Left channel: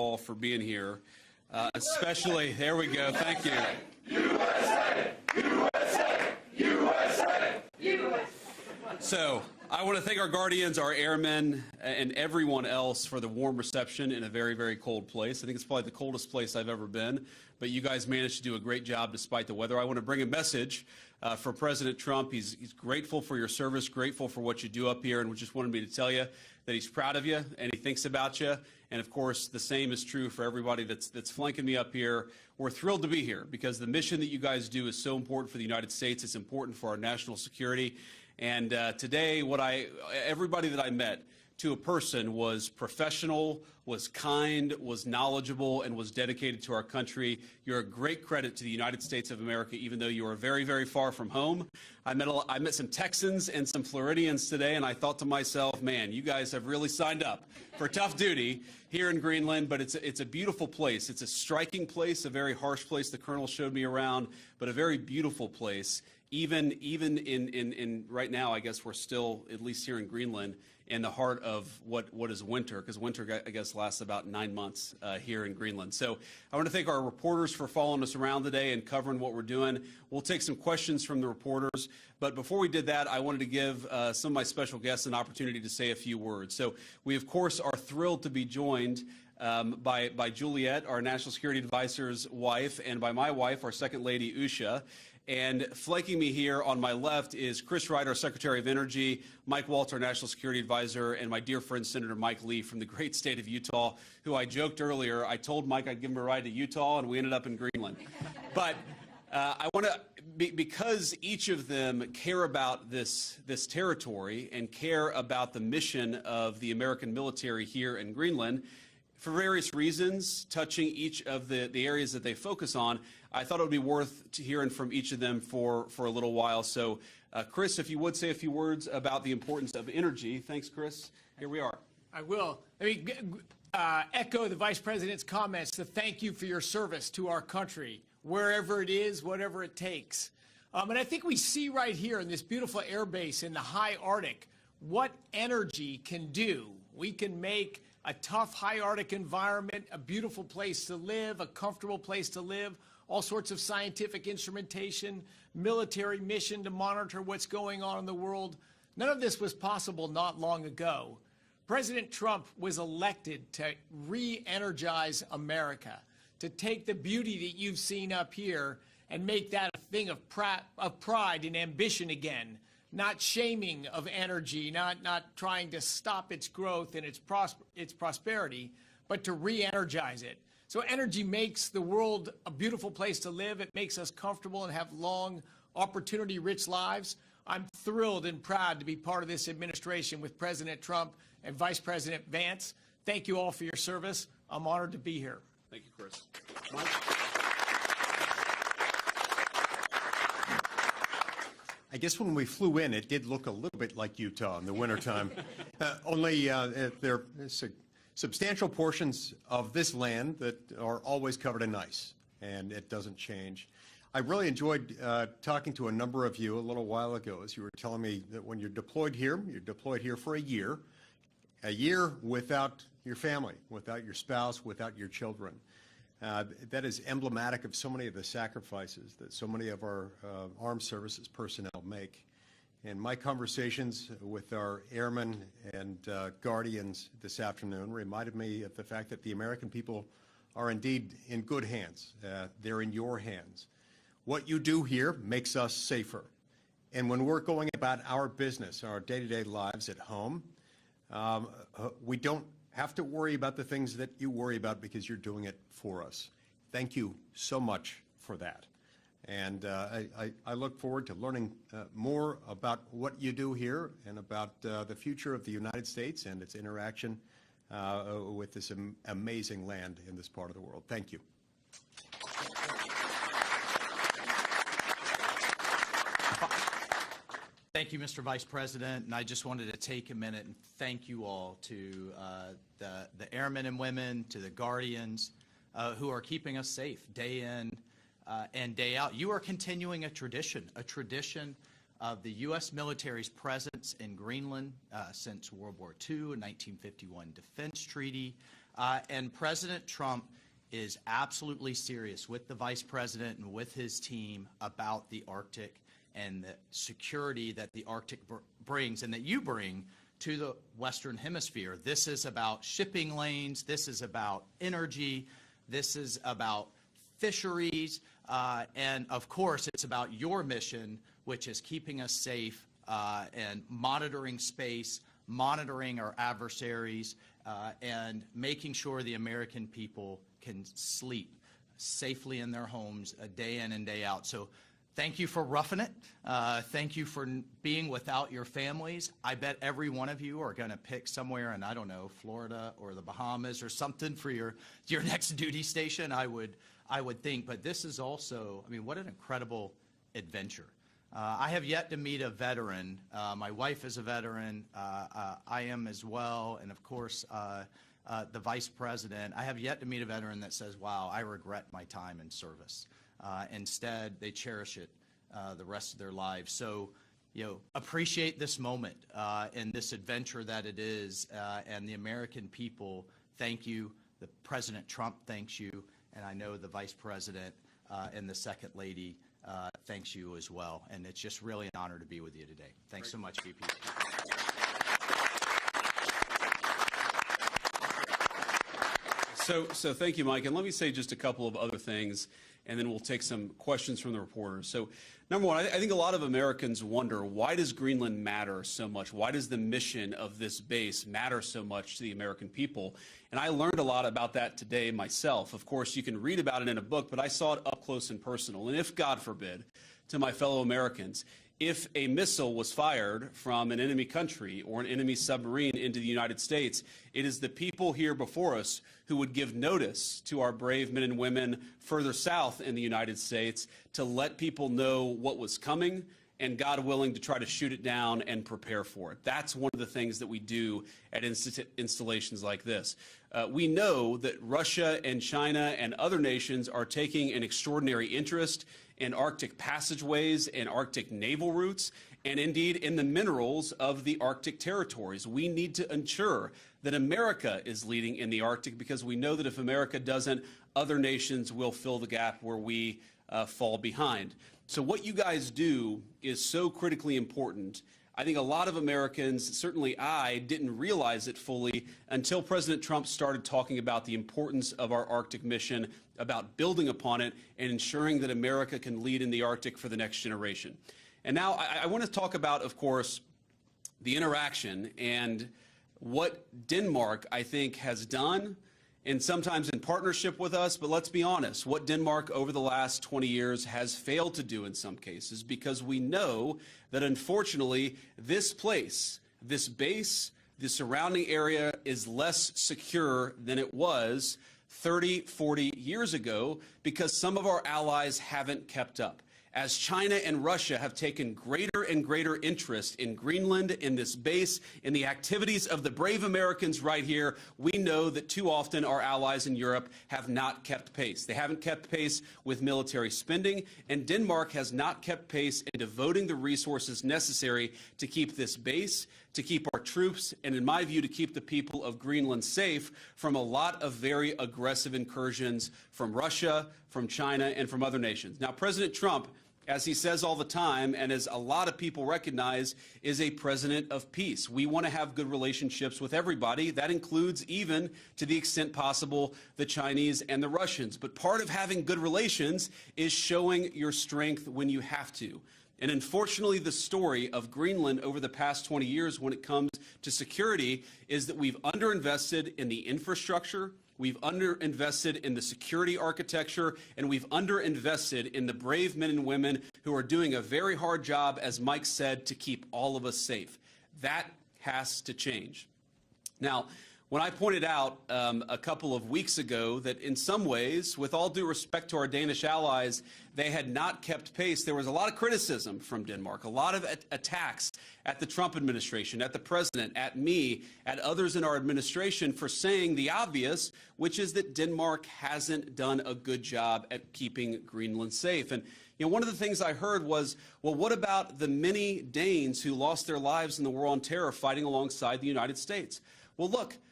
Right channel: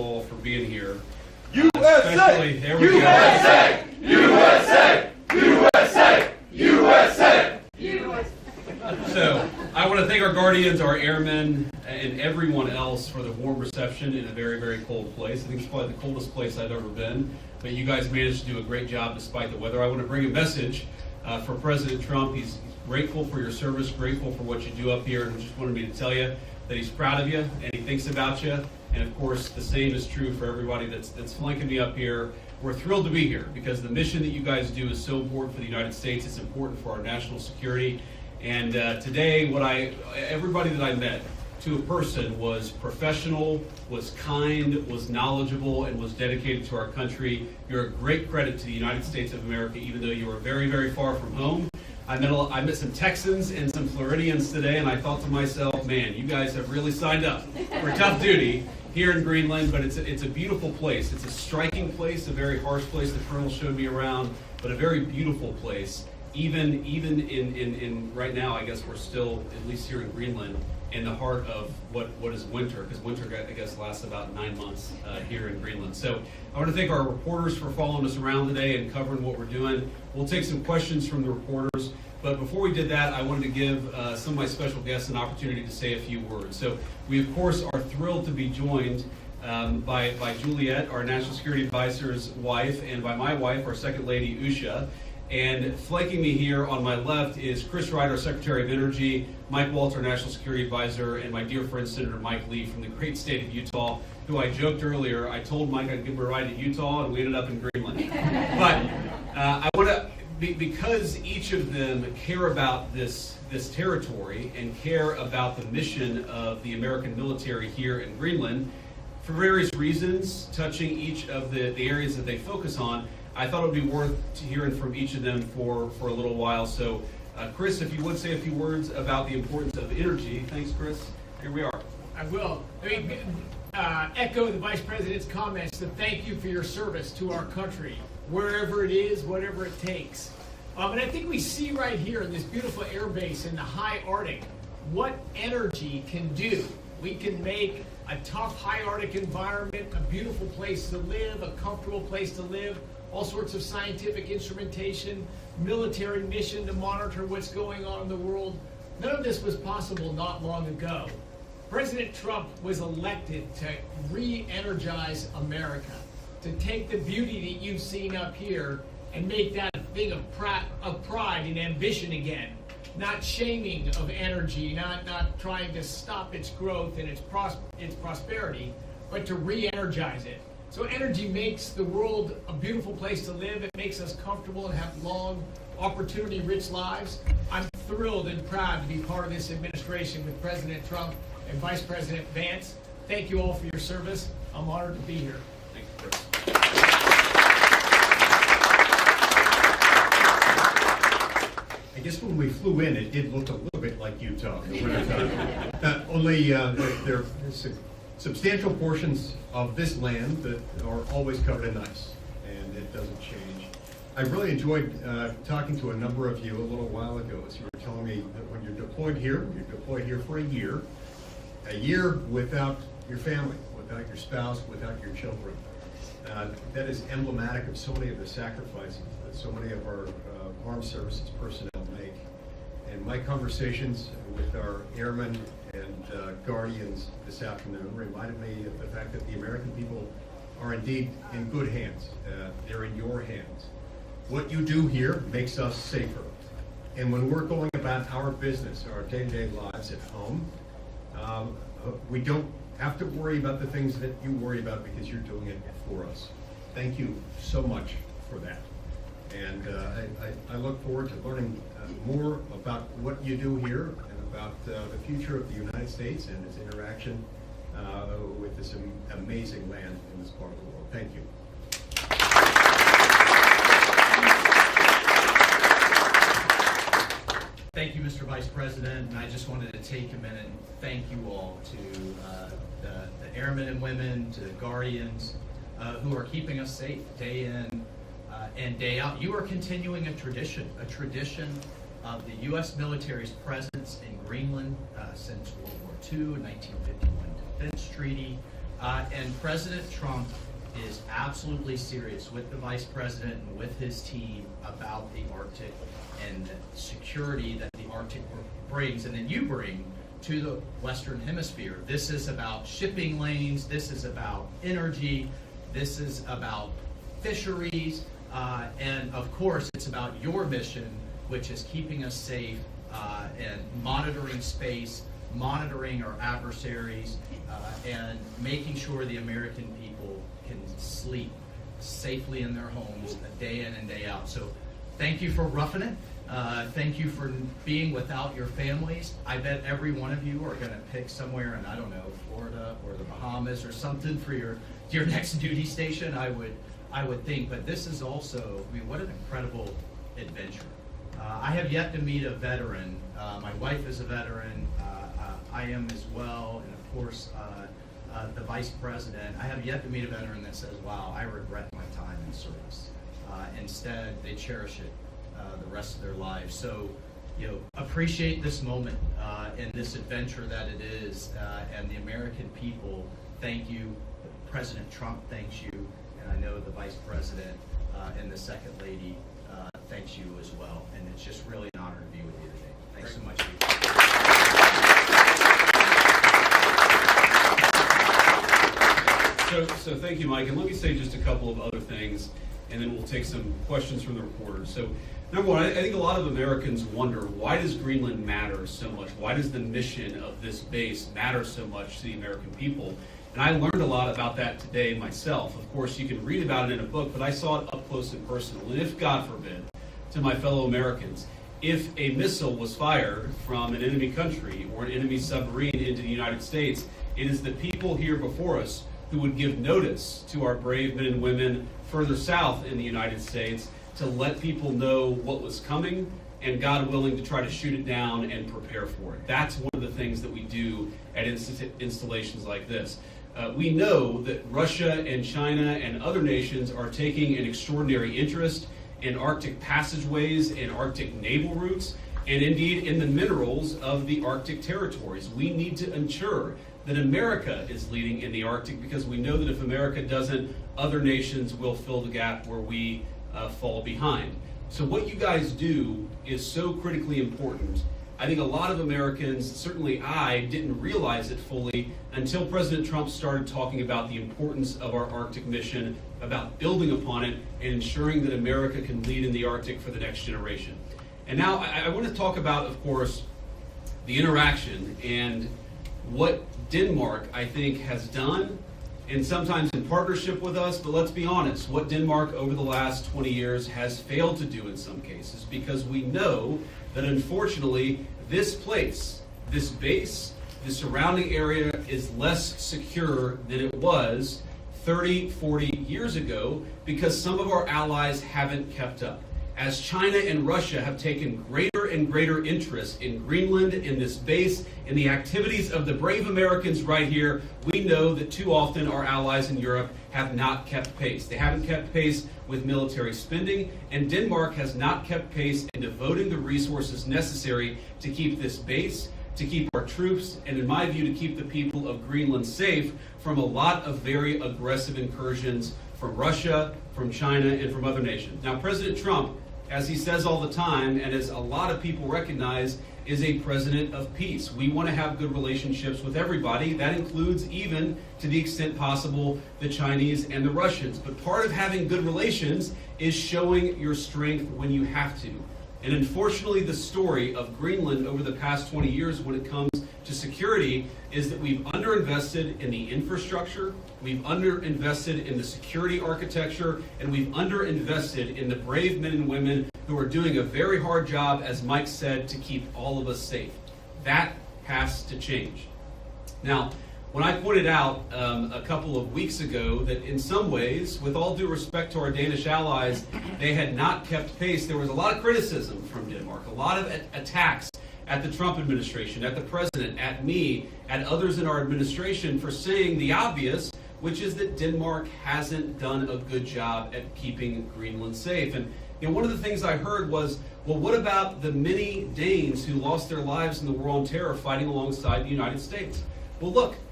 all for being here. USA! There we USA! USA! USA! USA! USA! So, I want to thank our Guardians, our airmen, and everyone else for the warm reception in a very, very cold place. I think it's probably the coldest place I've ever been, but you guys managed to do a great job despite the weather. I want to bring a message for President Trump. He's grateful for your service, grateful for what you do up here, and just wanted me to tell you that he's proud of you and he thinks about you. And of course, the same is true for everybody that's flanking me up here. We're thrilled to be here because the mission that you guys do is so important for the United States. It's important for our national security. And today, everybody that I met, to a person, was professional, was kind, was knowledgeable, and was dedicated to our country. You're a great credit to the United States of America, even though you are very, very far from home. I met some Texans and some Floridians today, and I thought to myself, man, you guys have really signed up for tough duty here in Greenland, but it's a beautiful place. It's a striking place, a very harsh place. The Colonel showed me around, but a very beautiful place. Even in right now, I guess we're still, at least here in Greenland, in the heart of what is winter, because winter, I guess, lasts about 9 months here in Greenland. So I want to thank our reporters for following us around today and covering what we're doing. We'll take some questions from the reporters, but before we did that, I wanted to give some of my special guests an opportunity to say a few words. So we, of course, are thrilled to be joined by Juliet, our National Security Advisor's wife, and by my wife, our Second Lady, Usha. And flanking me here on my left is Chris Wright, our Secretary of Energy, Mike Waltz, our National Security Advisor, and my dear friend Senator Mike Lee from the great state of Utah, who I joked earlier, I told Mike I'd give him a ride to Utah, and we ended up in Greenland. But I want to, because each of them care about this territory and care about the mission of the American military here in Greenland, for various reasons, touching each of the areas that they focus on, I thought it would be worth hearing from each of them for a little while. So, Chris, if you would say a few words about the importance of energy. Thanks, Chris. Here we are. I will. Echo the Vice President's comments to thank you for your service to our country, wherever it is, whatever it takes. And I think we see right here in this beautiful air base in the high Arctic what energy can do. We can make a tough high Arctic environment a beautiful place to live, a comfortable place to live, all sorts of scientific instrumentation, military mission to monitor what's going on in the world. None of this was possible not long ago. President Trump was elected to re-energize America, to take the beauty that you've seen up here and make that a thing of pride and ambition again. Not shaming of energy, not trying to stop its growth and its prosperity, but to re-energize it. So energy makes the world a beautiful place to live. It makes us comfortable and have long, opportunity-rich lives. I'm thrilled and proud to be part of this administration with President Trump and Vice President Vance. Thank you all for your service. I'm honored to be here. Thank you, Chris. I guess when we flew in, it did look a little bit like Utah in the wintertime. Only there are substantial portions of this land that are always covered in ice, and it doesn't change. I really enjoyed talking to a number of you a little while ago as you were telling me that when you're deployed here for a year without your family, without your spouse, without your children. That is emblematic of so many of the sacrifices that so many of our armed services personnel make. And my conversations with our airmen and Guardians this afternoon reminded me of the fact that the American people are indeed in good hands. They're in your hands. What you do here makes us safer. And when we're going about our business, our day-to-day lives at home, we don't have to worry about the things that you worry about because you're doing it for us. Thank you so much for that. And I look forward to learning more about what you do here and about the future of the United States and its interaction with this amazing land in this part of the world. Thank you. Thank you, Mr. Vice President, and I just wanted to take a minute and thank you all to the airmen and women, to the Guardians, who are keeping us safe day in and day out. You are continuing a tradition of the U.S. military's presence in Greenland since World War II, 1951 Defense Treaty, And President Trump is absolutely serious with the Vice President and with his team about the Arctic and the security that the Arctic brings and that you bring to the Western Hemisphere. This is about shipping lanes, this is about energy, this is about fisheries, and of course it's about your mission, which is keeping us safe and monitoring space, monitoring our adversaries, and making sure the American people can sleep safely in their homes day in and day out. So thank you for roughing it. Thank you for being without your families. I bet every one of you are going to pick somewhere in, I don't know, Florida or the Bahamas or something for your next duty station, I would think. But this is also, I mean, what an incredible adventure. I have yet to meet a veteran. My wife is a veteran. I am as well. And of course, the Vice President. I have yet to meet a veteran that says, wow, I regret my time in service. Instead, they cherish it the rest of their lives. So, you know, appreciate this moment and this adventure that it is. And the American people, thank you. President Trump thanks you. And I know the Vice President and the Second Lady thanks you as well. And it's just really an honor to be with you today. Thanks so much. So thank you, Mike. And let me say just a couple of other things, and then we'll take some questions from the reporters. So number one, I think a lot of Americans wonder, why does Greenland matter so much? Why does the mission of this base matter so much to the American people? And I learned a lot about that today myself. Of course, you can read about it in a book, but I saw it up close and personal. And if, God forbid, to my fellow Americans, if a missile was fired from an enemy country or an enemy submarine into the United States, it is the people here before us who would give notice to our brave men and women further south in the United States to let people know what was coming and, God willing, to try to shoot it down and prepare for it. That's one of the things that we do at installations like this. We know that Russia and China and other nations are taking an extraordinary interest in Arctic passageways and Arctic naval routes, and indeed in the minerals of the Arctic territories. We need to ensure that America is leading in the Arctic, because we know that if America doesn't, other nations will fill the gap where we fall behind. So what you guys do is so critically important. I think a lot of Americans, certainly I, didn't realize it fully until President Trump started talking about the importance of our Arctic mission, about building upon it, and ensuring that America can lead in the Arctic for the next generation. And now I want to talk about, of course, the interaction and what Denmark, I think, has done, and sometimes in partnership with us, but let's be honest, what Denmark over the last 20 years has failed to do in some cases, because we know that unfortunately this place, this base, the surrounding area is less secure than it was 30, 40 years ago, because some of our allies haven't kept up. As China and Russia have taken greater and greater interest in Greenland, in this base, in the activities of the brave Americans right here, we know that too often our allies in Europe have not kept pace. They haven't kept pace with military spending, and Denmark has not kept pace in devoting the resources necessary to keep this base, to keep our troops, and in my view, to keep the people of Greenland safe from a lot of very aggressive incursions from Russia, from China, and from other nations. Now, President Trump, as he says all the time, and as a lot of people recognize, is a president of peace. We want to have good relationships with everybody. That includes, even to the extent possible, the Chinese and the Russians. But part of having good relations is showing your strength when you have to. And unfortunately, the story of Greenland over the past 20 years when it comes to security is that we've underinvested in the infrastructure, we've underinvested in the security architecture, and we've underinvested in the brave men and women who are doing a very hard job, as Mike said, to keep all of us safe. That has to change. Now, when I pointed out a couple of weeks ago that in some ways, with all due respect to our Danish allies, they had not kept pace, there was a lot of criticism from Denmark, a lot of attacks at the Trump administration, at the president, at me, at others in our administration for saying the obvious, which is that Denmark hasn't done a good job at keeping Greenland safe. And you know, one of the things I heard was, well, what about the many Danes who lost their lives in the war on terror fighting alongside the United States? Well, look,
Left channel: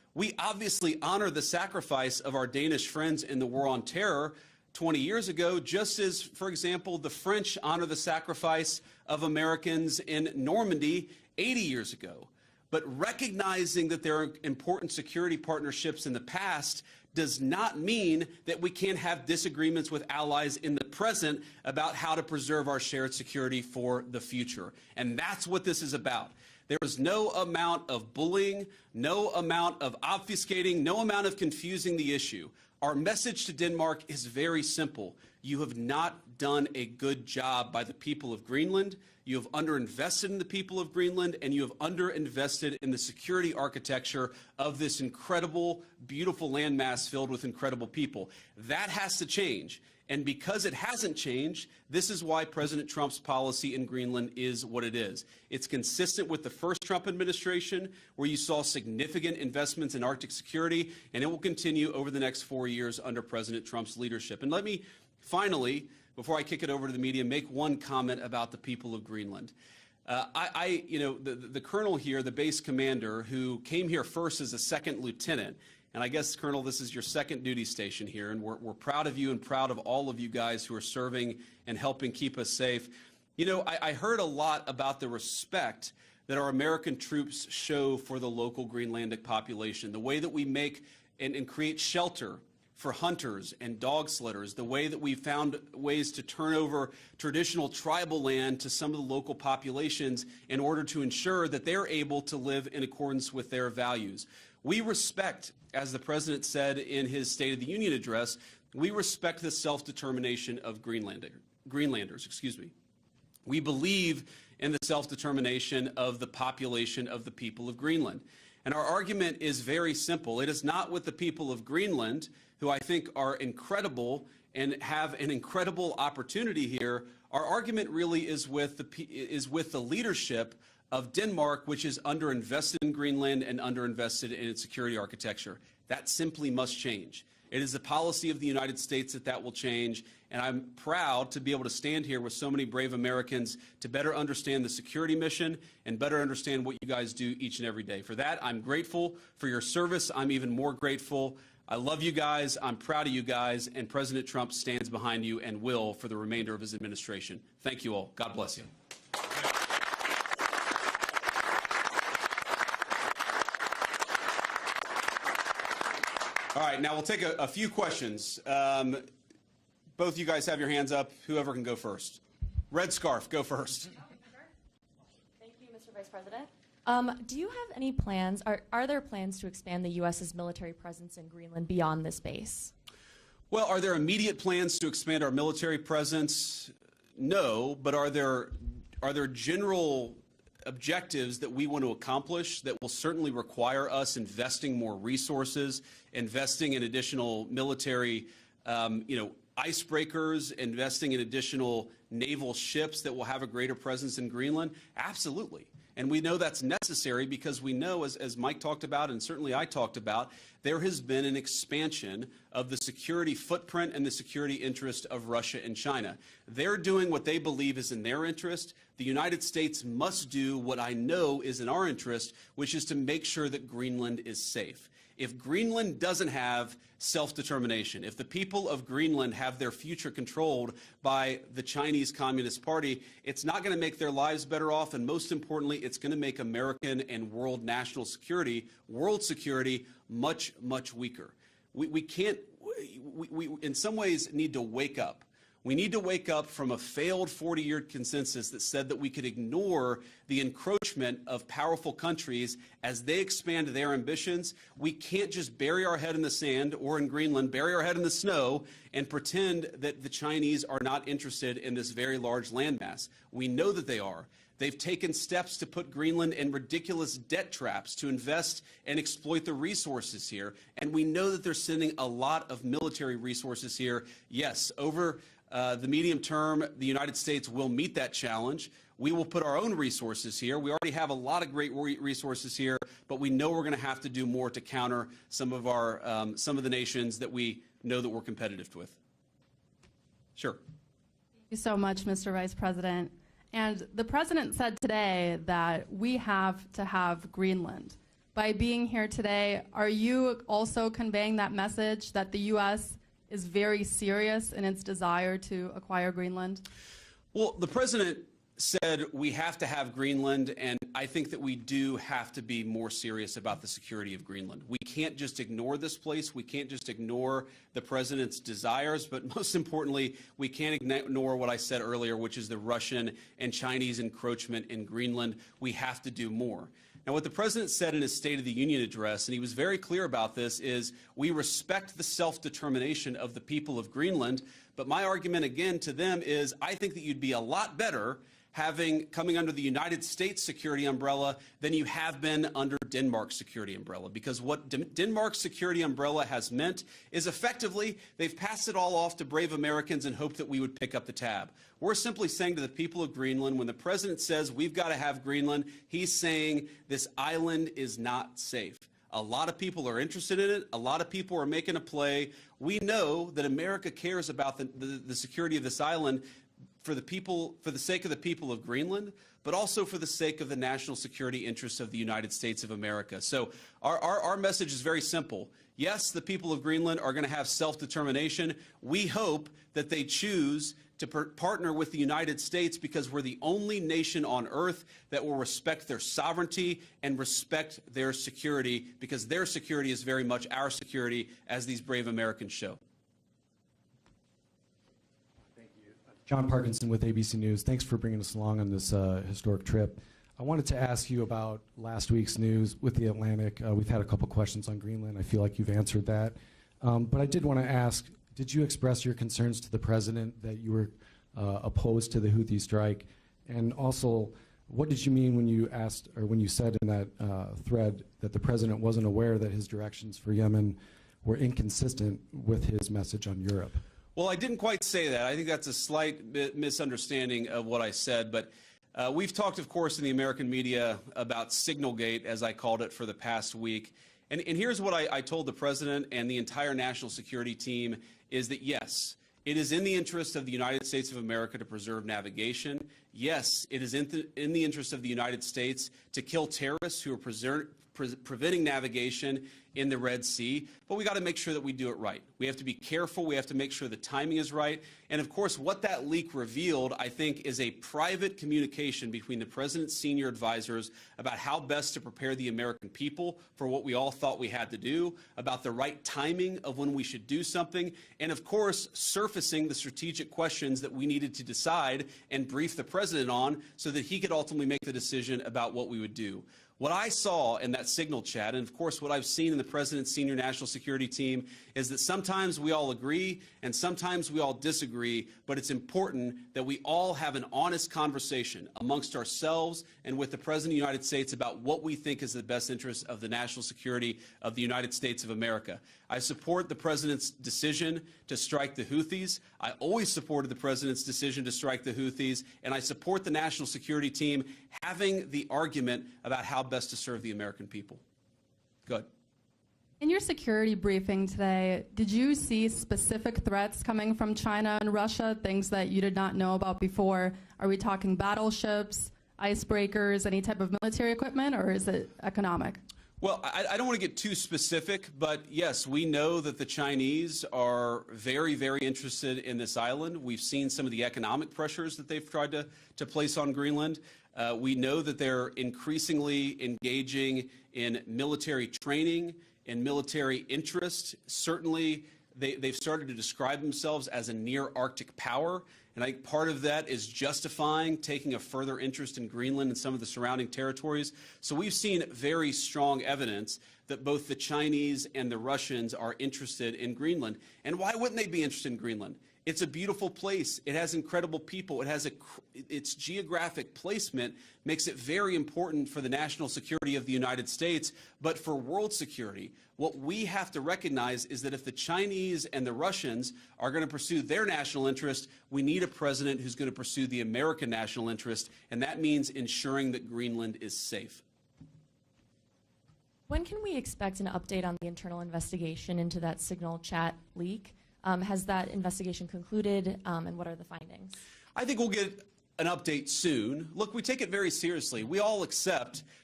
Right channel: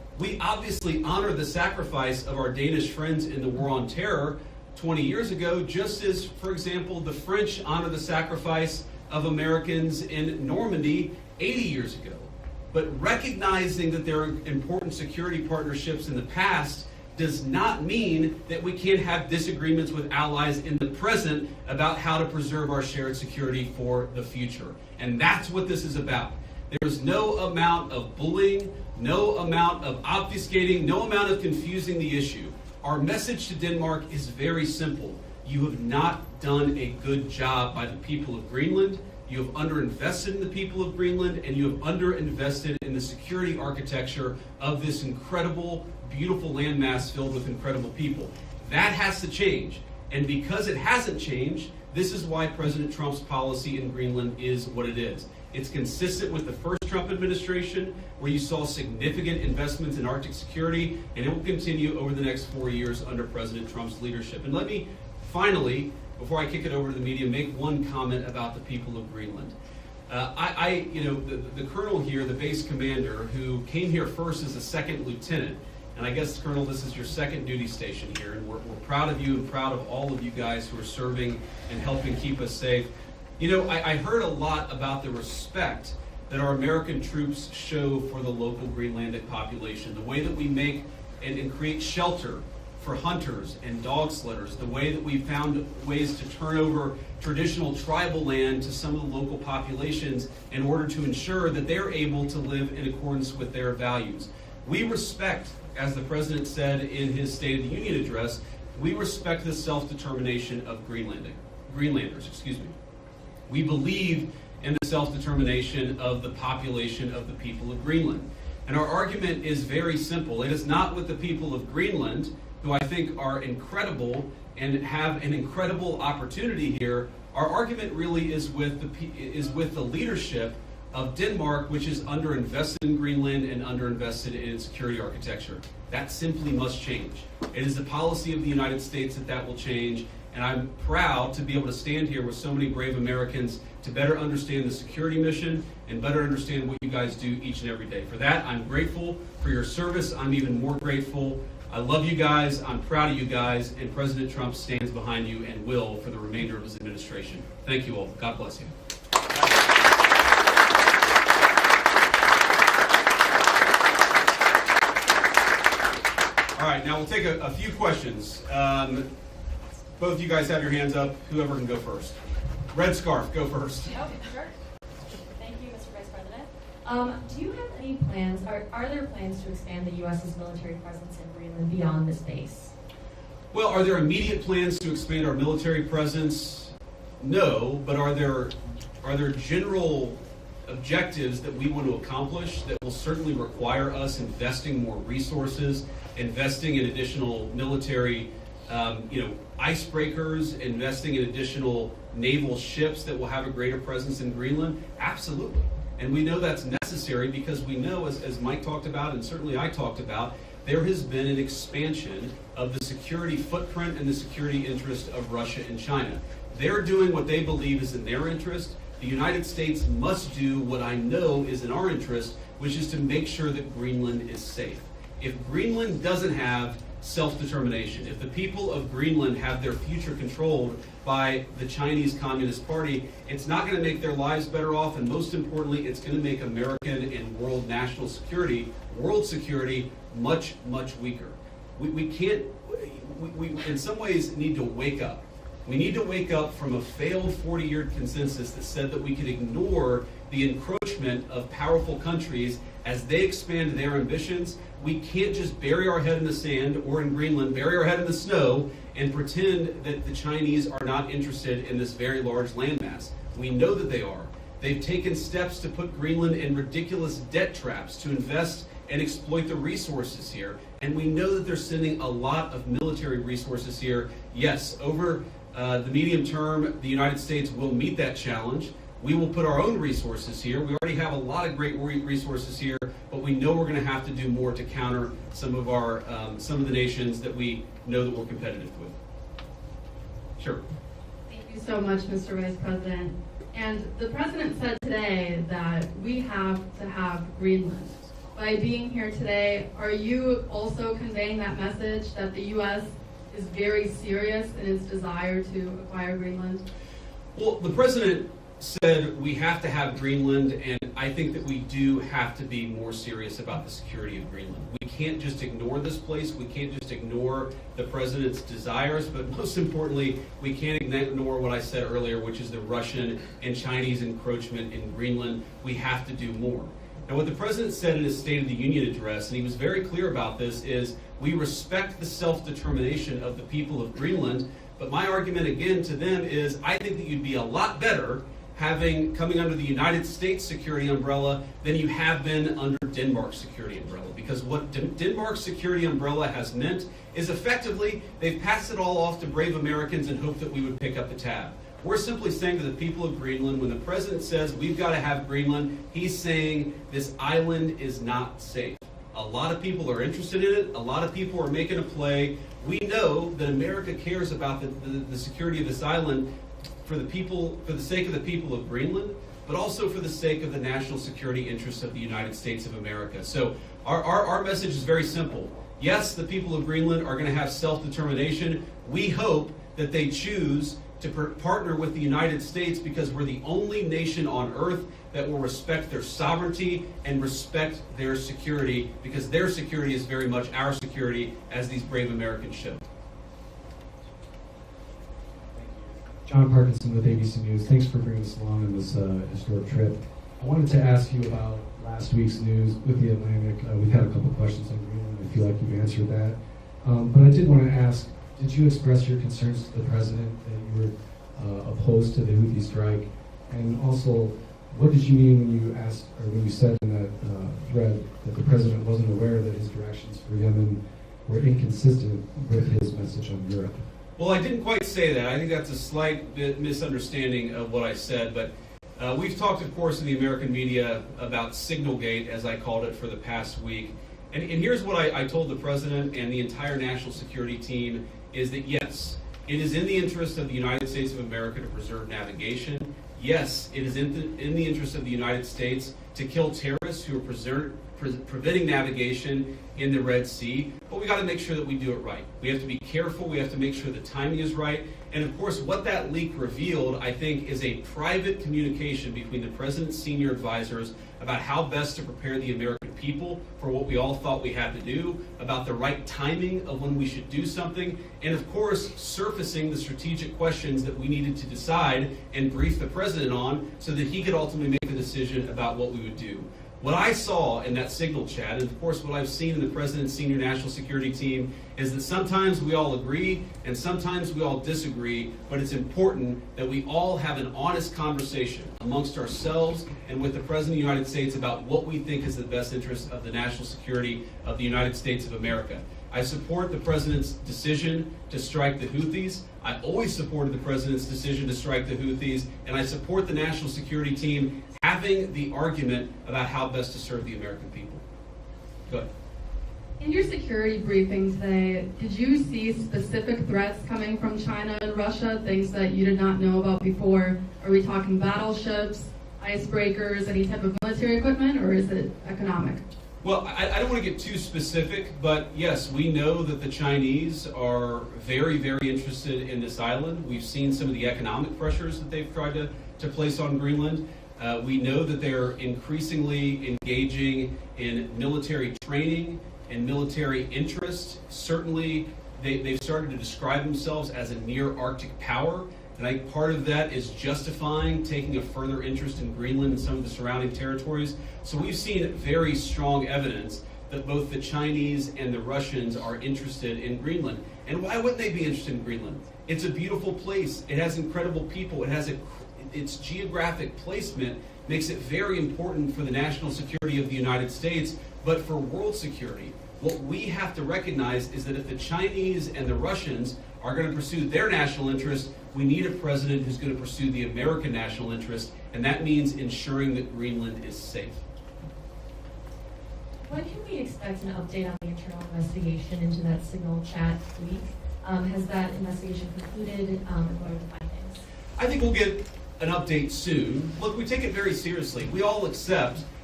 We obviously honor the sacrifice of our Danish friends in the War on Terror 20 years ago, just as, for example, the French honor the sacrifice of Americans in Normandy 80 years ago. But recognizing that there are important security partnerships in the past does not mean that we can't have disagreements with allies in the present about how to preserve our shared security for the future. And that's what this is about. There is no amount of bullying, no amount of obfuscating, no amount of confusing the issue. Our message to Denmark is very simple. You have not done a good job by the people of Greenland. You have underinvested in the people of Greenland, and you have underinvested in the security architecture of this incredible, beautiful landmass filled with incredible people. That has to change. And because it hasn't changed, this is why President Trump's policy in Greenland is what it is. It's consistent with the first Trump administration, where you saw significant investments in Arctic security, and it will continue over the next 4 years under President Trump's leadership. And let me finally, before I kick it over to the media, make one comment about the people of Greenland. The colonel here, the base commander, who came here first as a second lieutenant, and I guess, Colonel, this is your second duty station here, and we're proud of you and proud of all of you guys who are serving and helping keep us safe. You know, I heard a lot about the respect that our American troops show for the local Greenlandic population, the way that we make and create shelter for hunters and dog slitters, the way that we found ways to turn over traditional tribal land to some of the local populations in order to ensure that they're able to live in accordance with their values. We respect, as the President said in his State of the Union address, we respect the self-determination of Greenlanders. We believe in the self-determination of the population of the people of Greenland. And our argument is very simple. It is not with the people of Greenland, who I think are incredible and have an incredible opportunity here. Our argument really is with the leadership of Denmark, which is underinvested in Greenland and underinvested in its security architecture. That simply must change. It is the policy of the United States that will change, and I'm proud to be able to stand here with so many brave Americans to better understand the security mission and better understand what you guys do each and every day. For that, I'm grateful for your service. I'm even more grateful. I love you guys, I'm proud of you guys, and President Trump stands behind you and will for the remainder of his administration. Thank you all. God bless you. All right, now we'll take a few questions. Both of you guys have your hands up. Whoever can go first. Red scarf, go first. Oh, sure. Thank you, Mr. Vice President. Do you have any plans, are there plans to expand the U.S.'s military presence in Greenland beyond this base? Well, are there immediate plans to expand our military presence? No, but are there general objectives that we want to accomplish that will certainly require us investing more resources, investing in additional military icebreakers, investing in additional naval ships that will have a greater presence in Greenland? Absolutely. And we know that's necessary because we know, as Mike talked about and certainly I talked about, there has been an expansion of the security footprint and the security interest of Russia and China. They're doing what they believe is in their interest. The United States must do what I know is in our interest, which is to make sure that Greenland is safe. If Greenland doesn't have self-determination, if the people of Greenland have their future controlled by the Chinese Communist Party, it's not going to make their lives better off, and most importantly, it's going to make American and world national security, world security, much, much weaker. We in some ways need to wake up. We need to wake up from a failed 40-year consensus that said that we could ignore the encroachment of powerful countries as they expand their ambitions. We can't just bury our head in the sand, or in Greenland, bury our head in the snow and pretend that the Chinese are not interested in this very large landmass. We know that they are. They've taken steps to put Greenland in ridiculous debt traps to invest and exploit the resources here. And we know that they're sending a lot of military resources here. Yes, over the medium term, the United States will meet that challenge. We will put our own resources here. We already have a lot of great resources here, but we know we're going to have to do more to counter some of the nations that we know that we're competitive with. Sure. Thank you so much, Mr. Vice President. And the President said today that we have to have Greenland. by being here today, are you also conveying that message that the U.S. is very serious in its desire to acquire Greenland? Well, the president said we have to have Greenland, and I think that we do have to be more serious about the security of Greenland. We can't just ignore this place. We can't just ignore the president's desires, but most importantly, we can't ignore what I said earlier, which is the Russian and Chinese encroachment in Greenland. We have to do more. And what the president said in his State of the Union address, and he was very clear about this, is we respect the self-determination of the people of Greenland, but my argument again to them is I think that you'd be a lot better coming under the United States security umbrella than you have been under Denmark's security umbrella. Because what Denmark's security umbrella has meant is effectively they've passed it all off to brave Americans and hope that we would pick up the tab. We're simply saying to the people of Greenland, when the president says we've got to have Greenland, he's saying this island is not safe. A lot of people are interested in it. A lot of people are making a play. We know that America cares about the security of this island for the sake of the people of Greenland, but also for the sake of the national security interests of the United States of America. So our message is very simple. Yes, the people of Greenland are going to have self-determination. We hope that they choose to partner with the United States because we're the only nation on earth that will respect their sovereignty and respect their security, because their security is very much our security, as these brave Americans show. John Parkinson with ABC News. Thanks for bringing us along on this historic trip. I wanted to ask you about last week's news with the Atlantic. We've had a couple questions on Greenland. I feel like you've answered that. But I did want to ask, did you express your concerns to the president that you were opposed to the Houthi strike? And also, what did you mean when you asked, or when you said in that thread that the president wasn't aware that his directions for Yemen were inconsistent with his message on Europe? Well, I didn't quite say that. I think that's a slight bit misunderstanding of what I said, but we've talked, of course, in the American media about Signalgate, as I called it, for the past week. And here's what I told the president and the entire national security team, is that yes, it is in the interest of the United States of America to preserve navigation. Yes, it is in the interest of the United States to kill terrorists who are preventing navigation in the Red Sea, but we got to make sure that we do it right. We have to be careful. We have to make sure the timing is right. And of course, what that leak revealed, I think, is a private communication between the president's senior advisors about how best to prepare the American people for what we all thought we had to do, about the right timing of when we should do something, and of course, surfacing the strategic questions that we needed to decide and brief the president on so that he could ultimately make the decision about what we would do. What I saw in that Signal chat, and of course what I've seen in the President's senior national security team, is that sometimes we all agree and sometimes we all disagree, but it's important that we all have an honest conversation amongst ourselves and with the President of the United States about what we think is the best interest of the national security of the United States of America. I support the President's decision to strike the Houthis. I always supported the President's decision to strike the Houthis, and I support the national security team having the argument about how best to serve the American people. Good. In your security briefing today, did you see specific threats coming from China and Russia, things that you did not know about before? Are we talking battleships, icebreakers, any type of military equipment, or is it economic? Well, I don't want to get too specific, but yes, we know that the Chinese are very, very interested in this island. We've seen some of the economic pressures that they've tried to place on Greenland. We know that they're increasingly engaging in military training and military interest. Certainly, they've started to describe themselves as a near-Arctic power. And I think part of that is justifying taking a further interest in Greenland and some of the surrounding territories. So we've seen very strong evidence that both the Chinese and the Russians are interested in Greenland. And why wouldn't they be interested in Greenland? It's a beautiful place. It has incredible people. It has its geographic placement makes it very important for the national security of the United States, but for world security. What we have to recognize is that if the Chinese and the Russians are going to pursue their national interest, we need a president who's going to pursue the American national interest, and that means ensuring that Greenland is safe. When can we expect an update on the internal investigation into that Signal chat leak? Has that investigation concluded, and what are the findings? I think we'll get an update soon. Look, we take it very seriously. We all accept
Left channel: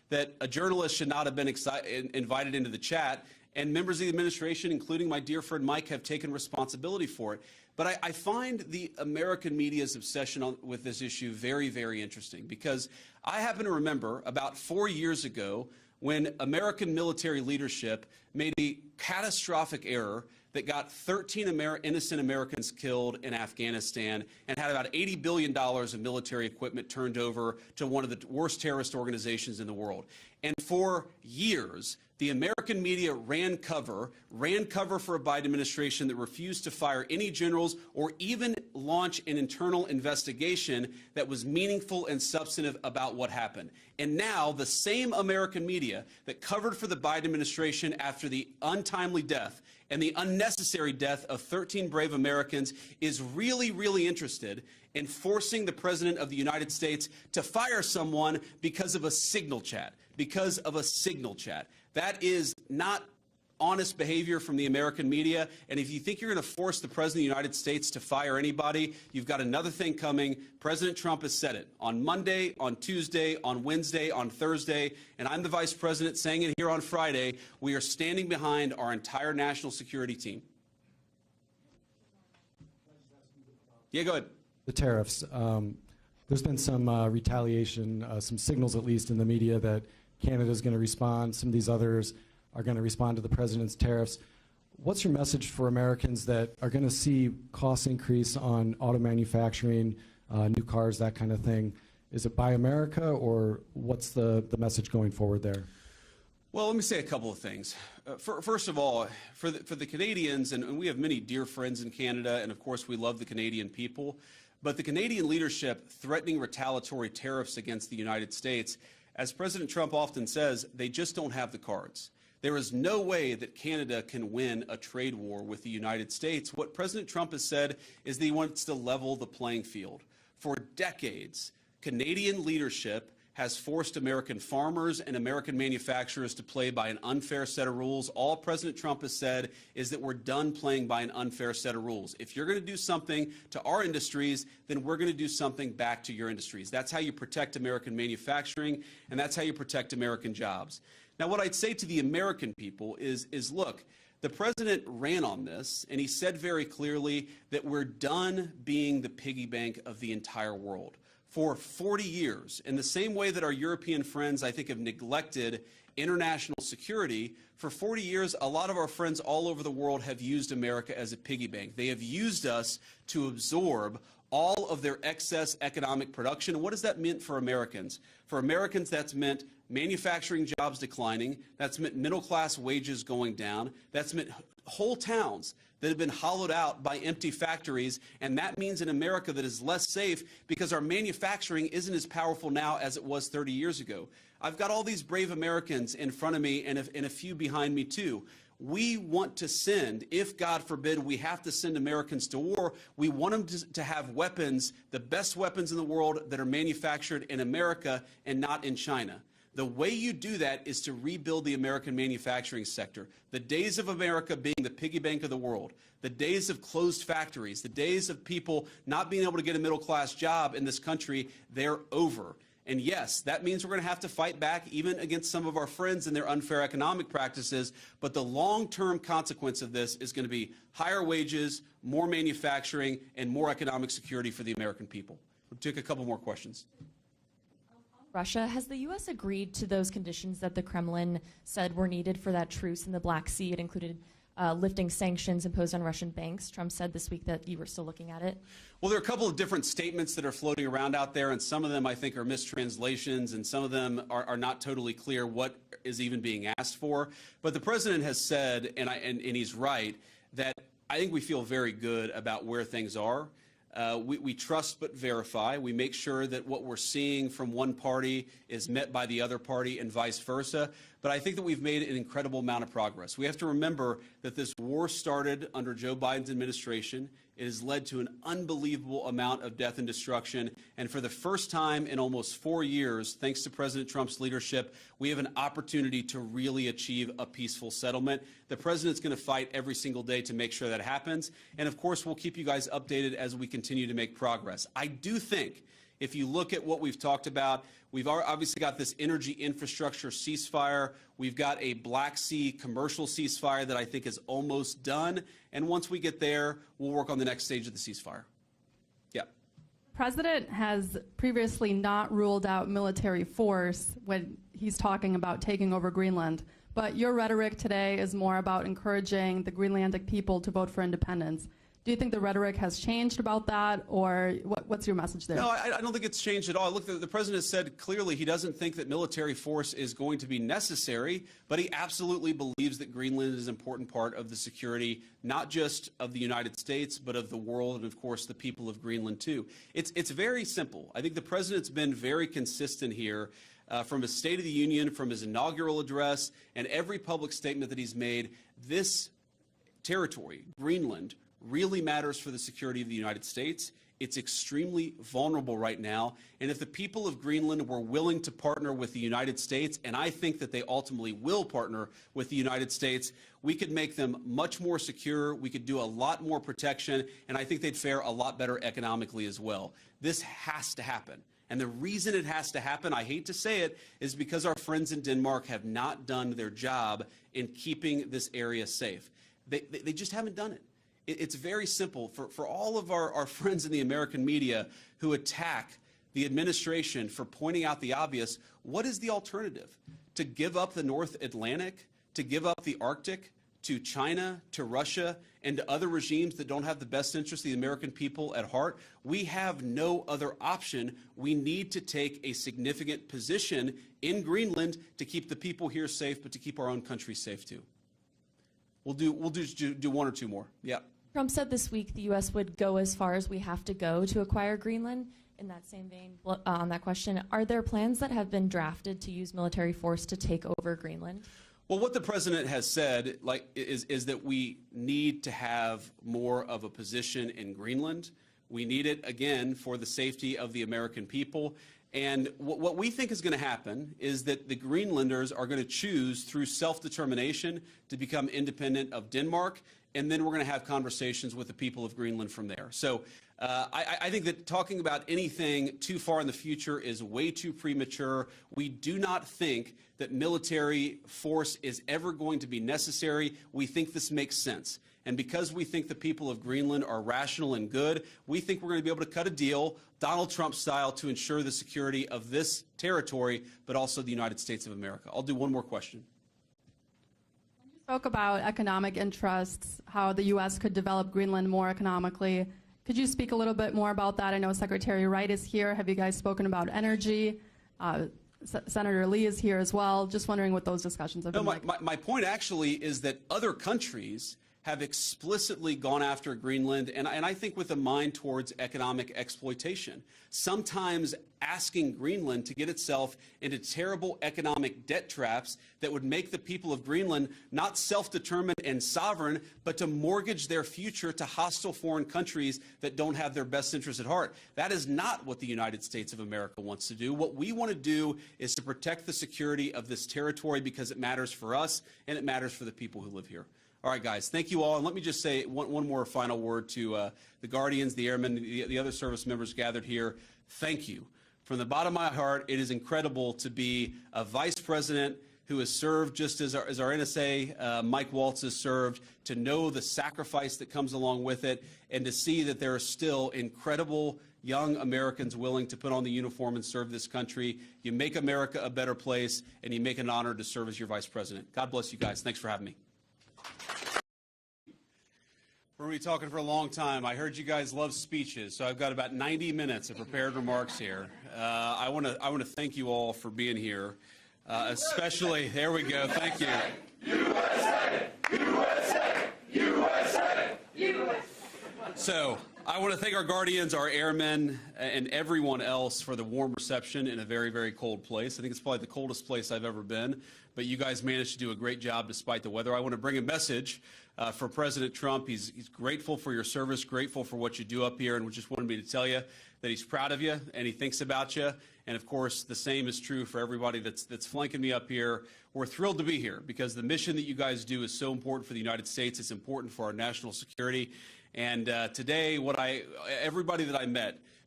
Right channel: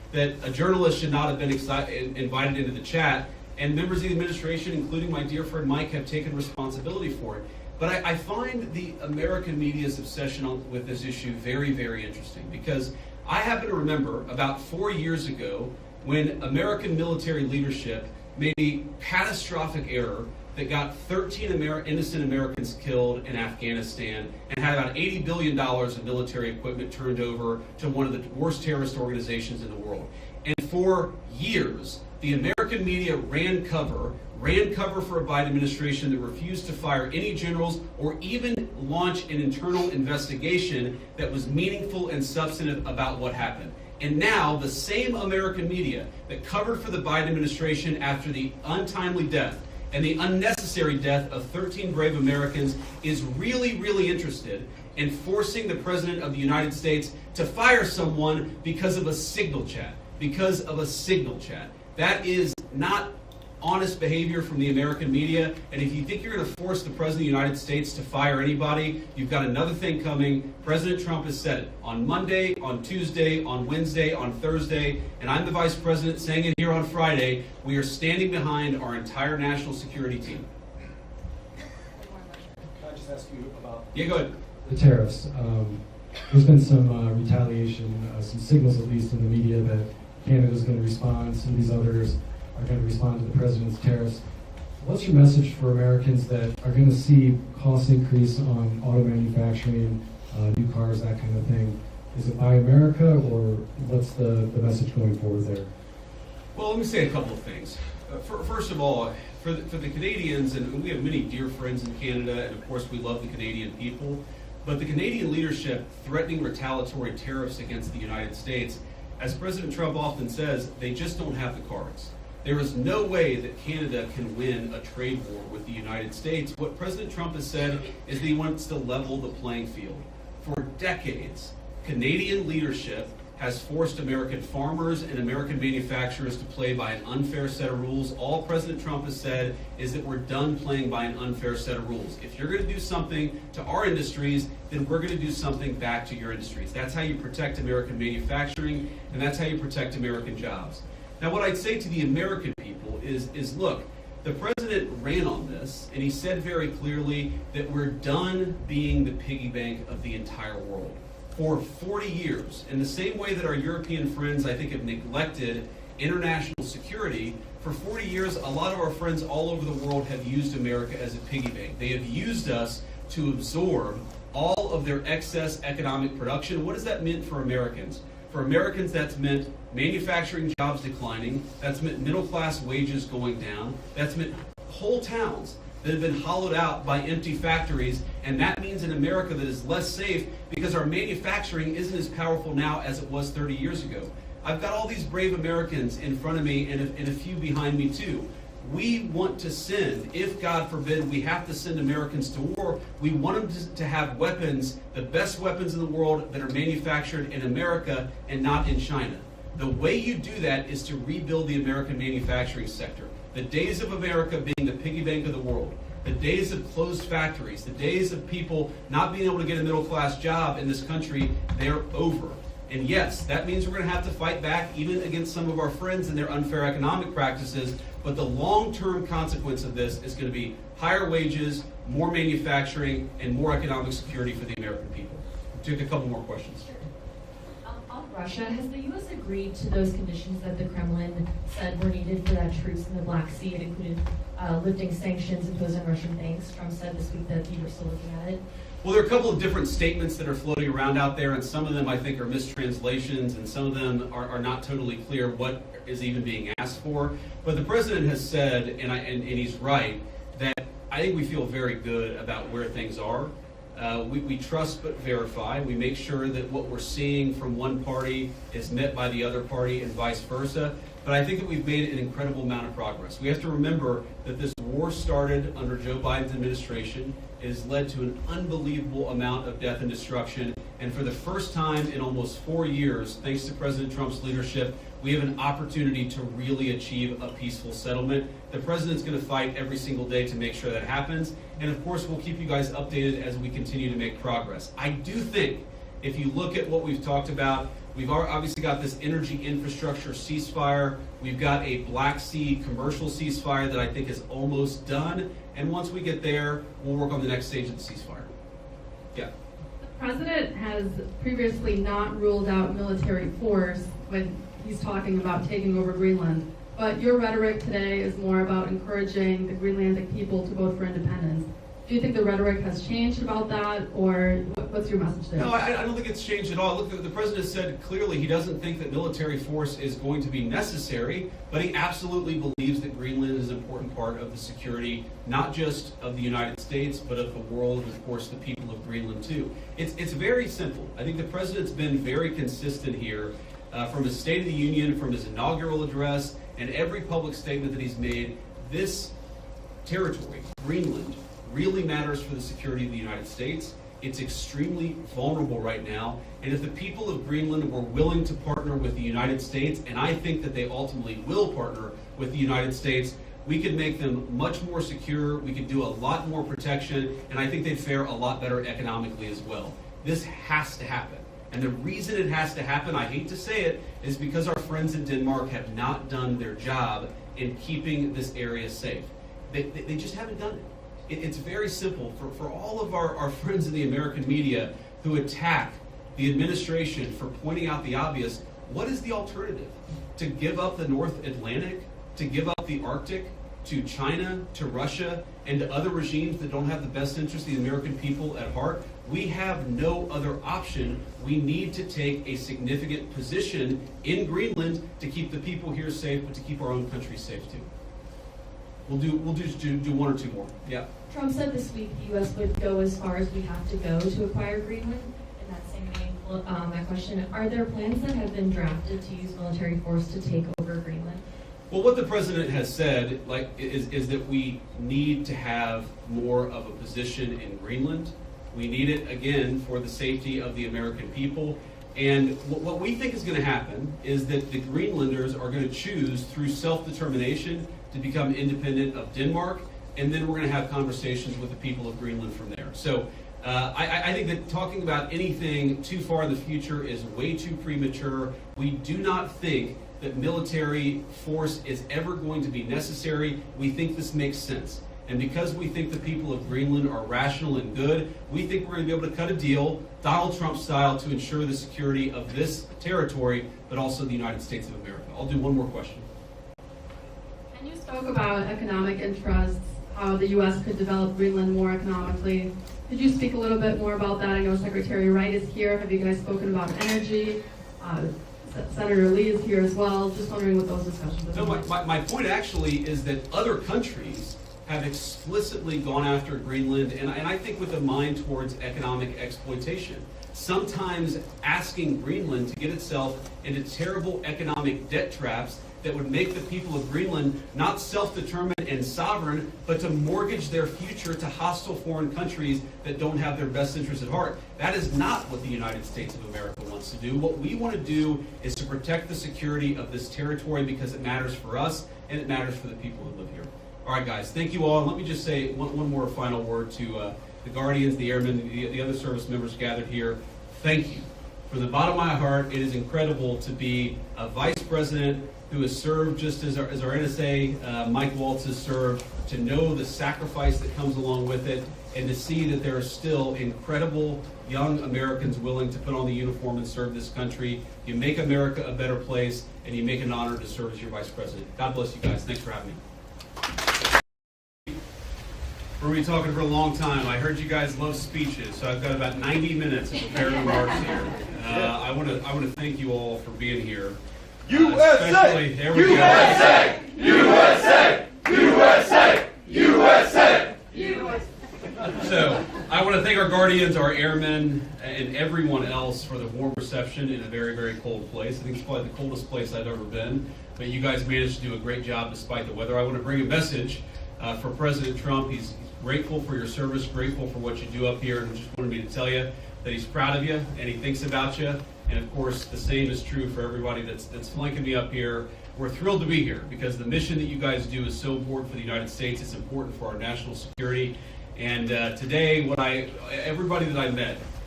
that a journalist should not have been invited into the chat, and members of the administration, including my dear friend Mike, have taken responsibility for it. But I find the American media's obsession with this issue very, very interesting, because I happen to remember about 4 years ago when American military leadership made a catastrophic error that got 13 innocent Americans killed in Afghanistan and had about $80 billion of military equipment turned over to one of the worst terrorist organizations in the world. And for years, the American media ran cover for a Biden administration that refused to fire any generals or even launch an internal investigation that was meaningful and substantive about what happened. And now the same American media that covered for the Biden administration after the untimely death and the unnecessary death of 13 brave Americans is really, really interested in forcing the President of the United States to fire someone because of a signal chat. That is not honest behavior from the American media, and if you think you're going to force the President of the United States to fire anybody, you've got another thing coming. President Trump has said it on Monday, on Tuesday, on Wednesday, on Thursday, and I'm the Vice President saying it here on Friday. We are standing behind our entire national security team. Can I just ask you about Yeah, go ahead. the tariffs? There's been some retaliation, some signals at least in the media that Canada's going to respond, some of these others are going to respond to the president's tariffs. What's your message for Americans that are going to see costs increase on auto manufacturing, new cars, that kind of thing? Is it Buy America, or what's the message going forward there? Well, let me say a couple of things. First of all, for the Canadians, and we have many dear friends in Canada, and of course we love the Canadian people, but the Canadian leadership threatening retaliatory tariffs against the United States, as President Trump often says, they just don't have the cards. There is no way that Canada can win a trade war with the United States. What President Trump has said is that he wants to level the playing field. For decades, Canadian leadership has forced American farmers and American manufacturers to play by an unfair set of rules. All President Trump has said is that we're done playing by an unfair set of rules. If you're going to do something to our industries, then we're going to do something back to your industries. That's how you protect American manufacturing, and that's how you protect American jobs. Now, what I'd say to the American people is look, the president ran on this, and he said very clearly that we're done being the piggy bank of the entire world. For 40 years, in the same way that our European friends, I think, have neglected international security, for 40 years, a lot of our friends all over the world have used America as a piggy bank. They have used us to absorb all of their excess economic production. What does that mean for Americans? For Americans, that's meant manufacturing jobs declining, that's meant middle-class wages going down, that's meant whole towns that have been hollowed out by empty factories, and that means an America that is less safe because our manufacturing isn't as powerful now as it was 30 years ago. I've got all these brave Americans in front of me and a few behind me too. We want to send, if God forbid we have to send Americans to war, we want them to have weapons, the best weapons in the world that are manufactured in America and not in China. The way you do that is to rebuild the American manufacturing sector. The days of America being the piggy bank of the world, the days of closed factories, the days of people not being able to get a middle-class job in this country, they're over. And yes, that means we're going to have to fight back even against some of our friends and their unfair economic practices, but the long-term consequence of this is going to be higher wages, more manufacturing, and more economic security for the American people. We'll take a couple more questions. On Russia, has the U.S. agreed to those conditions that the Kremlin said were needed for that truce in the Black Sea? It included lifting sanctions imposed on Russian banks. Trump said this week that you were still looking at it. Well, there are a couple of different statements that are floating around out there, and some of them I think are mistranslations, and some of them are not totally clear what is even being asked for. But the president has said, and he's right, that I think we feel very good about where things are. We trust but verify. We make sure that what we're seeing from one party is met by the other party and vice versa. But I think that we've made an incredible amount of progress. We have to remember that this war started under Joe Biden's administration. It has led to an unbelievable amount of death and destruction. And for the first time in almost 4 years, thanks to President Trump's leadership, we have an opportunity to really achieve a peaceful settlement. The president's going to fight every single day to make sure that happens. And of course, we'll keep you guys updated as we continue to make progress. I do think If you look at what we've talked about, we've obviously got this energy infrastructure ceasefire. We've got a Black Sea commercial ceasefire that I think is almost done. And once we get there, we'll work on the next stage of the ceasefire. Yeah. The president has previously not ruled out military force when he's talking about taking over Greenland. But your rhetoric today is more about encouraging the Greenlandic people to vote for independence. Do you think the rhetoric has changed about that, or what's your message there? No, I don't think it's changed at all. Look, the president said clearly he doesn't think that military force is going to be necessary, but he absolutely believes that Greenland is an important part of the security, not just of the United States, but of the world, and of course the people of Greenland too. It's very simple. I think the president's been very consistent here from his State of the Union, from his inaugural address, and every public statement that he's made. This territory, Greenland, really matters for the security of the United States. It's extremely vulnerable right now, and if the people of Greenland were willing to partner with the United States, and I think that they ultimately will partner with the United States, we could make them much more secure, we could do a lot more protection, and I think they'd fare a lot better economically as well. This has to happen. And the reason it has to happen, I hate to say it, is because our friends in Denmark have not done their job in keeping this area safe. They just haven't done it. It's very simple. For all of our friends in the American media who attack the administration for pointing out the obvious, what is the alternative? To give up the North Atlantic? To give up the Arctic? To China? To Russia? And to other regimes that don't have the best interest of the American people at heart? We have no other option. We need to take a significant position in Greenland to keep the people here safe, but to keep our own country safe too. We'll do one or two more. Yeah. Trump said this week the U.S. would go as far as we have to go to acquire Greenland. In that same vein, that question, are there plans that have been drafted to use military force to take over Greenland? Well, what the president has said, is that we need to have more of a position in Greenland. We need it, again, for the safety of the American people. And what we think is going to happen is that the Greenlanders are going to choose through self-determination to become independent of Denmark, and then we're going to have conversations with the people of Greenland from there. So I think that talking about anything too far in the future is way too premature. We do not think that military force is ever going to be necessary. We think this makes sense. And because we think the people of Greenland are rational and good, we think we're going to be able to cut a deal, Donald Trump style, to ensure the security of this territory, but also the United States of America. I'll do one more question. Can you spoke about economic interests, how the U.S. could develop Greenland more economically. Could you speak a little bit more about that? I know Secretary Wright is here. Have you guys spoken about energy? Senator Lee is here as well. Just wondering what those discussions have been like. My point actually is that other countries have explicitly gone after Greenland, and I think with a mind towards economic exploitation. Sometimes asking Greenland to get itself into terrible economic debt traps that would make the people of Greenland not self-determined and sovereign, but to mortgage their future to hostile foreign countries that don't have their best interests at heart. That is not what the United States of America wants to do. What we want to do is to protect the security of this territory because it matters for us and it matters for the people who live here. All right, guys, thank you all. And let me just say one more final word to the Guardians, the Airmen, the other service members gathered here. Thank you. From the bottom of my heart, it is incredible to be a vice president who has served just as our NSA, Mike Waltz, has served, to know the sacrifice that comes along with it, and to see that there are still incredible young Americans willing to put on the uniform and serve this country. You make America a better place, and you make an honor to serve as your vice president. God bless you guys. Thanks for having me. We're going to be talking for a long time. I heard you guys love speeches, so I've got about 90 minutes of prepared remarks here. I want to thank you all for being here. USA! There we USA! USA! USA! USA! USA! So, I want to thank our Guardians, our airmen, and everyone else for the warm reception in a very, very cold place. I think it's probably the coldest place I've ever been, but you guys managed to do a great job despite the weather. I want to bring a message for President Trump. He's grateful for your service, grateful for what you do up here, and just wanted me to tell you that he's proud of you and he thinks about you. And of course, the same is true for everybody that's flanking me up here. We're thrilled to be here because the mission that you guys do is so important for the United States. It's important for our national security. And today, everybody that I met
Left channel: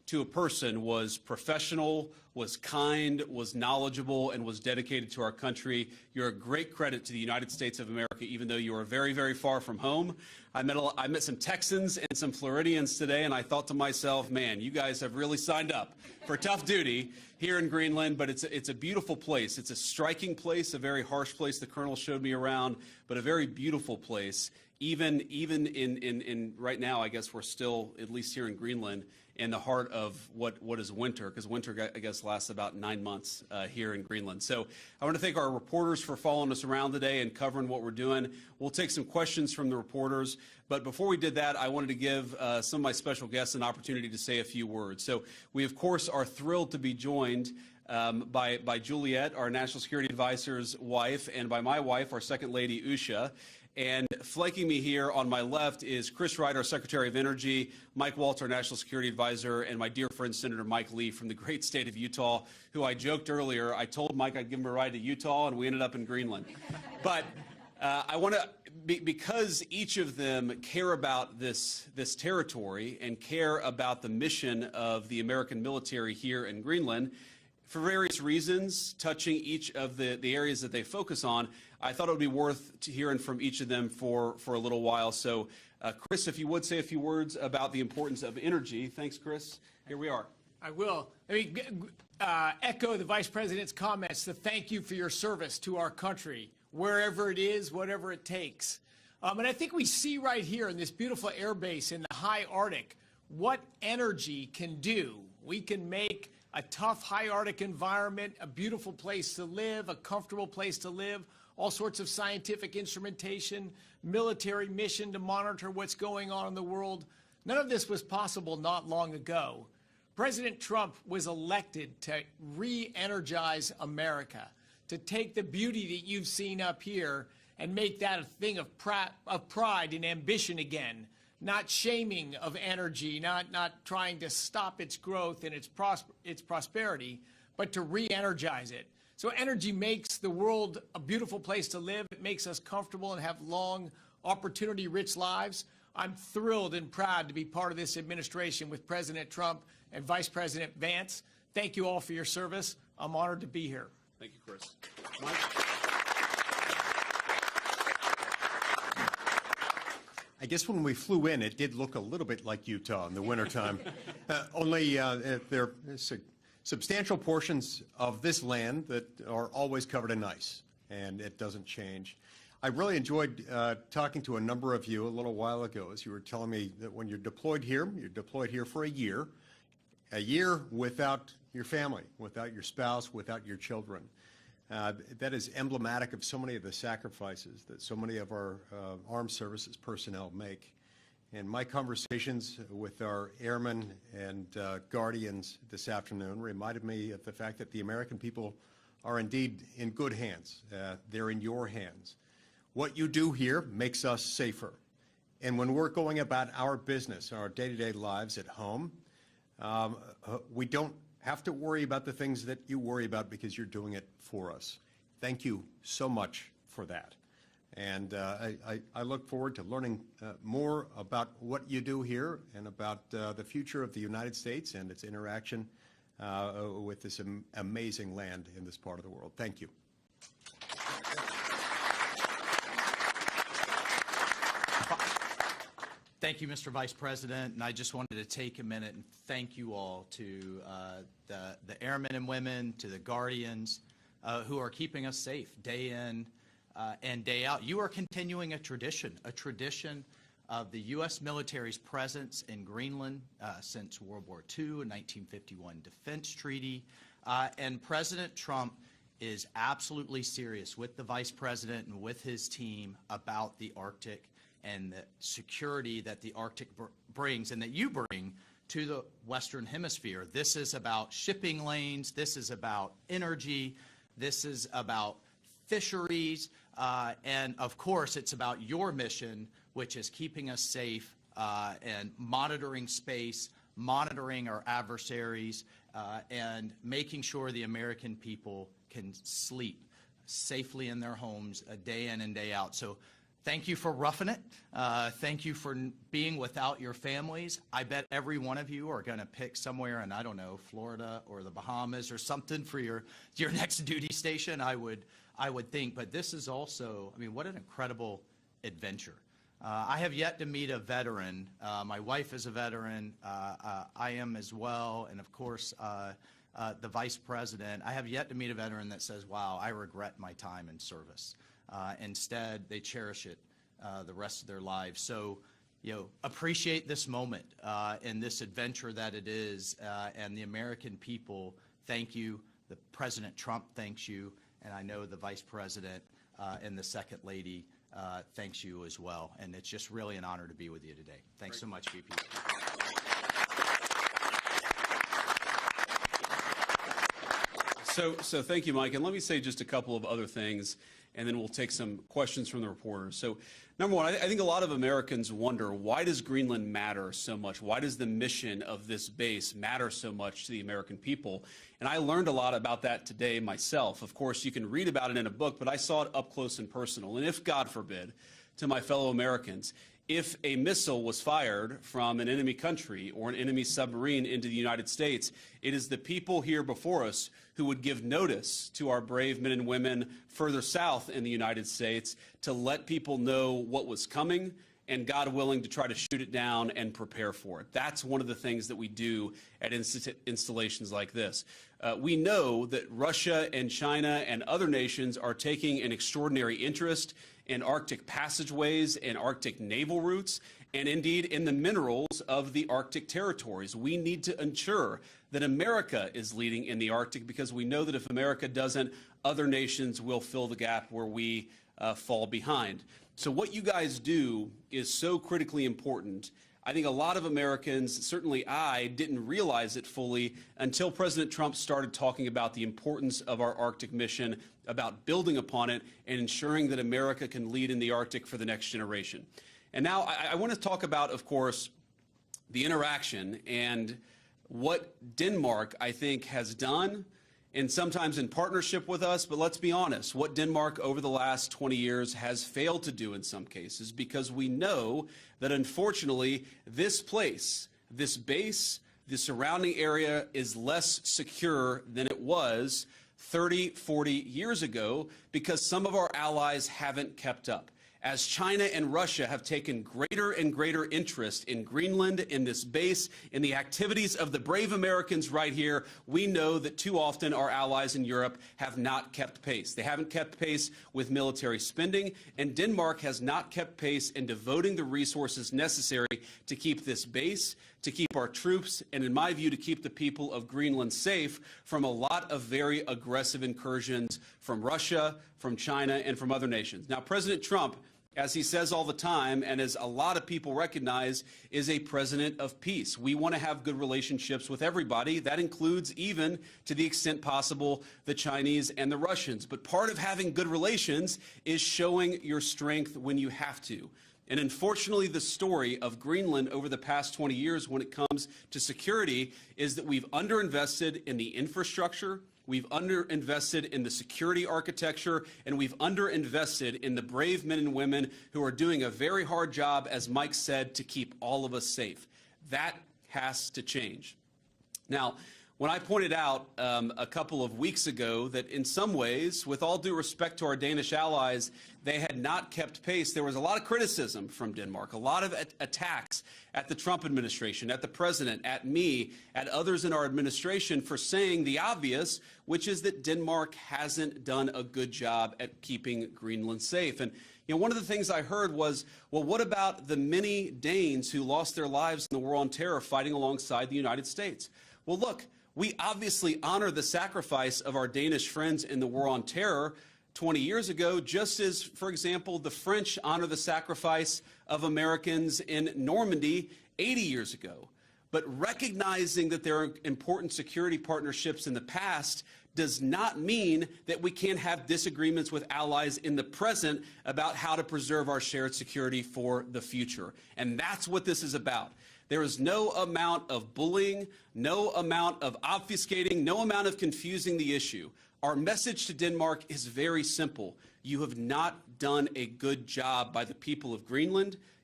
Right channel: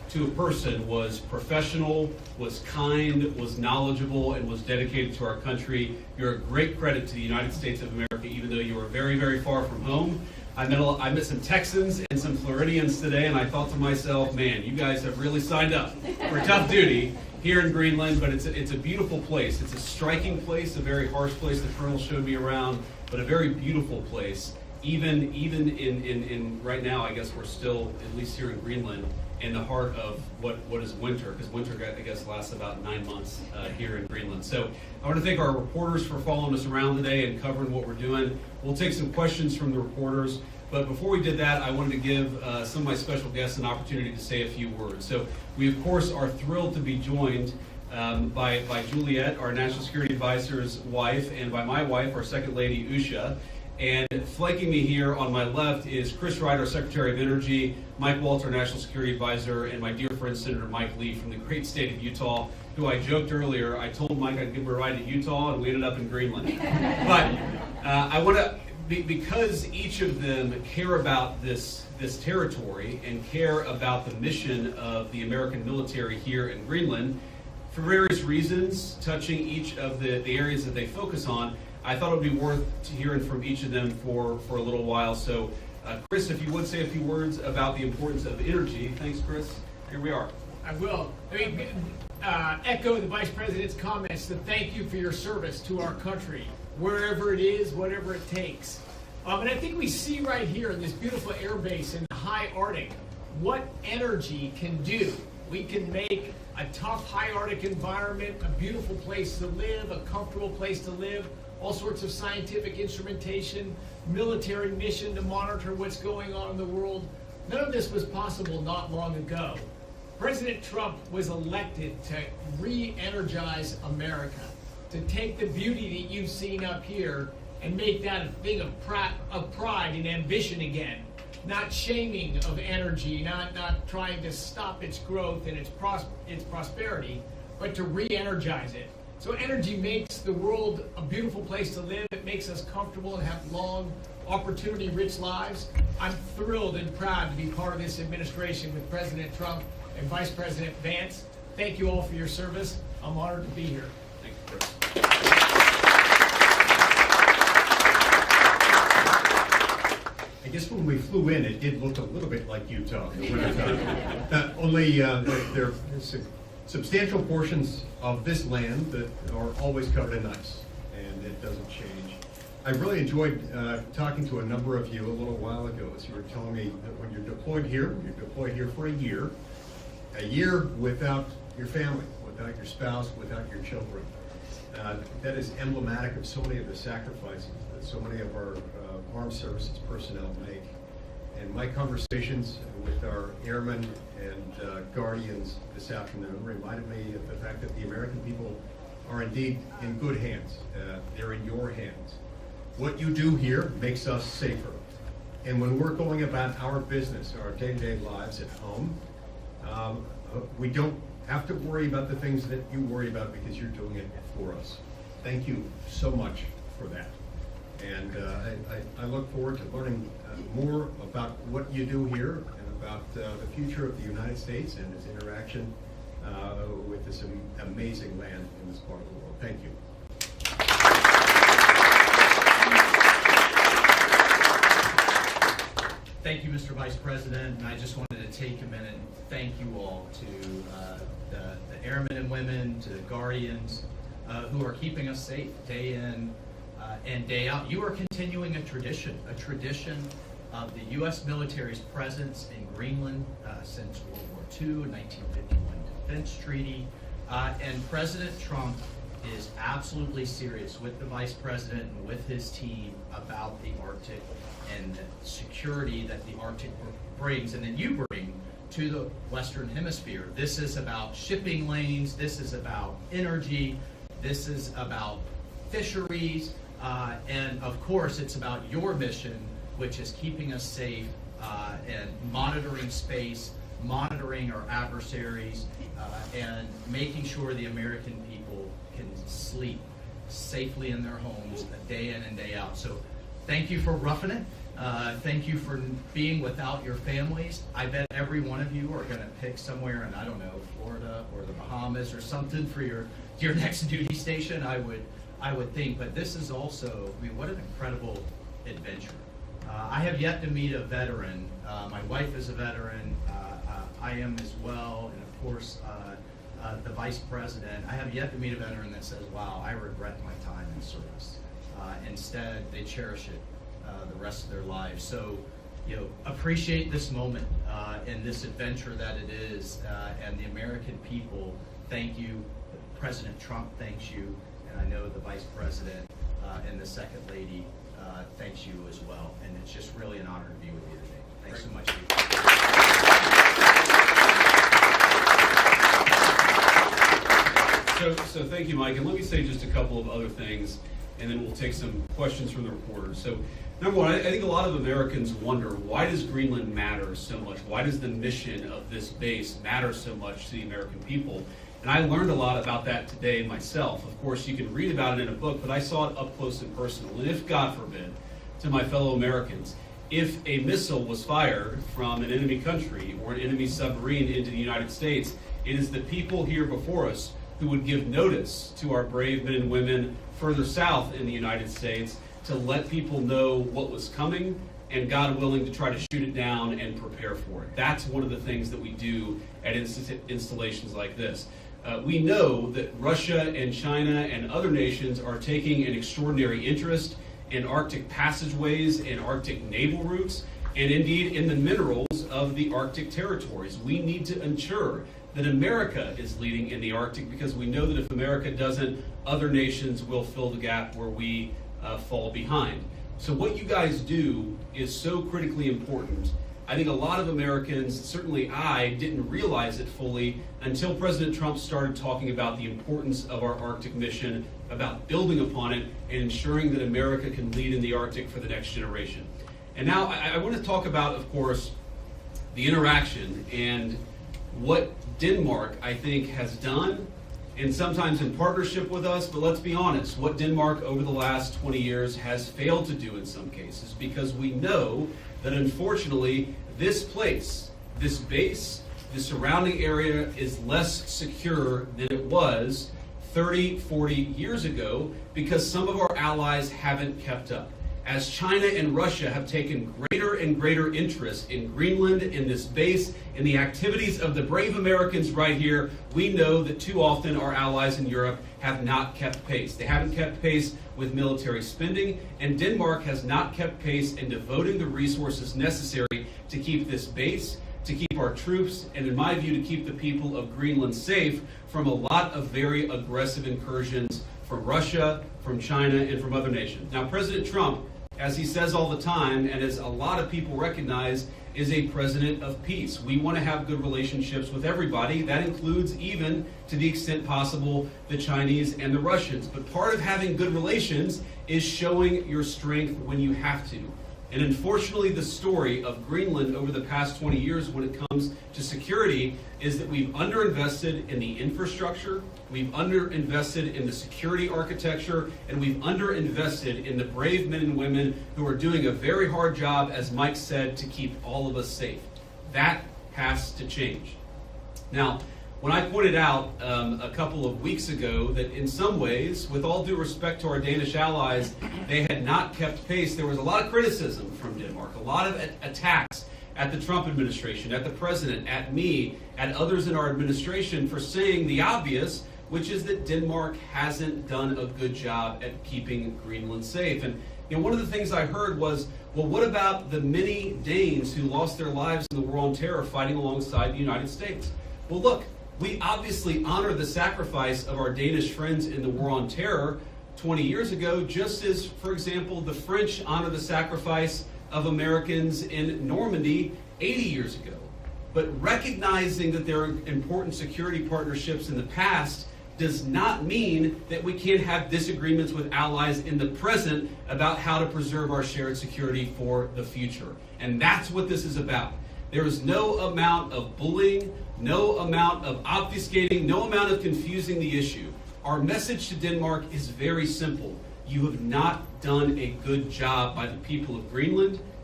to a person was professional, was kind, was knowledgeable, and was dedicated to our country. You're a great credit to the United States of America, even though you are very, very far from home. I met some Texans and some Floridians today, and I thought to myself, man, you guys have really signed up for tough duty here in Greenland, but it's a beautiful place. It's a striking place, a very harsh place. The Colonel showed me around, but a very beautiful place. Even in right now, I guess we're still, at least here in Greenland, in the heart of what is winter, because winter, I guess, lasts about 9 months here in Greenland. So I want to thank our reporters for following us around today and covering what we're doing. We'll take some questions from the reporters, but before we did that, I wanted to give some of my special guests an opportunity to say a few words. So we, of course, are thrilled to be joined by Juliet, our National Security Advisor's wife, and by my wife, our Second Lady, Usha. And flanking me here on my left is Chris Ryder, Secretary of Energy, Mike Walter, National Security Advisor, and my dear friend Senator Mike Lee from the great state of Utah, who I joked earlier, I told Mike I'd give him a ride to Utah, and we ended up in Greenland. But I want to, because each of them care about this territory and care about the mission of the American military here in Greenland, for various reasons, touching each of the areas that they focus on, I thought it would be worth hearing from each of them for a little while. So, Chris, if you would say a few words about the importance of energy. Thanks, Chris. Here we are. I will. Echo the Vice President's comments to thank you for your service to our country, wherever it is, whatever it takes. And I think we see right here in this beautiful air base in the high Arctic what energy can do. We can make a tough high Arctic environment a beautiful place to live, a comfortable place to live, all sorts of scientific instrumentation, military mission to monitor what's going on in the world. None of this was possible not long ago. President Trump was elected to re-energize America, to take the beauty that you've seen up here and make that a thing of pride and ambition again. Not shaming of energy, not trying to stop its growth and its prosperity, but to re-energize it. So energy makes the world a beautiful place to live. It makes us comfortable and have long, opportunity-rich lives. I'm thrilled and proud to be part of this administration with President Trump and Vice President Vance. Thank you all for your service. I'm honored to be here. Thank you, Chris. I guess when we flew in, it did look a little bit like Utah in the wintertime. Only there are substantial portions of this land that are always covered in ice, and it doesn't change. I really enjoyed talking to a number of you a little while ago as you were telling me that when you're deployed here for a year without your family, without your spouse, without your children. That is emblematic of so many of the sacrifices that so many of our armed services personnel make. And my conversations with our airmen and guardians this afternoon reminded me of the fact that the American people are indeed in good hands. They're in your hands. What you do here makes us safer. And when we're going about our business, our day-to-day lives at home, we don't have to worry about the things that you worry about because you're doing it for us. Thank you so much for that. And I look forward to learning more about what you do here and about the future of the United States and its interaction with this amazing land in this part of the world. Thank you. Thank you, Mr. Vice President, and I just wanted to take a minute and thank you all to the airmen and women, to the guardians who are keeping us safe day in and day out. You are continuing a tradition of the U.S. military's presence in Greenland since World War II, a 1951 defense treaty, and President Trump is absolutely serious with the Vice President and with his team about the Arctic and the security that the Arctic brings and that you bring to the Western Hemisphere. This is about shipping lanes, this is about energy, this is about fisheries, and of course it's about your mission, which is keeping us safe and monitoring space, monitoring our adversaries, and making sure the American people can sleep safely in their homes day in and day out. So thank you for roughing it. Thank you for being without your families. I bet every one of you are going to pick somewhere in, I don't know, Florida or the Bahamas or something for your next duty station, I would think. But this is also, I mean, what an incredible adventure. I have yet to meet a veteran. My wife is a veteran. I am as well. And of course, the vice president. I have yet to meet a veteran that says, wow, I regret my time in service. Instead, they cherish it the rest of their lives. So, appreciate this moment and this adventure that it is. And the American people, thank you. President Trump thanks you. And I know the vice president and the second lady thanks you as well. And it's just really an honor to be with you today. Thanks so much. So thank you, Mike. And let me say just a couple of other things, and then we'll take some questions from the reporters. So number one, I think a lot of Americans wonder, why does Greenland matter so much? Why does the mission of this base matter so much to the American people? And I learned a lot about that today myself. Of course, you can read about it in a book, but I saw it up close and personal. And if, God forbid, to my fellow Americans, if a missile was fired from an enemy country or an enemy submarine into the United States, it is the people here before us who would give notice to our brave men and women further south in the United States to let people know what was coming and, God willing, to try to shoot it down and prepare for it. That's one of the things that we do at installations like this. We know that Russia and China and other nations are taking an extraordinary interest in Arctic passageways and Arctic naval routes, and indeed in the minerals of the Arctic territories. We need to ensure that America is leading in the Arctic, because we know that if America doesn't, other nations will fill the gap where we fall behind. So what you guys do is so critically important. I think a lot of Americans, certainly I, didn't realize it fully until President Trump started talking about the importance of our Arctic mission, about building upon it, and ensuring that America can lead in the Arctic for the next generation. And now I want to talk about, of course, the interaction and what Denmark, I think, has done, and sometimes in partnership with us, but let's be honest, what Denmark over the last 20 years has failed to do in some cases, because we know that unfortunately this place, this base, the surrounding area is less secure than it was 30, 40 years ago, because some of our allies haven't kept up. As China and Russia have taken greater and greater interest in Greenland, in this base, in the activities of the brave Americans right here, we know that too often our allies in Europe have not kept pace. They haven't kept pace with military spending, and Denmark has not kept pace in devoting the resources necessary to keep this base, to keep our troops, and in my view, to keep the people of Greenland safe from a lot of very aggressive incursions from Russia, from China, and from other nations. Now, President Trump, as he says all the time, and as a lot of people recognize, is a president of peace. We want to have good relationships with everybody. That includes, even to the extent possible, the Chinese and the Russians. But part of having good relations is showing your strength when you have to. And unfortunately, the story of Greenland over the past 20 years when it comes to security is that we've underinvested in the infrastructure, we've underinvested in the security architecture, and we've underinvested in the brave men and women who are doing a very hard job, as Mike said, to keep all of us safe. That has to change. Now, when I pointed out a couple of weeks ago that in some ways, with all due respect to our Danish allies, they had not kept pace, there was a lot of criticism from Denmark, a lot of attacks at the Trump administration, at the president, at me, at others in our administration for saying the obvious, which is that Denmark hasn't done a good job at keeping Greenland safe. And one of the things I heard was, well, what about the many Danes who lost their lives in the War on Terror fighting alongside the United States? Well, look, we obviously honor the sacrifice of our Danish friends in the War on Terror 20 years ago, just as, for example, the French honor the sacrifice of Americans in Normandy 80 years ago. But recognizing that there are important security partnerships in the past does not mean that we can't have disagreements with allies in the present about how to preserve our shared security for the future. And that's what this is about. There is no amount of bullying, no amount of obfuscating, no amount of confusing the issue. Our message to Denmark is very simple. You have not done a good job by the people of Greenland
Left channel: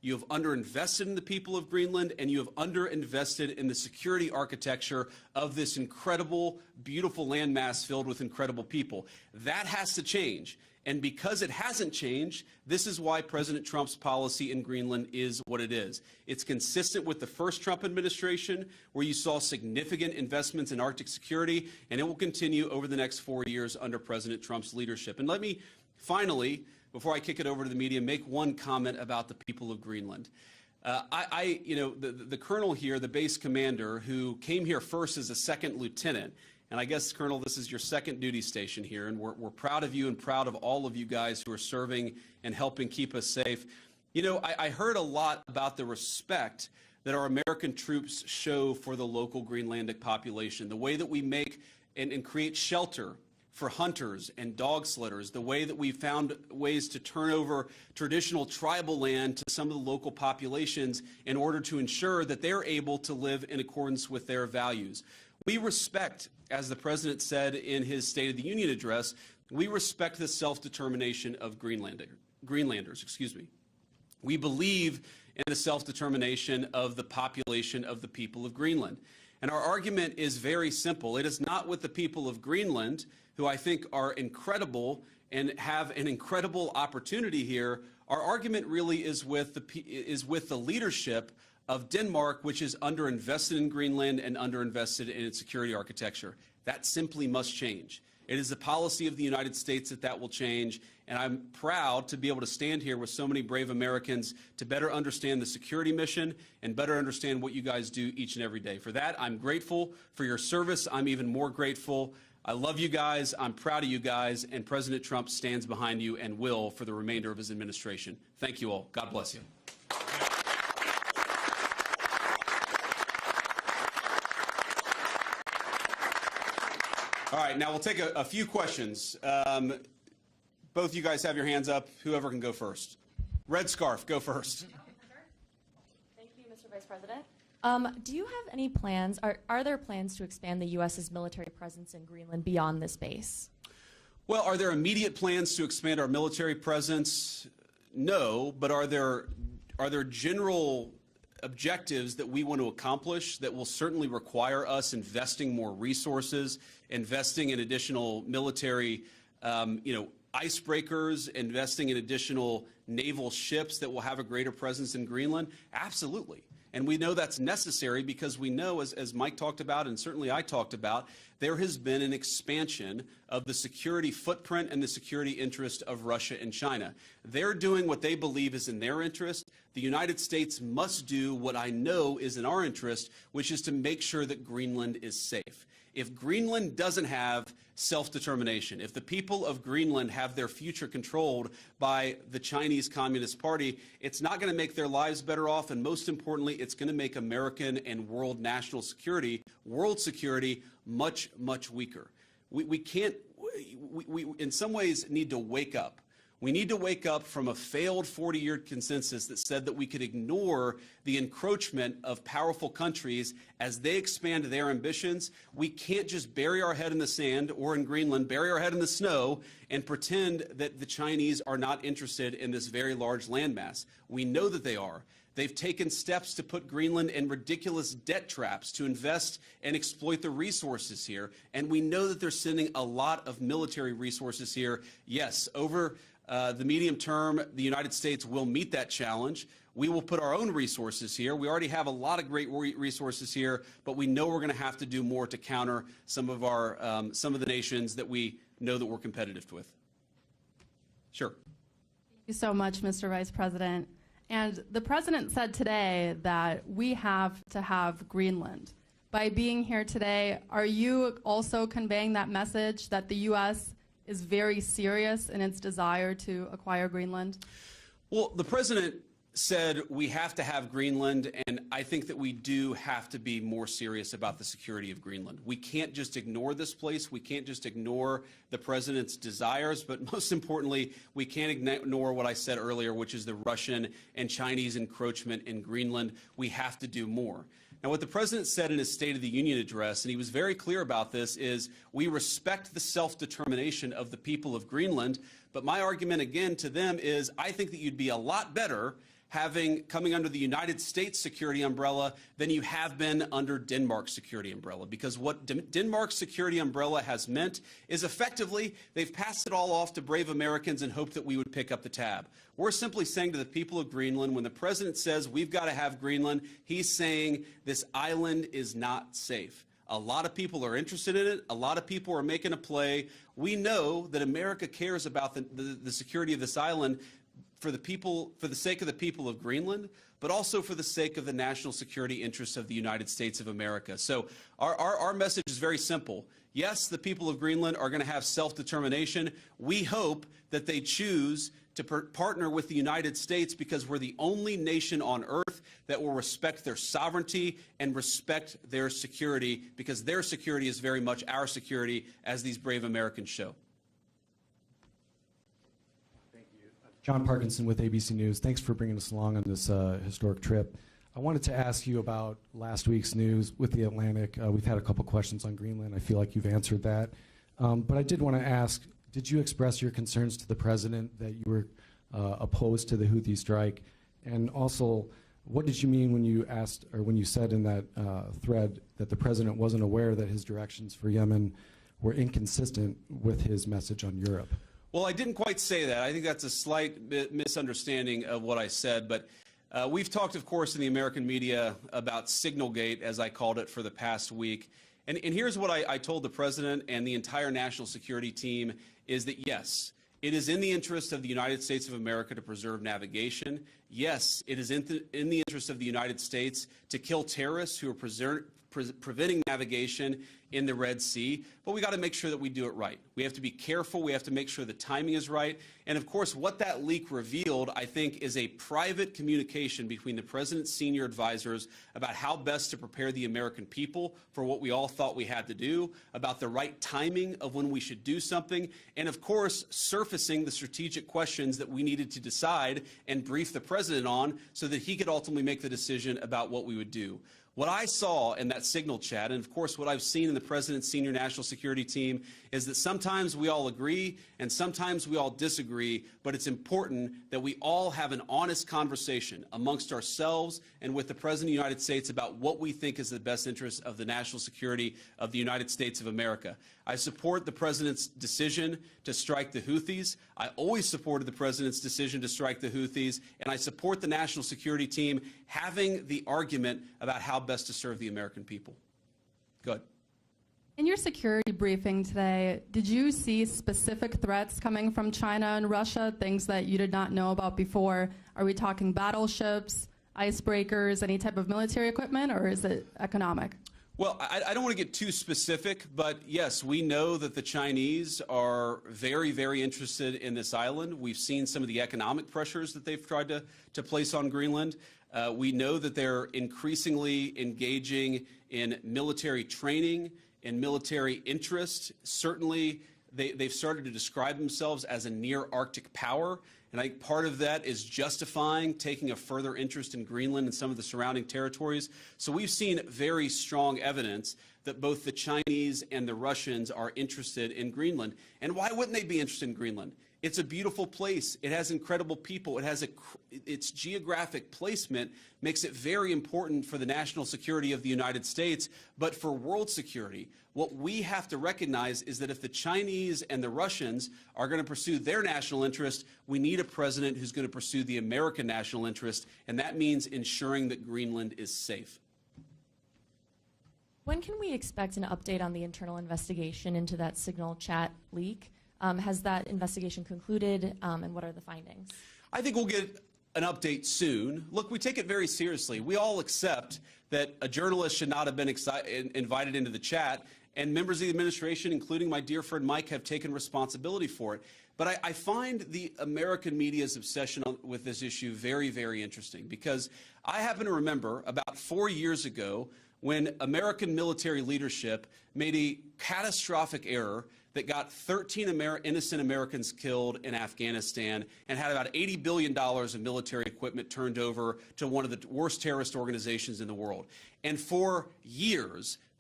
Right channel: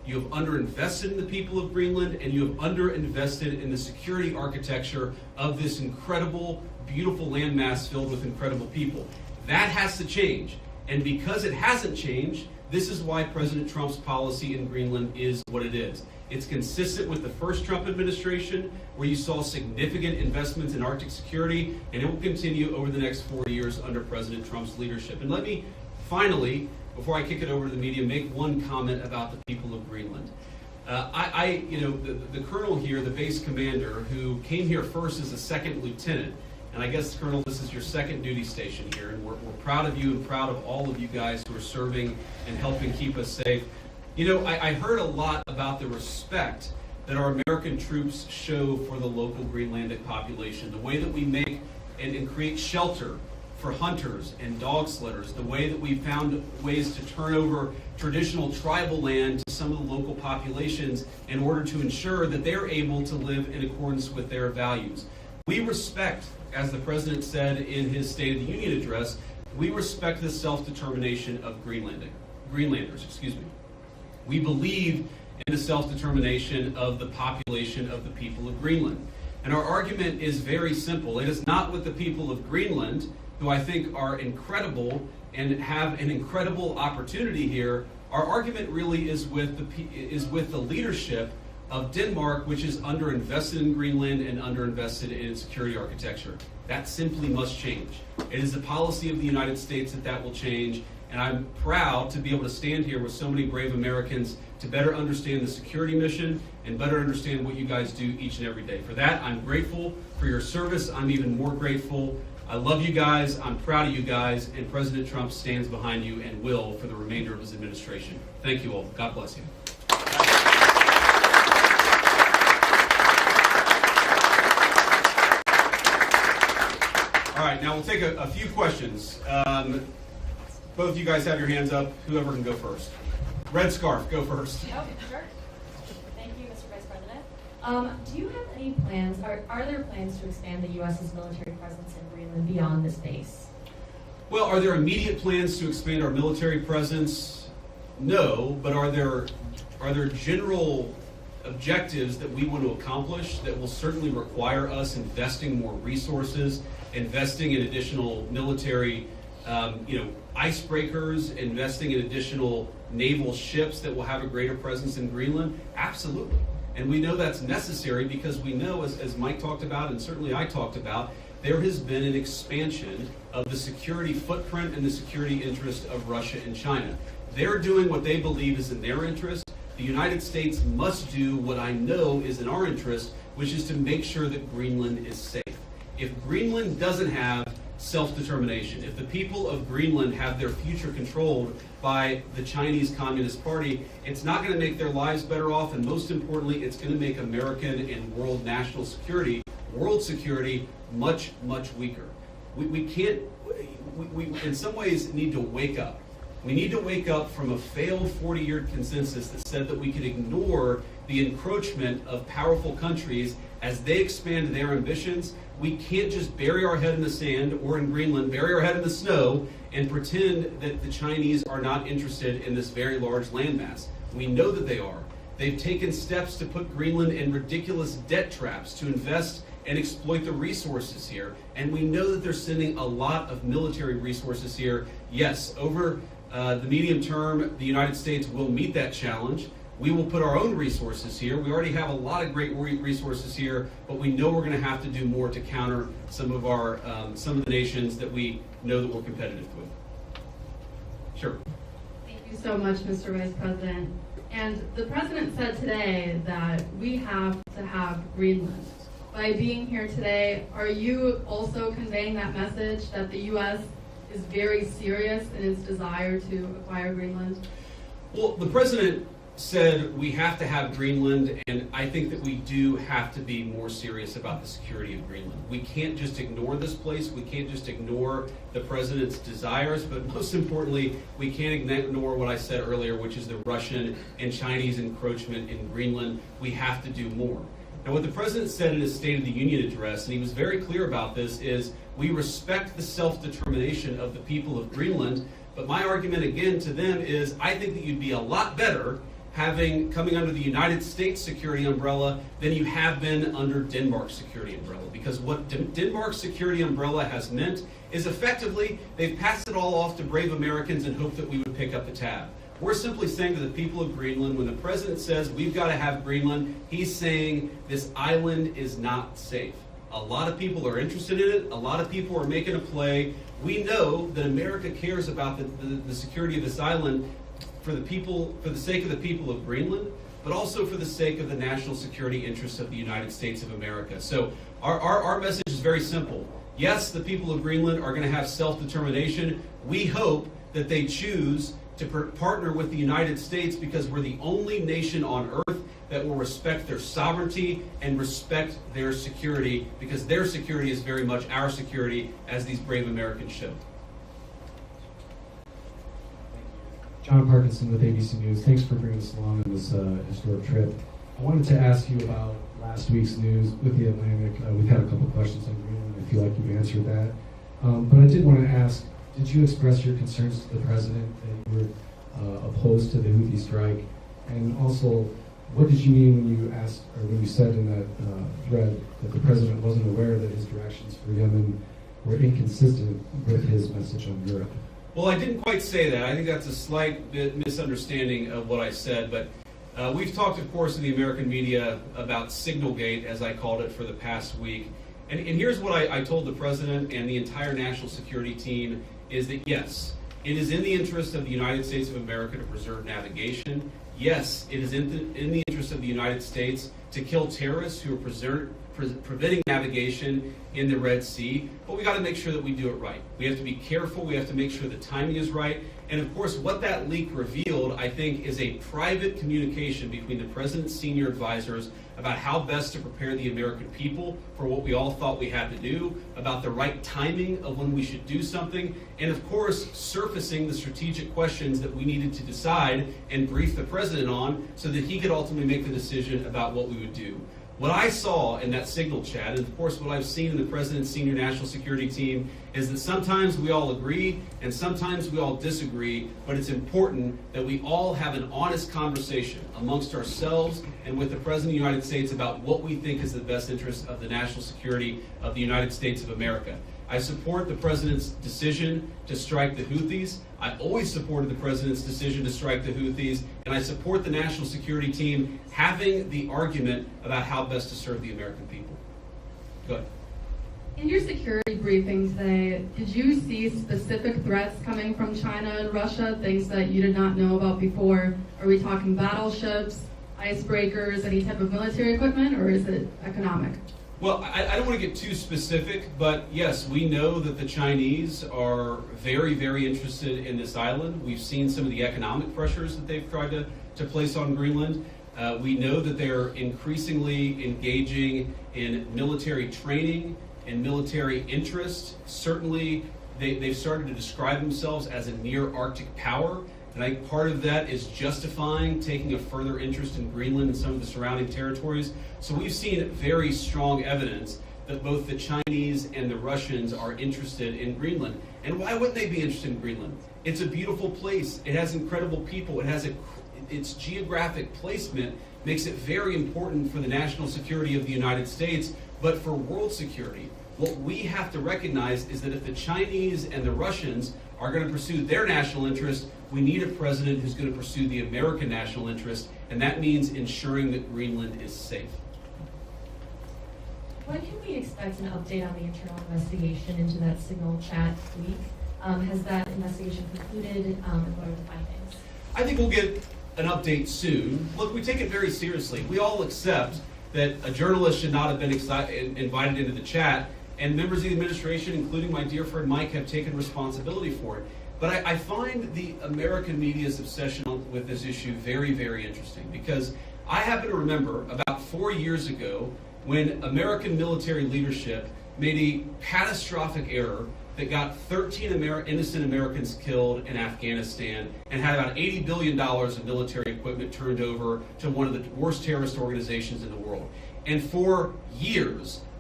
You have underinvested in the people of Greenland, and you have underinvested in the security architecture of this incredible, beautiful landmass filled with incredible people. That has to change. And because it hasn't changed, this is why President Trump's policy in Greenland is what it is. It's consistent with the first Trump administration, where you saw significant investments in Arctic security, and it will continue over the next 4 years under President Trump's leadership. And let me finally, before I kick it over to the media, make one comment about the people of Greenland. The colonel here, the base commander, who came here first as a second lieutenant, and I guess, Colonel, this is your second duty station here, and we're proud of you and proud of all of you guys who are serving and helping keep us safe. You know, I heard a lot about the respect that our American troops show for the local Greenlandic population, the way that we make and create shelter for hunters and dog sledders, the way that we found ways to turn over traditional tribal land to some of the local populations in order to ensure that they're able to live in accordance with their values. We respect, as the President said in his State of the Union address, we respect the self-determination of Greenlanders. We believe in the self-determination of the population of the people of Greenland. And our argument is very simple. It is not with the people of Greenland, who I think are incredible and have an incredible opportunity here. Our argument really is with the leadership of Denmark, which is underinvested in Greenland and underinvested in its security architecture. That simply must change. It is the policy of the United States that will change, and I'm proud to be able to stand here with so many brave Americans to better understand the security mission and better understand what you guys do each and every day. For that, I'm grateful for your service. I'm even more grateful. I love you guys. I'm proud of you guys, and President Trump stands behind you and will for the remainder of his administration. Thank you all. God bless you. All right, now we'll take a few questions. Both of you guys have your hands up. Whoever can go first. Red scarf, go first. Oh, sure. Thank you, Mr. Vice President. Do you have any plans, are there plans to expand the U.S.'s military presence in Greenland beyond this base? Well, are there immediate plans to expand our military presence? No, but are there general objectives that we want to accomplish that will certainly require us investing more resources, investing in additional military icebreakers, investing in additional naval ships that will have a greater presence in Greenland? Absolutely. And we know that's necessary because we know, as Mike talked about and certainly I talked about, there has been an expansion of the security footprint and the security interest of Russia and China. They're doing what they believe is in their interest. The United States must do what I know is in our interest, which is to make sure that Greenland is safe. If Greenland doesn't have self-determination, if the people of Greenland have their future controlled by the Chinese Communist Party, it's not going to make their lives better off, and most importantly, it's going to make American and world national security, world security, much, much weaker. We can't, we in some ways need to wake up. We need to wake up from a failed 40-year consensus that said that we could ignore the encroachment of powerful countries as they expand their ambitions. We can't just bury our head in the sand, or in Greenland, bury our head in the snow and pretend that the Chinese are not interested in this very large landmass. We know that they are. They've taken steps to put Greenland in ridiculous debt traps to invest and exploit the resources here. And we know that they're sending a lot of military resources here. Yes, over the medium term, the United States will meet that challenge. We will put our own resources here. We already have a lot of great resources here, but we know we're going to have to do more to counter some of the nations that we know that we're competitive with. Sure. Thank you so much, Mr. Vice President. And the President said today that we have to have Greenland. By being here today, are you also conveying that message that the U.S. is very serious in its desire to acquire Greenland? Well, the President said we have to have Greenland, and I think that we do have to be more serious about the security of Greenland. We can't just ignore this place. We can't just ignore the President's desires, but most importantly, we can't ignore what I said earlier, which is the Russian and Chinese encroachment in Greenland. We have to do more. And what the President said in his State of the Union address, and he was very clear about this, is we respect the self-determination of the people of Greenland, but my argument again to them is I think that you'd be a lot better coming under the United States security umbrella than you have been under Denmark's security umbrella. Because what Denmark's security umbrella has meant is effectively they've passed it all off to brave Americans and hoped that we would pick up the tab. We're simply saying to the people of Greenland, when the president says we've got to have Greenland, he's saying this island is not safe. A lot of people are interested in it. A lot of people are making a play. We know that America cares about the security of this island for the sake of the people of Greenland, but also for the sake of the national security interests of the United States of America. So our message is very simple. Yes, the people of Greenland are going to have self-determination. We hope that they choose to partner with the United States because we're the only nation on earth that will respect their sovereignty and respect their security, because their security is very much our security, as these brave Americans show. John Parkinson with ABC News. Thanks for bringing us along on this historic trip. I wanted to ask you about last week's news with the Atlantic. We've had a couple questions on Greenland. I feel like you've answered that. But I did want to ask, did you express your concerns to the president that you were opposed to the Houthi strike? And also, what did you mean when you asked, or when you said in that thread that the president wasn't aware that his directions for Yemen were inconsistent with his message on Europe? Well, I didn't quite say that. I think that's a slight bit misunderstanding of what I said. But we've talked, of course, in the American media about Signalgate, as I called it, for the past week. And here's what I told the president and the entire national security team, is that yes, it is in the interest of the United States of America to preserve navigation. Yes, it is in the interest of the United States to kill terrorists who are preventing navigation in the Red Sea, but we got to make sure that we do it right. We have to be careful. We have to make sure the timing is right. And of course, what that leak revealed, I think, is a private communication between the president's senior advisors about how best to prepare the American people for what we all thought we had to do, about the right timing of when we should do something, and of course, surfacing the strategic questions that we needed to decide and brief the president on so that he could ultimately make the decision about what we would do. What I saw in that signal chat, and of course what I've seen in the president's senior national security team, is that sometimes we all agree and sometimes we all disagree, but it's important that we all have an honest conversation amongst ourselves and with the President of the United States about what we think is the best interest of the national security of the United States of America. I support the president's decision to strike the Houthis. I always supported the president's decision to strike the Houthis, and I support the national security team having the argument about how best to serve the American people. Go ahead. In your security briefing today, did you see specific threats coming from China and Russia, things that you did not know about before? Are we talking battleships, icebreakers, any type of military equipment, or is it economic? Well, I don't want to get too specific, but yes, we know that the Chinese are very, very interested in this island. We've seen some of the economic pressures that they've tried to place on Greenland. We know that they're increasingly engaging in military training and military interest. Certainly, they've started to describe themselves as a near-Arctic power. And I think part of that is justifying taking a further interest in Greenland and some of the surrounding territories. So we've seen very strong evidence that both the Chinese and the Russians are interested in Greenland. And why wouldn't they be interested in Greenland? It's a beautiful place. It has incredible people. It has its geographic placement makes it very important for the national security of the United States, but for world security. What we have to recognize is that if the Chinese and the Russians are going to pursue their national interest, we need a president who's going to pursue the American national interest, and that means ensuring that Greenland is safe. When can we expect an update on the internal investigation into that signal chat leak? Has that investigation concluded, and what are the findings? I think we'll get an update soon. Look, we take it very seriously. We all accept that a journalist should not have been invited into the chat, and members of the administration, including my dear friend Mike, have taken responsibility for it. But I find the American media's obsession with this issue very, very interesting, because I happen to remember about 4 years ago when American military leadership made a catastrophic error that got 13 innocent Americans killed in Afghanistan and had about $80 billion of military equipment turned over to one of the worst terrorist organizations in the world. And for years,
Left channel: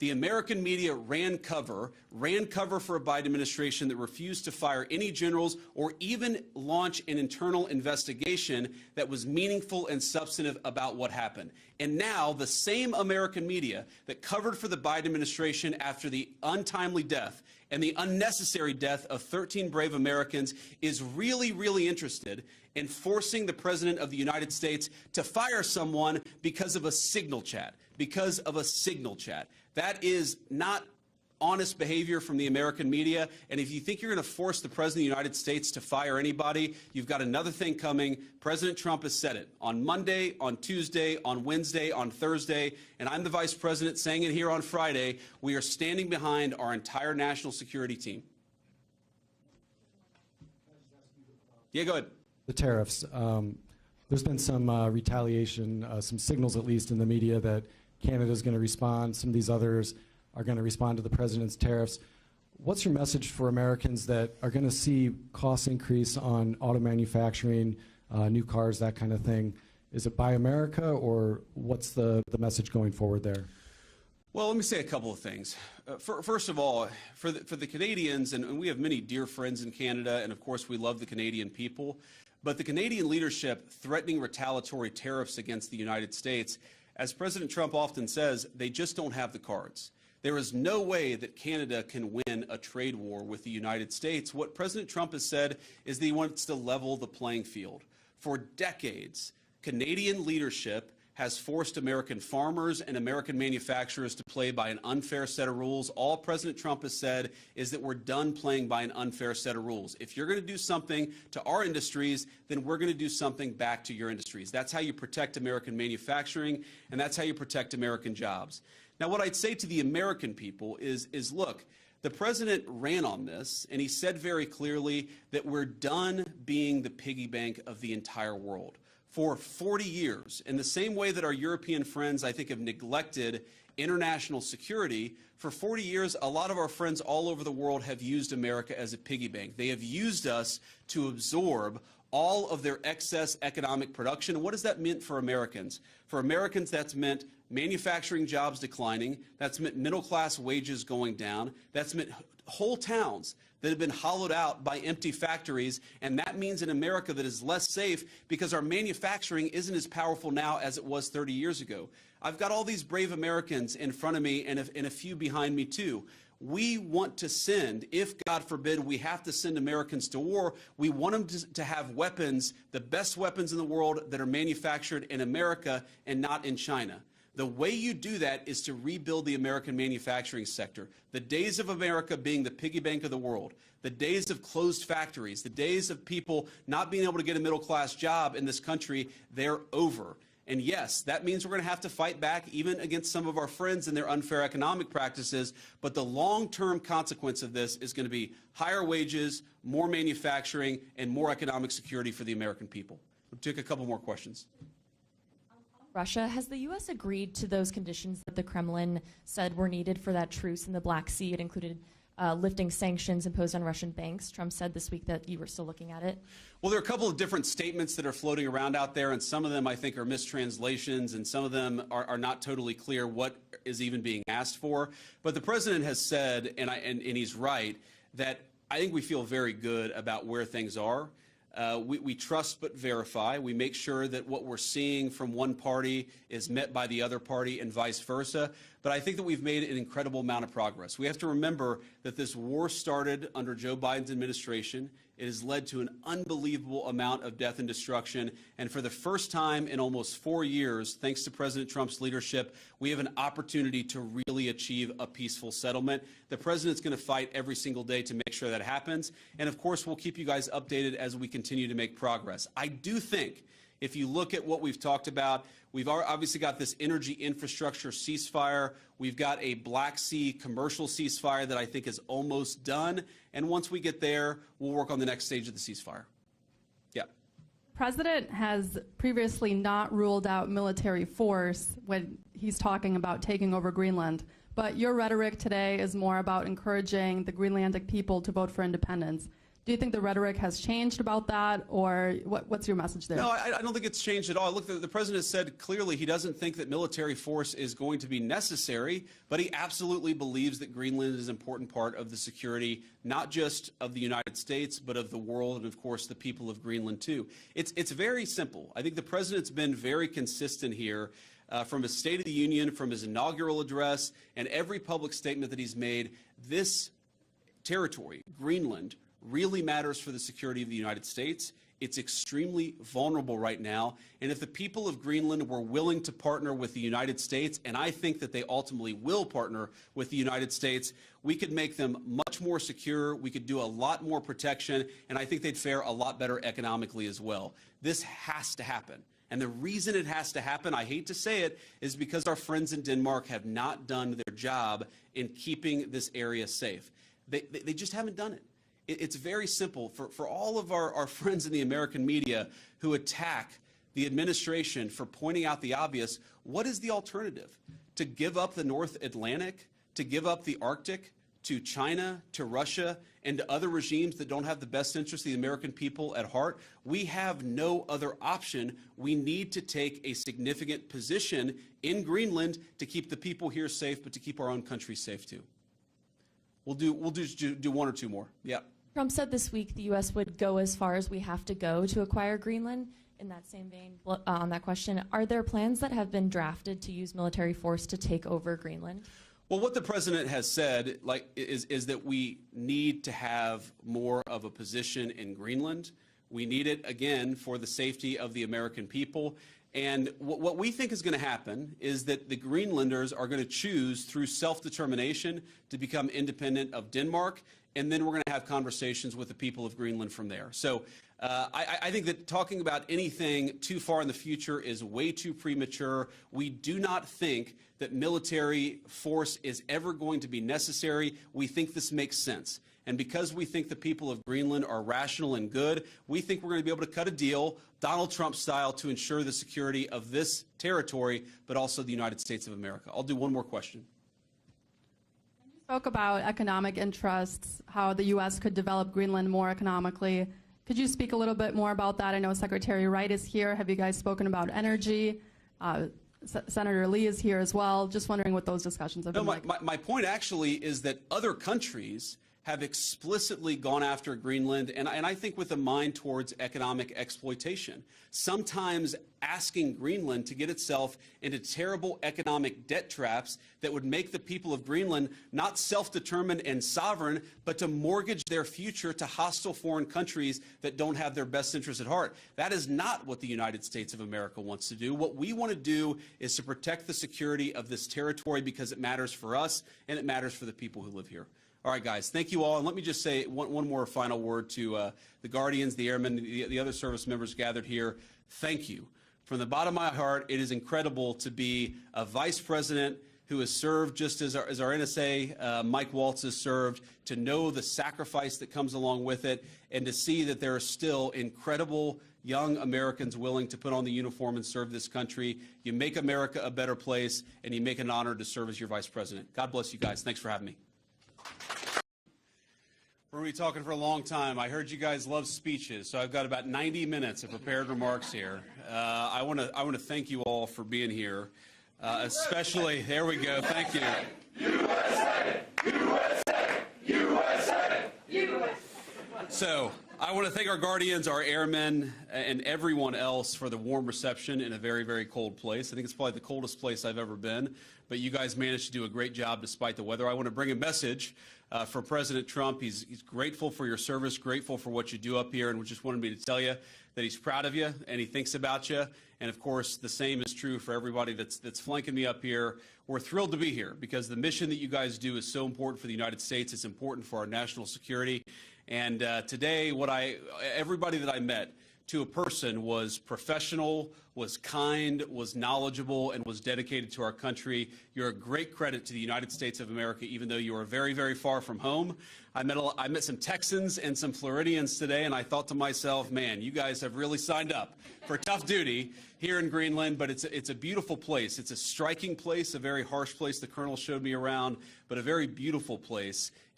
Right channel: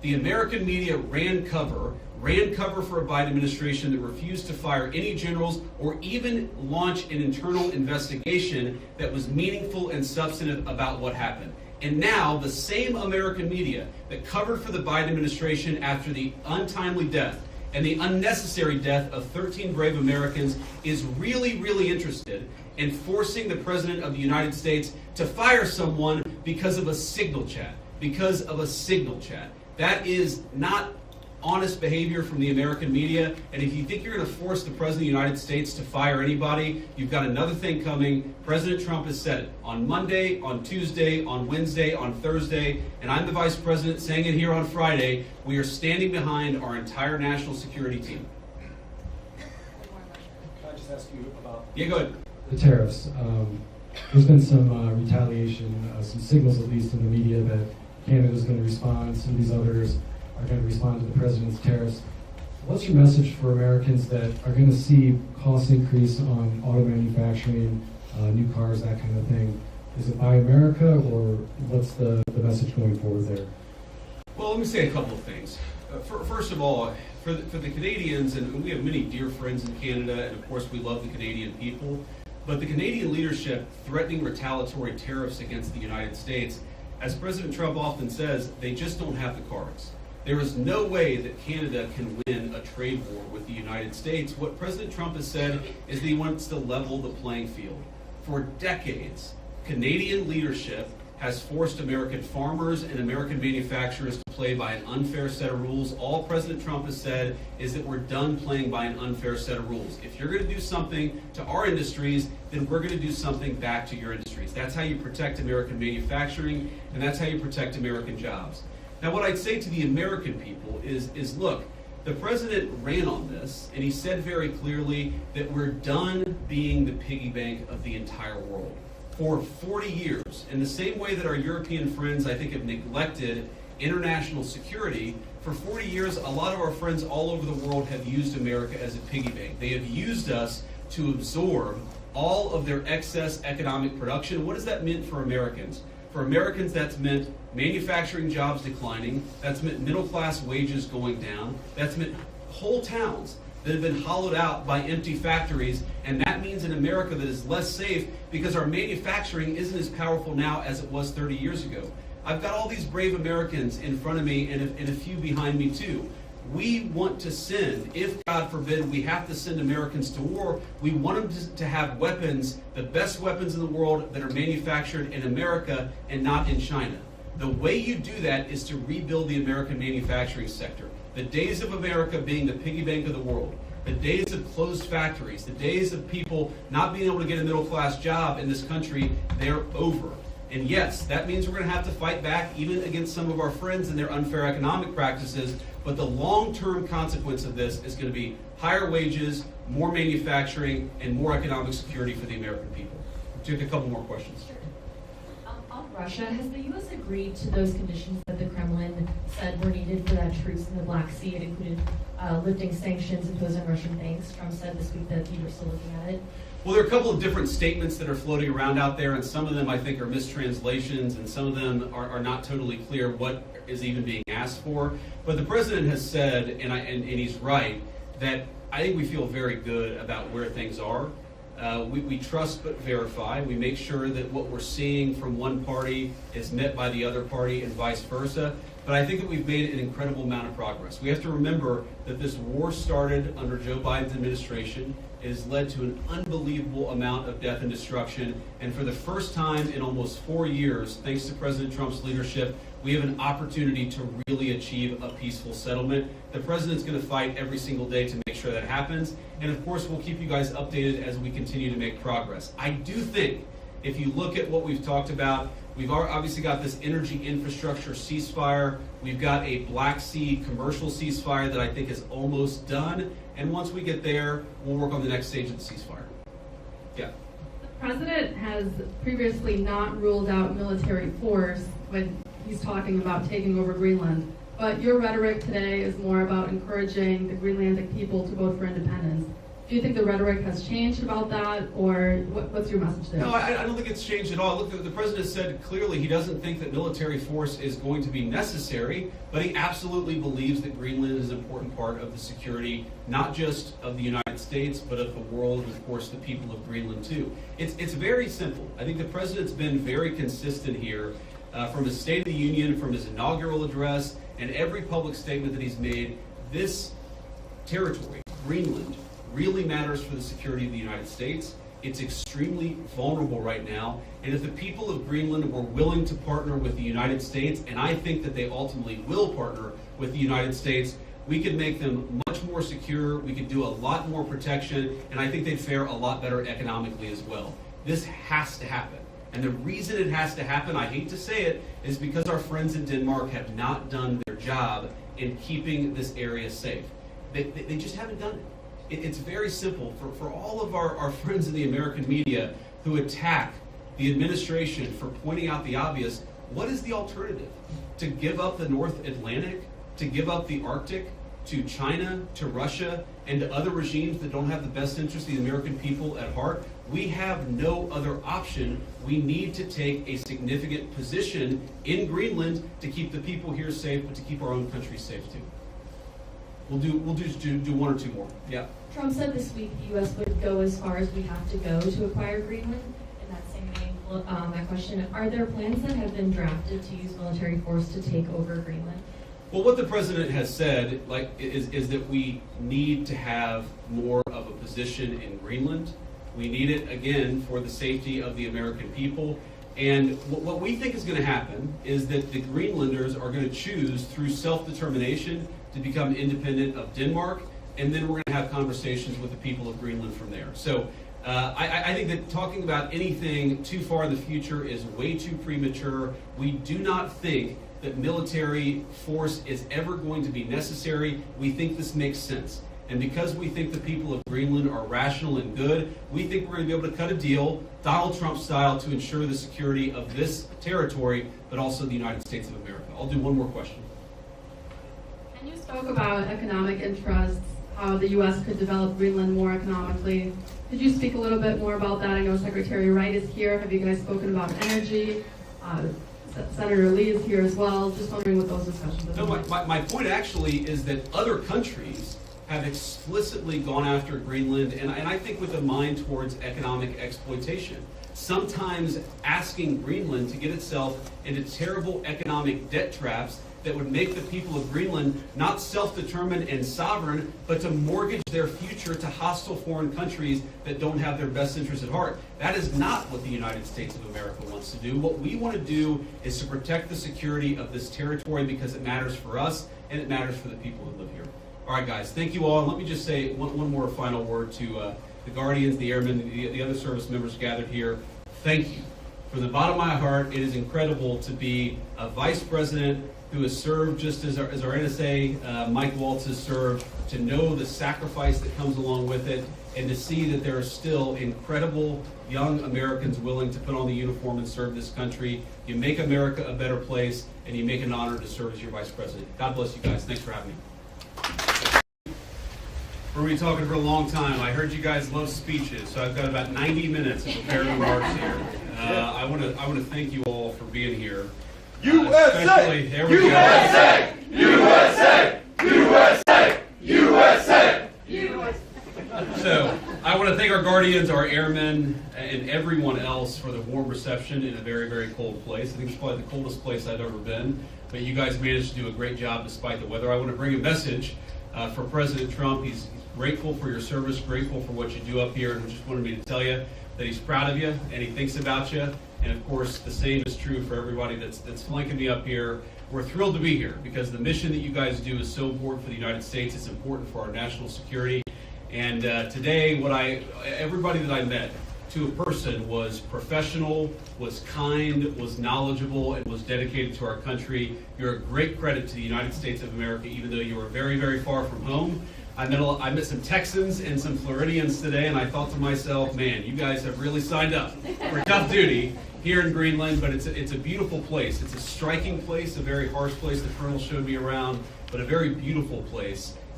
The American media ran cover for a Biden administration that refused to fire any generals or even launch an internal investigation that was meaningful and substantive about what happened. And now the same American media that covered for the Biden administration after the untimely death and the unnecessary death of 13 brave Americans is really, really interested in forcing the President of the United States to fire someone because of a signal chat. Because of a signal chat. That is not honest behavior from the American media, and if you think you're going to force the President of the United States to fire anybody, you've got another thing coming. President Trump has said it on Monday, on Tuesday, on Wednesday, on Thursday, and I'm the Vice President saying it here on Friday. We are standing behind our entire national security team. Can I just ask you about Yeah, go ahead. the tariffs? There's been some retaliation, some signals at least in the media that Canada's going to respond, some of these others are going to respond to the president's tariffs. What's your message for Americans that are going to see costs increase on auto manufacturing, new cars, that kind of thing? Is it Buy America, or what's the message going forward there? Well, let me say a couple of things. First of all, for the Canadians, and we have many dear friends in Canada, and of course we love the Canadian people, but the Canadian leadership threatening retaliatory tariffs against the United States, as President Trump often says, they just don't have the cards. There is no way that Canada can win a trade war with the United States. What President Trump has said is that he wants to level the playing field. For decades, Canadian leadership has forced American farmers and American manufacturers to play by an unfair set of rules. All President Trump has said is that we're done playing by an unfair set of rules. If you're going to do something to our industries, then we're going to do something back to your industries. That's how you protect American manufacturing, and that's how you protect American jobs. Now, what I'd say to the American people is look, the president ran on this, and he said very clearly that we're done being the piggy bank of the entire world. For 40 years, in the same way that our European friends, I think, have neglected international security, for 40 years, a lot of our friends all over the world have used America as a piggy bank. They have used us to absorb all of their excess economic production. What does that mean for Americans? For Americans, that's meant manufacturing jobs declining, that's meant middle-class wages going down, that's meant whole towns that have been hollowed out by empty factories, and that means an America that is less safe because our manufacturing isn't as powerful now as it was 30 years ago. I've got all these brave Americans in front of me and a few behind me too. We want to send, if God forbid we have to send Americans to war, we want them to have weapons, the best weapons in the world that are manufactured in America and not in China. The way you do that is to rebuild the American manufacturing sector. The days of America being the piggy bank of the world, the days of closed factories, the days of people not being able to get a middle-class job in this country, they're over. And yes, that means we're going to have to fight back even against some of our friends and their unfair economic practices, but the long-term consequence of this is going to be higher wages, more manufacturing, and more economic security for the American people. We'll take a couple more questions. On Russia, has the U.S. agreed to those conditions that the Kremlin said were needed for that truce in the Black Sea? It included lifting sanctions imposed on Russian banks. Trump said this week that you were still looking at it. Well, there are a couple of different statements that are floating around out there, and some of them I think are mistranslations, and some of them are not totally clear what is even being asked for. But the president has said, and he's right, that I think we feel very good about where things are. We trust but verify. We make sure that what we're seeing from one party is met by the other party and vice versa. But I think that we've made an incredible amount of progress. We have to remember that this war started under Joe Biden's administration. It has led to an unbelievable amount of death and destruction. And for the first time in almost 4 years, thanks to President Trump's leadership, we have an opportunity to really achieve a peaceful settlement. The president's going to fight every single day to make sure that happens. And of course, we'll keep you guys updated as we continue to make progress. I do think if you look at what we've talked about, we've obviously got this energy infrastructure ceasefire. We've got a Black Sea commercial ceasefire that I think is almost done. And once we get there, we'll work on the next stage of the ceasefire. Yeah. The president has previously not ruled out military force when he's talking about taking over Greenland. But your rhetoric today is more about encouraging the Greenlandic people to vote for independence. Do you think the rhetoric has changed about that, or what's your message there? No, I don't think it's changed at all. Look, the president said clearly he doesn't think that military force is going to be necessary, but he absolutely believes that Greenland is an important part of the security, not just of the United States, but of the world, and of course the people of Greenland too. It's very simple. I think the president's been very consistent here from his State of the Union, from his inaugural address, and every public statement that he's made. This territory, Greenland, really matters for the security of the United States. It's extremely vulnerable right now, and if the people of Greenland were willing to partner with the United States, and I think that they ultimately will partner with the United States, we could make them much more secure, we could do a lot more protection, and I think they'd fare a lot better economically as well. This has to happen. And the reason it has to happen, I hate to say it, is because our friends in Denmark have not done their job in keeping this area safe. They just haven't done it. It's very simple. For all of our friends in the American media who attack the administration for pointing out the obvious, what is the alternative? To give up the North Atlantic? To give up the Arctic? To China? To Russia? And to other regimes that don't have the best interest of the American people at heart? We have no other option. We need to take a significant position in Greenland to keep the people here safe, but to keep our own country safe too. We'll do one or two more. Yeah. Trump said this week the U.S. would go as far as we have to go to acquire Greenland. In that same vein, that question, are there plans that have been drafted to use military force to take over Greenland? Well, what the president has said, is that we need to have more of a position in Greenland. We need it, again, for the safety of the American people. And what we think is going to happen is that the Greenlanders are going to choose, through self-determination, to become independent of Denmark, and then we're going to have conversations with the people of Greenland from there. So I think that talking about anything too far in the future is way too premature. We do not think that military force is ever going to be necessary. We think this makes sense. And because we think the people of Greenland are rational and good, we think we're going to be able to cut a deal, Donald Trump style, to ensure the security of this territory, but also the United States of America. I'll do one more question. And you spoke about economic interests, how the U.S. could develop Greenland more economically. Could you speak a little bit more about that? I know Secretary Wright is here. Have you guys spoken about energy? Senator Lee is here as well. Just wondering what those discussions have been like. My point actually is that other countries have explicitly gone after Greenland, and I think with a mind towards economic exploitation. Sometimes asking Greenland to get itself into terrible economic debt traps that would make the people of Greenland not self-determined and sovereign, but to mortgage their future to hostile foreign countries that don't have their best interests at heart. That is not what the United States of America wants to do. What we want to do is to protect the security of this territory because it matters for us and it matters for the people who live here. All right, guys, thank you all. And let me just say one more final word to the Guardians, the Airmen, the other service members gathered here. Thank you. From the bottom of my heart, it is incredible to be a vice president who has served just as our NSA, Mike Waltz, has served, to know the sacrifice that comes along with it, and to see that there are still incredible young Americans willing to put on the uniform and serve this country. You make America a better place, and you make an honor to serve as your vice president. God bless you guys. Thanks for having me. We're going to be talking for a long time. I heard you guys love speeches, so I've got about 90 minutes of prepared remarks here. I want to thank you all for being here. USA! There we USA! USA! USA! USA! USA! So, I want to thank our Guardians, our airmen, and everyone else for the warm reception in a very, very cold place. I think it's probably the coldest place I've ever been, but you guys managed to do a great job despite the weather. I want to bring a message for President Trump. He's grateful for your service, grateful for what you do up here, and just wanted me to tell you that he's proud of you and he thinks about you. And of course, the same is true for everybody that's flanking me up here. We're thrilled to be here because the mission that you guys do is so important for the United States. It's important for our national security. And today, everybody that I met, to a person, was professional, was kind, was knowledgeable, and was dedicated to our country. You're a great credit to the United States of America, even though you are very, very far from home. I met some Texans and some Floridians today, and I thought to myself, man, you guys have really signed up for tough duty here in Greenland, but it's a beautiful place. It's a striking place, a very harsh place. The Colonel showed me around, but a very beautiful place.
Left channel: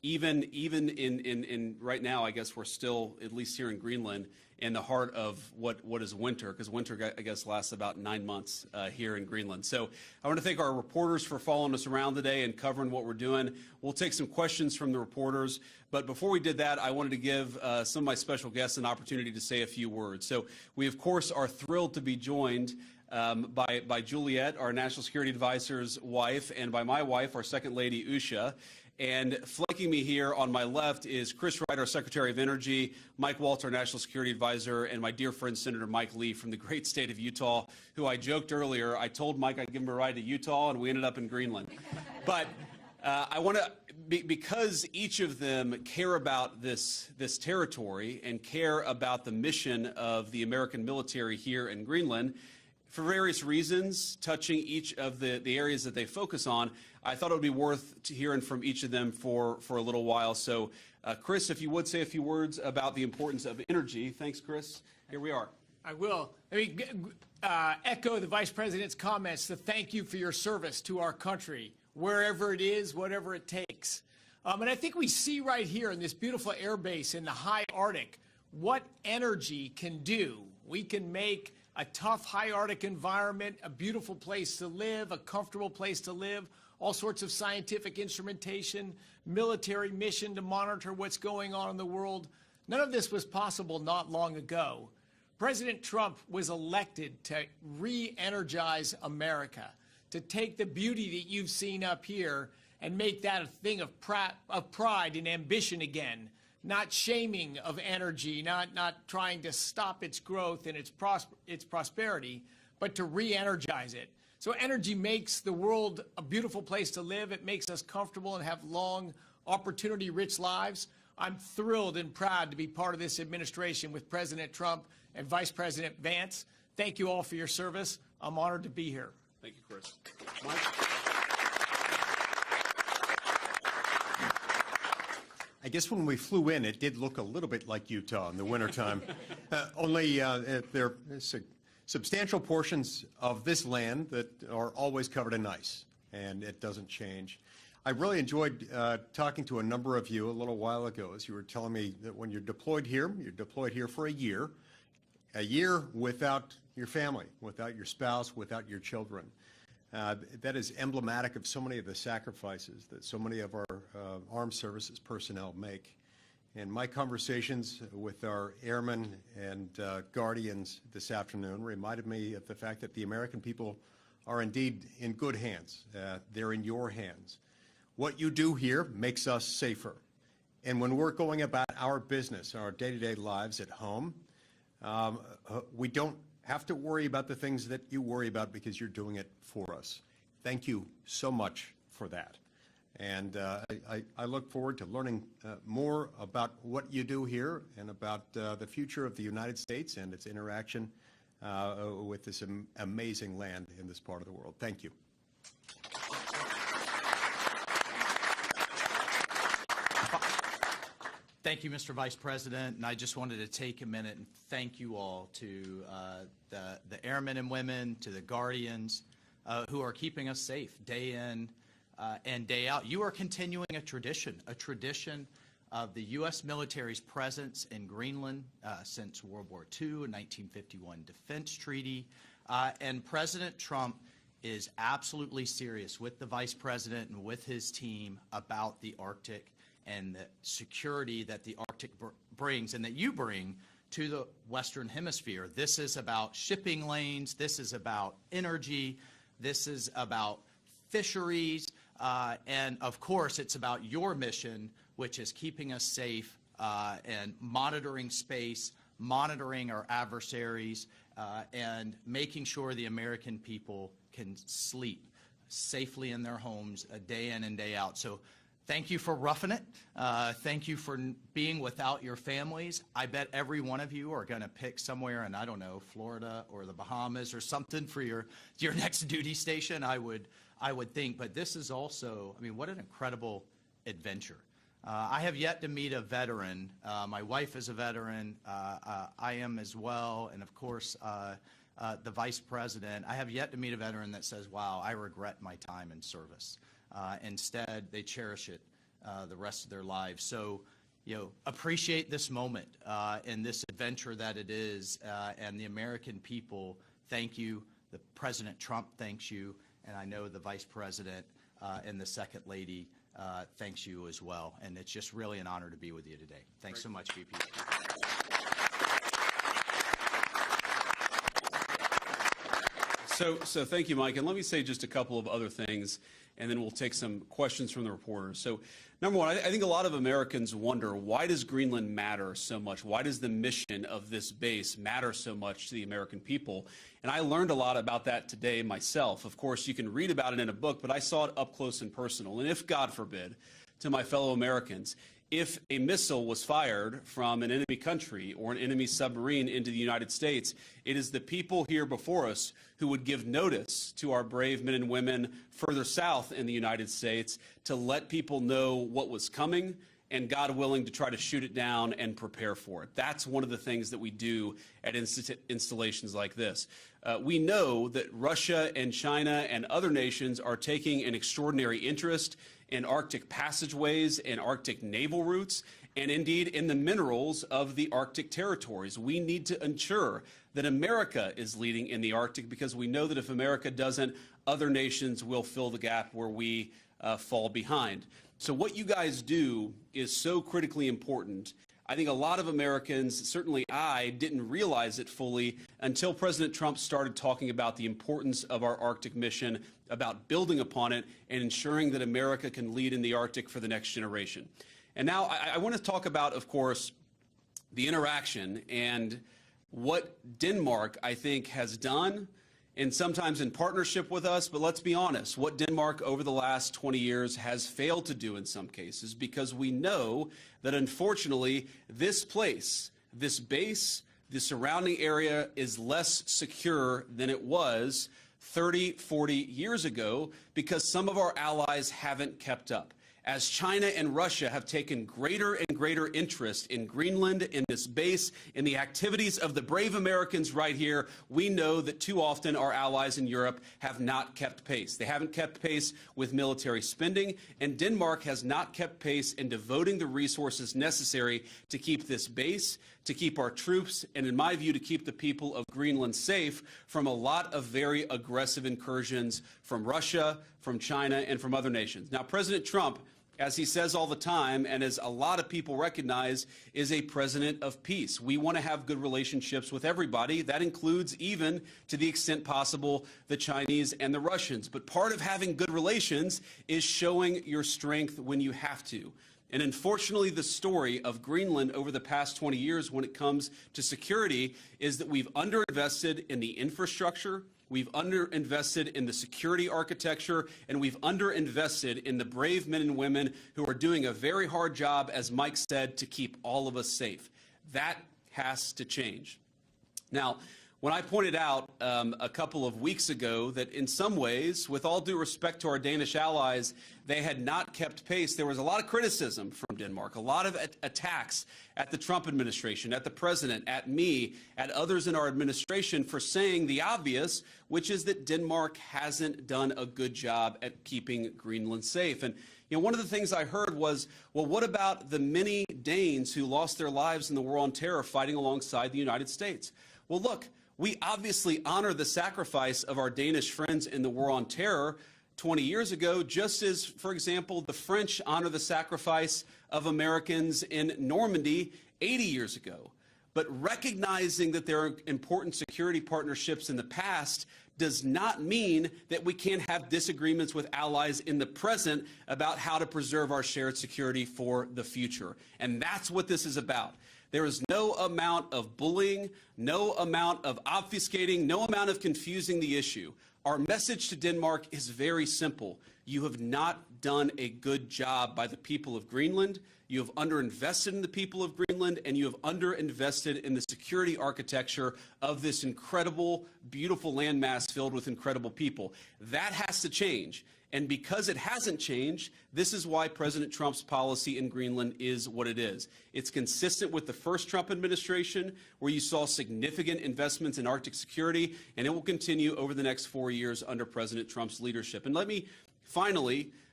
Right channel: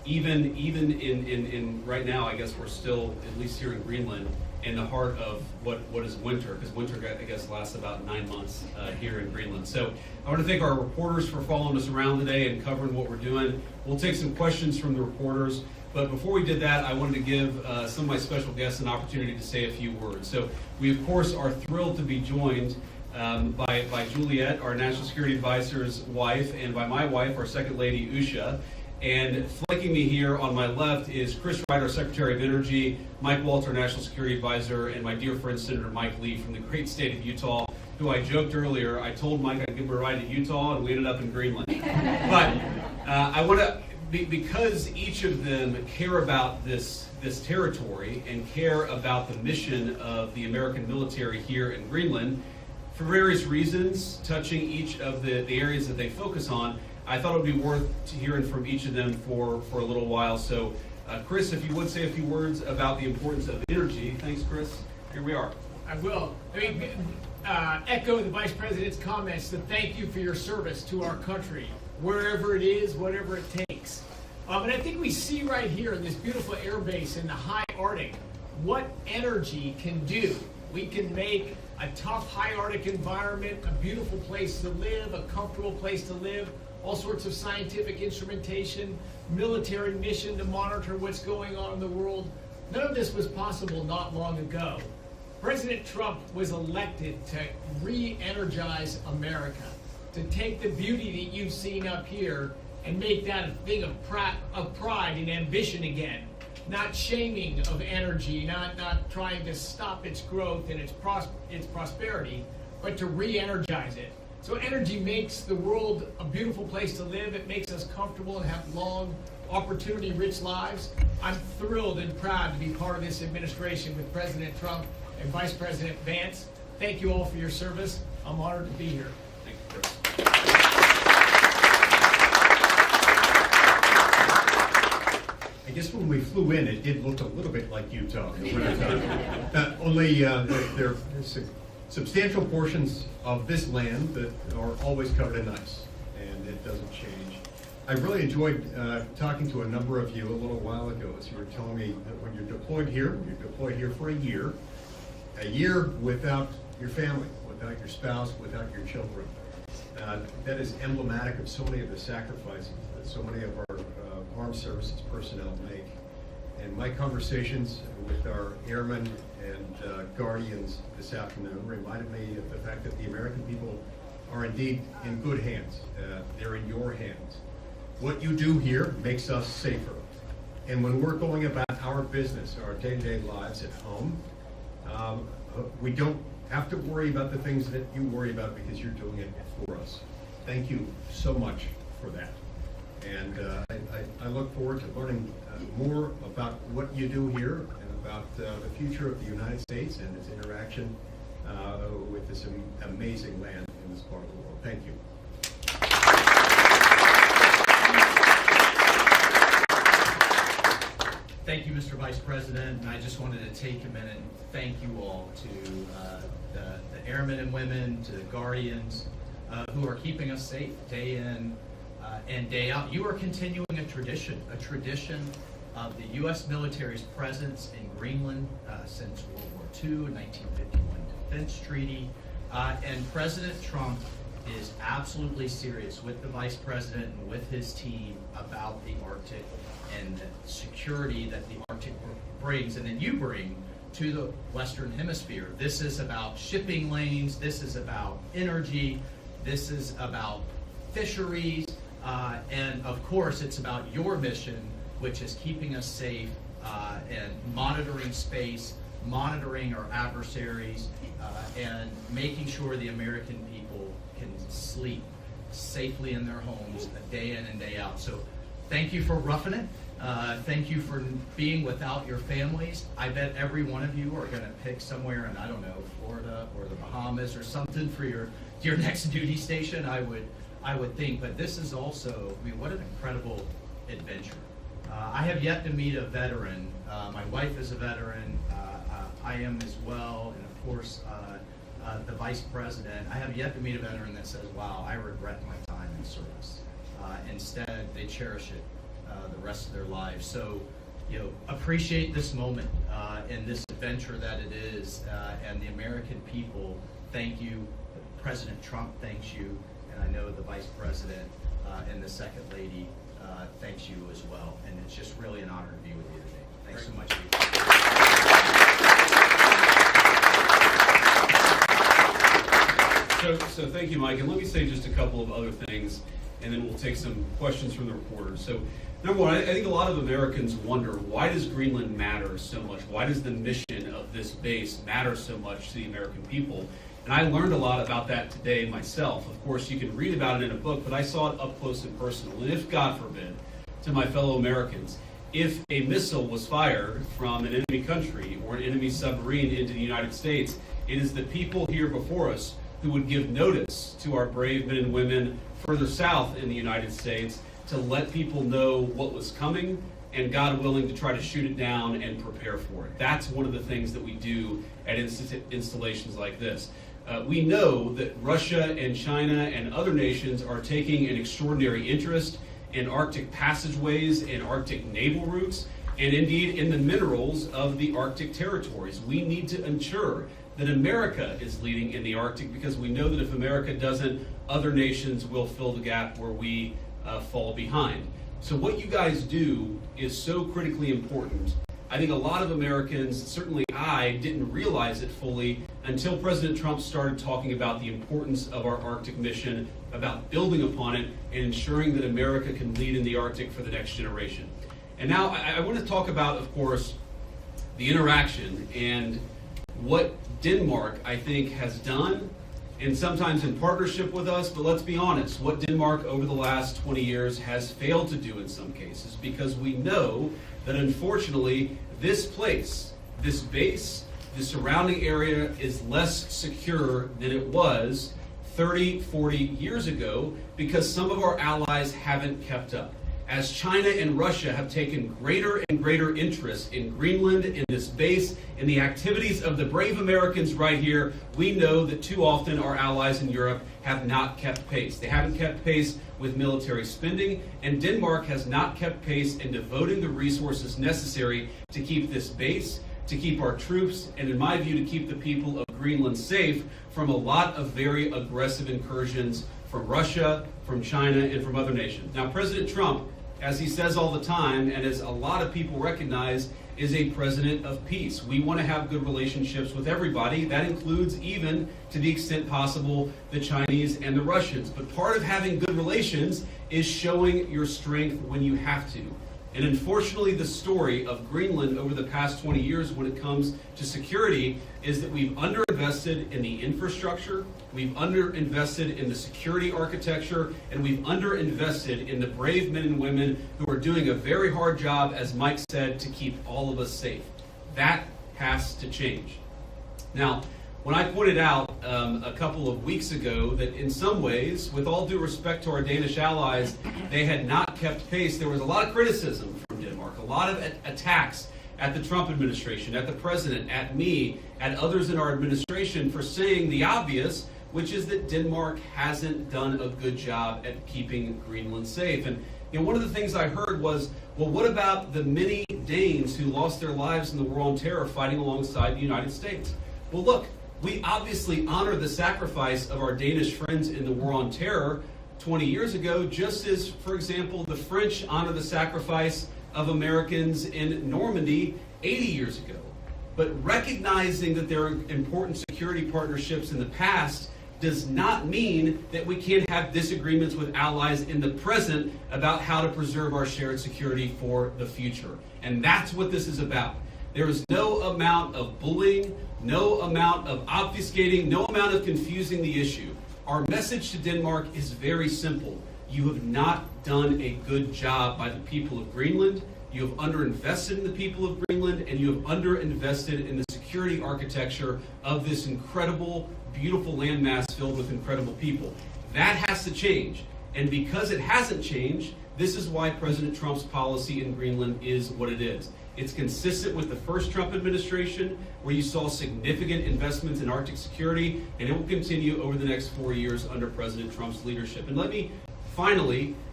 even in right now, I guess we're still, at least here in Greenland, in the heart of what is winter, because winter, I guess, lasts about 9 months here in Greenland. So I want to thank our reporters for following us around today and covering what we're doing. We'll take some questions from the reporters, but before we did that, I wanted to give some of my special guests an opportunity to say a few words. So we, of course, are thrilled to be joined by Juliet, our National Security Advisor's wife, and by my wife, our Second Lady, Usha. And flanking me here on my left is Chris Wright, our Secretary of Energy, Mike Walter, National Security Advisor, and my dear friend Senator Mike Lee from the great state of Utah, who I joked earlier, I told Mike I'd give him a ride to Utah, and we ended up in Greenland. But I want to, because each of them care about this territory and care about the mission of the American military here in Greenland, for various reasons, touching each of the areas that they focus on, I thought it would be worth hearing from each of them for a little while. So, Chris, if you would say a few words about the importance of energy. Thanks, Chris. Here we are. I will. Echo the Vice President's comments to thank you for your service to our country, wherever it is, whatever it takes. And I think we see right here in this beautiful air base in the high Arctic what energy can do. We can make a tough high Arctic environment a beautiful place to live, a comfortable place to live, all sorts of scientific instrumentation, military mission to monitor what's going on in the world. None of this was possible not long ago. President Trump was elected to re-energize America, to take the beauty that you've seen up here and make that a thing of pride and ambition again. Not shaming of energy, not trying to stop its growth and its prosperity, but to re-energize it. So energy makes the world a beautiful place to live. It makes us comfortable and have long, opportunity-rich lives. I'm thrilled and proud to be part of this administration with President Trump and Vice President Vance. Thank you all for your service. I'm honored to be here. Thank you, Chris. I guess when we flew in, it did look a little bit like Utah in the wintertime. Only there are substantial portions of this land that are always covered in ice, and it doesn't change. I really enjoyed talking to a number of you a little while ago as you were telling me that when you're deployed here for a year without your family, without your spouse, without your children. That is emblematic of so many of the sacrifices that so many of our armed services personnel make. And my conversations with our airmen and guardians this afternoon reminded me of the fact that the American people are indeed in good hands. They're in your hands. What you do here makes us safer. And when we're going about our business, our day-to-day lives at home, we don't have to worry about the things that you worry about because you're doing it for us. Thank you so much for that. And I look forward to learning more about what you do here and about the future of the United States and its interaction with this amazing land in this part of the world. Thank you. Thank you, Mr. Vice President, and I just wanted to take a minute and thank you all to the airmen and women, to the guardians who are keeping us safe day in and day out. You are continuing a tradition of the U.S. military's presence in Greenland since World War II, 1951 Defense Treaty, and President Trump is absolutely serious with the Vice President and with his team about the Arctic and the security that the Arctic brings and that you bring to the Western Hemisphere. This is about shipping lanes, this is about energy, this is about fisheries, and of course it's about your mission, which is keeping us safe and monitoring space, monitoring our adversaries, and making sure the American people can sleep safely in their homes day in and day out. So thank you for roughing it. Thank you for being without your families. I bet every one of you are going to pick somewhere in, I don't know, Florida or the Bahamas or something for your next duty station, I would think. But this is also, I mean, what an incredible adventure. I have yet to meet a veteran. My wife is a veteran. I am as well. And of course, the Vice President. I have yet to meet a veteran that says, wow, I regret my time in service. Instead, they cherish it. the rest of their lives. So, appreciate this moment and this adventure that it is, and the American people thank you. President Trump thanks you, and I know the Vice President and the Second Lady thanks you as well. And it's just really an honor to be with you today. Thanks so much. So thank you, Mike. And let me say just a couple of other things, and then we'll take some questions from the reporters. So, number one, I think a lot of Americans wonder, why does Greenland matter so much? Why does the mission of this base matter so much to the American people? And I learned a lot about that today myself. Of course, you can read about it in a book, but I saw it up close and personal. And if, God forbid, to my fellow Americans, if a missile was fired from an enemy country or an enemy submarine into the United States, it is the people here before us who would give notice to our brave men and women further south in the United States to let people know what was coming and, God willing, to try to shoot it down and prepare for it. That's one of the things that we do at installations like this. We know that Russia and China and other nations are taking an extraordinary interest in Arctic passageways and Arctic naval routes, and indeed in the minerals of the Arctic territories. We need to ensure that America is leading in the Arctic, because we know that if America doesn't, other nations will fill the gap where we fall behind. So what you guys do is so critically important. I think a lot of Americans, certainly I, didn't realize it fully until President Trump started talking about the importance of our Arctic mission, about building upon it, and ensuring that America can lead in the Arctic for the next generation. And now I want to talk about, of course, the interaction and what Denmark, I think, has done, and sometimes in partnership with us, but let's be honest, what Denmark over the last 20 years has failed to do in some cases, because we know that unfortunately this place, this base, the surrounding area is less secure than it was 30, 40 years ago, because some of our allies haven't kept up. As China and Russia have taken greater and greater interest in Greenland, in this base, in the activities of the brave Americans right here, we know that too often our allies in Europe have not kept pace. They haven't kept pace with military spending, and Denmark has not kept pace in devoting the resources necessary to keep this base, to keep our troops, and in my view, to keep the people of Greenland safe from a lot of very aggressive incursions from Russia, from China, and from other nations. Now, President Trump, as he says all the time, and as a lot of people recognize, is a president of peace. We want to have good relationships with everybody. That includes, even to the extent possible, the Chinese and the Russians. But part of having good relations is showing your strength when you have to. And unfortunately, the story of Greenland over the past 20 years when it comes to security is that we've underinvested in the infrastructure, we've underinvested in the security architecture, and we've underinvested in the brave men and women who are doing a very hard job, as Mike said, to keep all of us safe. That has to change. Now, when I pointed out a couple of weeks ago that in some ways, with all due respect to our Danish allies, they had not kept pace, there was a lot of criticism from Denmark, a lot of attacks at the Trump administration, at the president, at me, at others in our administration for saying the obvious, which is that Denmark hasn't done a good job at keeping Greenland safe. And one of the things I heard was, well, what about the many Danes who lost their lives in the War on Terror fighting alongside the United States? Well, look, we obviously honor the sacrifice of our Danish friends in the War on Terror 20 years ago, just as, for example, the French honor the sacrifice of Americans in Normandy 80 years ago. But recognizing that there are important security partnerships in the past does not mean that we can't have disagreements with allies in the present about how to preserve our shared security for the future. And that's what this is about. There is no amount of bullying, no amount of obfuscating, no amount of confusing the issue. Our message to Denmark is very simple. You have not done a good job by the people of Greenland. You have underinvested in the people of Greenland, and you have underinvested in the security architecture of this incredible, beautiful landmass filled with incredible people. That has to change. And because it hasn't changed, this is why President Trump's policy in Greenland is what it is. It's consistent with the first Trump administration, where you saw significant investments in Arctic security, and it will continue over the next 4 years under President Trump's leadership. And let me finally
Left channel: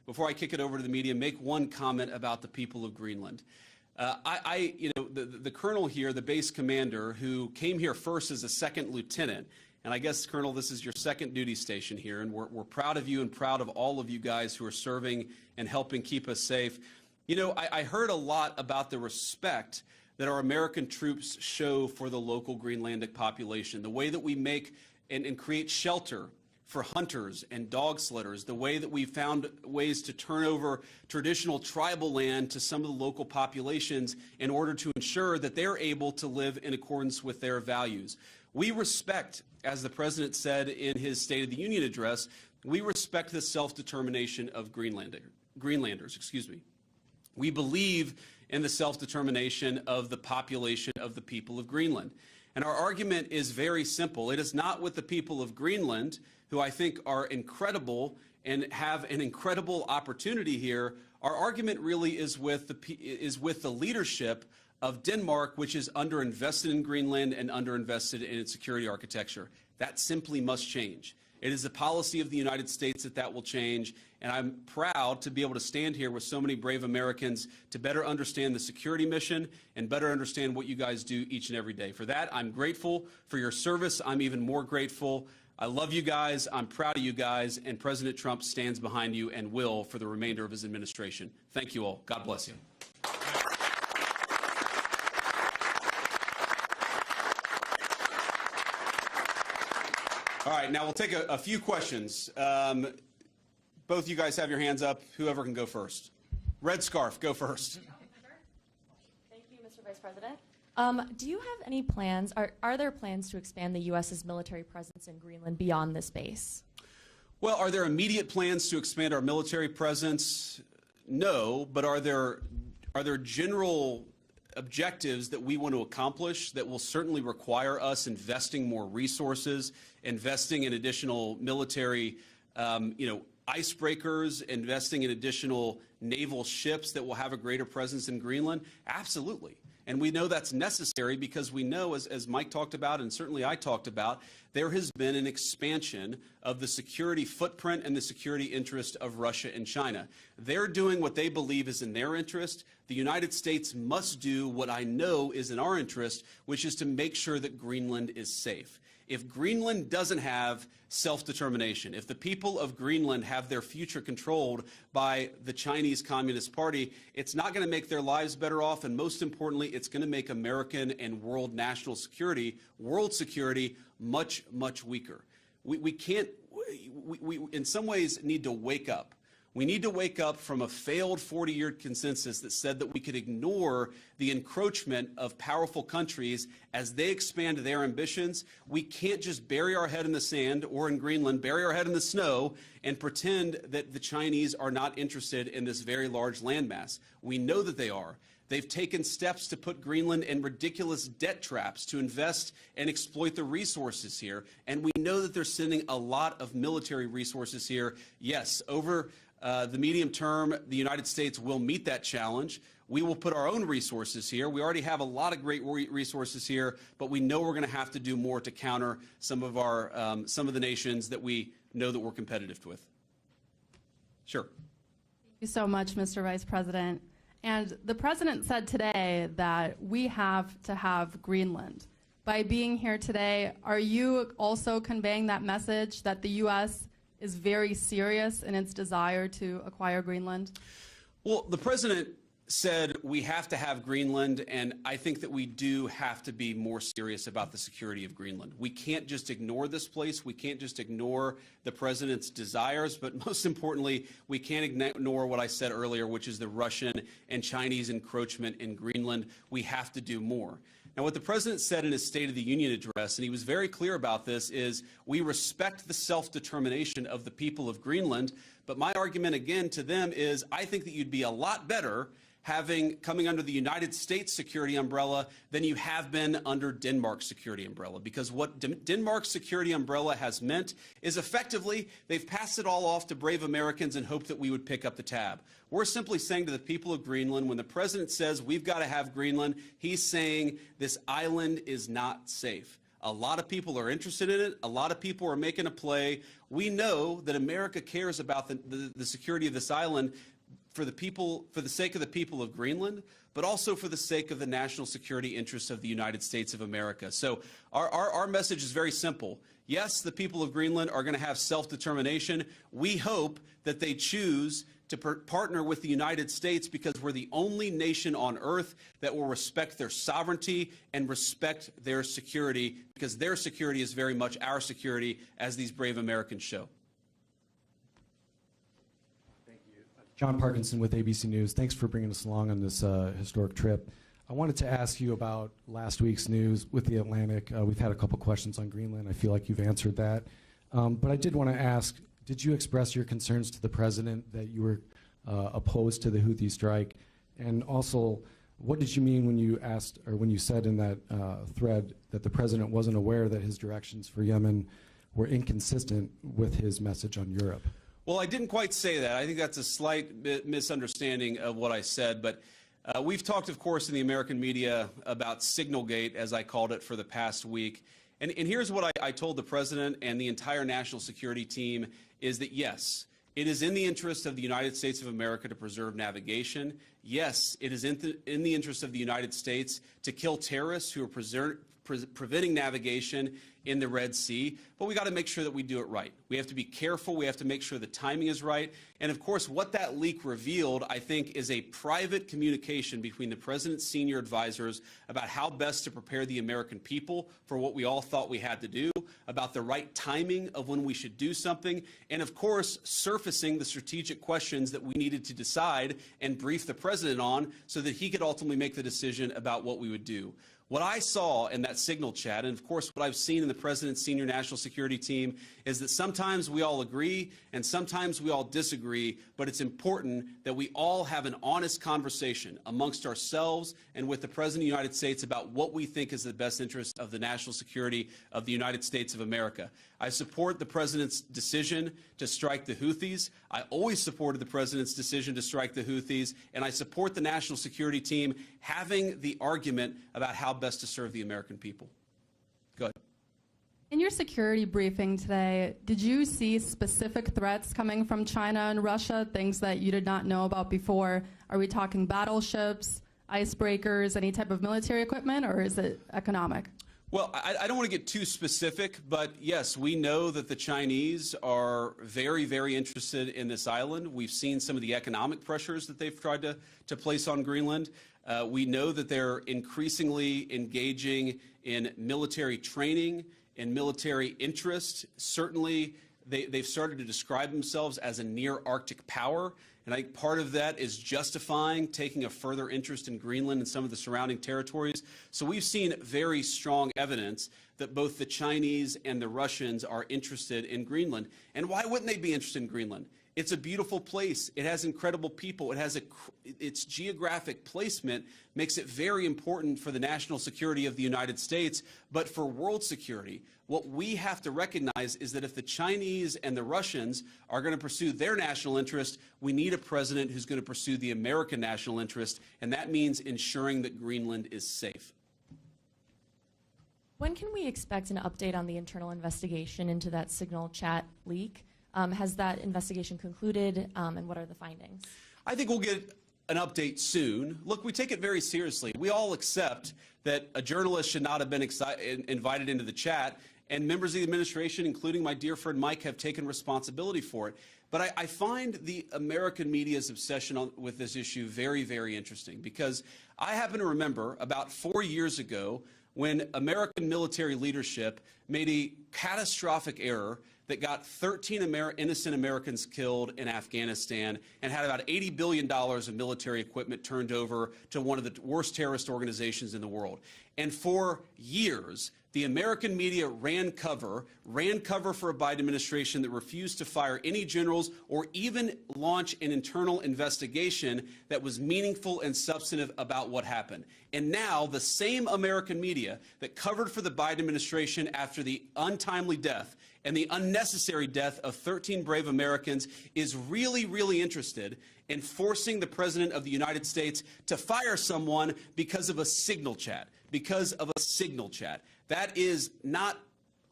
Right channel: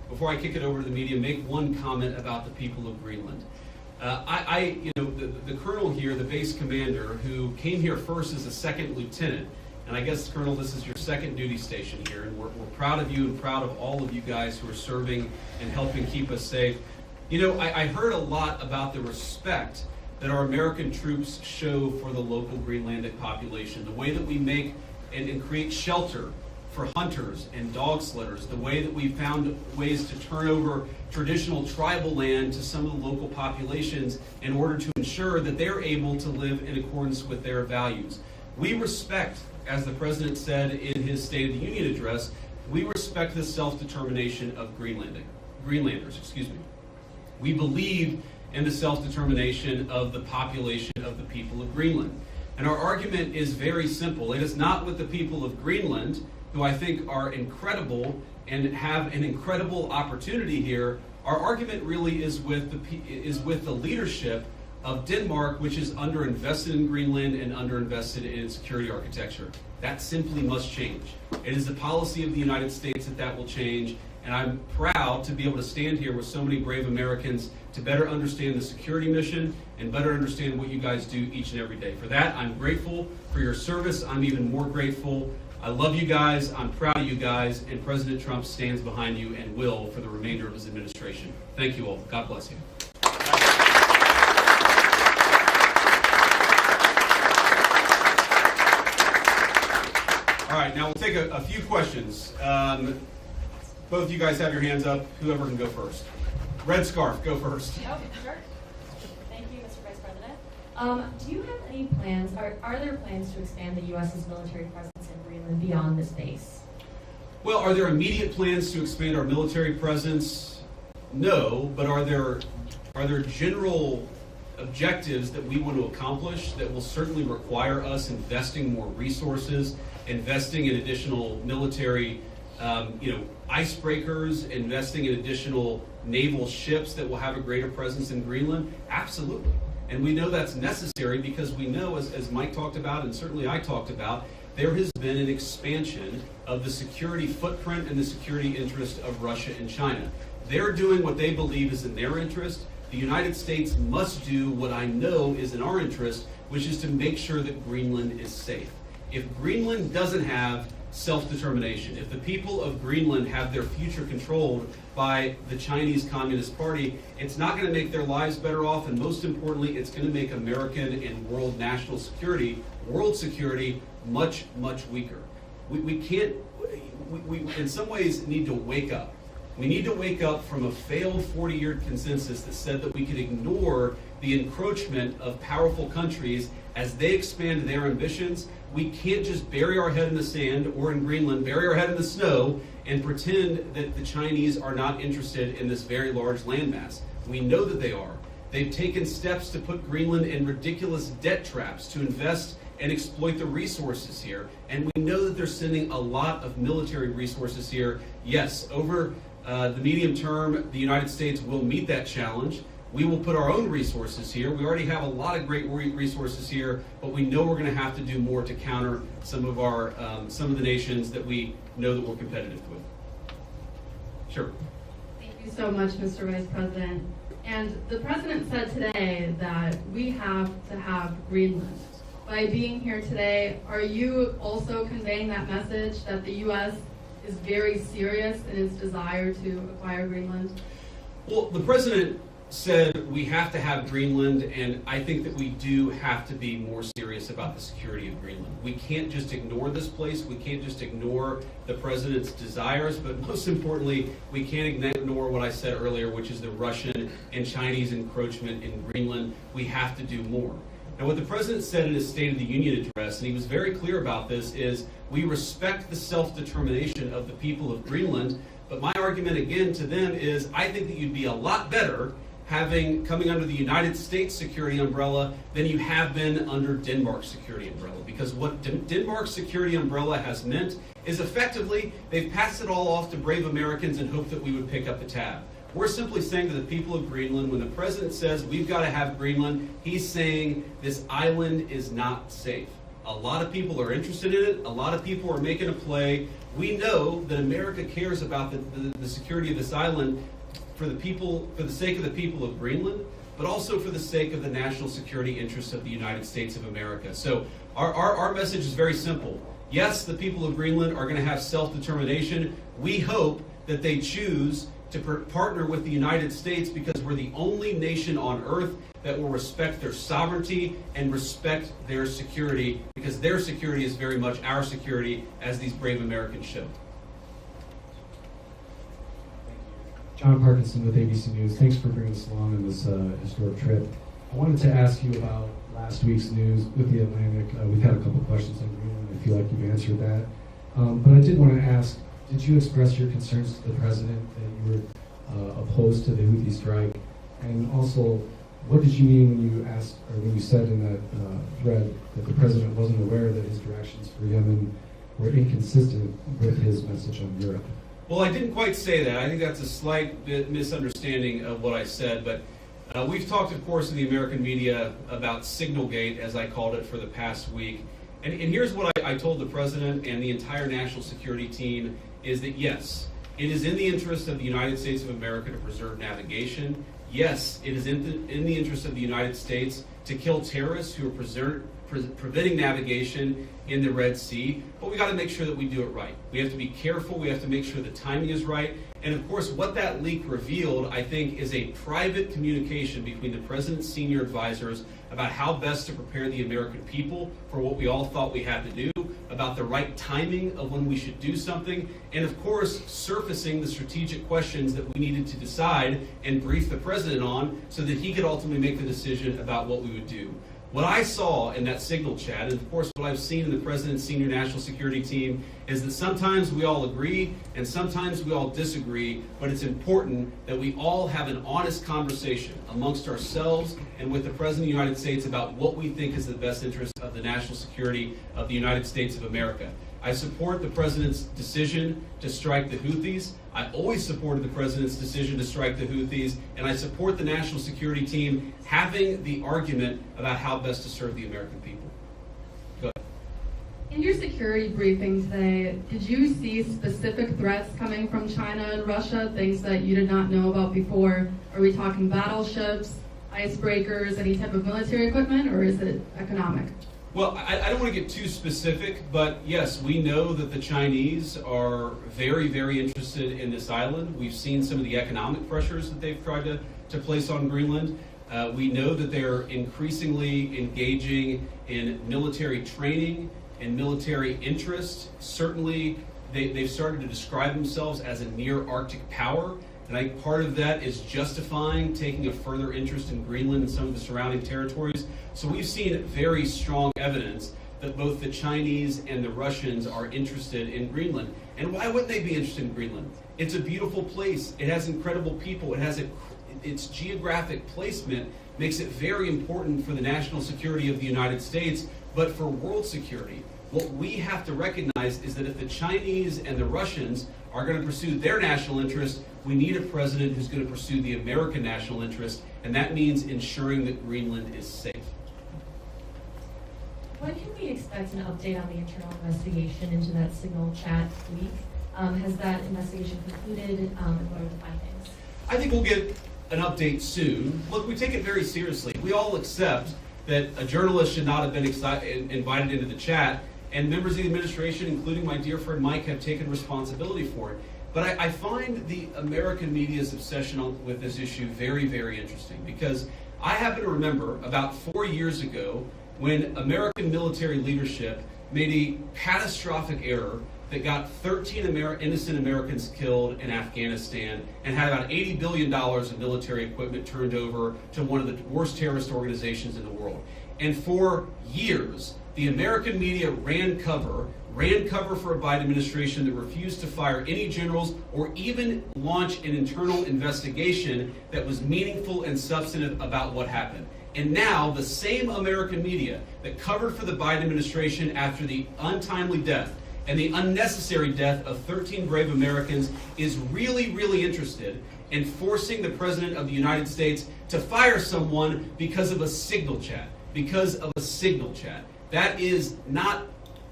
before I kick it over to the media, make one comment about the people of Greenland. The colonel here, the base commander, who came here first as a second lieutenant, and I guess, Colonel, this is your second duty station here, and we're proud of you and proud of all of you guys who are serving and helping keep us safe. You know, I heard a lot about the respect that our American troops show for the local Greenlandic population, the way that we make and create shelter for hunters and dog slitters, the way that we found ways to turn over traditional tribal land to some of the local populations in order to ensure that they're able to live in accordance with their values. We respect, as the President said in his State of the Union address, we respect the self-determination of Greenlanders. We believe in the self-determination of the population of the people of Greenland. And our argument is very simple. It is not with the people of Greenland, who I think are incredible and have an incredible opportunity here. Our argument really is with the leadership of Denmark, which is underinvested in Greenland and underinvested in its security architecture. That simply must change. It is the policy of the United States that will change, and I'm proud to be able to stand here with so many brave Americans to better understand the security mission and better understand what you guys do each and every day. For that, I'm grateful for your service. I'm even more grateful. I love you guys, I'm proud of you guys, and President Trump stands behind you and will for the remainder of his administration. Thank you all. God bless you. All right, now we'll take a few questions. Both of you guys have your hands up. Whoever can go first. Red scarf, go first. Oh, sure. Thank you, Mr. Vice President. Do you have any plans, are there plans to expand the U.S.'s military presence in Greenland beyond this base? Well, are there immediate plans to expand our military presence? No, but are there general objectives that we want to accomplish that will certainly require us investing more resources, investing in additional military icebreakers, investing in additional naval ships that will have a greater presence in Greenland? Absolutely. And we know that's necessary because we know, as Mike talked about and certainly I talked about, there has been an expansion of the security footprint and the security interest of Russia and China. They're doing what they believe is in their interest. The United States must do what I know is in our interest, which is to make sure that Greenland is safe. If Greenland doesn't have self-determination, if the people of Greenland have their future controlled by the Chinese Communist Party, it's not going to make their lives better off, and most importantly, it's going to make American and world national security, world security, much, much weaker. We in some ways need to wake up. We need to wake up from a failed 40-year consensus that said that we could ignore the encroachment of powerful countries as they expand their ambitions. We can't just bury our head in the sand, or in Greenland, bury our head in the snow and pretend that the Chinese are not interested in this very large landmass. We know that they are. They've taken steps to put Greenland in ridiculous debt traps to invest and exploit the resources here. And we know that they're sending a lot of military resources here. Yes, over the medium term, the United States will meet that challenge. We will put our own resources here. We already have a lot of great resources here, but we know we're going to have to do more to counter some of the nations that we know that we're competitive with. Sure. Thank you so much, Mr. Vice President. And the President said today that we have to have Greenland. By being here today, are you also conveying that message that the U.S. is very serious in its desire to acquire Greenland? Well, the President said we have to have Greenland, and I think that we do have to be more serious about the security of Greenland. We can't just ignore this place. We can't just ignore the President's desires, but most importantly, we can't ignore what I said earlier, which is the Russian and Chinese encroachment in Greenland. We have to do more. And what the President said in his State of the Union address, and he was very clear about this, is we respect the self-determination of the people of Greenland, but my argument again to them is I think that you'd be a lot better coming under the United States security umbrella than you have been under Denmark's security umbrella. Because what Denmark's security umbrella has meant is effectively they've passed it all off to brave Americans and hoped that we would pick up the tab. We're simply saying to the people of Greenland, when the President says we've got to have Greenland, he's saying this island is not safe. A lot of people are interested in it. A lot of people are making a play. We know that America cares about the security of this island for the sake of the people of Greenland, but also for the sake of the national security interests of the United States of America. So our message is very simple. Yes, the people of Greenland are going to have self-determination. We hope that they choose to partner with the United States because we're the only nation on earth that will respect their sovereignty and respect their security, because their security is very much our security, as these brave Americans show. John Parkinson with ABC News. Thanks for bringing us along on this historic trip. I wanted to ask you about last week's news with the Atlantic. We've had a couple questions on Greenland. I feel like you've answered that. But I did want to ask, did you express your concerns to the president that you were opposed to the Houthi strike? And also, what did you mean when you asked, or when you said in that thread that the president wasn't aware that his directions for Yemen were inconsistent with his message on Europe? Well, I didn't quite say that. I think that's a slight misunderstanding of what I said. But we've talked, of course, in the American media about Signalgate, as I called it, for the past week. And here's what I told the president and the entire national security team, is that yes, it is in the interest of the United States of America to preserve navigation. Yes, it is in the interest of the United States to kill terrorists who are preventing navigation in the Red Sea, but we got to make sure that we do it right. We have to be careful. We have to make sure the timing is right. And of course, what that leak revealed, I think, is a private communication between the president's senior advisors about how best to prepare the American people for what we all thought we had to do, about the right timing of when we should do something, and of course, surfacing the strategic questions that we needed to decide and brief the president on so that he could ultimately make the decision about what we would do. What I saw in that signal chat, and of course what I've seen in the president's senior national security team, is that sometimes we all agree and sometimes we all disagree, but it's important that we all have an honest conversation amongst ourselves and with the President of the United States about what we think is the best interest of the national security of the United States of America. I support the president's decision to strike the Houthis. I always supported the president's decision to strike the Houthis, and I support the national security team having the argument about how best to serve the American people. Go ahead. In your security briefing today, did you see specific threats coming from China and Russia, things that you did not know about before? Are we talking battleships, icebreakers, any type of military equipment, or is it economic? Well, I don't want to get too specific, but yes, we know that the Chinese are very, very interested in this island. We've seen some of the economic pressures that they've tried to place on Greenland. We know that they're increasingly engaging in military training and military interest. Certainly, they've started to describe themselves as a near-Arctic power. And I think part of that is justifying taking a further interest in Greenland and some of the surrounding territories. So we've seen very strong evidence that both the Chinese and the Russians are interested in Greenland. And why wouldn't they be interested in Greenland? It's a beautiful place. It has incredible people. It has its geographic placement makes it very important for the national security of the United States, but for world security. What we have to recognize is that if the Chinese and the Russians are going to pursue their national interest, we need a president who's going to pursue the American national interest, and that means ensuring that Greenland is safe. When can we expect an update on the internal investigation into that signal chat leak? Has that investigation concluded, and what are the findings? I think we'll get an update soon. Look, we take it very seriously. We all accept that a journalist should not have been invited into the chat, and members of the administration, including my dear friend Mike, have taken responsibility for it. But I find the American media's obsession with this issue very, very interesting, because I happen to remember about 4 years ago when American military leadership made a catastrophic error that got 13 innocent Americans killed in Afghanistan and had about $80 billion of military equipment turned over to one of the worst terrorist organizations in the world. And for years, the American media ran cover for a Biden administration that refused to fire any generals or even launch an internal investigation that was meaningful and substantive about what happened. And now the same American media that covered for the Biden administration after the untimely death and the unnecessary death of 13 brave Americans is really, really interested in forcing the President of the United States to fire someone because of a signal chat. That is not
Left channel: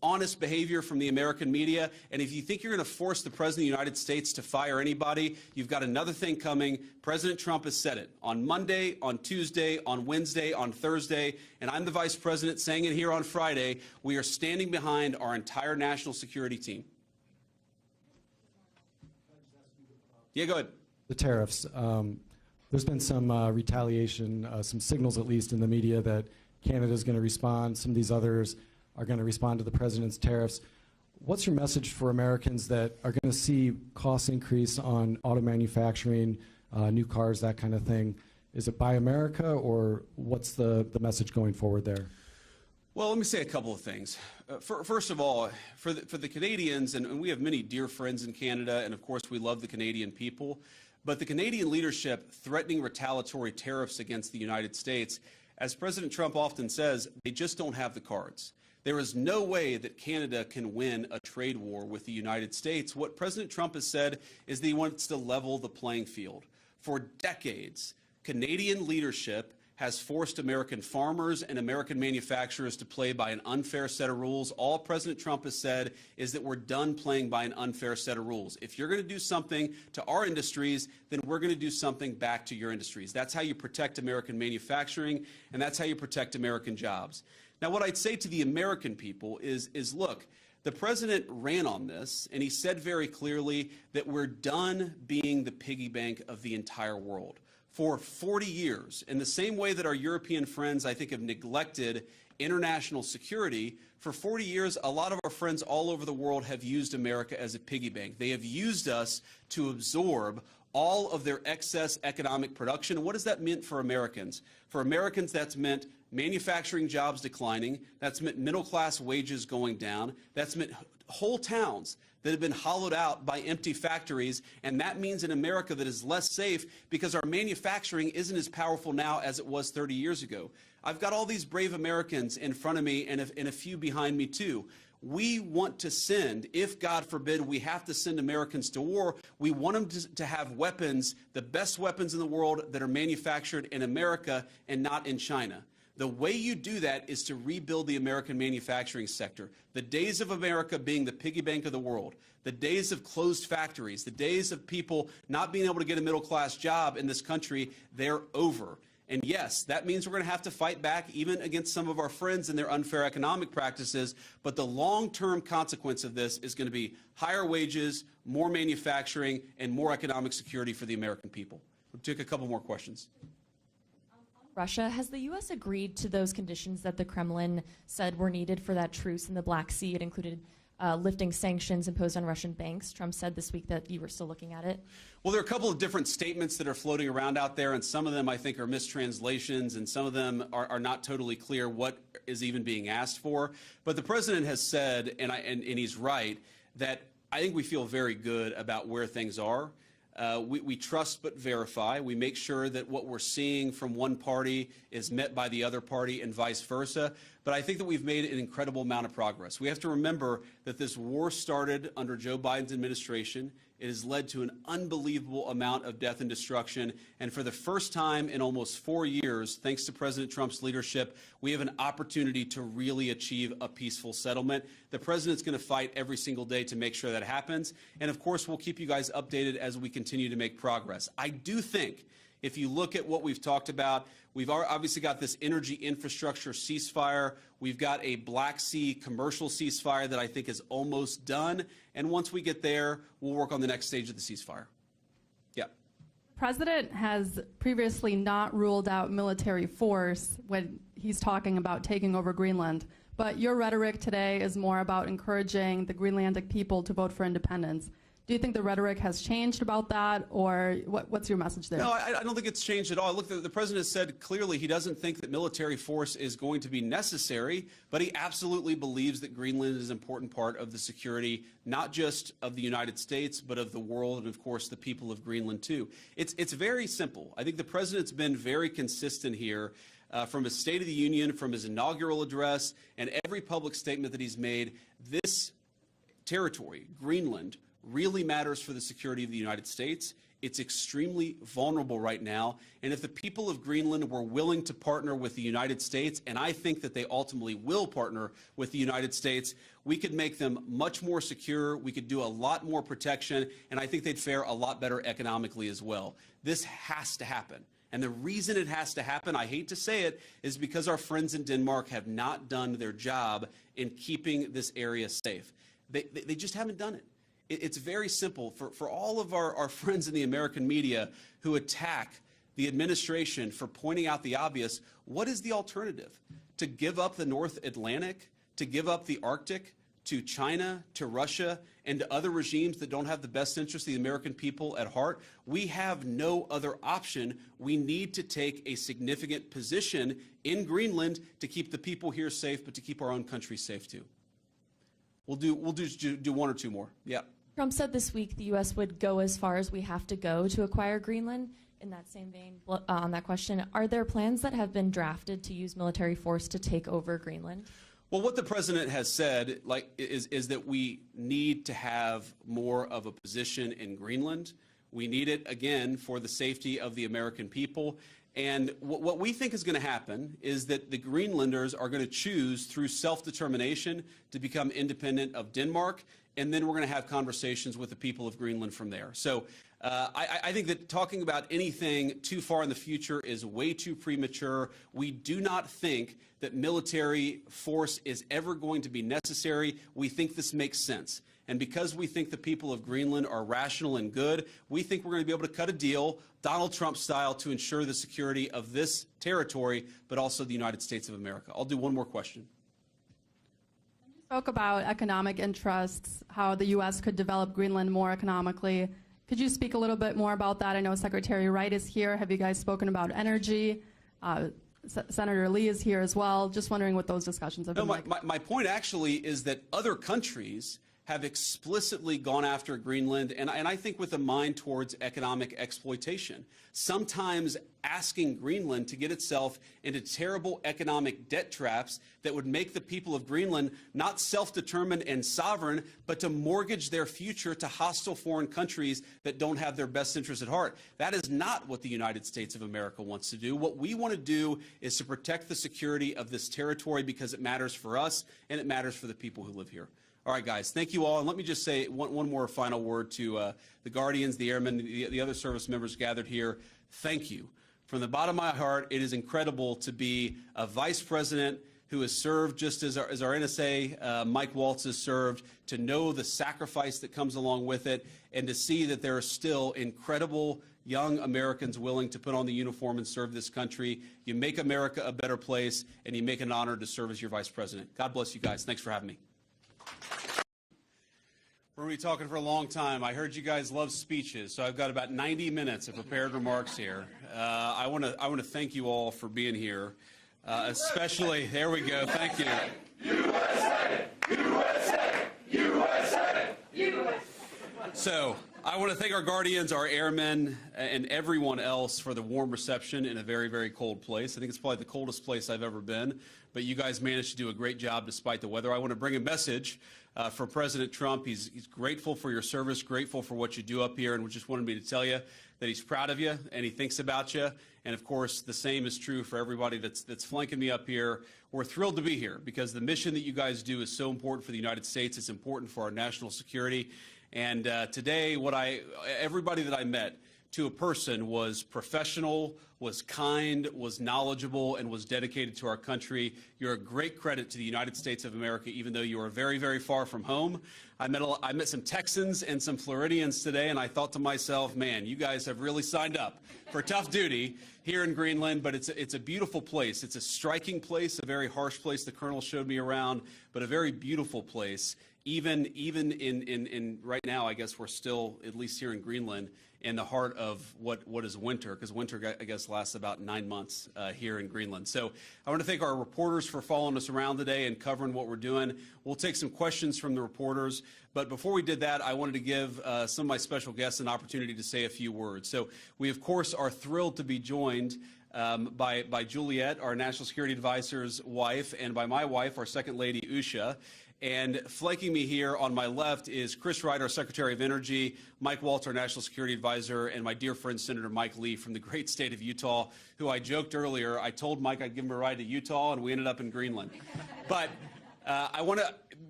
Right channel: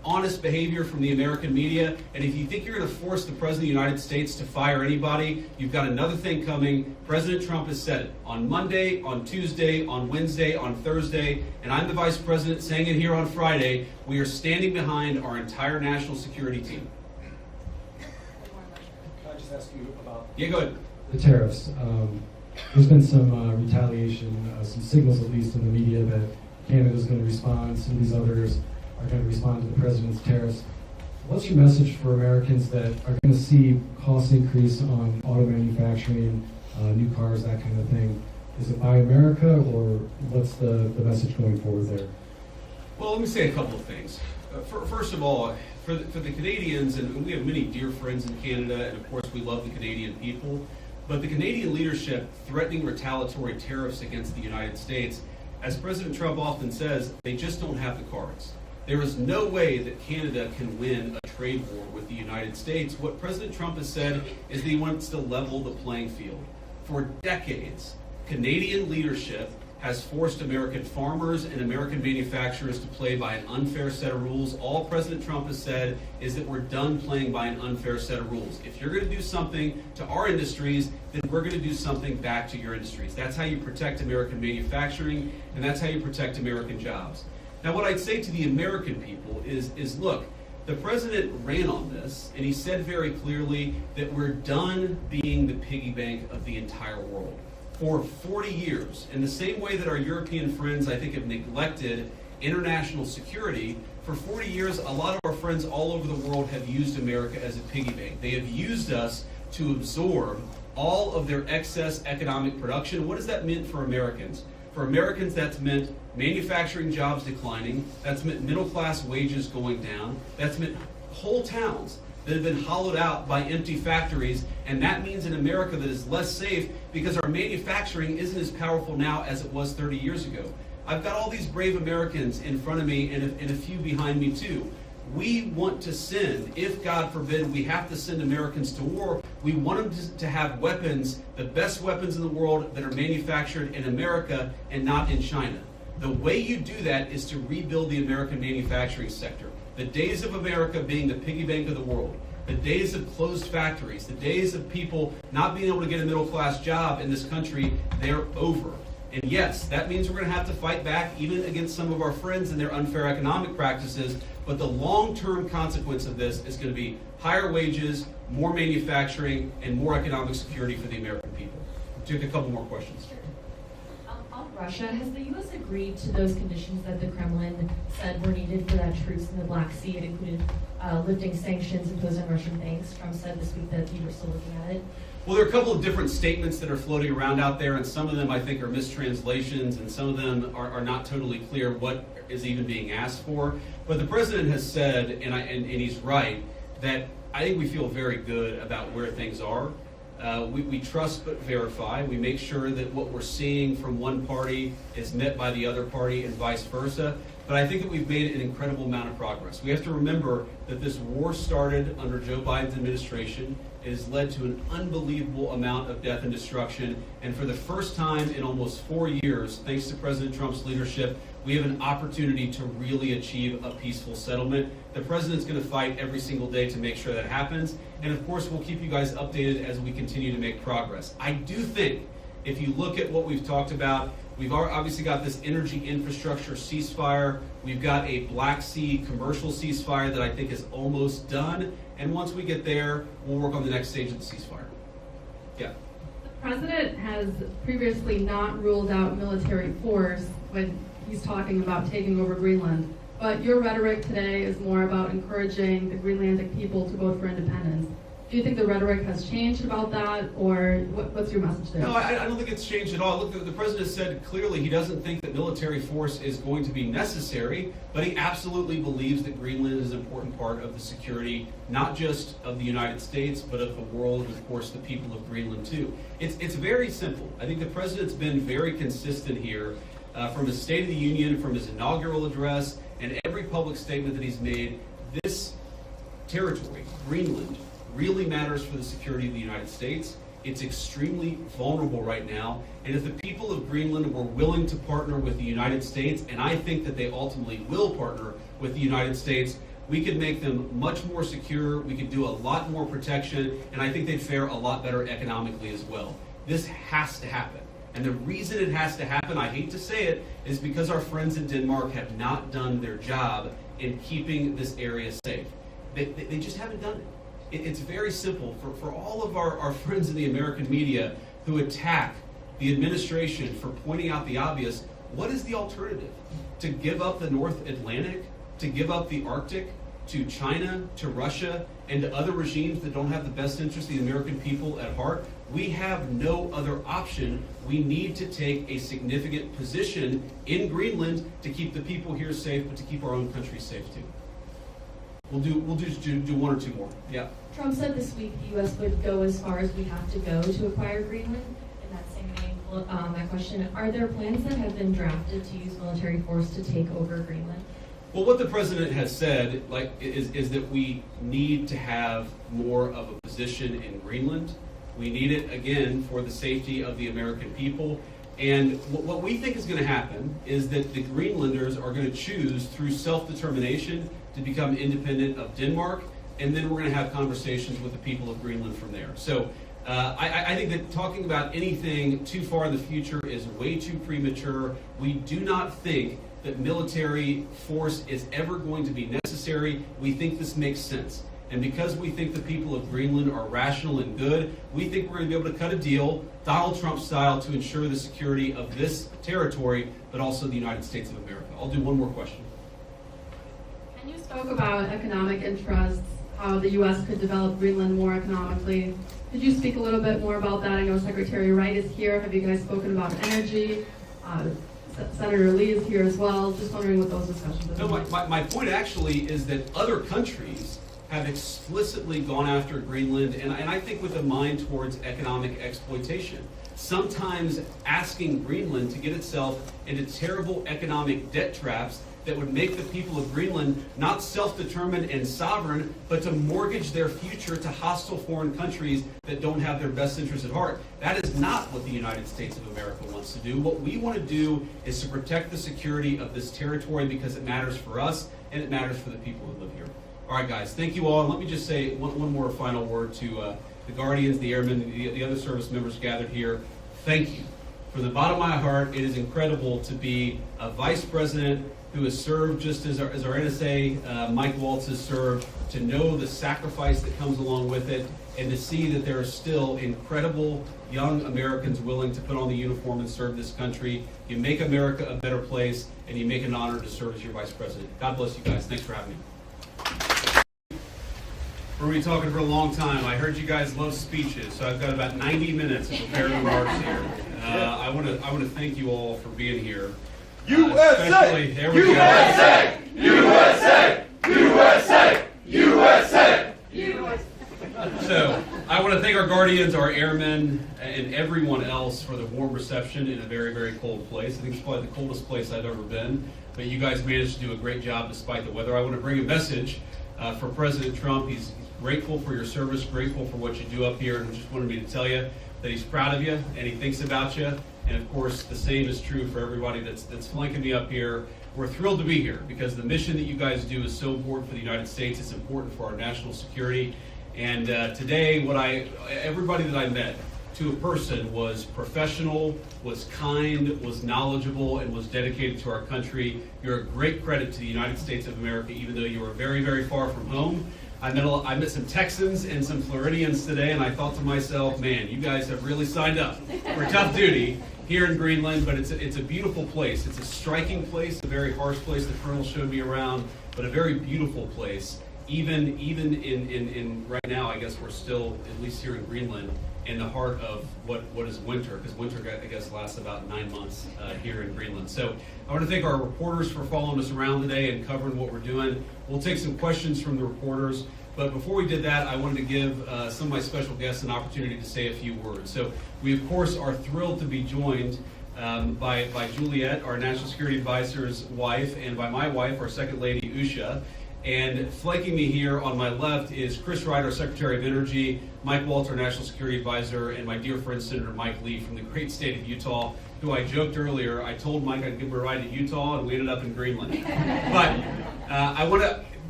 honest behavior from the American media, and if you think you're going to force the President of the United States to fire anybody, you've got another thing coming. President Trump has said it on Monday, on Tuesday, on Wednesday, on Thursday, and I'm the Vice President saying it here on Friday. We are standing behind our entire national security team. Can I just ask you about Yeah, go ahead. the tariffs? There's been some retaliation, some signals at least in the media that Canada's going to respond. Some of these others are going to respond to the president's tariffs. What's your message for Americans that are going to see costs increase on auto manufacturing, new cars, that kind of thing? Is it Buy America, or what's the message going forward there? Well, let me say a couple of things. First of all, for the Canadians, and we have many dear friends in Canada, and of course we love the Canadian people, but the Canadian leadership threatening retaliatory tariffs against the United States, as President Trump often says, they just don't have the cards. There is no way that Canada can win a trade war with the United States. What President Trump has said is that he wants to level the playing field. For decades, Canadian leadership has forced American farmers and American manufacturers to play by an unfair set of rules. All President Trump has said is that we're done playing by an unfair set of rules. If you're going to do something to our industries, then we're going to do something back to your industries. That's how you protect American manufacturing, and that's how you protect American jobs. Now, what I'd say to the American people is look, the president ran on this, and he said very clearly that we're done being the piggy bank of the entire world. For 40 years, in the same way that our European friends, I think, have neglected international security, for 40 years, a lot of our friends all over the world have used America as a piggy bank. They have used us to absorb all of their excess economic production. What does that mean for Americans? For Americans, that's meant manufacturing jobs declining, that's meant middle-class wages going down, that's meant whole towns that have been hollowed out by empty factories, and that means an America that is less safe because our manufacturing isn't as powerful now as it was 30 years ago. I've got all these brave Americans in front of me and a few behind me too. We want to send, if God forbid we have to send Americans to war, we want them to have weapons, the best weapons in the world that are manufactured in America and not in China. The way you do that is to rebuild the American manufacturing sector. The days of America being the piggy bank of the world, the days of closed factories, the days of people not being able to get a middle-class job in this country, they're over. And yes, that means we're going to have to fight back even against some of our friends and their unfair economic practices, but the long-term consequence of this is going to be higher wages, more manufacturing, and more economic security for the American people. We'll take a couple more questions. On Russia, has the U.S. agreed to those conditions that the Kremlin said were needed for that truce in the Black Sea? It included lifting sanctions imposed on Russian banks. Trump said this week that you were still looking at it. Well, there are a couple of different statements that are floating around out there, and some of them I think are mistranslations, and some of them are not totally clear what is even being asked for. But the president has said, and he's right, that I think we feel very good about where things are. We trust but verify. We make sure that what we're seeing from one party is met by the other party and vice versa. But I think that we've made an incredible amount of progress. We have to remember that this war started under Joe Biden's administration. It has led to an unbelievable amount of death and destruction. And for the first time in almost 4 years, thanks to President Trump's leadership, we have an opportunity to really achieve a peaceful settlement. The president's going to fight every single day to make sure that happens. And of course, we'll keep you guys updated as we continue to make progress. I do think if you look at what we've talked about, we've obviously got this energy infrastructure ceasefire. We've got a Black Sea commercial ceasefire that I think is almost done. And once we get there, we'll work on the next stage of the ceasefire. Yeah. The president has previously not ruled out military force when he's talking about taking over Greenland. But your rhetoric today is more about encouraging the Greenlandic people to vote for independence. Do you think the rhetoric has changed about that, or what's your message there? No, I don't think it's changed at all. Look, the president said clearly he doesn't think that military force is going to be necessary, but he absolutely believes that Greenland is an important part of the security, not just of the United States, but of the world, and of course the people of Greenland too. It's very simple. I think the president's been very consistent here from his State of the Union, from his inaugural address, and every public statement that he's made. This territory, Greenland, really matters for the security of the United States. It's extremely vulnerable right now, and if the people of Greenland were willing to partner with the United States, and I think that they ultimately will partner with the United States, we could make them much more secure, we could do a lot more protection, and I think they'd fare a lot better economically as well. This has to happen. And the reason it has to happen, I hate to say it, is because our friends in Denmark have not done their job in keeping this area safe. They just haven't done it. It's very simple. For all of our friends in the American media who attack the administration for pointing out the obvious, what is the alternative? To give up the North Atlantic? To give up the Arctic? To China? To Russia? And to other regimes that don't have the best interest of the American people at heart? We have no other option. We need to take a significant position in Greenland to keep the people here safe, but to keep our own country safe too. We'll just do one or two more. Yeah. Trump said this week the U.S. would go as far as we have to go to acquire Greenland. In that same vein, that question, are there plans that have been drafted to use military force to take over Greenland? Well, what the president has said, is that we need to have more of a position in Greenland. We need it, again, for the safety of the American people. And what we think is going to happen is that the Greenlanders are going to choose through self-determination to become independent of Denmark, and then we're going to have conversations with the people of Greenland from there. So I think that talking about anything too far in the future is way too premature. We do not think that military force is ever going to be necessary. We think this makes sense. And because we think the people of Greenland are rational and good, we think we're going to be able to cut a deal, Donald Trump style, to ensure the security of this territory, but also the United States of America. I'll do one more question. And you spoke about economic interests, how the U.S. could develop Greenland more economically. Could you speak a little bit more about that? I know Secretary Wright is here. Have you guys spoken about energy? Senator Lee is here as well. Just wondering what those discussions have been. No, my point actually is that other countries have explicitly gone after Greenland, and I think with a mind towards economic exploitation. Sometimes asking Greenland to get itself into terrible economic debt traps that would make the people of Greenland not self-determined and sovereign, but to mortgage their future to hostile foreign countries that don't have their best interests at heart. That is not what the United States of America wants to do. What we want to do is to protect the security of this territory because it matters for us and it matters for the people who live here. All right, guys, thank you all. And let me just say one more final word to the Guardians, the Airmen, the other service members gathered here. Thank you. From the bottom of my heart, it is incredible to be a vice president who has served just as our NSA, Mike Waltz, has served, to know the sacrifice that comes along with it, and to see that there are still incredible young Americans willing to put on the uniform and serve this country. You make America a better place, and you make an honor to serve as your vice president. God bless you guys. Thanks for having me. We're going to be talking for a long time. I heard you guys love speeches, so I've got about 90 minutes of prepared remarks here. I want to thank you all for being here. USA! There we go. USA! USA! USA! USA! USA! So, I want to thank our Guardians, our airmen, and everyone else for the warm reception in a very, very cold place. I think it's probably the coldest place I've ever been, but you guys managed to do a great job despite the weather. I want to bring a message for President Trump. He's grateful for your service, grateful for what you do up here, and just wanted me to tell you that he's proud of you and he thinks about you. And of course, the same is true for everybody that's flanking me up here. We're thrilled to be here because the mission that you guys do is so important for the United States. It's important for our national security. And today, everybody that I met, to a person, was professional, was kind, was knowledgeable, and was dedicated to our country. You're a great credit to the United States of America, even though you are very, very far from home. I met some Texans and some Floridians today, and I thought to myself, man, you guys have really signed up for tough duty here in Greenland, but it's a beautiful place. It's a striking place, a very harsh place. The Colonel showed me around, but a very beautiful place. Even in right now, I guess we're still, at least here in Greenland, in the heart of what is winter, because winter, I guess, lasts about 9 months here in Greenland. So I want to thank our reporters for following us around today and covering what we're doing. We'll take some questions from the reporters, but before we did that, I wanted to give some of my special guests an opportunity to say a few words. So we, of course, are thrilled to be joined by Juliet, our National Security Advisor's wife, and by my wife, our Second Lady, Usha. And flanking me here on my left is Chris Wright, our Secretary of Energy, Mike Waltz, our National Security Advisor, and my dear friend Senator Mike Lee from the great state of Utah, who I joked earlier, I told Mike I'd give him a ride to Utah, and we ended up in Greenland. But I want to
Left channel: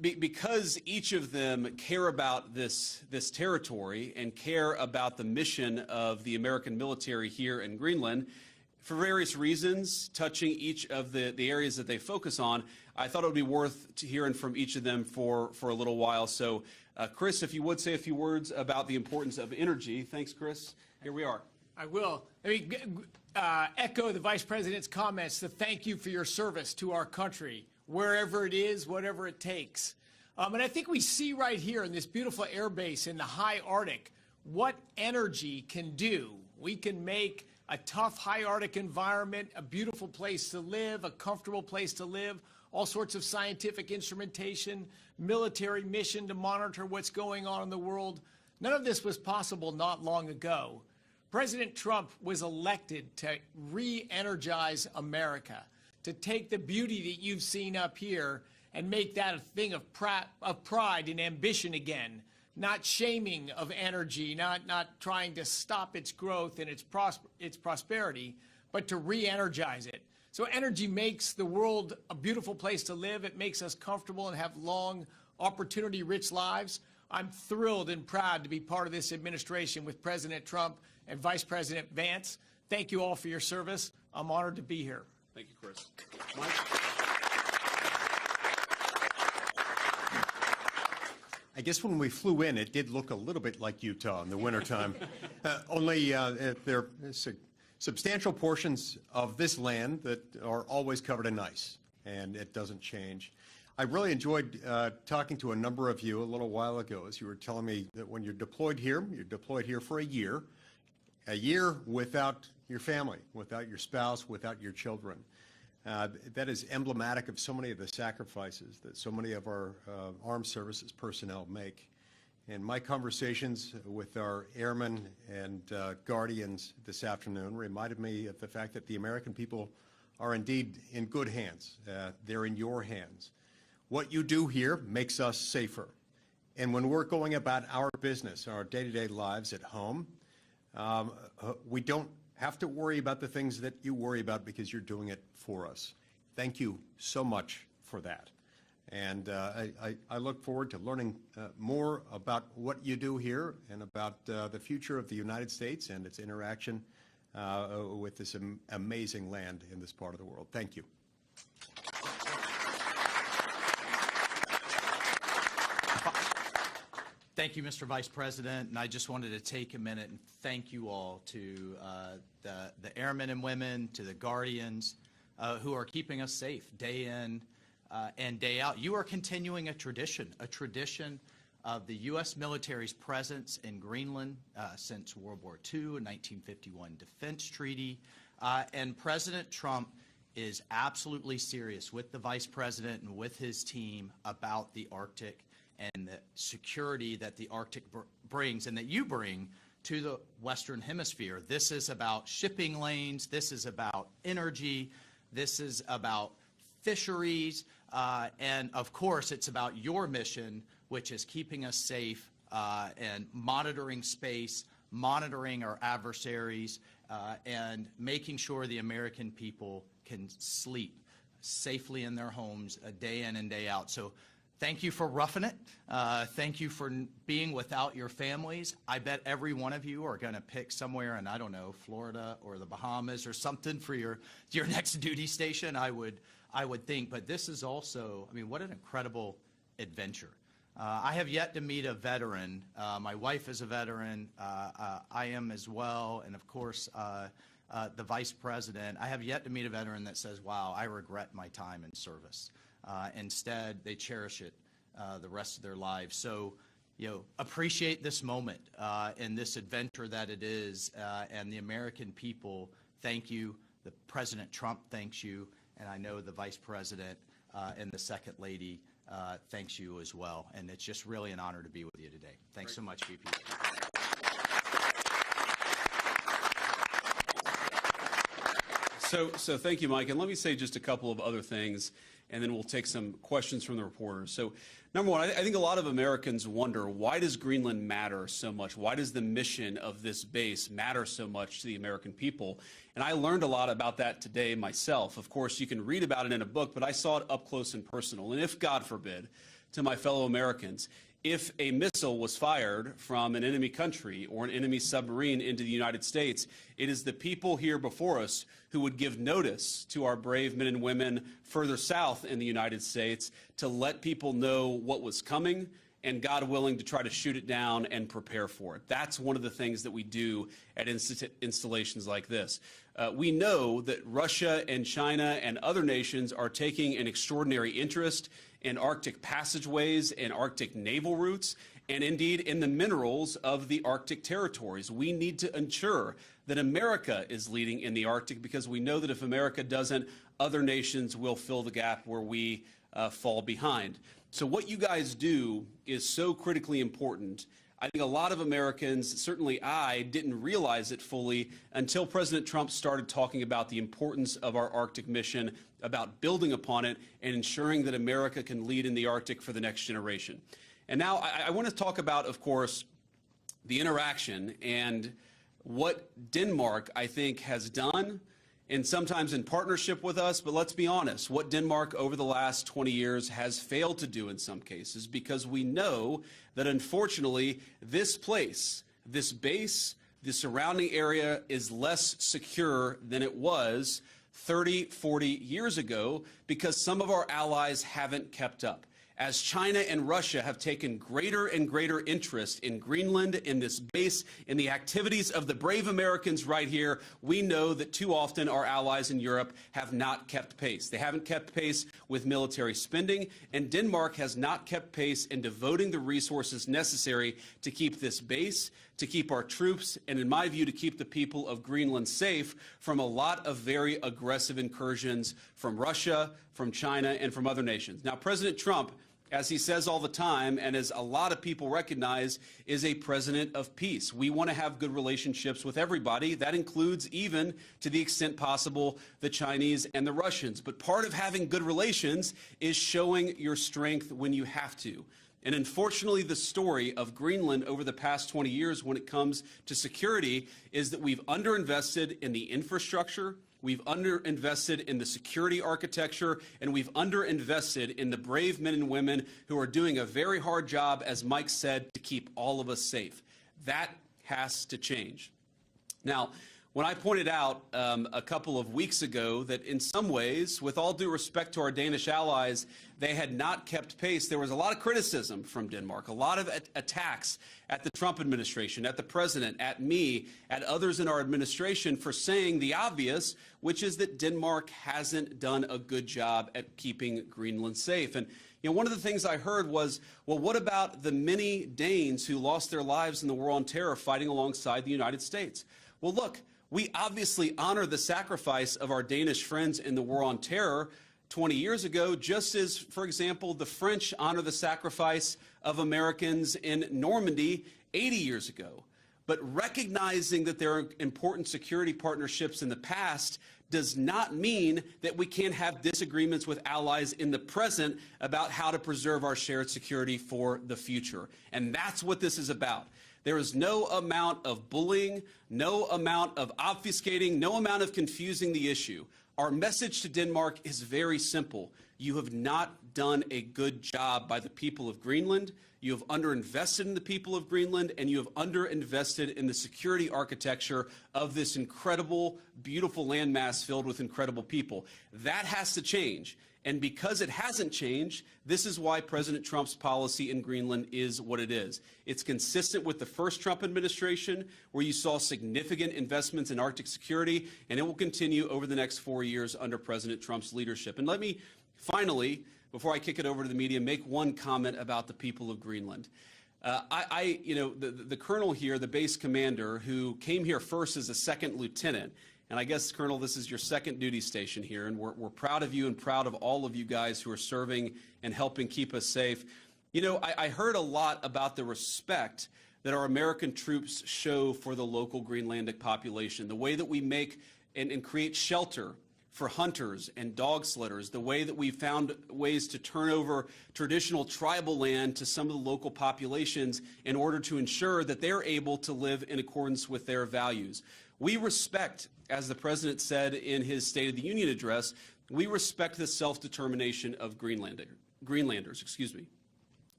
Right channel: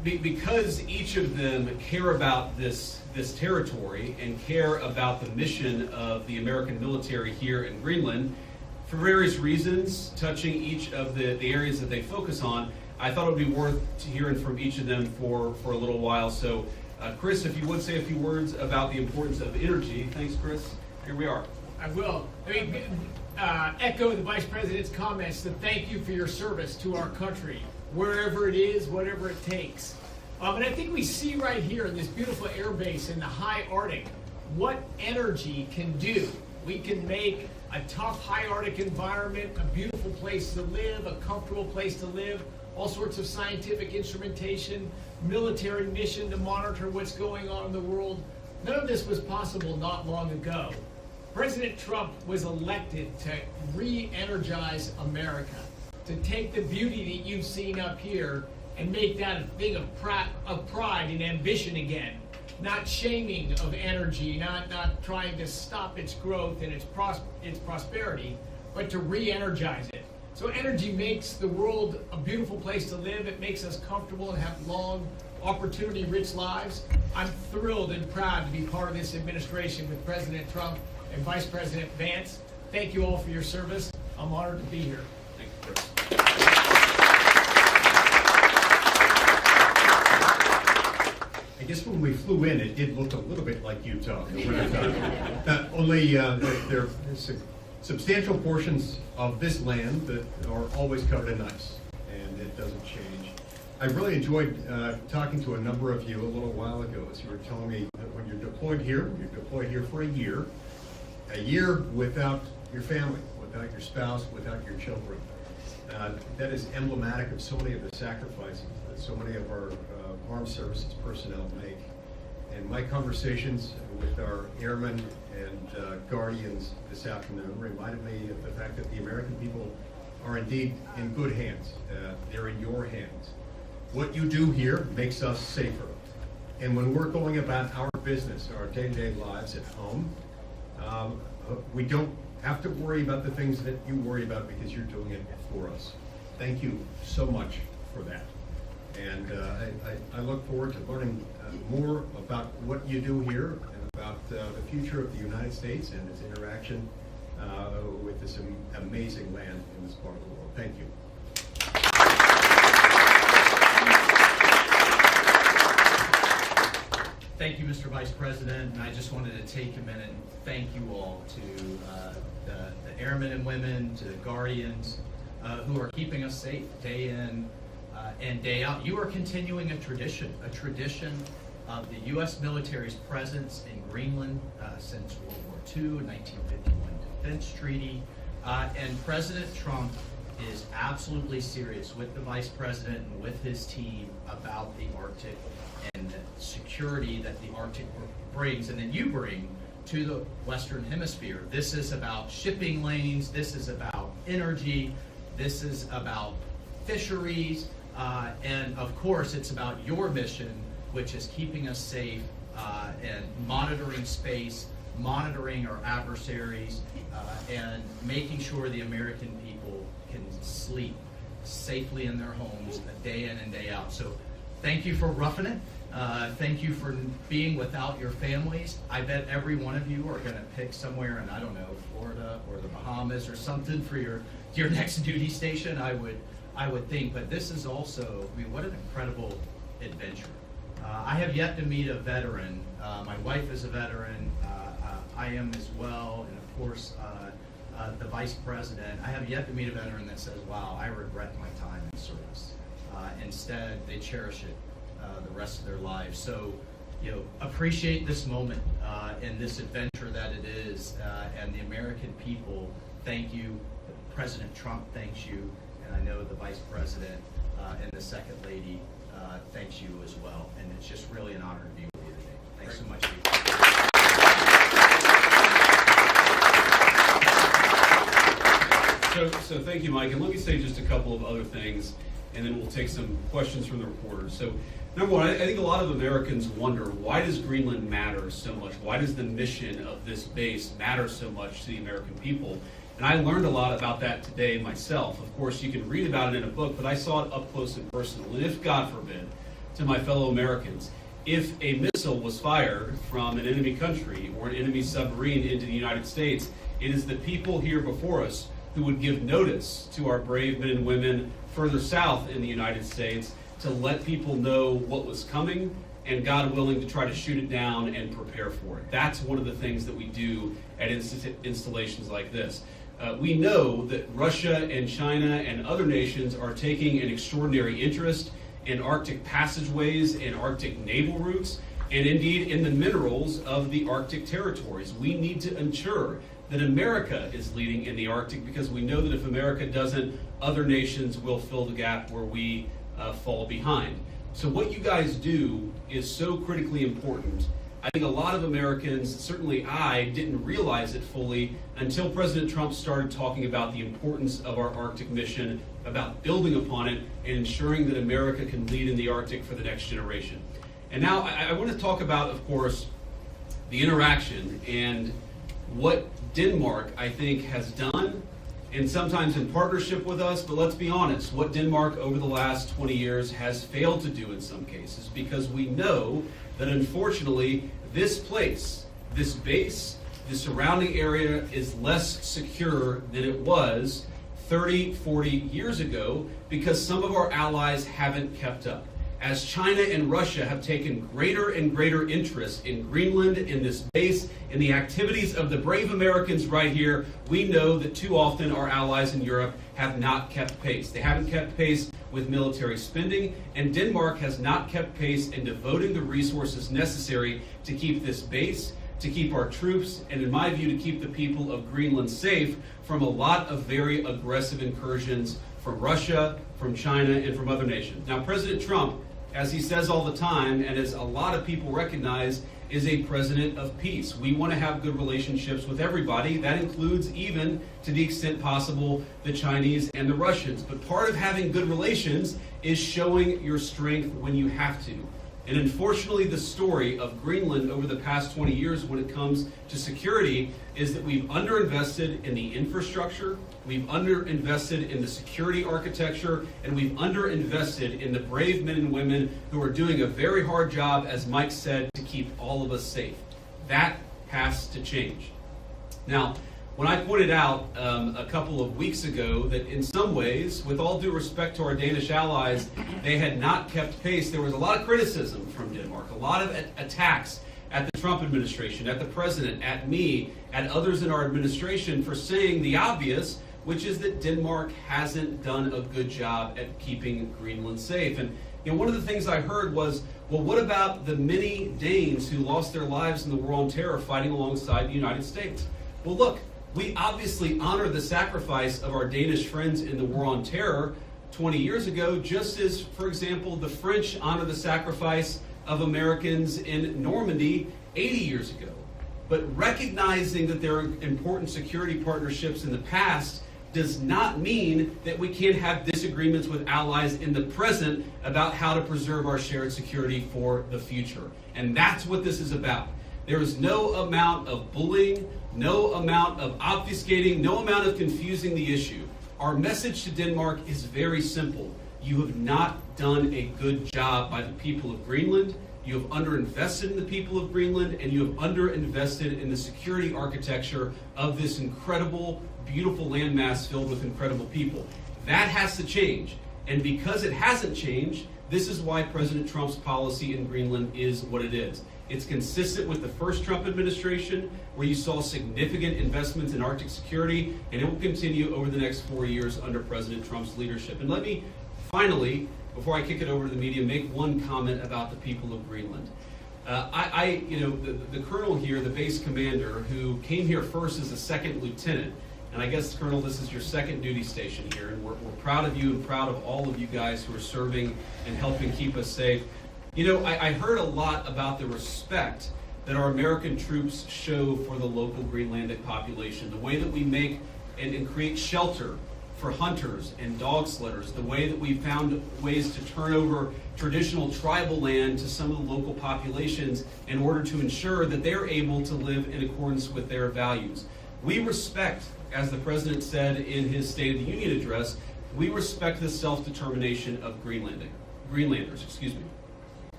because each of them care about this territory and care about the mission of the American military here in Greenland, for various reasons, touching each of the areas that they focus on, I thought it would be worth hearing from each of them for a little while. So, Chris, if you would say a few words about the importance of energy. Thanks, Chris. Here we are. I will. Echo the Vice President's comments to thank you for your service to our country, wherever it is, whatever it takes. And I think we see right here in this beautiful air base in the high Arctic what energy can do. We can make a tough high Arctic environment a beautiful place to live, a comfortable place to live, all sorts of scientific instrumentation, military mission to monitor what's going on in the world. None of this was possible not long ago. President Trump was elected to re-energize America, to take the beauty that you've seen up here and make that a thing of pride and ambition again. Not shaming of energy, not trying to stop its growth and its prosperity, but to re-energize it. So energy makes the world a beautiful place to live. It makes us comfortable and have long, opportunity-rich lives. I'm thrilled and proud to be part of this administration with President Trump and Vice President Vance. Thank you all for your service. I'm honored to be here. Thank you, Chris. I guess when we flew in, it did look a little bit like Utah in the wintertime. Only there are substantial portions of this land that are always covered in ice, and it doesn't change. I really enjoyed talking to a number of you a little while ago as you were telling me that when you're deployed here for a year without your family, without your spouse, without your children. That is emblematic of so many of the sacrifices that so many of our armed services personnel make. And my conversations with our airmen and guardians this afternoon reminded me of the fact that the American people are indeed in good hands. They're in your hands. What you do here makes us safer. And when we're going about our business, our day-to-day lives at home, we don't have to worry about the things that you worry about because you're doing it for us. Thank you so much for that. And I look forward to learning more about what you do here and about the future of the United States and its interaction with this amazing land in this part of the world. Thank you. Thank you, Mr. Vice President, and I just wanted to take a minute and thank you all to the airmen and women, to the guardians who are keeping us safe day in and day out. You are continuing a tradition of the U.S. military's presence in Greenland since World War II, a 1951 defense treaty, and President Trump is absolutely serious with the Vice President and with his team about the Arctic and the security that the Arctic brings and that you bring to the Western Hemisphere. This is about shipping lanes, this is about energy, this is about fisheries, and of course it's about your mission, which is keeping us safe and monitoring space, monitoring our adversaries, and making sure the American people can sleep safely in their homes day in and day out. So thank you for roughing it. Thank you for being without your families. I bet every one of you are going to pick somewhere in, I don't know, Florida or the Bahamas or something for your next duty station, I would think. But this is also, I mean, what an incredible adventure. I have yet to meet a veteran. My wife is a veteran. I am as well. And of course, the Vice President. I have yet to meet a veteran that says, wow, I regret my time in service. Instead, they cherish it the rest of their lives. So, appreciate this moment and this adventure that it is. And the American people, thank you. President Trump thanks you. And I know the Vice President and the Second Lady thanks you as well. And it's just really an honor to be with you today. Thanks so much. So thank you, Mike. And let me say just a couple of other things, and then we'll take some questions from the reporters. So number one, I think a lot of Americans wonder, why does Greenland matter so much? Why does the mission of this base matter so much to the American people? And I learned a lot about that today myself. Of course, you can read about it in a book, but I saw it up close and personal. And if, God forbid, to my fellow Americans. If a missile was fired from an enemy country or an enemy submarine into the United States, it is the people here before us who would give notice to our brave men and women further south in the United States to let people know what was coming and, God willing, to try to shoot it down and prepare for it. That's one of the things that we do at installations like this. We know that Russia and China and other nations are taking an extraordinary interest in Arctic passageways and Arctic naval routes, and indeed in the minerals of the Arctic territories. We need to ensure that America is leading in the Arctic, because we know that if America doesn't, other nations will fill the gap where we fall behind. So what you guys do is so critically important. I think a lot of Americans, certainly I, didn't realize it fully until President Trump started talking about the importance of our Arctic mission, about building upon it, and ensuring that America can lead in the Arctic for the next generation. And now I want to talk about, of course, the interaction and what Denmark, I think, has done, and sometimes in partnership with us, but let's be honest, what Denmark over the last 20 years has failed to do in some cases, because we know that unfortunately this place, this base, the surrounding area is less secure than it was 30, 40 years ago, because some of our allies haven't kept up. As China and Russia have taken greater and greater interest in Greenland, in this base, in the activities of the brave Americans right here, we know that too often our allies in Europe have not kept pace. They haven't kept pace with military spending, and Denmark has not kept pace in devoting the resources necessary to keep this base, to keep our troops, and in my view, to keep the people of Greenland safe from a lot of very aggressive incursions from Russia, from China, and from other nations. Now, President Trump, as he says all the time, and as a lot of people recognize, is a president of peace. We want to have good relationships with everybody. That includes, even to the extent possible, the Chinese and the Russians. But part of having good relations is showing your strength when you have to. And unfortunately, the story of Greenland over the past 20 years when it comes to security is that we've underinvested in the infrastructure, we've underinvested in the security architecture, and we've underinvested in the brave men and women who are doing a very hard job, as Mike said, to keep all of us safe. That has to change. Now, when I pointed out a couple of weeks ago that in some ways, with all due respect to our Danish allies, they had not kept pace, there was a lot of criticism from Denmark, a lot of attacks at the Trump administration, at the president, at me, at others in our administration for saying the obvious, which is that Denmark hasn't done a good job at keeping Greenland safe. And one of the things I heard was, well, what about the many Danes who lost their lives in the War on Terror fighting alongside the United States? Well, look, we obviously honor the sacrifice of our Danish friends in the War on Terror 20 years ago, just as, for example, the French honor the sacrifice of Americans in Normandy 80 years ago. But recognizing that there are important security partnerships in the past does not mean that we can't have disagreements with allies in the present about how to preserve our shared security for the future. And that's what this is about. There is no amount of bullying, no amount of obfuscating, no amount of confusing the issue. Our message to Denmark is very simple. You have not done a good job by the people of Greenland. You have underinvested in the people of Greenland, and you have underinvested in the security architecture of this incredible, beautiful landmass filled with incredible people. That has to change. And because it hasn't changed, this is why President Trump's policy in Greenland is what it is. It's consistent with the first Trump administration, where you saw significant investments in Arctic security, and it will continue over the next 4 years under President Trump's leadership. And let me finally, before I kick it over to the media, make one comment about the people of Greenland. The colonel here, the base commander, who came here first as a second lieutenant, and I guess, Colonel, this is your second duty station here, and we're proud of you and proud of all of you guys who are serving and helping keep us safe. I heard a lot about the respect that our American troops show for the local Greenlandic population, the way that we make and create shelter for hunters and dog sledders, the way that we found ways to turn over traditional tribal land to some of the local populations in order to ensure that they're able to live in accordance with their values. We respect, as the President said in his State of the Union address, we respect the self-determination of Greenlanders.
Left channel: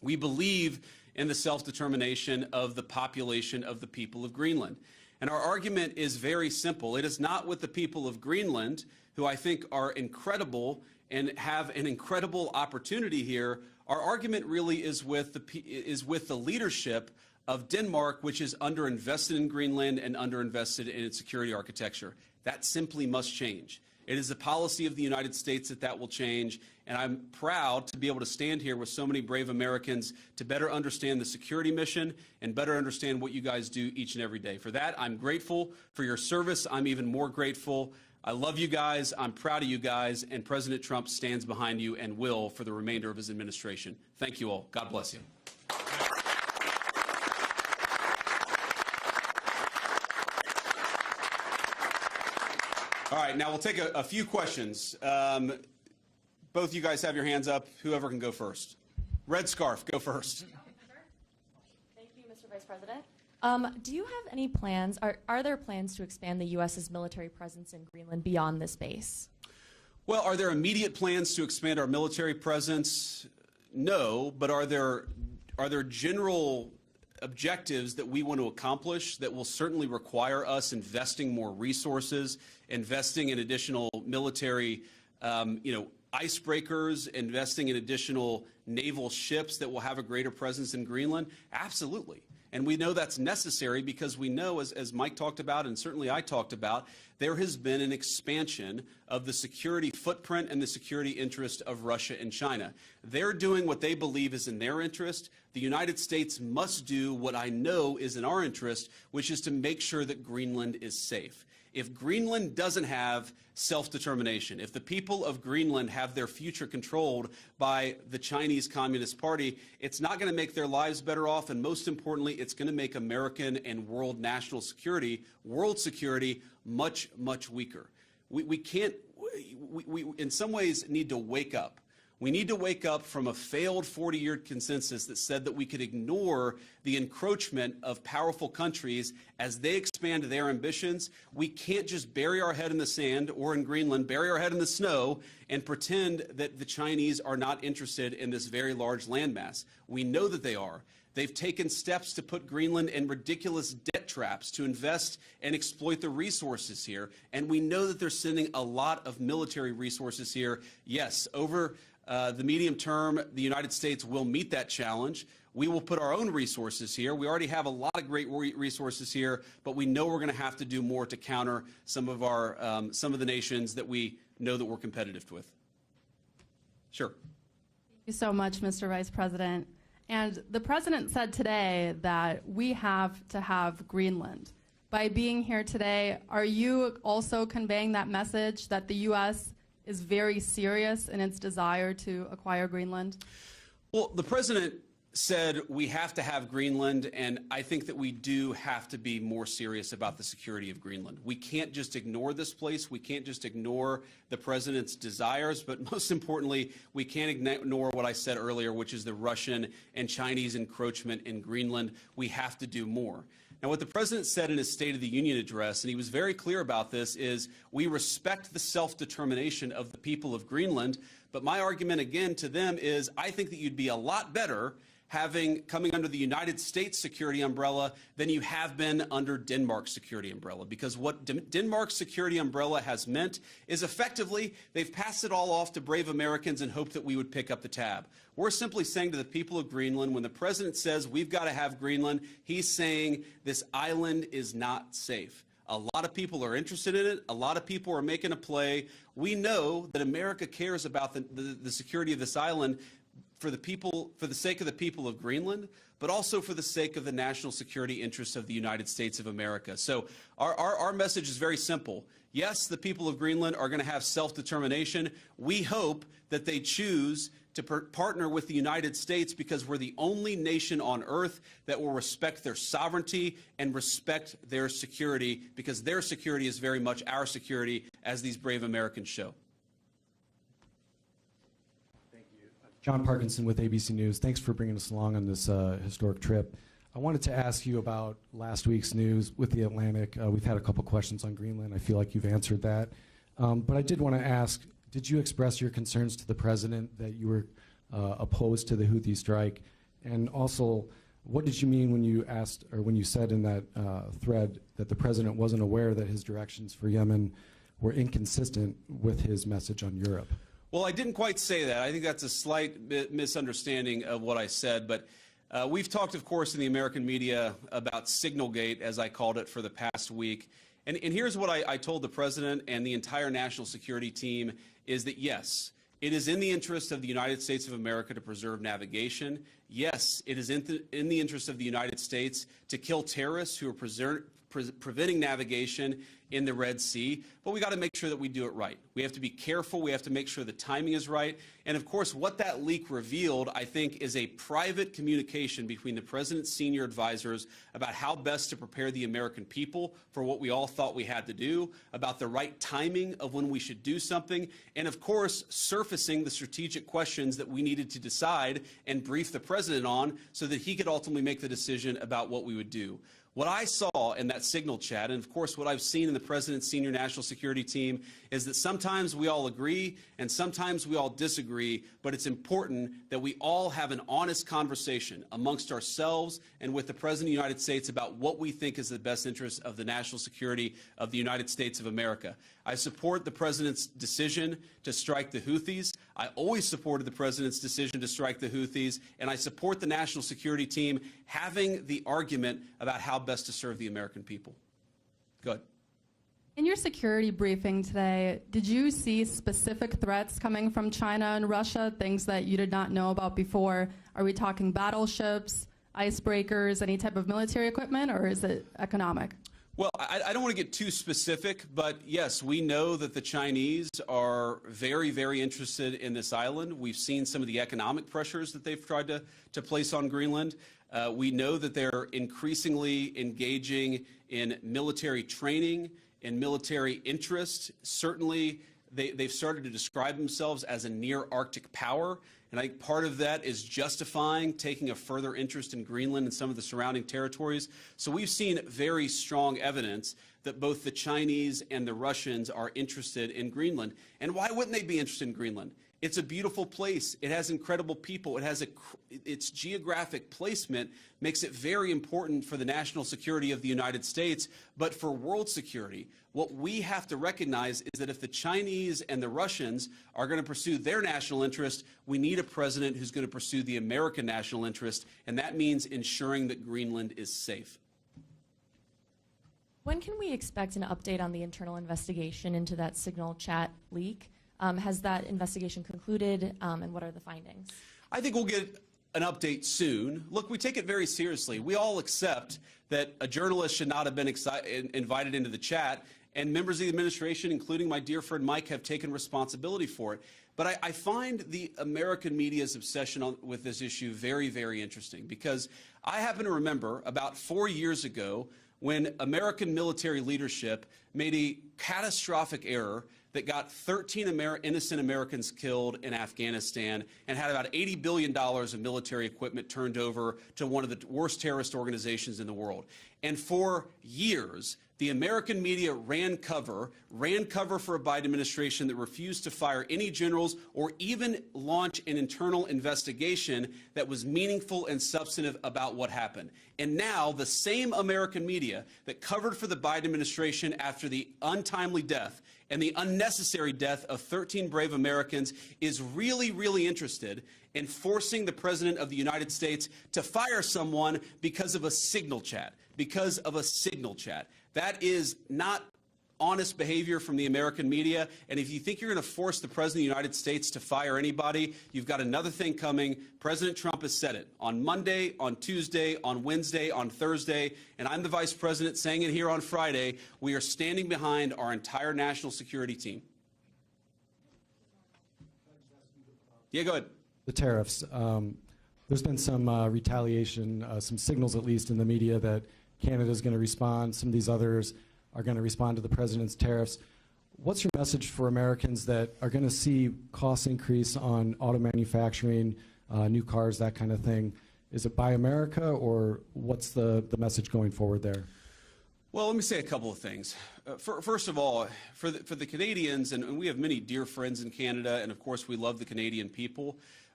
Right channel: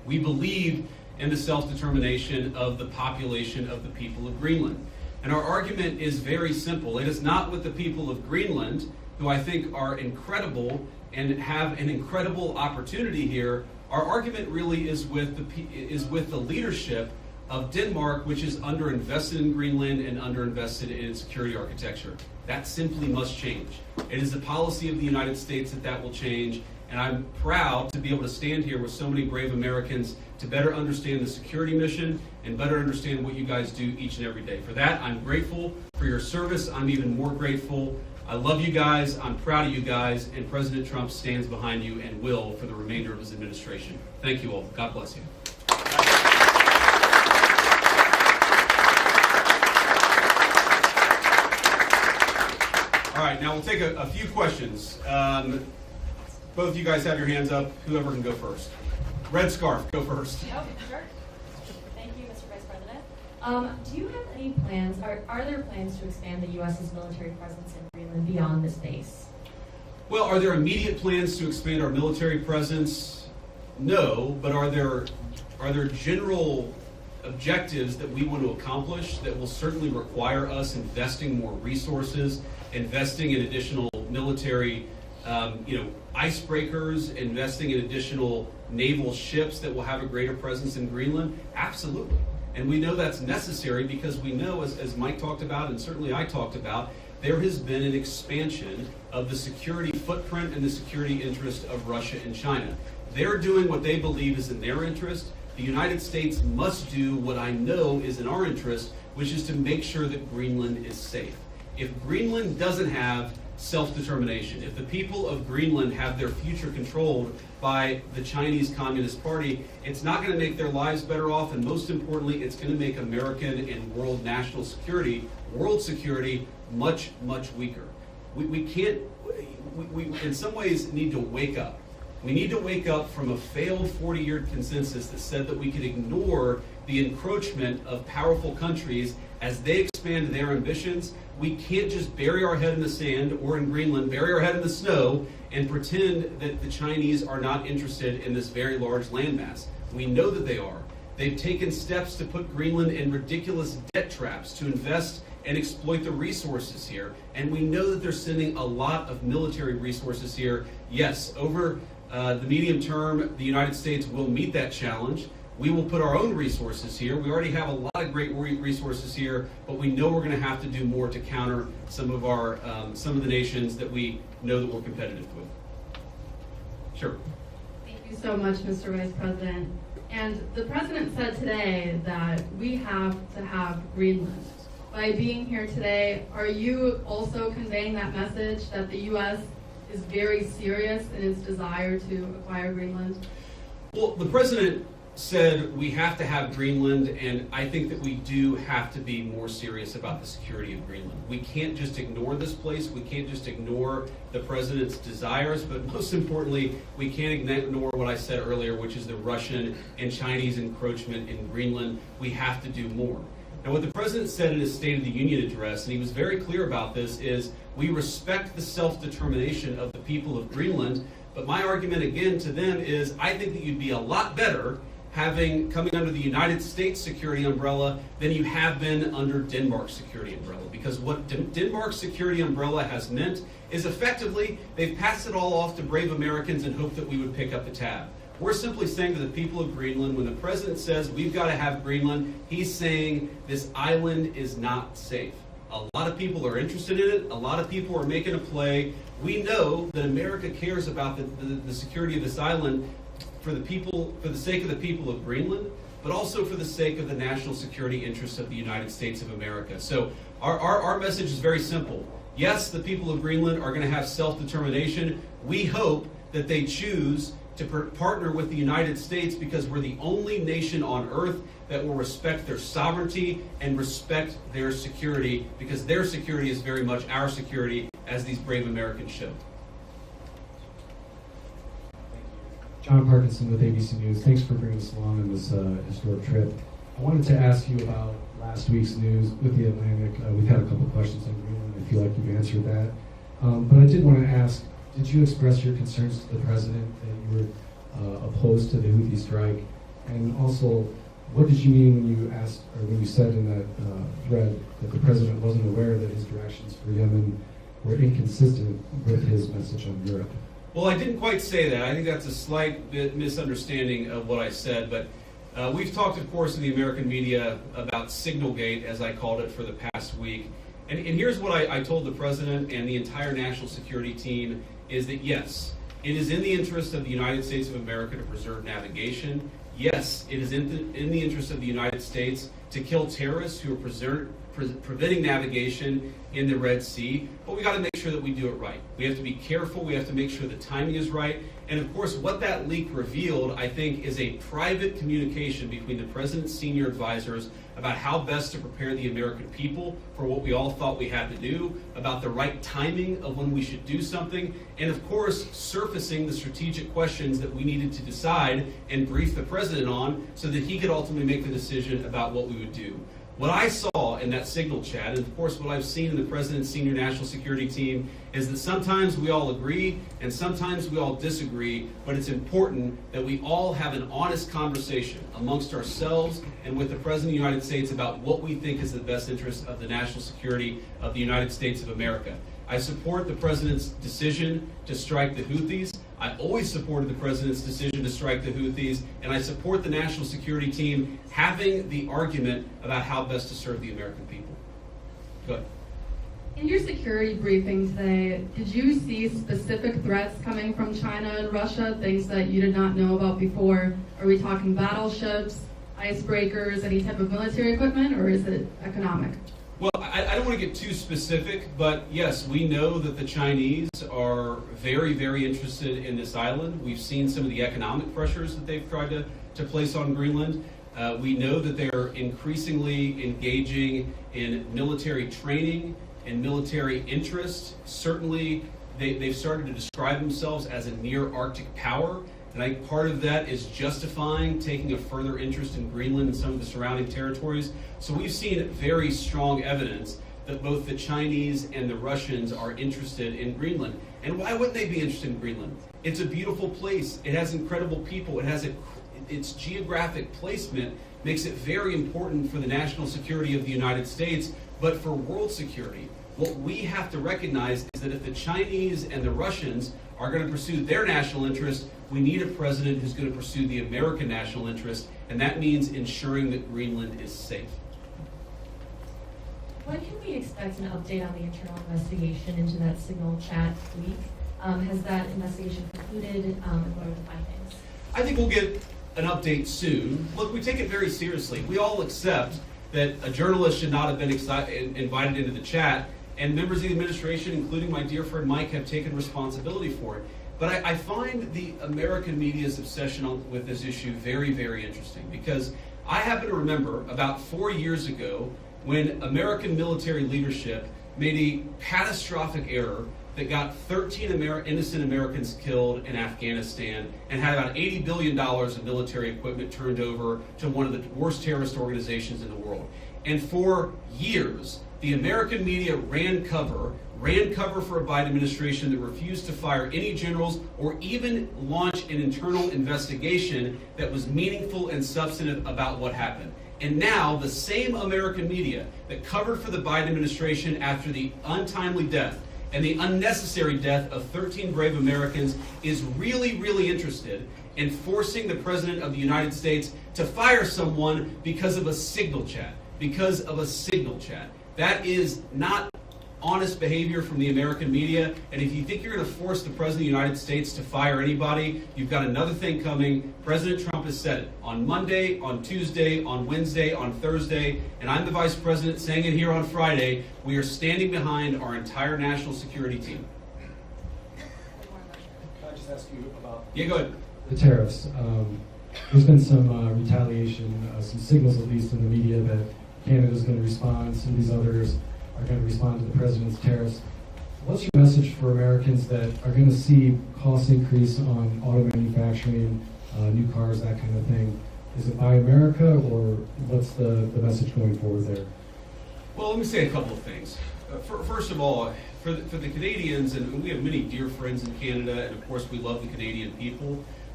We believe in the self-determination of the population of the people of Greenland. And our argument is very simple. It is not with the people of Greenland, who I think are incredible and have an incredible opportunity here. Our argument really is with the leadership of Denmark, which is underinvested in Greenland and underinvested in its security architecture. That simply must change. It is the policy of the United States that will change, and I'm proud to be able to stand here with so many brave Americans to better understand the security mission and better understand what you guys do each and every day. For that, I'm grateful for your service. I'm even more grateful. I love you guys. I'm proud of you guys, and President Trump stands behind you and will for the remainder of his administration. Thank you all. God bless you. All right, now we'll take a few questions. Both you guys have your hands up. Whoever can go first. Red scarf, go first. Oh, sure. Thank you, Mr. Vice President. Do you have any plans, are there plans to expand the U.S.'s military presence in Greenland beyond this base? Well, are there immediate plans to expand our military presence? No, but are there general objectives that we want to accomplish that will certainly require us investing more resources, investing in additional military icebreakers, investing in additional naval ships that will have a greater presence in Greenland? Absolutely. And we know that's necessary because we know, as Mike talked about and certainly I talked about, there has been an expansion of the security footprint and the security interest of Russia and China. They're doing what they believe is in their interest. The United States must do what I know is in our interest, which is to make sure that Greenland is safe. If Greenland doesn't have self-determination, if the people of Greenland have their future controlled by the Chinese Communist Party, it's not going to make their lives better off, and most importantly, it's going to make American and world national security, world security, much, much weaker. We can't, we in some ways need to wake up. We need to wake up from a failed 40-year consensus that said that we could ignore the encroachment of powerful countries as they expand their ambitions. We can't just bury our head in the sand, or in Greenland, bury our head in the snow and pretend that the Chinese are not interested in this very large landmass. We know that they are. They've taken steps to put Greenland in ridiculous debt traps to invest and exploit the resources here. And we know that they're sending a lot of military resources here. Yes, over the medium term, the United States will meet that challenge. We will put our own resources here. We already have a lot of great resources here, but we know we're going to have to do more to counter some of the nations that we know that we're competitive with. Sure. Thank you so much, Mr. Vice President. And the President said today that we have to have Greenland. By being here today, are you also conveying that message that the U.S. is very serious in its desire to acquire Greenland? Well, the President said we have to have Greenland, and I think that we do have to be more serious about the security of Greenland. We can't just ignore this place. We can't just ignore the President's desires, but most importantly, we can't ignore what I said earlier, which is the Russian and Chinese encroachment in Greenland. We have to do more. And what the President said in his State of the Union address, and he was very clear about this, is we respect the self-determination of the people of Greenland, but my argument again to them is I think that you'd be a lot better coming under the United States security umbrella than you have been under Denmark's security umbrella. Because what Denmark's security umbrella has meant is effectively they've passed it all off to brave Americans and hoped that we would pick up the tab. We're simply saying to the people of Greenland, when the President says we've got to have Greenland, he's saying this island is not safe. A lot of people are interested in it. A lot of people are making a play. We know that America cares about the security of this island for the sake of the people of Greenland, but also for the sake of the national security interests of the United States of America. So our message is very simple. Yes, the people of Greenland are going to have self-determination. We hope that they choose to partner with the United States because we're the only nation on earth that will respect their sovereignty and respect their security, because their security is very much our security, as these brave Americans show. John Parkinson with ABC News. Thanks for bringing us along on this historic trip. I wanted to ask you about last week's news with the Atlantic. We've had a couple questions on Greenland. I feel like you've answered that. But I did want to ask, did you express your concerns to the President that you were opposed to the Houthi strike? And also, what did you mean when you asked, or when you said in that thread that the president wasn't aware that his directions for Yemen were inconsistent with his message on Europe? Well, I didn't quite say that. I think that's a slight bit misunderstanding of what I said, but we've talked, of course, in the American media about Signalgate, as I called it, for the past week. And here's what I told the president and the entire national security team, is that yes, it is in the interest of the United States of America to preserve navigation. Yes, it is in the interest of the United States to kill terrorists who are preventing navigation in the Red Sea, but we got to make sure that we do it right. We have to be careful. We have to make sure the timing is right. And of course, what that leak revealed, I think, is a private communication between the president's senior advisors about how best to prepare the American people for what we all thought we had to do, about the right timing of when we should do something, and of course, surfacing the strategic questions that we needed to decide and brief the president on so that he could ultimately make the decision about what we would do. What I saw in that signal chat, and of course what I've seen in the president's senior national security team, is that sometimes we all agree and sometimes we all disagree, but it's important that we all have an honest conversation amongst ourselves and with the President of the United States about what we think is the best interest of the national security of the United States of America. I support the president's decision to strike the Houthis. I always supported the president's decision to strike the Houthis, and I support the national security team having the argument about how best to serve the American people. Go ahead. In your security briefing today, did you see specific threats coming from China and Russia, things that you did not know about before? Are we talking battleships, icebreakers, any type of military equipment, or is it economic? Well, I don't want to get too specific, but yes, we know that the Chinese are very, very interested in this island. We've seen some of the economic pressures that they've tried to place on Greenland. We know that they're increasingly engaging in military training and military interest. Certainly, they've started to describe themselves as a near-Arctic power. And I think part of that is justifying taking a further interest in Greenland and some of the surrounding territories. So we've seen very strong evidence that both the Chinese and the Russians are interested in Greenland. And why wouldn't they be interested in Greenland? It's a beautiful place. It has incredible people. It has its geographic placement makes it very important for the national security of the United States, but for world security. What we have to recognize is that if the Chinese and the Russians are going to pursue their national interest, we need a president who's going to pursue the American national interest, and that means ensuring that Greenland is safe. When can we expect an update on the internal investigation into that signal chat leak? Has that investigation concluded, and what are the findings? I think we'll get an update soon. Look, we take it very seriously. We all accept that a journalist should not have been invited into the chat, and members of the administration, including my dear friend Mike, have taken responsibility for it. But I find the American media's obsession with this issue very, very interesting, because I happen to remember about 4 years ago when American military leadership made a catastrophic error that got 13 innocent Americans killed in Afghanistan and had about $80 billion of military equipment turned over to one of the worst terrorist organizations in the world. And for years, the American media ran cover for a Biden administration that refused to fire any generals or even launch an internal investigation that was meaningful and substantive about what happened. And now the same American media that covered for the Biden administration after the untimely death and the unnecessary death of 13 brave Americans is really, really interested in forcing the President of the United States to fire someone because of a signal chat. That is not honest behavior from the American media, and if you think you're going to force the President of the United States to fire anybody, you've got another thing coming. President Trump has said it on Monday, on Tuesday, on Wednesday, on Thursday, and I'm the Vice President saying it here on Friday. We are standing behind our entire national security team. Can I just ask you about go ahead. The tariffs? There's been some retaliation, some signals at least in the media that Canada's going to respond, some of these others are going to respond to the president's tariffs. What's your message for Americans that are going to see costs increase on auto manufacturing, new cars, that kind of thing? Is it Buy America, or what's the message going forward there? Well, let me say a couple of things. First of all, for the Canadians, and we have many dear friends in Canada, and of course we love the Canadian people,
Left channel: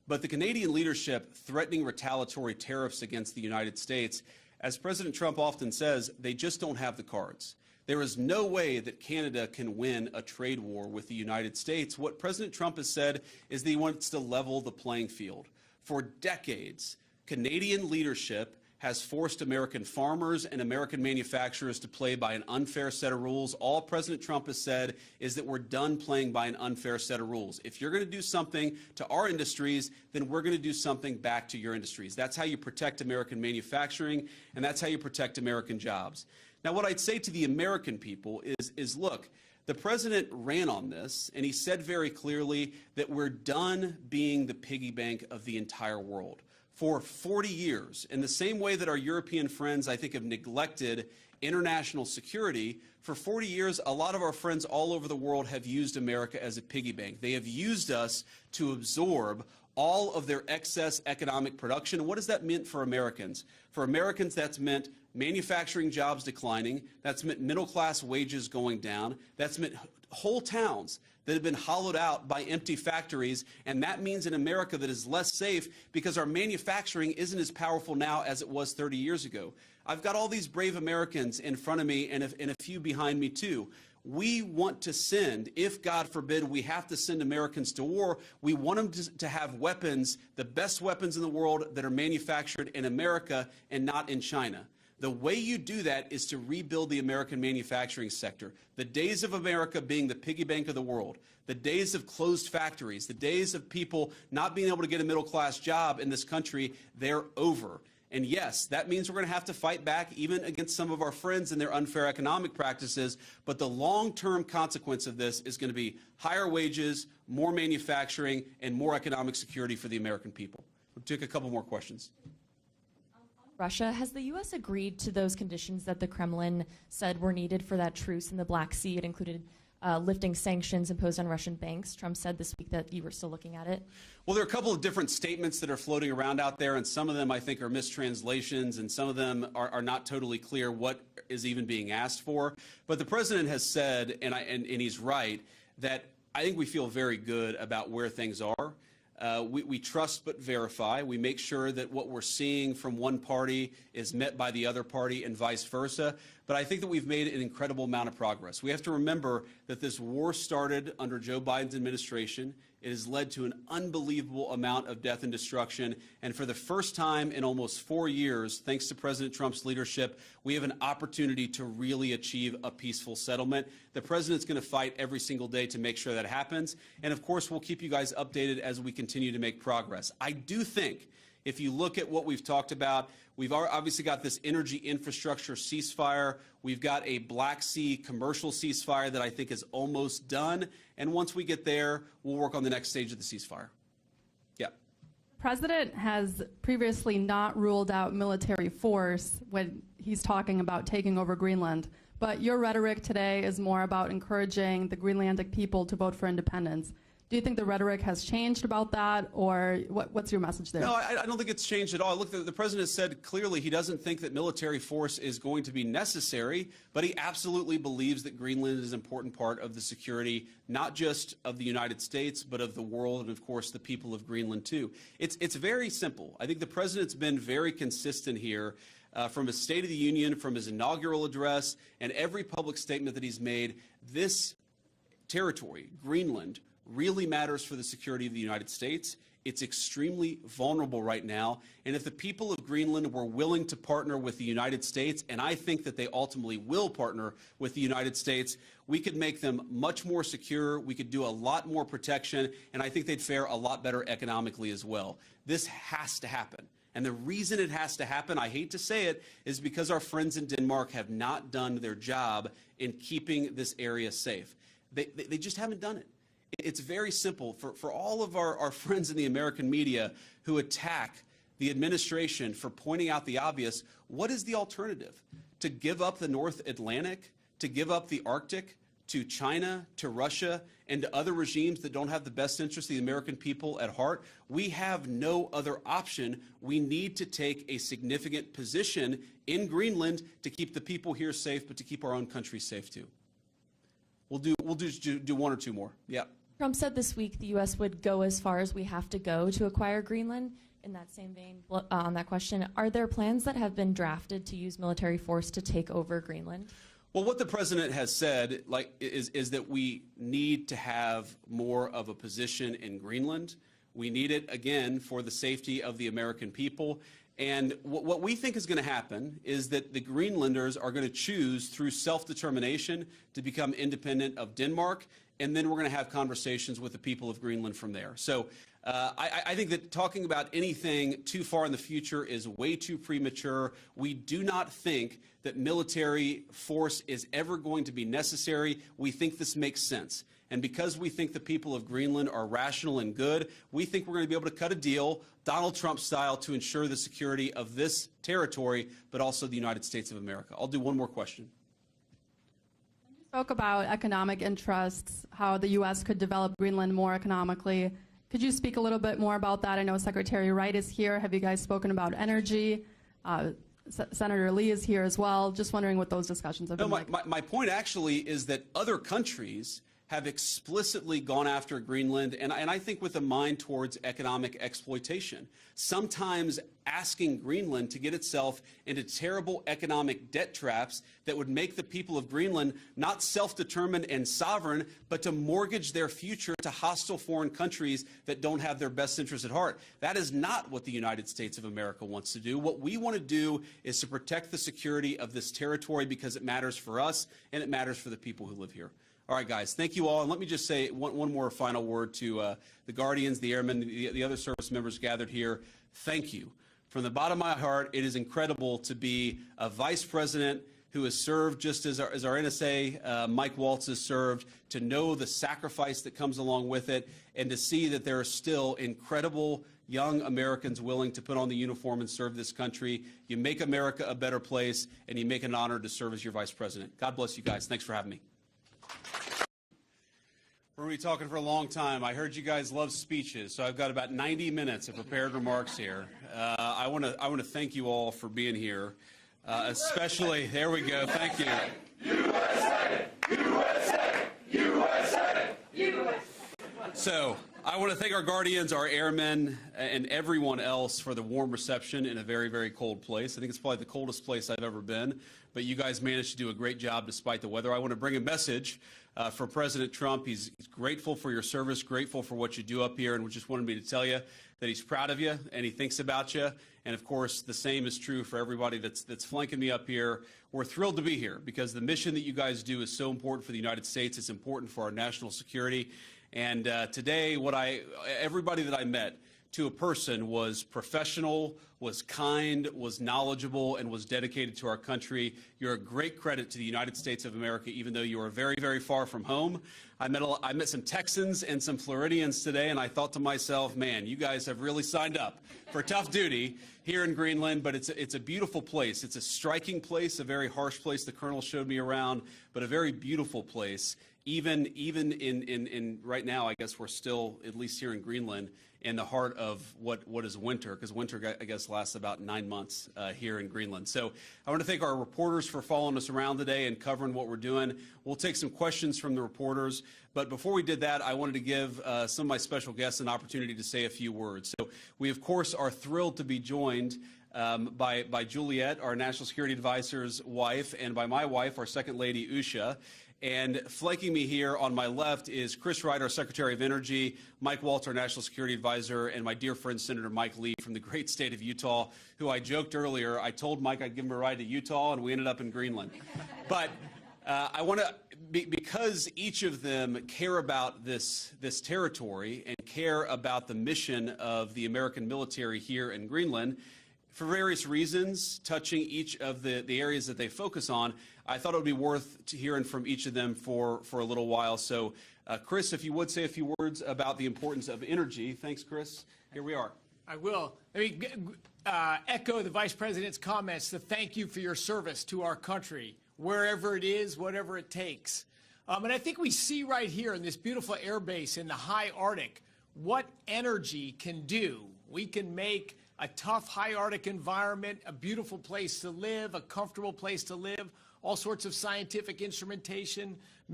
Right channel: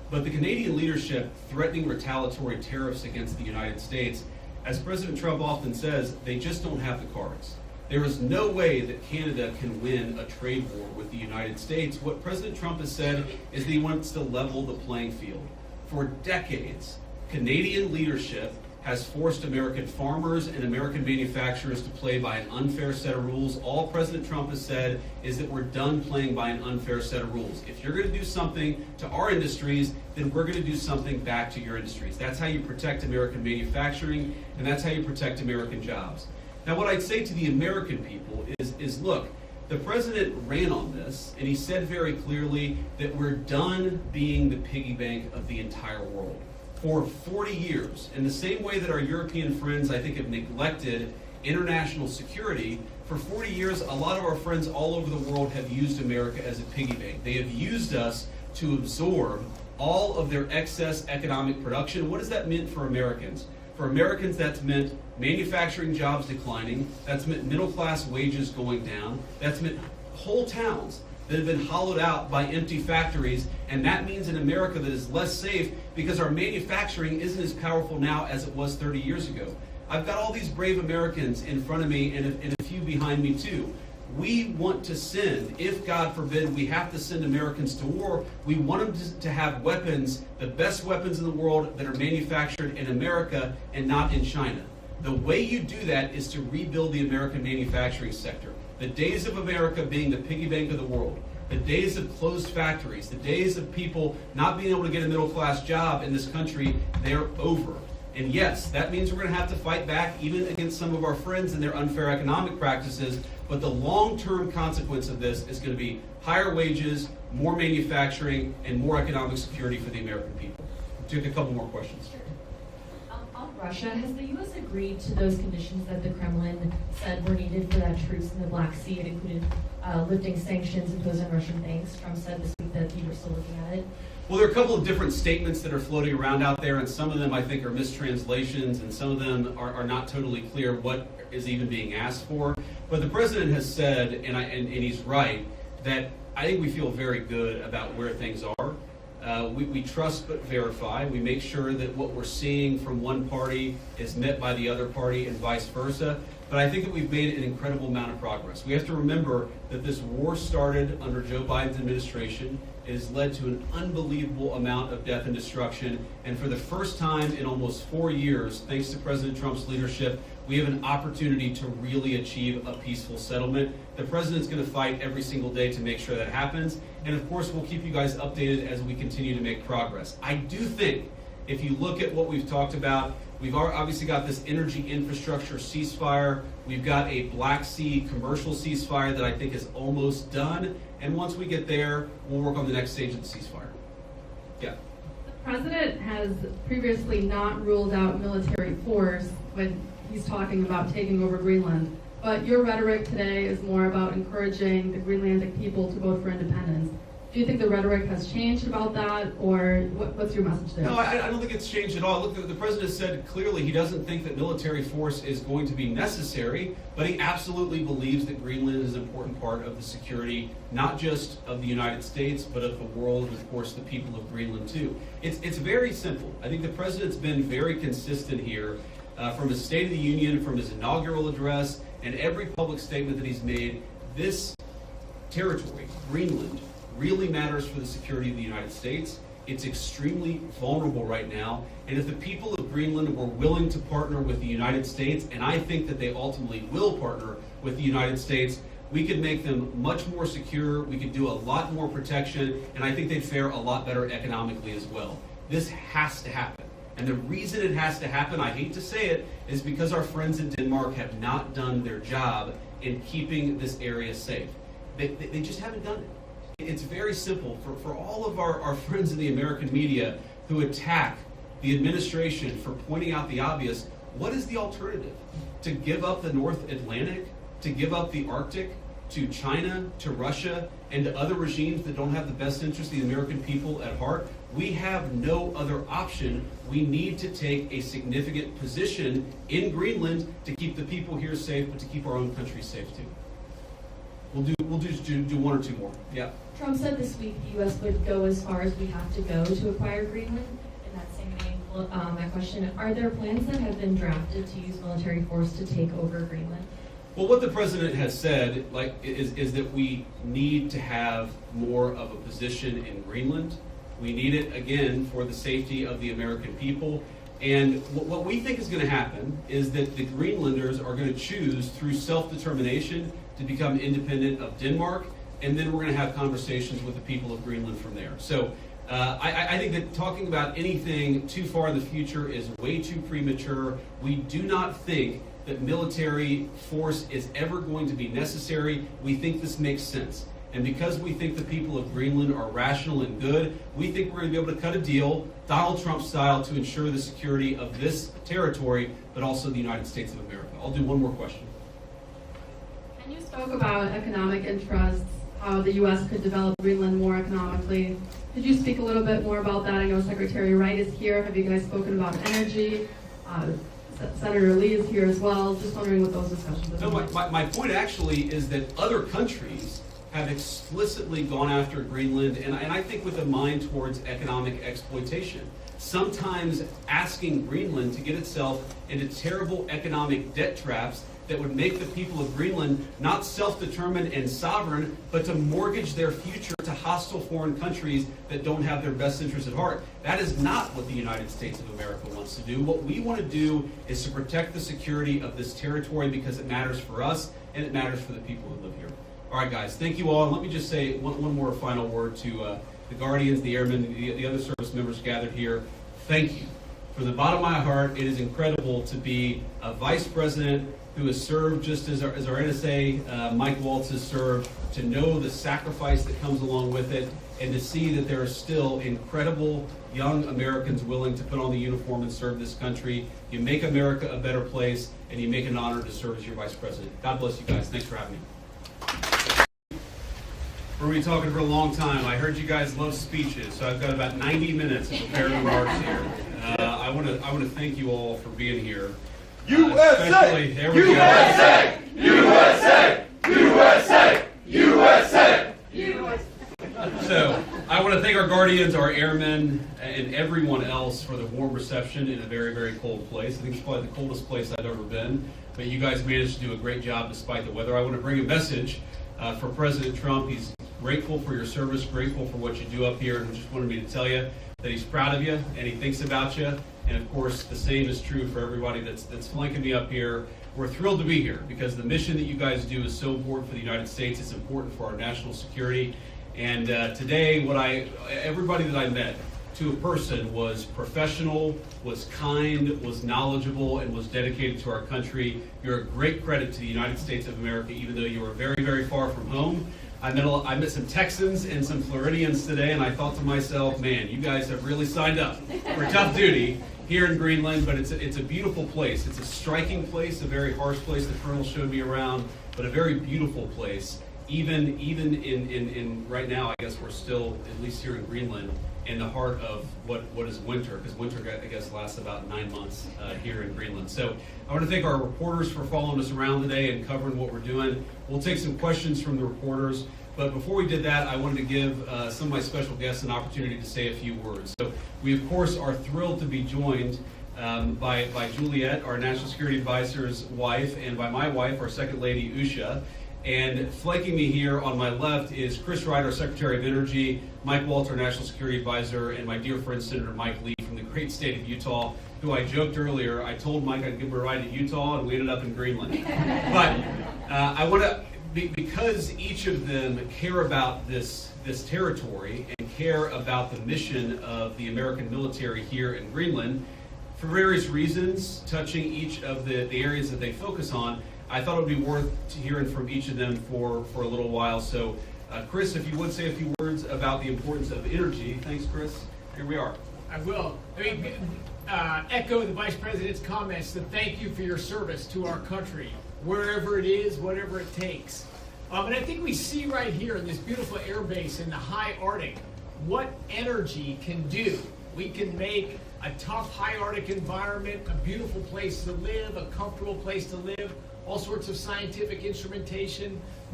But the Canadian leadership threatening retaliatory tariffs against the United States, as President Trump often says, they just don't have the cards. There is no way that Canada can win a trade war with the United States. What President Trump has said is that he wants to level the playing field. For decades, Canadian leadership has forced American farmers and American manufacturers to play by an unfair set of rules. All President Trump has said is that we're done playing by an unfair set of rules. If you're going to do something to our industries, then we're going to do something back to your industries. That's how you protect American manufacturing, and that's how you protect American jobs. Now, what I'd say to the American people is look, the president ran on this, and he said very clearly that we're done being the piggy bank of the entire world. For 40 years, in the same way that our European friends, I think, have neglected international security, for 40 years, a lot of our friends all over the world have used America as a piggy bank. They have used us to absorb all of their excess economic production. What does that mean for Americans? For Americans, that's meant manufacturing jobs declining, that's meant middle-class wages going down, that's meant whole towns that have been hollowed out by empty factories, and that means an America that is less safe because our manufacturing isn't as powerful now as it was 30 years ago. I've got all these brave Americans in front of me and a few behind me too. We want to send, if God forbid we have to send Americans to war, we want them to have weapons, the best weapons in the world that are manufactured in America and not in China. The way you do that is to rebuild the American manufacturing sector. The days of America being the piggy bank of the world, the days of closed factories, the days of people not being able to get a middle-class job in this country, they're over. And yes, that means we're going to have to fight back even against some of our friends and their unfair economic practices, but the long-term consequence of this is going to be higher wages, more manufacturing, and more economic security for the American people. We'll take a couple more questions. On Russia, has the U.S. agreed to those conditions that the Kremlin said were needed for that truce in the Black Sea? It included lifting sanctions imposed on Russian banks. Trump said this week that you were still looking at it. Well, there are a couple of different statements that are floating around out there, and some of them I think are mistranslations, and some of them are not totally clear what is even being asked for. But the president has said, and he's right, that I think we feel very good about where things are. We trust but verify. We make sure that what we're seeing from one party is met by the other party and vice versa. But I think that we've made an incredible amount of progress. We have to remember that this war started under Joe Biden's administration. It has led to an unbelievable amount of death and destruction. And for the first time in almost 4 years, thanks to President Trump's leadership, we have an opportunity to really achieve a peaceful settlement. The president's going to fight every single day to make sure that happens. And of course, we'll keep you guys updated as we continue to make progress. I do think if you look at what we've talked about, we've obviously got this energy infrastructure ceasefire. We've got a Black Sea commercial ceasefire that I think is almost done. And once we get there, we'll work on the next stage of the ceasefire. Yeah. The president has previously not ruled out military force when he's talking about taking over Greenland. But your rhetoric today is more about encouraging the Greenlandic people to vote for independence. Do you think the rhetoric has changed about that, or what's your message there? No, I don't think it's changed at all. Look, the president said clearly he doesn't think that military force is going to be necessary, but he absolutely believes that Greenland is an important part of the security, not just of the United States, but of the world, and of course the people of Greenland too. It's very simple. I think the president's been very consistent here from his State of the Union, from his inaugural address, and every public statement that he's made. This territory, Greenland, really matters for the security of the United States. It's extremely vulnerable right now, and if the people of Greenland were willing to partner with the United States, and I think that they ultimately will partner with the United States, we could make them much more secure, we could do a lot more protection, and I think they'd fare a lot better economically as well. This has to happen. And the reason it has to happen, I hate to say it, is because our friends in Denmark have not done their job in keeping this area safe. They just haven't done it. It's very simple. For all of our friends in the American media who attack the administration for pointing out the obvious, what is the alternative? To give up the North Atlantic? To give up the Arctic? To China? To Russia? And to other regimes that don't have the best interest of the American people at heart? We have no other option. We need to take a significant position in Greenland to keep the people here safe, but to keep our own country safe too. we'll just do one or two more. Yeah. Trump said this week the U.S. would go as far as we have to go to acquire Greenland. In that same vein, that question, are there plans that have been drafted to use military force to take over Greenland? Well, what the president has said, is that we need to have more of a position in Greenland. We need it, again, for the safety of the American people. And what we think is going to happen is that the Greenlanders are going to choose through self-determination to become independent of Denmark, and then we're going to have conversations with the people of Greenland from there. So I think that talking about anything too far in the future is way too premature. We do not think that military force is ever going to be necessary. We think this makes sense. And because we think the people of Greenland are rational and good, we think we're going to be able to cut a deal, Donald Trump style, to ensure the security of this territory, but also the United States of America. I'll do one more question. And you spoke about economic interests, how the U.S. could develop Greenland more economically. Could you speak a little bit more about that? I know Secretary Wright is here. Have you guys spoken about energy? Senator Lee is here as well. Just wondering what those discussions have been. No, my point actually is that other countries have explicitly gone after Greenland, and I think with a mind towards economic exploitation. Sometimes asking Greenland to get itself into terrible economic debt traps that would make the people of Greenland not self-determined and sovereign, but to mortgage their future to hostile foreign countries that don't have their best interests at heart. That is not what the United States of America wants to do. What we want to do is to protect the security of this territory because it matters for us and it matters for the people who live here. All right, guys, thank you all. And let me just say one more final word to the Guardians, the Airmen, the other service members gathered here. Thank you. From the bottom of my heart, it is incredible to be a vice president who has served just as our NSA, Mike Waltz, has served, to know the sacrifice that comes along with it, and to see that there are still incredible young Americans willing to put on the uniform and serve this country. You make America a better place, and you make an honor to serve as your vice president. God bless you guys. Thanks for having me. We're going to be talking for a long time. I heard you guys love speeches, so I've got about 90 minutes of prepared remarks here. I want to thank you all for being here. USA! There we USA! USA! USA! USA! USA! So, I want to thank our Guardians, our airmen, and everyone else for the warm reception in a very, very cold place. I think it's probably the coldest place I've ever been, but you guys managed to do a great job despite the weather. I want to bring a message for President Trump. He's grateful for your service, grateful for what you do up here, and just wanted me to tell you that he's proud of you and he thinks about you. And of course, the same is true for everybody that's flanking me up here. We're thrilled to be here because the mission that you guys do is so important for the United States. It's important for our national security. And today, everybody that I met, to a person, was professional, was kind, was knowledgeable, and was dedicated to our country. You're a great credit to the United States of America, even though you are very, very far from home. I met some Texans and some Floridians today, and I thought to myself, man, you guys have really signed up for tough duty here in Greenland, but it's a beautiful place. It's a striking place, a very harsh place. The Colonel showed me around, but a very beautiful place. Even in right now, I guess we're still, at least here in Greenland, in the heart of what is winter, because winter, I guess, lasts about 9 months here in Greenland. So I want to thank our reporters for following us around today and covering what we're doing. We'll take some questions from the reporters, but before we did that, I wanted to give some of my special guests an opportunity to say a few words. So we, of course, are thrilled to be joined by Juliet, our National Security Advisor's wife, and by my wife, our Second Lady, Usha. And flanking me here on my left is Chris Wright, our Secretary of Energy, Mike Waltz, our National Security Advisor, and my dear friend Senator Mike Lee from the great state of Utah, who I joked earlier, I told Mike I'd give him a ride to Utah, and we ended up in Greenland. But I want to, because each of them care about this territory and care about the mission of the American military here in Greenland, for various reasons, touching each of the areas that they focus on, I thought it would be worth hearing from each of them for a little while. So, Chris, if you would say a few words about the importance of energy. Thanks, Chris. Here we are. I will. Echo the Vice President's comments to thank you for your service to our country, wherever it is, whatever it takes. And I think we see right here in this beautiful air base in the high Arctic what energy can do. We can make a tough high Arctic environment a beautiful place to live, a comfortable place to live, all sorts of scientific instrumentation,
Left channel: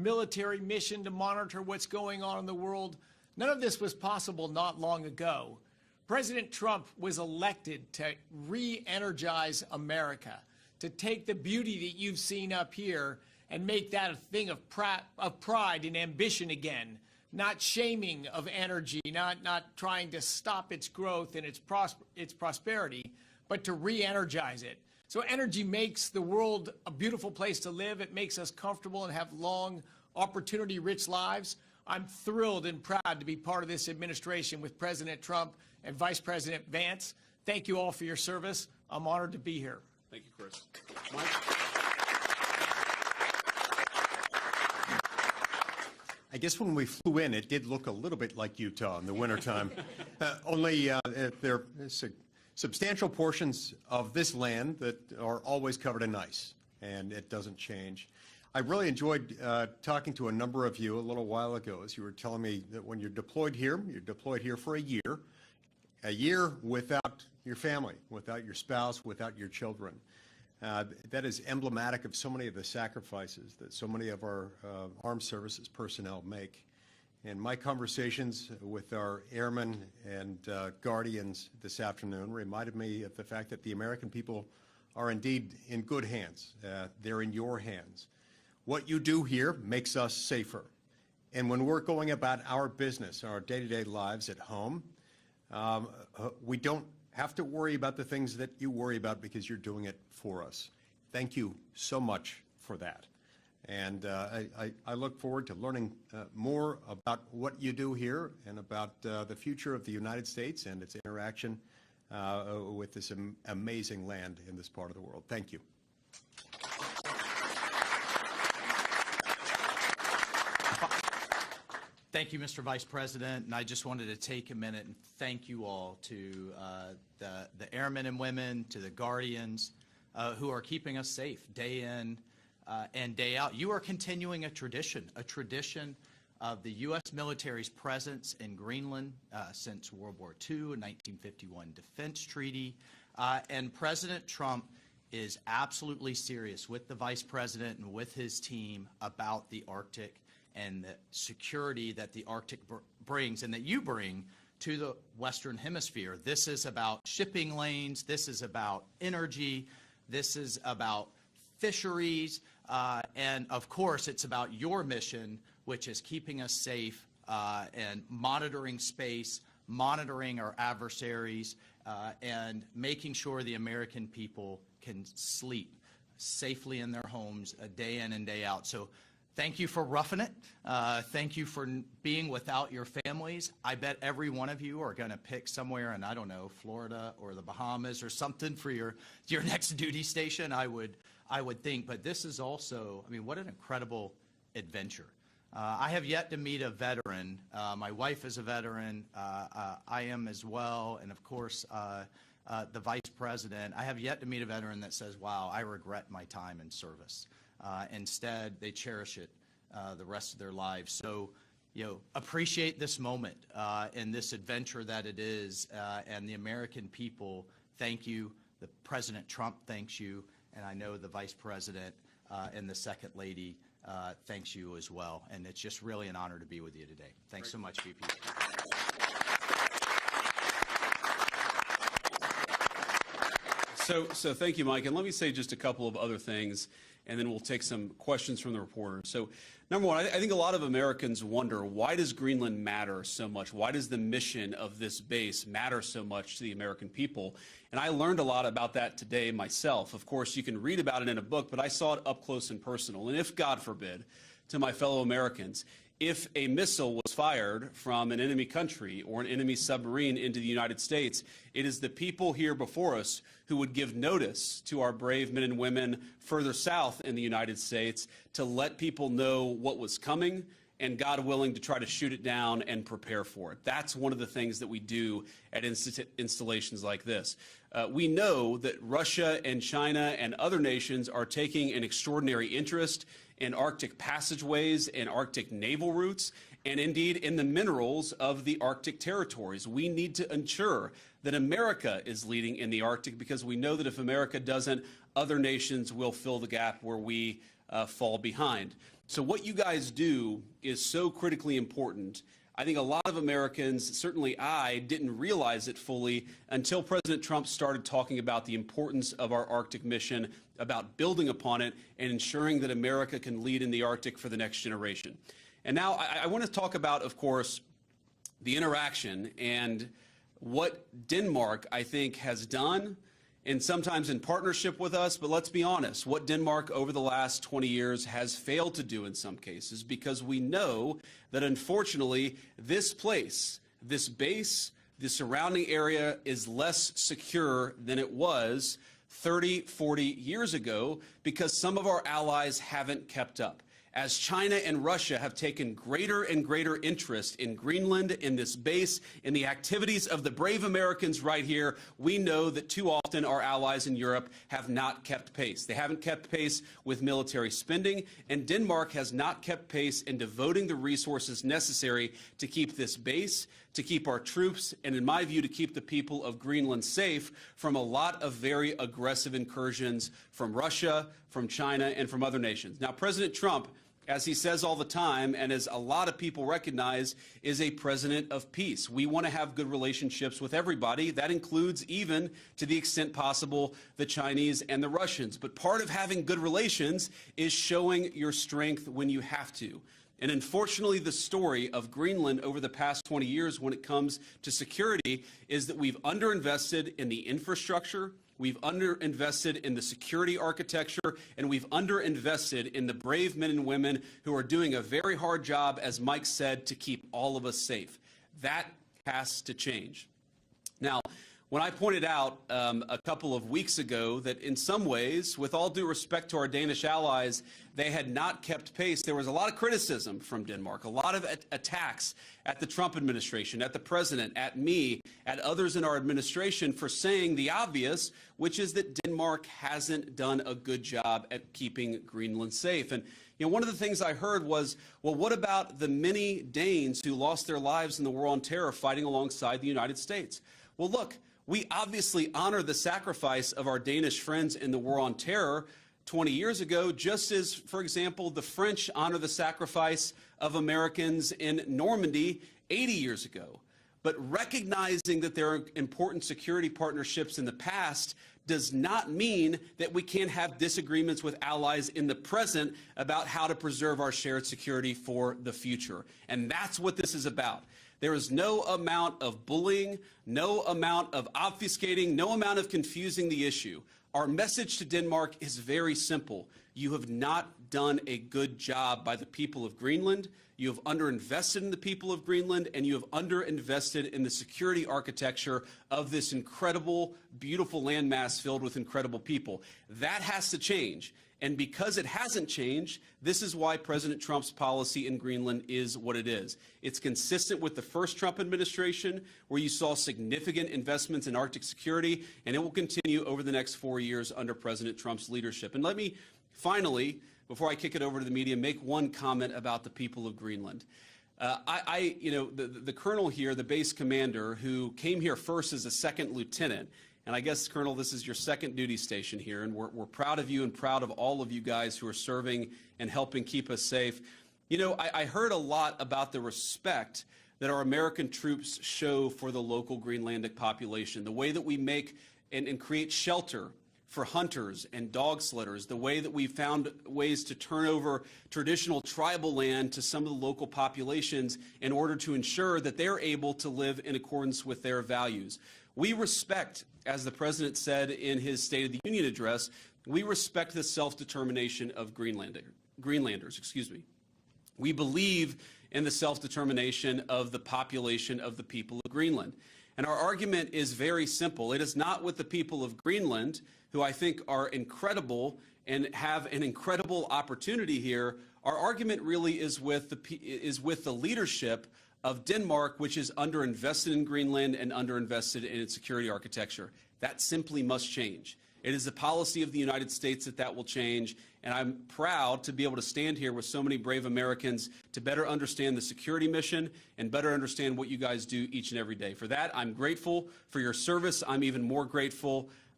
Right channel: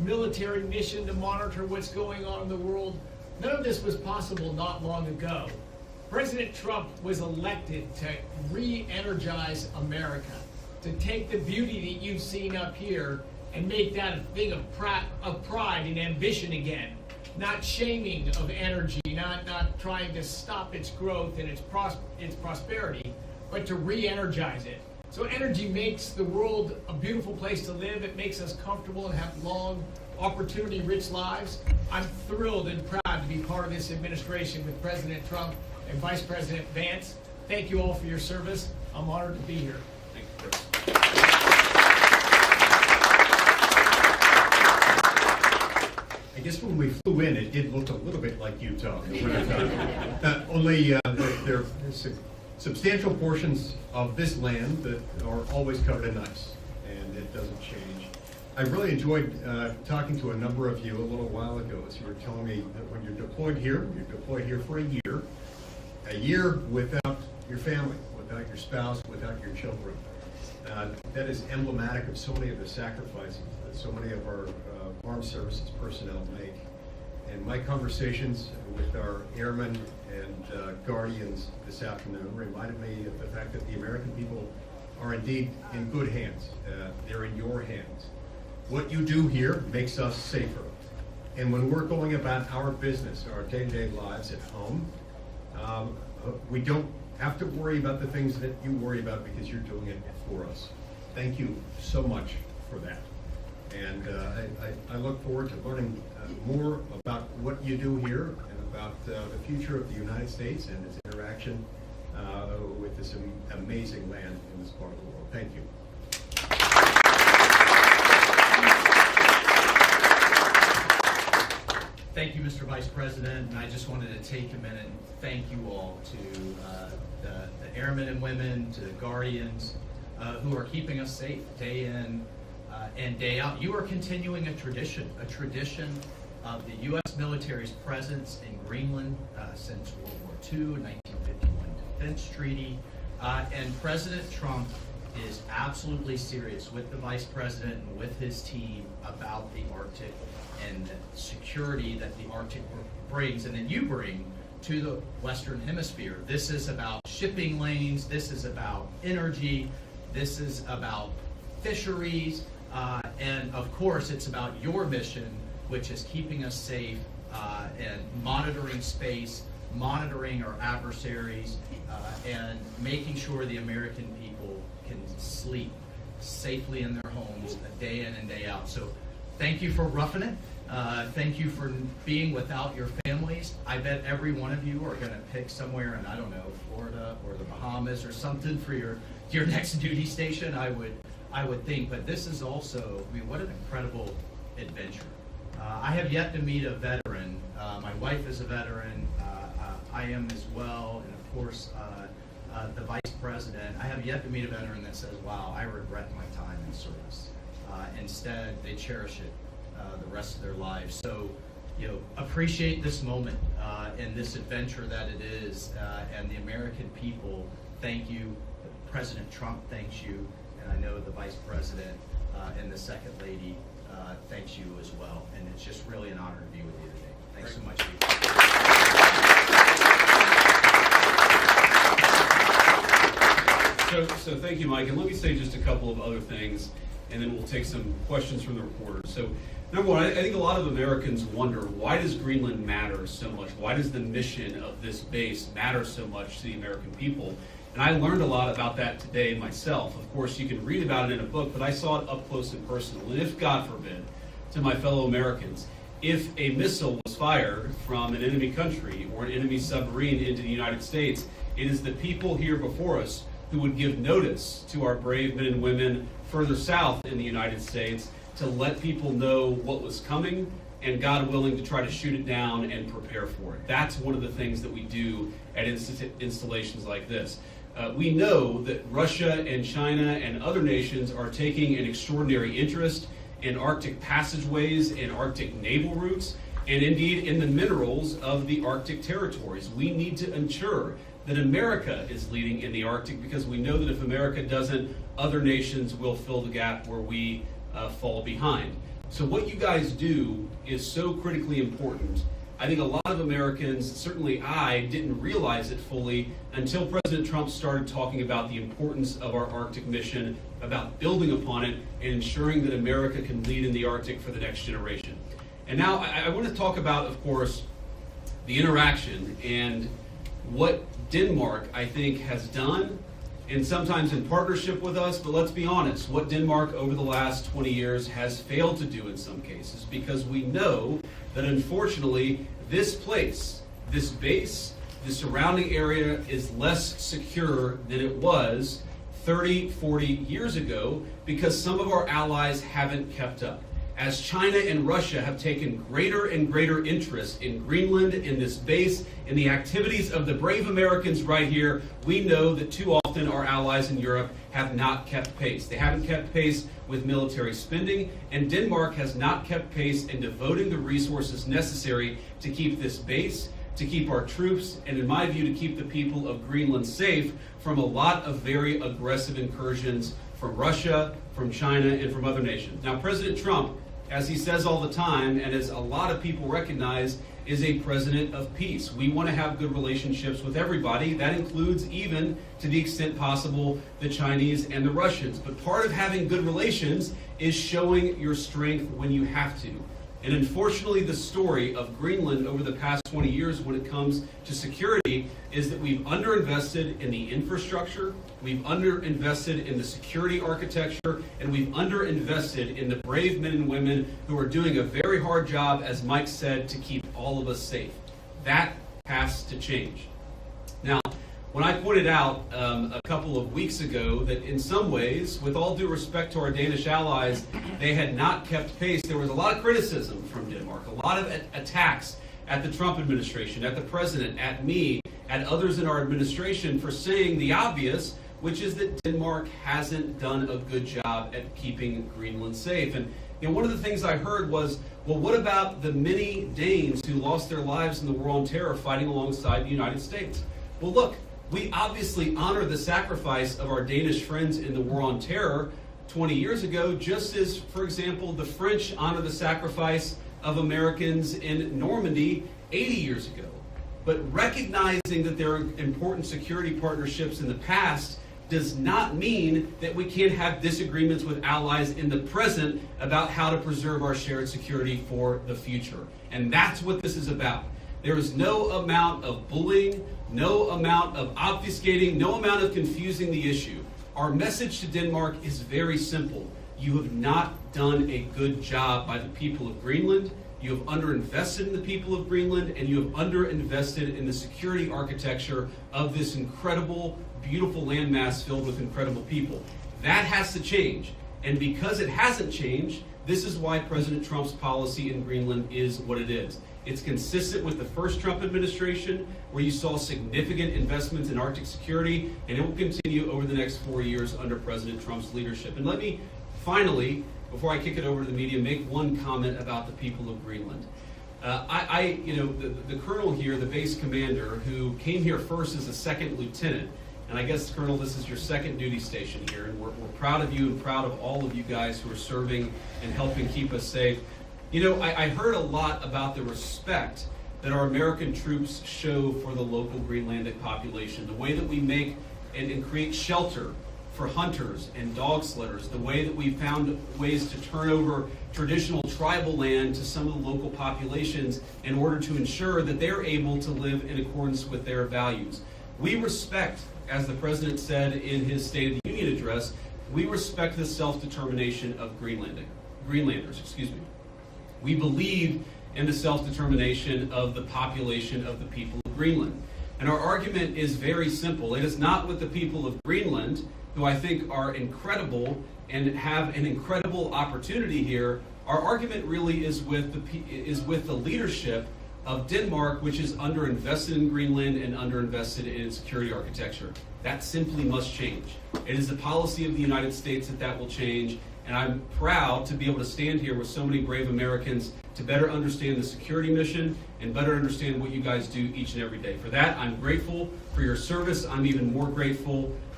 military mission to monitor what's going on in the world. None of this was possible not long ago. President Trump was elected to re-energize America, to take the beauty that you've seen up here and make that a thing of pride and ambition again. Not shaming of energy, not trying to stop its growth and its prosperity, but to re-energize it. So energy makes the world a beautiful place to live. It makes us comfortable and have long, opportunity-rich lives. I'm thrilled and proud to be part of this administration with President Trump and Vice President Vance. Thank you all for your service. I'm honored to be here. Thank you, Chris. I guess when we flew in, it did look a little bit like Utah in the wintertime. Only there are substantial portions of this land that are always covered in ice, and it doesn't change. I really enjoyed talking to a number of you a little while ago as you were telling me that when you're deployed here for a year without your family, without your spouse, without your children. That is emblematic of so many of the sacrifices that so many of our armed services personnel make. And my conversations with our airmen and guardians this afternoon reminded me of the fact that the American people are indeed in good hands. They're in your hands. What you do here makes us safer. And when we're going about our business, our day-to-day lives at home, we don't have to worry about the things that you worry about because you're doing it for us. Thank you so much for that. And I look forward to learning more about what you do here and about the future of the United States and its interaction with this amazing land in this part of the world. Thank you. Thank you, Mr. Vice President, and I just wanted to take a minute and thank you all to the airmen and women, to the guardians who are keeping us safe day in and day out. You are continuing a tradition of the U.S. military's presence in Greenland since World War II, 1951 Defense Treaty, and President Trump is absolutely serious with the Vice President and with his team about the Arctic and the security that the Arctic brings and that you bring to the Western Hemisphere. This is about shipping lanes, this is about energy, this is about fisheries, and of course it's about your mission, which is keeping us safe and monitoring space, monitoring our adversaries, and making sure the American people can sleep safely in their homes day in and day out. So thank you for roughing it. Thank you for being without your families. I bet every one of you are going to pick somewhere in, I don't know, Florida or the Bahamas or something for your next duty station, I would think. But this is also, I mean, what an incredible adventure. I have yet to meet a veteran. My wife is a veteran. I am as well. And of course, the Vice President. I have yet to meet a veteran that says, wow, I regret my time in service. Instead, they cherish it the rest of their lives. So, you know, appreciate this moment and this adventure that it is. And the American people, thank you. President Trump thanks you. And I know the Vice President and the Second Lady thanks you as well. And it's just really an honor to be with you today. Thanks so much, people. So thank you, Mike. And let me say just a couple of other things, and then we'll take some questions from the reporters. So number one, I think a lot of Americans wonder, why does Greenland matter so much? Why does the mission of this base matter so much to the American people? And I learned a lot about that today myself. Of course, you can read about it in a book, but I saw it up close and personal. And if, God forbid, to my fellow Americans, if a missile was fired from an enemy country or an enemy submarine into the United States, it is the people here before us who would give notice to our brave men and women further south in the United States to let people know what was coming and, God willing, to try to shoot it down and prepare for it. That's one of the things that we do at installations like this. We know that Russia and China and other nations are taking an extraordinary interest in Arctic passageways and Arctic naval routes, and indeed in the minerals of the Arctic territories. We need to ensure that America is leading in the Arctic, because we know that if America doesn't, other nations will fill the gap where we fall behind. So what you guys do is so critically important. I think a lot of Americans, certainly I, didn't realize it fully until President Trump started talking about the importance of our Arctic mission, about building upon it, and ensuring that America can lead in the Arctic for the next generation. And now I want to talk about, of course, the interaction and what Denmark, I think, has done, and sometimes in partnership with us, but let's be honest, what Denmark over the last 20 years has failed to do in some cases, because we know that unfortunately this place, this base, the surrounding area is less secure than it was 30, 40 years ago because some of our allies haven't kept up. As China and Russia have taken greater and greater interest in Greenland, in this base, in the activities of the brave Americans right here, we know that too often our allies in Europe have not kept pace. They haven't kept pace with military spending, and Denmark has not kept pace in devoting the resources necessary to keep this base, to keep our troops, and in my view, to keep the people of Greenland safe from a lot of very aggressive incursions from Russia, from China, and from other nations. Now, President Trump, as he says all the time, and as a lot of people recognize, is a president of peace. We want to have good relationships with everybody. That includes, even to the extent possible, the Chinese and the Russians. But part of having good relations is showing your strength when you have to. And unfortunately, the story of Greenland over the past 20 years when it comes to security is that we've underinvested in the infrastructure, we've underinvested in the security architecture, and we've underinvested in the brave men and women who are doing a very hard job, as Mike said, to keep all of us safe. That has to change. Now, when I pointed out a couple of weeks ago that in some ways, with all due respect to our Danish allies, they had not kept pace, there was a lot of criticism from Denmark, a lot of attacks at the Trump administration, at the president, at me, at others in our administration for saying the obvious, which is that Denmark hasn't done a good job at keeping Greenland safe. And one of the things I heard was, well, what about the many Danes who lost their lives in the war on terror fighting alongside the United States? Well, look, we obviously honor the sacrifice of our Danish friends in the war on terror 20 years ago, just as, for example, the French honor the sacrifice of Americans in Normandy 80 years ago. But recognizing that there are important security partnerships in the past does not mean that we can't have disagreements with allies in the present about how to preserve our shared security for the future. And that's what this is about. There is no amount of bullying, no amount of obfuscating, no amount of confusing the issue. Our message to Denmark is very simple. You have not done a good job by the people of Greenland. You have underinvested in the people of Greenland, and you have underinvested in the security architecture of this incredible, beautiful landmass filled with incredible people. That has to change. And because it hasn't changed, this is why President Trump's policy in Greenland is what it is. It's consistent with the first Trump administration, where you saw significant investments in Arctic security, and it will continue over the next 4 years under President Trump's leadership. And let me finally, before I kick it over to the media, make one comment about the people of Greenland. The colonel here, the base commander, who came here first as a second lieutenant, and I guess, Colonel, this is your second duty station here, and we're proud of you and proud of all of you guys who are serving and helping keep us safe. I heard a lot about the respect that our American troops show for the local Greenlandic population, the way that we make and create shelter for hunters and dog slitters, the way that we found ways to turn over traditional tribal land to some of the local populations in order to ensure that they're able to live in accordance with their values. We respect, as the President said in his State of the Union address, we respect the self-determination of Greenlanders. We believe in the self-determination of the population of the people of Greenland. And our argument is very simple. It is not with the people of Greenland, who I think are incredible and have an incredible opportunity here. Our argument really is with the leadership of Denmark, which is underinvested in Greenland and underinvested in its security architecture. That simply must change. It is the policy of the United States that will change, and I'm proud to be able to stand here with so many brave Americans to better understand the security mission and better understand what you guys do each and every day. For that, I'm grateful for your service. I'm even more grateful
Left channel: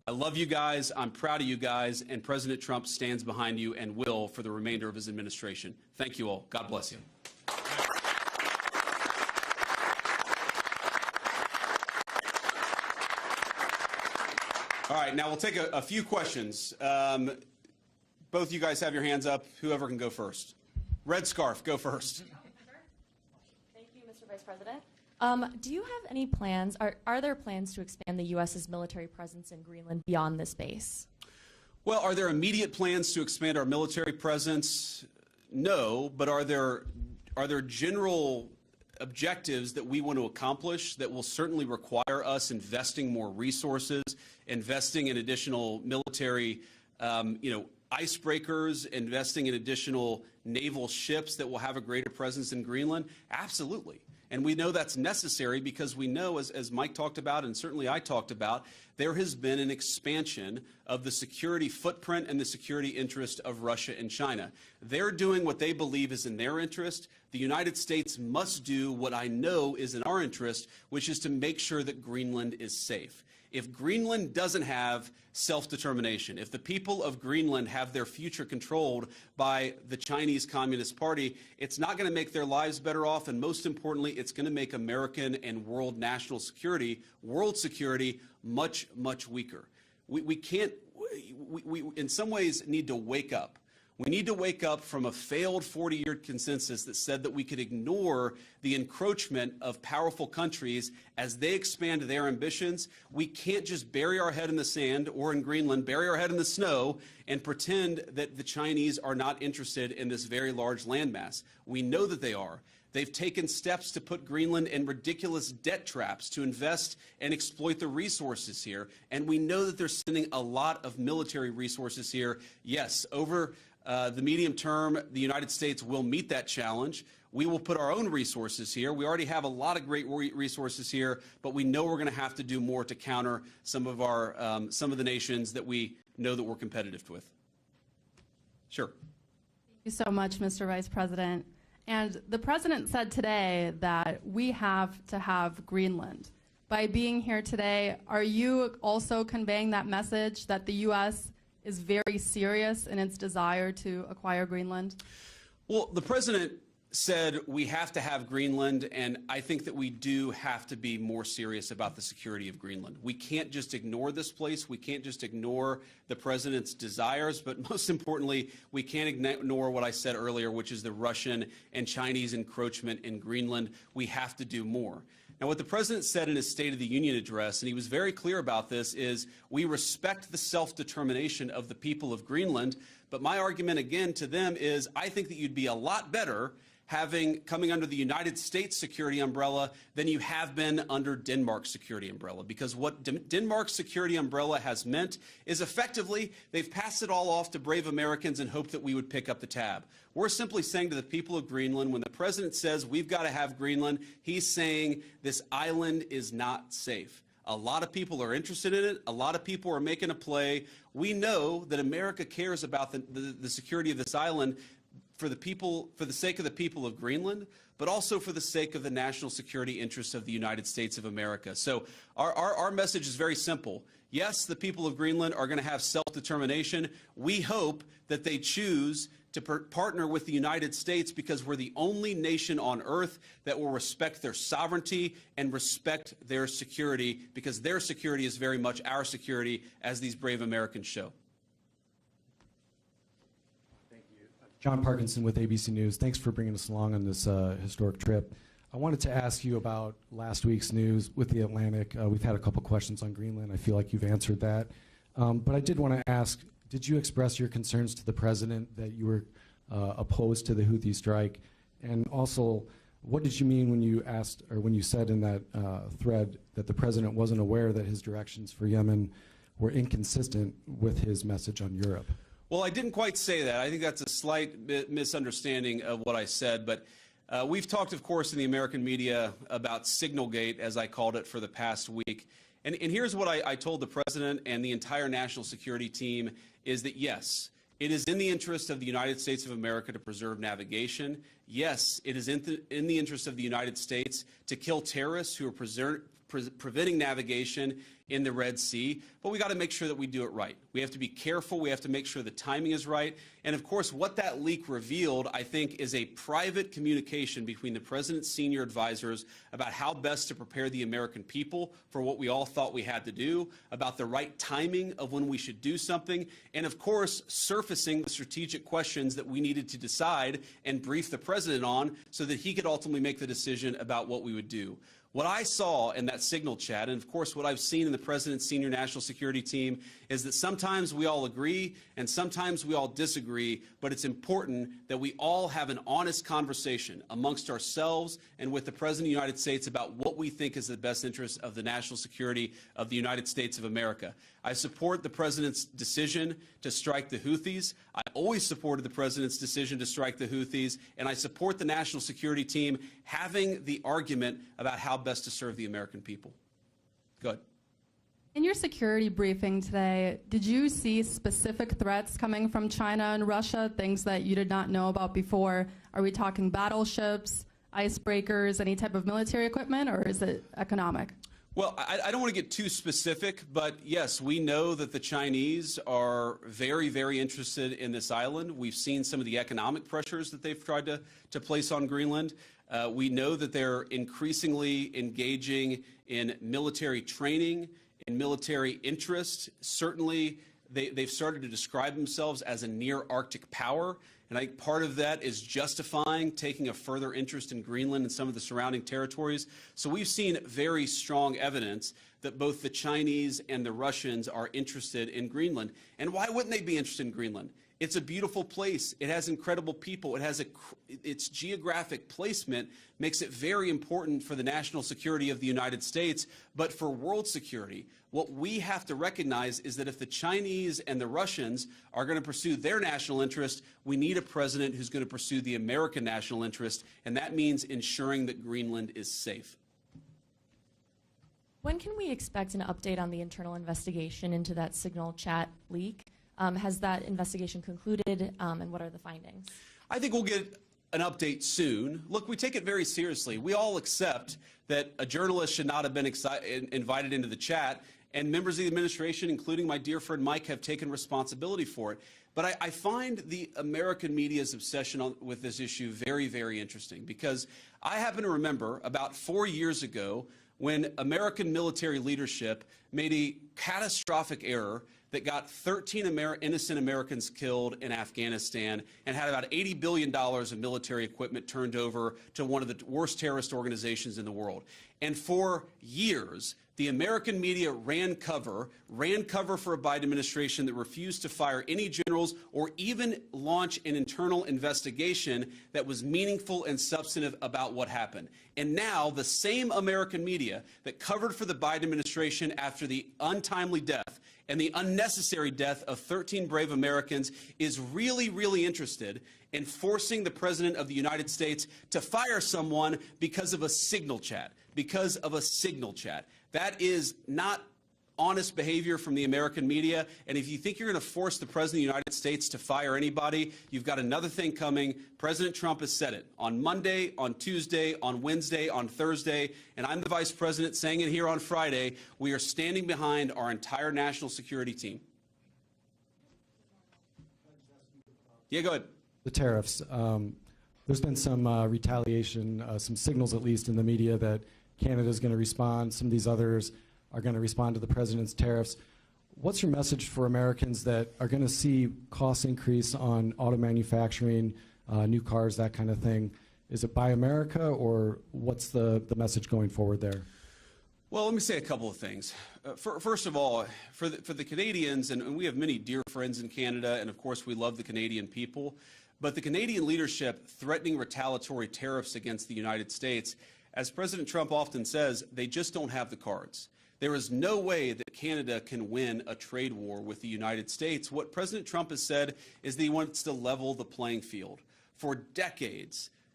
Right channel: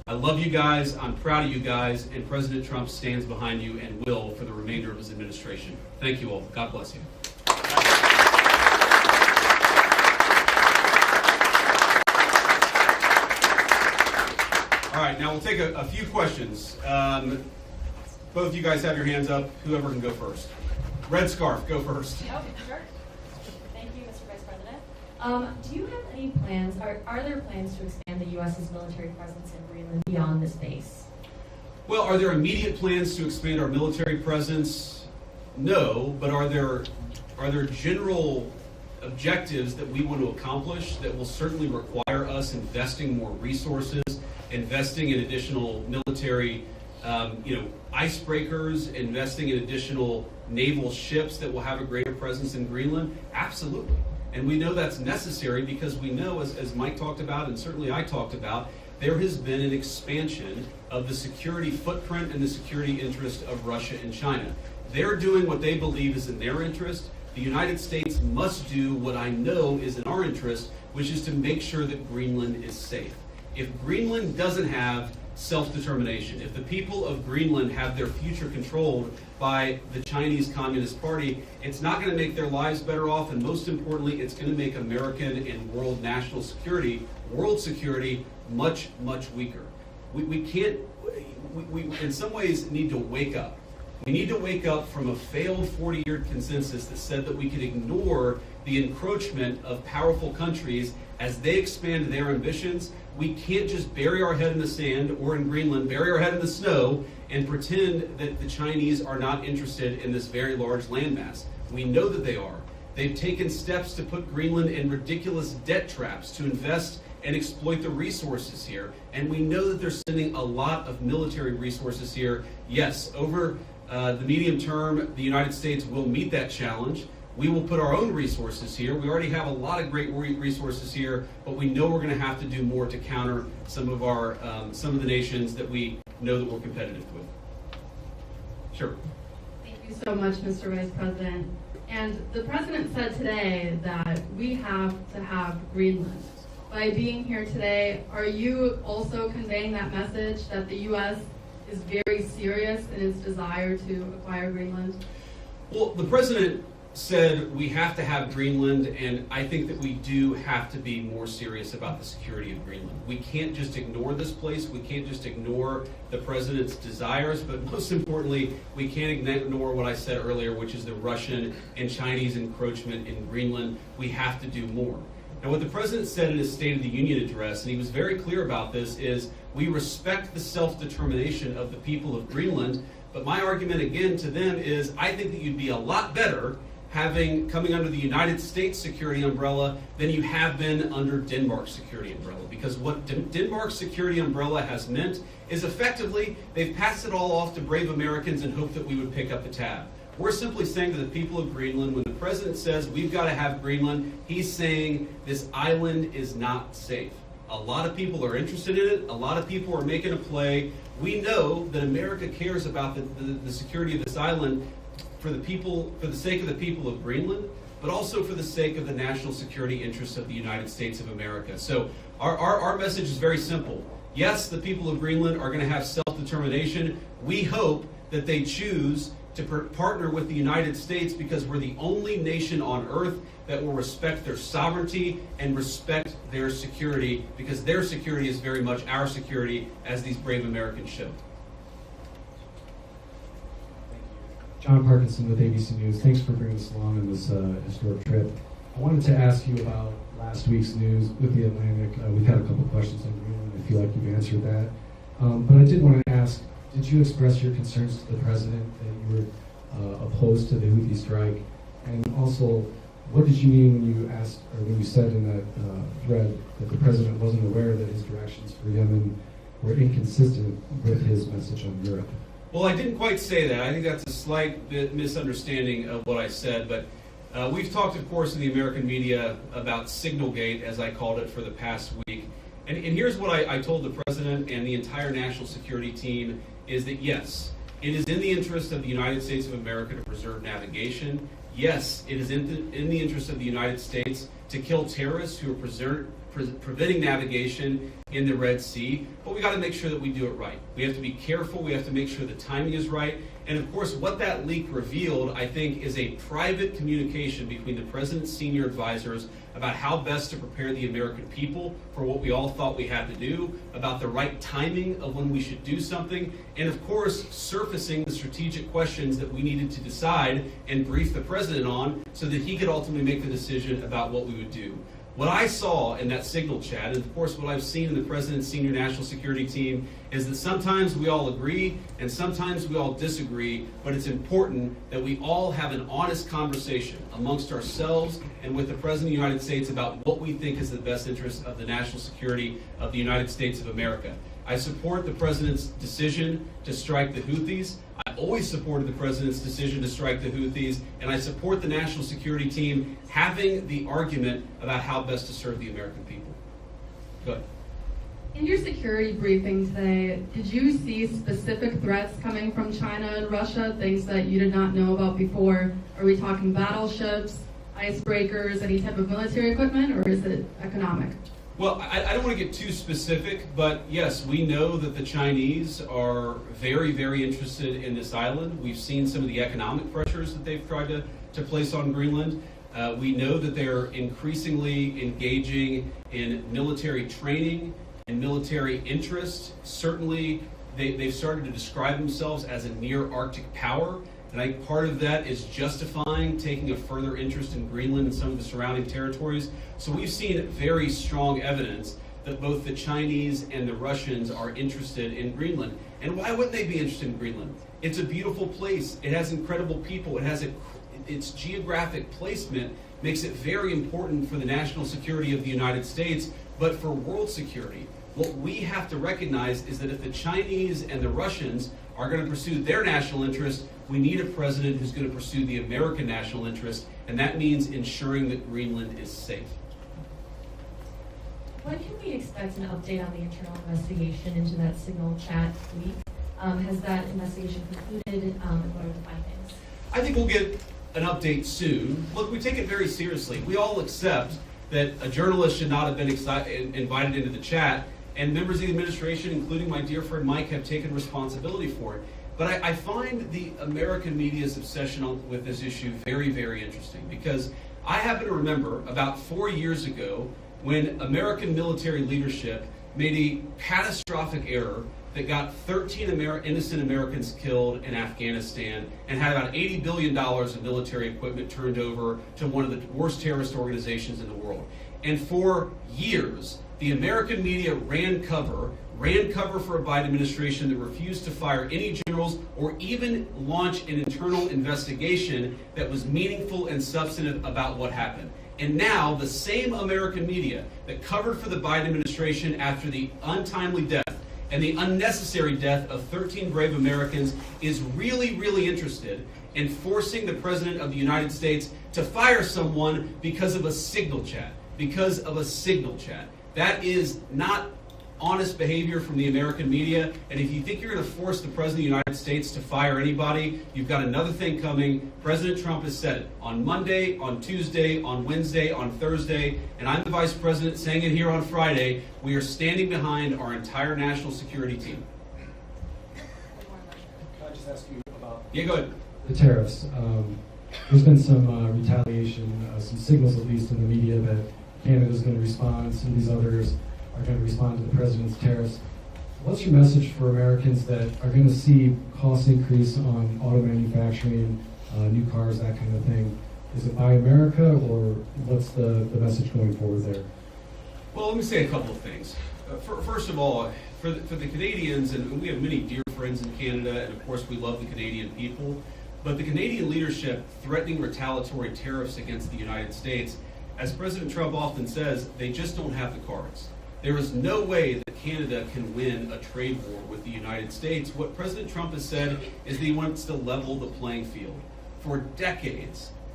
I love you guys, I'm proud of you guys, and President Trump stands behind you and will for the remainder of his administration. Thank you all. God bless you. All right, now we'll take a few questions. Both of you guys have your hands up. Whoever can go first. Red scarf, go first. Oh, sure. Thank you, Mr. Vice President. Do you have any plans, are there plans to expand the U.S.'s military presence in Greenland beyond this base? Well, are there immediate plans to expand our military presence? No, but are there general objectives that we want to accomplish that will certainly require us investing more resources, investing in additional military icebreakers, investing in additional naval ships that will have a greater presence in Greenland? Absolutely. And we know that's necessary because we know, as Mike talked about and certainly I talked about, there has been an expansion of the security footprint and the security interest of Russia and China. They're doing what they believe is in their interest. The United States must do what I know is in our interest, which is to make sure that Greenland is safe. If Greenland doesn't have self-determination, if the people of Greenland have their future controlled by the Chinese Communist Party, it's not going to make their lives better off, and most importantly, it's going to make American and world national security, world security, much, much weaker. We can't, we in some ways need to wake up. We need to wake up from a failed 40-year consensus that said that we could ignore the encroachment of powerful countries as they expand their ambitions. We can't just bury our head in the sand, or in Greenland, bury our head in the snow and pretend that the Chinese are not interested in this very large landmass. We know that they are. They've taken steps to put Greenland in ridiculous debt traps to invest and exploit the resources here. And we know that they're sending a lot of military resources here. Yes, over the medium term, the United States will meet that challenge. We will put our own resources here. We already have a lot of great resources here, but we know we're going to have to do more to counter some of the nations that we know that we're competitive with. Sure. Thank you so much, Mr. Vice President. And the President said today that we have to have Greenland. By being here today, are you also conveying that message that the U.S. is very serious in its desire to acquire Greenland? Well, the President said we have to have Greenland, and I think that we do have to be more serious about the security of Greenland. We can't just ignore this place. We can't just ignore the President's desires, but most importantly, we can't ignore what I said earlier, which is the Russian and Chinese encroachment in Greenland. We have to do more. And what the President said in his State of the Union address, and he was very clear about this, is we respect the self-determination of the people of Greenland, but my argument again to them is I think that you'd be a lot better coming under the United States security umbrella than you have been under Denmark's security umbrella. Because what Denmark's security umbrella has meant is effectively they've passed it all off to brave Americans and hoped that we would pick up the tab. We're simply saying to the people of Greenland, when the President says we've got to have Greenland, he's saying this island is not safe. A lot of people are interested in it. A lot of people are making a play. We know that America cares about the security of this island for the sake of the people of Greenland, but also for the sake of the national security interests of the United States of America. So our message is very simple. Yes, the people of Greenland are going to have self-determination. We hope that they choose to partner with the United States because we're the only nation on earth that will respect their sovereignty and respect their security, because their security is very much our security, as these brave Americans show. John Parkinson with ABC News. Thanks for bringing us along on this historic trip. I wanted to ask you about last week's news with the Atlantic. We've had a couple questions on Greenland. I feel like you've answered that. But I did want to ask, did you express your concerns to the President that you were opposed to the Houthi strike? And also, what did you mean when you asked, or when you said in that thread that the President wasn't aware that his directions for Yemen were inconsistent with his message on Europe? Well, I didn't quite say that. I think that's a slight bit misunderstanding of what I said, but we've talked, of course, in the American media about Signalgate, as I called it, for the past week. And here's what I told the President and the entire national security team, is that yes, it is in the interest of the United States of America to preserve navigation. Yes, it is in the interest of the United States to kill terrorists who are preventing navigation in the Red Sea, but we got to make sure that we do it right. We have to be careful. We have to make sure the timing is right. And of course, what that leak revealed, I think, is a private communication between the president's senior advisors about how best to prepare the American people for what we all thought we had to do, about the right timing of when we should do something, and of course, surfacing the strategic questions that we needed to decide and brief the president on so that he could ultimately make the decision about what we would do. What I saw in that signal chat, and of course what I've seen in the President's senior national security team, is that sometimes we all agree and sometimes we all disagree, but it's important that we all have an honest conversation amongst ourselves and with the President of the United States about what we think is the best interest of the national security of the United States of America. I support the President's decision to strike the Houthis. I always supported the President's decision to strike the Houthis, and I support the national security team having the argument about how best to serve the American people. Go ahead. In your security briefing today, did you see specific threats coming from China and Russia, things that you did not know about before? Are we talking battleships, icebreakers, any type of military equipment, or is it economic? Well, I don't want to get too specific, but yes, we know that the Chinese are very, very interested in this island. We've seen some of the economic pressures that they've tried to place on Greenland. We know that they're increasingly engaging in military training and military interest. Certainly, they've started to describe themselves as a near Arctic power. And I think part of that is justifying taking a further interest in Greenland and some of the surrounding territories. So we've seen very strong evidence that both the Chinese and the Russians are interested in Greenland. And why wouldn't they be interested in Greenland? It's a beautiful place. It has incredible people. It has its geographic placement makes it very important for the national security of the United States, but for world security. What we have to recognize is that if the Chinese and the Russians are going to pursue their national interest, we need a president who's going to pursue the American national interest, and that means ensuring that Greenland is safe. When can we expect an update on the internal investigation into that signal chat leak? Has that investigation concluded, and what are the findings? I think we'll get an update soon. Look, we take it very seriously. We all accept that a journalist should not have been invited into the chat, and members of the administration, including my dear friend Mike, have taken responsibility for it. But I find the American media's obsession with this issue very, very interesting, because I happen to remember about 4 years ago when American military leadership made a catastrophic error that got 13 innocent Americans killed in Afghanistan and had about $80 billion of military equipment turned over to one of the worst terrorist organizations in the world. And for years, the American media ran cover for a Biden administration that refused to fire any generals or even launch an internal investigation that was meaningful and substantive about what happened. And now the same American media that covered for the Biden administration after the untimely death and the unnecessary death of 13 brave Americans is really, really interested in forcing the President of the United States to fire someone because of a signal chat. That is not honest behavior from the American media, and if you think you're going to force the President of the United States to fire anybody, you've got another thing coming. President Trump has said it on Monday, on Tuesday, on Wednesday, on Thursday, and I'm the Vice President saying it here on Friday. We are standing behind our entire national security team. Can I just ask you about Yeah, go ahead. the tariffs? There's been some retaliation, some signals at least in the media that Canada's going to respond, some of these others are going to respond to the president's tariffs. What's your message for Americans that are going to see costs increase on auto manufacturing, new cars, that kind of thing? Is it Buy America, or what's the message going forward there? Well, let me say a couple of things. First of all, for the Canadians, and we have many dear friends in Canada, and of course we love the Canadian people, but the Canadian leadership threatening retaliatory tariffs against the United States, as President Trump often says, they just don't have the cards. There is no way that Canada can win a trade war with the United States. What President Trump has said is that he wants to level the playing field. For decades,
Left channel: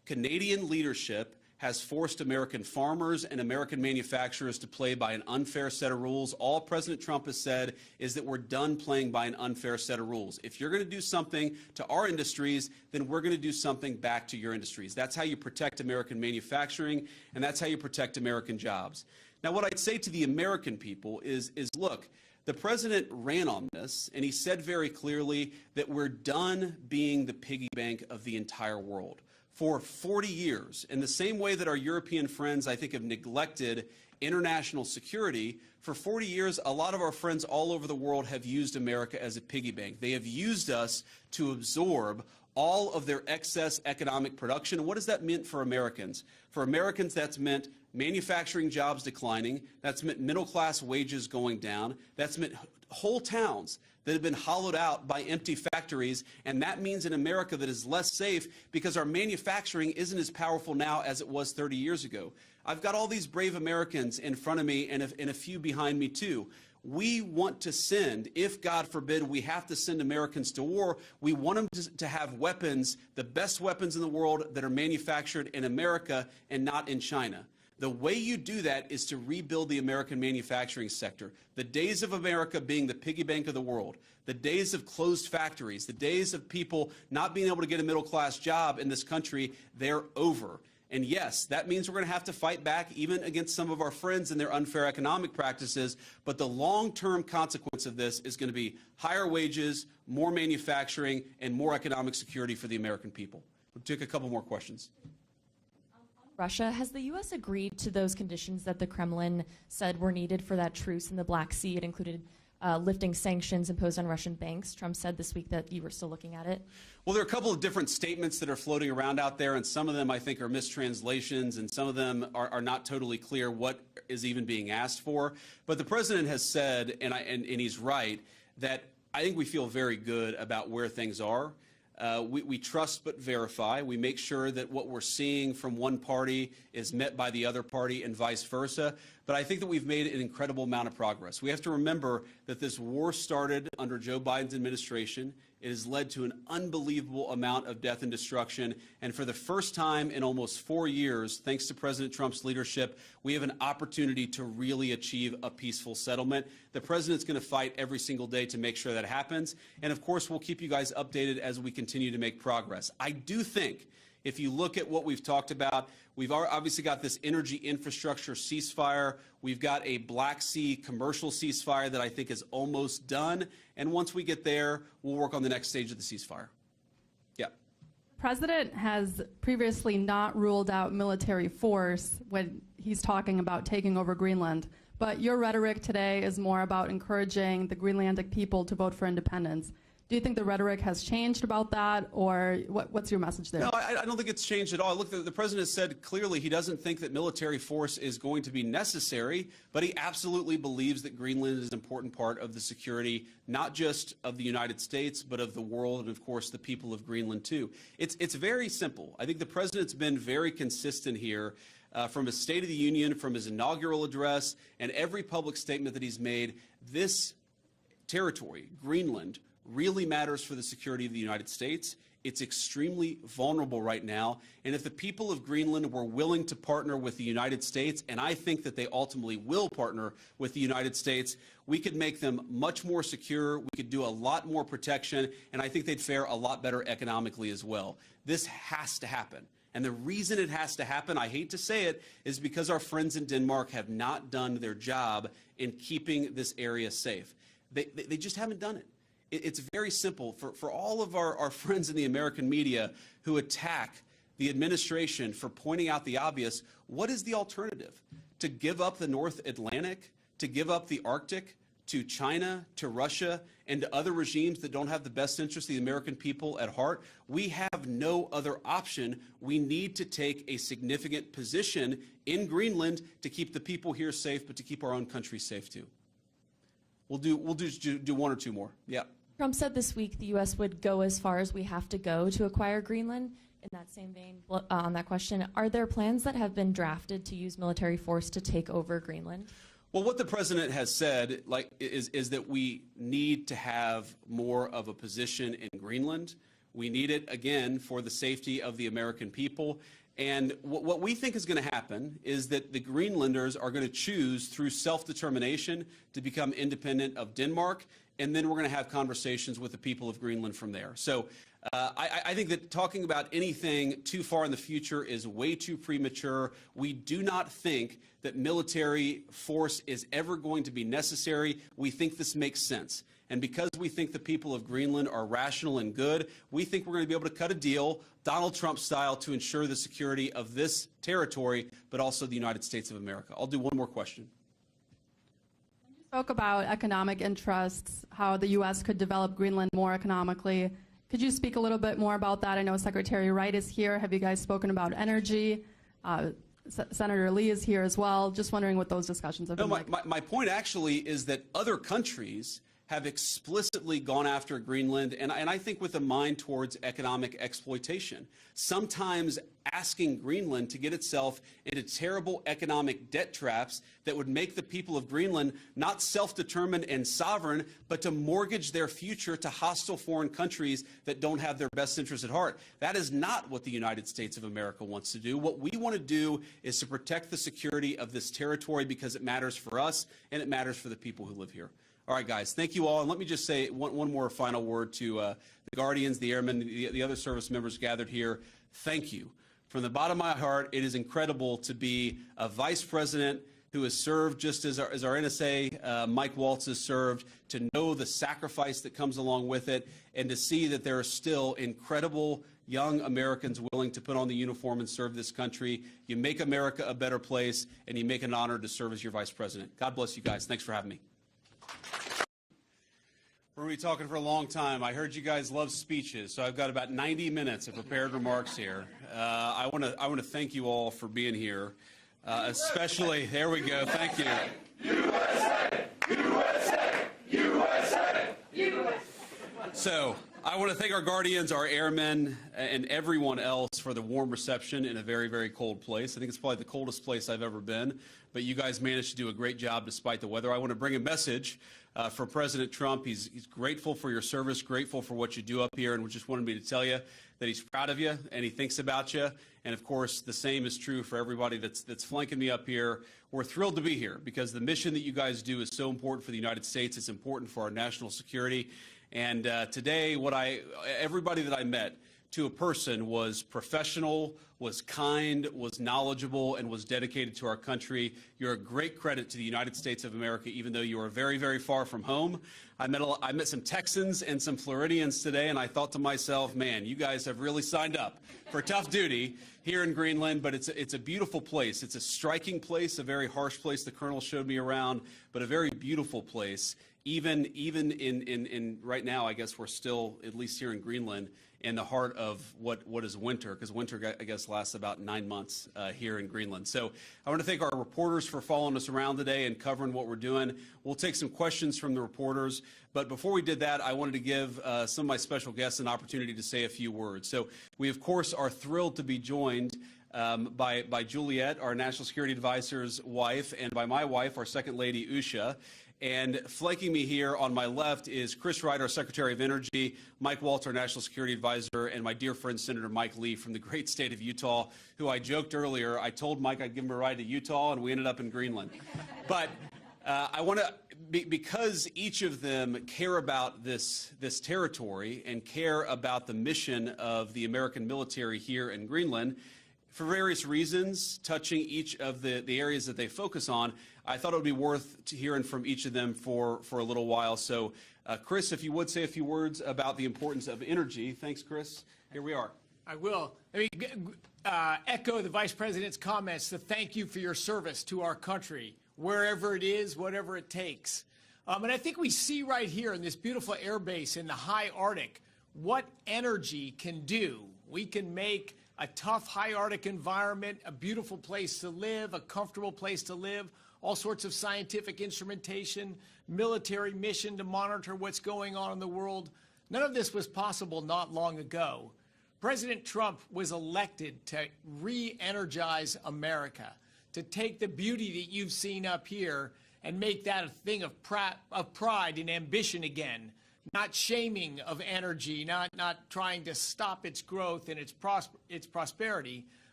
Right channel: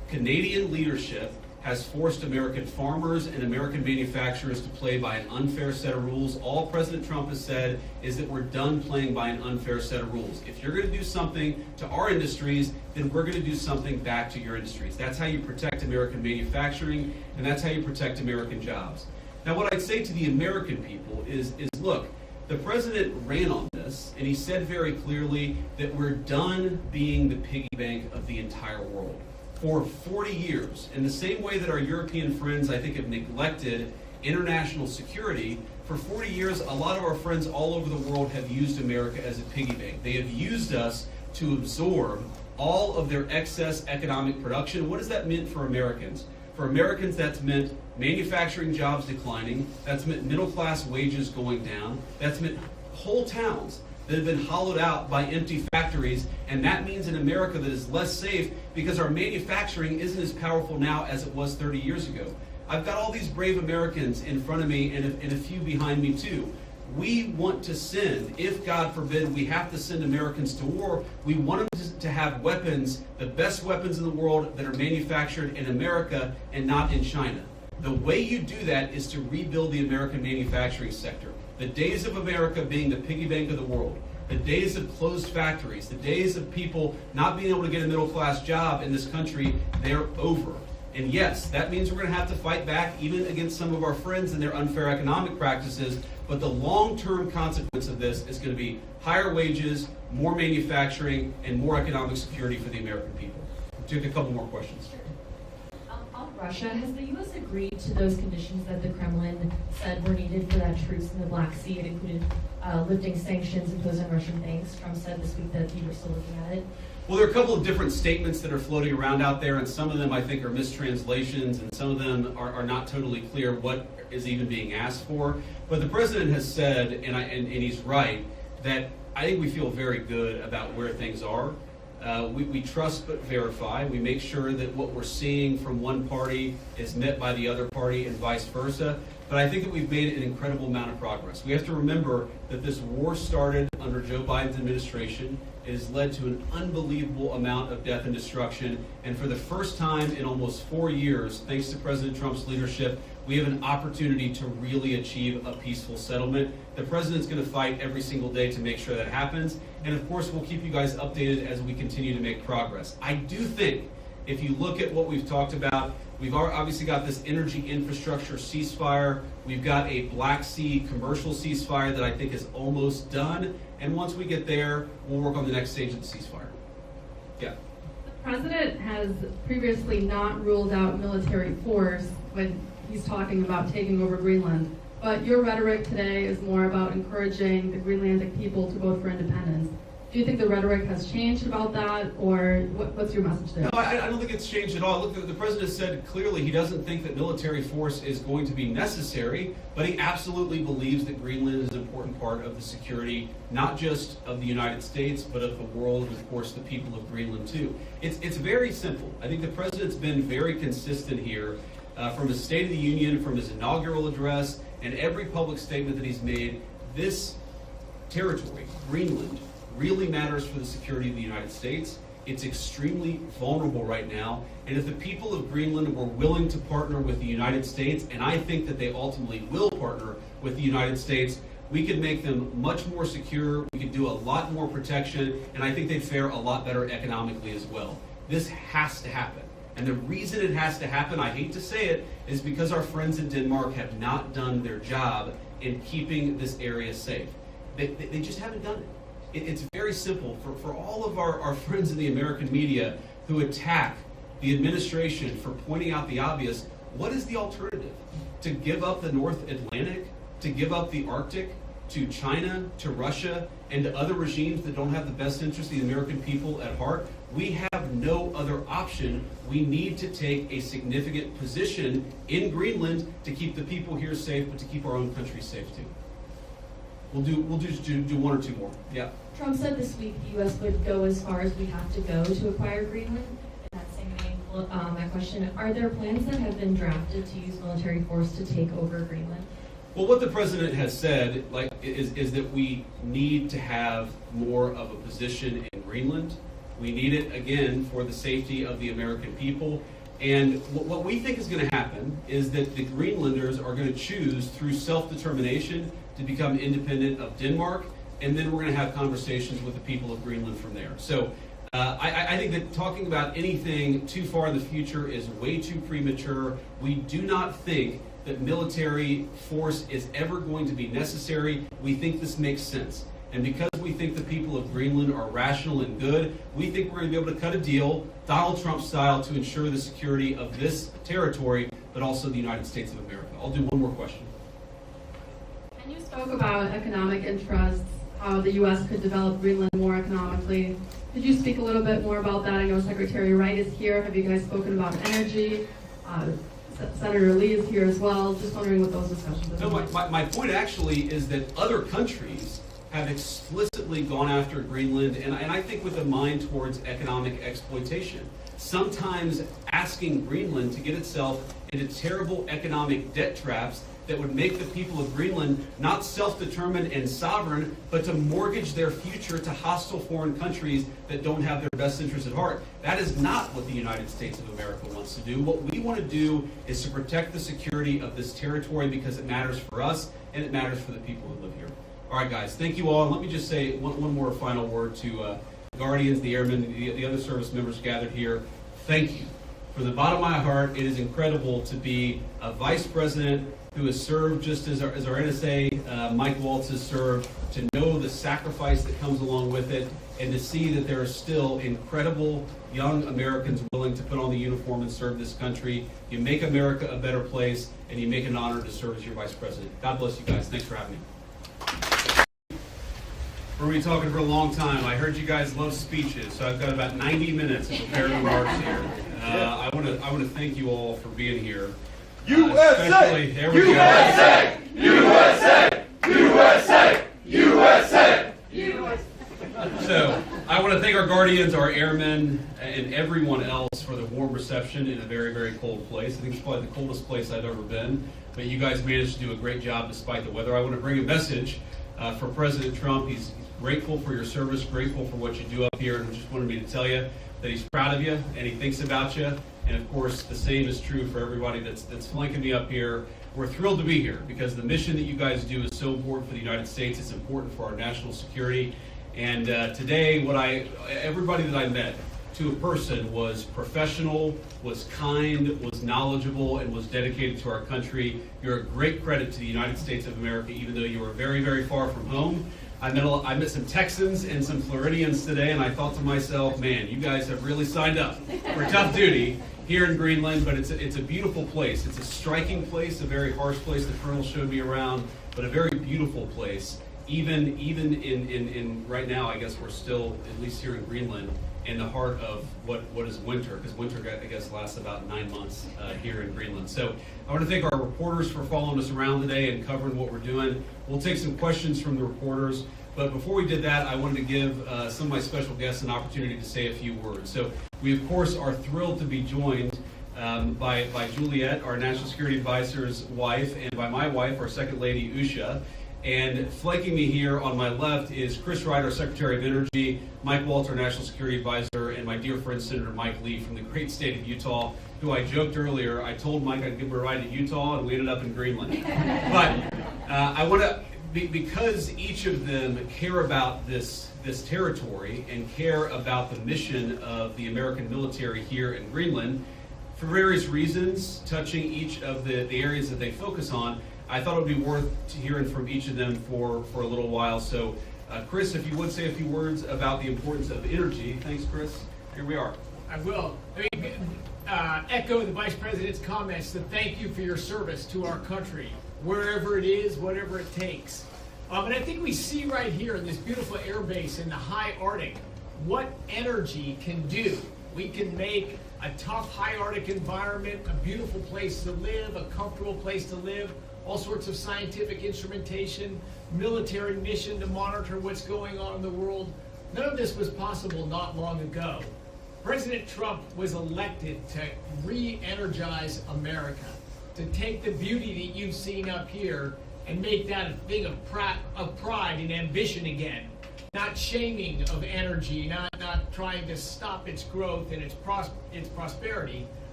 Canadian leadership has forced American farmers and American manufacturers to play by an unfair set of rules. All President Trump has said is that we're done playing by an unfair set of rules. If you're going to do something to our industries, then we're going to do something back to your industries. That's how you protect American manufacturing, and that's how you protect American jobs. Now, what I'd say to the American people is look, the president ran on this, and he said very clearly that we're done being the piggy bank of the entire world. For 40 years, in the same way that our European friends, I think, have neglected international security, for 40 years, a lot of our friends all over the world have used America as a piggy bank. They have used us to absorb all of their excess economic production. What does that mean for Americans? For Americans, that's meant manufacturing jobs declining, that's meant middle-class wages going down, that's meant whole towns that have been hollowed out by empty factories, and that means an America that is less safe because our manufacturing isn't as powerful now as it was 30 years ago. I've got all these brave Americans in front of me and a few behind me too. We want to send, if God forbid we have to send Americans to war, we want them to have weapons, the best weapons in the world that are manufactured in America and not in China. The way you do that is to rebuild the American manufacturing sector. The days of America being the piggy bank of the world, the days of closed factories, the days of people not being able to get a middle-class job in this country, they're over. And yes, that means we're going to have to fight back even against some of our friends and their unfair economic practices, but the long-term consequence of this is going to be higher wages, more manufacturing, and more economic security for the American people. We'll take a couple more questions. On Russia, has the U.S. agreed to those conditions that the Kremlin said were needed for that truce in the Black Sea? It included lifting sanctions imposed on Russian banks. Trump said this week that you were still looking at it. Well, there are a couple of different statements that are floating around out there, and some of them I think are mistranslations, and some of them are not totally clear what is even being asked for. But the president has said, and he's right, that I think we feel very good about where things are. We trust but verify. We make sure that what we're seeing from one party is met by the other party and vice versa. But I think that we've made an incredible amount of progress. We have to remember that this war started under Joe Biden's administration. It has led to an unbelievable amount of death and destruction. And for the first time in almost 4 years, thanks to President Trump's leadership, we have an opportunity to really achieve a peaceful settlement. The president's going to fight every single day to make sure that happens. And of course, we'll keep you guys updated as we continue to make progress. I do think if you look at what we've talked about, we've obviously got this energy infrastructure ceasefire. We've got a Black Sea commercial ceasefire that I think is almost done. And once we get there, we'll work on the next stage of the ceasefire. Yeah. The president has previously not ruled out military force when he's talking about taking over Greenland. But your rhetoric today is more about encouraging the Greenlandic people to vote for independence. Do you think the rhetoric has changed about that, or what's your message there? No, I don't think it's changed at all. Look, the president said clearly he doesn't think that military force is going to be necessary, but he absolutely believes that Greenland is an important part of the security, not just of the United States, but of the world, and of course the people of Greenland too. It's very simple. I think the president's been very consistent here from his State of the Union, from his inaugural address, and every public statement that he's made. This territory, Greenland, really matters for the security of the United States. It's extremely vulnerable right now, and if the people of Greenland were willing to partner with the United States, and I think that they ultimately will partner with the United States, we could make them much more secure, we could do a lot more protection, and I think they'd fare a lot better economically as well. This has to happen. And the reason it has to happen, I hate to say it, is because our friends in Denmark have not done their job in keeping this area safe. They just haven't done it. It's very simple. For all of our friends in the American media who attack the administration for pointing out the obvious, what is the alternative? To give up the North Atlantic? To give up the Arctic? To China? To Russia? And to other regimes that don't have the best interest of the American people at heart? We have no other option. We need to take a significant position in Greenland to keep the people here safe, but to keep our own country safe too. We'll do one or two more. Yeah. Trump said this week the U.S. would go as far as we have to go to acquire Greenland. In that same vein, that question, are there plans that have been drafted to use military force to take over Greenland? Well, what the president has said is that we need to have more of a position in Greenland. We need it, again, for the safety of the American people. And what we think is going to happen is that the Greenlanders are going to choose through self-determination to become independent of Denmark, and then we're going to have conversations with the people of Greenland from there. So I think that talking about anything too far in the future is way too premature. We do not think that military force is ever going to be necessary. We think this makes sense. And because we think the people of Greenland are rational and good, we think we're going to be able to cut a deal, Donald Trump style, to ensure the security of this territory, but also the United States of America. I'll do one more question. And you spoke about economic interests, how the U.S. could develop Greenland more economically. Could you speak a little bit more about that? I know Secretary Wright is here. Have you guys spoken about energy? Senator Lee is here as well. Just wondering what those discussions have been like. My point actually is that other countries have explicitly gone after Greenland, and I think with a mind towards economic exploitation. Sometimes asking Greenland to get itself into terrible economic debt traps that would make the people of Greenland not self-determined and sovereign, but to mortgage their future to hostile foreign countries that don't have their best interests at heart. That is not what the United States of America wants to do. What we want to do is to protect the security of this territory because it matters for us and it matters for the people who live here. All right, guys, thank you all. And let me just say one more final word to the Guardians, the Airmen, the other service members gathered here. Thank you. From the bottom of my heart, it is incredible to be a vice president who has served just as our NSA, Mike Waltz, has served, to know the sacrifice that comes along with it, and to see that there are still incredible young Americans willing to put on the uniform and serve this country. You make America a better place, and you make it an honor to serve as your vice president. God bless you guys. Thanks for having me. We're going to be talking for a long time. I heard you guys love speeches, so I've got about 90 minutes of prepared remarks here. I want to thank you all for being here. USA! There we USA! USA! USA! USA! USA! So, I want to thank our Guardians, our airmen, and everyone else for the warm reception in a very, very cold place. I think it's probably the coldest place I've ever been, but you guys managed to do a great job despite the weather. I want to bring a message for President Trump. He's grateful for your service, grateful for what you do up here, and just wanted me to tell you that he's proud of you and he thinks about you. And of course, the same is true for everybody that's flanking me up here. We're thrilled to be here because the mission that you guys do is so important for the United States. It's important for our national security. And today, everybody that I met, to a person, was professional, was kind, was knowledgeable, and was dedicated to our country. You're a great credit to the United States of America, even though you are very, very far from home. I met some Texans and some Floridians today, and I thought to myself, man, you guys have really signed up for tough duty here in Greenland, but it's a beautiful place. It's a striking place, a very harsh place. The Colonel showed me around, but a very beautiful place. Even in right now, I guess we're still, at least here in Greenland, in the heart of what is winter, because winter, I guess, lasts about 9 months here in Greenland. So I want to thank our reporters for following us around today and covering what we're doing. We'll take some questions from the reporters, but before we did that, I wanted to give some of my special guests an opportunity to say a few words. So we, of course, are thrilled to be joined by Juliet, our National Security Advisor's wife, and by my wife, our Second Lady, Usha. And flanking me here on my left is Chris Wright, our Secretary of Energy, Mike Waltz, our National Security Advisor, and my dear friend Senator Mike Lee from the great state of Utah, who I joked earlier, I told Mike I'd give him a ride to Utah, and we ended up in Greenland. But I want to, because each of them care about this territory and care about the mission of the American military here in Greenland, for various reasons, touching each of the areas that they focus on, I thought it would be worth hearing from each of them for a little while. So, Chris, if you would say a few words about the importance of energy. Thanks, Chris. Here we are. I will. Echo the Vice President's comments to thank you for your service to our country, wherever it is, whatever it takes. And I think we see right here in this beautiful air base in the high Arctic what energy can do. We can make a tough high Arctic environment a beautiful place to live, a comfortable place to live, all sorts of scientific instrumentation, military mission to monitor what's going on in the world. None of this was possible not long ago. President Trump was elected to re-energize America, to take the beauty that you've seen up here and make that a thing of pride and ambition again. Not shaming of energy, not trying to stop its growth and its prosperity,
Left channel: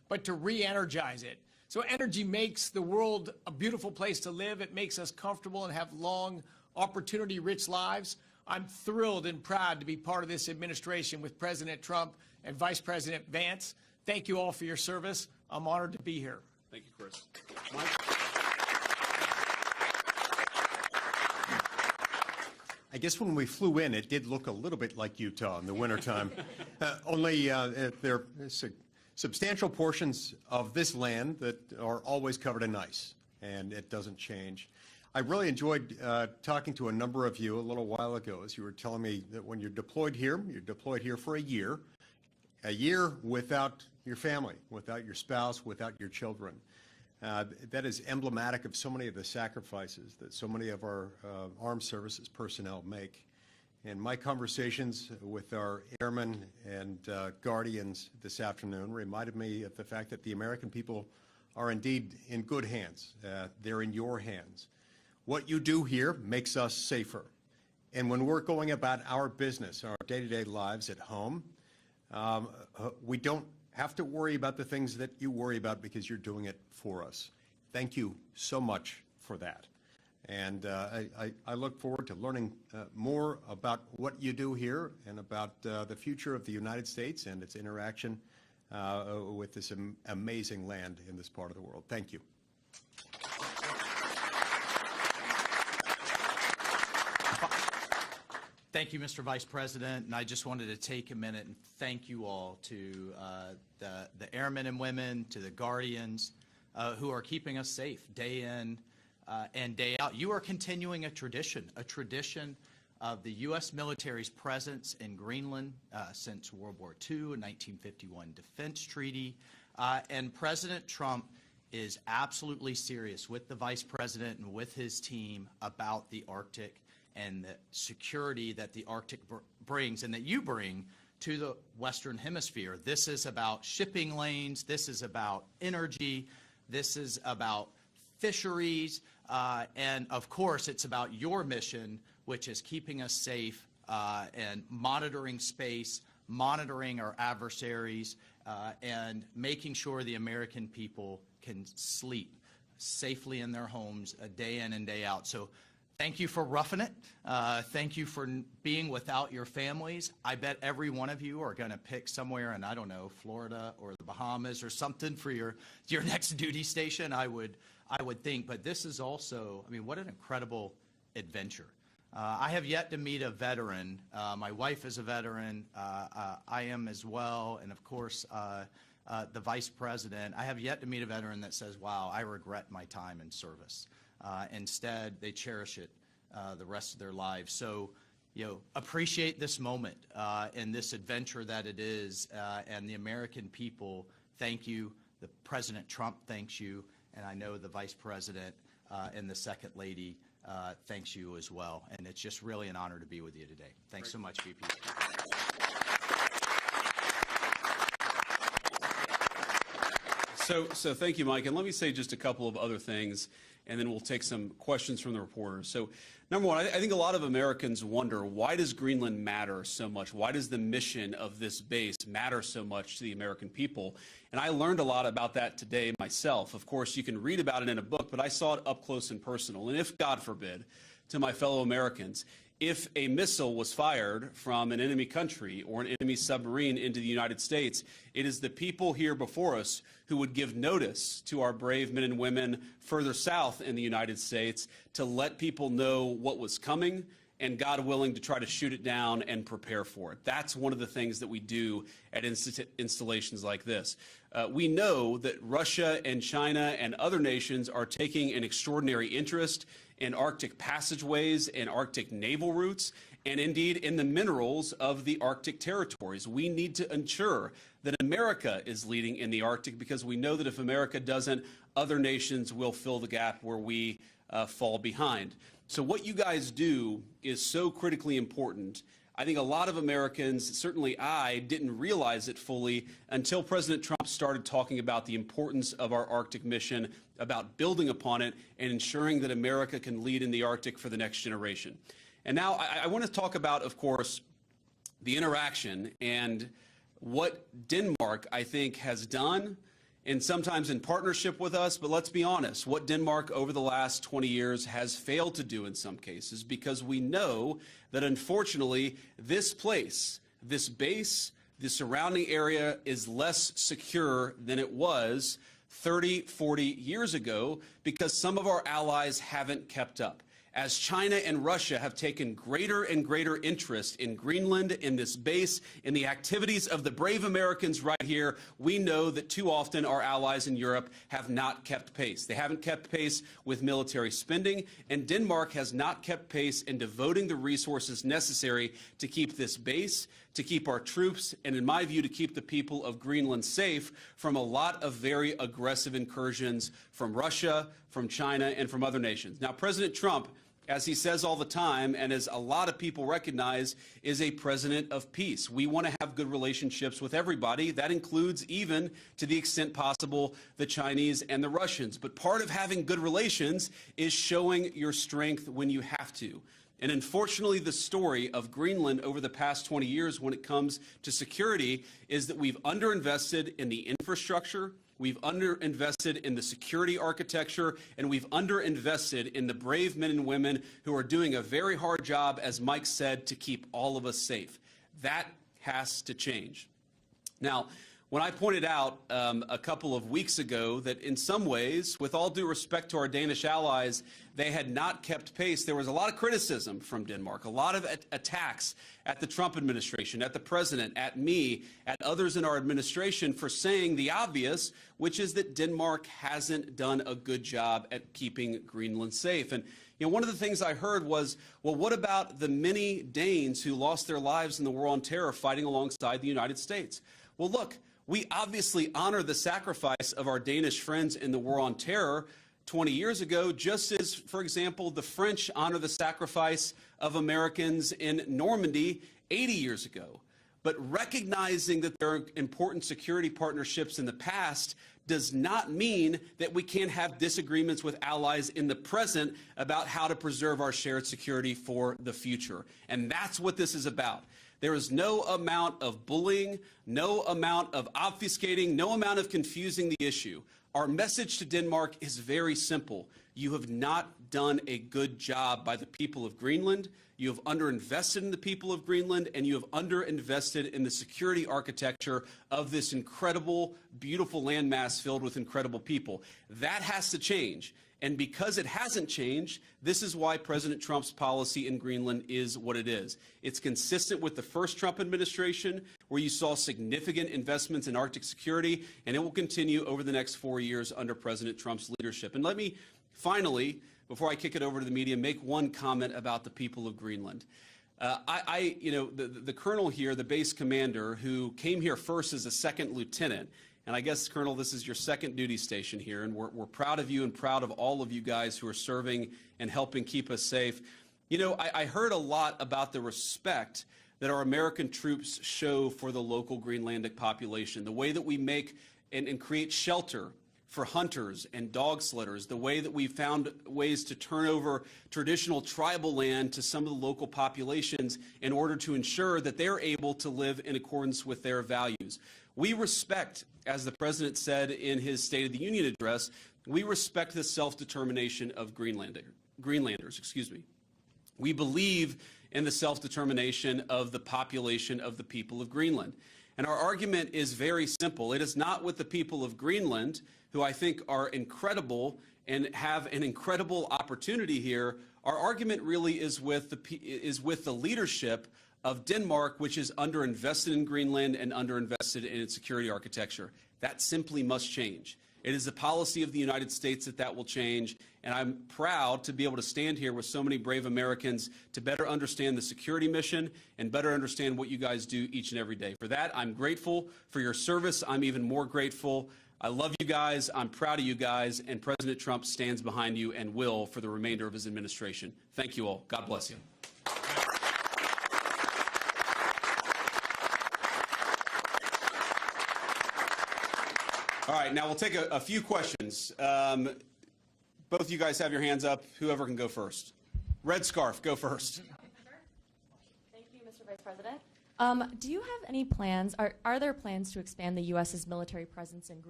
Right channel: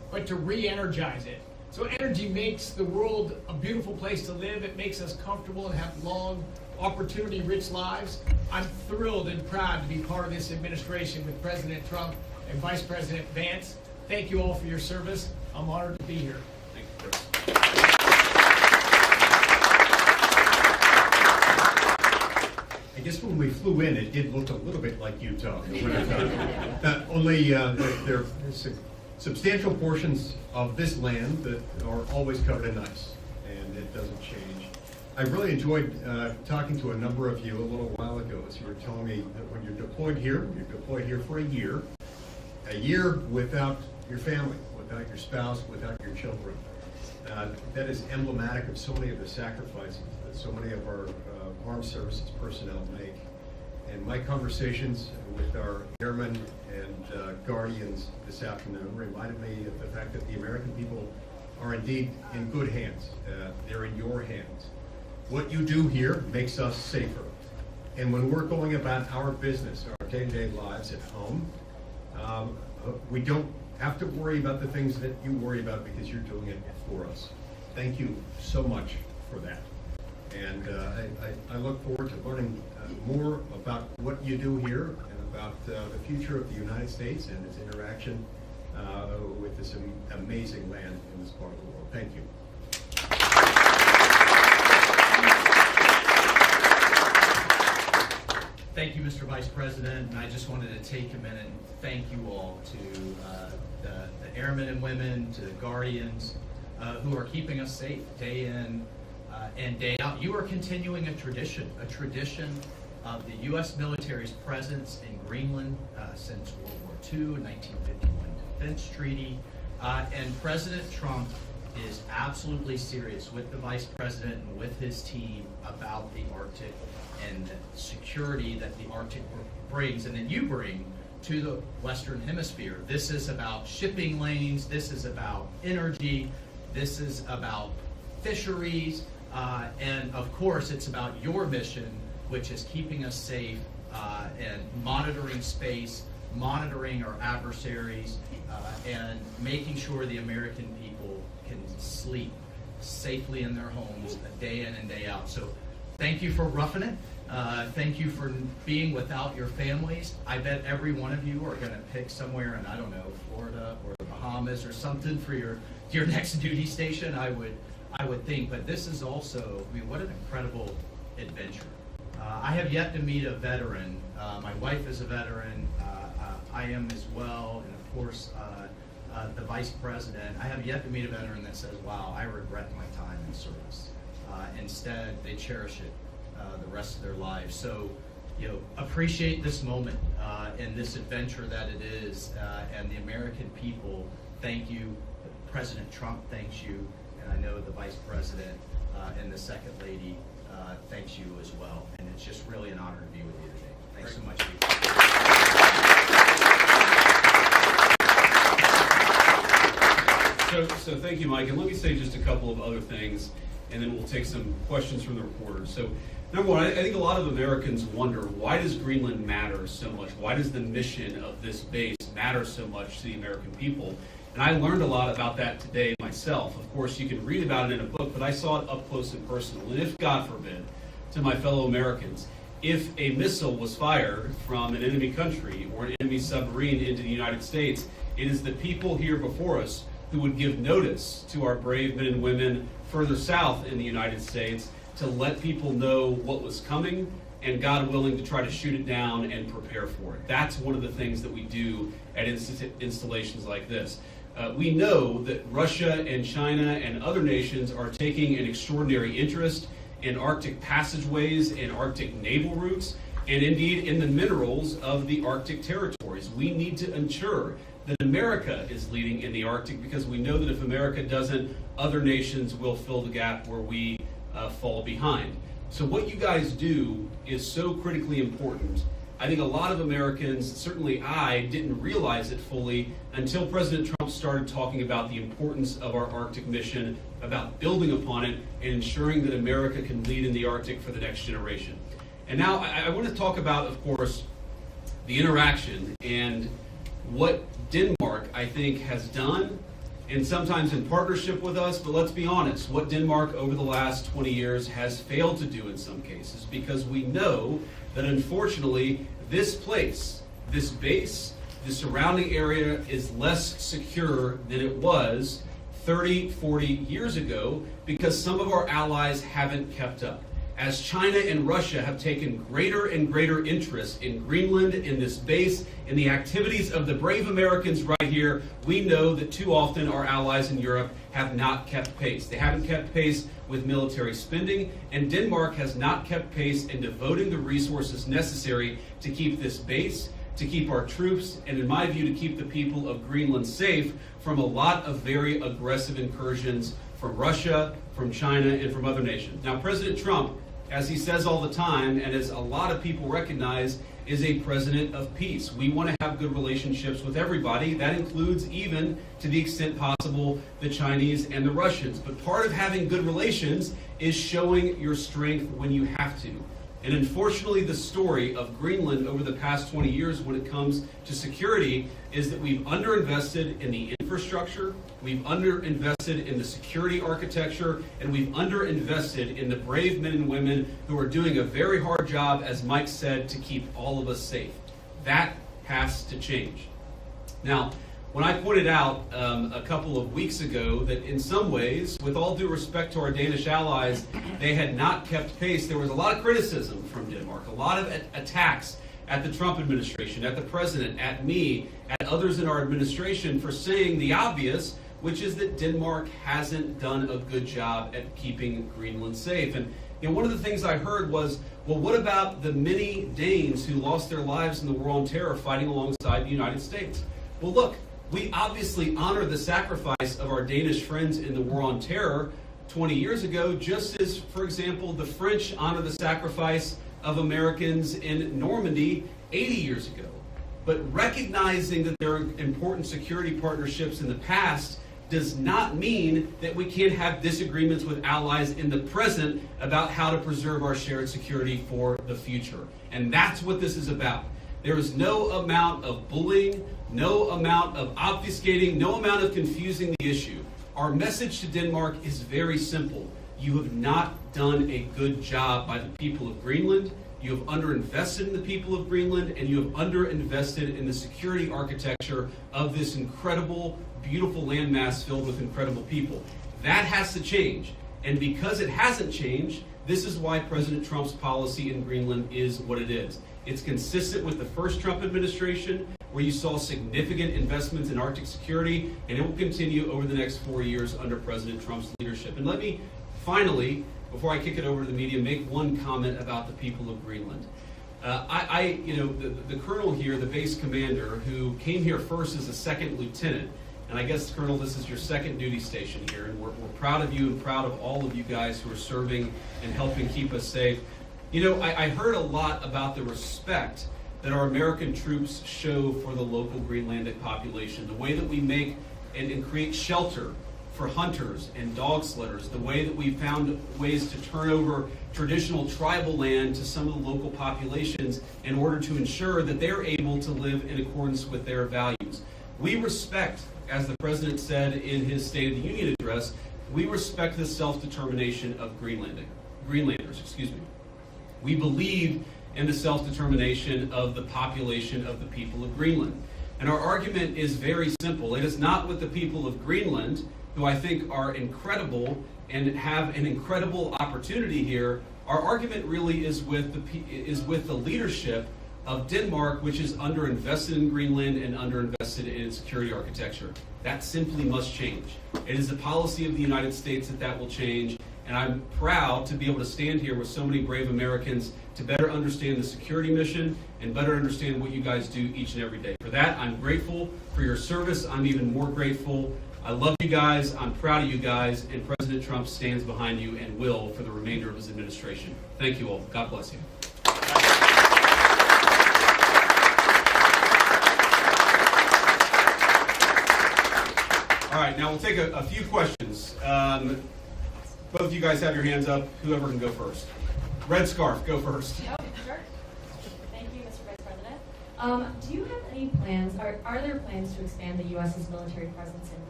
but to re-energize it. So energy makes the world a beautiful place to live. It makes us comfortable and have long, opportunity-rich lives. I'm thrilled and proud to be part of this administration with President Trump and Vice President Vance. Thank you all for your service. I'm honored to be here. Thank you, Chris. I guess when we flew in, it did look a little bit like Utah in the wintertime. Only there are substantial portions of this land that are always covered in ice, and it doesn't change. I really enjoyed talking to a number of you a little while ago as you were telling me that when you're deployed here for a year without your family, without your spouse, without your children. That is emblematic of so many of the sacrifices that so many of our armed services personnel make. And my conversations with our airmen and guardians this afternoon reminded me of the fact that the American people are indeed in good hands. They're in your hands. What you do here makes us safer. And when we're going about our business, our day-to-day lives at home, we don't have to worry about the things that you worry about because you're doing it for us. Thank you so much for that. And I look forward to learning more about what you do here and about the future of the United States and its interaction with this amazing land in this part of the world. Thank you. Thank you, Mr. Vice President, and I just wanted to take a minute and thank you all to the airmen and women, to the guardians who are keeping us safe day in and day out. You are continuing a tradition of the U.S. military's presence in Greenland since World War II, 1951 Defense Treaty, and President Trump is absolutely serious with the Vice President and with his team about the Arctic and the security that the Arctic brings and that you bring to the Western Hemisphere. This is about shipping lanes, this is about energy, this is about fisheries, and of course it's about your mission, which is keeping us safe and monitoring space, monitoring our adversaries, and making sure the American people can sleep safely in their homes day in and day out. So thank you for roughing it. Thank you for being without your families. I bet every one of you are going to pick somewhere in, I don't know, Florida or the Bahamas or something for your next duty station, I would think. But this is also, I mean, what an incredible adventure. I have yet to meet a veteran. My wife is a veteran. I am as well. And of course, the Vice President. I have yet to meet a veteran that says, wow, I regret my time in service. Instead, they cherish it the rest of their lives. So, appreciate this moment and this adventure that it is. And the American people, thank you. President Trump thanks you. And I know the Vice President and the Second Lady thanks you as well. And it's just really an honor to be with you today. Thanks so much. So thank you, Mike. And let me say just a couple of other things, and then we'll take some questions from the reporters. So number one, I think a lot of Americans wonder, why does Greenland matter so much? Why does the mission of this base matter so much to the American people? And I learned a lot about that today myself. Of course, you can read about it in a book, but I saw it up close and personal. And if, God forbid, to my fellow Americans, if a missile was fired from an enemy country or an enemy submarine into the United States, it is the people here before us who would give notice to our brave men and women further south in the United States to let people know what was coming and, God willing, to try to shoot it down and prepare for it. That's one of the things that we do at installations like this. We know that Russia and China and other nations are taking an extraordinary interest in Arctic passageways and Arctic naval routes, and indeed in the minerals of the Arctic territories. We need to ensure that America is leading in the Arctic, because we know that if America doesn't, other nations will fill the gap where we fall behind. So what you guys do is so critically important. I think a lot of Americans, certainly I, didn't realize it fully until President Trump started talking about the importance of our Arctic mission, about building upon it, and ensuring that America can lead in the Arctic for the next generation. And now I want to talk about, of course, the interaction and what Denmark, I think, has done and sometimes in partnership with us, but let's be honest, what Denmark over the last 20 years has failed to do in some cases, because we know that unfortunately this place, this base, the surrounding area is less secure than it was 30, 40 years ago because some of our allies haven't kept up. As China and Russia have taken greater and greater interest in Greenland, in this base, in the activities of the brave Americans right here, we know that too often our allies in Europe have not kept pace. They haven't kept pace with military spending, and Denmark has not kept pace in devoting the resources necessary to keep this base, to keep our troops, and in my view, to keep the people of Greenland safe from a lot of very aggressive incursions from Russia, from China, and from other nations. Now, President Trump, as he says all the time, and as a lot of people recognize, is a president of peace. We want to have good relationships with everybody. That includes, even to the extent possible, the Chinese and the Russians. But part of having good relations is showing your strength when you have to. And unfortunately, the story of Greenland over the past 20 years when it comes to security is that we've underinvested in the infrastructure, we've underinvested in the security architecture, and we've underinvested in the brave men and women who are doing a very hard job, as Mike said, to keep all of us safe. That has to change. Now, when I pointed out a couple of weeks ago that in some ways, with all due respect to our Danish allies, they had not kept pace, there was a lot of criticism from Denmark, a lot of attacks at the Trump administration, at the president, at me, at others in our administration for saying the obvious, which is that Denmark hasn't done a good job at keeping Greenland safe. And one of the things I heard was, well, what about the many Danes who lost their lives in the War on Terror fighting alongside the United States? Well, look, we obviously honor the sacrifice of our Danish friends in the War on Terror 20 years ago, just as, for example, the French honor the sacrifice of Americans in Normandy 80 years ago. But recognizing that there are important security partnerships in the past does not mean that we can't have disagreements with allies in the present about how to preserve our shared security for the future. And that's what this is about. There is no amount of bullying, no amount of obfuscating, no amount of confusing the issue. Our message to Denmark is very simple. You have not done a good job by the people of Greenland. You have underinvested in the people of Greenland, and you have underinvested in the security architecture of this incredible, beautiful landmass filled with incredible people. That has to change. And because it hasn't changed, this is why President Trump's policy in Greenland is what it is. It's consistent with the first Trump administration, where you saw significant investments in Arctic security, and it will continue over the next 4 years under President Trump's leadership. And let me finally, before I kick it over to the media, make one comment about the people of Greenland. The colonel here, the base commander, who came here first as a second lieutenant, and I guess, Colonel, this is your second duty station here, and we're proud of you and proud of all of you guys who are serving and helping keep us safe. I heard a lot about the respect that our American troops show for the local Greenlandic population, the way that we make and create shelter for hunters and dog slitters, the way that we found ways to turn over traditional tribal land to some of the local populations in order to ensure that they're able to live in accordance with their values. We respect, as the President said in his State of the Union address, we respect the self-determination of Greenlanders. We believe in the self-determination of the population of the people of Greenland. And our argument is very simple. It is not with the people of Greenland, who I think are incredible and have an incredible opportunity here. Our argument really is with the leadership of Denmark, which is underinvested in Greenland and underinvested in its security architecture. That simply must change. It is the policy of the United States that will change, and I'm proud to be able to stand here with so many brave Americans to better understand the security mission and better understand what you guys do each and every day. For that, I'm grateful for your service. I'm even more grateful. I love you guys. I'm proud of you guys, and President Trump stands behind you and will for the remainder of his administration. Thank you all. God bless you. All right, now we'll take a few questions. Both of you guys have your hands up. Whoever can go first. Red scarf, go first. Oh, sure. Thank you, Mr. Vice President. Do you have any plans, are there plans to expand the U.S.'s military presence in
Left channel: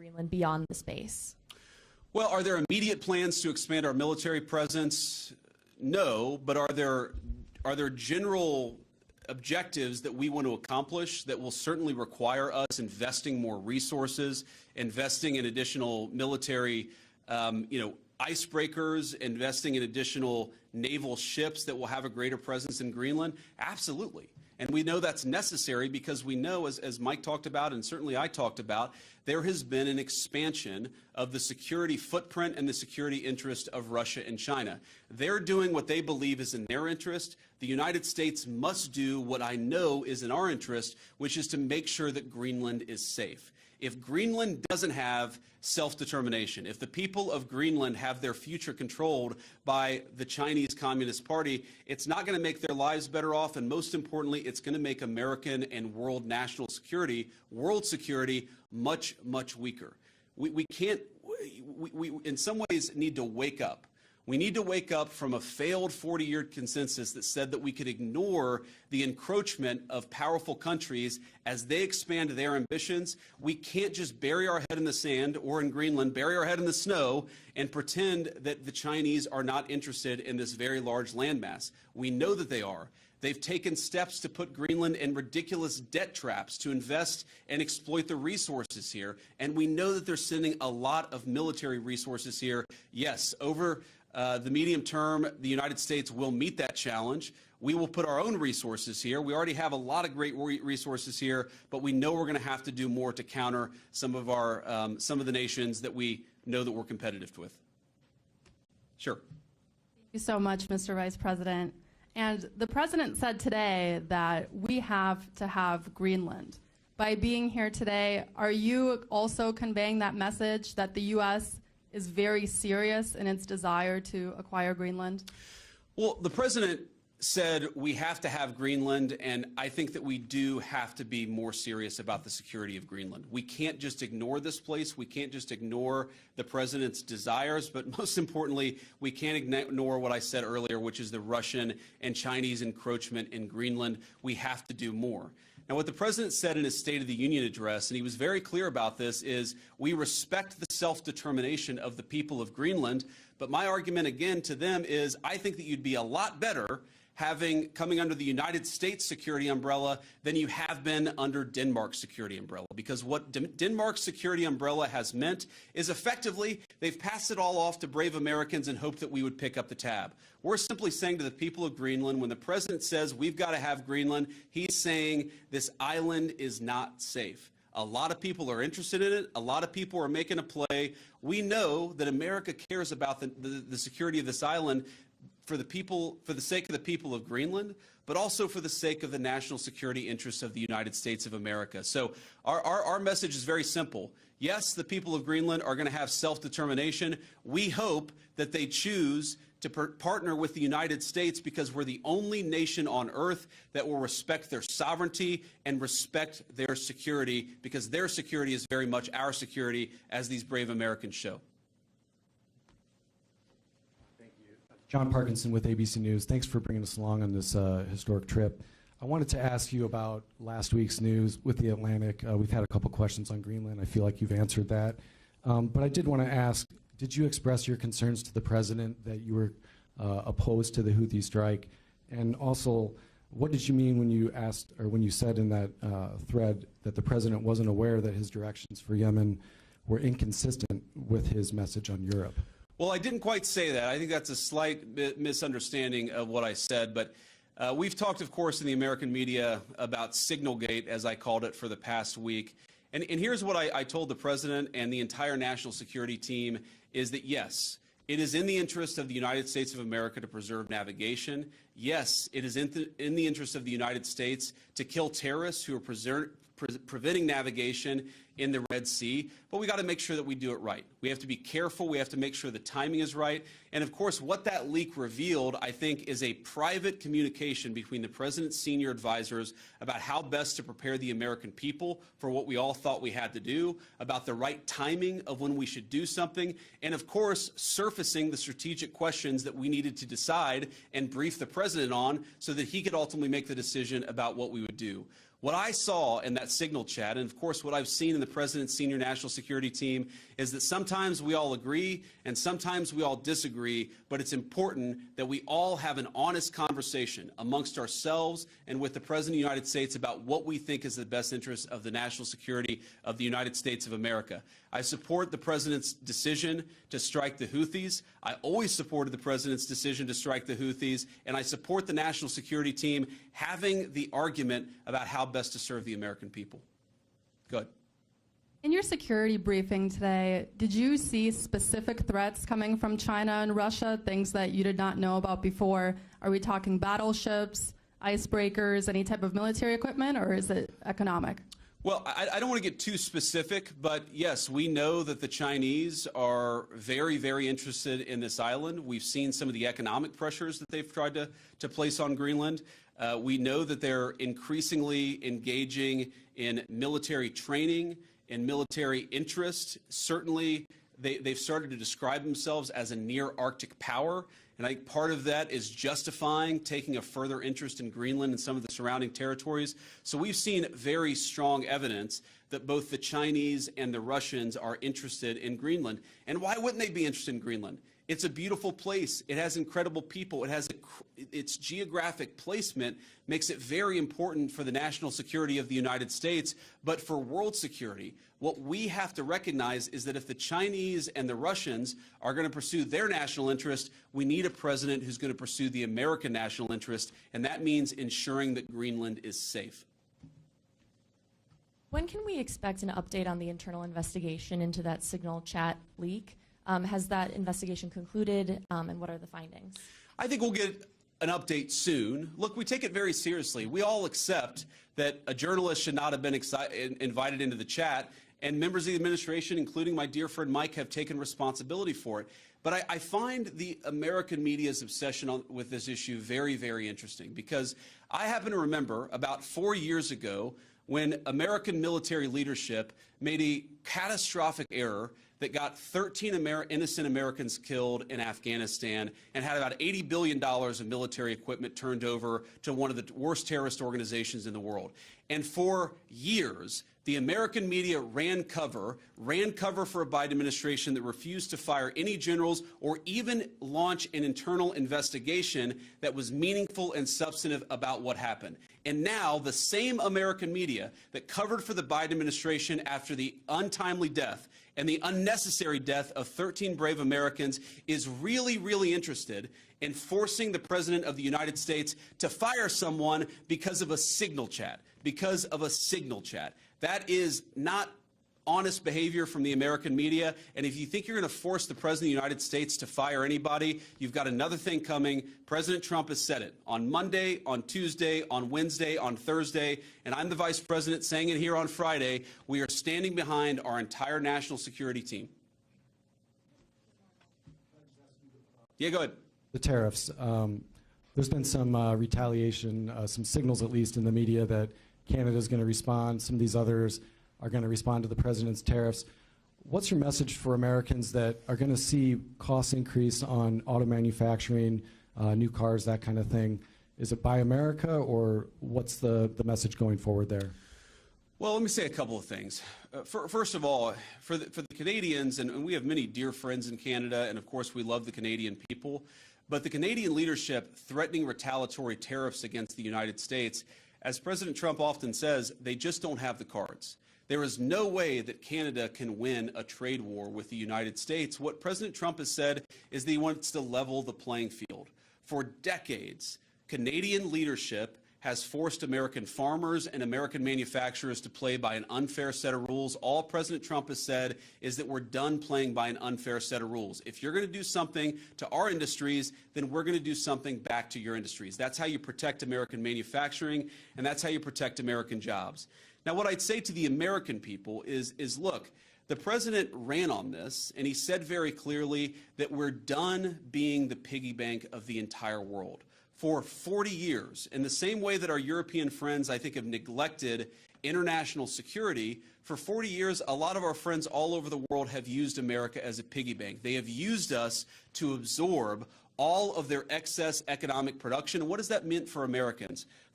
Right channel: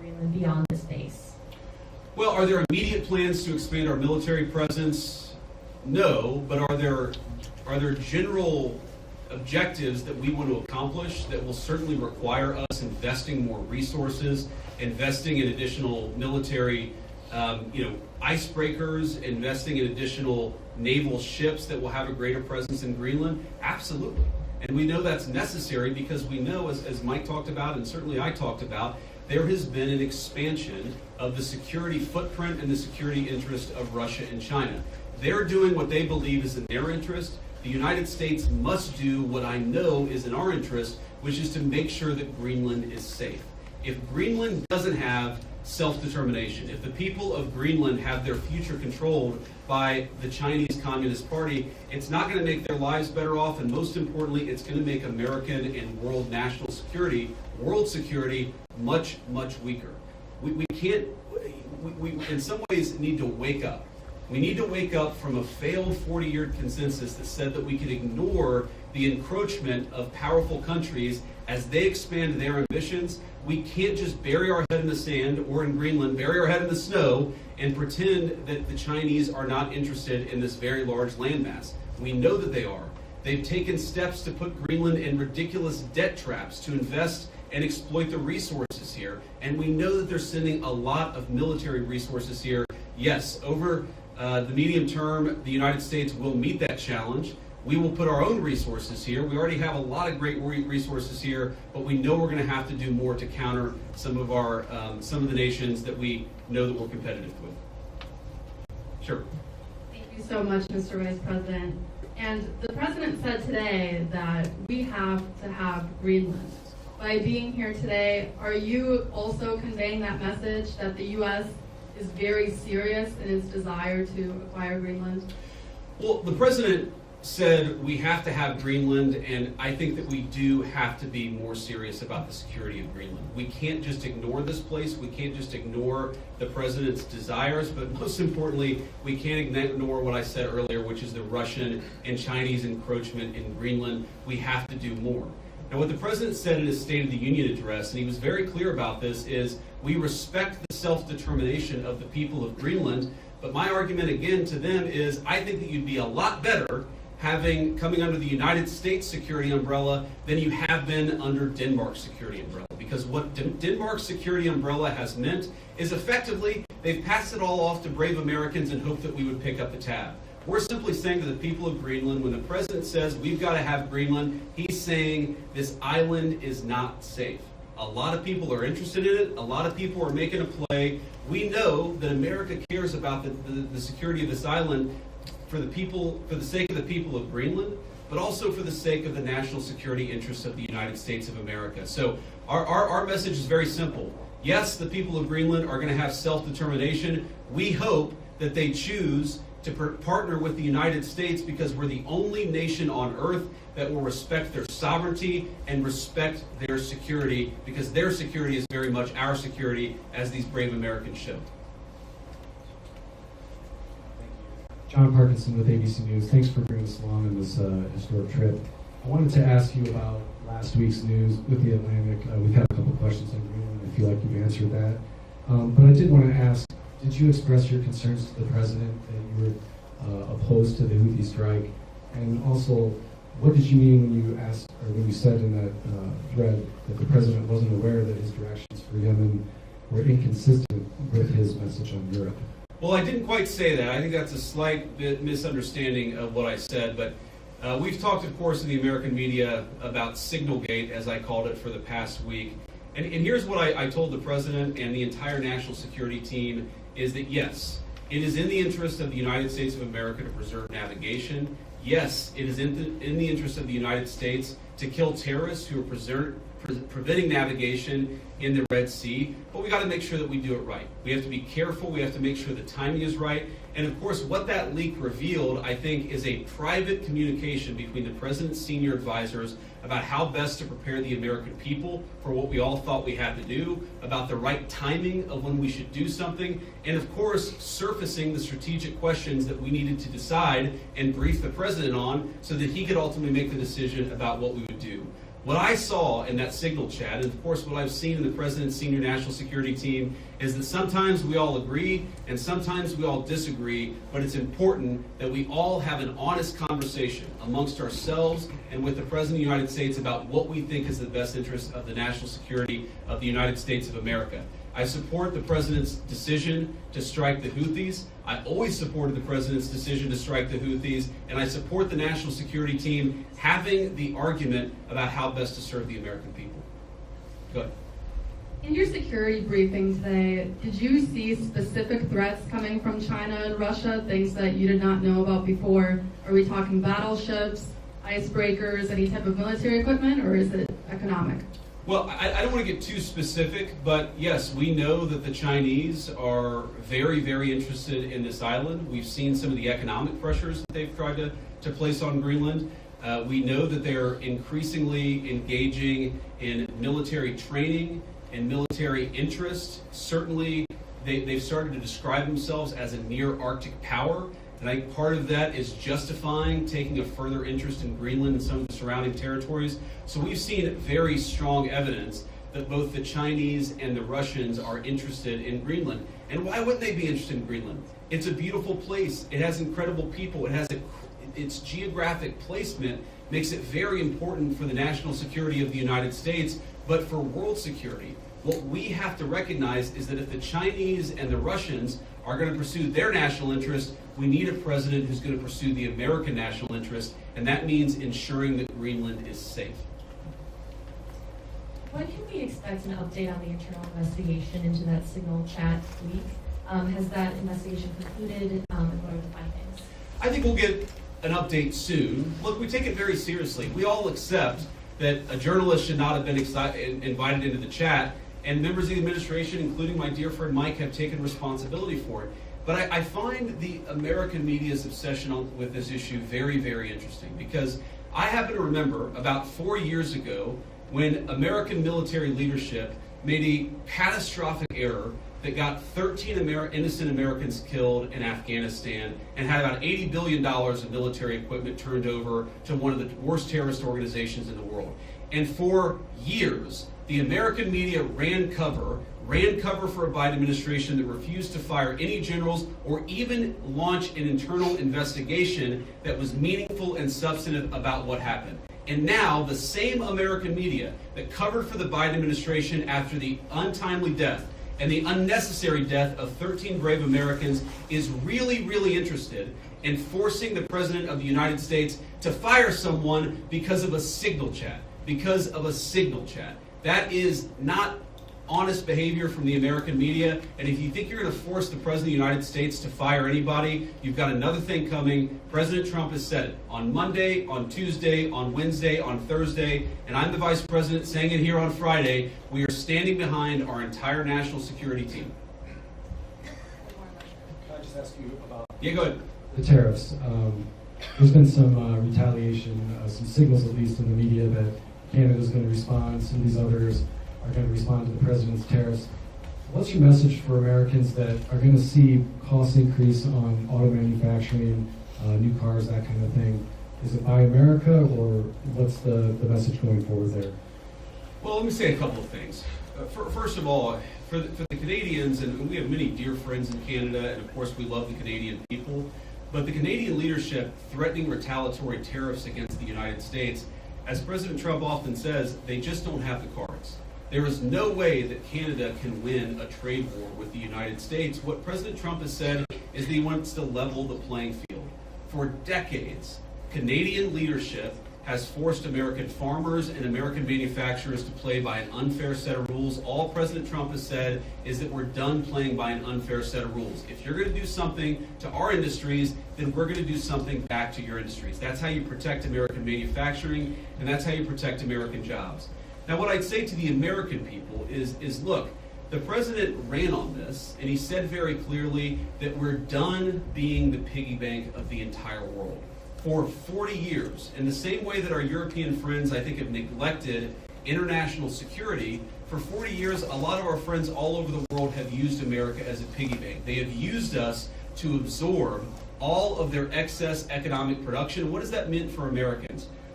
Greenland beyond this base? Well, are there immediate plans to expand our military presence? No, but are there general objectives that we want to accomplish that will certainly require us investing more resources, investing in additional military icebreakers, investing in additional naval ships that will have a greater presence in Greenland? Absolutely. And we know that's necessary because we know, as Mike talked about and certainly I talked about, there has been an expansion of the security footprint and the security interest of Russia and China. They're doing what they believe is in their interest. The United States must do what I know is in our interest, which is to make sure that Greenland is safe. If Greenland doesn't have self-determination, if the people of Greenland have their future controlled by the Chinese Communist Party, it's not going to make their lives better off, and most importantly, it's going to make American and world national security, world security, much, much weaker. We can't, we in some ways need to wake up. We need to wake up from a failed 40-year consensus that said that we could ignore the encroachment of powerful countries as they expand their ambitions. We can't just bury our head in the sand, or in Greenland, bury our head in the snow and pretend that the Chinese are not interested in this very large landmass. We know that they are. They've taken steps to put Greenland in ridiculous debt traps to invest and exploit the resources here. And we know that they're sending a lot of military resources here. Yes, over the medium term, the United States will meet that challenge. We will put our own resources here. We already have a lot of great resources here, but we know we're going to have to do more to counter some of the nations that we know that we're competitive with. Sure. Thank you so much, Mr. Vice President. And the President said today that we have to have Greenland. By being here today, are you also conveying that message that the U.S. is very serious in its desire to acquire Greenland? Well, the President said we have to have Greenland, and I think that we do have to be more serious about the security of Greenland. We can't just ignore this place. We can't just ignore the President's desires, but most importantly, we can't ignore what I said earlier, which is the Russian and Chinese encroachment in Greenland. We have to do more. Now, what the President said in his State of the Union address, and he was very clear about this, is we respect the self-determination of the people of Greenland, but my argument again to them is I think that you'd be a lot better coming under the United States security umbrella than you have been under Denmark's security umbrella. Because what Denmark's security umbrella has meant is effectively they've passed it all off to brave Americans and hoped that we would pick up the tab. We're simply saying to the people of Greenland, when the President says we've got to have Greenland, he's saying this island is not safe. A lot of people are interested in it. A lot of people are making a play. We know that America cares about the security of this island for the sake of the people of Greenland, but also for the sake of the national security interests of the United States of America. So our message is very simple. Yes, the people of Greenland are going to have self-determination. We hope that they choose to partner with the United States because we're the only nation on earth that will respect their sovereignty and respect their security, because their security is very much our security, as these brave Americans show. John Parkinson with ABC News. Thanks for bringing us along on this historic trip. I wanted to ask you about last week's news with the Atlantic. We've had a couple questions on Greenland. I feel like you've answered that. But I did want to ask, did you express your concerns to the President that you were opposed to the Houthi strike? And also, what did you mean when you asked, or when you said in that thread that the President wasn't aware that his directions for Yemen were inconsistent with his message on Europe? Well, I didn't quite say that. I think that's a slight bit misunderstanding of what I said, but we've talked, of course, in the American media about Signalgate, as I called it, for the past week. And here's what I told the President and the entire national security team, is that yes, it is in the interest of the United States of America to preserve navigation. Yes, it is in the interest of the United States to kill terrorists who are preventing navigation in the Red Sea, but we got to make sure that we do it right. We have to be careful. We have to make sure the timing is right. And of course, what that leak revealed, I think, is a private communication between the President's senior advisors about how best to prepare the American people for what we all thought we had to do, about the right timing of when we should do something, and of course, surfacing the strategic questions that we needed to decide and brief the President on so that he could ultimately make the decision about what we would do. What I saw in that signal chat, and of course what I've seen in the President's senior national security team, is that sometimes we all agree and sometimes we all disagree, but it's important that we all have an honest conversation amongst ourselves and with the President of the United States about what we think is the best interest of the national security of the United States of America. I support the President's decision to strike the Houthis. I always supported the President's decision to strike the Houthis, and I support the national security team having the argument about how best to serve the American people. Go ahead. In your security briefing today, did you see specific threats coming from China and Russia, things that you did not know about before? Are we talking battleships, icebreakers, any type of military equipment, or is it economic? Well, I don't want to get too specific, but yes, we know that the Chinese are very, very interested in this island. We've seen some of the economic pressures that they've tried to place on Greenland. We know that they're increasingly engaging in military training and military interest. Certainly, they've started to describe themselves as a near-Arctic power. And I think part of that is justifying taking a further interest in Greenland and some of the surrounding territories. So we've seen very strong evidence that both the Chinese and the Russians are interested in Greenland. And why wouldn't they be interested in Greenland? It's a beautiful place. It has incredible people. It has its geographic placement makes it very important for the national security of the United States, but for world security. What we have to recognize is that if the Chinese and the Russians are going to pursue their national interest, we need a president who's going to pursue the American national interest, and that means ensuring that Greenland is safe. When can we expect an update on the internal investigation into that signal chat leak? Has that investigation concluded, and what are the findings? I think we'll get an update soon. Look, we take it very seriously. We all accept that a journalist should not have been invited into the chat, and members of the administration, including my dear friend Mike, have taken responsibility for it. But I find the American media's obsession with this issue very, very interesting, because I happen to remember about 4 years ago when American military leadership made a catastrophic error that got 13 innocent Americans killed in Afghanistan and had about $80 billion of military equipment turned over to one of the worst terrorist organizations in the world. And for years, the American media ran cover for a Biden administration that refused to fire any generals or even launch an internal investigation that was meaningful and substantive about what happened. And now the same American media that covered for the Biden administration after the untimely death and the unnecessary death of 13 brave Americans is really, really interested in forcing the President of the United States to fire someone because of a signal chat. That is not honest behavior from the American media, and if you think you're going to force the President of the United States to fire anybody, you've got another thing coming. President Trump has said it on Monday, on Tuesday, on Wednesday, on Thursday, and I'm the Vice President saying it here on Friday. We are standing behind our entire national security team. Can I just ask you about... Yeah, go ahead. The tariffs. There's been some retaliation, some signals at least in the media that Canada's going to respond, some of these others are going to respond to the president's tariffs. What's your message for Americans that are going to see costs increase on auto manufacturing, new cars, that kind of thing? Is it Buy America, or what's the message going forward there? Well, let me say a couple of things. First of all, for the Canadians, and we have many dear friends in Canada, and of course we love the Canadian people, but the Canadian leadership threatening retaliatory tariffs against the United States, as President Trump often says, they just don't have the cards. There is no way that Canada can win a trade war with the United States. What President Trump has said is that he wants to level the playing field. For decades, Canadian leadership has forced American farmers and American manufacturers to play by an unfair set of rules. All President Trump has said is that we're done playing by an unfair set of rules. If you're going to do something to our industries, then we're going to do something back to your industries. That's how you protect American manufacturing, and that's how you protect American jobs. Now, what I'd say to the American people is look, the president ran on this, and he said very clearly that we're done being the piggy bank of the entire world. For 40 years, in the same way that our European friends, I think, have neglected international security, for 40 years, a lot of our friends all over the world have used America as a piggy bank. They have used us to absorb all of their excess economic production. What has that meant for Americans?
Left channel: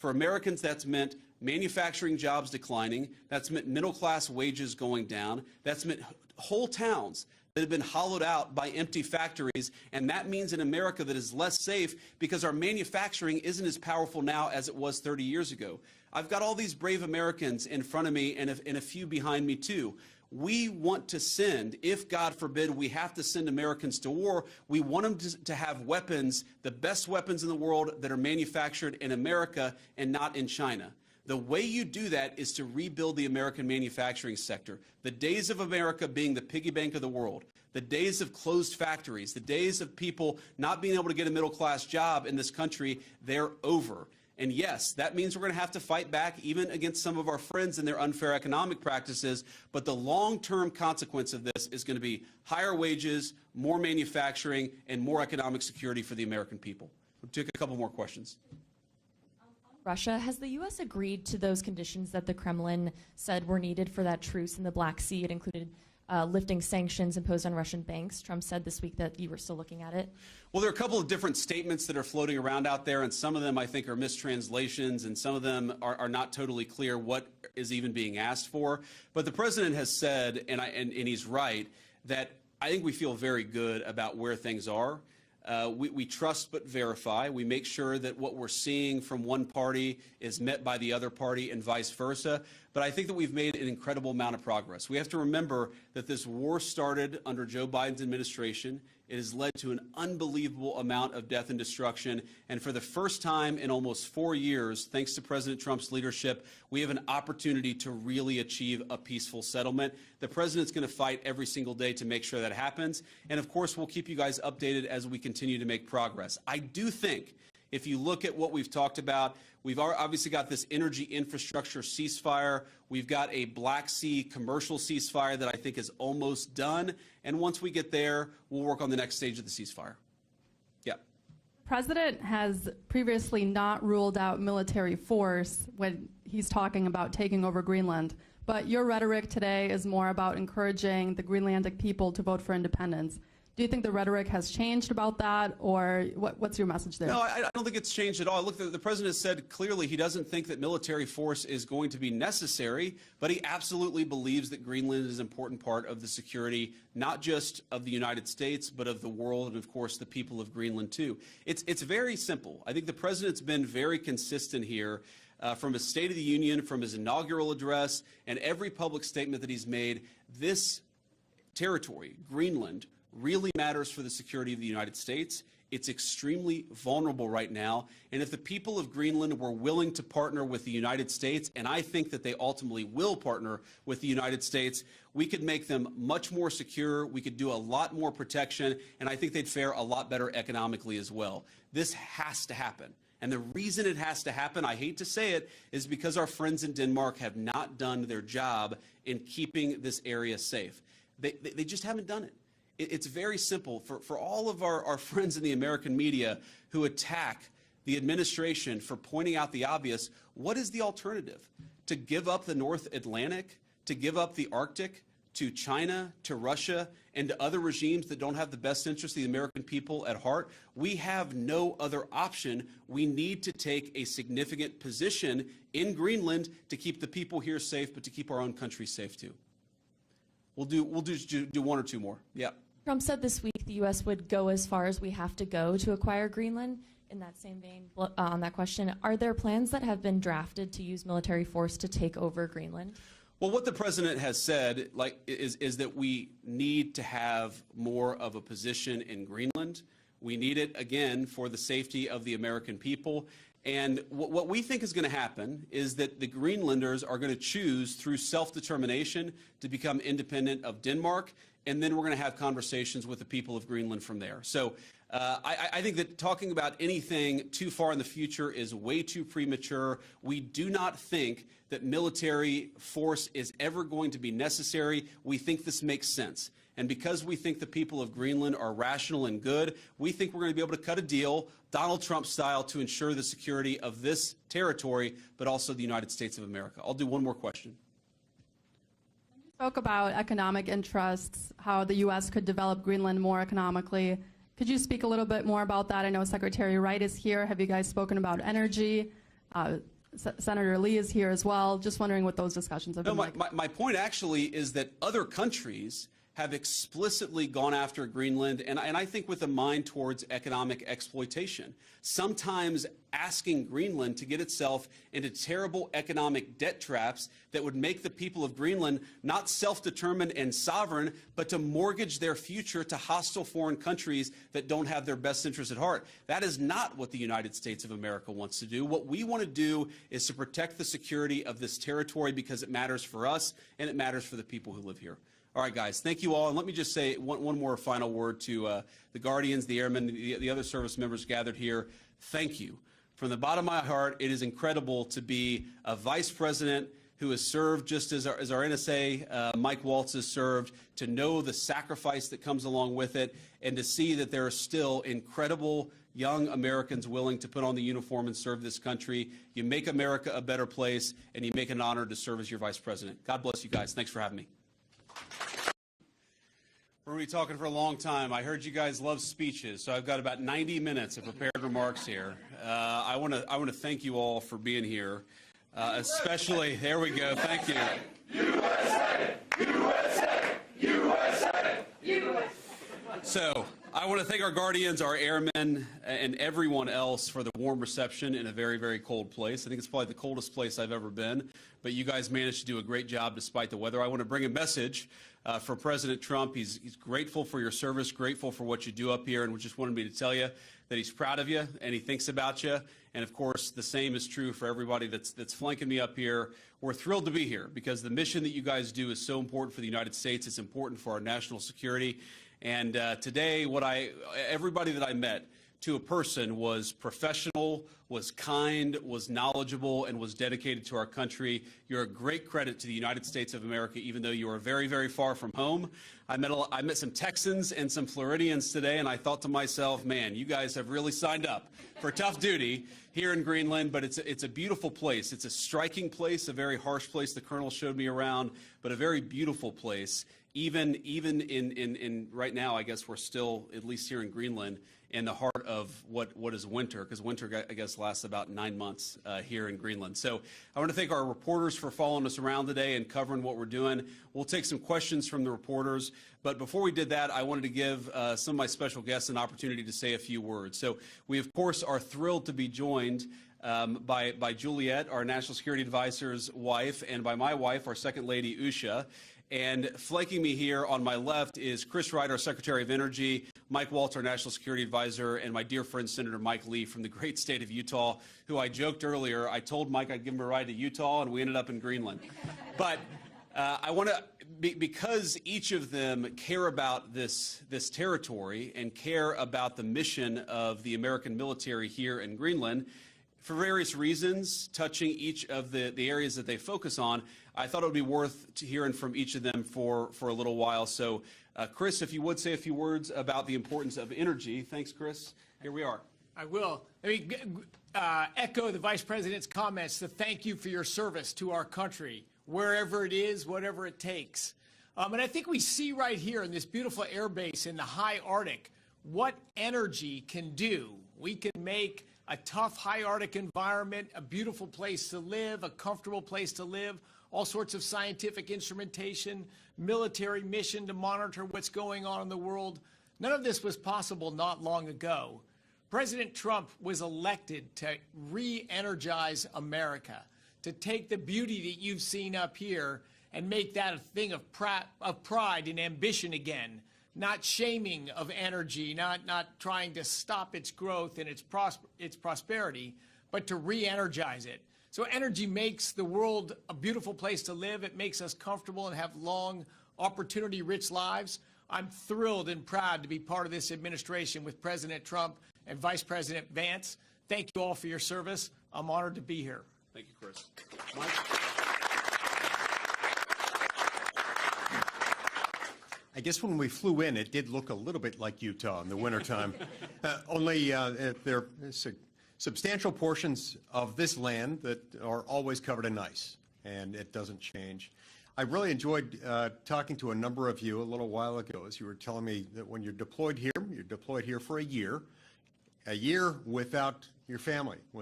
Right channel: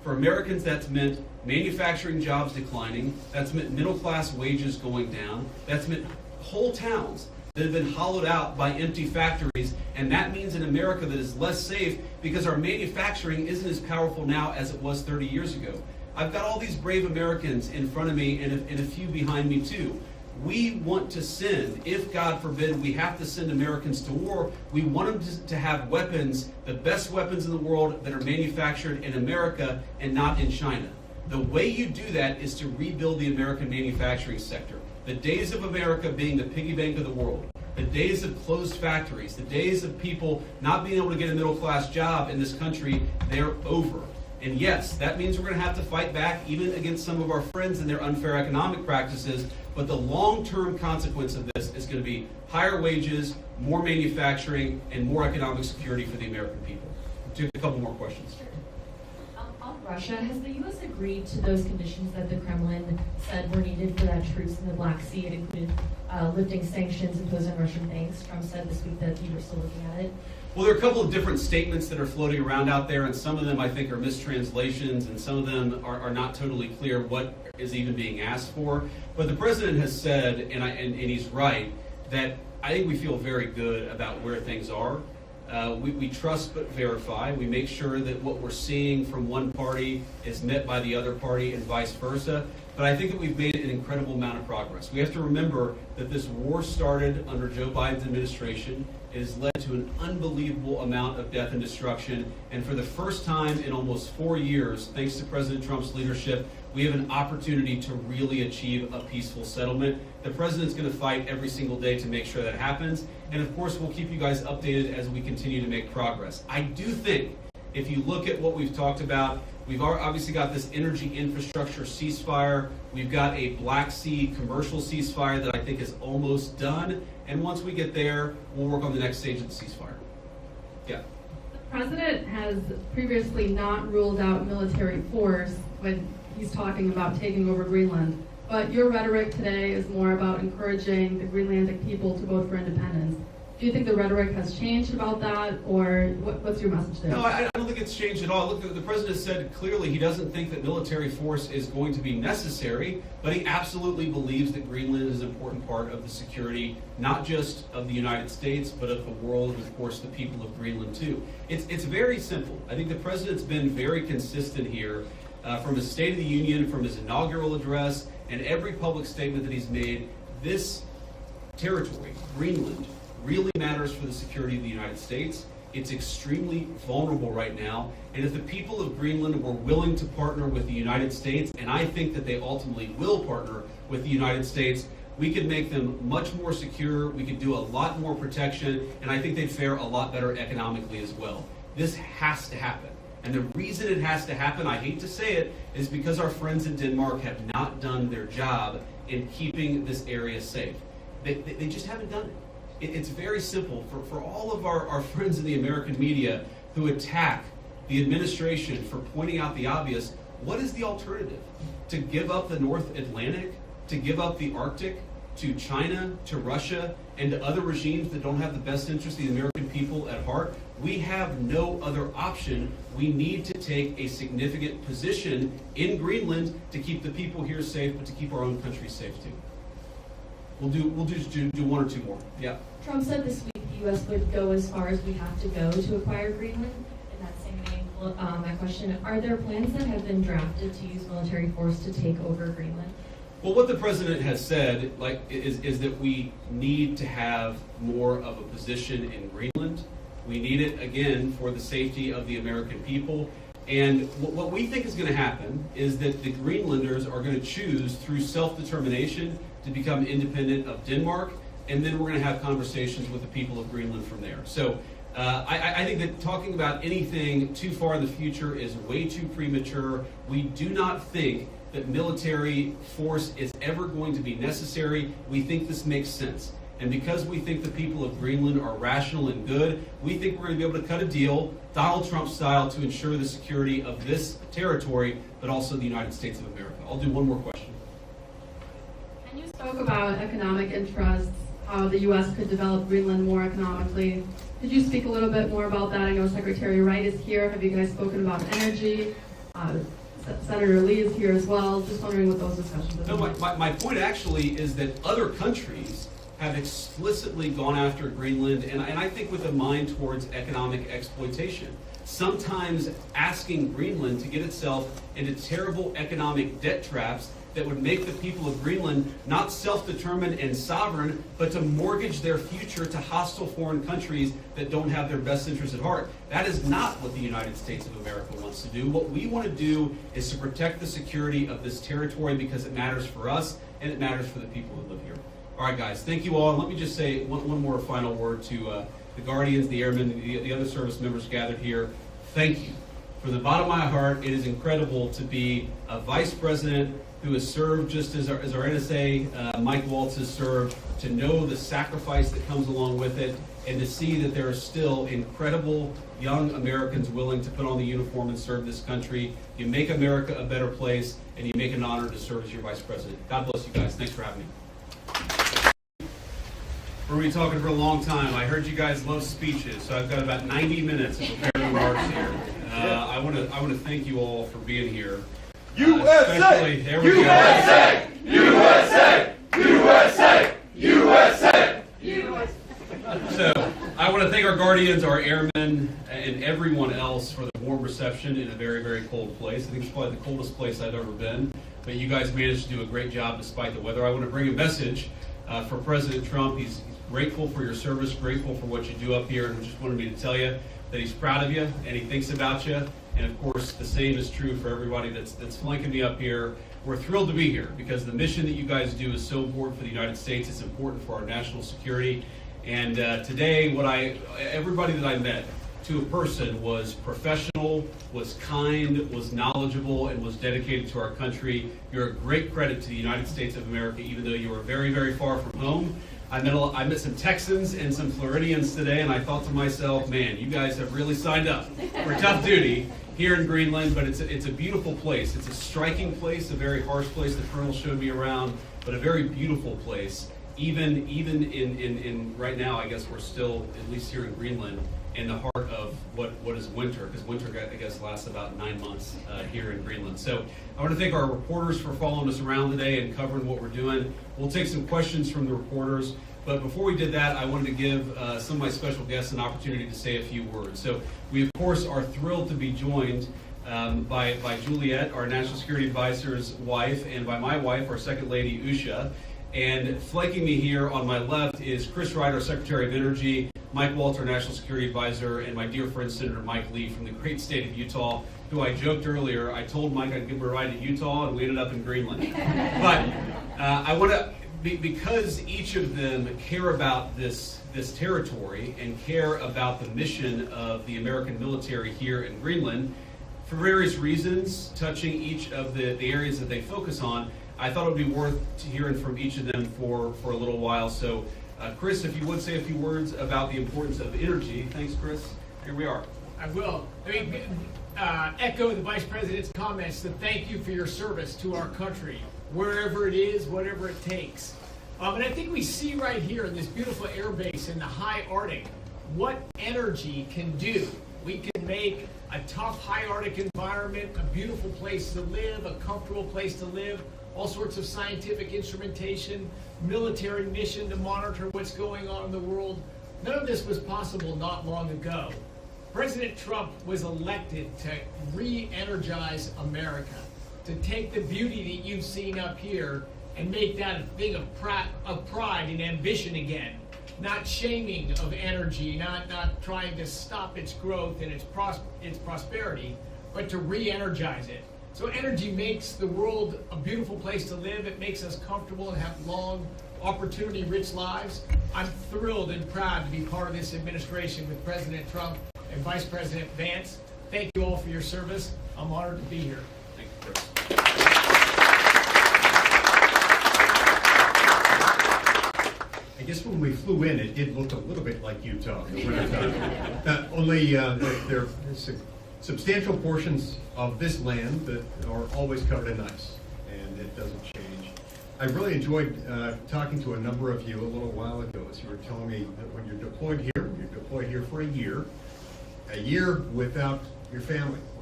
For Americans, that's meant manufacturing jobs declining. That's meant middle-class wages going down. That's meant whole towns that have been hollowed out by empty factories, and that means an America that is less safe because our manufacturing isn't as powerful now as it was 30 years ago. I've got all these brave Americans in front of me and a few behind me too. We want to send, if God forbid we have to send Americans to war, we want them to have weapons, the best weapons in the world that are manufactured in America and not in China. The way you do that is to rebuild the American manufacturing sector. The days of America being the piggy bank of the world, the days of closed factories, the days of people not being able to get a middle-class job in this country, they're over. And yes, that means we're going to have to fight back even against some of our friends and their unfair economic practices, but the long-term consequence of this is going to be higher wages, more manufacturing, and more economic security for the American people. We'll take a couple more questions. On Russia, has the U.S. agreed to those conditions that the Kremlin said were needed for that truce in the Black Sea? It included lifting sanctions imposed on Russian banks. Trump said this week that you were still looking at it. Well, there are a couple of different statements that are floating around out there, and some of them I think are mistranslations, and some of them are not totally clear what is even being asked for. But the president has said, and he's right, that I think we feel very good about where things are. We trust but verify. We make sure that what we're seeing from one party is met by the other party and vice versa. But I think that we've made an incredible amount of progress. We have to remember that this war started under Joe Biden's administration. It has led to an unbelievable amount of death and destruction. And for the first time in almost 4 years, thanks to President Trump's leadership, we have an opportunity to really achieve a peaceful settlement. The president's going to fight every single day to make sure that happens. And of course, we'll keep you guys updated as we continue to make progress. I do think if you look at what we've talked about, we've obviously got this energy infrastructure ceasefire. We've got a Black Sea commercial ceasefire that I think is almost done. And once we get there, we'll work on the next stage of the ceasefire. Yeah. The president has previously not ruled out military force when he's talking about taking over Greenland. But your rhetoric today is more about encouraging the Greenlandic people to vote for independence. Do you think the rhetoric has changed about that, or what's your message there? No, I don't think it's changed at all. Look, the president said clearly he doesn't think that military force is going to be necessary, but he absolutely believes that Greenland is an important part of the security, not just of the United States, but of the world, and of course the people of Greenland too. It's very simple. I think the president's been very consistent here from his State of the Union, from his inaugural address, and every public statement that he's made. This territory, Greenland, really matters for the security of the United States. It's extremely vulnerable right now, and if the people of Greenland were willing to partner with the United States, and I think that they ultimately will partner with the United States, we could make them much more secure, we could do a lot more protection, and I think they'd fare a lot better economically as well. This has to happen. And the reason it has to happen, I hate to say it, is because our friends in Denmark have not done their job in keeping this area safe. They just haven't done it. It's very simple. For all of our friends in the American media who attack the administration for pointing out the obvious, what is the alternative? To give up the North Atlantic? To give up the Arctic? To China? To Russia? And to other regimes that don't have the best interest of the American people at heart? We have no other option. We need to take a significant position in Greenland to keep the people here safe, but to keep our own country safe too. We'll do one or two more. Yeah. Trump said this week the U.S. would go as far as we have to go to acquire Greenland. In that same vein, that question, are there plans that have been drafted to use military force to take over Greenland? Well, what the president has said, is that we need to have more of a position in Greenland. We need it, again, for the safety of the American people. And what we think is going to happen is that the Greenlanders are going to choose, through self-determination, to become independent of Denmark, and then we're going to have conversations with the people of Greenland from there. So I think that talking about anything too far in the future is way too premature. We do not think that military force is ever going to be necessary. We think this makes sense. And because we think the people of Greenland are rational and good, we think we're going to be able to cut a deal, Donald Trump style, to ensure the security of this territory, but also the United States of America. I'll do one more question. And you spoke about economic interests, how the U.S. could develop Greenland more economically. Could you speak a little bit more about that? I know Secretary Wright is here. Have you guys spoken about energy? Senator Lee is here as well. Just wondering what those discussions have No, been like. my point actually is that other countries have explicitly gone after Greenland, and I think with a mind towards economic exploitation. Sometimes asking Greenland to get itself into terrible economic debt traps that would make the people of Greenland not self-determined and sovereign, but to mortgage their future to hostile foreign countries that don't have their best interests at heart. That is not what the United States of America wants to do. What we want to do is to protect the security of this territory because it matters for us and it matters for the people who live here. All right, guys, thank you all. And let me just say one more final word to the Guardians, the Airmen, the other service members gathered here. Thank you. From the bottom of my heart, it is incredible to be a vice president who has served just as our NSA, Mike Waltz, has served, to know the sacrifice that comes along with it, and to see that there are still incredible young Americans willing to put on the uniform and serve this country. You make America a better place, and you make it an honor to serve as your vice president. God bless you guys. Thanks for having me. We're going to be talking for a long time. I heard you guys love speeches, so I've got about 90 minutes of prepared remarks here. I want to thank you all for being here. USA! There we USA! USA! USA! USA! USA! So, I want to thank our Guardians, our Airmen, and everyone else for the warm reception in a very, very cold place. I think it's probably the coldest place I've ever been, but you guys managed to do a great job despite the weather. I want to bring a message for President Trump. He's grateful for your service, grateful for what you do up here, and just wanted me to tell you that he's proud of you and he thinks about you. And of course, the same is true for everybody that's flanking me up here. We're thrilled to be here because the mission that you guys do is so important for the United States. It's important for our national security. And today, everybody that I met, to a person, was professional, was kind, was knowledgeable, and was dedicated to our country. You're a great credit to the United States of America, even though you are very, very far from home. I met some Texans and some Floridians today, and I thought to myself, man, you guys have really signed up for tough duty here in Greenland, but it's a beautiful place. It's a striking place, a very harsh place. The Colonel showed me around, but a very beautiful place. Even in right now, I guess we're still, at least here in Greenland, in the heart of what is winter, because winter, I guess, lasts about 9 months here in Greenland. So I want to thank our reporters for following us around today and covering what we're doing. We'll take some questions from the reporters, but before we did that, I wanted to give some of my special guests an opportunity to say a few words. So we, of course, are thrilled to be joined by Juliet, our National Security Advisor's wife, and by my wife, our Second Lady, Usha. And flanking me here on my left is Chris Ryder, Secretary of Energy, Mike Waltz, our National Security Advisor, and my dear friend Senator Mike Lee from the great state of Utah, who I joked earlier, I told Mike I'd give him a ride to Utah, and we ended up in Greenland. But I want to, because each of them care about this territory and care about the mission of the American military here in Greenland, for various reasons, touching each of the areas that they focus on, I thought it would be worth hearing from each of them for a little while. So, Chris, if you would say a few words about the importance of energy. Thanks, Chris. Here we are. I will. Echo the Vice President's comments to thank you for your service to our country, wherever it is, whatever it takes. And I think we see right here in this beautiful air base in the high Arctic what energy can do. We can make a tough high Arctic environment a beautiful place to live, a comfortable place to live, all sorts of scientific instrumentation, military mission to monitor what's going on in the world. None of this was possible not long ago. President Trump was elected to re-energize America, to take the beauty that you've seen up here and make that a thing of pride and ambition again. Not shaming of energy, not trying to stop its growth and its prosperity, but to re-energize it. So energy makes the world a beautiful place to live. It makes us comfortable and have long, opportunity-rich lives. I'm thrilled and proud to be part of this administration with President Trump and Vice President Vance. Thank you all for your service. I'm honored to be here. Thank you, Chris. I guess when we flew in, it did look a little bit like Utah in the wintertime. Only there are substantial portions of this land that are always covered in ice, and it doesn't change. I really enjoyed talking to a number of you a little while ago as you were telling me that when you're deployed here for a year without your family,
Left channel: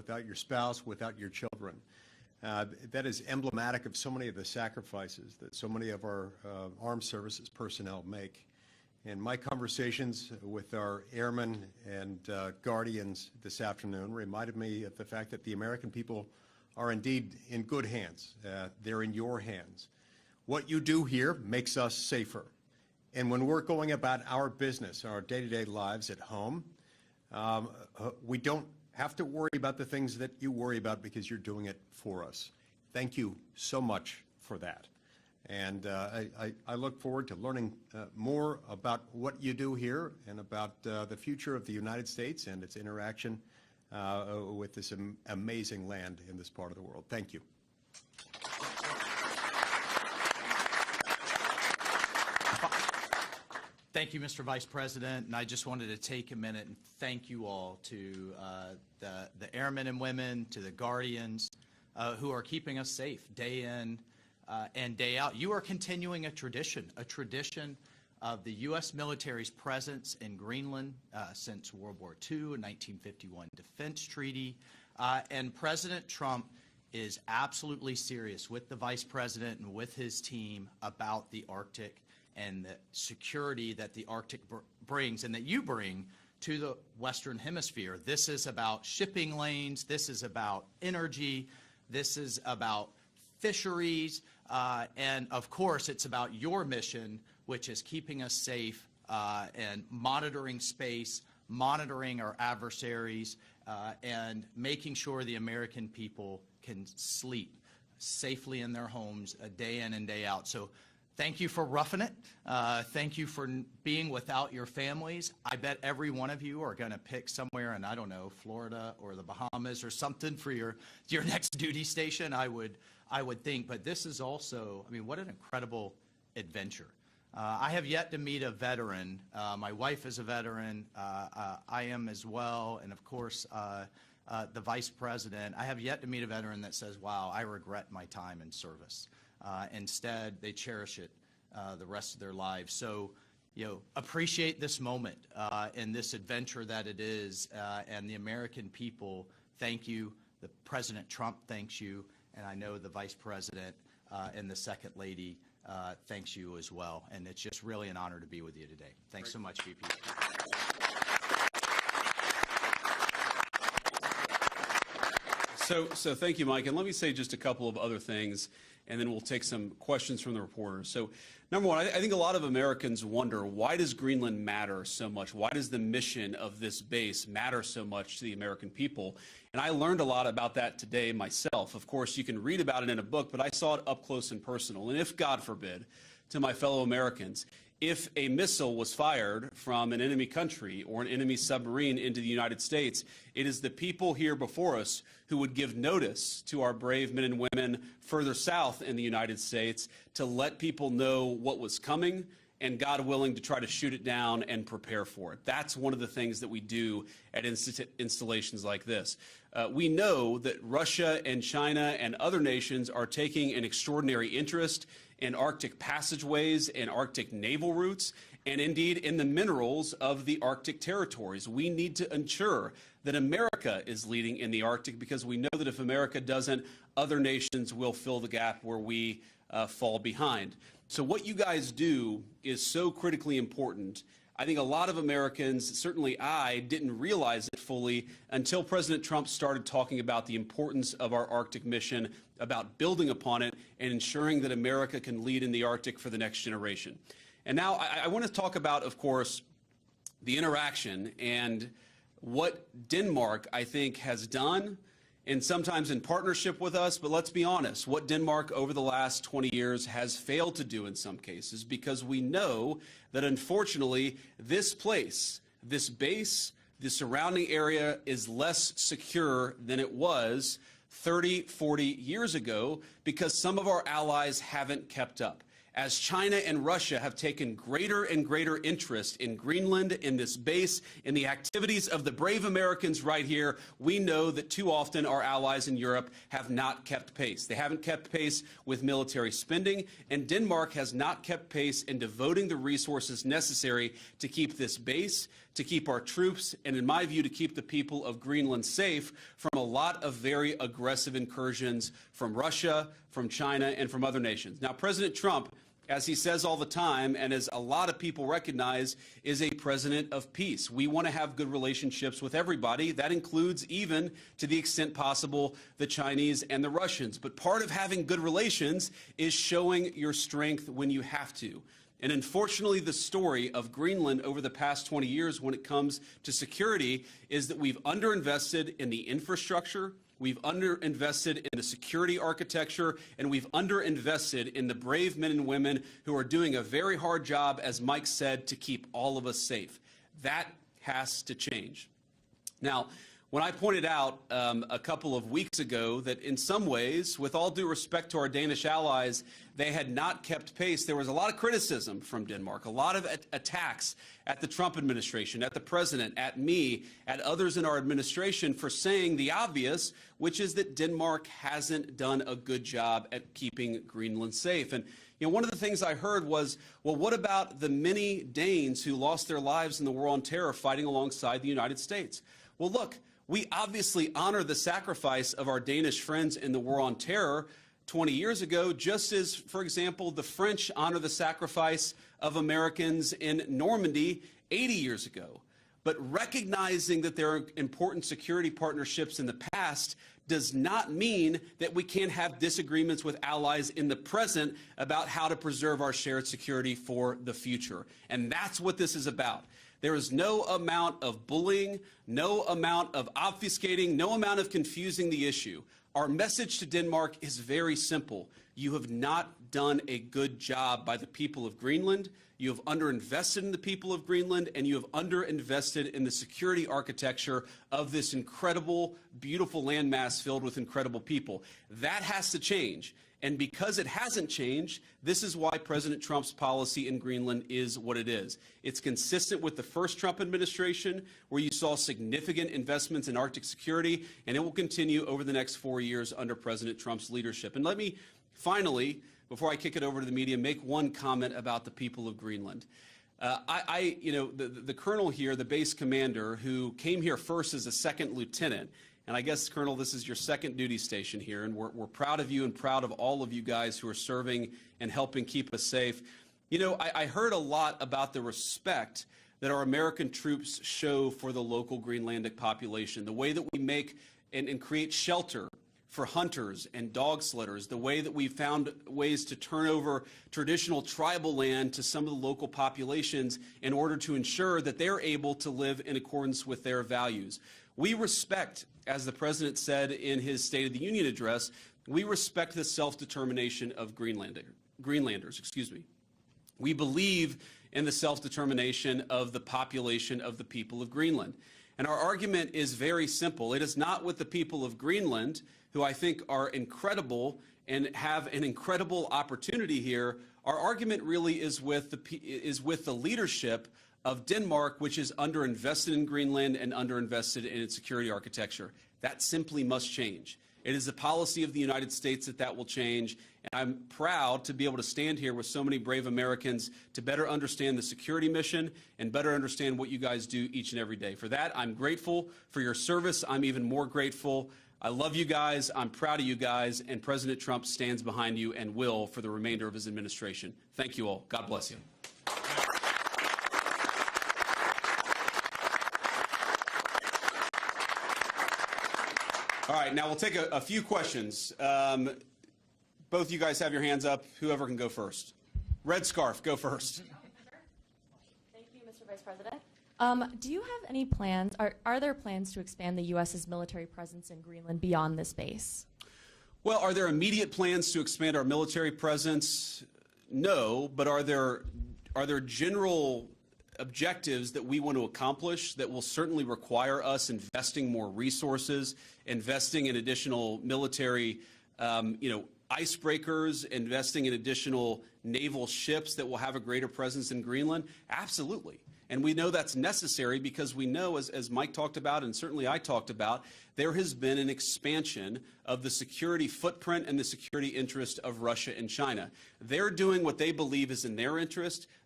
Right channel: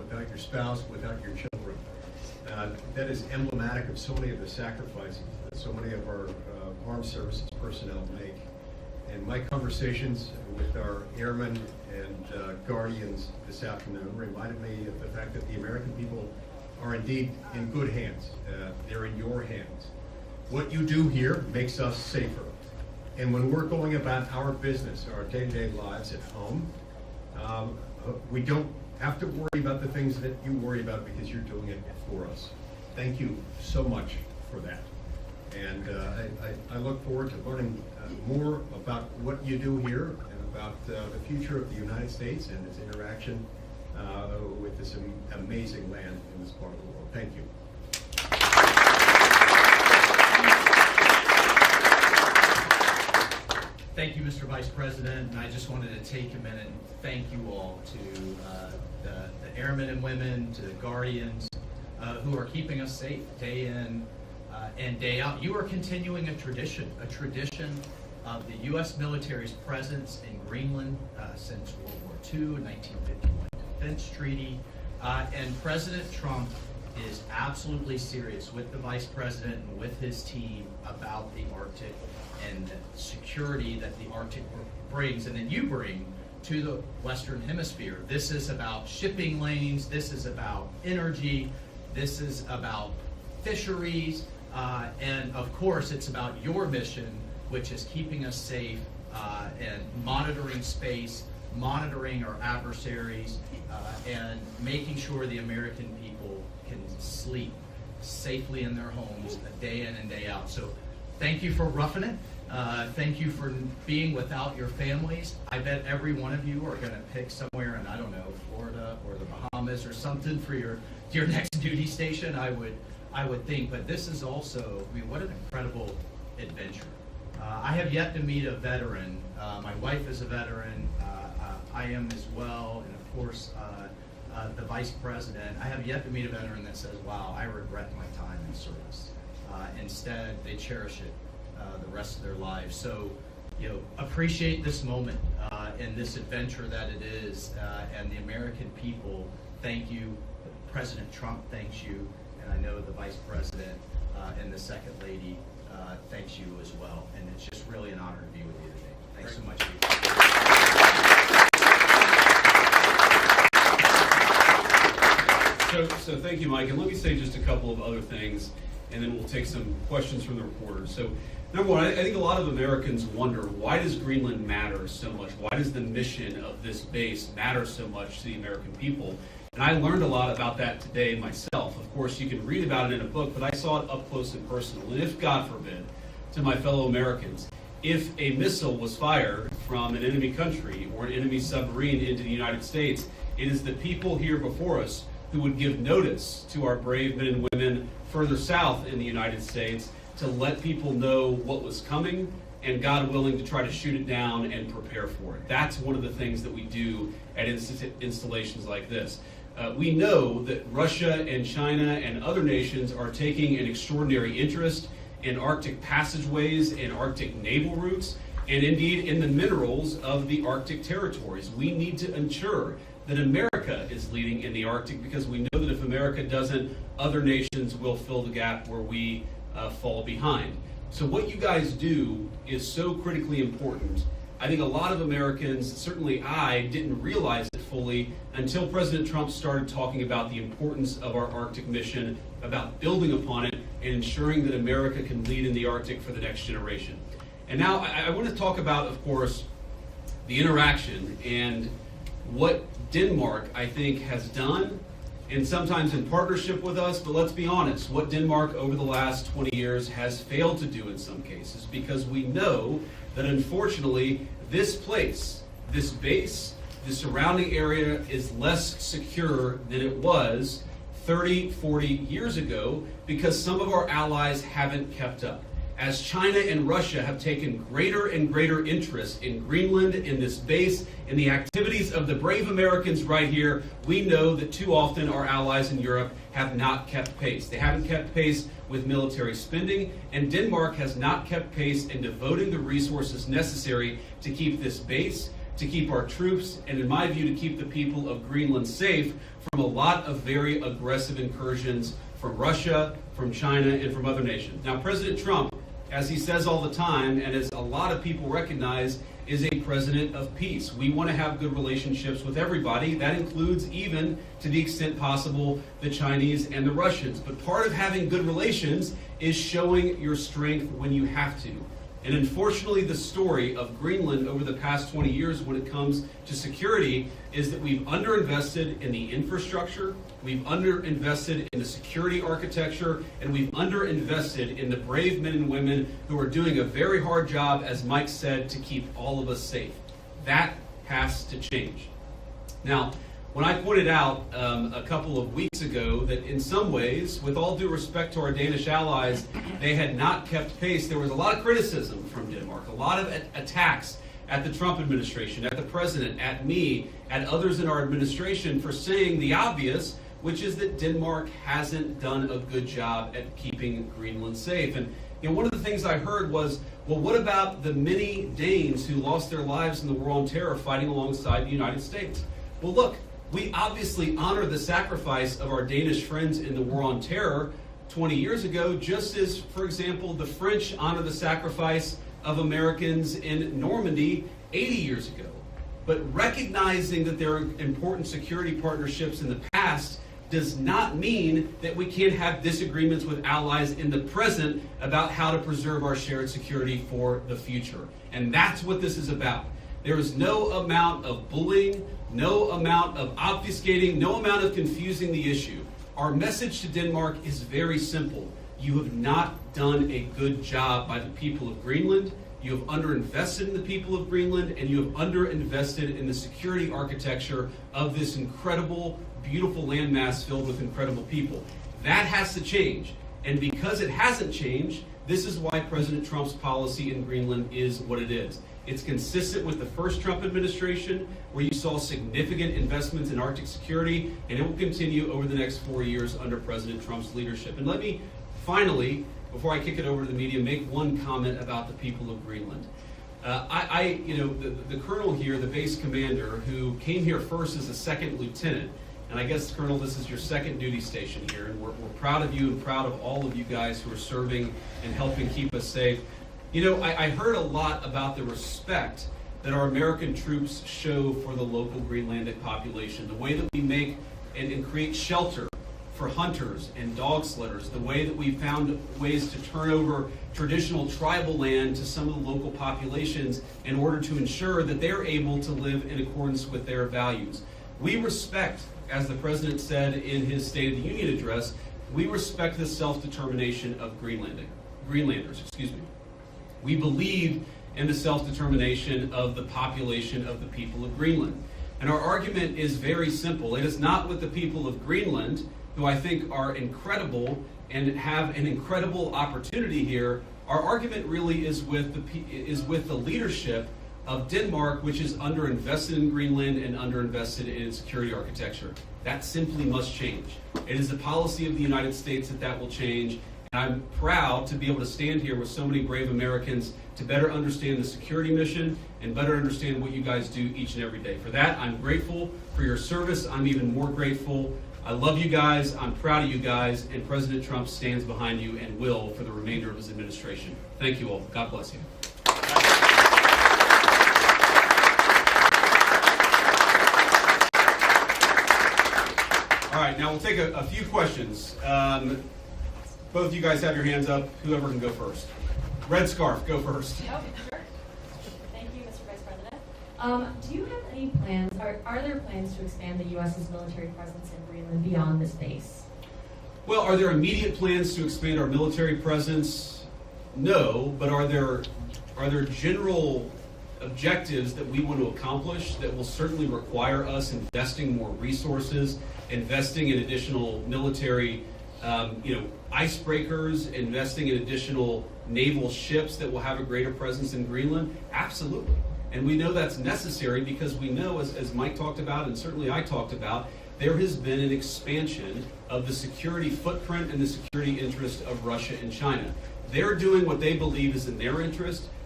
without your spouse, without your children. That is emblematic of so many of the sacrifices that so many of our armed services personnel make. And my conversations with our airmen and guardians this afternoon reminded me of the fact that the American people are indeed in good hands. They're in your hands. What you do here makes us safer. And when we're going about our business, our day-to-day lives at home, we don't have to worry about the things that you worry about because you're doing it for us. Thank you so much for that. And I look forward to learning more about what you do here and about the future of the United States and its interaction with this amazing land in this part of the world. Thank you. Thank you, Mr. Vice President, and I just wanted to take a minute and thank you all to the airmen and women, to the guardians who are keeping us safe day in and day out. You are continuing a tradition of the U.S. military's presence in Greenland since World War II, a 1951 defense treaty, and President Trump is absolutely serious with the Vice President and with his team about the Arctic and the security that the Arctic brings and that you bring to the Western Hemisphere. This is about shipping lanes, this is about energy, this is about fisheries, and of course it's about your mission, which is keeping us safe and monitoring space, monitoring our adversaries, and making sure the American people can sleep safely in their homes day in and day out. So thank you for roughing it. Thank you for being without your families. I bet every one of you are going to pick somewhere in, I don't know, Florida or the Bahamas or something for your next duty station, I would think. But this is also, I mean, what an incredible adventure. I have yet to meet a veteran. My wife is a veteran. I am as well. And of course, the Vice President. I have yet to meet a veteran that says, wow, I regret my time in service. Instead, they cherish it the rest of their lives. So, appreciate this moment and this adventure that it is. And the American people, thank you. President Trump thanks you. And I know the Vice President and the Second Lady thanks you as well. And it's just really an honor to be with you today. Thanks so much. So thank you, Mike. And let me say just a couple of other things, and then we'll take some questions from the reporters. So number one, I think a lot of Americans wonder, why does Greenland matter so much? Why does the mission of this base matter so much to the American people? And I learned a lot about that today myself. Of course, you can read about it in a book, but I saw it up close and personal. And if, God forbid, to my fellow Americans, if a missile was fired from an enemy country or an enemy submarine into the United States, it is the people here before us who would give notice to our brave men and women further south in the United States to let people know what was coming and, God willing, to try to shoot it down and prepare for it. That's one of the things that we do at installations like this. We know that Russia and China and other nations are taking an extraordinary interest in Arctic passageways and Arctic naval routes, and indeed in the minerals of the Arctic territories. We need to ensure that America is leading in the Arctic, because we know that if America doesn't, other nations will fill the gap where we fall behind. So what you guys do is so critically important. I think a lot of Americans, certainly I, didn't realize it fully until President Trump started talking about the importance of our Arctic mission, about building upon it, and ensuring that America can lead in the Arctic for the next generation. And now I want to talk about, of course, the interaction and what Denmark, I think, has done, and sometimes in partnership with us, but let's be honest, what Denmark over the last 20 years has failed to do in some cases, because we know that unfortunately this place, this base, the surrounding area is less secure than it was 30, 40 years ago, because some of our allies haven't kept up. As China and Russia have taken greater and greater interest in Greenland, in this base, in the activities of the brave Americans right here, we know that too often our allies in Europe have not kept pace. They haven't kept pace with military spending, and Denmark has not kept pace in devoting the resources necessary to keep this base, to keep our troops, and in my view, to keep the people of Greenland safe from a lot of very aggressive incursions from Russia, from China, and from other nations. Now, President Trump, as he says all the time, and as a lot of people recognize, is a president of peace. We want to have good relationships with everybody. That includes, even to the extent possible, the Chinese and the Russians. But part of having good relations is showing your strength when you have to. And unfortunately, the story of Greenland over the past 20 years when it comes to security is that we've underinvested in the infrastructure, we've underinvested in the security architecture, and we've underinvested in the brave men and women who are doing a very hard job, as Mike said, to keep all of us safe. That has to change. Now, when I pointed out a couple of weeks ago that in some ways, with all due respect to our Danish allies, they had not kept pace, there was a lot of criticism from Denmark, a lot of attacks at the Trump administration, at the president, at me, at others in our administration for saying the obvious, which is that Denmark hasn't done a good job at keeping Greenland safe. And one of the things I heard was, well, what about the many Danes who lost their lives in the war on terror fighting alongside the United States? Well, look, we obviously honor the sacrifice of our Danish friends in the war on terror 20 years ago, just as, for example, the French honor the sacrifice of Americans in Normandy 80 years ago. But recognizing that there are important security partnerships in the past does not mean that we can't have disagreements with allies in the present about how to preserve our shared security for the future. And that's what this is about. There is no amount of bullying, no amount of obfuscating, no amount of confusing the issue. Our message to Denmark is very simple. You have not done a good job by the people of Greenland. You have underinvested in the people of Greenland, and you have underinvested in the security architecture of this incredible, beautiful landmass filled with incredible people. That has to change. And because it hasn't changed, this is why President Trump's policy in Greenland is what it is. It's consistent with the first Trump administration, where you saw significant investments in Arctic security, and it will continue over the next 4 years under President Trump's leadership. And let me finally, before I kick it over to the media, make one comment about the people of Greenland. The colonel here, the base commander, who came here first as a second lieutenant, and I guess, Colonel, this is your second duty station here, and we're proud of you and proud of all of you guys who are serving and helping keep us safe. I heard a lot about the respect that our American troops show for the local Greenlandic population, the way that we make and create shelter for hunters and dog sledders, the way that we found ways to turn over traditional tribal land to some of the local populations in order to ensure that they're able to live in accordance with their values. We respect, as the President said in his State of the Union address, we respect the self-determination of Greenlanders. We believe in the self-determination of the population of the people of Greenland. And our argument is very simple. It is not with the people of Greenland, who I think are incredible and have an incredible opportunity here. Our argument really is with the leadership of Denmark, which is underinvested in Greenland and underinvested in its security architecture. That simply must change. It is the policy of the United States that will change. And I'm proud to be able to stand here with so many brave Americans to better understand the security mission and better understand what you guys do each and every day. For that, I'm grateful for your service. I'm even more grateful. I love you guys. I'm proud of you guys. And President Trump stands behind you and will for the remainder of his administration. Thank you all. God bless you. All right, now we'll take a few questions. Both you guys have your hands up. Whoever can go first. Red scarf, go first. Oh, sure. Thank you, Mr. Vice President. Do you have any plans, are there plans to expand the U.S.'s military presence in Greenland beyond this base? Well, are there immediate plans to expand our military presence? No, but are there general objectives that we want to accomplish that will certainly require us investing more resources, investing in additional military icebreakers, investing in additional naval ships that will have a greater presence in Greenland? Absolutely. And we know that's necessary because we know, as Mike talked about and certainly I talked about, there has been an expansion of the security footprint and the security interest of Russia and China. They're doing what they believe is in their interest.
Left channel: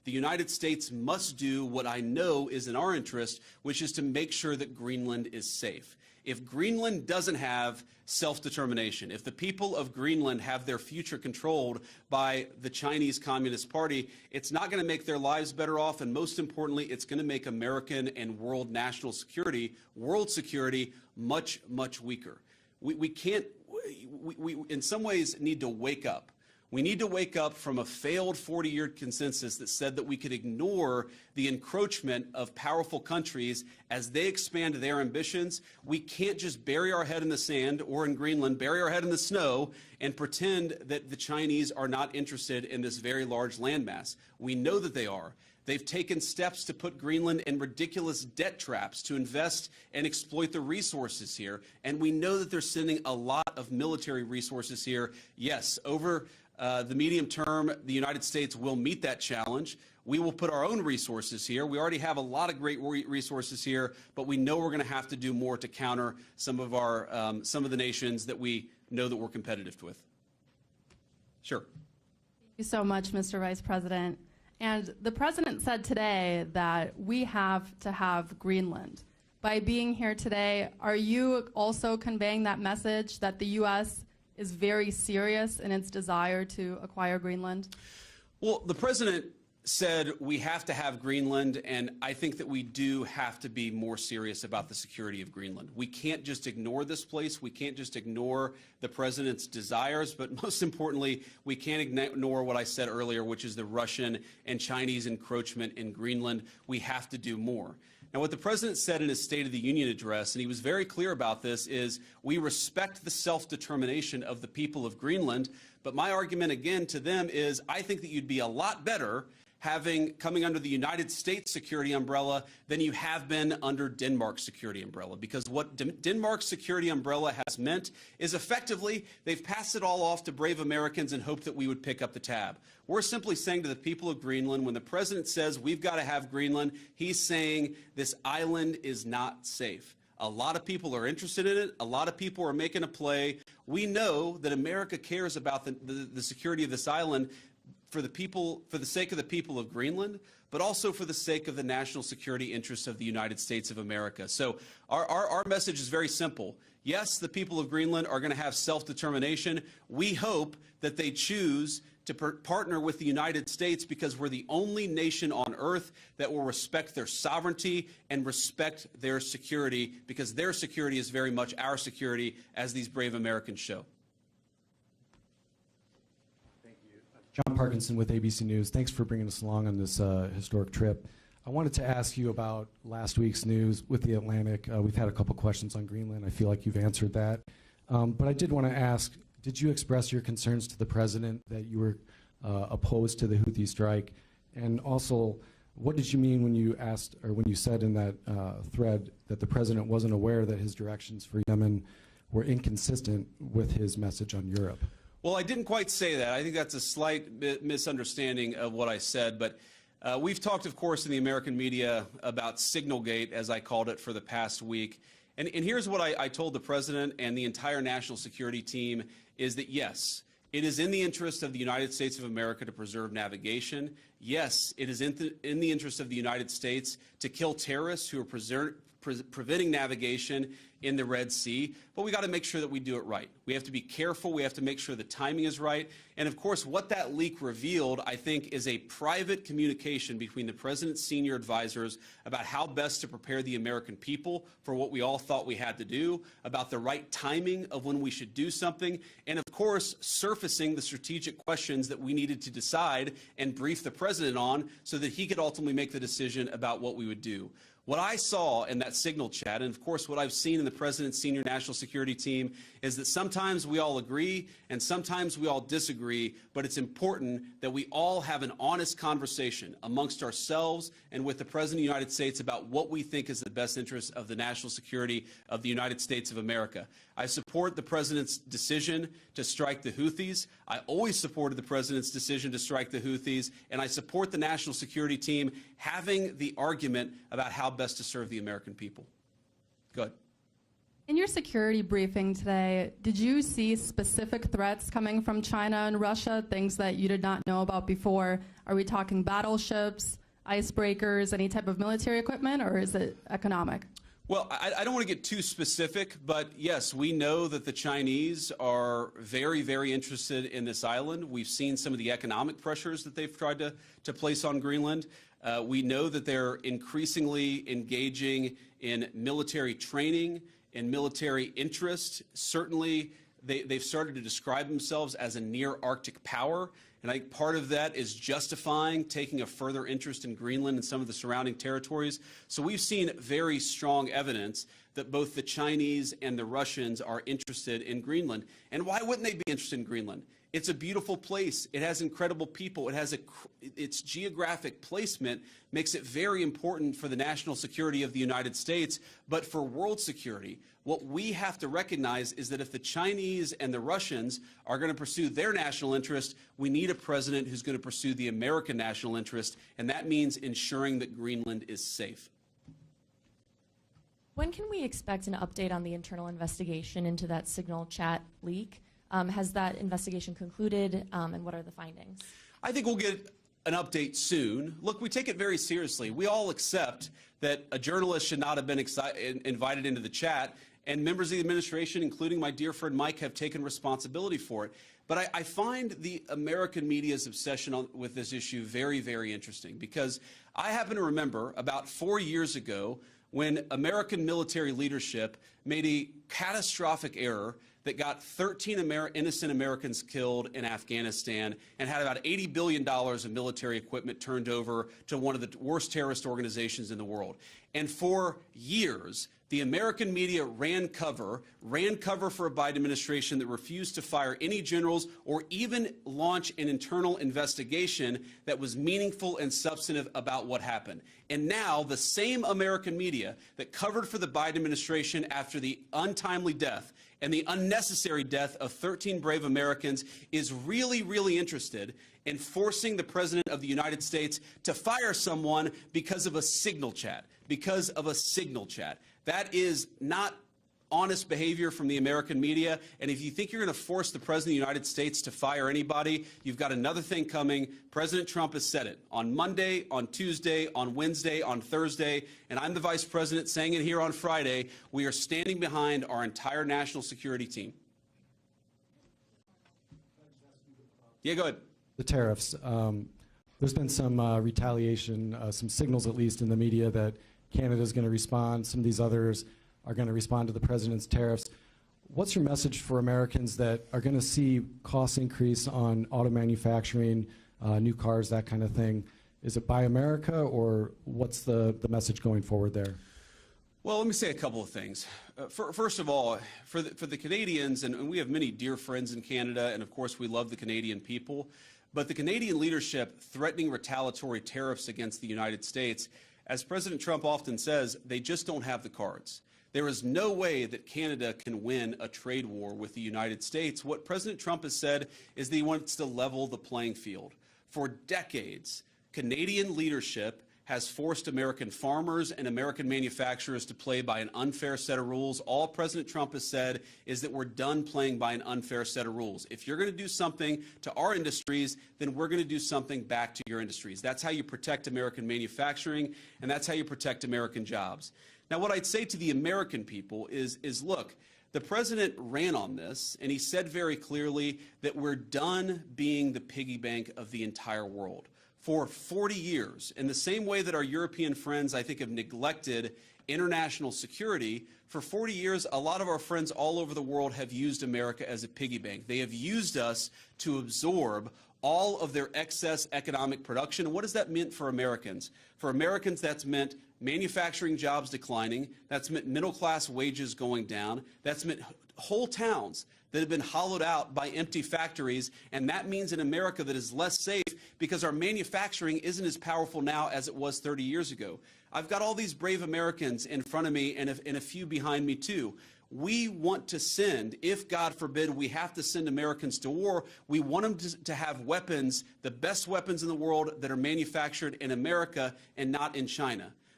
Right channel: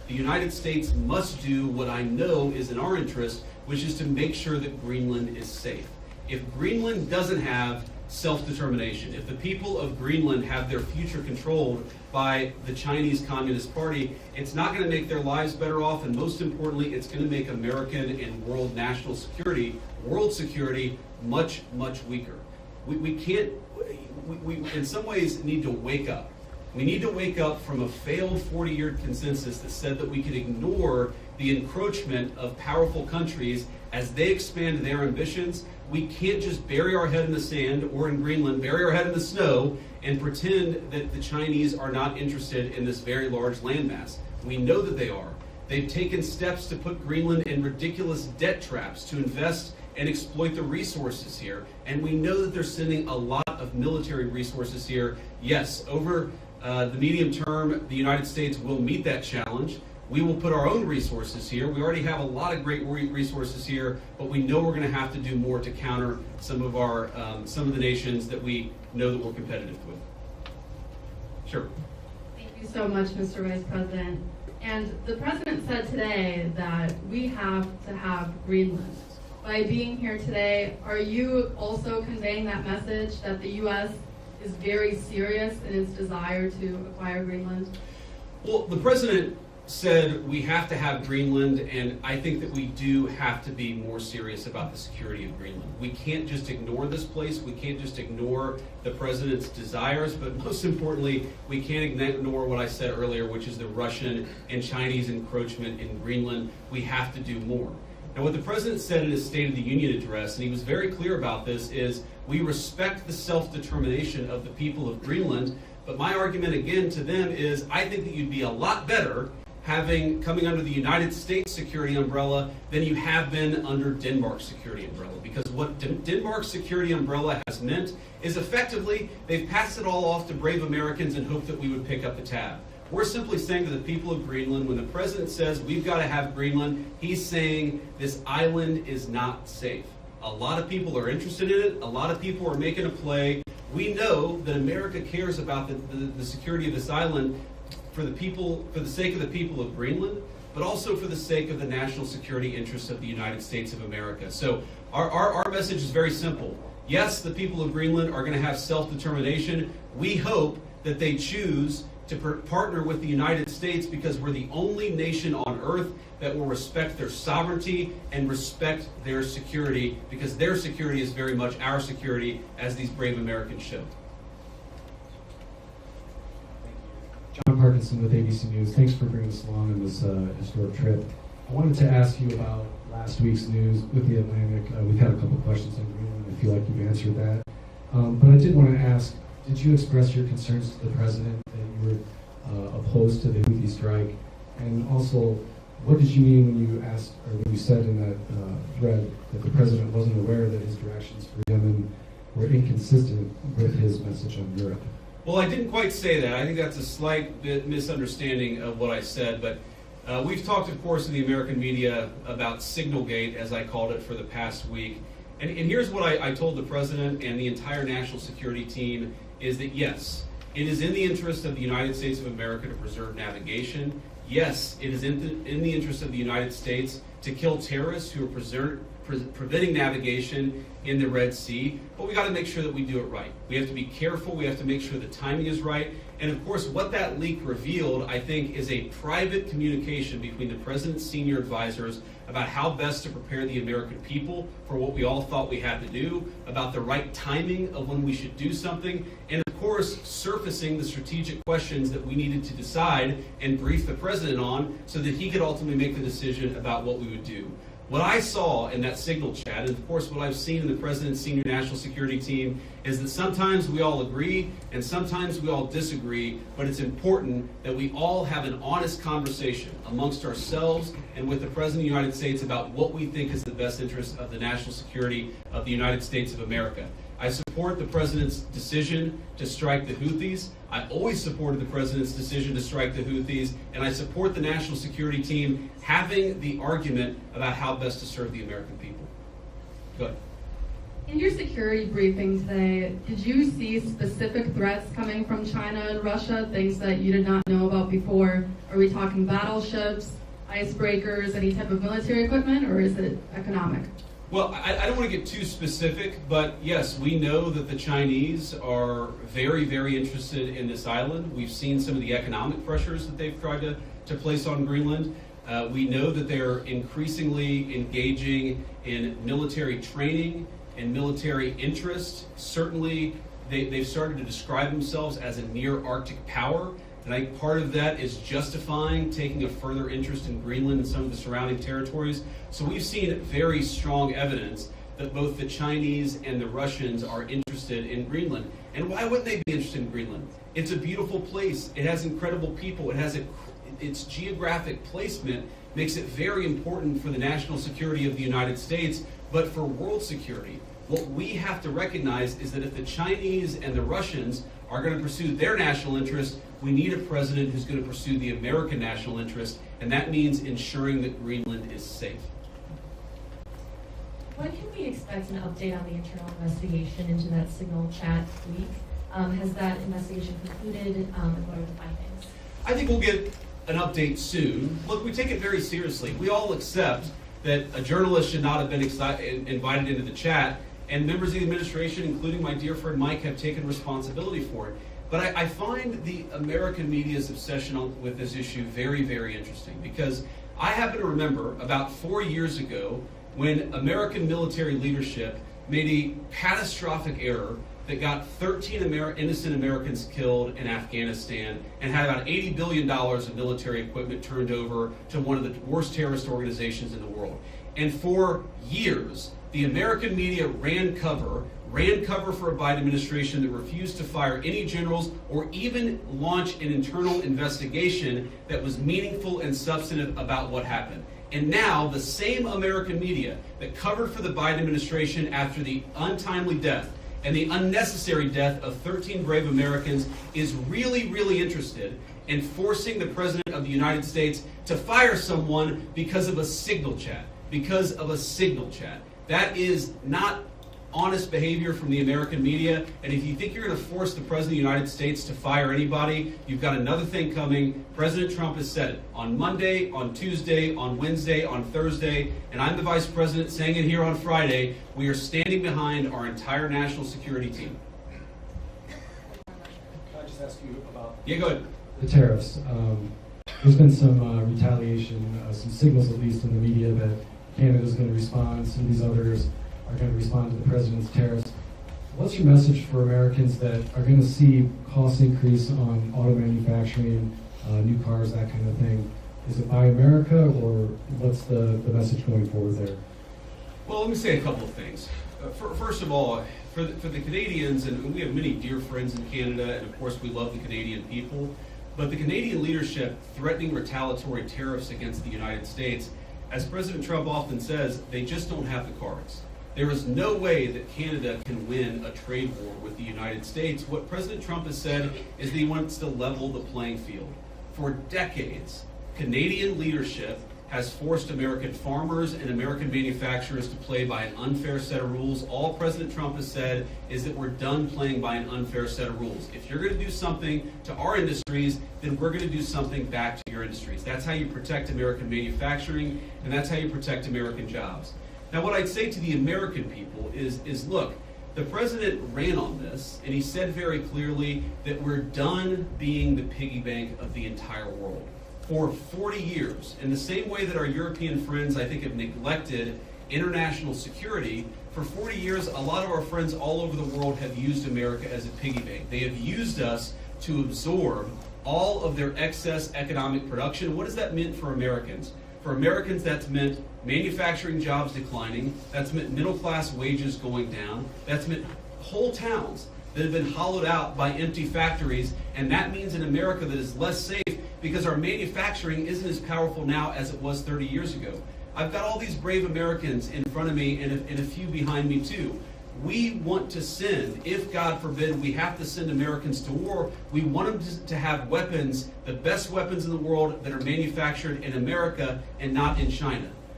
the United States must do what I know is in our interest, which is to make sure that Greenland is safe. If Greenland doesn't have self-determination, if the people of Greenland have their future controlled by the Chinese Communist Party, it's not going to make their lives better off, and most importantly, it's going to make American and world national security, world security, much, much weaker. We can't, we in some ways need to wake up. We need to wake up from a failed 40-year consensus that said that we could ignore the encroachment of powerful countries as they expand their ambitions. We can't just bury our head in the sand, or in Greenland, bury our head in the snow and pretend that the Chinese are not interested in this very large landmass. We know that they are. They've taken steps to put Greenland in ridiculous debt traps to invest and exploit the resources here. And we know that they're sending a lot of military resources here. Yes, over the medium term, the United States will meet that challenge. We will put our own resources here. We already have a lot of great resources here, but we know we're going to have to do more to counter some of our some of the nations that we know that we're competitive with. Sure. Thank you so much, Mr. Vice President. And the President said today that we have to have Greenland. By being here today, are you also conveying that message that the U.S. is very serious in its desire to acquire Greenland? Well, the President said we have to have Greenland, and I think that we do have to be more serious about the security of Greenland. We can't just ignore this place. We can't just ignore the President's desires, but most importantly, we can't ignore what I said earlier, which is the Russian and Chinese encroachment in Greenland. We have to do more. And what the President said in his State of the Union address, and he was very clear about this, is we respect the self-determination of the people of Greenland, but my argument again to them is I think that you'd be a lot better coming under the United States security umbrella than you have been under Denmark's security umbrella. Because what Denmark's security umbrella has meant is effectively they've passed it all off to brave Americans and hoped that we would pick up the tab. We're simply saying to the people of Greenland, when the President says we've got to have Greenland, he's saying this island is not safe. A lot of people are interested in it. A lot of people are making a play. We know that America cares about the security of this island for the sake of the people of Greenland, but also for the sake of the national security interests of the United States of America. So our message is very simple. Yes, the people of Greenland are going to have self-determination. We hope that they choose to partner with the United States because we're the only nation on earth that will respect their sovereignty and respect their security, because their security is very much our security, as these brave Americans show. John Parkinson with ABC News. Thanks for bringing us along on this historic trip. I wanted to ask you about last week's news with the Atlantic. We've had a couple questions on Greenland. I feel like you've answered that. But I did want to ask, did you express your concerns to the President that you were opposed to the Houthi strike? And also, what did you mean when you asked, or when you said in that thread that the President wasn't aware that his directions for Yemen were inconsistent with his message on Europe? Well, I didn't quite say that. I think that's a slight bit misunderstanding of what I said, but we've talked, of course, in the American media about Signalgate, as I called it, for the past week. And here's what I told the President and the entire national security team, is that yes, it is in the interest of the United States of America to preserve navigation. Yes, it is in the interest of the United States to kill terrorists who are preventing navigation in the Red Sea, but we got to make sure that we do it right. We have to be careful. We have to make sure the timing is right. And of course, what that leak revealed, I think, is a private communication between the President's senior advisors about how best to prepare the American people for what we all thought we had to do, about the right timing of when we should do something, and of course, surfacing the strategic questions that we needed to decide and brief the President on so that he could ultimately make the decision about what we would do. What I saw in that signal chat, and of course what I've seen in the President's senior national security team, is that sometimes we all agree and sometimes we all disagree, but it's important that we all have an honest conversation amongst ourselves and with the President of the United States about what we think is the best interest of the national security of the United States of America. I support the President's decision to strike the Houthis. I always supported the President's decision to strike the Houthis, and I support the national security team having the argument about how best to serve the American people. Go ahead. In your your security briefing today, did you see specific threats coming from China and Russia, things that you did not know about before? Are we talking battleships, icebreakers, any type of military equipment, or is it economic? Well, I don't want to get too specific, but yes, we know that the Chinese are very, very interested in this island. We've seen some of the economic pressures that they've tried to place on Greenland. We know that they're increasingly engaging in military training and military interest. Certainly, they've started to describe themselves as a near-Arctic power. And I think part of that is justifying taking a further interest in Greenland and some of the surrounding territories. So we've seen very strong evidence that both the Chinese and the Russians are interested in Greenland. And why wouldn't they be interested in Greenland? It's a beautiful place. It has incredible people. It has its geographic placement makes it very important for the national security of the United States, but for world security. What we have to recognize is that if the Chinese and the Russians are going to pursue their national interest, we need a president who's going to pursue the American national interest, and that means ensuring that Greenland is safe. When can we expect an update on the internal investigation into that signal chat leak? Has that investigation concluded, and what are the findings? I think we'll get an update soon. Look, we take it very seriously. We all accept that a journalist should not have been invited into the chat, and members of the administration, including my dear friend Mike, have taken responsibility for it. But I find the American media's obsession with this issue very, very interesting, because I happen to remember about 4 years ago when American military leadership made a catastrophic error that got 13 innocent Americans killed in Afghanistan and had about $80 billion of military equipment turned over to one of the worst terrorist organizations in the world. And for years, the American media ran cover for a Biden administration that refused to fire any generals or even launch an internal investigation that was meaningful and substantive about what happened. And now the same American media that covered for the Biden administration after the untimely death and the unnecessary death of 13 brave Americans is really, really interested in forcing the President of the United States to fire someone because of a signal chat. Because of a signal chat. That is not honest behavior from the American media, and if you think you're going to force the President of the United States to fire anybody, you've got another thing coming. President Trump has said it on Monday, on Tuesday, on Wednesday, on Thursday, and I'm the Vice President saying it here on Friday. We are standing behind our entire national security team. Can I just ask you about Yeah, go ahead. the tariffs? There's been some retaliation, some signals at least in the media that Canada's going to respond, some of these others are going to respond to the president's tariffs. What's your message for Americans that are going to see costs increase on auto manufacturing, new cars, that kind of thing? Is it Buy America, or what's the message going forward there? Well, let me say a couple of things. First of all, for the Canadians, and we have many dear friends in Canada, and of course we love the Canadian people, but the Canadian leadership threatening retaliatory tariffs against the United States, as President Trump often says, they just don't have the cards. There is no way that Canada can win a trade war with the United States. What President Trump has said is that he wants to level the playing field. For decades, Canadian leadership has forced American farmers and American manufacturers to play by an unfair set of rules. All President Trump has said is that we're done playing by an unfair set of rules. If you're going to do something to our industries, then we're going to do something back to your industries. That's how you protect American manufacturing, and that's how you protect American jobs. Now, what I'd say to the American people is look, the president ran on this, and he said very clearly that we're done being the piggy bank of the entire world. For 40 years, in the same way that our European friends, I think, have neglected international security, for 40 years, a lot of our friends all over the world have used America as a piggy bank. They have used us to absorb all of their excess economic production. What has that meant for Americans? For Americans, that's meant manufacturing jobs declining. That's meant middle-class wages going down. That's meant whole towns that have been hollowed out by empty factories. And that means an America that is less safe because our manufacturing isn't as powerful now as it was 30 years ago. I've got all these brave Americans in front of me and a few behind me too. We want to send, if God forbid we have to send Americans to war, we want them to have weapons, the best weapons in the world that are manufactured in America and not in China.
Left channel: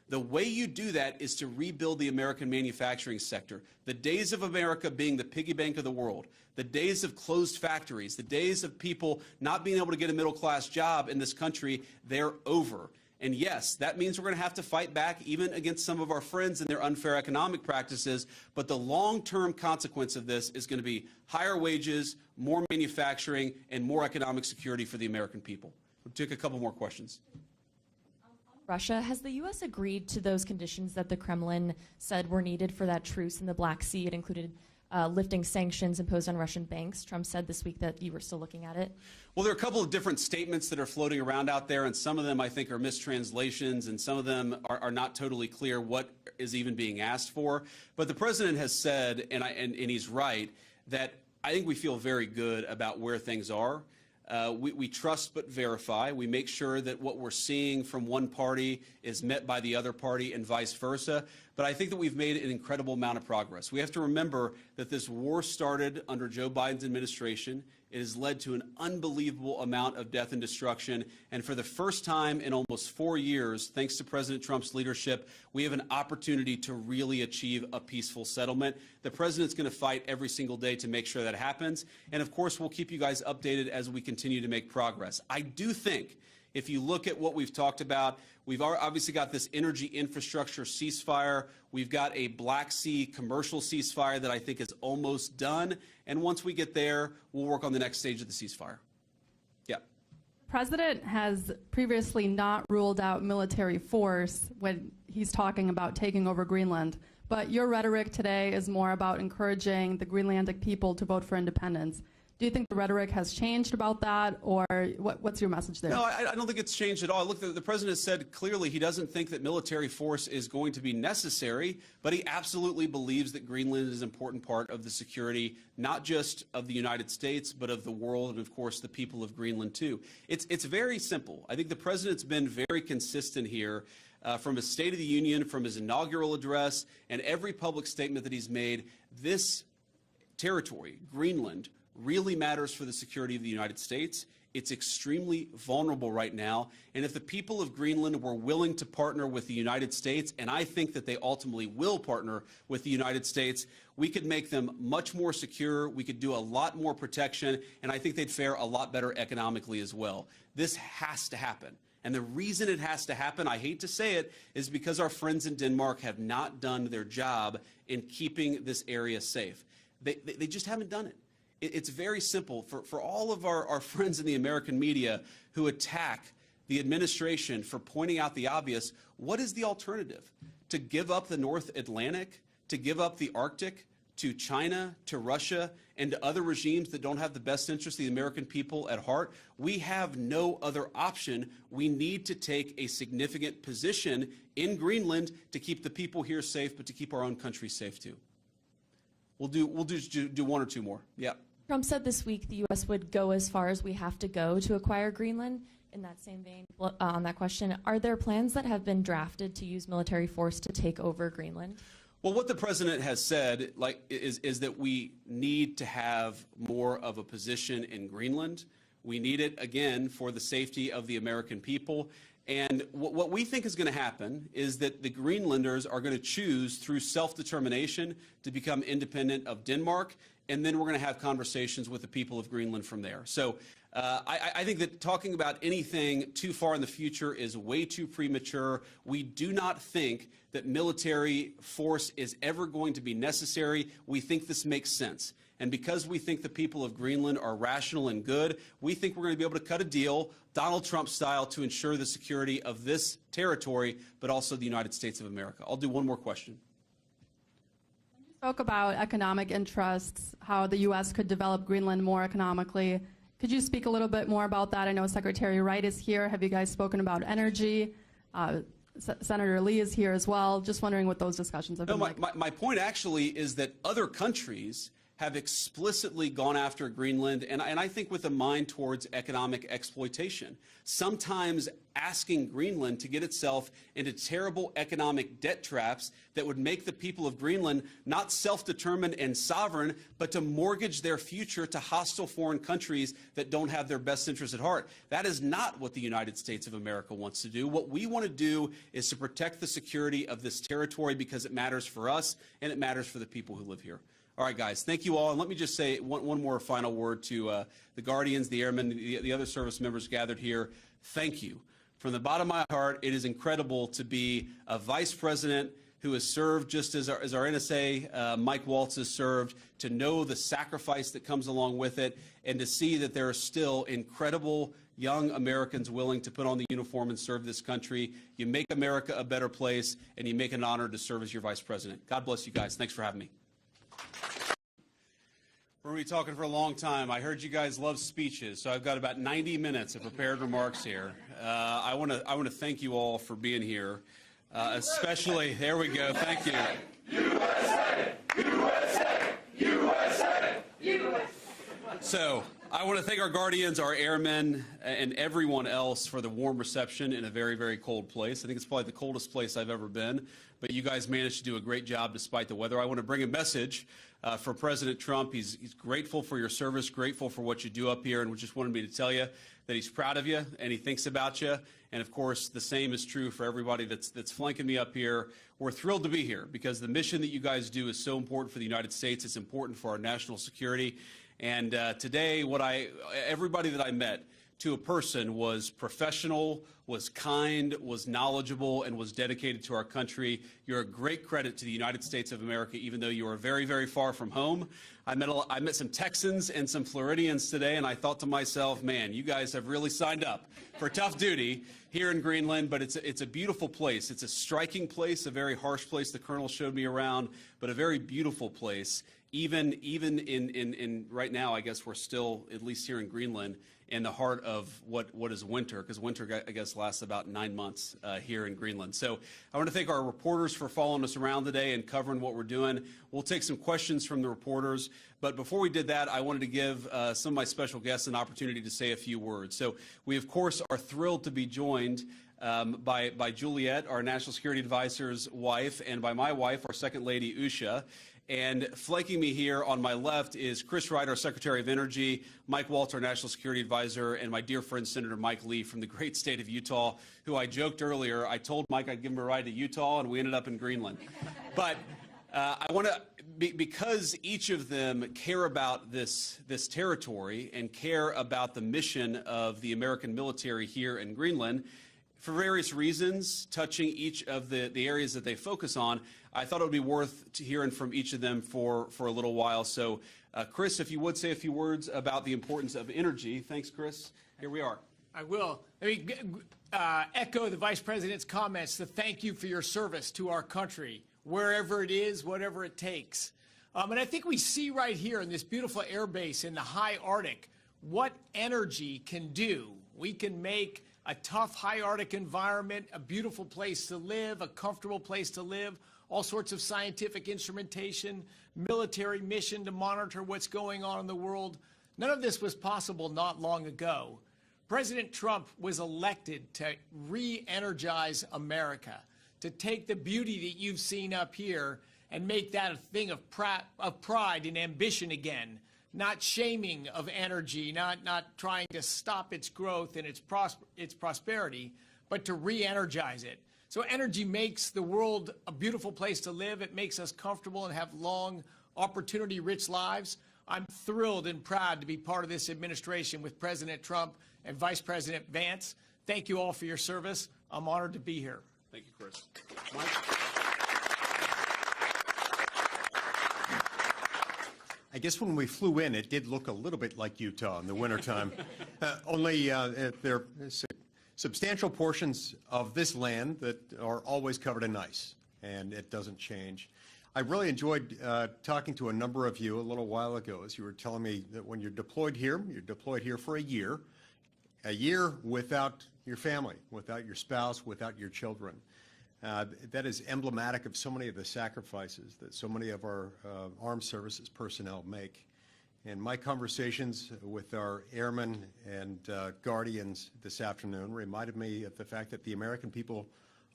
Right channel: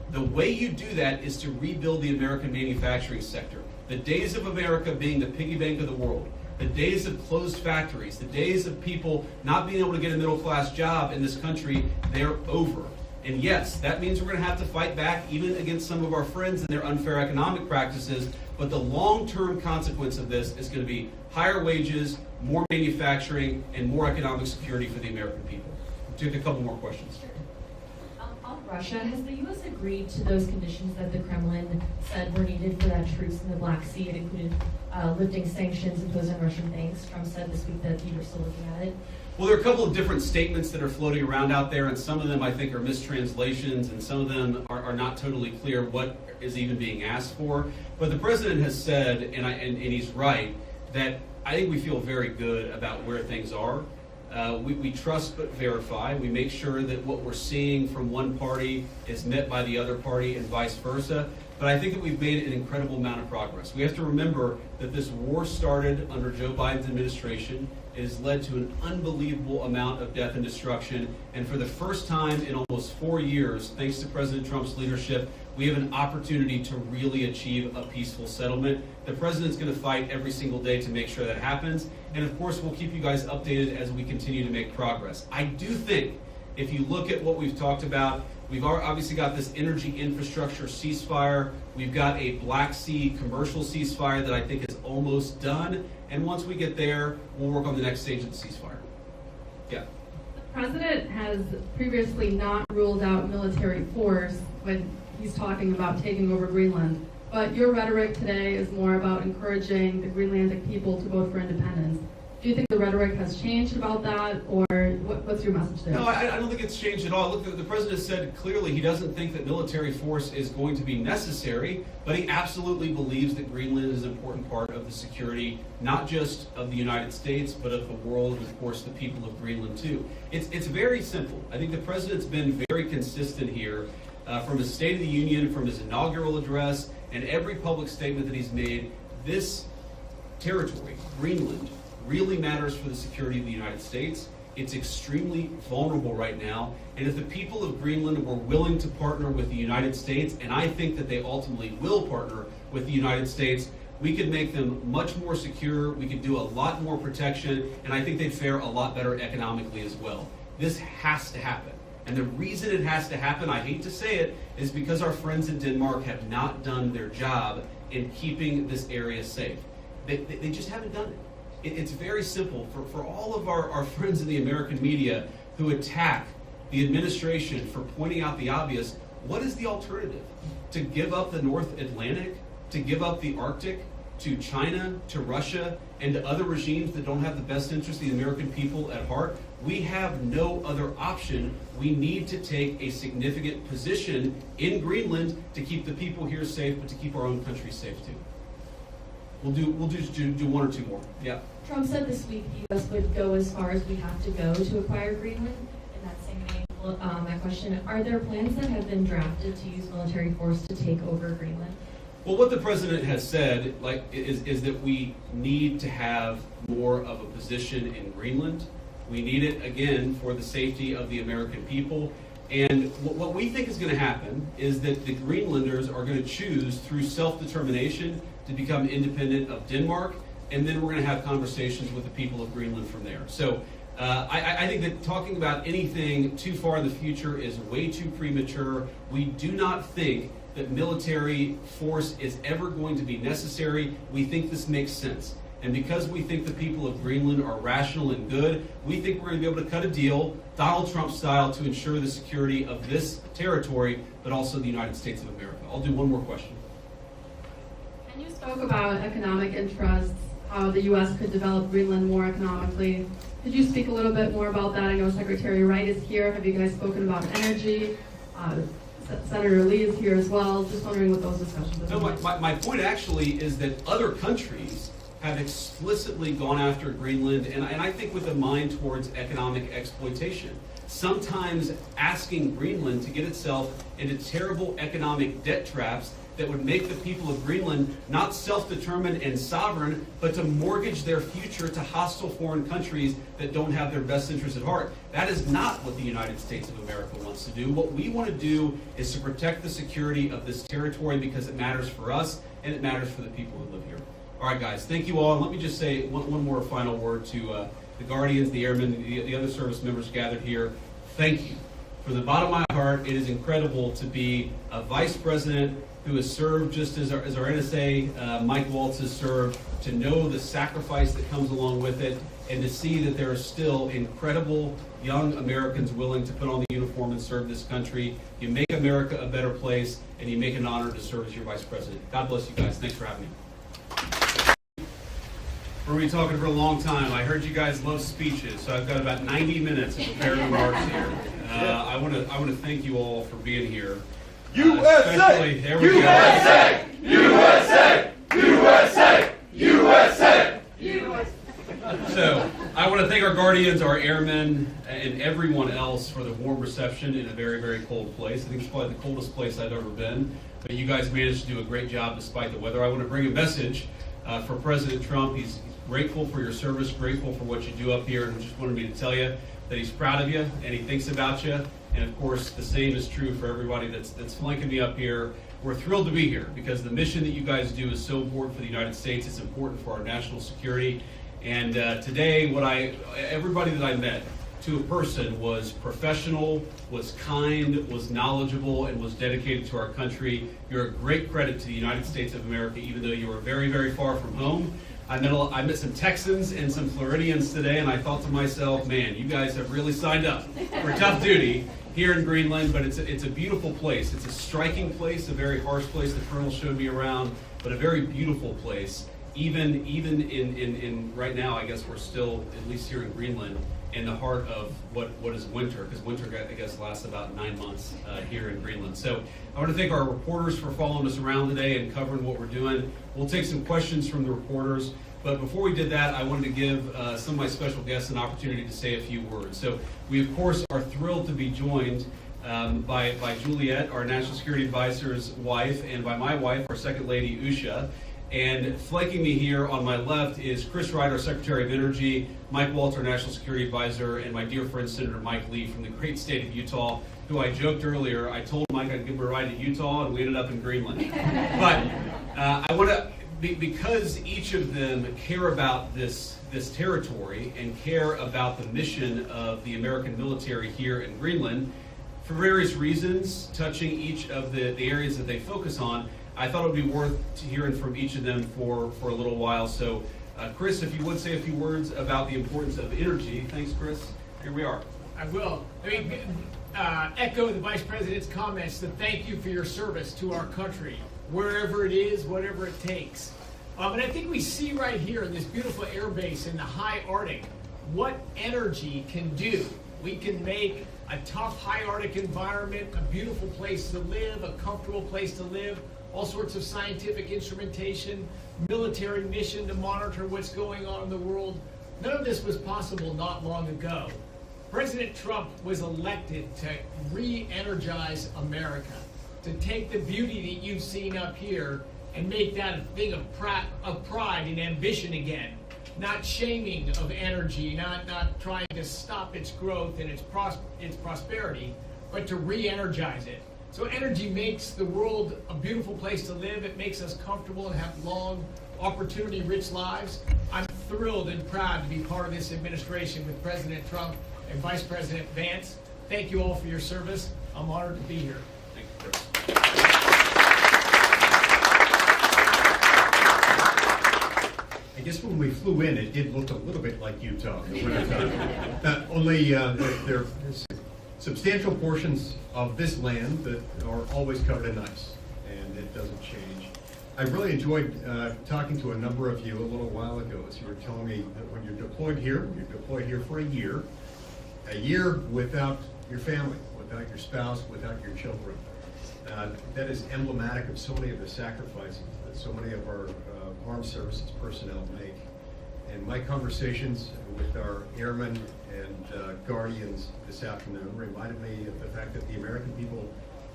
The way you do that is to rebuild the American manufacturing sector. The days of America being the piggy bank of the world, the days of closed factories, the days of people not being able to get a middle-class job in this country, they're over. And yes, that means we're going to have to fight back even against some of our friends and their unfair economic practices, but the long-term consequence of this is going to be higher wages, more manufacturing, and more economic security for the American people. We'll take a couple more questions. On Russia, has the U.S. agreed to those conditions that the Kremlin said were needed for that truce in the Black Sea? It included lifting sanctions imposed on Russian banks. Trump said this week that you were still looking at it. Well, there are a couple of different statements that are floating around out there, and some of them I think are mistranslations, and some of them are not totally clear what is even being asked for. But the president has said, and he's right, that I think we feel very good about where things are. We trust but verify. We make sure that what we're seeing from one party is met by the other party and vice versa. But I think that we've made an incredible amount of progress. We have to remember that this war started under Joe Biden's administration. It has led to an unbelievable amount of death and destruction. And for the first time in almost 4 years, thanks to President Trump's leadership, we have an opportunity to really achieve a peaceful settlement. The president's going to fight every single day to make sure that happens. And of course, we'll keep you guys updated as we continue to make progress. I do think if you look at what we've talked about, we've obviously got this energy infrastructure ceasefire. We've got a Black Sea commercial ceasefire that I think is almost done. And once we get there, we'll work on the next stage of the ceasefire. Yeah. The president has previously not ruled out military force when he's talking about taking over Greenland. But your rhetoric today is more about encouraging the Greenlandic people to vote for independence. Do you think the rhetoric has changed about that, or what's your message there? No, I don't think it's changed at all. Look, the president said clearly he doesn't think that military force is going to be necessary, but he absolutely believes that Greenland is an important part of the security, not just of the United States, but of the world, and of course the people of Greenland too. It's very simple. I think the president's been very consistent here from his State of the Union, from his inaugural address, and every public statement that he's made. This territory, Greenland, really matters for the security of the United States. It's extremely vulnerable right now, and if the people of Greenland were willing to partner with the United States, and I think that they ultimately will partner with the United States, we could make them much more secure, we could do a lot more protection, and I think they'd fare a lot better economically as well. This has to happen. And the reason it has to happen, I hate to say it, is because our friends in Denmark have not done their job in keeping this area safe. They just haven't done it. It's very simple. For all of our friends in the American media who attack the administration for pointing out the obvious, what is the alternative? To give up the North Atlantic? To give up the Arctic? To China? To Russia? And to other regimes that don't have the best interest of the American people at heart? We have no other option. We need to take a significant position in Greenland to keep the people here safe, but to keep our own country safe too. We'll just do one or two more. Yeah. Trump said this week the U.S. would go as far as we have to go to acquire Greenland. In that same vein, that question, are there plans that have been drafted to use military force to take over Greenland? Well, what the president has said, is that we need to have more of a position in Greenland. We need it, again, for the safety of the American people. And what we think is going to happen is that the Greenlanders are going to choose through self-determination to become independent of Denmark, and then we're going to have conversations with the people of Greenland from there. So I think that talking about anything too far in the future is way too premature. We do not think that military force is ever going to be necessary. We think this makes sense. And because we think the people of Greenland are rational and good, we think we're going to be able to cut a deal, Donald Trump style, to ensure the security of this territory, but also the United States of America. I'll do one more question. And you spoke about economic interests, how the U.S. could develop Greenland more economically. Could you speak a little bit more about that? I know Secretary Wright is here. Have you guys spoken about energy? Senator Lee is here as well. Just wondering what those discussions have been like. My point actually is that other countries have explicitly gone after Greenland, and I think with a mind towards economic exploitation. Sometimes asking Greenland to get itself into terrible economic debt traps that would make the people of Greenland not self-determined and sovereign, but to mortgage their future to hostile foreign countries that don't have their best interests at heart. That is not what the United States of America wants to do. What we want to do is to protect the security of this territory because it matters for us and it matters for the people who live here. All right, guys, thank you all. And let me just say one more final word to the Guardians, the Airmen, the other service members gathered here. Thank you. From the bottom of my heart, it is incredible to be a vice president who has served just as our NSA, Mike Waltz, has served, to know the sacrifice that comes along with it, and to see that there are still incredible young Americans willing to put on the uniform and serve this country. You make America a better place, and you make an honor to serve as your vice president. God bless you guys. Thanks for having me. We're going to be talking for a long time. I heard you guys love speeches, so I've got about 90 minutes of prepared remarks here. I want to thank you all for being here. USA! There we USA! USA! USA! USA! USA! So, I want to thank our Guardians, our airmen, and everyone else for the warm reception in a very, very cold place. I think it's probably the coldest place I've ever been, but you guys managed to do a great job despite the weather. I want to bring a message for President Trump. He's grateful for your service, grateful for what you do up here, and just wanted me to tell you that he's proud of you and he thinks about you. And of course, the same is true for everybody that's flanking me up here. We're thrilled to be here because the mission that you guys do is so important for the United States. It's important for our national security. And today, everybody that I met, to a person, was professional, was kind, was knowledgeable, and was dedicated to our country. You're a great credit to the United States of America, even though you are very, very far from home. I met some Texans and some Floridians today, and I thought to myself, man, you guys have really signed up for tough duty here in Greenland, but it's a beautiful place. It's a striking place, a very harsh place. The Colonel showed me around, but a very beautiful place. Even in right now, I guess we're still, at least here in Greenland, in the heart of what is winter, because winter, I guess, lasts about 9 months here in Greenland. So I want to thank our reporters for following us around today and covering what we're doing. We'll take some questions from the reporters, but before we did that, I wanted to give some of my special guests an opportunity to say a few words. So we, of course, are thrilled to be joined by Juliet, our National Security Advisor's wife, and by my wife, our Second Lady, Usha. And flanking me here on my left is Chris Wright, our Secretary of Energy, Mike Waltz, our National Security Advisor, and my dear friend Senator Mike Lee from the great state of Utah, who I joked earlier, I told Mike I'd give him a ride to Utah, and we ended up in Greenland. But I want to, because each of them care about this territory and care about the mission of the American military here in Greenland, for various reasons, touching each of the areas that they focus on, I thought it would be worth hearing from each of them for a little while. So, Chris, if you would say a few words about the importance of energy. Thanks, Chris. Here we are. I will. Echo the Vice President's comments to thank you for your service to our country, wherever it is, whatever it takes. And I think we see right here in this beautiful air base in the high Arctic what energy can do. We can make a tough high Arctic environment a beautiful place to live, a comfortable place to live, all sorts of scientific instrumentation, military mission to monitor what's going on in the world. None of this was possible not long ago. President Trump was elected to re-energize America, to take the beauty that you've seen up here and make that a thing of pride and ambition again. Not shaming of energy, not trying to stop its growth and its prosperity, but to re-energize it. So energy makes the world a beautiful place to live. It makes us comfortable and have long, opportunity-rich lives. I'm thrilled and proud to be part of this administration with President Trump and Vice President Vance. Thank you all for your service. I'm honored to be here. Thank you, Chris. I guess when we flew in, it did look a little bit like Utah in the wintertime. Only there are substantial portions of this land that are always covered in ice, and it doesn't change. I really enjoyed talking to a number of you a little while ago as you were telling me that when you're deployed here for a year without your family, without your spouse, without your children. That is emblematic of so many of the sacrifices that so many of our armed services personnel make. And my conversations with our airmen and guardians this afternoon reminded me of the fact that the American people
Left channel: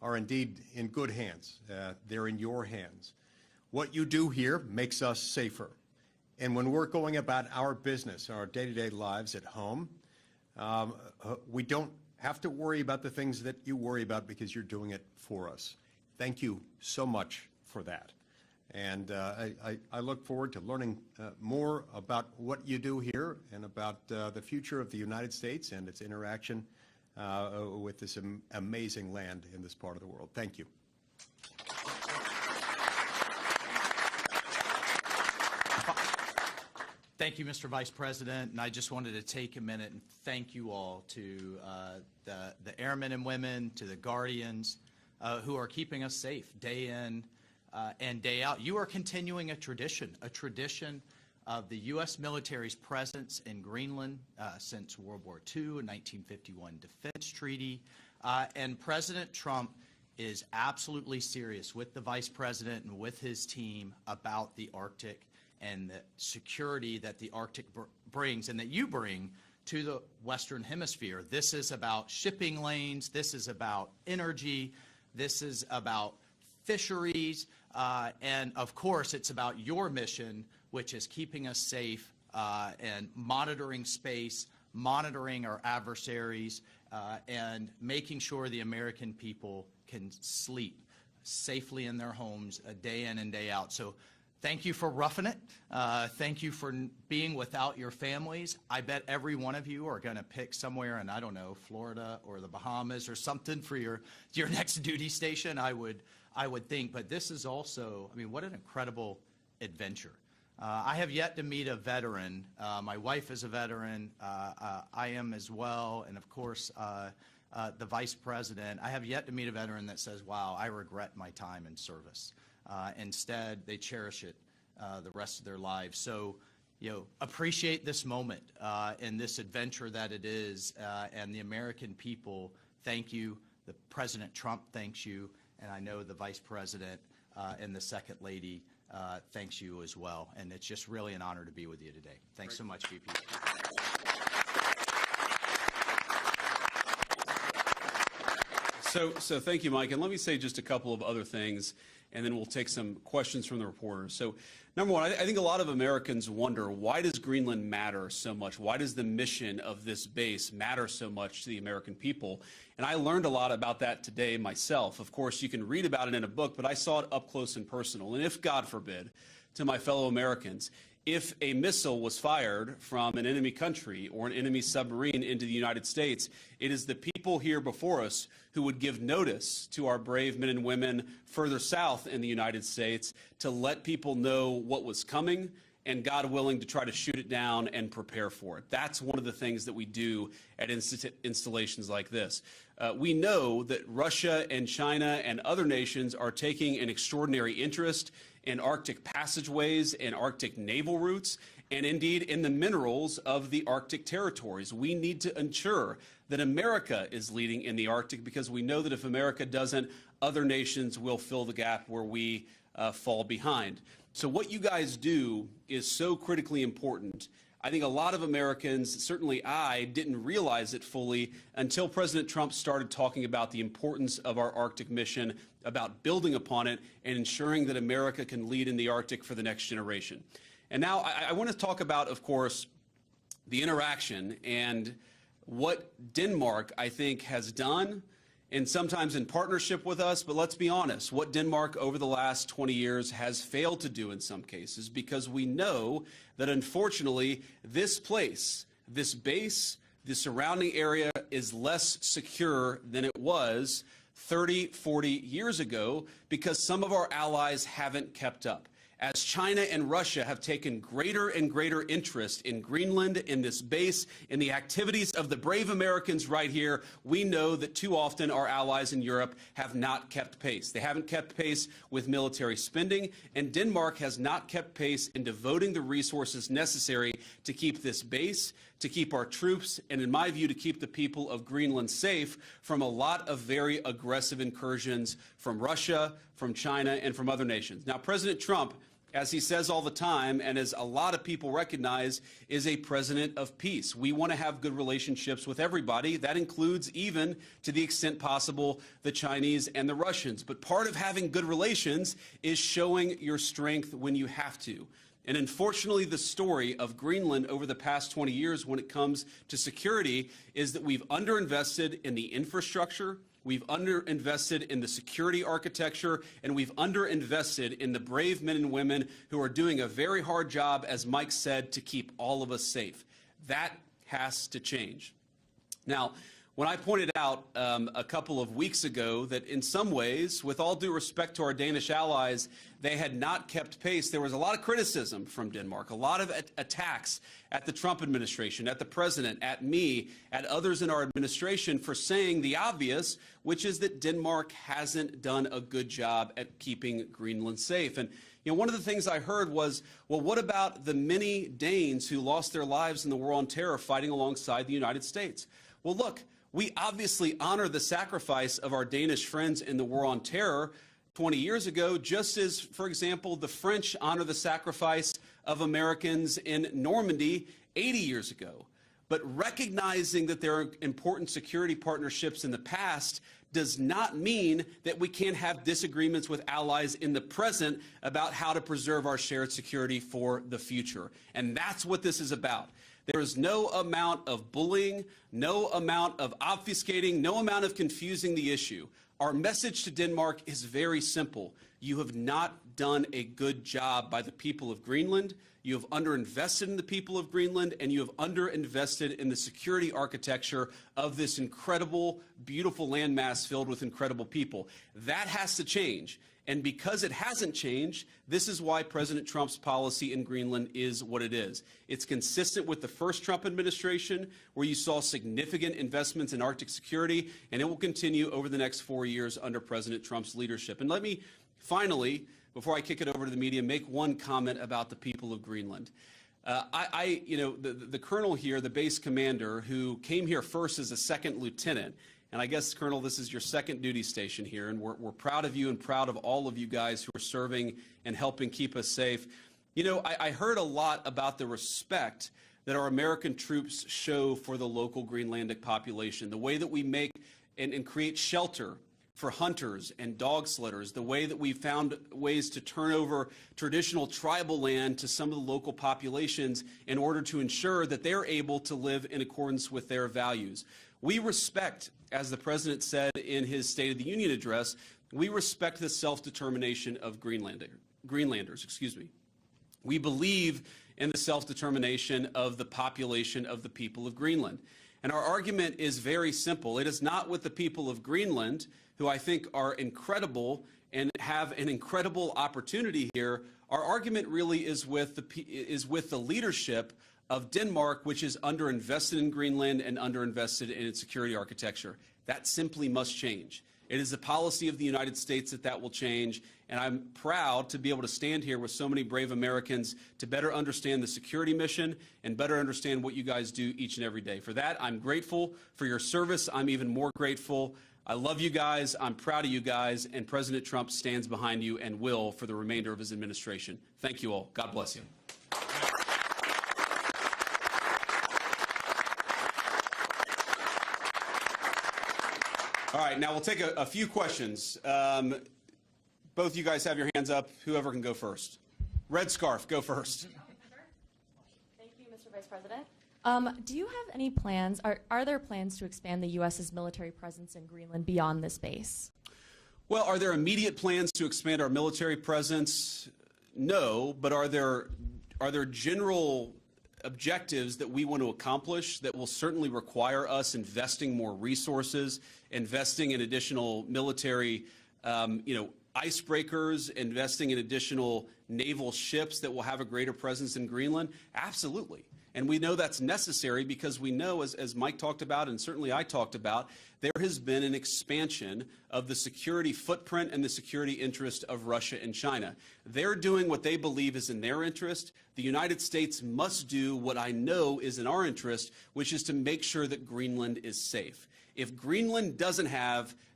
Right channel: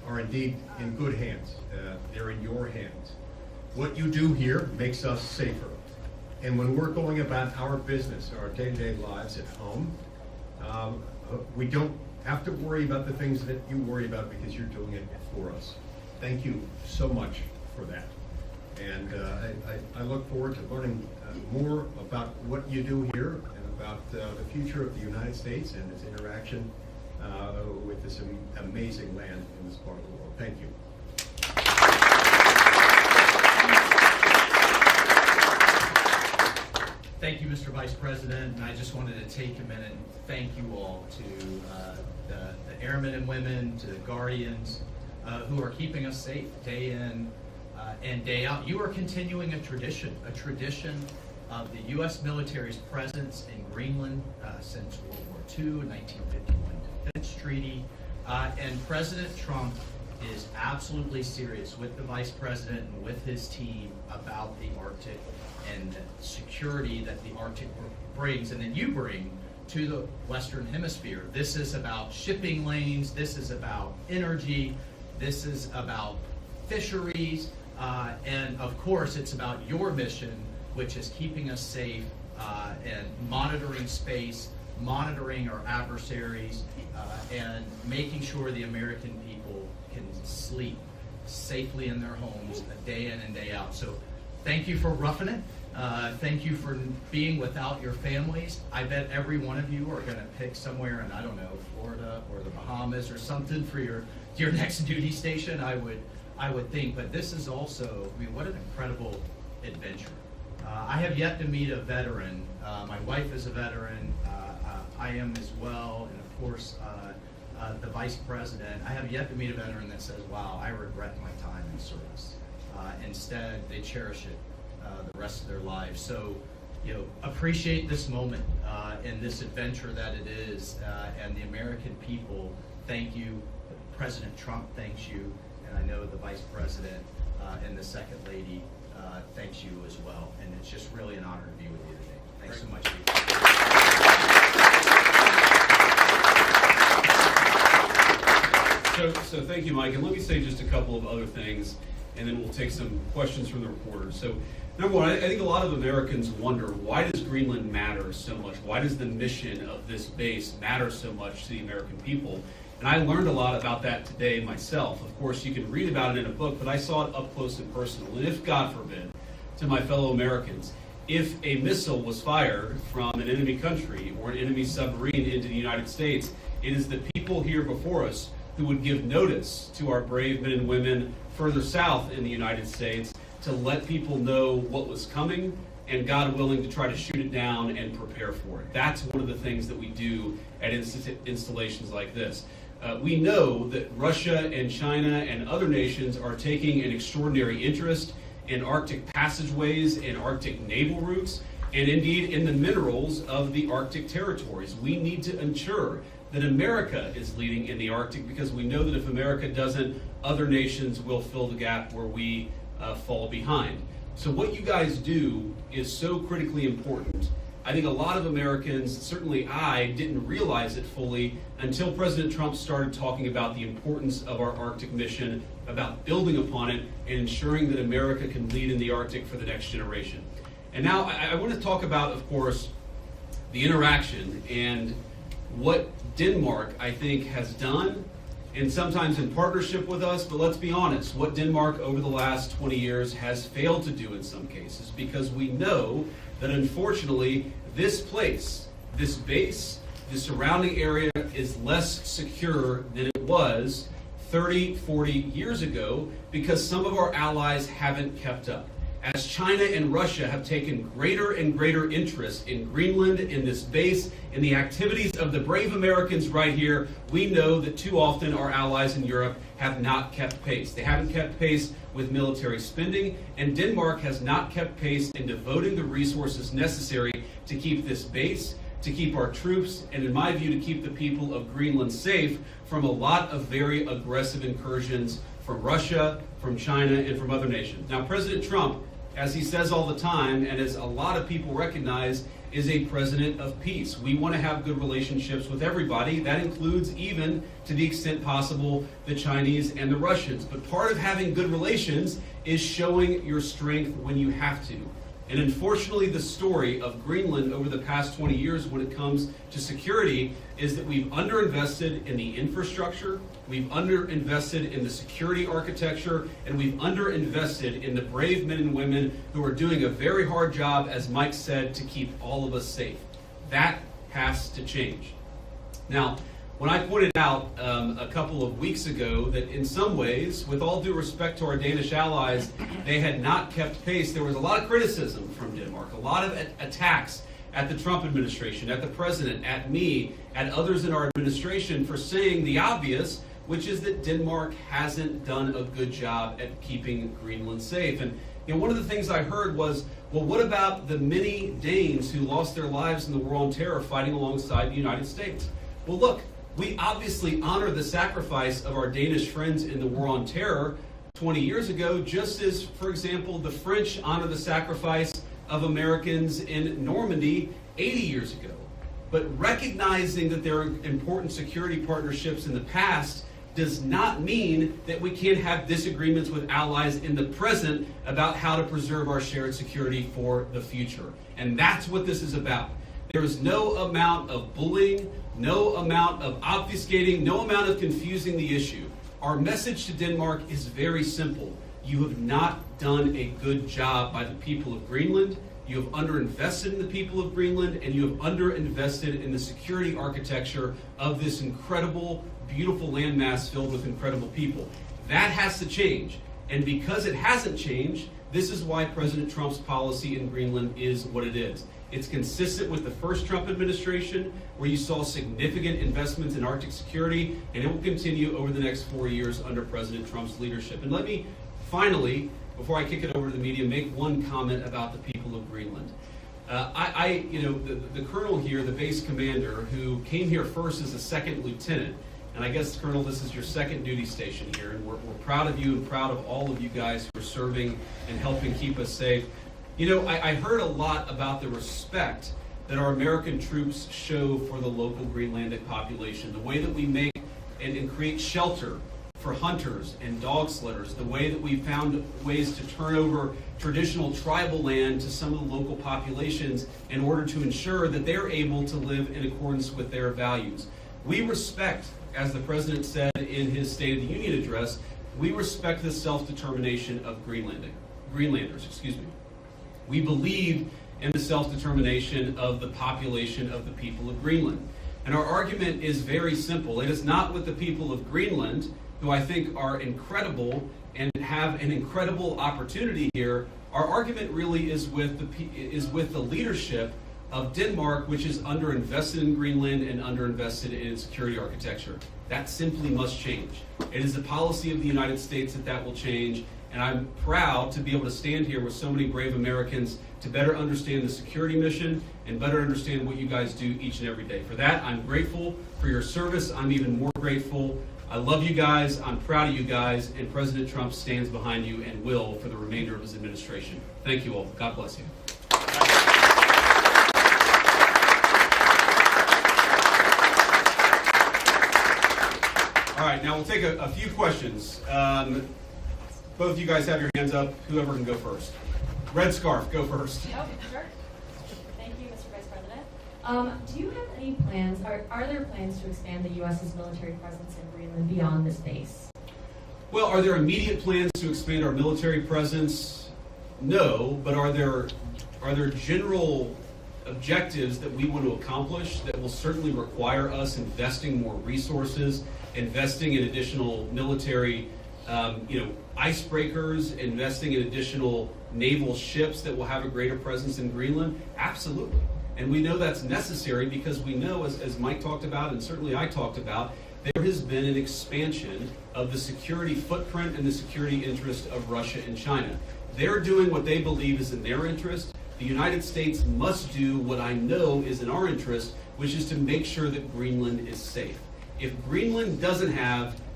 are indeed in good hands. They're in your hands. What you do here makes us safer. And when we're going about our business, our day-to-day lives at home, we don't have to worry about the things that you worry about because you're doing it for us. Thank you so much for that. And I look forward to learning more about what you do here and about the future of the United States and its interaction with this amazing land in this part of the world. Thank you. Thank you, Mr. Vice President, and I just wanted to take a minute and thank you all to the airmen and women, to the Guardians, who are keeping us safe day in and day out. You are continuing a tradition of the U.S. military's presence in Greenland since World War II, 1951 Defense Treaty, and President Trump is absolutely serious with the Vice President and with his team about the Arctic and the security that the Arctic brings and that you bring to the Western Hemisphere. This is about shipping lanes, this is about energy, this is about fisheries, and of course it's about your mission, which is keeping us safe and monitoring space, monitoring our adversaries, and making sure the American people can sleep safely in their homes day in and day out. So thank you for roughing it. Thank you for being without your families. I bet every one of you are going to pick somewhere in, I don't know, Florida or the Bahamas or something for your next duty station, I would think. But this is also, I mean, what an incredible adventure. I have yet to meet a veteran. My wife is a veteran. I am as well. And of course, the Vice President. I have yet to meet a veteran that says, wow, I regret my time in service. Instead, they cherish it the rest of their lives. So, you know, appreciate this moment and this adventure that it is. And the American people, thank you. President Trump thanks you. And I know the Vice President and the Second Lady thanks you as well. And it's just really an honor to be with you today. Thanks so much. So thank you, Mike. And let me say just a couple of other things, and then we'll take some questions from the reporters. So number one, I think a lot of Americans wonder, why does Greenland matter so much? Why does the mission of this base matter so much to the American people? And I learned a lot about that today myself. Of course, you can read about it in a book, but I saw it up close and personal. And if, God forbid, to my fellow Americans, if a missile was fired from an enemy country or an enemy submarine into the United States, it is the people here before us who would give notice to our brave men and women further south in the United States to let people know what was coming and, God willing, to try to shoot it down and prepare for it. That's one of the things that we do at installations like this. We know that Russia and China and other nations are taking an extraordinary interest in Arctic passageways and Arctic naval routes, and indeed in the minerals of the Arctic territories. We need to ensure that America is leading in the Arctic, because we know that if America doesn't, other nations will fill the gap where we fall behind. So what you guys do is so critically important. I think a lot of Americans, certainly I, didn't realize it fully until President Trump started talking about the importance of our Arctic mission, about building upon it, and ensuring that America can lead in the Arctic for the next generation. And now I want to talk about, of course, the interaction and what Denmark, I think, has done, and sometimes in partnership with us, but let's be honest, what Denmark over the last 20 years has failed to do in some cases, because we know that unfortunately this place, this base, the surrounding area is less secure than it was 30, 40 years ago, because some of our allies haven't kept up. As China and Russia have taken greater and greater interest in Greenland, in this base, in the activities of the brave Americans right here, we know that too often our allies in Europe have not kept pace. They haven't kept pace with military spending, and Denmark has not kept pace in devoting the resources necessary to keep this base, to keep our troops, and in my view, to keep the people of Greenland safe from a lot of very aggressive incursions from Russia, from China, and from other nations. Now, President Trump as he says all the time, and as a lot of people recognize, is a president of peace. We want to have good relationships with everybody. That includes, even to the extent possible, the Chinese and the Russians. But part of having good relations is showing your strength when you have to. And unfortunately, the story of Greenland over the past 20 years when it comes to security is that we've underinvested in the infrastructure, we've underinvested in the security architecture, and we've underinvested in the brave men and women who are doing a very hard job, as Mike said, to keep all of us safe. That has to change. Now, when I pointed out a couple of weeks ago that in some ways, with all due respect to our Danish allies, they had not kept pace, there was a lot of criticism from Denmark, a lot of attacks at the Trump administration, at the president, at me, at others in our administration for saying the obvious, which is that Denmark hasn't done a good job at keeping Greenland safe. And one of the things I heard was, well, what about the many Danes who lost their lives in the war on terror fighting alongside the United States? Well, look, we obviously honor the sacrifice of our Danish friends in the war on terror 20 years ago, just as, for example, the French honor the sacrifice of Americans in Normandy 80 years ago. But recognizing that there are important security partnerships in the past does not mean that we can't have disagreements with allies in the present about how to preserve our shared security for the future. And that's what this is about. There is no amount of bullying, no amount of obfuscating, no amount of confusing the issue. Our message to Denmark is very simple. You have not done a good job by the people of Greenland. You have underinvested in the people of Greenland, and you have underinvested in the security architecture of this incredible, beautiful landmass filled with incredible people. That has to change. And because it hasn't changed, this is why President Trump's policy in Greenland is what it is. It's consistent with the first Trump administration, where you saw significant investments in Arctic security, and it will continue over the next 4 years under President Trump's leadership. And let me finally, before I kick it over to the media, make one comment about the people of Greenland. The colonel here, the base commander, who came here first as a second lieutenant, and I guess, Colonel, this is your second duty station here, and we're proud of you and proud of all of you guys who are serving and helping keep us safe. I heard a lot about the respect that our American troops show for the local Greenlandic population, the way that we make and create shelter for hunters and dog sledders, the way that we found ways to turn over traditional tribal land to some of the local populations in order to ensure that they're able to live in accordance with their values. We respect, as the President said in his State of the Union address, we respect the self-determination of Greenlanders. We believe in the self-determination of the population of the people of Greenland. And our argument is very simple. It is not with the people of Greenland, who I think are incredible and have an incredible opportunity here. Our argument really is with the leadership of Denmark, which is underinvested in Greenland and underinvested in its security architecture. That simply must change. It is the policy of the United States that will change, and I'm proud to be able to stand here with so many brave Americans to better understand the security mission and better understand what you guys do each and every day. For that, I'm grateful for your service. I'm even more grateful. I love you guys. I'm proud of you guys, and President Trump stands behind you and will for the remainder of his administration. Thank you all. God bless you. All right, now we'll take a few questions. Both you guys have your hands up. Whoever can go first. Red scarf, go first. Oh, sure. Thank you, Mr. Vice President. Do you have any plans, are there plans to expand the U.S.'s military presence in Greenland beyond this base? Well, are there immediate plans to expand our military presence? No, but are there general objectives that we want to accomplish that will certainly require us investing more resources, investing in additional military icebreakers, investing in additional naval ships that will have a greater presence in Greenland? Absolutely. And we know that's necessary because we know, as Mike talked about and certainly I talked about, there has been an expansion of the security footprint and the security interest of Russia and China. They're doing what they believe is in their interest. The United States must do what I know is in our interest, which is to make sure that Greenland is safe. If Greenland doesn't have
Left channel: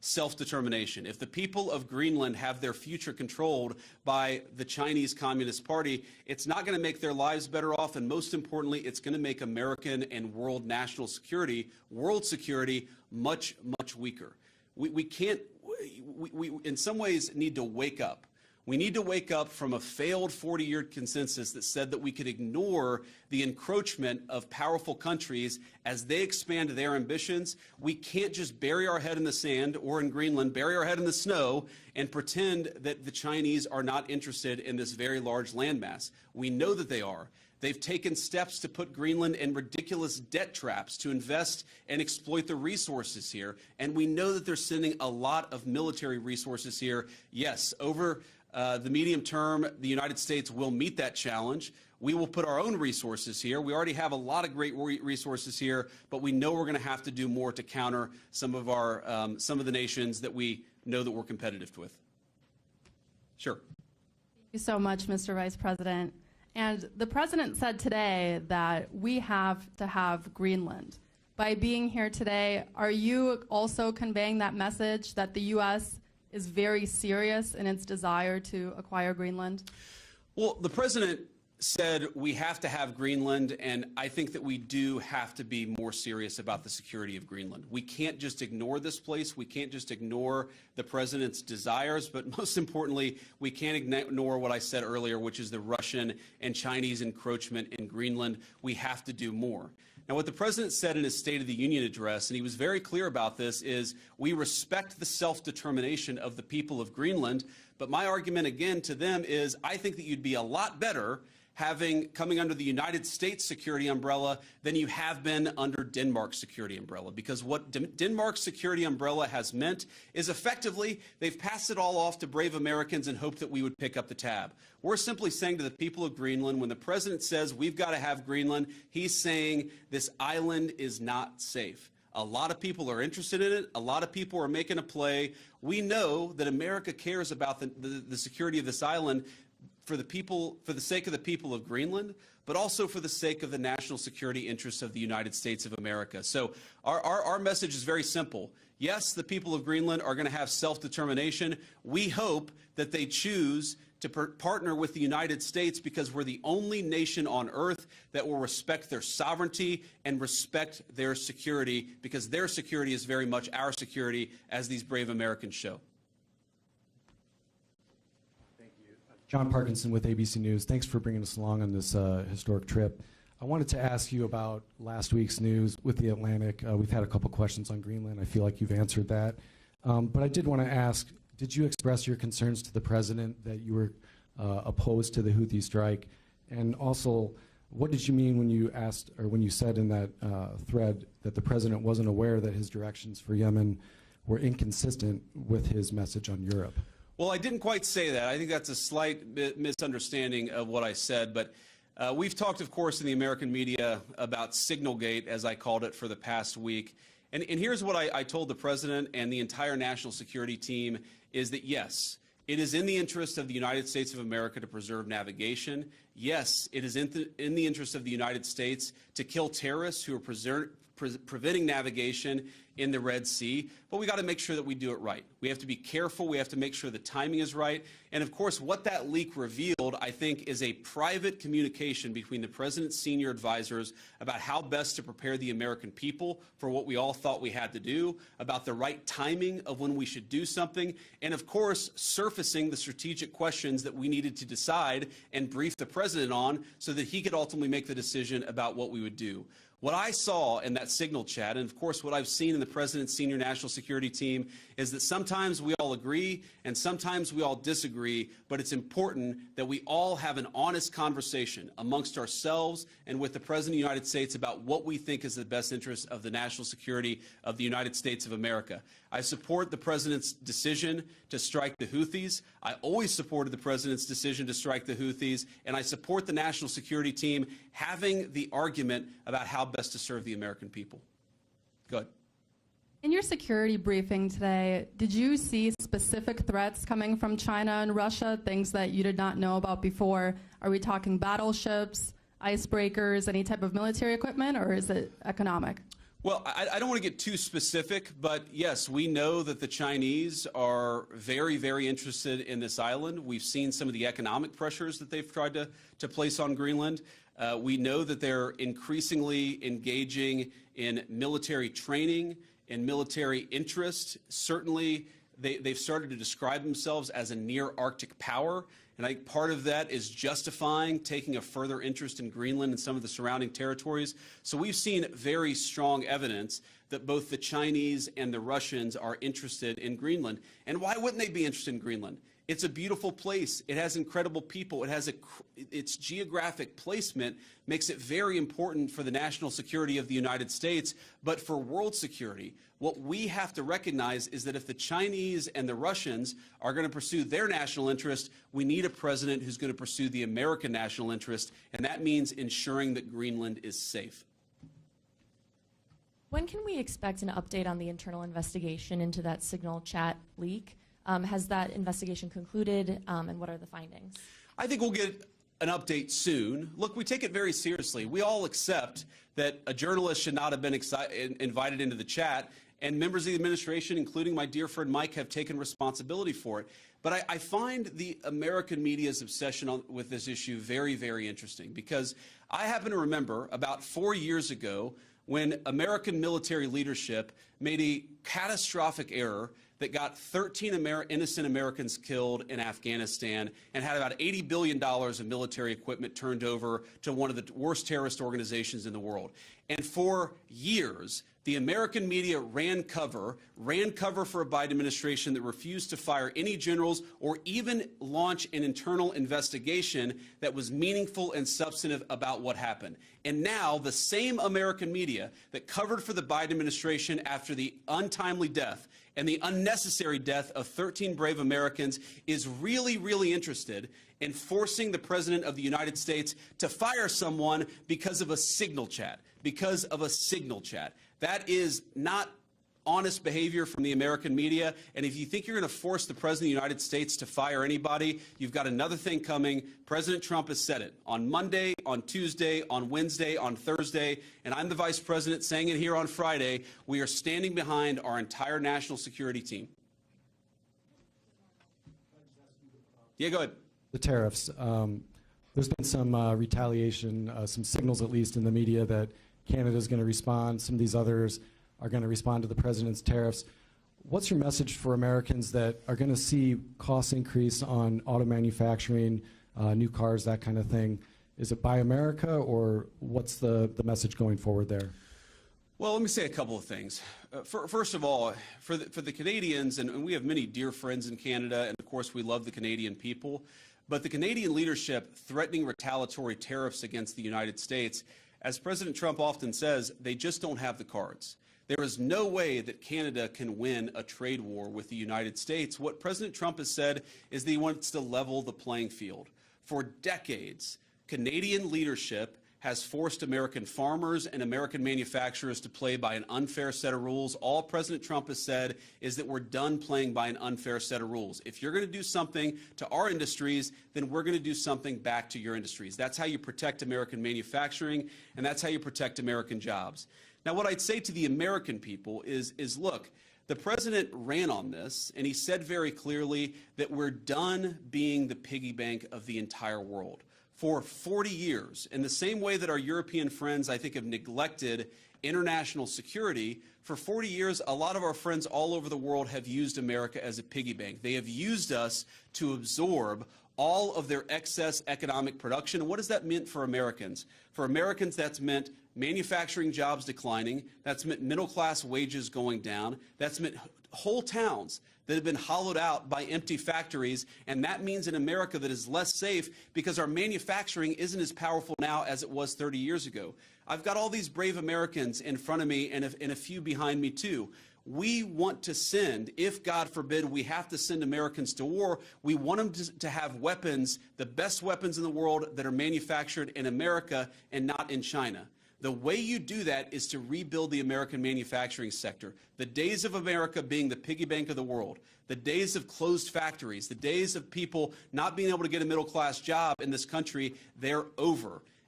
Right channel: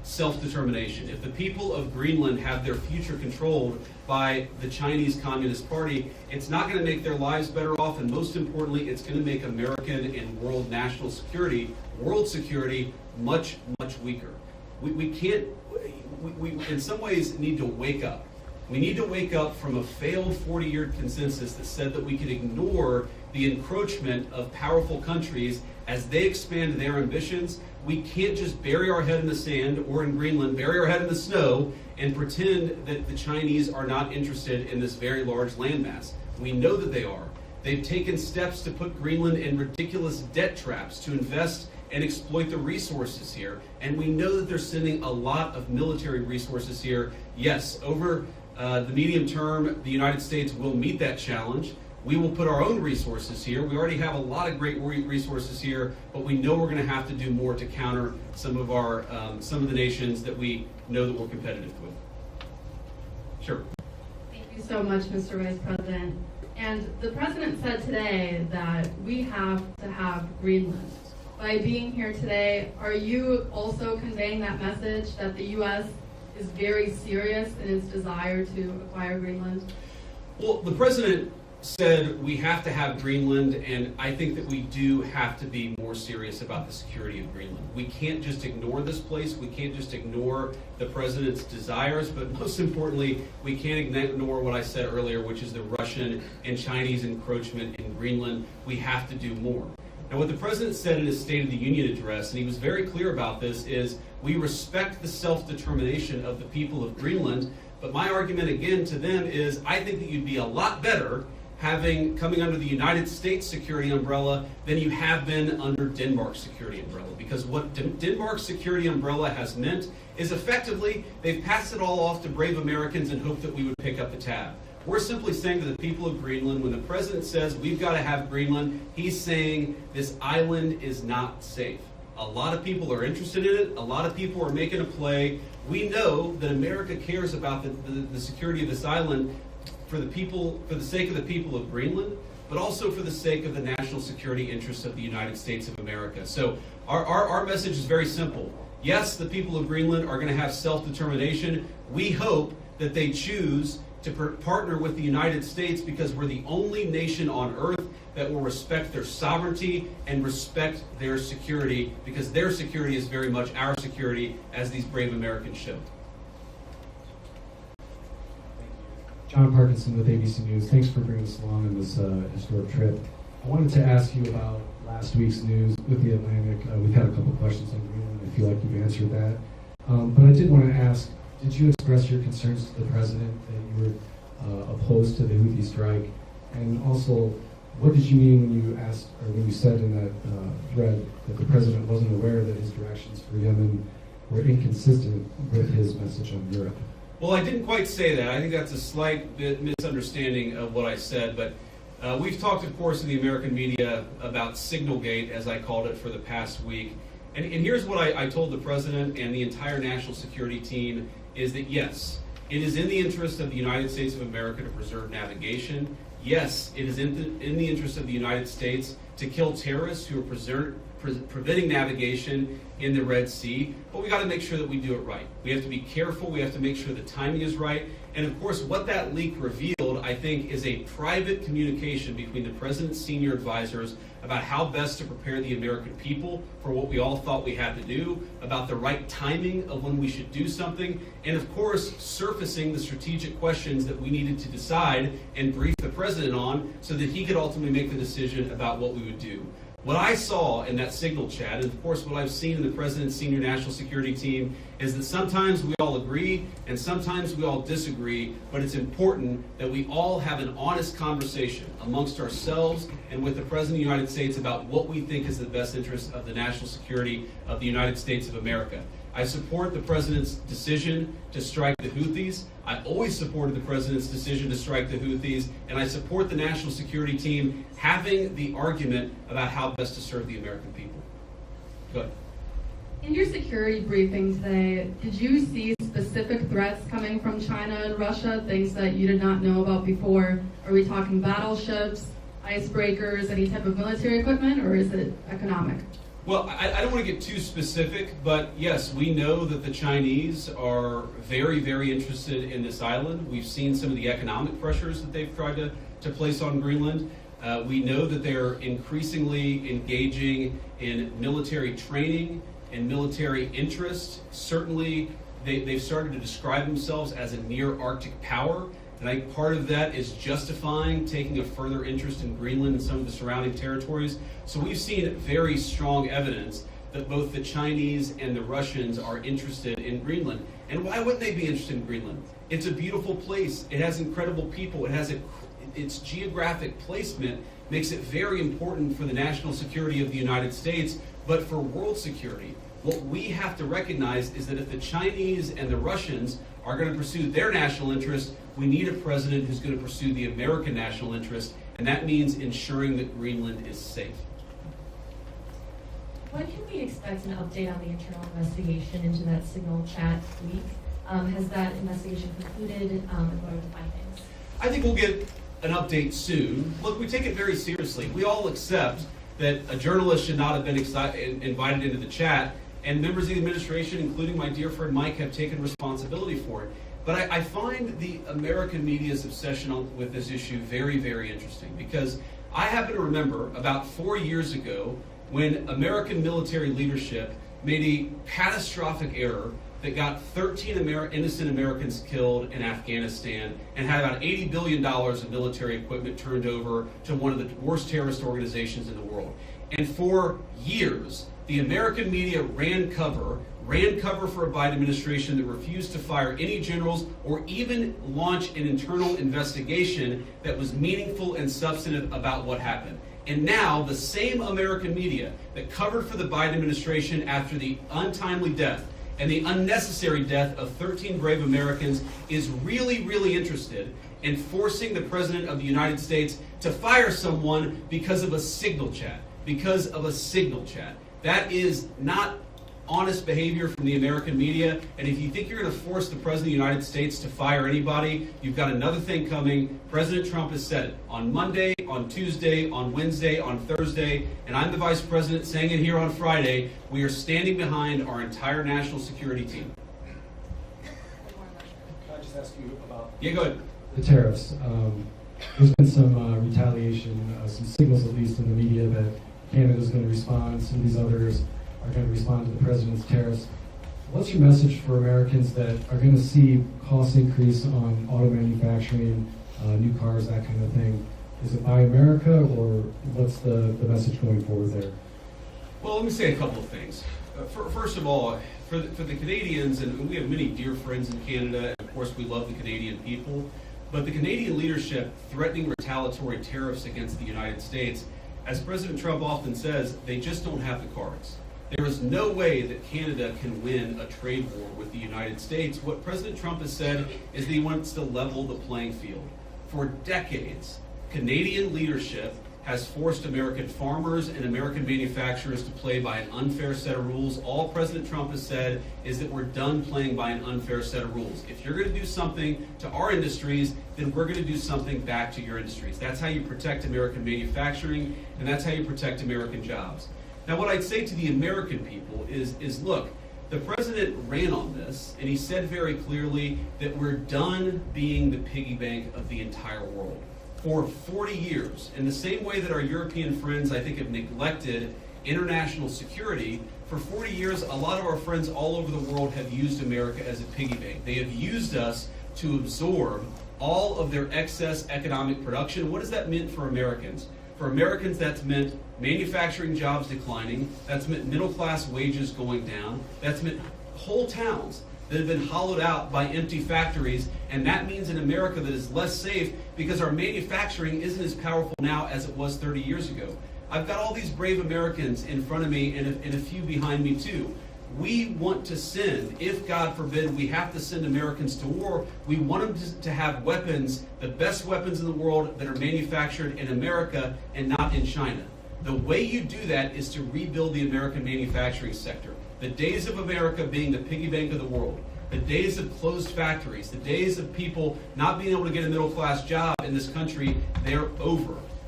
self-determination. If the people of Greenland have their future controlled by the Chinese Communist Party, it's not going to make their lives better off, and most importantly, it's going to make American and world national security, world security, much, much weaker. We can't, we in some ways need to wake up. We need to wake up from a failed 40-year consensus that said that we could ignore the encroachment of powerful countries as they expand their ambitions. We can't just bury our head in the sand, or in Greenland, bury our head in the snow and pretend that the Chinese are not interested in this very large landmass. We know that they are. They've taken steps to put Greenland in ridiculous debt traps to invest and exploit the resources here. And we know that they're sending a lot of military resources here. Yes, over the medium term, the United States will meet that challenge. We will put our own resources here. We already have a lot of great resources here, but we know we're going to have to do more to counter some of the nations that we know that we're competitive with. Sure. Thank you so much, Mr. Vice President. And the President said today that we have to have Greenland. By being here today, are you also conveying that message that the U.S. is very serious in its desire to acquire Greenland? Well, the President said we have to have Greenland, and I think that we do have to be more serious about the security of Greenland. We can't just ignore this place. We can't just ignore the President's desires, but most importantly, we can't ignore what I said earlier, which is the Russian and Chinese encroachment in Greenland. We have to do more. And what the President said in his State of the Union address, and he was very clear about this, is we respect the self-determination of the people of Greenland, but my argument again to them is I think that you'd be a lot better coming under the United States security umbrella than you have been under Denmark's security umbrella. Because what Denmark's security umbrella has meant is effectively they've passed it all off to brave Americans and hope that we would pick up the tab. We're simply saying to the people of Greenland, when the President says we've got to have Greenland, he's saying this island is not safe. A lot of people are interested in it. A lot of people are making a play. We know that America cares about the security of this island for the sake of the people of Greenland, but also for the sake of the national security interests of the United States of America. So our message is very simple. Yes, the people of Greenland are going to have self-determination. We hope that they choose to partner with the United States because we're the only nation on earth that will respect their sovereignty and respect their security, because their security is very much our security, as these brave Americans show. John Parkinson with ABC News. Thanks for bringing us along on this historic trip. I wanted to ask you about last week's news with the Atlantic. We've had a couple questions on Greenland. I feel like you've answered that. But I did want to ask, did you express your concerns to the President that you were opposed to the Houthi strike? And also, what did you mean when you asked, or when you said in that thread that the President wasn't aware that his directions for Yemen were inconsistent with his message on Europe? Well, I didn't quite say that. I think that's a slight bit misunderstanding of what I said, but we've talked, of course, in the American media about Signalgate, as I called it, for the past week. And here's what I told the President and the entire national security team, is that yes, it is in the interest of the United States of America to preserve navigation. Yes, it is in the interest of the United States to kill terrorists who are preventing navigation in the Red Sea, but we got to make sure that we do it right. We have to be careful. We have to make sure the timing is right. And of course, what that leak revealed, I think, is a private communication between the President's senior advisors about how best to prepare the American people for what we all thought we had to do, about the right timing of when we should do something, and of course, surfacing the strategic questions that we needed to decide and brief the President on so that he could ultimately make the decision about what we would do. What I saw in that signal chat, and of course what I've seen in the President's senior national security team, is that sometimes we all agree and sometimes we all disagree, but it's important that we all have an honest conversation amongst ourselves and with the President of the United States about what we think is the best interest of the national security of the United States of America. I support the President's decision to strike the Houthis. I always supported the President's decision to strike the Houthis, and I support the national security team having the argument about how best to serve the American people. Go ahead. In your security briefing today, did you see specific threats coming from China and Russia, things that you did not know about before? Are we talking battleships, icebreakers, any type of military equipment, or is it economic? Well, I don't want to get too specific, but yes, we know that the Chinese are very, very interested in this island. We've seen some of the economic pressures that they've tried to place on Greenland. We know that they're increasingly engaging in military training and military interest. Certainly, they've started to describe themselves as a near-Arctic power. And I think part of that is justifying taking a further interest in Greenland and some of the surrounding territories. So we've seen very strong evidence that both the Chinese and the Russians are interested in Greenland. And why wouldn't they be interested in Greenland? It's a beautiful place. It has incredible people. It has its geographic placement makes it very important for the national security of the United States, but for world security. What we have to recognize is that if the Chinese and the Russians are going to pursue their national interest, we need a president who's going to pursue the American national interest, and that means ensuring that Greenland is safe. When can we expect an update on the internal investigation into that Signal chat leak? Has that investigation concluded, and what are the findings? I think we'll get an update soon. Look, we take it very seriously. We all accept that a journalist should not have been invited into the chat, and members of the administration, including my dear friend Mike, have taken responsibility for it. But I find the American media's obsession with this issue very, very interesting, because I happen to remember about 4 years ago when American military leadership made a catastrophic error that got 13 innocent Americans killed in Afghanistan and had about $80 billion of military equipment turned over to one of the worst terrorist organizations in the world. And for years, the American media ran cover for a Biden administration that refused to fire any generals or even launch an internal investigation that was meaningful and substantive about what happened. And now the same American media that covered for the Biden administration after the untimely death and the unnecessary death of 13 brave Americans is really, really interested in forcing the President of the United States to fire someone because of a signal chat. Because of a signal chat. That is not honest behavior from the American media, and if you think you're going to force the President of the United States to fire anybody, you've got another thing coming. President Trump has said it on Monday, on Tuesday, on Wednesday, on Thursday, and I'm the Vice President saying it here on Friday. We are standing behind our entire national security team. Can I just ask you about Yeah, go ahead. the tariffs? There's been some retaliation, some signals at least in the media that Canada's going to respond, some of these others are going to respond to the president's tariffs. What's your message for Americans that are going to see costs increase on auto manufacturing, new cars, that kind of thing? Is it Buy America, or what's the message going forward there? Well, let me say a couple of things. First of all, for the Canadians, and we have many dear friends in Canada, and of course we love the Canadian people, but the Canadian leadership threatening retaliatory tariffs against the United States, as President Trump often says, they just don't have the cards. There is no way that Canada can win a trade war with the United States. What President Trump has said is that he wants to level the playing field. For decades, Canadian leadership has forced American farmers and American manufacturers to play by an unfair set of rules. All President Trump has said is that we're done playing by an unfair set of rules. If you're going to do something to our industries, then we're going to do something back to your industries. That's how you protect American manufacturing, and that's how you protect American jobs. Now, what I'd say to the American people is look, the president ran on this, and he said very clearly that we're done being the piggy bank of the entire world. For 40 years, in the same way that our European friends, I think, have neglected international security, for 40 years, a lot of our friends all over the world have used America as a piggy bank. They have used us to absorb all of their excess economic production. What has that meant for Americans? For Americans, that's meant manufacturing jobs declining. That's meant middle-class wages going down. That's meant whole towns that have been hollowed out by empty factories, and that means an America that is less safe because our manufacturing isn't as powerful now as it was 30 years ago. I've got all these brave Americans in front of me and a few behind me too. We want to send, if God forbid we have to send Americans to war, we want them to have weapons, the best weapons in the world that are manufactured in America and not in China. The way you do that is to rebuild the American manufacturing sector. The days of America being the piggy bank of the world, the days of closed factories, the days of people not being able to get a middle-class job in this country, they're over.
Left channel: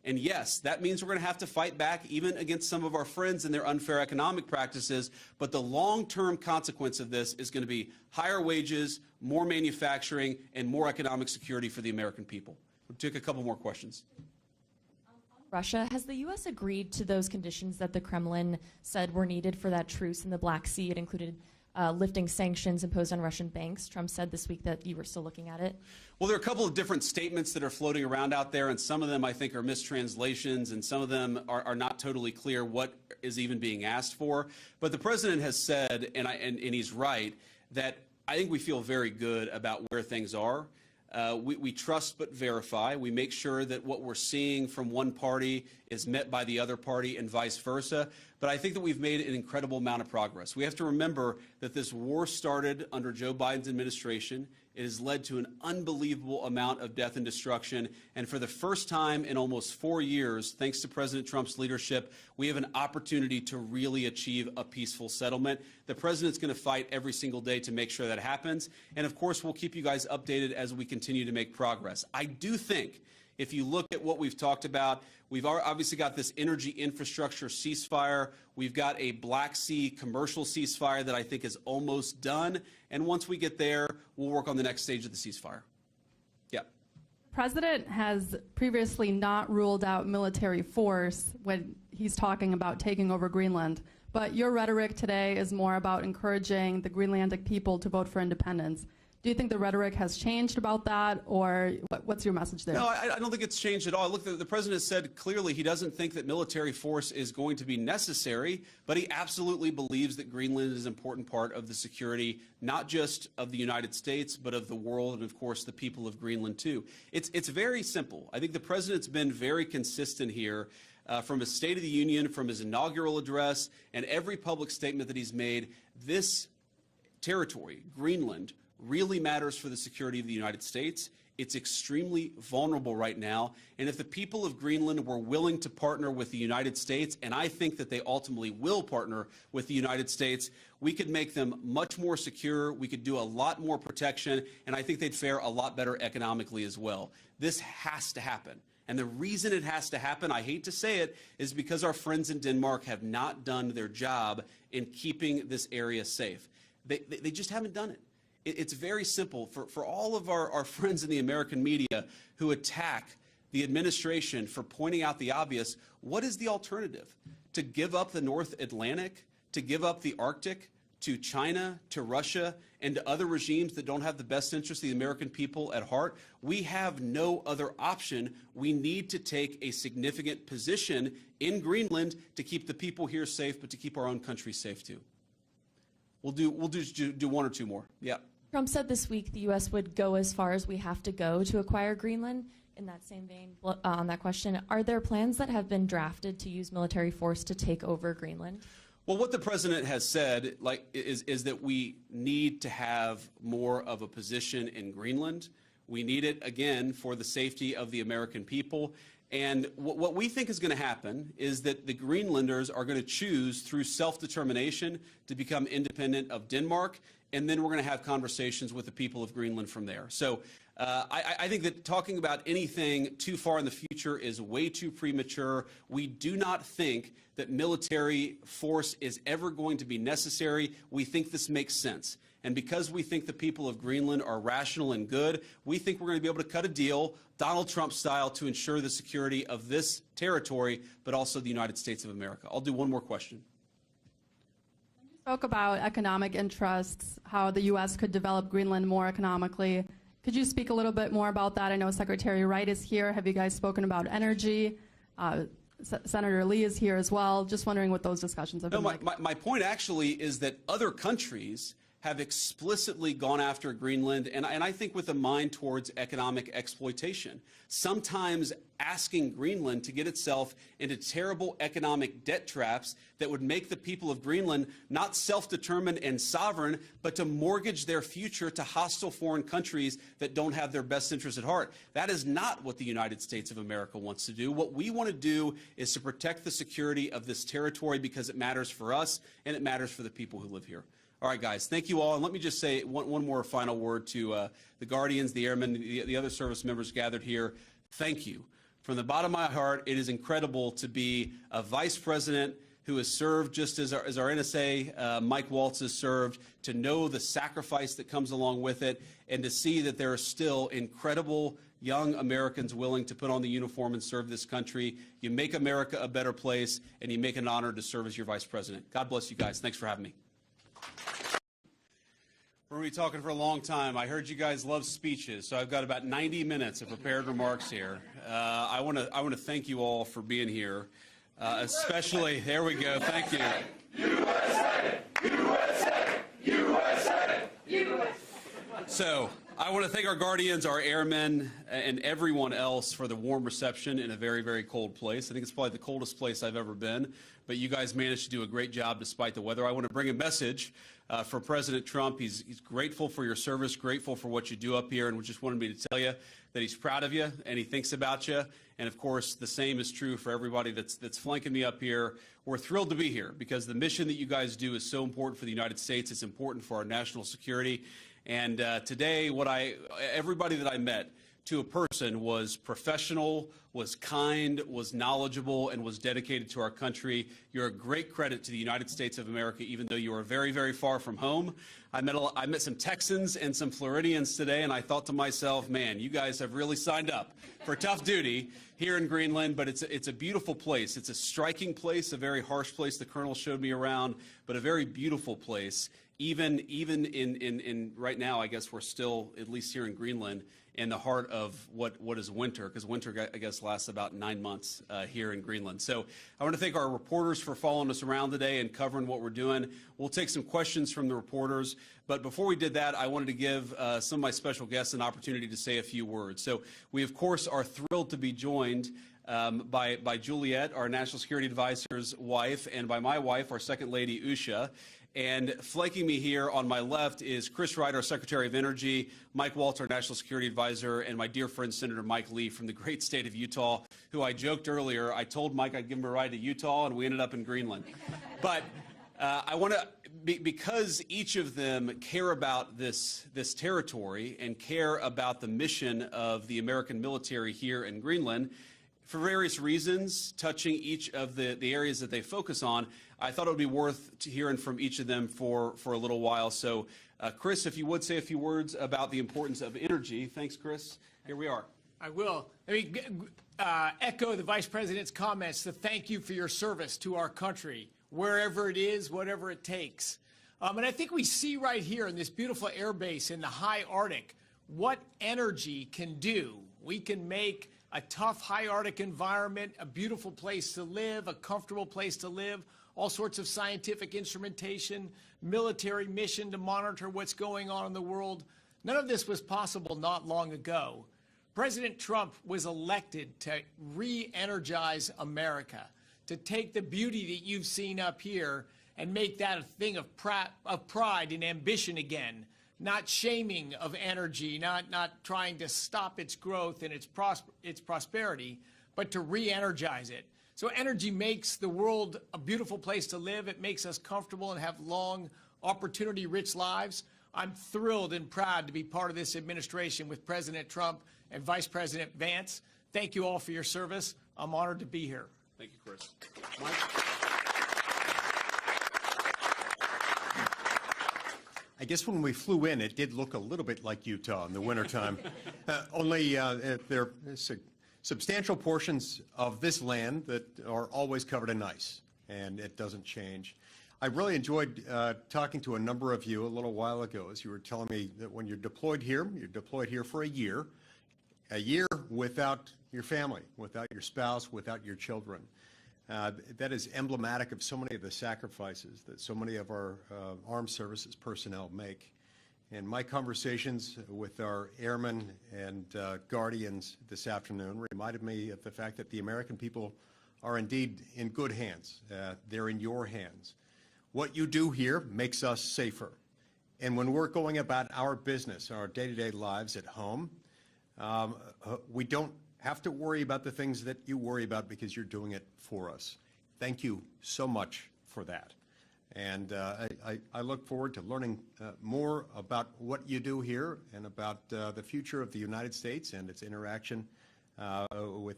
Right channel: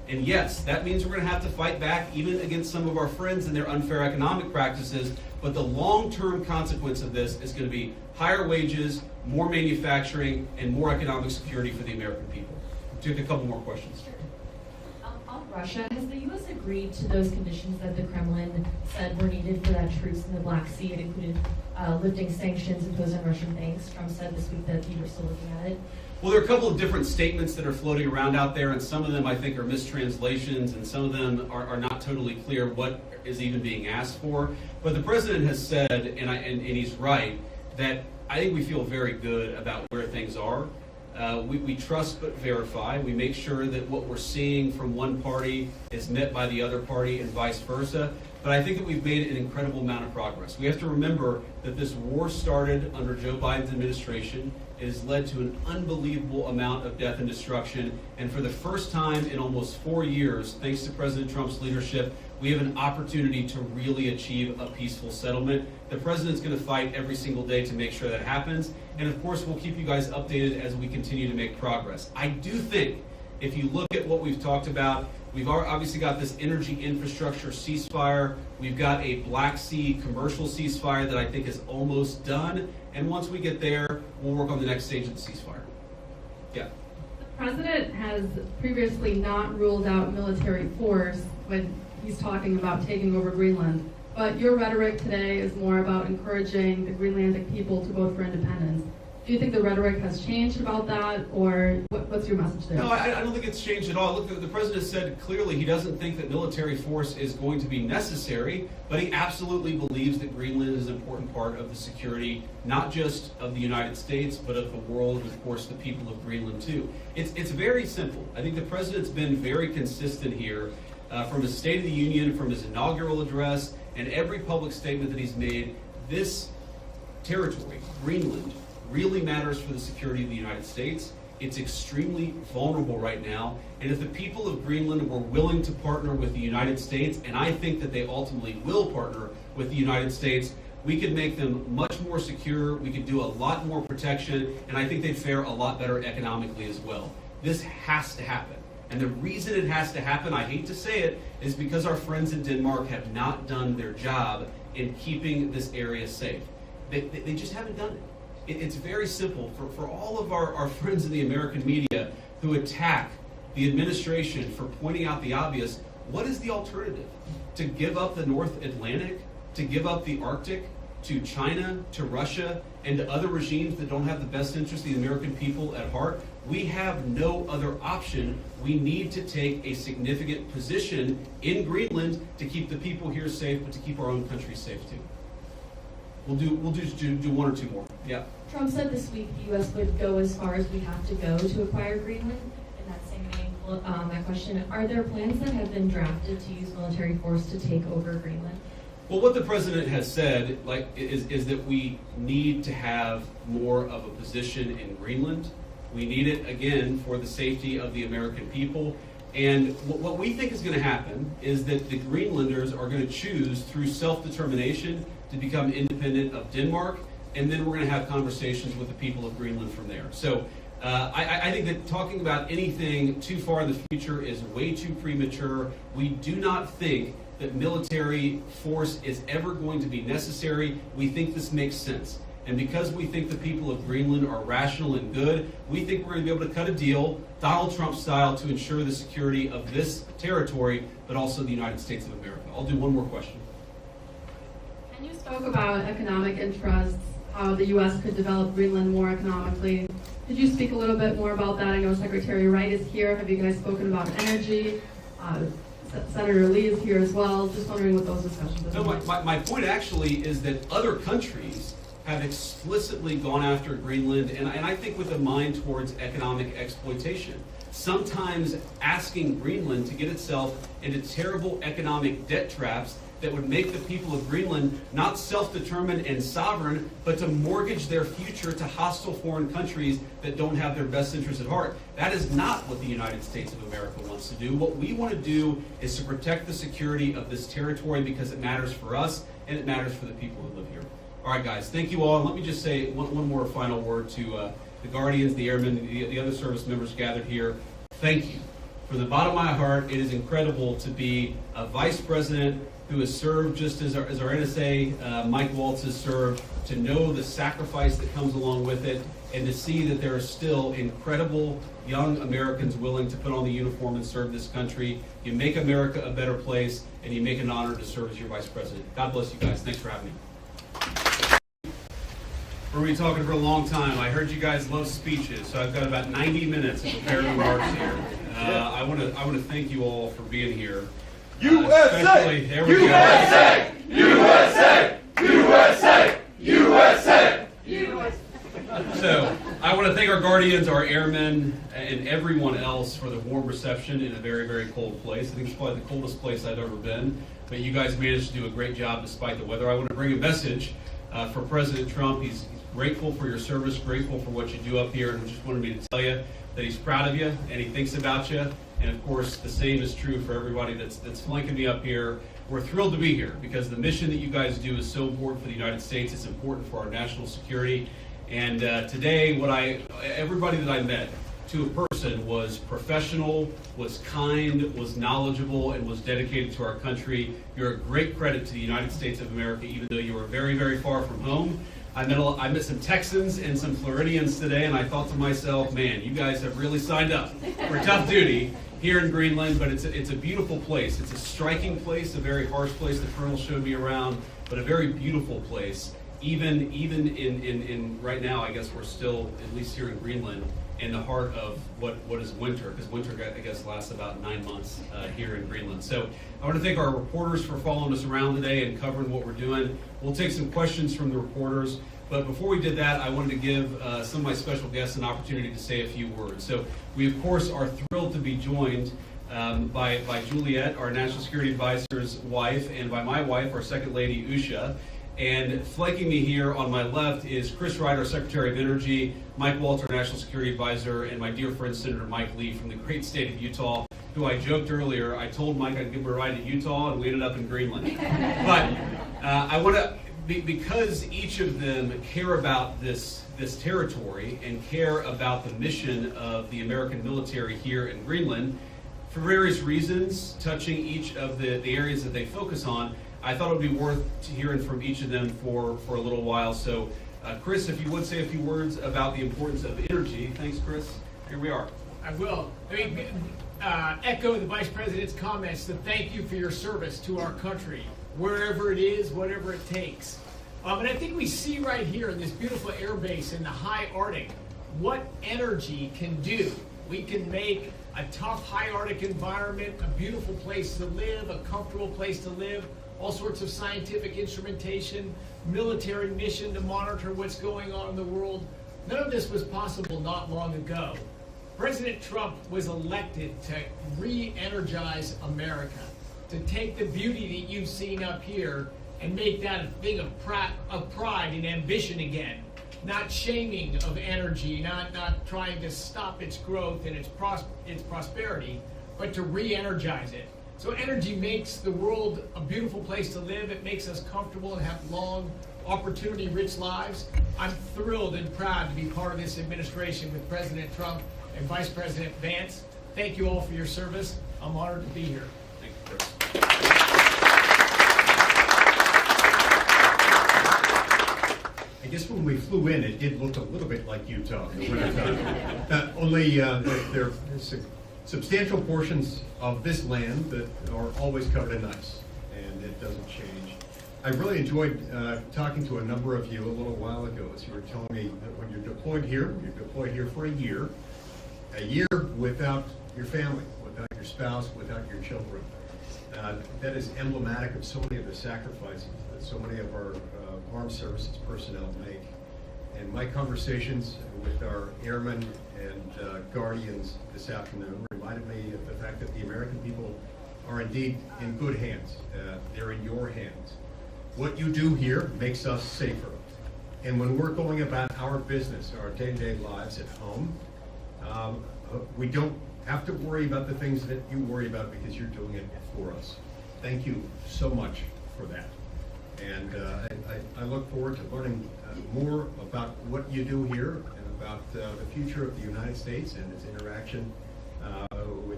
And yes, that means we're going to have to fight back even against some of our friends and their unfair economic practices, but the long-term consequence of this is going to be higher wages, more manufacturing, and more economic security for the American people. We'll take a couple more questions. On Russia, has the U.S. agreed to those conditions that the Kremlin said were needed for that truce in the Black Sea? It included lifting sanctions imposed on Russian banks. Trump said this week that you were still looking at it. Well, there are a couple of different statements that are floating around out there, and some of them I think are mistranslations, and some of them are not totally clear what is even being asked for. But the president has said, and he's right, that I think we feel very good about where things are. We trust but verify. We make sure that what we're seeing from one party is met by the other party and vice versa. But I think that we've made an incredible amount of progress. We have to remember that this war started under Joe Biden's administration. It has led to an unbelievable amount of death and destruction. And for the first time in almost 4 years, thanks to President Trump's leadership, we have an opportunity to really achieve a peaceful settlement. The president's going to fight every single day to make sure that happens. And of course, we'll keep you guys updated as we continue to make progress. I do think if you look at what we've talked about, we've obviously got this energy infrastructure ceasefire. We've got a Black Sea commercial ceasefire that I think is almost done. And once we get there, we'll work on the next stage of the ceasefire. Yeah. The president has previously not ruled out military force when he's talking about taking over Greenland. But your rhetoric today is more about encouraging the Greenlandic people to vote for independence. Do you think the rhetoric has changed about that, or what's your message there? No, I don't think it's changed at all. Look, the president said clearly he doesn't think that military force is going to be necessary, but he absolutely believes that Greenland is an important part of the security, not just of the United States, but of the world, and of course the people of Greenland too. It's very simple. I think the president's been very consistent here from his State of the Union, from his inaugural address, and every public statement that he's made. This territory, Greenland, really matters for the security of the United States. It's extremely vulnerable right now, and if the people of Greenland were willing to partner with the United States, and I think that they ultimately will partner with the United States, we could make them much more secure, we could do a lot more protection, and I think they'd fare a lot better economically as well. This has to happen. And the reason it has to happen, I hate to say it, is because our friends in Denmark have not done their job in keeping this area safe. They just haven't done it. It's very simple. For all of our friends in the American media who attack the administration for pointing out the obvious, what is the alternative? To give up the North Atlantic? To give up the Arctic? To China? To Russia? And to other regimes that don't have the best interest of the American people at heart? We have no other option. We need to take a significant position in Greenland to keep the people here safe, but to keep our own country safe too. We'll do one or two more. Yeah. Trump said this week the U.S. would go as far as we have to go to acquire Greenland. In that same vein, that question, are there plans that have been drafted to use military force to take over Greenland? Well, what the president has said is that we need to have more of a position in Greenland. We need it, again, for the safety of the American people. And what we think is going to happen is that the Greenlanders are going to choose through self-determination to become independent of Denmark, and then we're going to have conversations with the people of Greenland from there. So I think that talking about anything too far in the future is way too premature. We do not think that military force is ever going to be necessary. We think this makes sense. And because we think the people of Greenland are rational and good, we think we're going to be able to cut a deal, Donald Trump style, to ensure the security of this territory, but also the United States of America. I'll do one more question. And you spoke about economic interests, how the U.S. could develop Greenland more economically. Could you speak a little bit more about that? I know Secretary Wright is here. Have you guys spoken about energy? Senator Lee is here as well. Just wondering what those discussions have been. No, my point actually is that other countries have explicitly gone after Greenland, and I think with a mind towards economic exploitation. Sometimes asking Greenland to get itself into terrible economic debt traps that would make the people of Greenland not self-determined and sovereign, but to mortgage their future to hostile foreign countries that don't have their best interests at heart. That is not what the United States of America wants to do. What we want to do is to protect the security of this territory because it matters for us and it matters for the people who live here. All right, guys, thank you all. And let me just say one more final word to the Guardians, the Airmen, the other service members gathered here. Thank you from the bottom of my heart, it is incredible to be a vice president who has served just as our NSA, Mike Waltz, has served, to know the sacrifice that comes along with it, and to see that there are still incredible young Americans willing to put on the uniform and serve this country. You make America a better place, and you make an honor to serve as your vice president. God bless you guys. Thanks for having me. We're going to be talking for a long time. I heard you guys love speeches, so I've got about 90 minutes of prepared remarks here. I want to thank you all for being here. USA! There we go. USA! USA! USA! USA! So, I want to thank our guardians, our airmen, and everyone else for the warm reception in a very, very cold place. I think it's probably the coldest place I've ever been, but you guys managed to do a great job despite the weather. I want to bring a message for President Trump. He's grateful for your service, grateful for what you do up here, and just wanted me to tell you that he's proud of you and he thinks about you. And of course, the same is true for everybody that's flanking me up here. We're thrilled to be here because the mission that you guys do is so important for the United States. It's important for our national security. And today, everybody that I met, to a person, was professional, was kind, was knowledgeable, and was dedicated to our country. You're a great credit to the United States of America, even though you are very, very far from home. I met some Texans and some Floridians today, and I thought to myself, man, you guys have really signed up for tough duty here in Greenland, but it's a beautiful place. It's a striking place, a very harsh place. The Colonel showed me around, but a very beautiful place. Even in right now, I guess we're still, at least here in Greenland, in the heart of what is winter, because winter, I guess, lasts about 9 months here in Greenland. So I want to thank our reporters for following us around today and covering what we're doing. We'll take some questions from the reporters, but before we did that, I wanted to give some of my special guests an opportunity to say a few words. So we, of course, are thrilled to be joined by Juliet, our National Security Advisor's wife, and by my wife, our Second Lady, Usha. And flanking me here on my left is Chris Ryder, Secretary of Energy, Mike Waltz, our National Security Advisor, and my dear friend Senator Mike Lee from the great state of Utah, who I joked earlier, I told Mike I'd give him a ride to Utah, and we ended up in Greenland. But I want to, because each of them care about this territory and care about the mission of the American military here in Greenland, for various reasons, touching each of the areas that they focus on, I thought it would be worth hearing from each of them for a little while. So, Chris, if you would say a few words about the importance of energy. Thanks, Chris. Here we are. I will. Echo the Vice President's comments to thank you for your service to our country, wherever it is, whatever it takes. And I think we see right here in this beautiful air base in the high Arctic what energy can do. We can make a tough high Arctic environment a beautiful place to live, a comfortable place to live, all sorts of scientific instrumentation, military mission to monitor what's going on in the world. None of this was possible not long ago. President Trump was elected to re-energize America, to take the beauty that you've seen up here and make that a thing of pride and ambition again. Not shaming of energy, not trying to stop its growth and its prosperity, but to re-energize it. So energy makes the world a beautiful place to live. It makes us comfortable and have long, opportunity-rich lives. I'm thrilled and proud to be part of this administration with President Trump and Vice President Vance. Thank you all for your service. I'm honored to be here. Thank you, Chris. I guess when we flew in, it did look a little bit like Utah in the wintertime. Only there are substantial portions of this land that are always covered in ice, and it doesn't change. I really enjoyed talking to a number of you a little while ago as you were telling me that when you're deployed here for a year without your family, without your spouse, without your children. That is emblematic of so many of the sacrifices that so many of our armed services personnel make. And my conversations with our airmen and guardians this afternoon reminded me of the fact that the American people are indeed in good hands. They're in your hands. What you do here makes us safer. And when we're going about our business, our day-to-day lives at home, we don't have to worry about the things that you worry about because you're doing it for us. Thank you so much for that. And I look forward to learning more about what you do here and about the future of the United States and its interaction with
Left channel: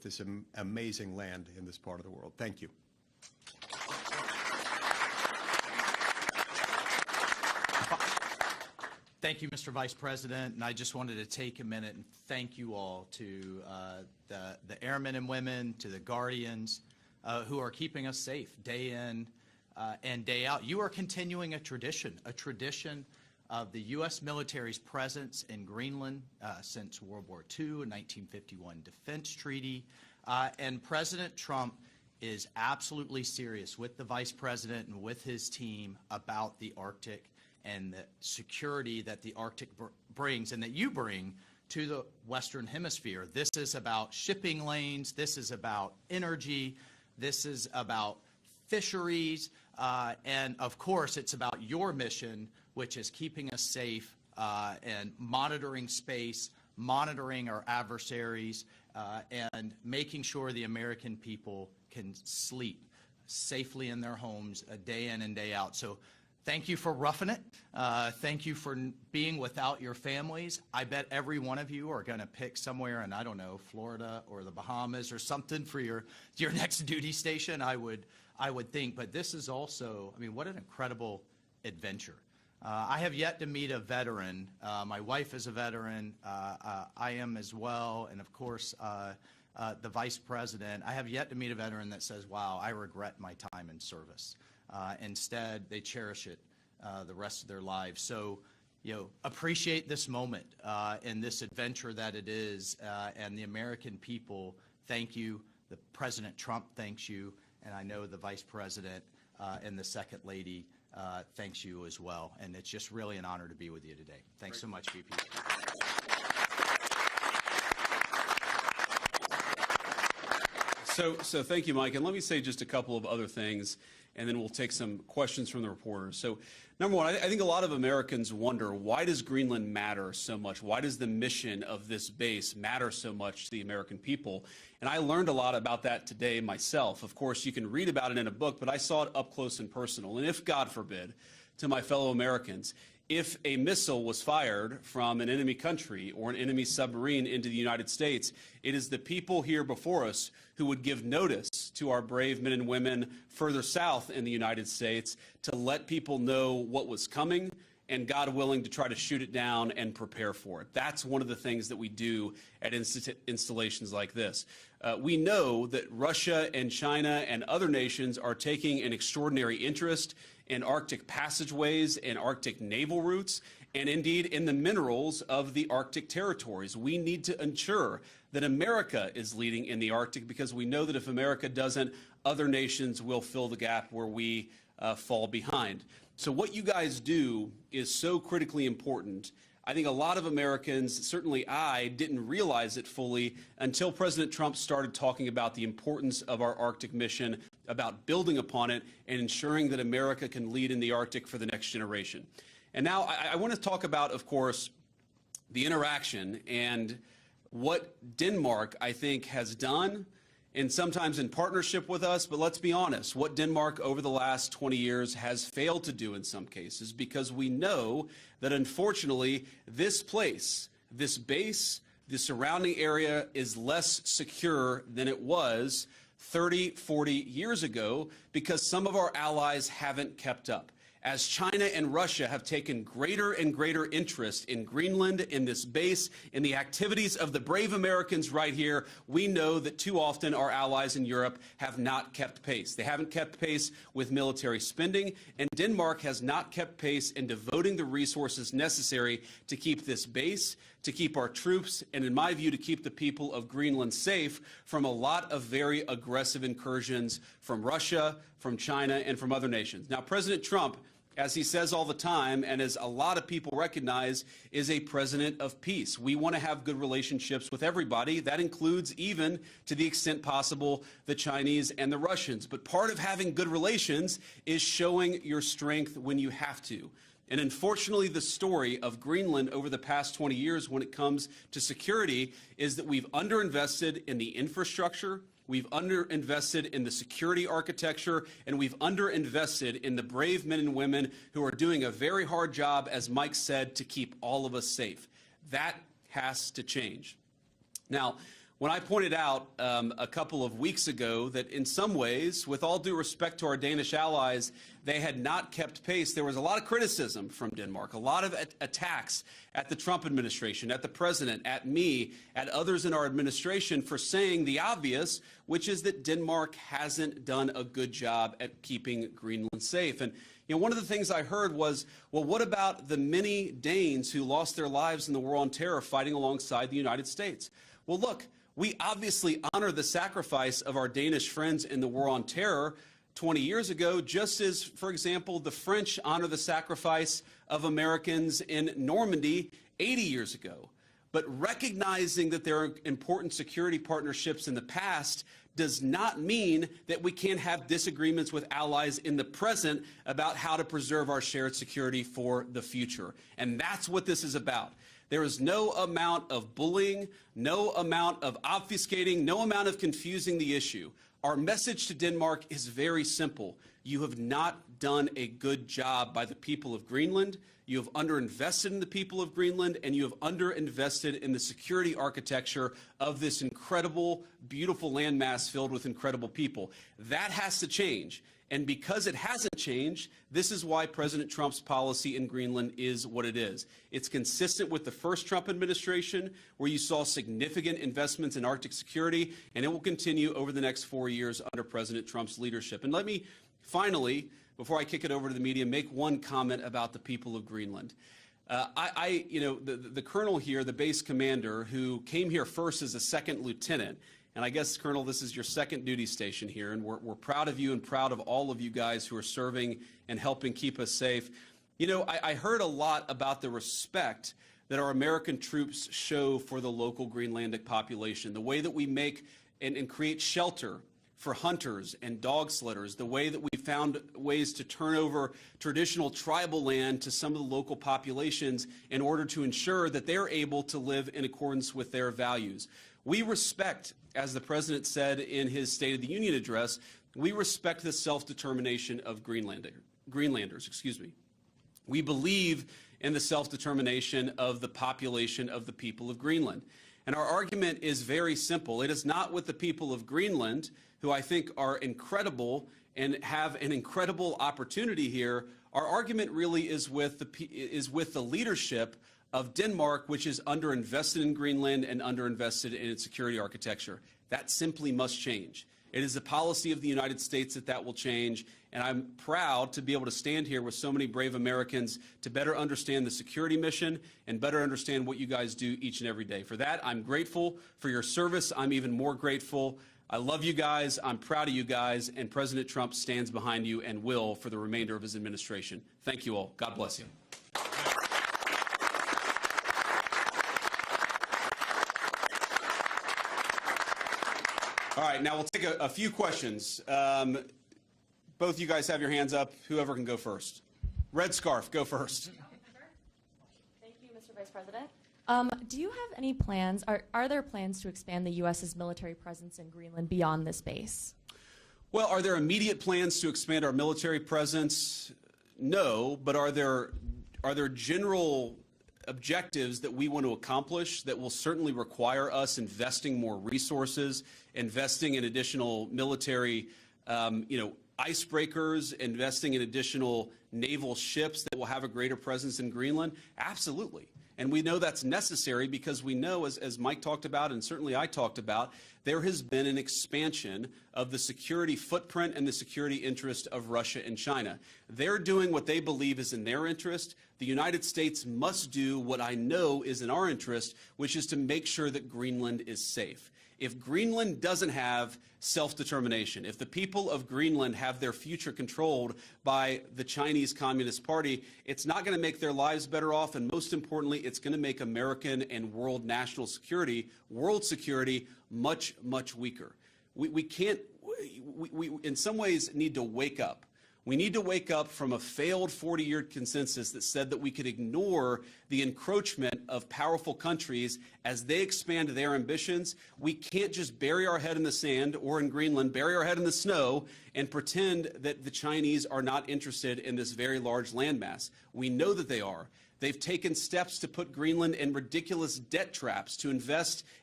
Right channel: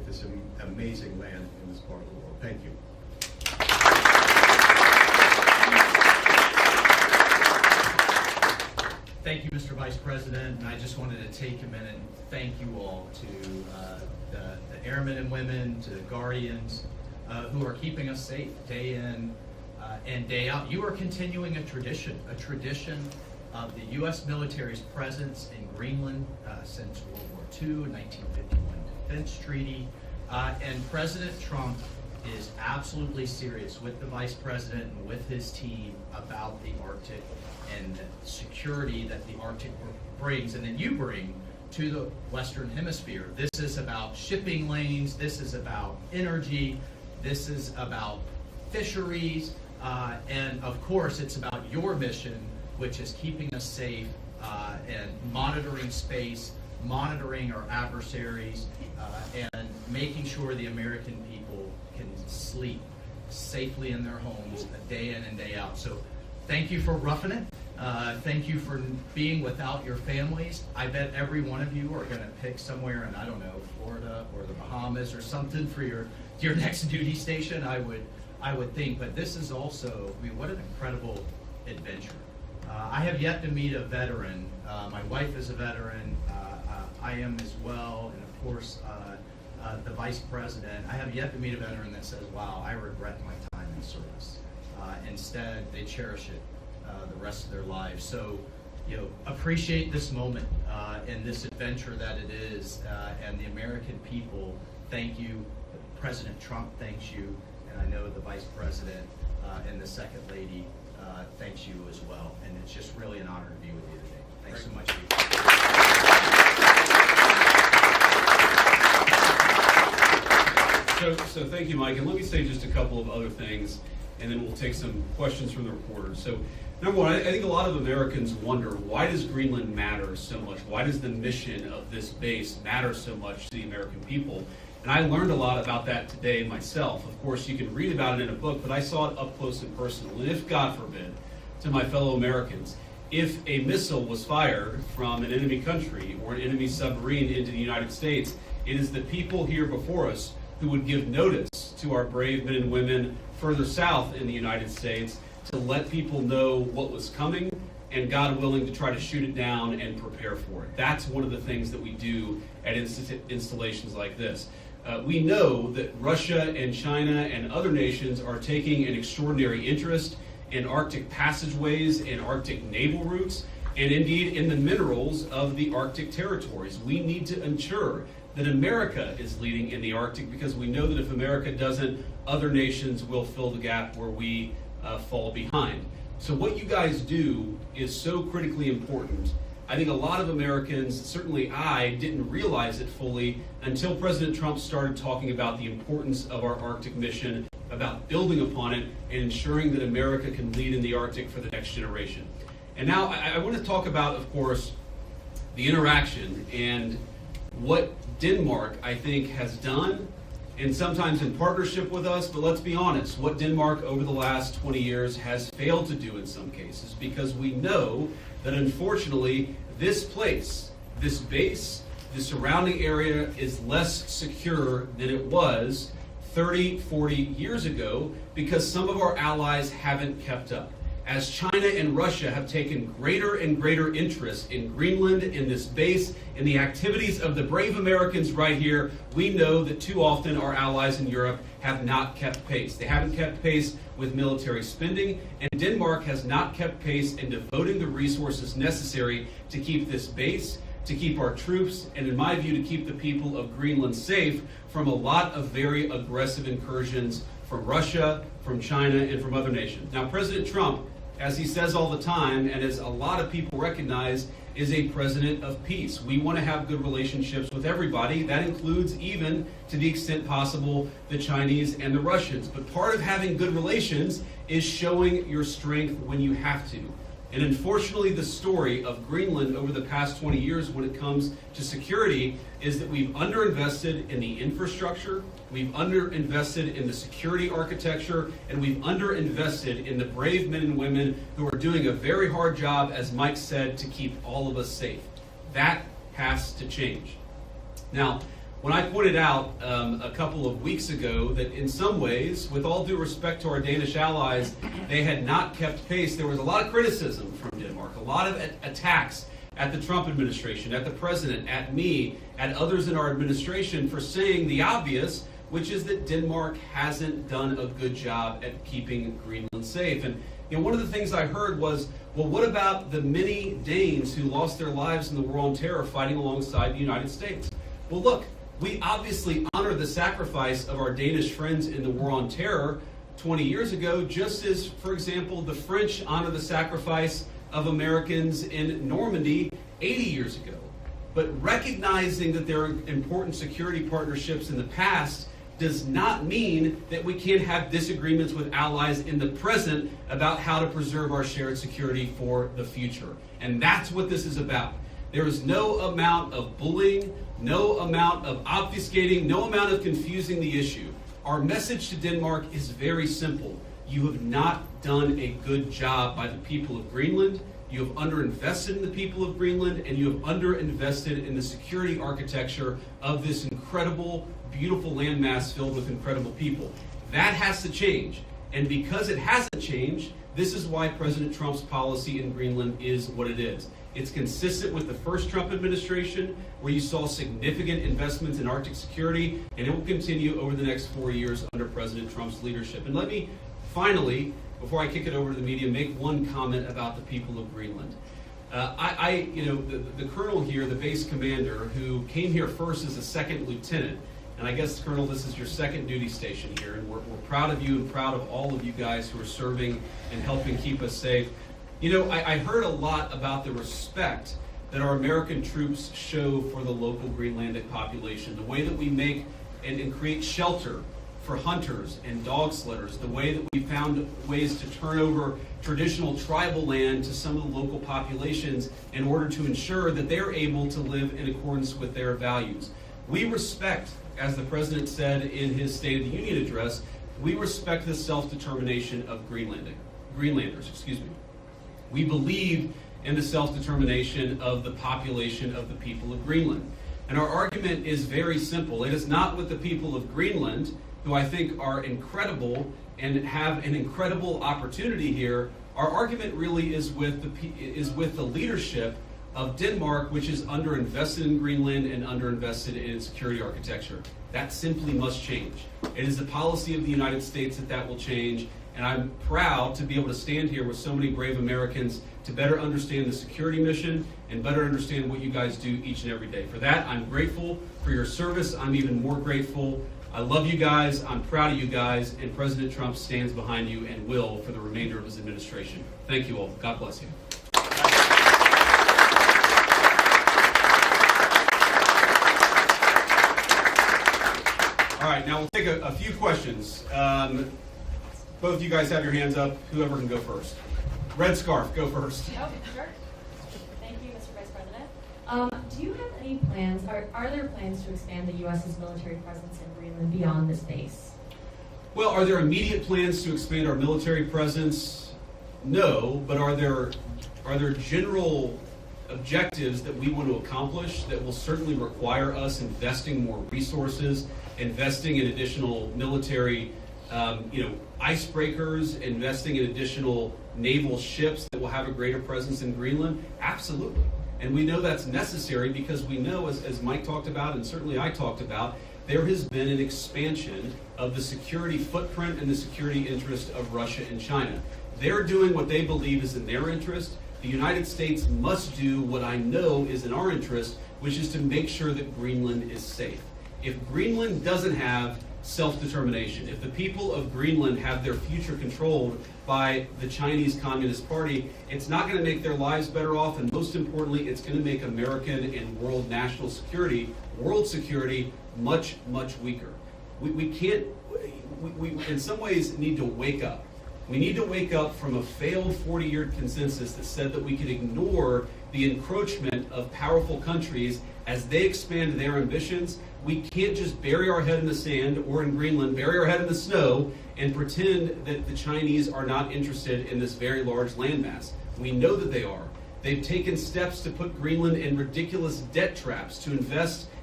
this amazing land in this part of the world. Thank you. Thank you, Mr. Vice President, and I just wanted to take a minute and thank you all to the airmen and women, to the Guardians, who are keeping us safe day in and day out. You are continuing a tradition of the U.S. military's presence in Greenland since World War II, a 1951 defense treaty, and President Trump is absolutely serious with the Vice President and with his team about the Arctic and the security that the Arctic brings and that you bring to the Western Hemisphere. This is about shipping lanes, this is about energy, this is about fisheries, and of course it's about your mission, which is keeping us safe and monitoring space, monitoring our adversaries, and making sure the American people can sleep safely in their homes day in and day out. So thank you for roughing it. Thank you for being without your families. I bet every one of you are going to pick somewhere in, I don't know, Florida or the Bahamas or something for your next duty station, I would think. But this is also, I mean, what an incredible adventure. I have yet to meet a veteran. My wife is a veteran. I am as well. And of course, the Vice President. I have yet to meet a veteran that says, wow, I regret my time in service. Instead, they cherish it the rest of their lives. So, you know, appreciate this moment and this adventure that it is. And the American people, thank you. President Trump thanks you. And I know the Vice President and the Second Lady thanks you as well. And it's just really an honor to be with you today. Thanks so much, people. So thank you, Mike. And let me say just a couple of other things, and then we'll take some questions from the reporters. So number one, I think a lot of Americans wonder, why does Greenland matter so much? Why does the mission of this base matter so much to the American people? And I learned a lot about that today myself. Of course, you can read about it in a book, but I saw it up close and personal. And if, God forbid, to my fellow Americans, if a missile was fired from an enemy country or an enemy submarine into the United States, it is the people here before us who would give notice to our brave men and women further south in the United States to let people know what was coming and, God willing, to try to shoot it down and prepare for it. That's one of the things that we do at installations like this. We know that Russia and China and other nations are taking an extraordinary interest in Arctic passageways and Arctic naval routes, and indeed in the minerals of the Arctic territories. We need to ensure that America is leading in the Arctic, because we know that if America doesn't, other nations will fill the gap where we fall behind. So what you guys do is so critically important. I think a lot of Americans, certainly I, didn't realize it fully until President Trump started talking about the importance of our Arctic mission, about building upon it, and ensuring that America can lead in the Arctic for the next generation. And now I want to talk about, of course, the interaction and what Denmark, I think, has done, and sometimes in partnership with us, but let's be honest, what Denmark over the last 20 years has failed to do in some cases, because we know that unfortunately this place, this base, the surrounding area is less secure than it was 30, 40 years ago, because some of our allies haven't kept up. As China and Russia have taken greater and greater interest in Greenland, in this base, in the activities of the brave Americans right here, we know that too often our allies in Europe have not kept pace. They haven't kept pace with military spending, and Denmark has not kept pace in devoting the resources necessary to keep this base, to keep our troops, and in my view, to keep the people of Greenland safe from a lot of very aggressive incursions from Russia, from China, and from other nations. Now, President Trump, as he says all the time, and as a lot of people recognize, is a president of peace. We want to have good relationships with everybody. That includes, even to the extent possible, the Chinese and the Russians. But part of having good relations is showing your strength when you have to. And unfortunately, the story of Greenland over the past 20 years when it comes to security is that we've underinvested in the infrastructure, we've underinvested in the security architecture, and we've underinvested in the brave men and women who are doing a very hard job, as Mike said, to keep all of us safe. That has to change. Now, when I pointed out a couple of weeks ago that in some ways, with all due respect to our Danish allies, they had not kept pace, there was a lot of criticism from Denmark, a lot of attacks at the Trump administration, at the president, at me, at others in our administration for saying the obvious, which is that Denmark hasn't done a good job at keeping Greenland safe. And one of the things I heard was, well, what about the many Danes who lost their lives in the war on terror fighting alongside the United States? Well, look, we obviously honor the sacrifice of our Danish friends in the war on terror 20 years ago, just as, for example, the French honor the sacrifice of Americans in Normandy 80 years ago. But recognizing that there are important security partnerships in the past does not mean that we can't have disagreements with allies in the present about how to preserve our shared security for the future. And that's what this is about. There is no amount of bullying, no amount of obfuscating, no amount of confusing the issue. Our message to Denmark is very simple. You have not done a good job by the people of Greenland. You have underinvested in the people of Greenland, and you have underinvested in the security architecture of this incredible, beautiful landmass filled with incredible people. That has to change. And because it hasn't changed, this is why President Trump's policy in Greenland is what it is. It's consistent with the first Trump administration, where you saw significant investments in Arctic security, and it will continue over the next 4 years under President Trump's leadership. And let me finally, before I kick it over to the media, make one comment about the people of Greenland. The colonel here, the base commander, who came here first as a second lieutenant, and I guess, Colonel, this is your second duty station here, and we're proud of you and proud of all of you guys who are serving and helping keep us safe. I heard a lot about the respect that our American troops show for the local Greenlandic population, the way that we make and create shelter for hunters and dog sledders, the way that we found ways to turn over traditional tribal land to some of the local populations in order to ensure that they're able to live in accordance with their values. We respect, as the President said in his State of the Union address, we respect the self-determination of Greenlanders. We believe in the self-determination of the population of the people of Greenland. And our argument is very simple. It is not with the people of Greenland, who I think are incredible and have an incredible opportunity here. Our argument really is with the leadership of Denmark, which is underinvested in Greenland and underinvested in its security architecture. That simply must change. It is the policy of the United States that will change, and I'm proud to be able to stand here with so many brave Americans to better understand the security mission and better understand what you guys do each and every day. For that, I'm grateful for your service. I'm even more grateful. I love you guys, I'm proud of you guys, and President Trump stands behind you and will for the remainder of his administration. Thank you all. God bless you. All right, now we'll take a few questions. Both of you guys have your hands up. Whoever can go first. Red scarf, go first. Oh, sure. Thank you, Mr. Vice President. Do you have any plans, are there plans to expand the U.S.'s military presence in Greenland beyond this base? Well, are there immediate plans to expand our military presence? No, but are there general objectives that we want to accomplish that will certainly require us investing more resources, investing in additional military icebreakers, investing in additional naval ships that will have a greater presence in Greenland? Absolutely. And we know that's necessary because we know, as Mike talked about and certainly I talked about, there has been an expansion of the security footprint and the security interest of Russia and China. They're doing what they believe is in their interest. The United States must do what I know is in our interest, which is to make sure that Greenland is safe. If Greenland doesn't have self-determination, if the people of Greenland have their future controlled by the Chinese Communist Party, it's not going to make their lives better off, and most importantly, it's going to make American and world national security, world security, much, much weaker. We in some ways need to wake up. We need to wake up from a failed 40-year consensus that said that we could ignore the encroachment of powerful countries as they expand their ambitions. We can't just bury our head in the sand, or in Greenland, bury our head in the snow and pretend that the Chinese are not interested in this very large landmass. We know that they are. They've taken steps to put Greenland in ridiculous debt traps, to invest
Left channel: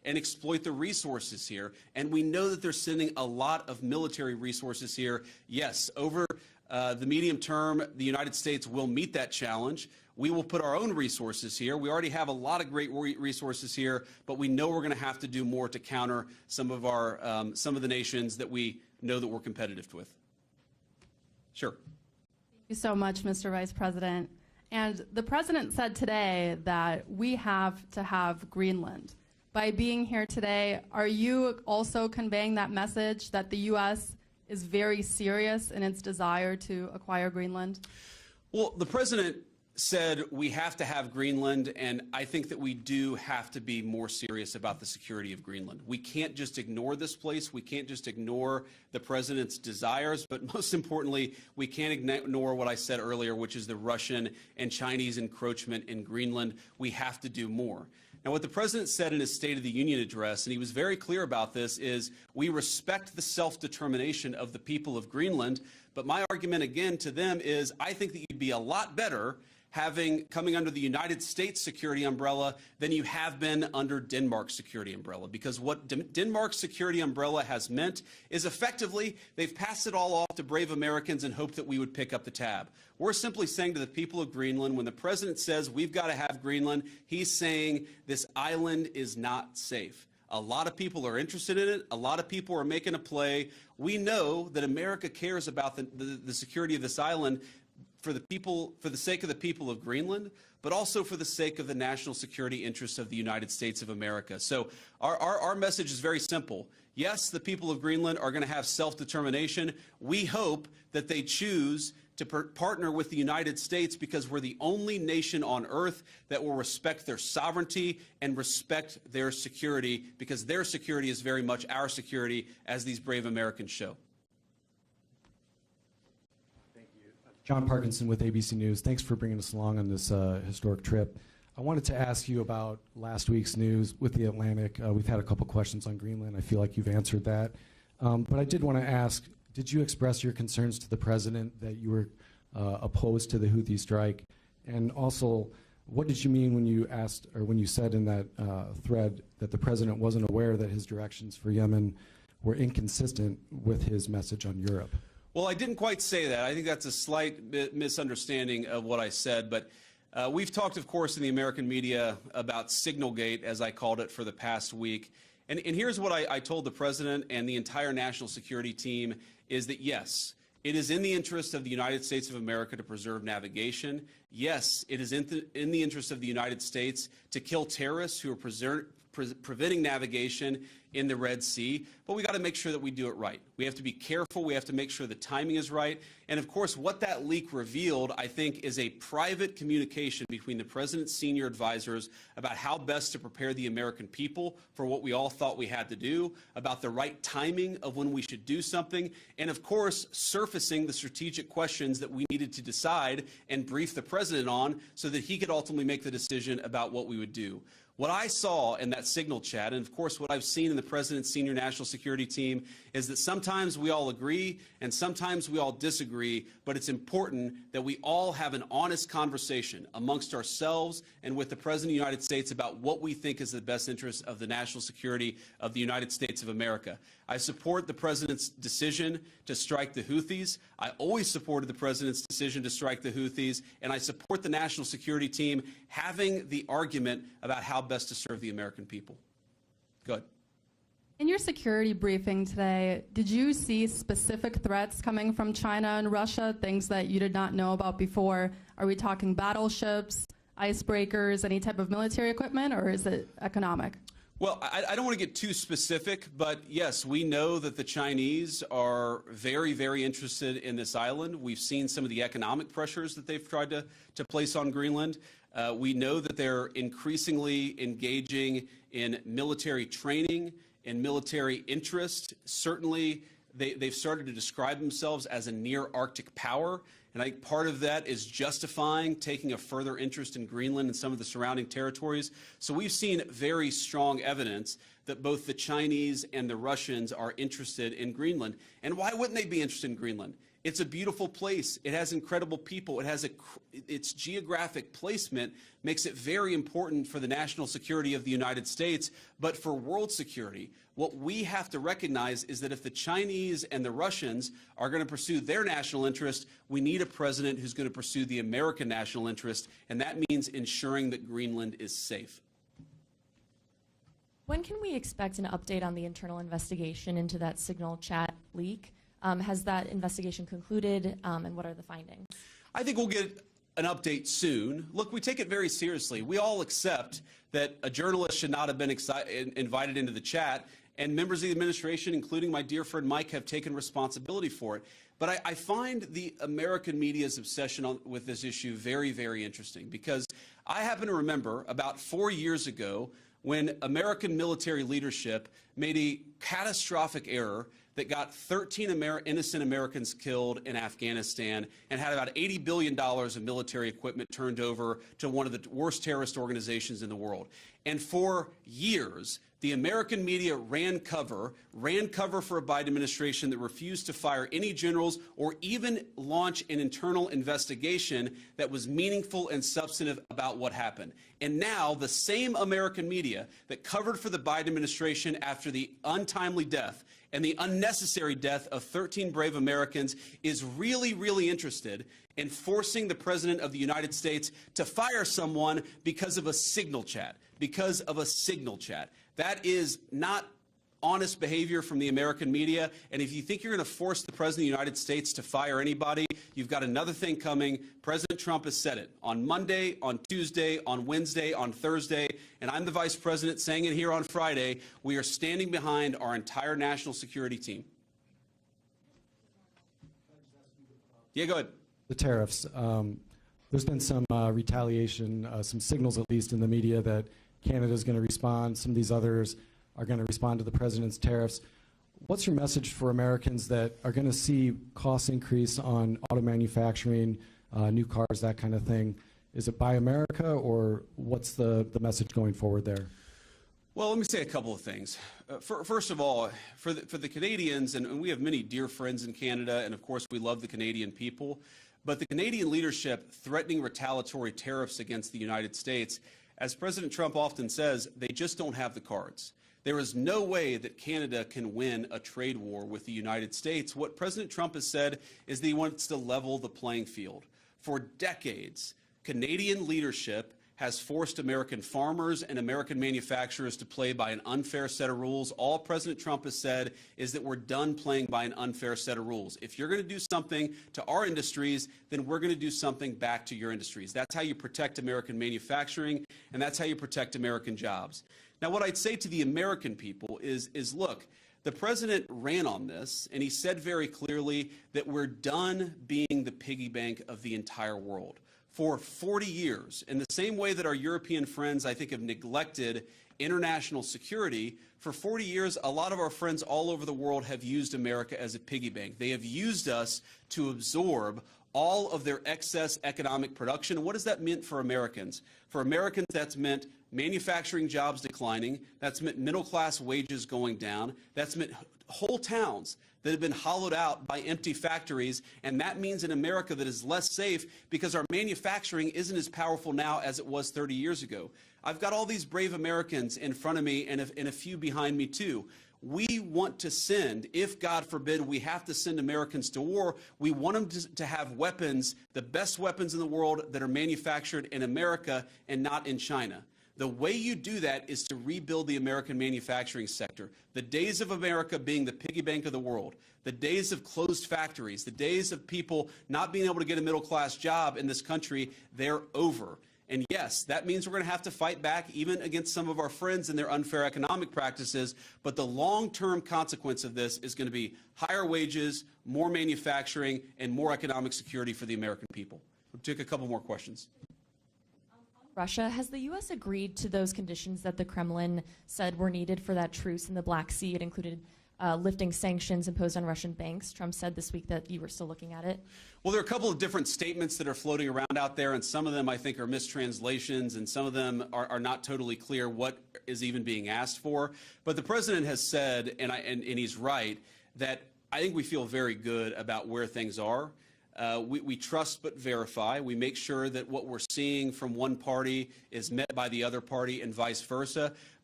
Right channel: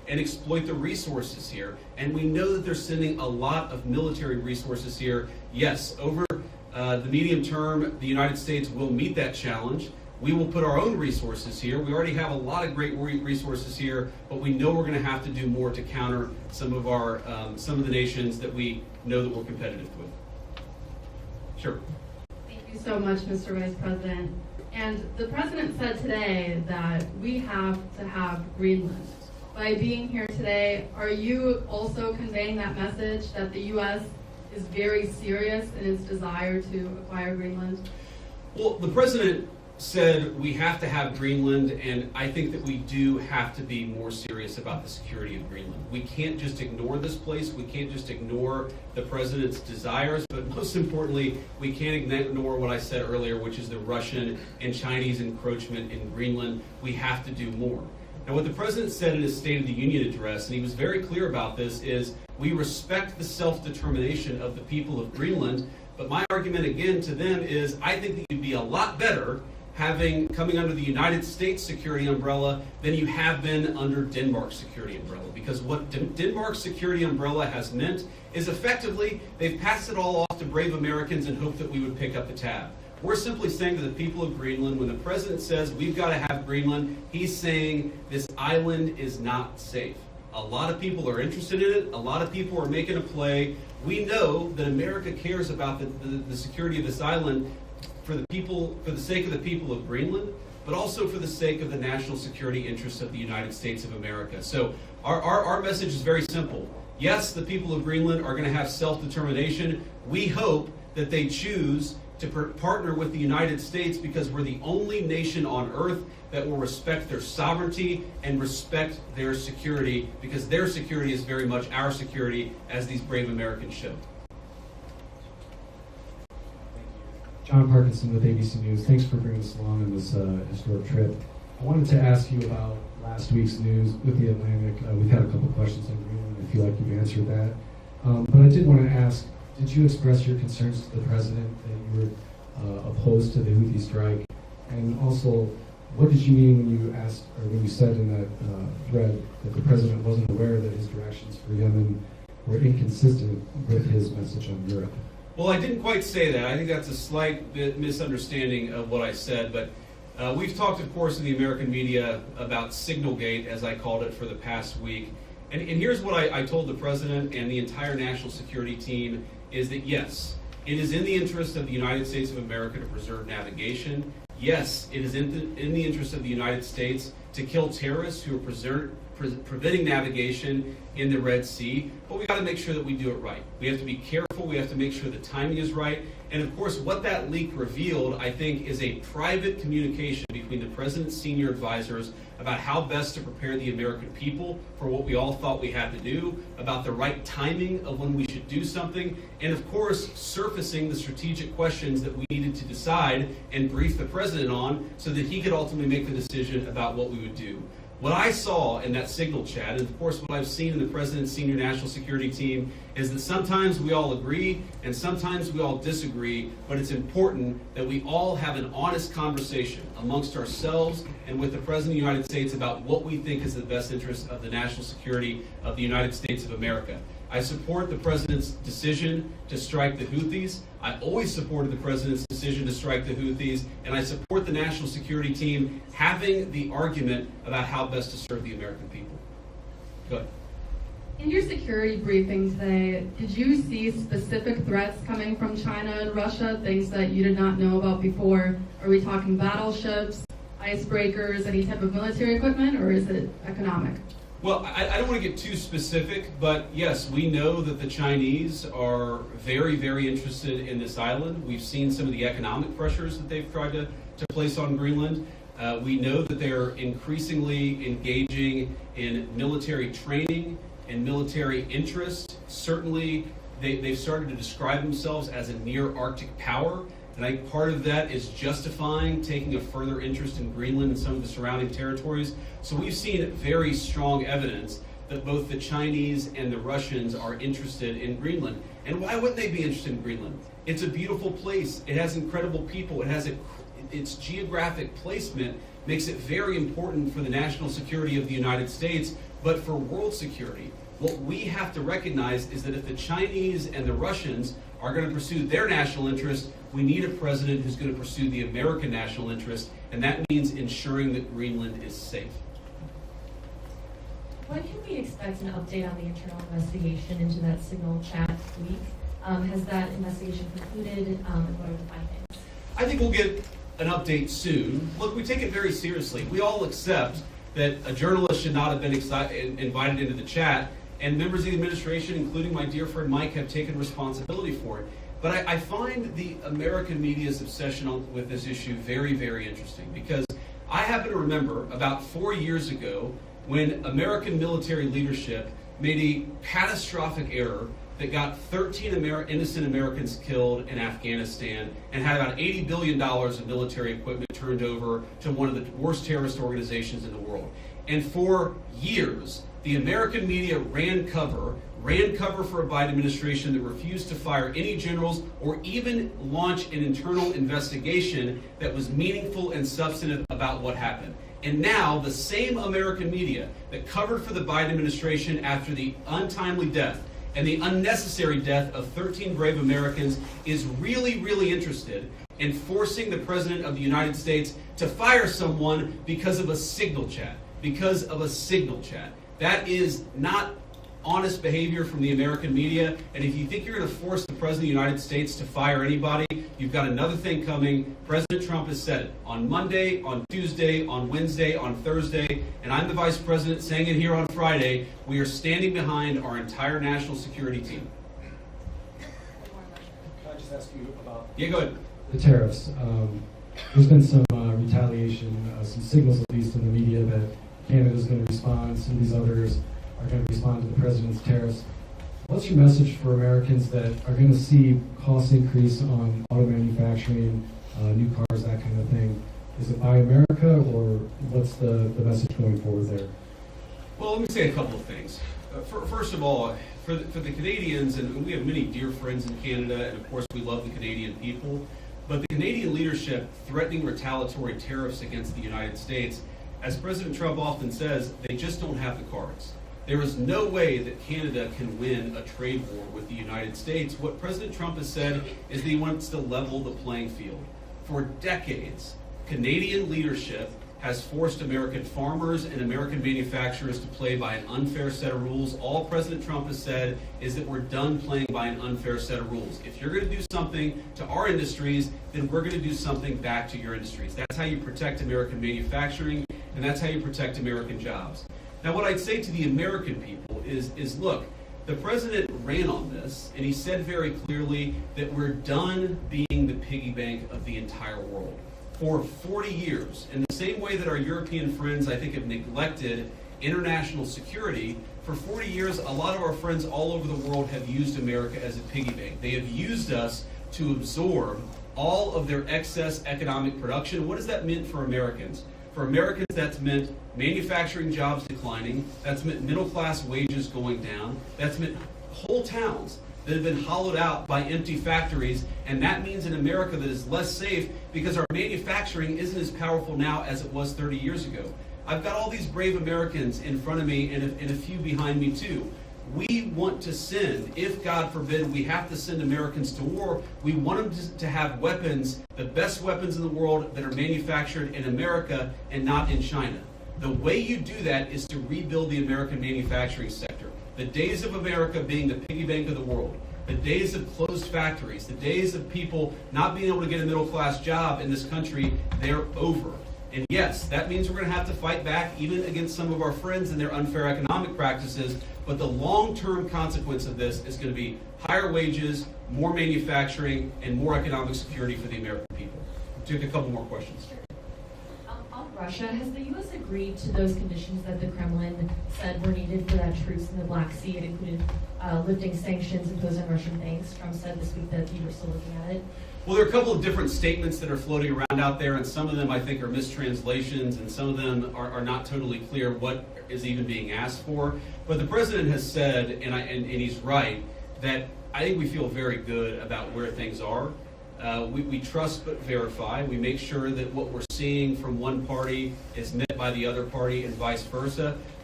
and exploit the resources here. And we know that they're sending a lot of military resources here. Yes, over the medium term, the United States will meet that challenge. We will put our own resources here. We already have a lot of great resources here, but we know we're going to have to do more to counter some of the nations that we know that we're competitive with. Sure. Thank you so much, Mr. Vice President. And the President said today that we have to have Greenland. By being here today, are you also conveying that message that the U.S. is very serious in its desire to acquire Greenland? Well, the President said we have to have Greenland, and I think that we do have to be more serious about the security of Greenland. We can't just ignore this place. We can't just ignore the President's desires, but most importantly, we can't ignore what I said earlier, which is the Russian and Chinese encroachment in Greenland. We have to do more. And what the President said in his State of the Union address, and he was very clear about this, is we respect the self-determination of the people of Greenland, but my argument again to them is I think that you'd be a lot better coming under the United States security umbrella than you have been under Denmark's security umbrella. Because what Denmark's security umbrella has meant is effectively they've passed it all off to brave Americans and hoped that we would pick up the tab. We're simply saying to the people of Greenland, when the President says we've got to have Greenland, he's saying this island is not safe. A lot of people are interested in it. A lot of people are making a play. We know that America cares about the security of this island for the sake of the people of Greenland, but also for the sake of the national security interests of the United States of America. So our message is very simple. Yes, the people of Greenland are going to have self-determination. We hope that they choose to partner with the United States because we're the only nation on earth that will respect their sovereignty and respect their security, because their security is very much our security, as these brave Americans show. John Parkinson with ABC News. Thanks for bringing us along on this historic trip. I wanted to ask you about last week's news with the Atlantic. We've had a couple questions on Greenland. I feel like you've answered that. But I did want to ask, did you express your concerns to the President that you were opposed to the Houthi strike? And also, what did you mean when you asked, or when you said in that thread that the President wasn't aware that his directions for Yemen were inconsistent with his message on Europe? Well, I didn't quite say that. I think that's a slight bit misunderstanding of what I said, but we've talked, of course, in the American media about Signalgate, as I called it, for the past week. And here's what I told the President and the entire national security team, is that yes, it is in the interest of the United States of America to preserve navigation. Yes, it is in the interest of the United States to kill terrorists who are preventing navigation in the Red Sea, but we got to make sure that we do it right. We have to be careful. We have to make sure the timing is right. And of course, what that leak revealed, I think, is a private communication between the President's senior advisors about how best to prepare the American people for what we all thought we had to do, about the right timing of when we should do something, and of course, surfacing the strategic questions that we needed to decide and brief the President on so that he could ultimately make the decision about what we would do. What I saw in that signal chat, and of course what I've seen in the President's senior national security team, is that sometimes we all agree and sometimes we all disagree, but it's important that we all have an honest conversation amongst ourselves and with the President of the United States about what we think is the best interest of the national security of the United States of America. I support the President's decision to strike the Houthis. I always supported the President's decision to strike the Houthis, and I support the national security team having the argument about how best to serve the American people. Go ahead. In your security briefing today, did you see specific threats coming from China and Russia, things that you did not know about before? Are we talking battleships, icebreakers, any type of military equipment, or is it economic? Well, I don't want to get too specific, but yes, we know that the Chinese are very, very interested in this island. We've seen some of the economic pressures that they've tried to place on Greenland. We know that they're increasingly engaging in military training and military interest. Certainly, they've started to describe themselves as a near-Arctic power. And I think part of that is justifying taking a further interest in Greenland and some of the surrounding territories. So we've seen very strong evidence that both the Chinese and the Russians are interested in Greenland. And why wouldn't they be interested in Greenland? It's a beautiful place. It has incredible people. It has its geographic placement makes it very important for the national security of the United States. But for world security, what we have to recognize is that if the Chinese and the Russians are going to pursue their national interest, we need a president who's going to pursue the American national interest, and that means ensuring that Greenland is safe. When can we expect an update on the internal investigation into that signal chat leak? Has that investigation concluded, and what are the findings? I think we'll get an update soon. Look, we take it very seriously. We all accept that a journalist should not have been invited into the chat, and members of the administration, including my dear friend Mike, have taken responsibility for it. But I find the American media's obsession with this issue very, very interesting, because I happen to remember about 4 years ago when American military leadership made a catastrophic error that got 13 innocent Americans killed in Afghanistan and had about $80 billion of military equipment turned over to one of the worst terrorist organizations in the world. And for years, the American media ran cover for a Biden administration that refused to fire any generals or even launch an internal investigation that was meaningful and substantive about what happened. And now the same American media that covered for the Biden administration after the untimely death and the unnecessary death of 13 brave Americans is really, really interested in forcing the President of the United States to fire someone because of a signal chat. Because of a signal chat. That is not honest behavior from the American media, and if you think you're going to force the President of the United States to fire anybody, you've got another thing coming. President Trump has said it on Monday, on Tuesday, on Wednesday, on Thursday, and I'm the Vice President saying it here on Friday. We are standing behind our entire national security team. Can I just ask you about Yeah, go ahead. the tariffs? There's been some retaliation, some signals at least in the media that Canada's going to respond, some of these others are going to respond to the president's tariffs. What's your message for Americans that are going to see costs increase on auto manufacturing, new cars, that kind of thing? Is it Buy America, or what's the message going forward there? Well, let me say a couple of things. First of all, for the Canadians, and we have many dear friends in Canada, and of course we love the Canadian people, but the Canadian leadership threatening retaliatory tariffs against the United States, as President Trump often says, they just don't have the cards. There is no way that Canada can win a trade war with the United States. What President Trump has said is that he wants to level the playing field. For decades, Canadian leadership has forced American farmers and American manufacturers to play by an unfair set of rules. All President Trump has said is that we're done playing by an unfair set of rules. If you're going to do something to our industries, then we're going to do something back to your industries. That's how you protect American manufacturing, and that's how you protect American jobs. Now, what I'd say to the American people is look, the president ran on this, and he said very clearly that we're done being the piggy bank of the entire world. For 40 years, in the same way that our European friends, I think, have neglected international security, for 40 years, a lot of our friends all over the world have used America as a piggy bank. They have used us to absorb all of their excess economic production. What has that meant for Americans? For Americans, that's meant manufacturing jobs declining, that's meant middle-class wages going down, that's meant whole towns that have been hollowed out by empty factories, and that means an America that is less safe because our manufacturing isn't as powerful now as it was 30 years ago. I've got all these brave Americans in front of me and a few behind me too. We want to send, if God forbid we have to send Americans to war, we want them to have weapons, the best weapons in the world that are manufactured in America and not in China. The way you do that is to rebuild the American manufacturing sector. The days of America being the piggy bank of the world, the days of closed factories, the days of people not being able to get a middle-class job in this country, they're over. And yes, that means we're going to have to fight back even against some of our friends and their unfair economic practices, but the long-term consequence of this is going to be higher wages, more manufacturing, and more economic security for the American people. Take a couple more questions. On Russia, has the U.S. agreed to those conditions that the Kremlin said were needed for that truce in the Black Sea? It included lifting sanctions imposed on Russian banks. Trump said this week that you were still looking at it. Well, there are a couple of different statements that are floating around out there, and some of them I think are mistranslations, and some of them are not totally clear what is even being asked for. But the president has said, and he's right, that I think we feel very good about where things are. We trust but verify. We make sure that what we're seeing from one party is met by the other party and vice versa.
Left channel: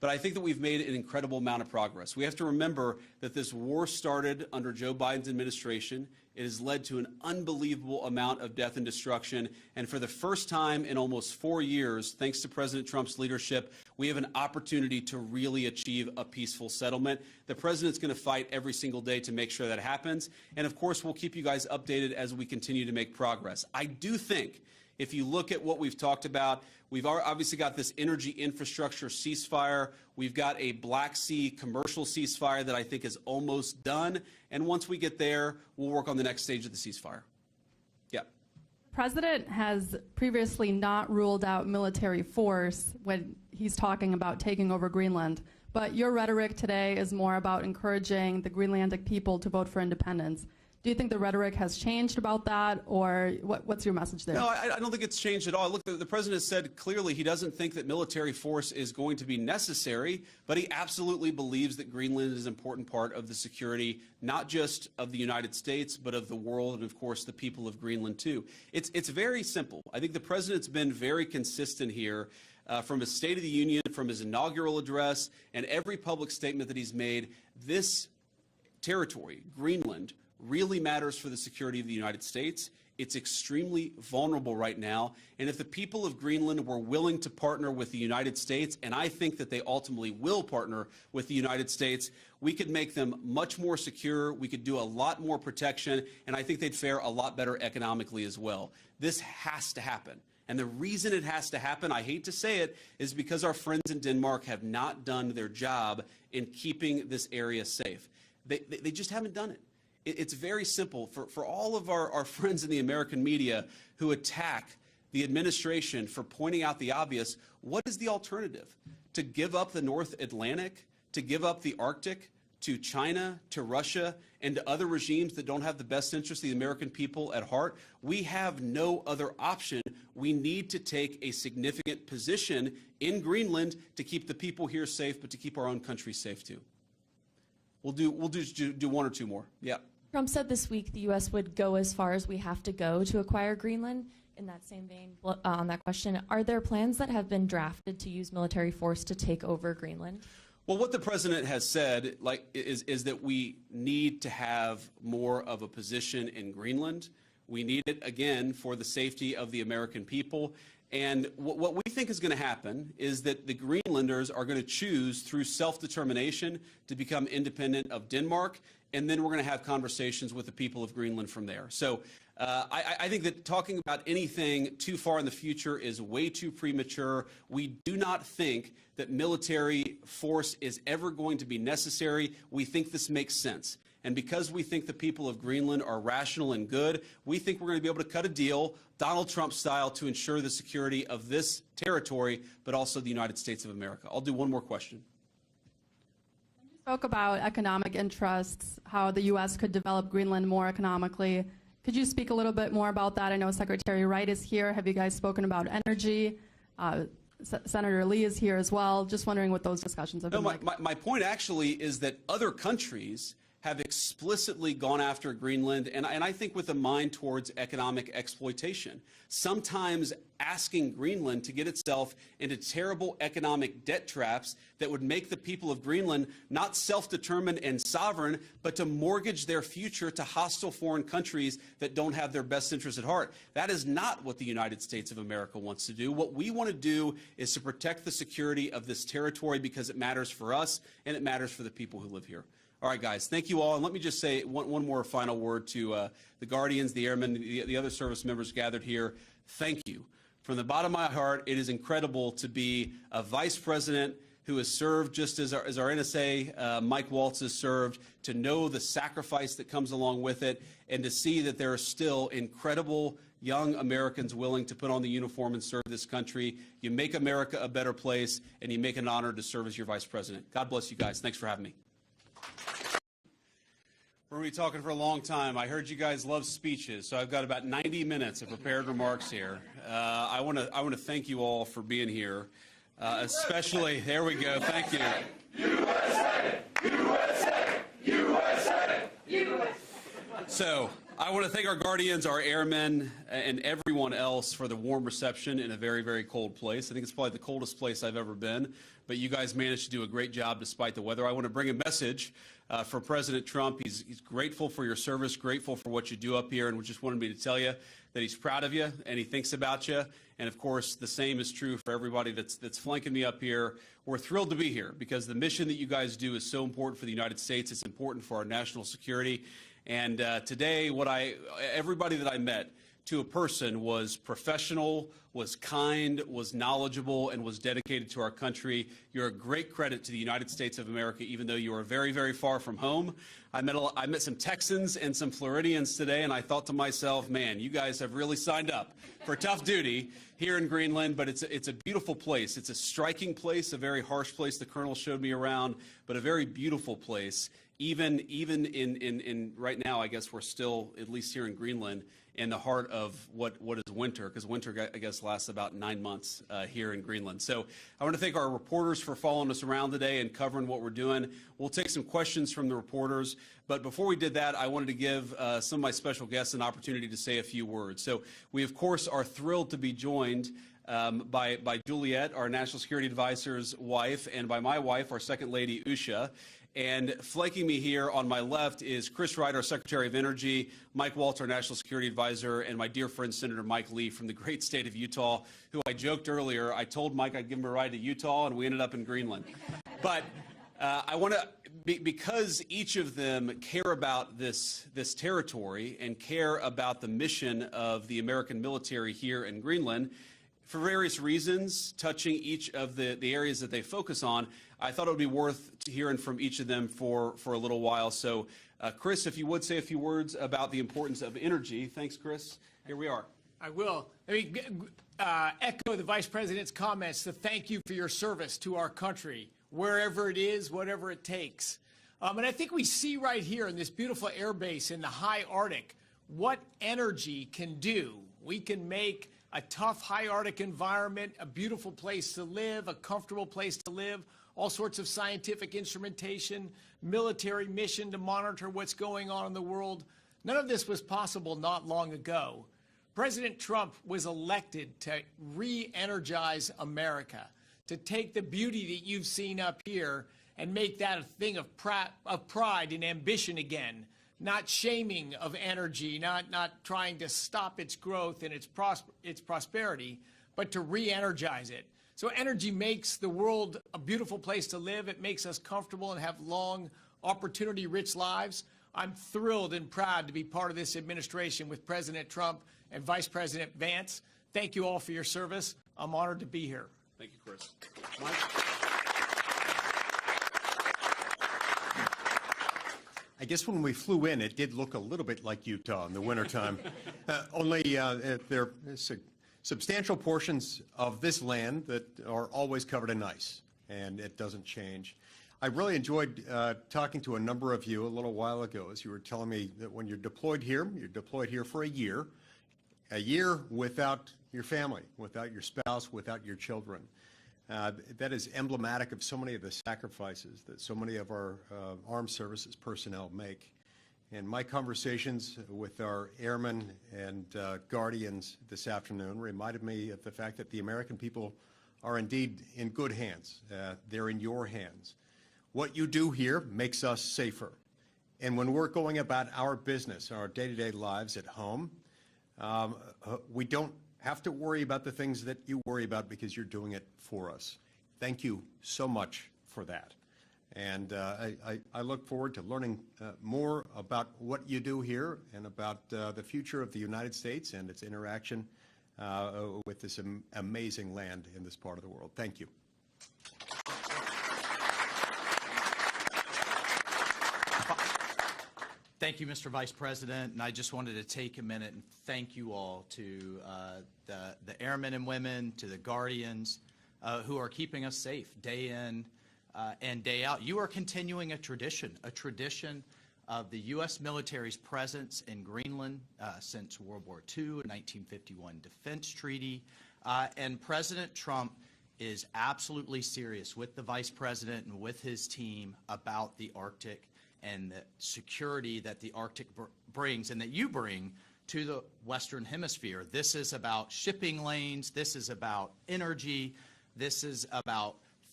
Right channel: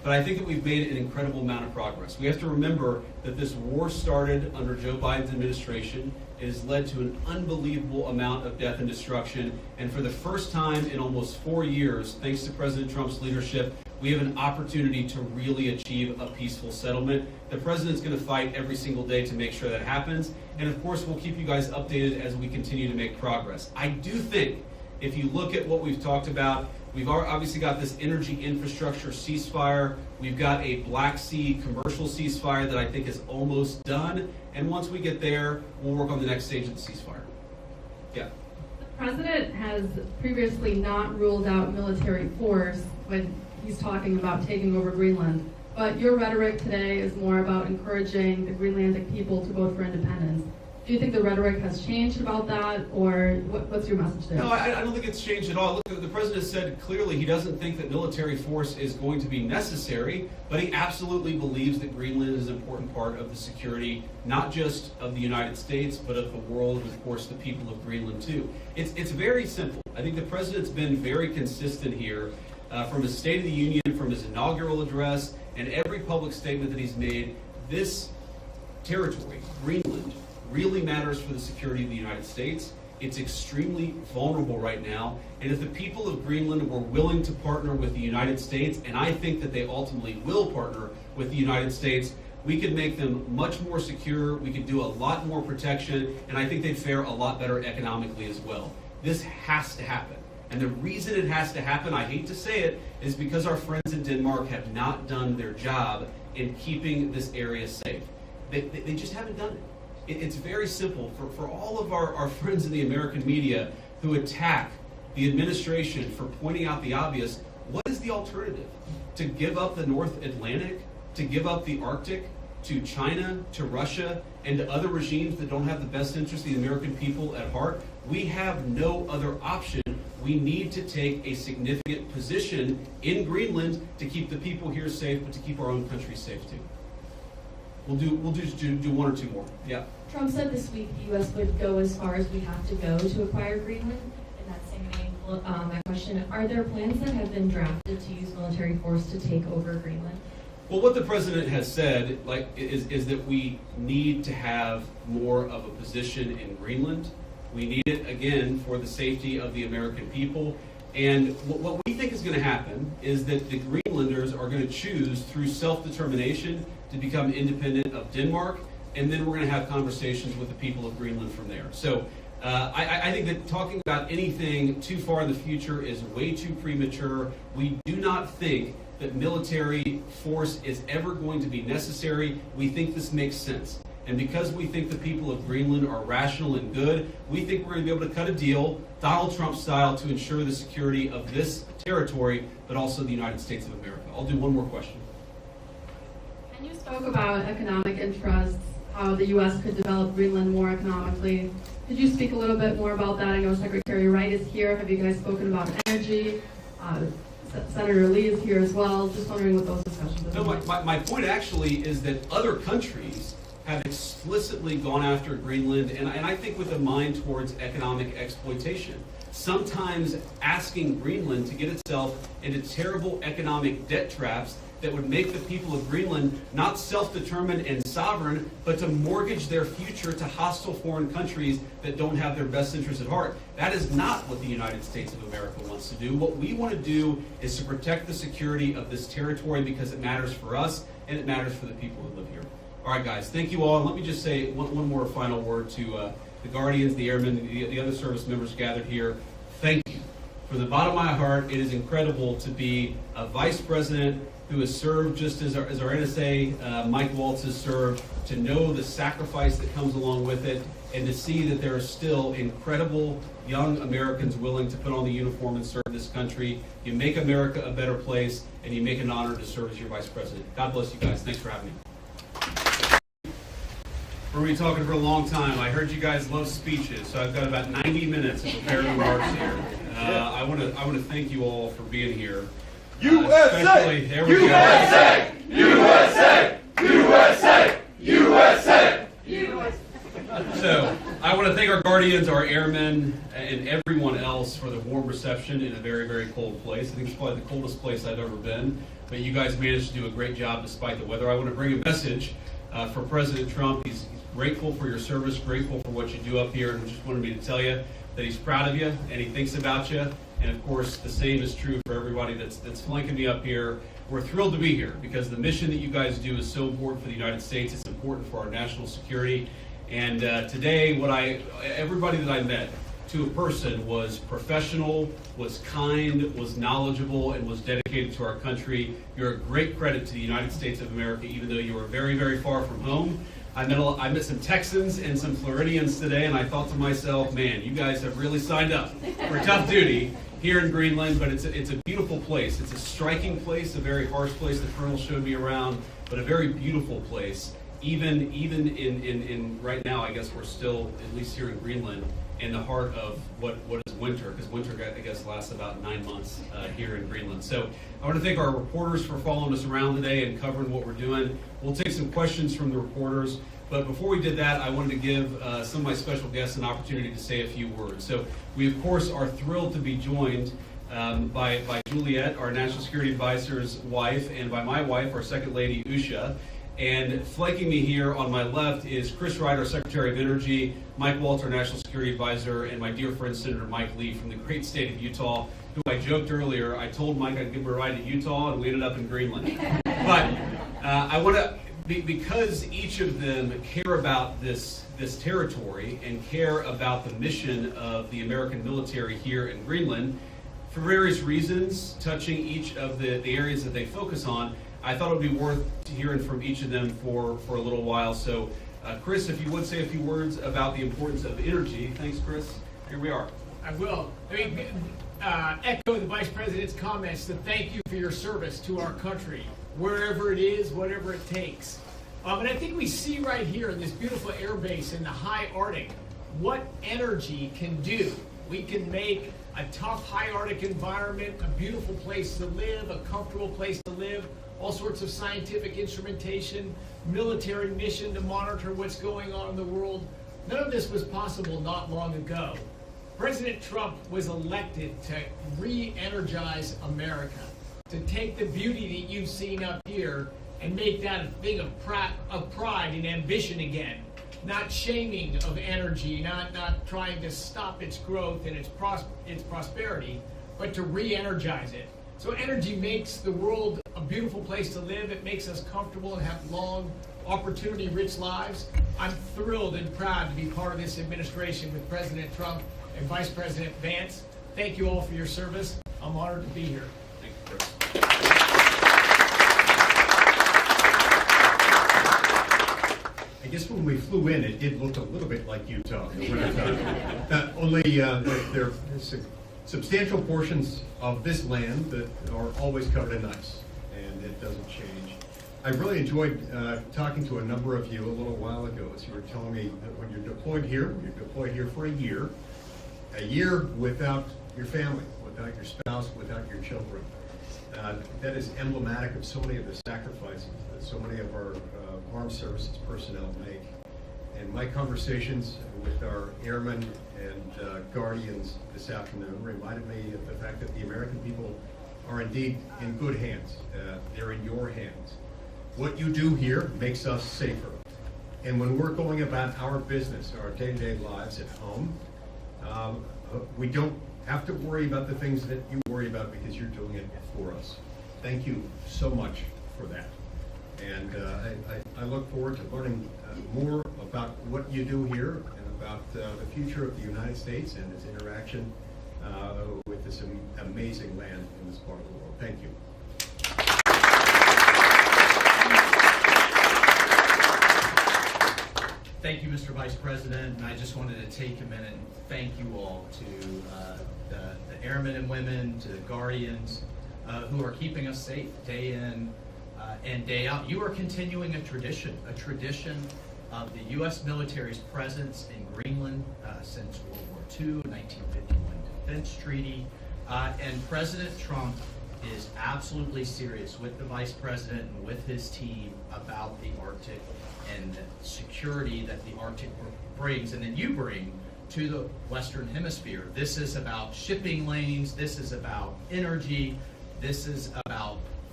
but I think that we've made an incredible amount of progress. We have to remember that this war started under Joe Biden's administration. It has led to an unbelievable amount of death and destruction, and for the first time in almost 4 years, thanks to President Trump's leadership, we have an opportunity to really achieve a peaceful settlement. The president's going to fight every single day to make sure that happens, and of course we'll keep you guys updated as we continue to make progress. I do think, if you look at what we've talked about, we've obviously got this energy infrastructure ceasefire. We've got a Black Sea commercial ceasefire that I think is almost done. And once we get there, we'll work on the next stage of the ceasefire. Yeah. The president has previously not ruled out military force when he's talking about taking over Greenland. But your rhetoric today is more about encouraging the Greenlandic people to vote for independence. Do you think the rhetoric has changed about that, or what's your message there? No, I don't think it's changed at all. Look, the president said clearly he doesn't think that military force is going to be necessary, but he absolutely believes that Greenland is an important part of the security, not just of the United States, but of the world, and of course the people of Greenland too. It's very simple. I think the president's been very consistent here from his State of the Union, from his inaugural address, and every public statement that he's made. This territory, Greenland, really matters for the security of the United States. It's extremely vulnerable right now, and if the people of Greenland were willing to partner with the United States, and I think that they ultimately will partner with the United States, we could make them much more secure, we could do a lot more protection, and I think they'd fare a lot better economically as well. This has to happen. And the reason it has to happen, I hate to say it, is because our friends in Denmark have not done their job in keeping this area safe. They just haven't done it. It's very simple. For all of our friends in the American media who attack the administration for pointing out the obvious, what is the alternative? To give up the North Atlantic? To give up the Arctic? To China? To Russia? And to other regimes that don't have the best interest of the American people at heart? We have no other option. We need to take a significant position in Greenland to keep the people here safe, but to keep our own country safe too. We'll do one or two more. Yeah. Trump said this week the U.S. would go as far as we have to go to acquire Greenland. In that same vein, that question, are there plans that have been drafted to use military force to take over Greenland? Well, what the president has said, is that we need to have more of a position in Greenland. We need it, again, for the safety of the American people. And what we think is going to happen is that the Greenlanders are going to choose through self-determination to become independent of Denmark, and then we're going to have conversations with the people of Greenland from there. So I think that talking about anything too far in the future is way too premature. We do not think that military force is ever going to be necessary. We think this makes sense. And because we think the people of Greenland are rational and good, we think we're going to be able to cut a deal, Donald Trump style, to ensure the security of this territory, but also the United States of America. I'll do one more question. And you spoke about economic interests, how the U.S. could develop Greenland more economically. Could you speak a little bit more about that? I know Secretary Wright is here. Have you guys spoken about energy? Senator Lee is here as well. Just wondering what those discussions have been like. My point actually is that other countries have explicitly gone after Greenland, and I think with a mind towards economic exploitation. Sometimes asking Greenland to get itself into terrible economic debt traps that would make the people of Greenland not self-determined and sovereign, but to mortgage their future to hostile foreign countries that don't have their best interests at heart. That is not what the United States of America wants to do. What we want to do is to protect the security of this territory because it matters for us and it matters for the people who live here. All right, guys, thank you all. And let me just say one more final word to the Guardians, the Airmen, the other service members gathered here. Thank you. From the bottom of my heart, it is incredible to be a vice president who has served just as our NSA, Mike Waltz, has served, to know the sacrifice that comes along with it, and to see that there are still incredible young Americans willing to put on the uniform and serve this country. You make America a better place, and you make an honor to serve as your vice president. God bless you guys. Thanks for having me. We're going to be talking for a long time. I heard you guys love speeches, so I've got about 90 minutes of prepared remarks here. I want to thank you all for being here. USA! There we USA! USA! USA! USA! USA! So, I want to thank our Guardians, our airmen, and everyone else for the warm reception in a very, very cold place. I think it's probably the coldest place I've ever been. But but you guys managed to do a great job despite the weather. I want to bring a message for President Trump. He's grateful for your service, grateful for what you do up here, and just wanted me to tell you that he's proud of you and he thinks about you. And of course, the same is true for everybody that's flanking me up here. We're thrilled to be here because the mission that you guys do is so important for the United States. It's important for our national security. And today, everybody that I met, to a person, was professional, was kind, was knowledgeable, and was dedicated to our country. You're a great credit to the United States of America, even though you are very, very far from home. I met some Texans and some Floridians today, and I thought to myself, man, you guys have really signed up for tough duty here in Greenland, but it's a beautiful place. It's a striking place, a very harsh place. The Colonel showed me around, but a very beautiful place. Even in right now, I guess we're still, at least here in Greenland, in the heart of what is winter, because winter, I guess, lasts about 9 months here in Greenland. So I want to thank our reporters for following us around today and covering what we're doing. We'll take some questions from the reporters, but before we did that, I wanted to give some of my special guests an opportunity to say a few words. So we, of course, are thrilled to be joined by Juliet, our National Security Advisor's wife, and by my wife, our Second Lady, Usha. And flanking me here on my left is Chris Wright, our Secretary of Energy, Mike Walter, National Security Advisor, and my dear friend Senator Mike Lee from the great state of Utah, who I joked earlier, I told Mike I'd give him a ride to Utah, and we ended up in Greenland. But I want to, because each of them care about this territory and care about the mission of the American military here in Greenland, for various reasons, touching each of the areas that they focus on, I thought it would be worth hearing from each of them for a little while. So, Chris, if you would say a few words about the importance of energy. Thanks, Chris. Here we are. I will. Echo the Vice President's comments to thank you for your service to our country, wherever it is, whatever it takes. And I think we see right here in this beautiful air base in the high Arctic what energy can do. We can make a tough high Arctic environment a beautiful place to live, a comfortable place to live, all sorts of scientific instrumentation, military mission to monitor what's going on in the world. None of this was possible not long ago. President Trump was elected to re-energize America, to take the beauty that you've seen up here and make that a thing of pride and ambition again. Not shaming of energy, not trying to stop its growth and its prosperity, but to re-energize it. So energy makes the world a beautiful place to live. It makes us comfortable and have long, opportunity-rich lives. I'm thrilled and proud to be part of this administration with President Trump and Vice President Vance. Thank you all for your service. I'm honored to be here. Thank you, Chris. I guess when we flew in, it did look a little bit like Utah in the wintertime. Only there are substantial portions of this land that are always covered in ice, and it doesn't change. I really enjoyed talking to a number of you a little while ago as you were telling me that when you're deployed here for a year without your family, without your spouse, without your children. That is emblematic of so many of the sacrifices that so many of our armed services personnel make. And my conversations with our airmen and guardians this afternoon reminded me of the fact that the American people are indeed in good hands. They're in your hands. What you do here makes us safer. And when we're going about our business, our day-to-day lives at home, we don't have to worry about the things that you worry about because you're doing it for us. Thank you so much for that. And I look forward to learning more about what you do here and about the future of the United States and its interaction with this amazing land in this part of the world. Thank you. Thank you, Mr. Vice President. And I just wanted to take a minute and thank you all to the airmen and women, to the guardians who are keeping us safe day in and day out. You are continuing a tradition of the U.S. military's presence in Greenland since World War II, 1951 Defense Treaty. And President Trump is absolutely serious with the Vice President and with his team about the Arctic and the security that the Arctic brings and that you bring to the Western Hemisphere. This is about shipping lanes, this is about energy, this is about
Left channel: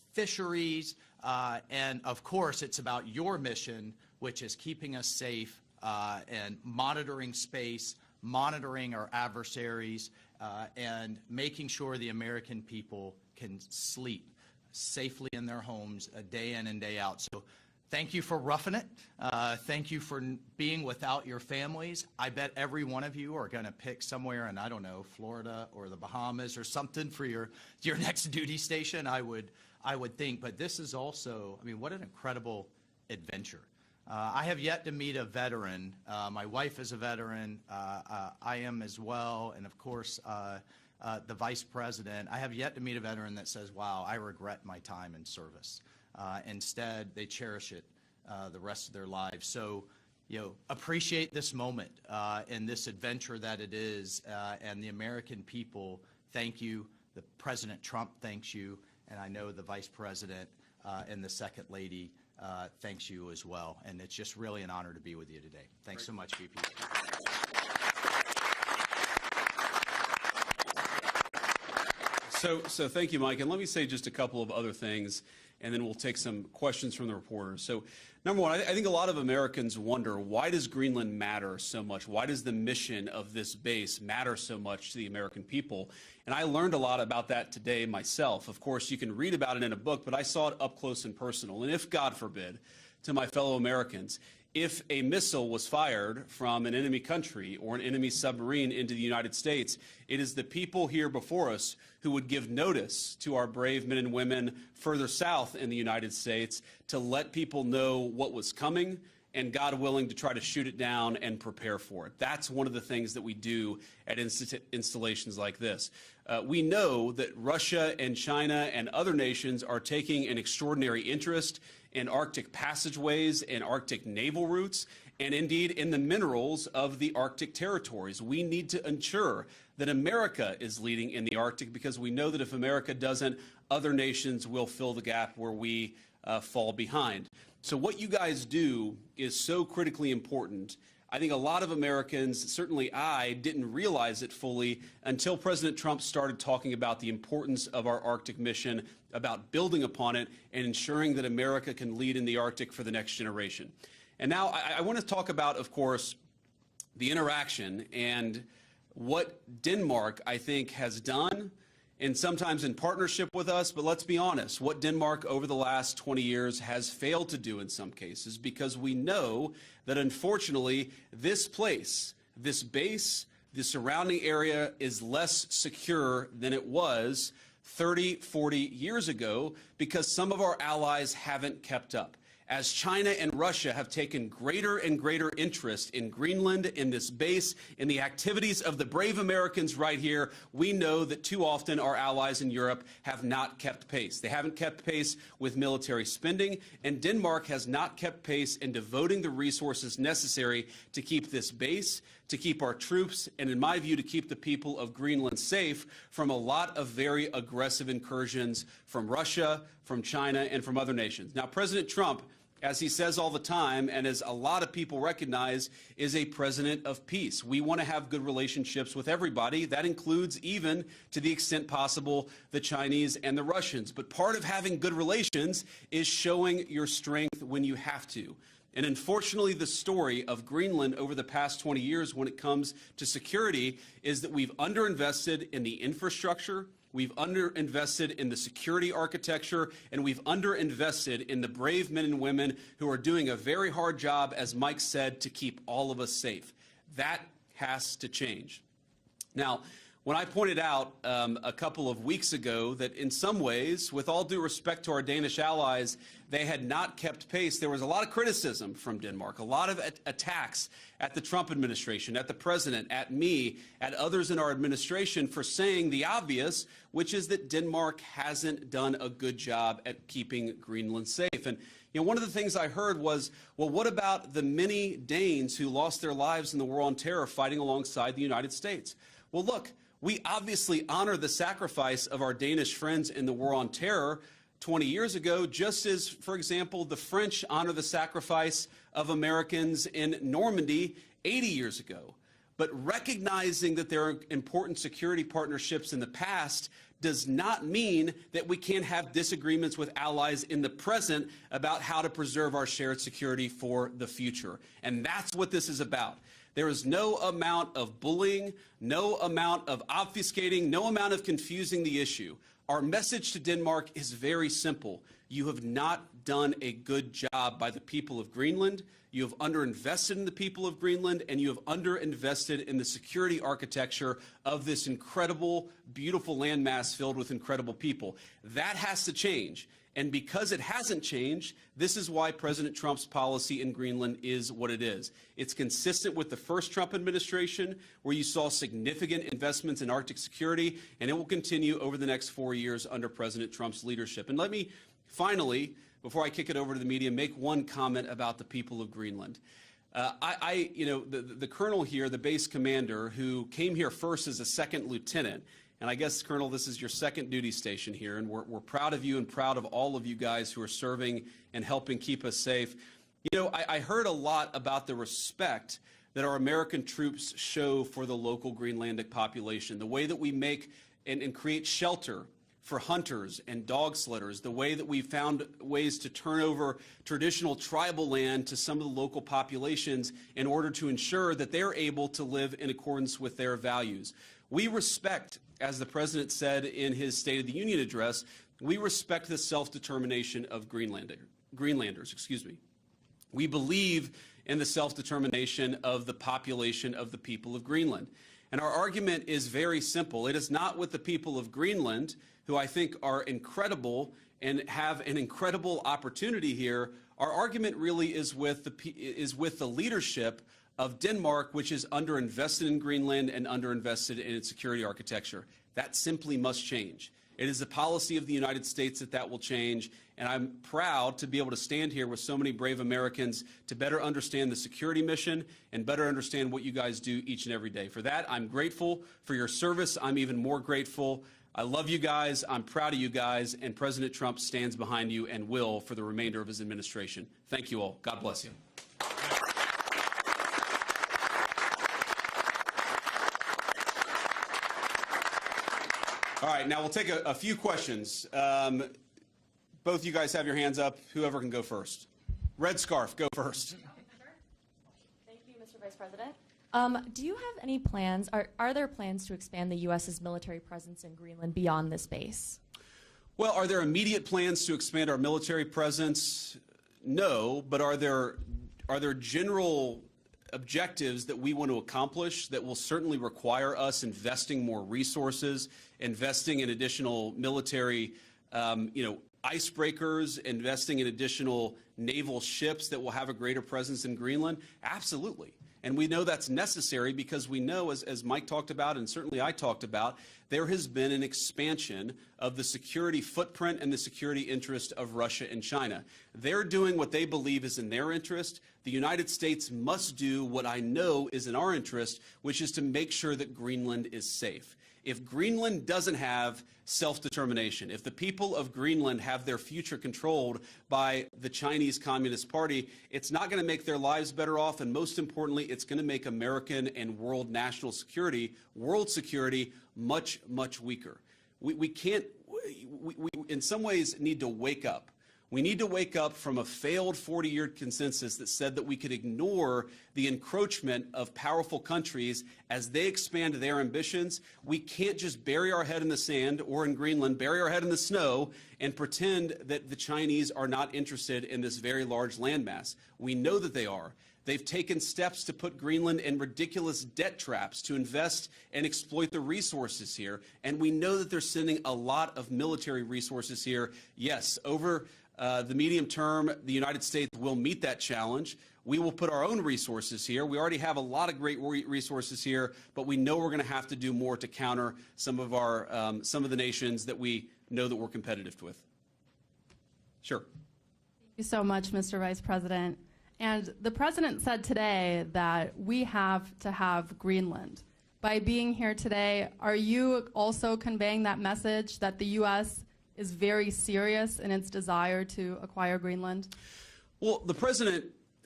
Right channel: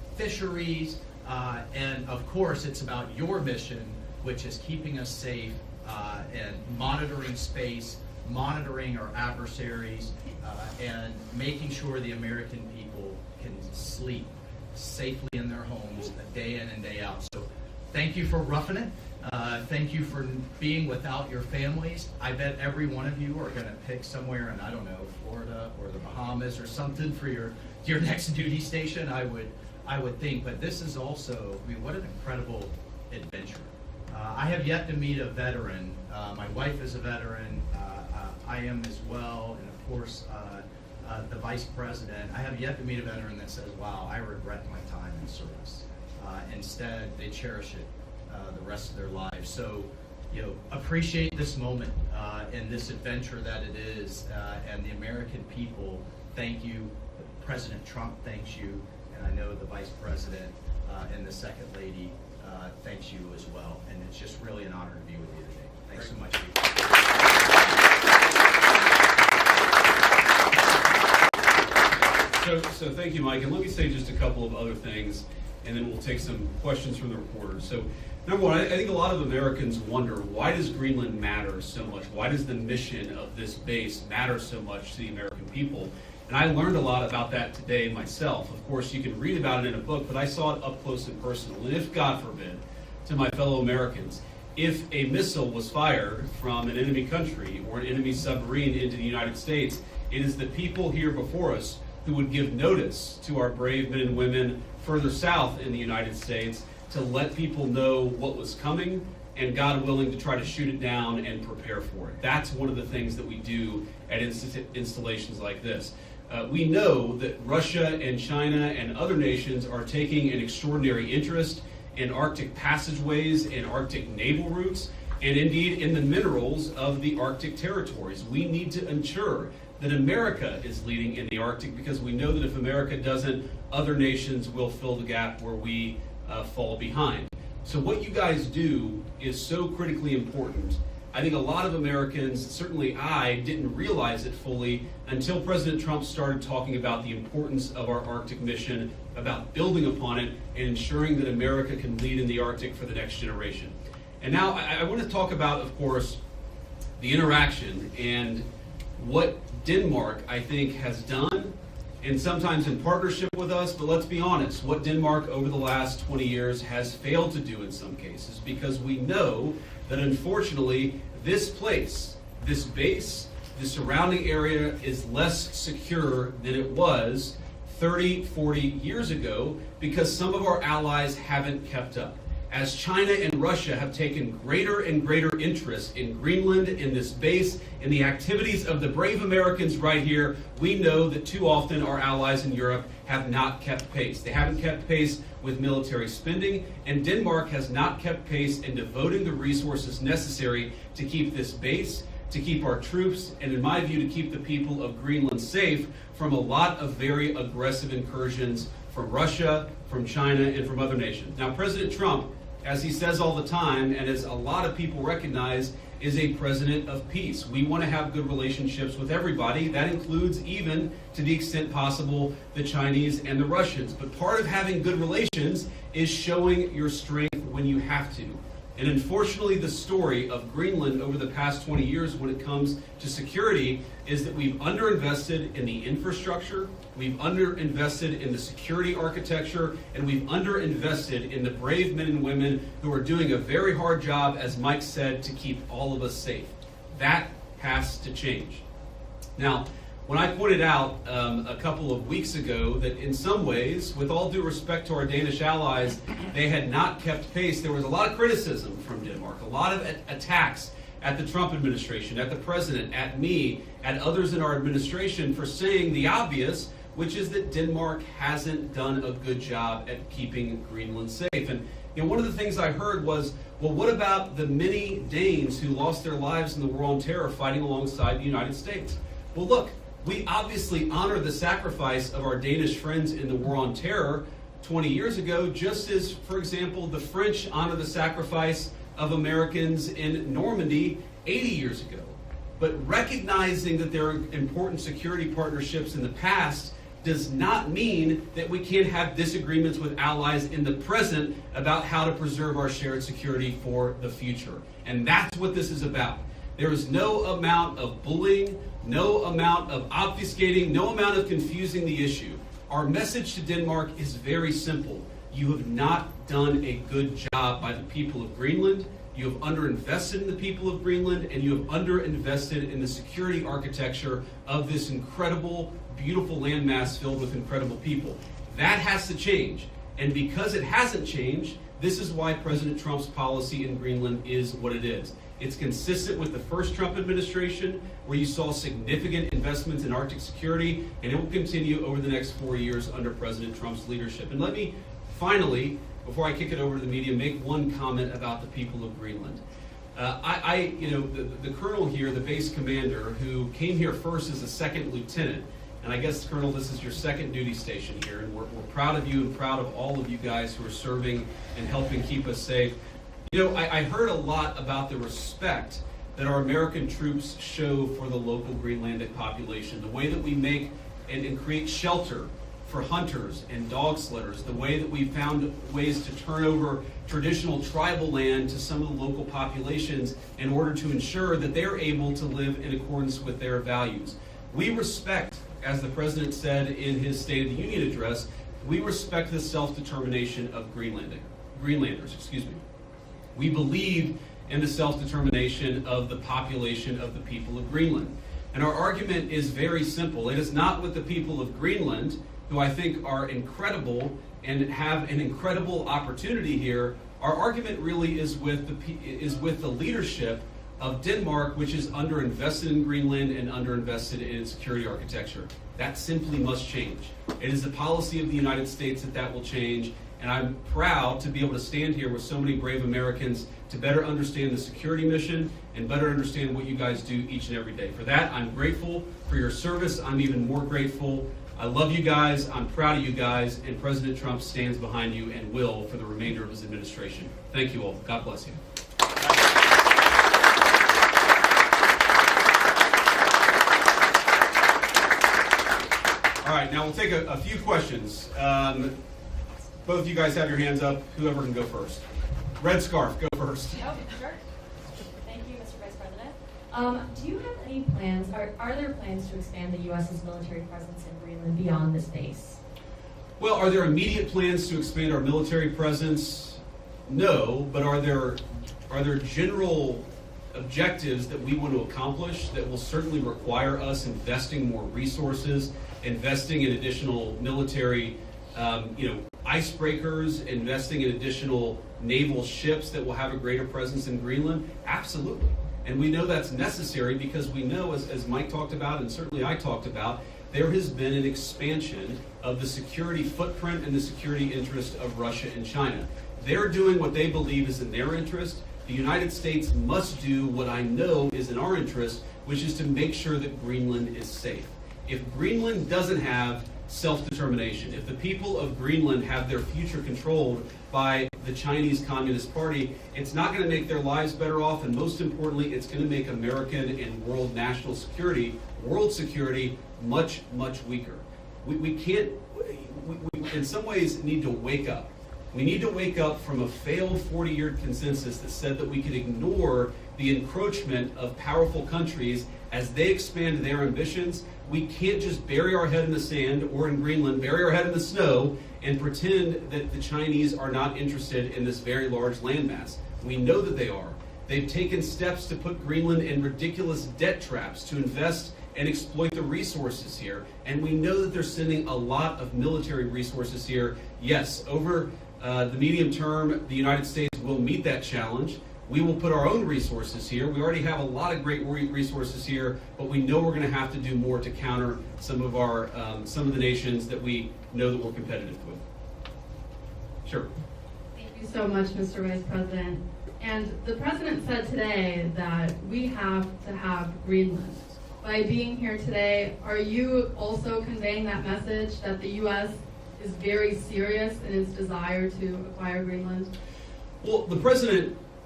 fisheries, and of course it's about your mission, which is keeping us safe and monitoring space, monitoring our adversaries, and making sure the American people can sleep safely in their homes day in and day out. So thank you for roughing it. Thank you for being without your families. I bet every one of you are going to pick somewhere in, I don't know, Florida or the Bahamas or something for your next duty station, I would think. But this is also, I mean, what an incredible adventure. I have yet to meet a veteran. My wife is a veteran. I am as well. And of course, the vice president. I have yet to meet a veteran that says, wow, I regret my time in service. Instead, they cherish it the rest of their lives. So, appreciate this moment and this adventure that it is. And the American people, thank you. President Trump thanks you. And I know the vice president and the second lady thanks you as well. And it's just really an honor to be with you today. Thanks so much. So thank you, Mike. And let me say just a couple of other things, and then we'll take some questions from the reporters. So number one, I think a lot of Americans wonder, why does Greenland matter so much? Why does the mission of this base matter so much to the American people? And I learned a lot about that today myself. Of course, you can read about it in a book, but I saw it up close and personal. And if, God forbid, to my fellow Americans, if a missile was fired from an enemy country or an enemy submarine into the United States, it is the people here before us who would give notice to our brave men and women further south in the United States to let people know what was coming and, God willing, to try to shoot it down and prepare for it. That's one of the things that we do at installations like this. We know that Russia and China and other nations are taking an extraordinary interest in Arctic passageways and Arctic naval routes, and indeed in the minerals of the Arctic territories. We need to ensure that America is leading in the Arctic, because we know that if America doesn't, other nations will fill the gap where we fall behind. So what you guys do is so critically important. I think a lot of Americans, certainly I, didn't realize it fully until President Trump started talking about the importance of our Arctic mission, about building upon it, and ensuring that America can lead in the Arctic for the next generation. And now I want to talk about, of course, the interaction and what Denmark, I think, has done, and sometimes in partnership with us, but let's be honest, what Denmark over the last 20 years has failed to do in some cases, because we know that unfortunately this place, this base, the surrounding area is less secure than it was 30, 40 years ago, because some of our allies haven't kept up. As China and Russia have taken greater and greater interest in Greenland, in this base, in the activities of the brave Americans right here, we know that too often our allies in Europe have not kept pace. They haven't kept pace with military spending, and Denmark has not kept pace in devoting the resources necessary to keep this base, to keep our troops, and in my view, to keep the people of Greenland safe from a lot of very aggressive incursions from Russia, from China, and from other nations. Now, President Trump, as he says all the time, and as a lot of people recognize, is a president of peace. We want to have good relationships with everybody. That includes, even to the extent possible, the Chinese and the Russians. But part of having good relations is showing your strength when you have to. And unfortunately, the story of Greenland over the past 20 years when it comes to security is that we've underinvested in the infrastructure, we've underinvested in the security architecture, and we've underinvested in the brave men and women who are doing a very hard job, as Mike said, to keep all of us safe. That has to change. Now, when I pointed out a couple of weeks ago that in some ways, with all due respect to our Danish allies, they had not kept pace, there was a lot of criticism from Denmark, a lot of attacks at the Trump administration, at the president, at me, at others in our administration for saying the obvious, which is that Denmark hasn't done a good job at keeping Greenland safe. And one of the things I heard was, well, what about the many Danes who lost their lives in the War on Terror fighting alongside the United States? Well, look, we obviously honor the sacrifice of our Danish friends in the War on Terror 20 years ago, just as, for example, the French honor the sacrifice of Americans in Normandy 80 years ago. But recognizing that there are important security partnerships in the past does not mean that we can't have disagreements with allies in the present about how to preserve our shared security for the future. And that's what this is about. There is no amount of bullying, no amount of obfuscating, no amount of confusing the issue. Our message to Denmark is very simple. You have not done a good job by the people of Greenland. You have underinvested in the people of Greenland, and you have underinvested in the security architecture of this incredible, beautiful landmass filled with incredible people. That has to change. And because it hasn't changed, this is why President Trump's policy in Greenland is what it is. It's consistent with the first Trump administration, where you saw significant investments in Arctic security, and it will continue over the next 4 years under President Trump's leadership. And let me finally, before I kick it over to the media, make one comment about the people of Greenland. The colonel here, the base commander, who came here first as a second lieutenant, and I guess, Colonel, this is your second duty station here, and we're proud of you and proud of all of you guys who are serving and helping keep us safe. I heard a lot about the respect that our American troops show for the local Greenlandic population, the way that we make and create shelter for hunters and dog sledders, the way that we found ways to turn over traditional tribal land to some of the local populations in order to ensure that they're able to live in accordance with their values. We respect, as the President said in his State of the Union address, we respect the self-determination of Greenlanders. We believe in the self-determination of the population of the people of Greenland. And our argument is very simple. It is not with the people of Greenland, who I think are incredible and have an incredible opportunity here. Our argument really is with the leadership of Denmark, which is underinvested in Greenland and underinvested in its security architecture. That simply must change. It is the policy of the United States that will change, and I'm proud to be able to stand here with so many brave Americans to better understand the security mission and better understand what you guys do each and every day. For that, I'm grateful for your service. I'm even more grateful. I love you guys, I'm proud of you guys, and President Trump stands behind you and will for the remainder of his administration. Thank you all. God bless you. All right, now we'll take a few questions. Both you guys have your hands up. Whoever can go first. Red scarf, go first. Oh, sure. Thank you, Mr. Vice President. Do you have any plans, are there plans to expand the U.S.'s military presence in Greenland beyond this base? Well, are there immediate plans to expand our military presence? No, but are there general objectives that we want to accomplish that will certainly require us investing more resources, investing in additional military icebreakers, investing in additional naval ships that will have a greater presence in Greenland? Absolutely. And we know that's necessary because we know, as Mike talked about and certainly I talked about, there has been an expansion of the security footprint and the security interest of Russia and China. They're doing what they believe is in their interest. The United States must do what I know is in our interest, which is to make sure that Greenland is safe. If Greenland doesn't have self-determination, if the people of Greenland have their future controlled by the Chinese Communist Party, it's not going to make their lives better off, and most importantly, it's going to make American and world national security, world security, much, much weaker. We in some ways need to wake up. We need to wake up from a failed 40-year consensus that said that we could ignore the encroachment of powerful countries as they expand their ambitions. We can't just bury our head in the sand, or in Greenland, bury our head in the snow and pretend that the Chinese are not interested in this very large landmass. We know that they are. They've taken steps to put Greenland in ridiculous debt traps to invest and exploit the resources here. And we know that they're sending a lot of military resources here. Yes, over the medium term, the United States will meet that challenge. We will put our own resources here. We already have a lot of great resources here, but we know we're going to have to do more to counter some of the nations that we know that we're competitive with. Sure. Thank you so much, Mr. Vice President. And the President said today that we have to have Greenland. By being here today, are you also conveying that message that the U.S. is very serious in its desire to acquire Greenland? Well, the President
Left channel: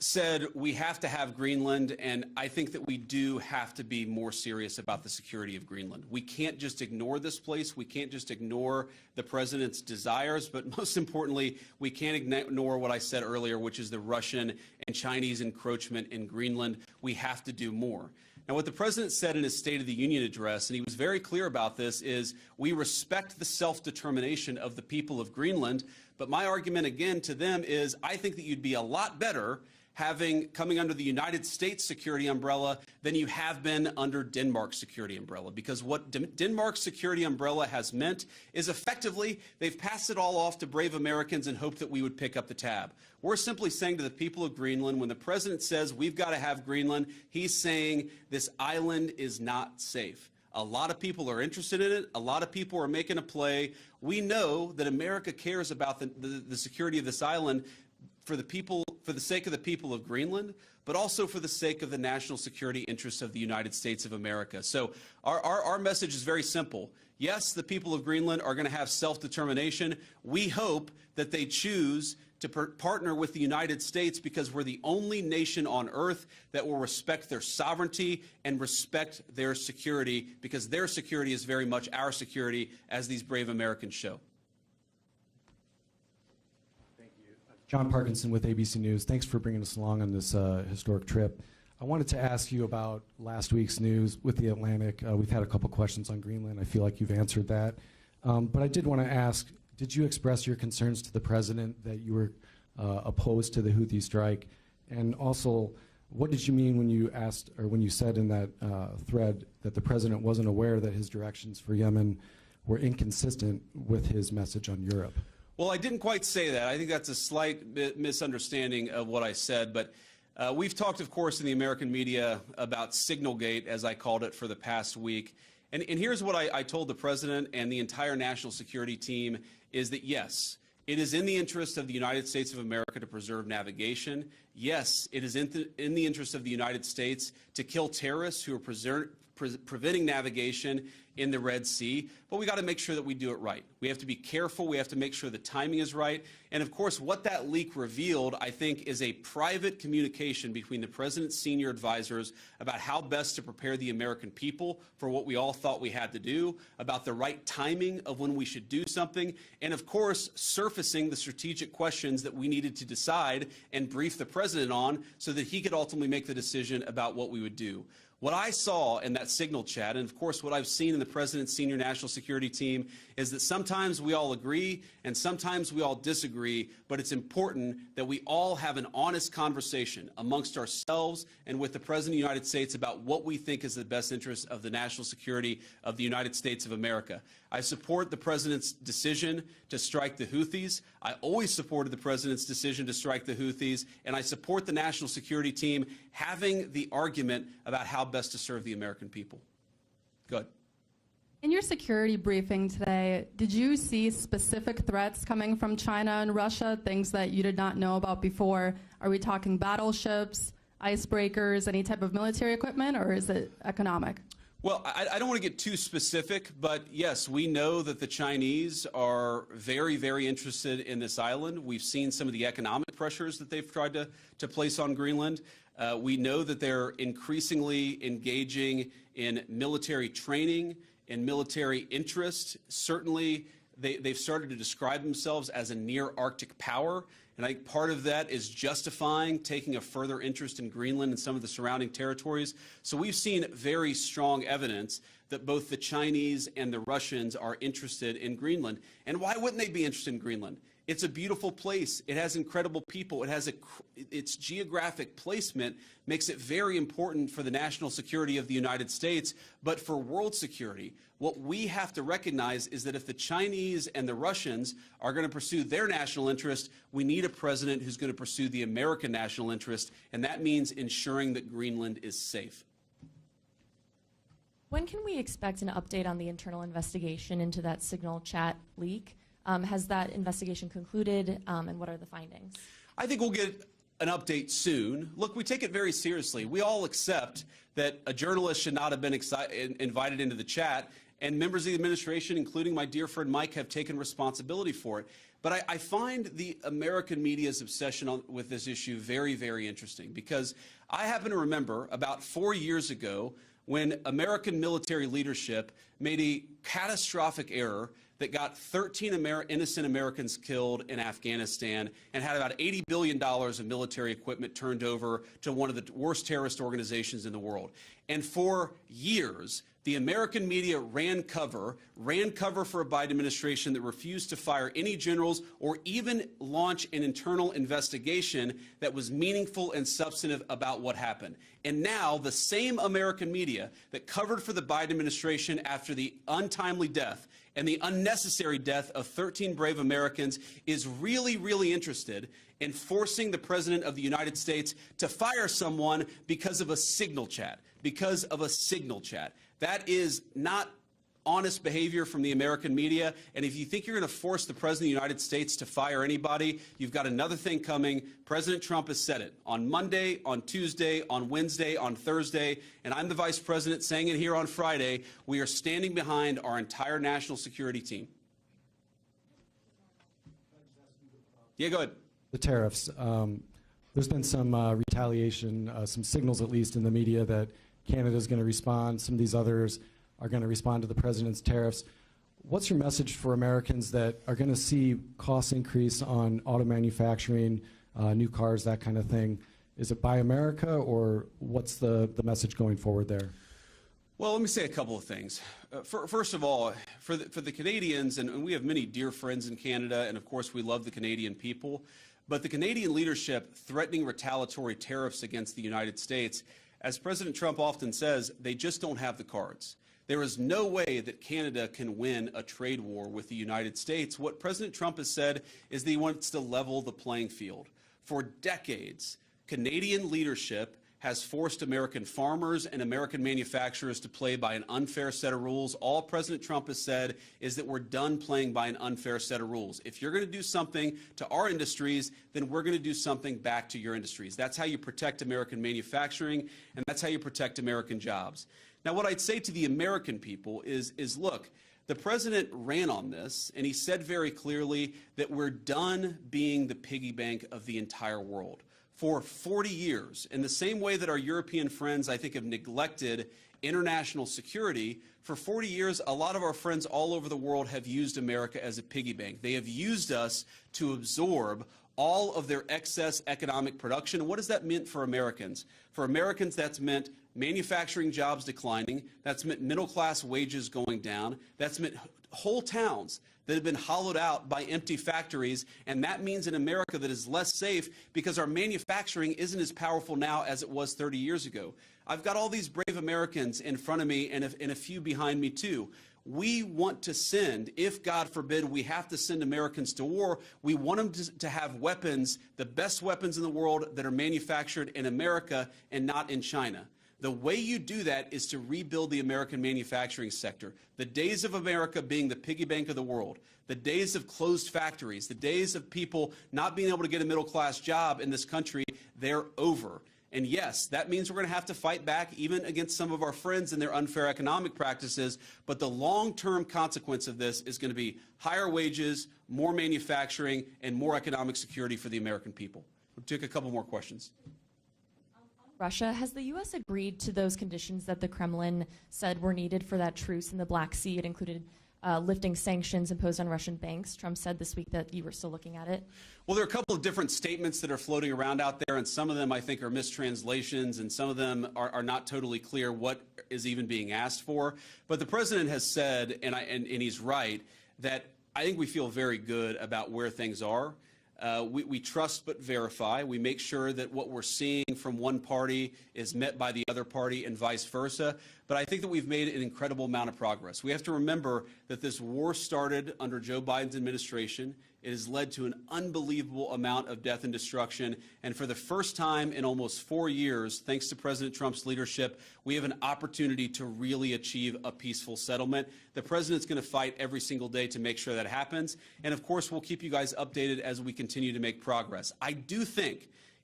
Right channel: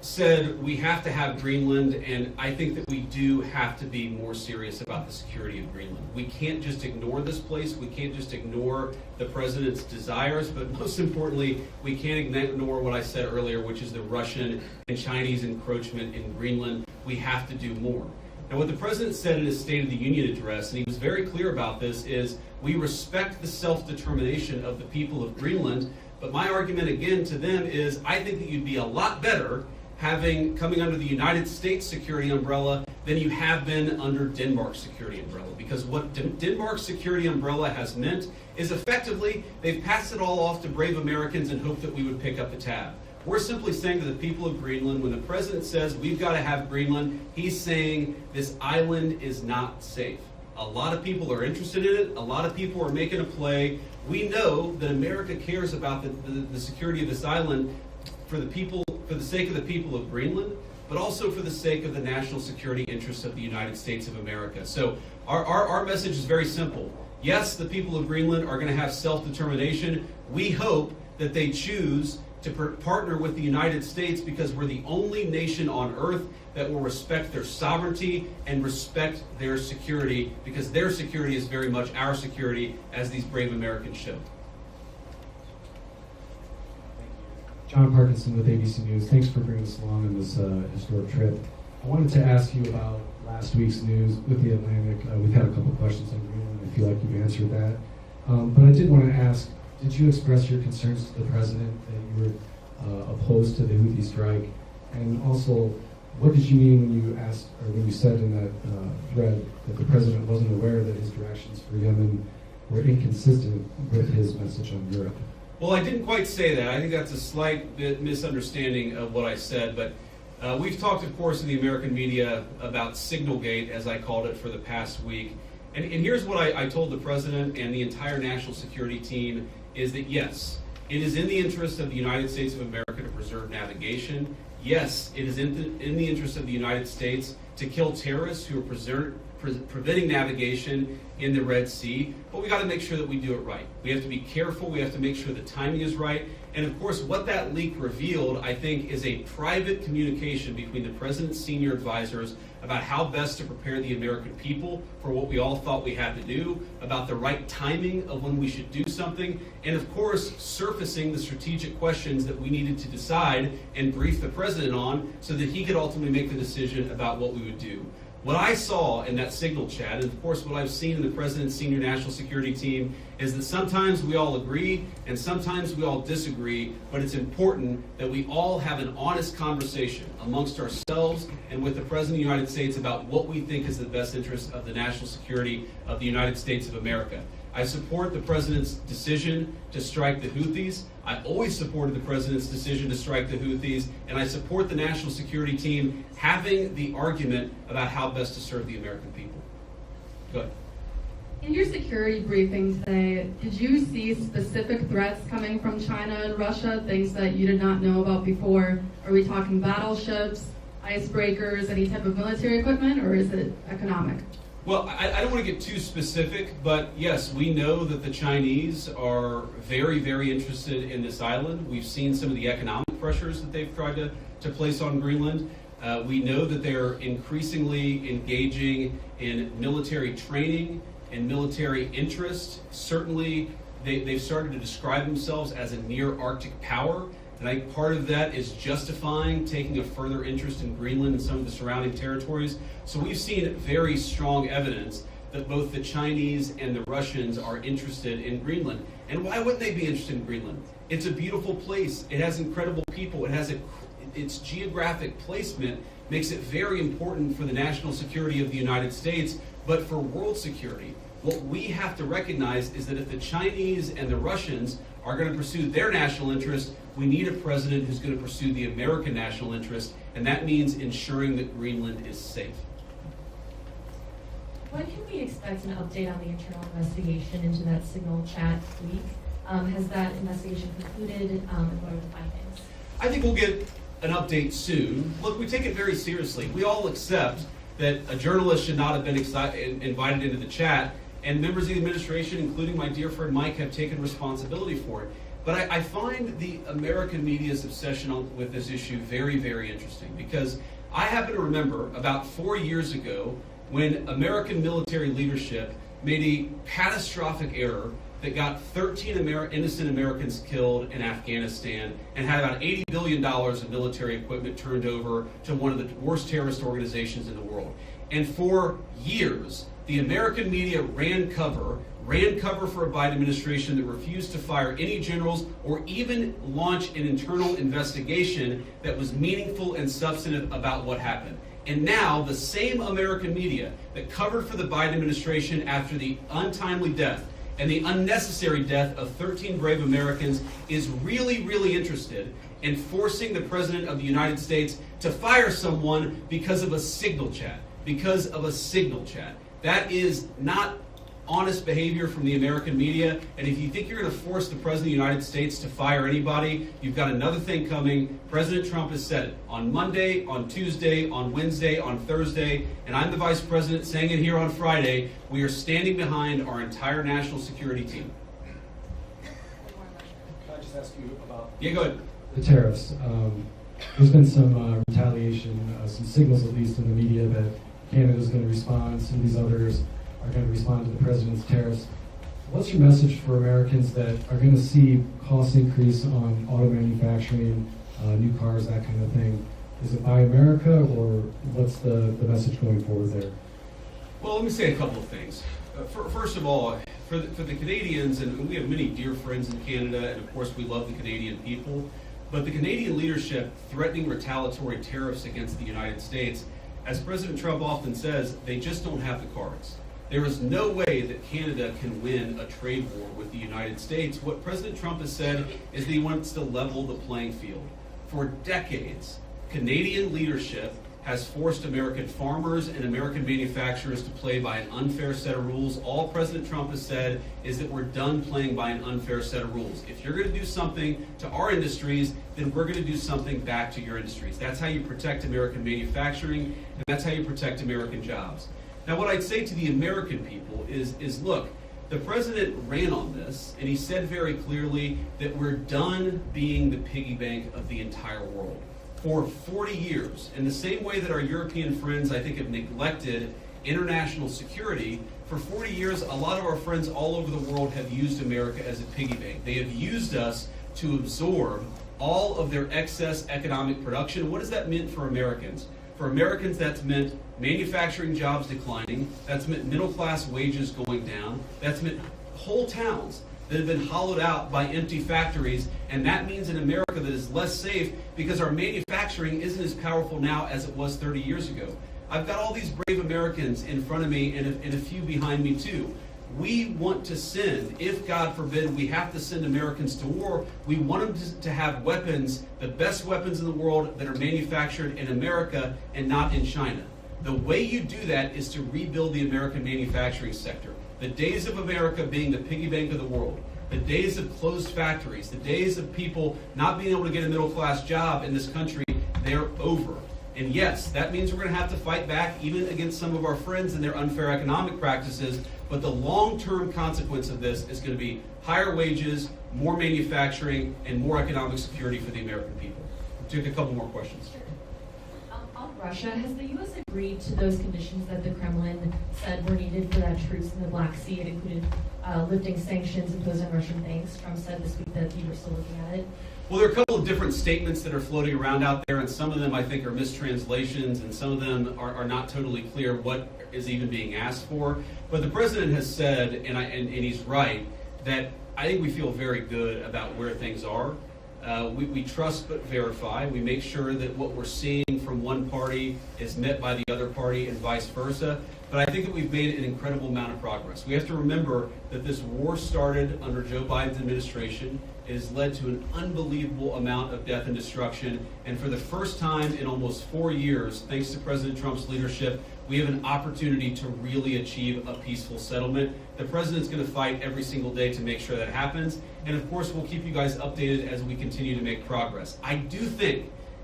said we have to have Greenland, and I think that we do have to be more serious about the security of Greenland. We can't just ignore this place. We can't just ignore the president's desires, but most importantly, we can't ignore what I said earlier, which is the Russian and Chinese encroachment in Greenland. We have to do more. And what the president said in his State of the Union address, and he was very clear about this, is we respect the self-determination of the people of Greenland, but my argument again to them is I think that you'd be a lot better coming under the United States security umbrella than you have been under Denmark's security umbrella. Because what Denmark's security umbrella has meant is effectively they've passed it all off to brave Americans and hoped that we would pick up the tab. We're simply saying to the people of Greenland, when the president says we've got to have Greenland, he's saying this island is not safe. A lot of people are interested in it. A lot of people are making a play. We know that America cares about the security of this island for the sake of the people of Greenland, but also for the sake of the national security interests of the United States of America. So our message is very simple. Yes, the people of Greenland are going to have self-determination. We hope that they choose to partner with the United States because we're the only nation on earth that will respect their sovereignty and respect their security, because their security is very much our security, as these brave Americans show. John Parkinson with ABC News. Thanks for bringing us along on this historic trip. I wanted to ask you about last week's news with the Atlantic. We've had a couple questions on Greenland. I feel like you've answered that. But I did want to ask, did you express your concerns to the president that you were opposed to the Houthi strike? And also, what did you mean when you asked, or when you said in that thread that the president wasn't aware that his directions for Yemen were inconsistent with his message on Europe? Well, I didn't quite say that. I think that's a slight bit misunderstanding of what I said, but we've talked, of course, in the American media about Signalgate, as I called it, for the past week. And here's what I told the president and the entire national security team, is that yes, it is in the interest of the United States of America to preserve navigation. Yes, it is in the interest of the United States to kill terrorists who are preventing navigation in the Red Sea, but we got to make sure that we do it right. We have to be careful. We have to make sure the timing is right. And of course, what that leak revealed, I think, is a private communication between the president's senior advisors about how best to prepare the American people for what we all thought we had to do, about the right timing of when we should do something, and of course, surfacing the strategic questions that we needed to decide and brief the president on so that he could ultimately make the decision about what we would do. What I saw in that signal chat, and of course what I've seen in the president's senior national security team, is that sometimes we all agree and sometimes we all disagree, but it's important that we all have an honest conversation amongst ourselves and with the President of the United States about what we think is the best interest of the national security of the United States of America. I support the president's decision to strike the Houthis. I always supported the president's decision to strike the Houthis, and I support the national security team having the argument about how best to serve the American people. Go ahead. In your security briefing today, did you see specific threats coming from China and Russia, things that you did not know about before? Are we talking battleships, icebreakers, any type of military equipment, or is it economic? Well, I don't want to get too specific, but yes, we know that the Chinese are very, very interested in this island. We've seen some of the economic pressures that they've tried to place on Greenland. We know that they're increasingly engaging in military training and military interest. Certainly, they've started to describe themselves as a near-Arctic power. And I think part of that is justifying taking a further interest in Greenland and some of the surrounding territories. So we've seen very strong evidence that both the Chinese and the Russians are interested in Greenland. And why wouldn't they be interested in Greenland? It's a beautiful place. It has incredible people. It has its geographic placement makes it very important for the national security of the United States, but for world security. What we have to recognize is that if the Chinese and the Russians are going to pursue their national interest, we need a president who's going to pursue the American national interest, and that means ensuring that Greenland is safe. When can we expect an update on the internal investigation into that signal chat leak? Has that investigation concluded, and what are the findings? I think we'll get an update soon. Look, we take it very seriously. We all accept that a journalist should not have been invited into the chat, and members of the administration, including my dear friend Mike, have taken responsibility for it. But I find the American media's obsession with this issue very, very interesting, because I happen to remember about 4 years ago when American military leadership made a catastrophic error that got 13 innocent Americans killed in Afghanistan and had about $80 billion of military equipment turned over to one of the worst terrorist organizations in the world. And for years, the American media ran cover for a Biden administration that refused to fire any generals or even launch an internal investigation that was meaningful and substantive about what happened. And now the same American media that covered for the Biden administration after the untimely death and the unnecessary death of 13 brave Americans is really, really interested in forcing the President of the United States to fire someone because of a signal chat. Because of a signal chat. That is not honest behavior from the American media, and if you think you're going to force the President of the United States to fire anybody, you've got another thing coming. President Trump has said it on Monday, on Tuesday, on Wednesday, on Thursday, and I'm the Vice President saying it here on Friday. We are standing behind our entire national security team. Can I just ask you about... Yeah, go ahead. The tariffs. There's been some retaliation, some signals at least in the media that Canada's going to respond, some of these others are going to respond to the president's tariffs. What's your message for Americans that are going to see costs increase on auto manufacturing, new cars, that kind of thing? Is it Buy America, or what's the message going forward there? Well, let me say a couple of things. First of all, for the Canadians, and we have many dear friends in Canada, and of course we love the Canadian people, but the Canadian leadership threatening retaliatory tariffs against the United States, as President Trump often says, they just don't have the cards. There is no way that Canada can win a trade war with the United States. What President Trump has said is that he wants to level the playing field. For decades, Canadian leadership has forced American farmers and American manufacturers to play by an unfair set of rules. All President Trump has said is that we're done playing by an unfair set of rules. If you're going to do something to our industries, then we're going to do something back to your industries. That's how you protect American manufacturing, and that's how you protect American jobs. Now, what I'd say to the American people is look, the president ran on this, and he said very clearly that we're done being the piggy bank of the entire world. For 40 years, in the same way that our European friends, I think, have neglected international security, for 40 years, a lot of our friends all over the world have used America as a piggy bank. They have used us to absorb all of their excess economic production. What does that mean for Americans? For Americans, that's meant manufacturing jobs declining, that's meant middle-class wages going down, that's meant whole towns that have been hollowed out by empty factories, and that means an America that is less safe because our manufacturing isn't as powerful now as it was 30 years ago. I've got all these brave Americans in front of me and a few behind me too. We want to send, if God forbid we have to send Americans to war, we want them to have weapons, the best weapons in the world that are manufactured in America and not in China. The way you do that is to rebuild the American manufacturing sector. The days of America being the piggy bank of the world, the days of closed factories, the days of people not being able to get a middle-class job in this country, they're over. And yes, that means we're going to have to fight back even against some of our friends and their unfair economic practices, but the long-term consequence of this is going to be higher wages, more manufacturing, and more economic security for the American people. We'll take a couple more questions. On Russia, has the U.S. agreed to those conditions that the Kremlin said were needed for that truce in the Black Sea? It included lifting sanctions imposed on Russian banks. Trump said this week that you were still looking at it. Well, there are a couple of different statements that are floating around out there, and some of them I think are mistranslations, and some of them are not totally clear what is even being asked for. But the president has said, and he's right, that I think we feel very good about where things are. We trust but verify. We make sure that what we're seeing from one party is met by the other party and vice versa. But I think that we've made an incredible amount of progress. We have to remember that this war started under Joe Biden's administration. It has led to an unbelievable amount of death and destruction. And for the first time in almost 4 years, thanks to President Trump's leadership, we have an opportunity to really achieve a peaceful settlement. The president's going to fight every single day to make sure that happens. And of course, we'll keep you guys updated as we continue to make progress. I do think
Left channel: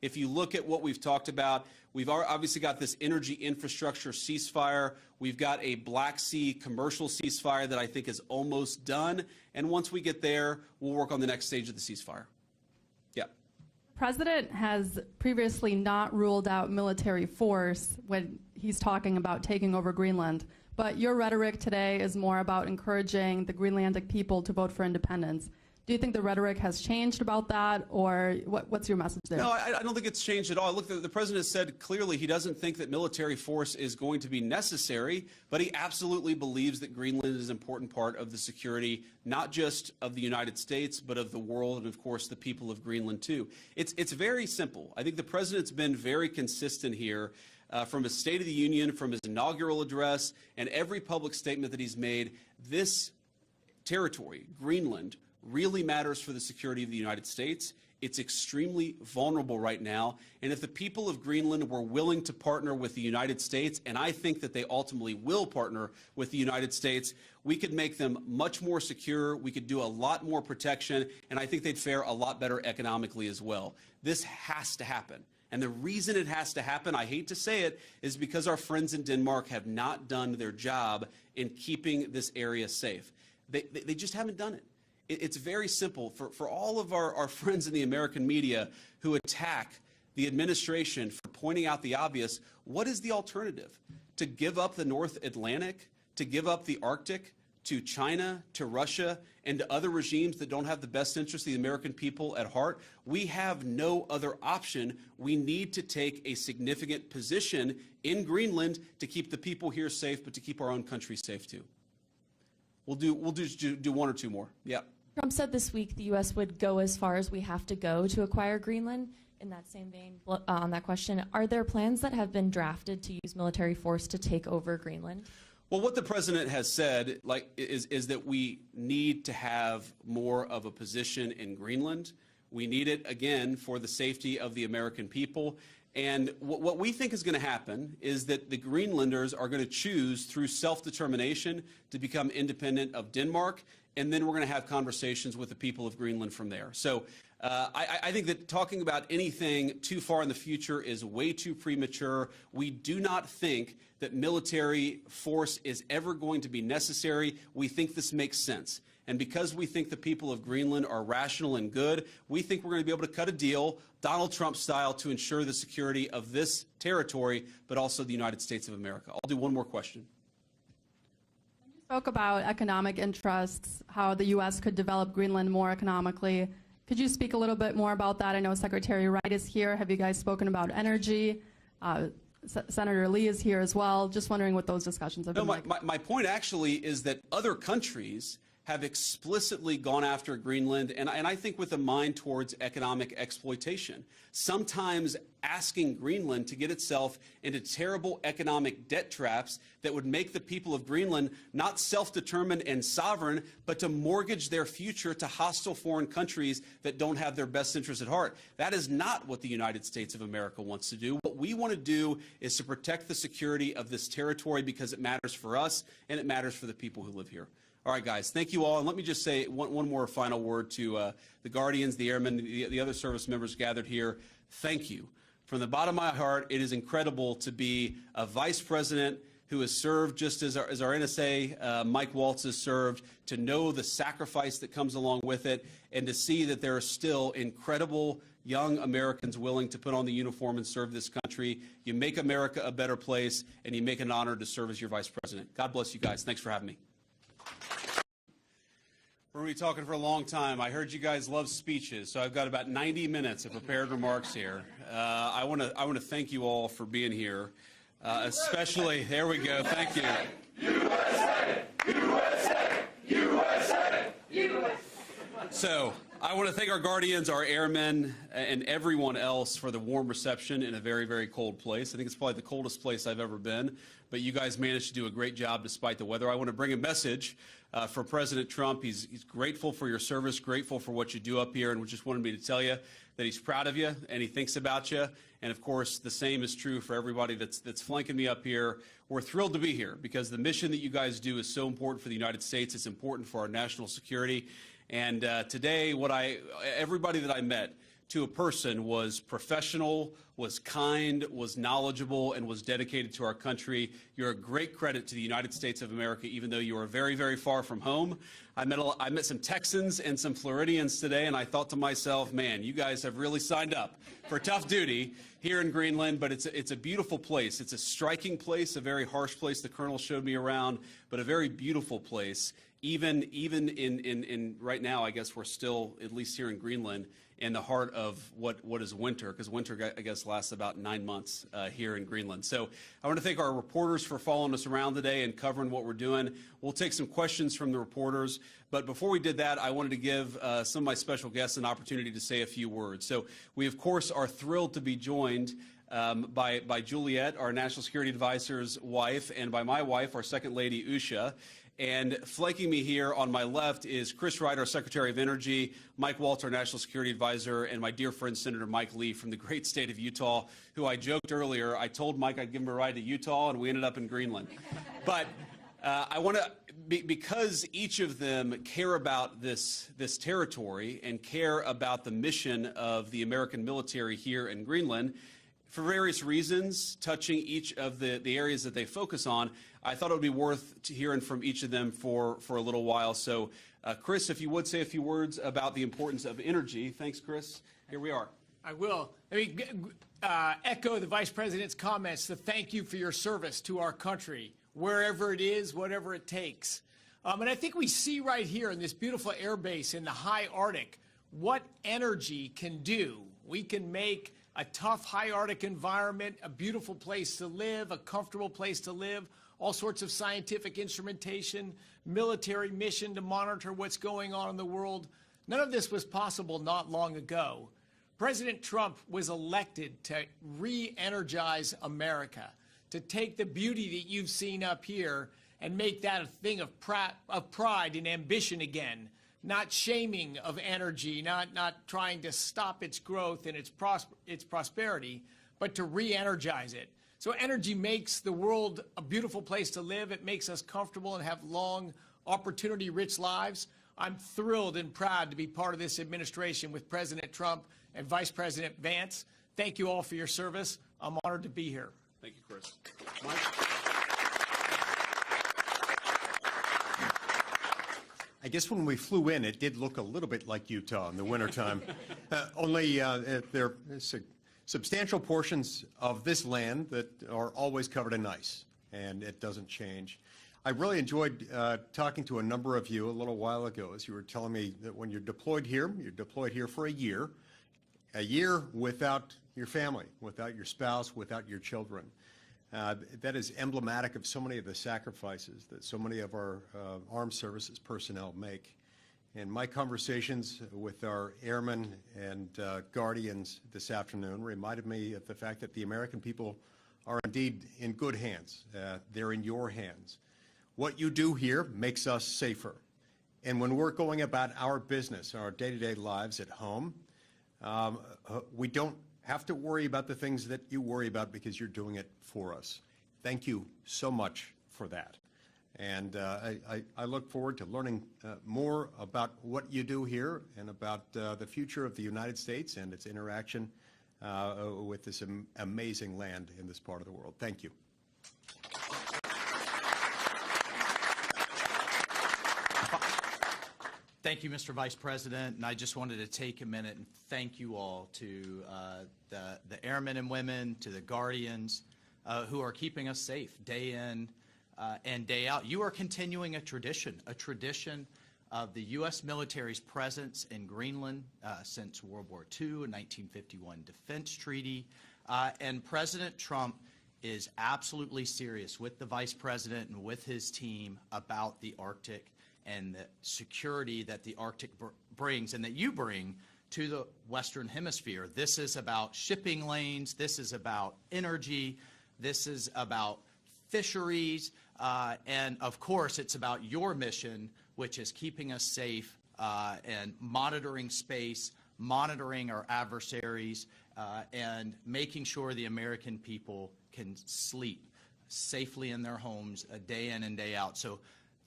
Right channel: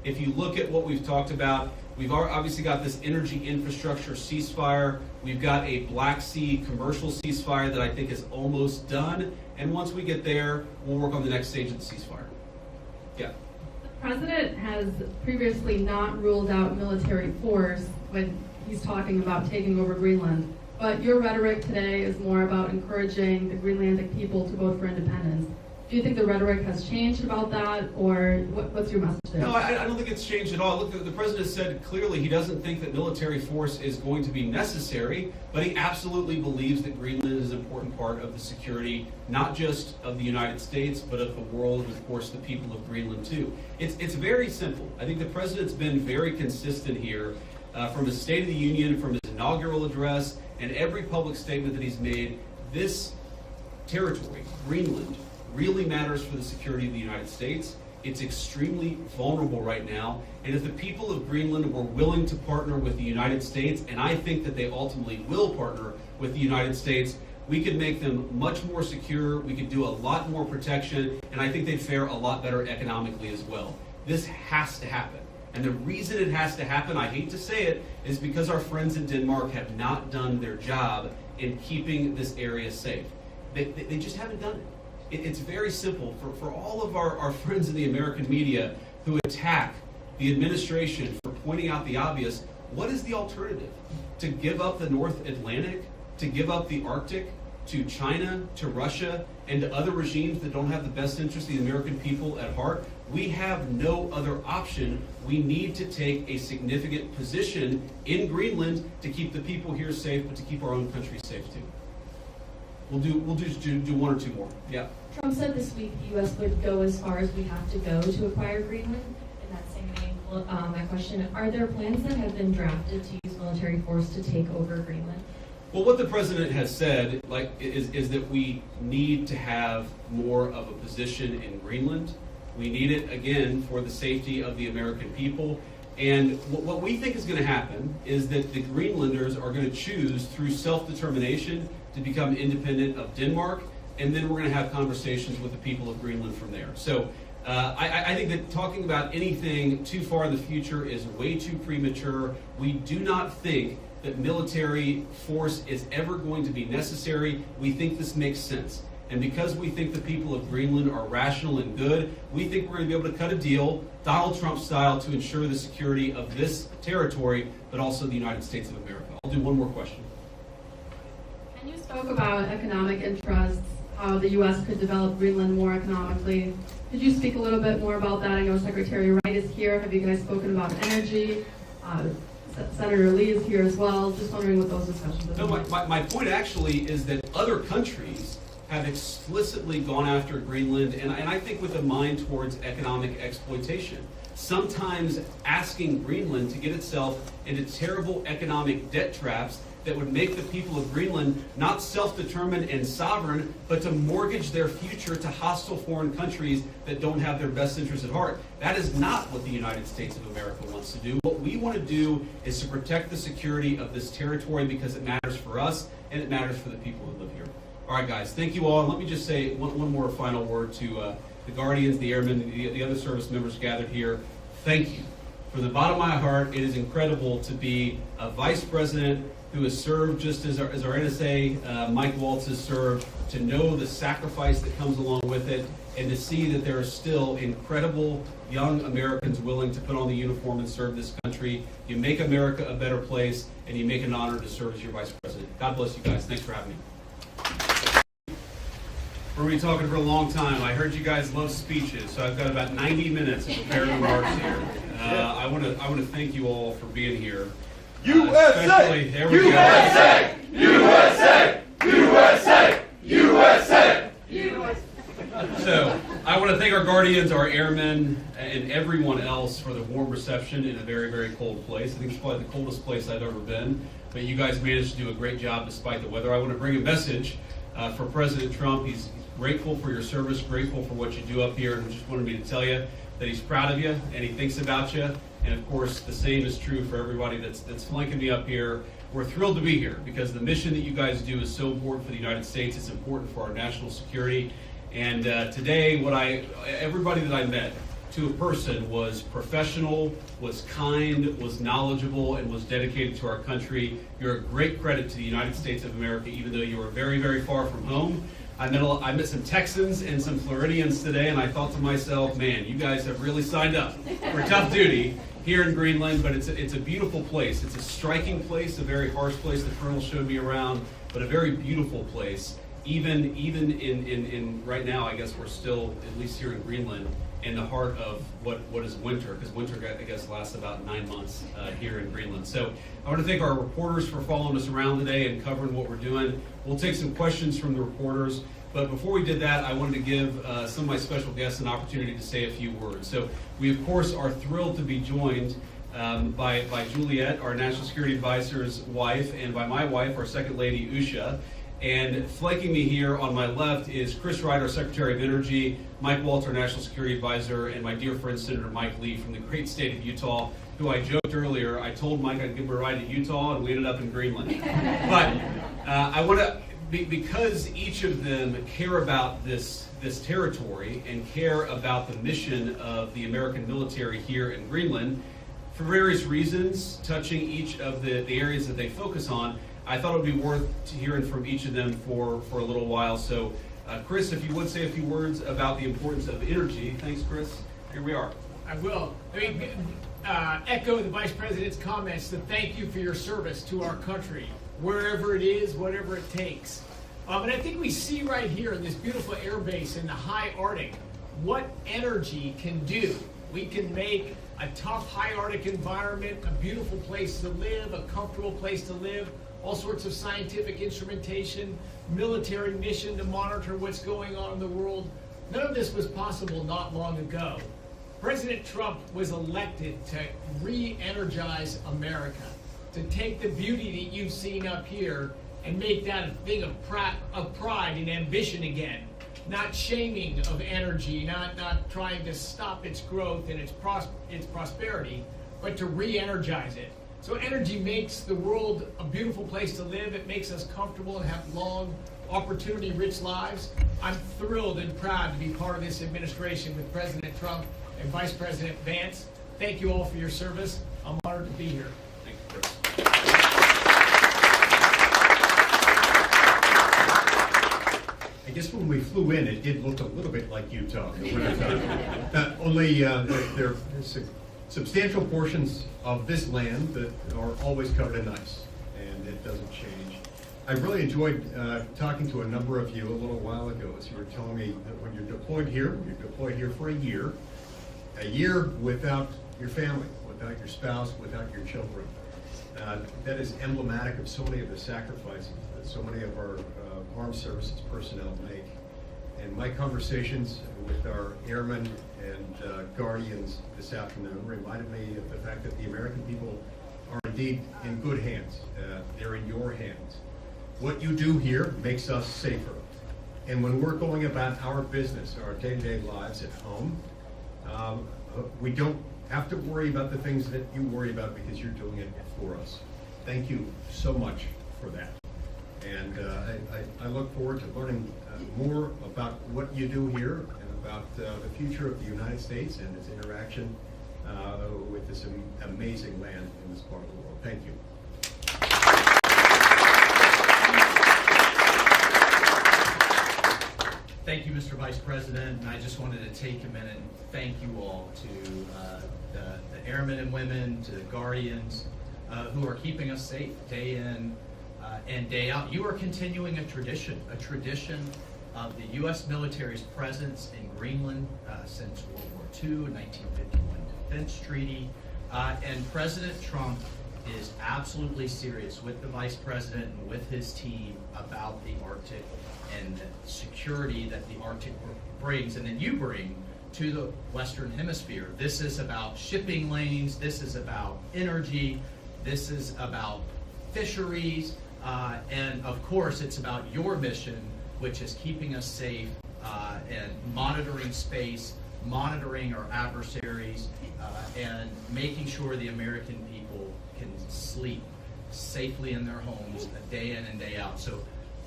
If you look at what we've talked about, we've obviously got this energy infrastructure ceasefire. We've got a Black Sea commercial ceasefire that I think is almost done. And once we get there, we'll work on the next stage of the ceasefire. Yeah. The president has previously not ruled out military force when he's talking about taking over Greenland. But your rhetoric today is more about encouraging the Greenlandic people to vote for independence. Do you think the rhetoric has changed about that, or what's your message there? No, I don't think it's changed at all. Look, the president said clearly he doesn't think that military force is going to be necessary, but he absolutely believes that Greenland is an important part of the security, not just of the United States, but of the world, and of course the people of Greenland too. It's very simple. I think the president's been very consistent here from his State of the Union, from his inaugural address, and every public statement that he's made. This territory, Greenland, really matters for the security of the United States. It's extremely vulnerable right now, and if the people of Greenland were willing to partner with the United States, and I think that they ultimately will partner with the United States, we could make them much more secure, we could do a lot more protection, and I think they'd fare a lot better economically as well. This has to happen. And the reason it has to happen, I hate to say it, is because our friends in Denmark have not done their job in keeping this area safe. They just haven't done it. It's very simple. For all of our friends in the American media who attack the administration for pointing out the obvious, what is the alternative? To give up the North Atlantic? To give up the Arctic? To China? To Russia? And to other regimes that don't have the best interest of the American people at heart? We have no other option. We need to take a significant position in Greenland to keep the people here safe, but to keep our own country safe too. We'll just do one or two more. Yeah. Trump said this week the U.S. would go as far as we have to go to acquire Greenland. In that same vein, that question, are there plans that have been drafted to use military force to take over Greenland? Well, what the president has said is that we need to have more of a position in Greenland. We need it, again, for the safety of the American people. And what we think is going to happen is that the Greenlanders are going to choose through self-determination to become independent of Denmark, and then we're going to have conversations with the people of Greenland from there. So I think that talking about anything too far in the future is way too premature. We do not think that military force is ever going to be necessary. We think this makes sense. And because we think the people of Greenland are rational and good, we think we're going to be able to cut a deal, Donald Trump style, to ensure the security of this territory, but also the United States of America. I'll do one more question. And you spoke about economic interests, how the U.S. could develop Greenland more economically. Could you speak a little bit more about that? I know Secretary Wright is here. Have you guys spoken about energy? Senator Lee is here as well. Just wondering what those discussions have been. No, my point actually is that other countries have explicitly gone after Greenland, and I think with a mind towards economic exploitation. Sometimes asking Greenland to get itself into terrible economic debt traps that would make the people of Greenland not self-determined and sovereign, but to mortgage their future to hostile foreign countries that don't have their best interests at heart. That is not what the United States of America wants to do. What we want to do is to protect the security of this territory because it matters for us and it matters for the people who live here. All right, guys, thank you all. And let me just say one more final word to the Guardians, the Airmen, the other service members gathered here. Thank you. From the bottom of my heart, it is incredible to be a vice president who has served just as our NSA, Mike Waltz, has served, to know the sacrifice that comes along with it, and to see that there are still incredible young Americans willing to put on the uniform and serve this country. You make America a better place, and you make an honor to serve as your vice president. God bless you guys. Thanks for having me. We're going to be talking for a long time. I heard you guys love speeches, so I've got about 90 minutes of prepared remarks here. I want to thank you all for being here. USA! There we USA! USA! USA! USA! USA! So, I want to thank our Guardians, our airmen, and everyone else for the warm reception in a very, very cold place. I think it's probably the coldest place I've ever been, but you guys managed to do a great job despite the weather. I want to bring a message for President Trump. He's grateful for your service, grateful for what you do up here, and just wanted me to tell you that he's proud of you and he thinks about you. And of course, the same is true for everybody that's flanking me up here. We're thrilled to be here because the mission that you guys do is so important for the United States. It's important for our national security. And today, everybody that I met to a person was professional, was kind, was knowledgeable, and was dedicated to our country. You're a great credit to the United States of America, even though you are very, very far from home. I met some Texans and some Floridians today, and I thought to myself, man, you guys have really signed up for tough duty here in Greenland, but it's a beautiful place. It's a striking place, a very harsh place. The Colonel showed me around, but a very beautiful place. Even in right now, I guess we're still, at least here in Greenland, in the heart of what is winter, because winter, I guess, lasts about 9 months here in Greenland. So I want to thank our reporters for following us around today and covering what we're doing. We'll take some questions from the reporters, but before we did that, I wanted to give some of my special guests an opportunity to say a few words. So we, of course, are thrilled to be joined by Juliet, our National Security Advisor's wife, and by my wife, our Second Lady, Usha. And flanking me here on my left is Chris Ryder, Secretary of Energy, Mike Walter, National Security Advisor, and my dear friend Senator Mike Lee from the great state of Utah, who I joked earlier, I told Mike I'd give him a ride to Utah, and we ended up in Greenland. But I want to, because each of them care about this territory and care about the mission of the American military here in Greenland, for various reasons, touching each of the areas that they focus on, I thought it would be worth hearing from each of them for a little while. So, Chris, if you would say a few words about the importance of energy. Thanks, Chris. Here we are. I will. Echo the Vice President's comments to thank you for your service to our country, wherever it is, whatever it takes. And I think we see right here in this beautiful air base in the high Arctic what energy can do. We can make a tough high Arctic environment a beautiful place to live, a comfortable place to live, all sorts of scientific instrumentation, military mission to monitor what's going on in the world. None of this was possible not long ago. President Trump was elected to re-energize America, to take the beauty that you've seen up here and make that a thing of pride and ambition again. Not shaming of energy, not trying to stop its growth and its prosperity, but to re-energize it. So energy makes the world a beautiful place to live. It makes us comfortable and have long, opportunity-rich lives. I'm thrilled and proud to be part of this administration with President Trump and Vice President Vance. Thank you all for your service. I'm honored to be here. Thank you, Chris. I guess when we flew in, it did look a little bit like Utah in the wintertime. Only there are substantial portions of this land that are always covered in ice, and it doesn't change. I really enjoyed talking to a number of you a little while ago as you were telling me that when you're deployed here for a year without your family, without your spouse, without your children. That is emblematic of so many of the sacrifices that so many of our armed services personnel make. And my conversations with our airmen and guardians this afternoon reminded me of the fact that the American people are indeed in good hands. They're in your hands. What you do here makes us safer. And when we're going about our business, our day-to-day lives at home, we don't have to worry about the things that you worry about because you're doing it for us. Thank you so much for that. And I look forward to learning more about what you do here and about the future of the United States and its interaction with this amazing land in this part of the world. Thank you. Thank you, Mr. Vice President, and I just wanted to take a minute and thank you all to the airmen and women, to the guardians who are keeping us safe day in and day out. You are continuing a tradition of the U.S. military's presence in Greenland since World War II, a 1951 defense treaty, and President Trump is absolutely serious with the Vice President and with his team about the Arctic and the security that the Arctic brings and that you bring to the Western Hemisphere. This is about shipping lanes, this is about energy, this is about fisheries, and of course it's about your mission, which is keeping us safe and monitoring space, monitoring our adversaries, and making sure the American people can sleep safely in their homes day in and day out. So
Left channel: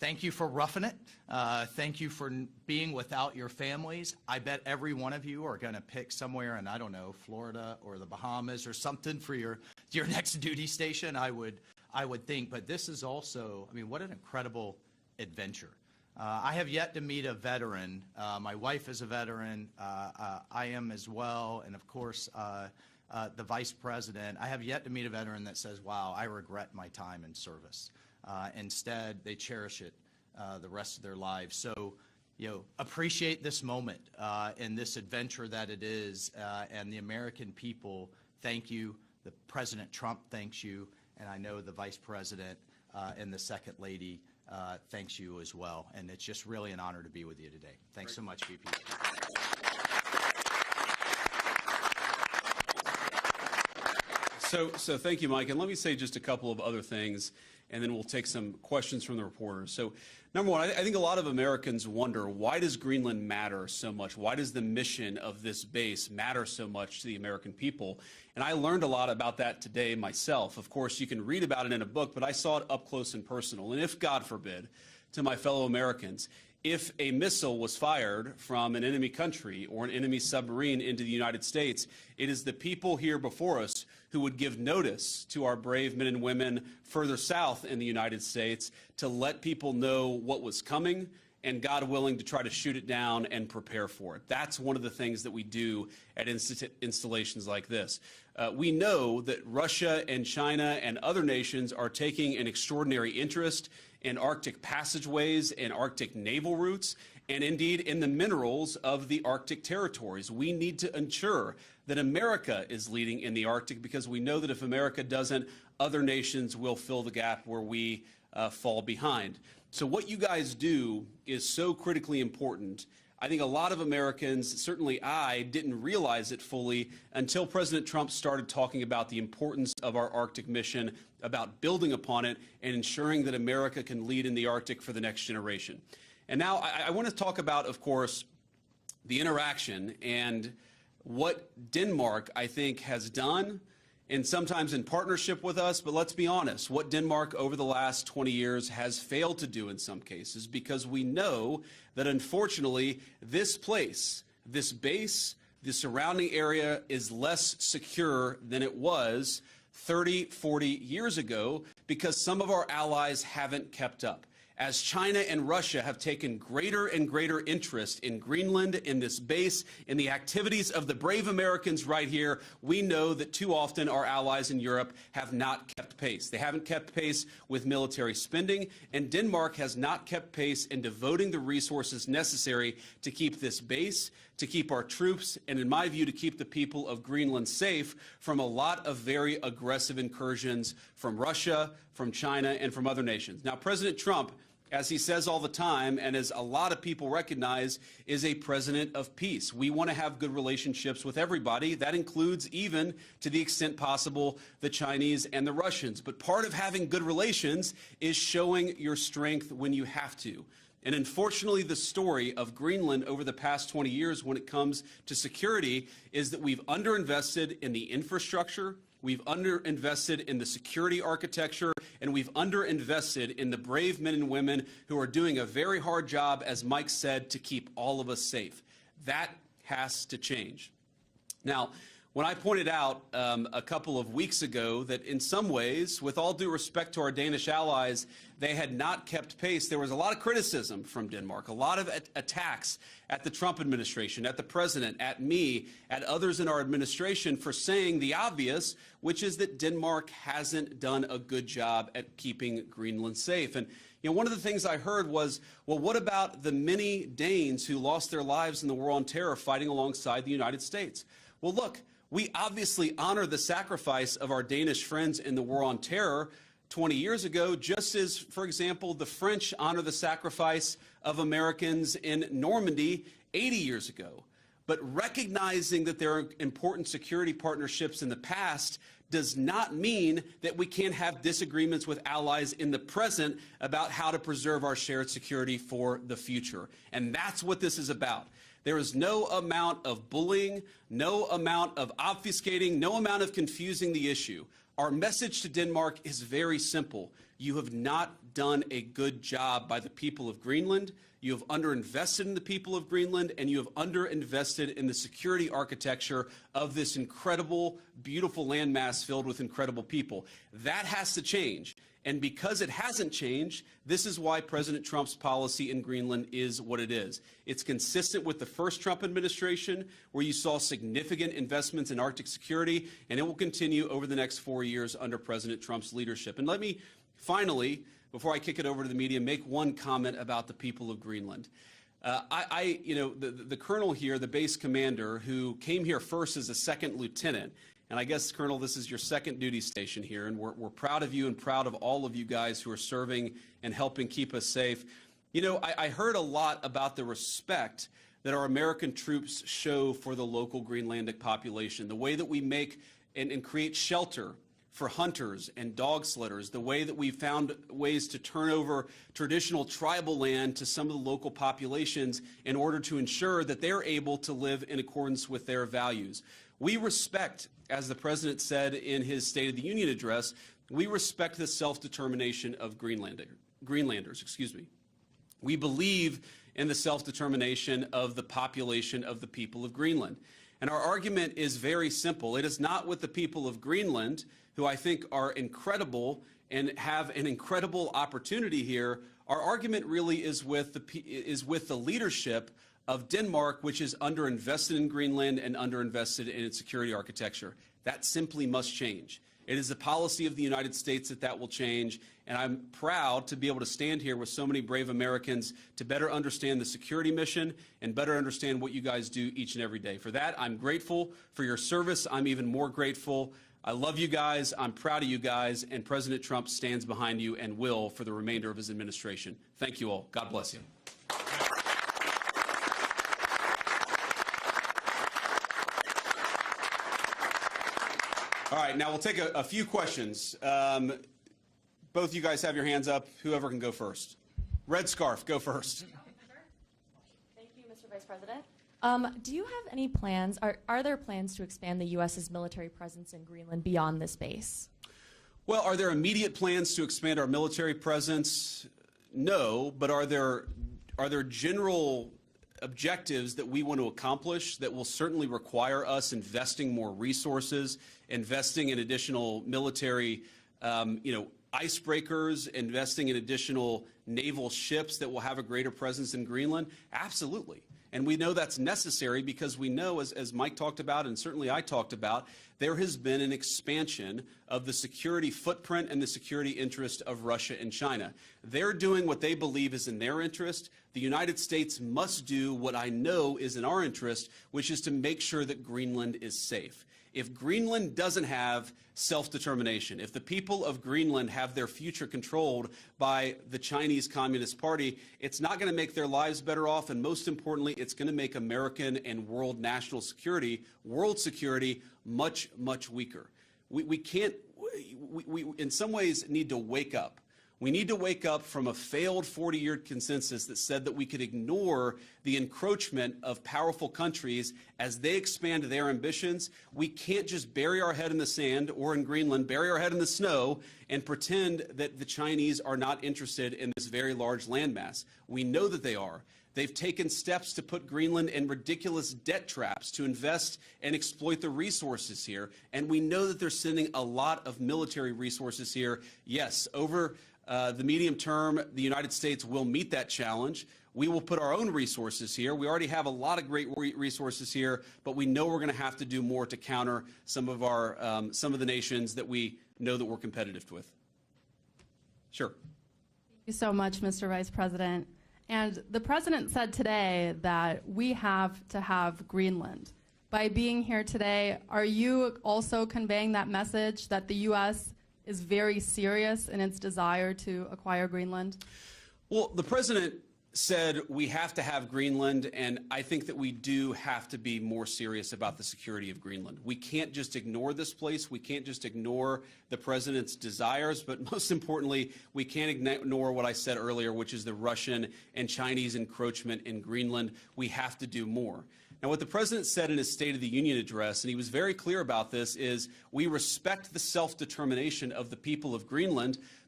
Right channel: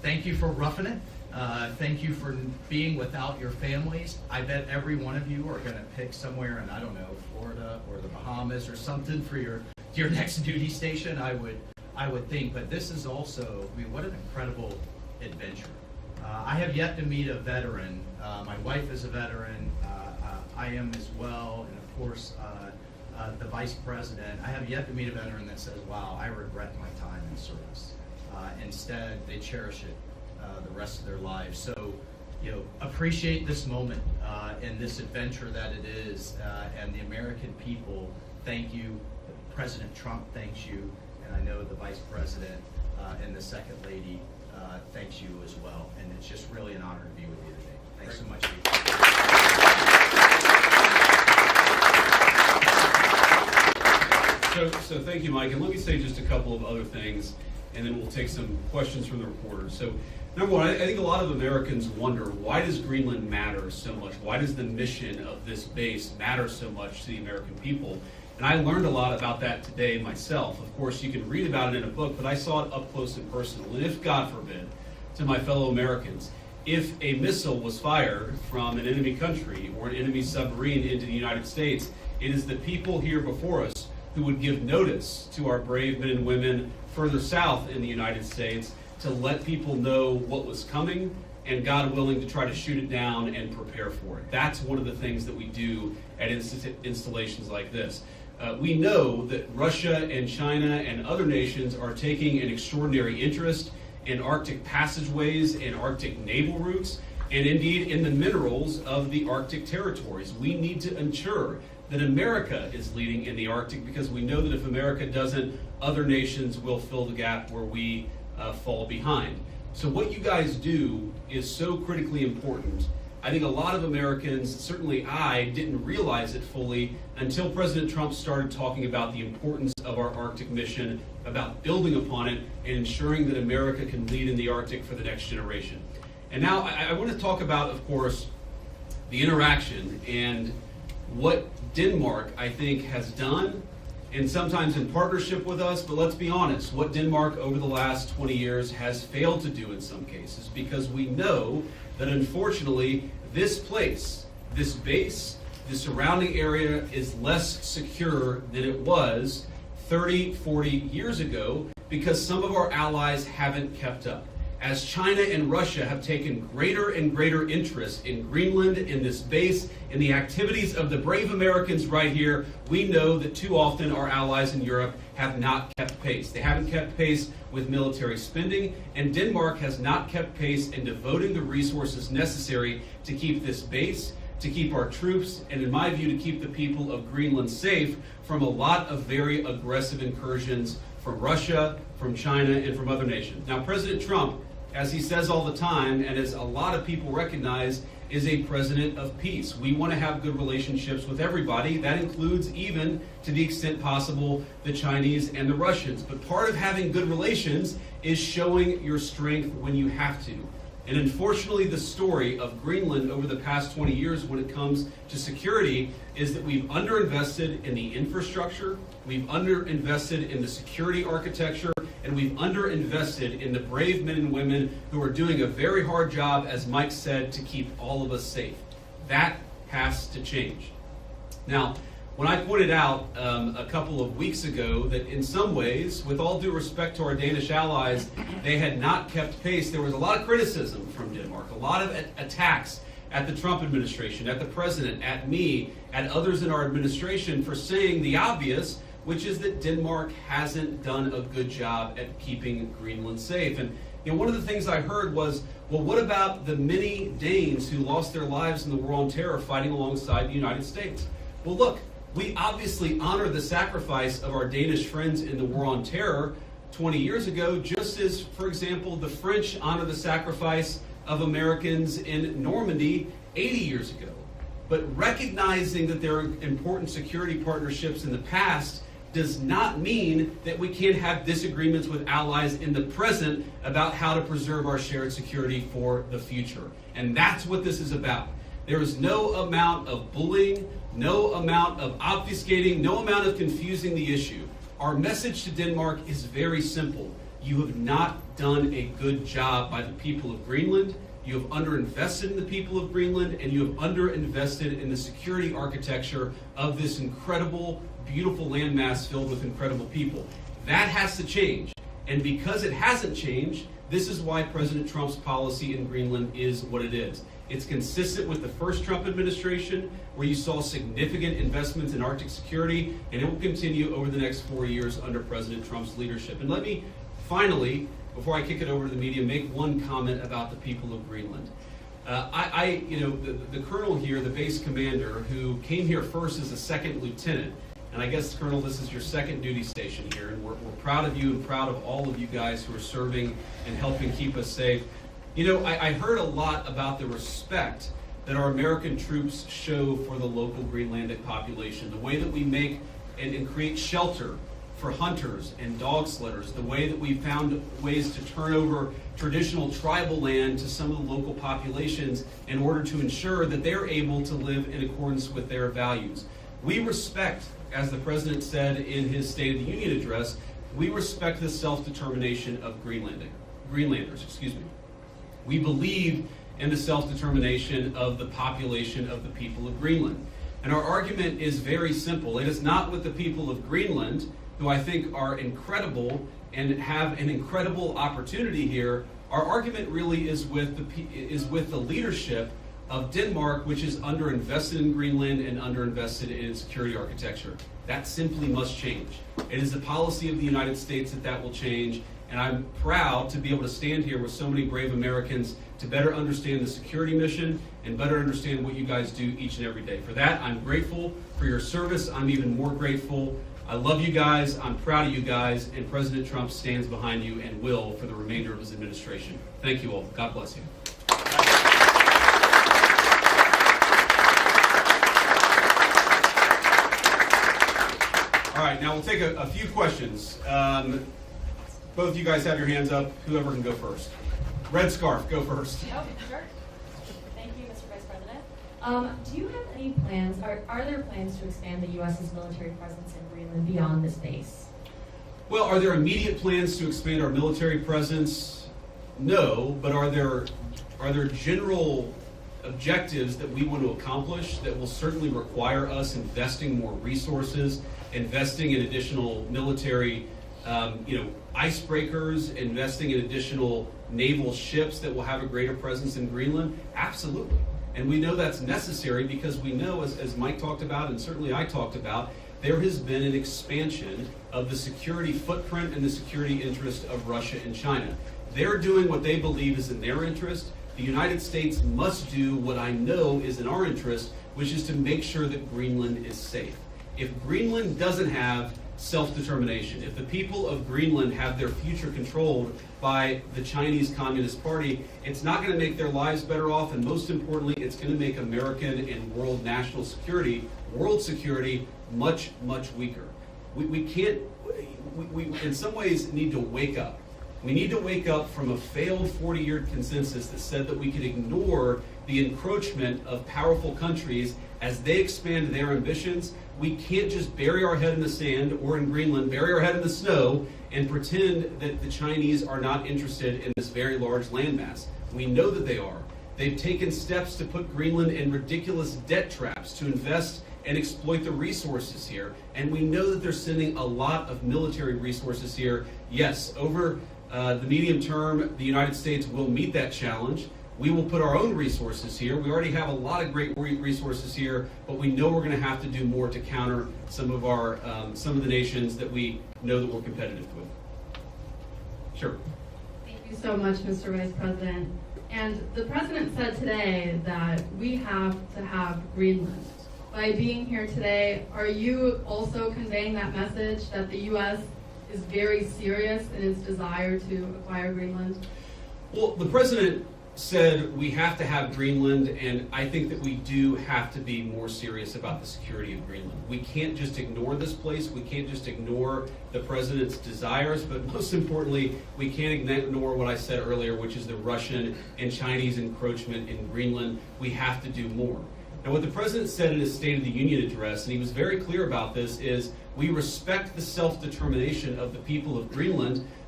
thank you for roughing it. Thank you for being without your families. I bet every one of you are going to pick somewhere in, I don't know, Florida or the Bahamas or something for your next duty station, I would think. But this is also, I mean, what an incredible adventure. I have yet to meet a veteran. My wife is a veteran. I am as well. And of course, the vice president. I have yet to meet a veteran that says, wow, I regret my time in service. Instead, they cherish it the rest of their lives. So, appreciate this moment and this adventure that it is. And the American people, thank you. President Trump thanks you. And I know the vice president and the second lady thanks you as well. And it's just really an honor to be with you today. Thanks so much. So thank you, Mike. And let me say just a couple of other things, and then we'll take some questions from the reporters. So number one, I think a lot of Americans wonder, why does Greenland matter so much? Why does the mission of this base matter so much to the American people? And I learned a lot about that today myself. Of course, you can read about it in a book, but I saw it up close and personal. And if, God forbid, to my fellow Americans, if a missile was fired from an enemy country or an enemy submarine into the United States, it is the people here before us who would give notice to our brave men and women further south in the United States to let people know what was coming and, God willing, to try to shoot it down and prepare for it. That's one of the things that we do at installations like this. We know that Russia and China and other nations are taking an extraordinary interest in Arctic passageways, in Arctic naval routes, and indeed in the minerals of the Arctic territories. We need to ensure that America is leading in the Arctic, because we know that if America doesn't, other nations will fill the gap where we fall behind. So what you guys do is so critically important. I think a lot of Americans, certainly I, didn't realize it fully until President Trump started talking about the importance of our Arctic mission, about building upon it, and ensuring that America can lead in the Arctic for the next generation. And now I want to talk about, of course, the interaction and what Denmark, I think, has done, and sometimes in partnership with us, but let's be honest, what Denmark over the last 20 years has failed to do in some cases, because we know that unfortunately this place, this base, the surrounding area is less secure than it was 30, 40 years ago, because some of our allies haven't kept up. As China and Russia have taken greater and greater interest in Greenland, in this base, in the activities of the brave Americans right here, we know that too often our allies in Europe have not kept pace. They haven't kept pace with military spending, and Denmark has not kept pace in devoting the resources necessary to keep this base, to keep our troops, and in my view, to keep the people of Greenland safe from a lot of very aggressive incursions from Russia, from China, and from other nations. Now, President Trump, as he says all the time, and as a lot of people recognize, is a president of peace. We want to have good relationships with everybody. That includes, even to the extent possible, the Chinese and the Russians. But part of having good relations is showing your strength when you have to. And unfortunately, the story of Greenland over the past 20 years when it comes to security is that we've underinvested in the infrastructure, we've underinvested in the security architecture, and we've underinvested in the brave men and women who are doing a very hard job, as Mike said, to keep all of us safe. That has to change. Now, when I pointed out a couple of weeks ago that in some ways, with all due respect to our Danish allies, they had not kept pace, there was a lot of criticism from Denmark, a lot of attacks at the Trump administration, at the president, at me, at others in our administration for saying the obvious, which is that Denmark hasn't done a good job at keeping Greenland safe. And one of the things I heard was, well, what about the many Danes who lost their lives in the war on terror fighting alongside the United States? Well, look, we obviously honor the sacrifice of our Danish friends in the war on terror 20 years ago, just as, for example, the French honor the sacrifice of Americans in Normandy 80 years ago. But recognizing that there are important security partnerships in the past does not mean that we can't have disagreements with allies in the present about how to preserve our shared security for the future. And that's what this is about. There is no amount of bullying, no amount of obfuscating, no amount of confusing the issue. Our message to Denmark is very simple. You have not done a good job by the people of Greenland. You have underinvested in the people of Greenland, and you have underinvested in the security architecture of this incredible, beautiful landmass filled with incredible people. That has to change. And because it hasn't changed, this is why President Trump's policy in Greenland is what it is. It's consistent with the first Trump administration, where you saw significant investments in Arctic security, and it will continue over the next 4 years under President Trump's leadership. And let me finally, before I kick it over to the media, make one comment about the people of Greenland. The colonel here, the base commander, who came here first as a second lieutenant, and I guess, Colonel, this is your second duty station here, and we're proud of you and proud of all of you guys who are serving and helping keep us safe. You know, I heard a lot about the respect that our American troops show for the local Greenlandic population, the way that we make and create shelter for hunters and dog sledders, the way that we found ways to turn over traditional tribal land to some of the local populations in order to ensure that they're able to live in accordance with their values. We respect, as the President said in his State of the Union address, we respect the self-determination of Greenlanders. We believe in the self-determination of the population of the people of Greenland. And our argument is very simple. It is not with the people of Greenland, who I think are incredible and have an incredible opportunity here. Our argument really is with the leadership of Denmark, which is underinvested in Greenland and underinvested in its security architecture. That simply must change. It is the policy of the United States that will change, and I'm proud to be able to stand here with so many brave Americans to better understand the security mission and better understand what you guys do each and every day. For that, I'm grateful for your service. I'm even more grateful. I love you guys, I'm proud of you guys, and President Trump stands behind you and will for the remainder of his administration. Thank you all. God bless you. All right, now we'll take a few questions. Both of you guys have your hands up. Whoever can go first. Red scarf, go first. Oh, sure. Thank you, Mr. Vice President. Do you have any plans, are there plans to expand the U.S.'s military presence in Greenland beyond this base? Well, are there immediate plans to expand our military presence? No, but are there general objectives that we want to accomplish that will certainly require us investing more resources, investing in additional military icebreakers, investing in additional naval ships that will have a greater presence in Greenland? Absolutely. And we know that's necessary because we know, as Mike talked about and certainly I talked about, there has been an expansion of the security footprint and the security interest of Russia and China. They're doing what they believe is in their interest. The United States must do what I know is in our interest, which is to make sure that Greenland is safe. If Greenland doesn't have self-determination, if the people of Greenland have their future controlled by the Chinese Communist Party, it's not going to make their lives better off, and most importantly, it's going to make American and world national security, world security, much, much weaker. We in some ways need to wake up. We need to wake up from a failed 40-year consensus that said that we could ignore the encroachment of powerful countries as they expand their ambitions. We can't just bury our head in the sand, or in Greenland, bury our head in the snow and pretend that the Chinese are not interested in this very large landmass. We know that they are. They've taken steps to put Greenland in ridiculous debt traps to invest and exploit the resources here. And we know that they're sending a lot of military resources here. Yes, over the medium term, the United States will meet that challenge. We will put our own resources here. We already have a lot of great resources here, but we know we're going to have to do more to counter some of the nations that we know that we're competitive with. Sure. Thank you so much, Mr. Vice President. And the President said today that we have to have Greenland. By being here today, are you also conveying that message that the U.S. is very serious in its desire to acquire Greenland? Well, the President said we have to have Greenland, and I think that we do have to be more serious about the security of Greenland. We can't just ignore this place. We can't just ignore the President's desires, but most importantly, we can't ignore what I said earlier, which is the Russian and Chinese encroachment in Greenland. We have to do more. And what the President said in his State of the Union address, and he was very clear about this, is we respect the self-determination of the people of Greenland.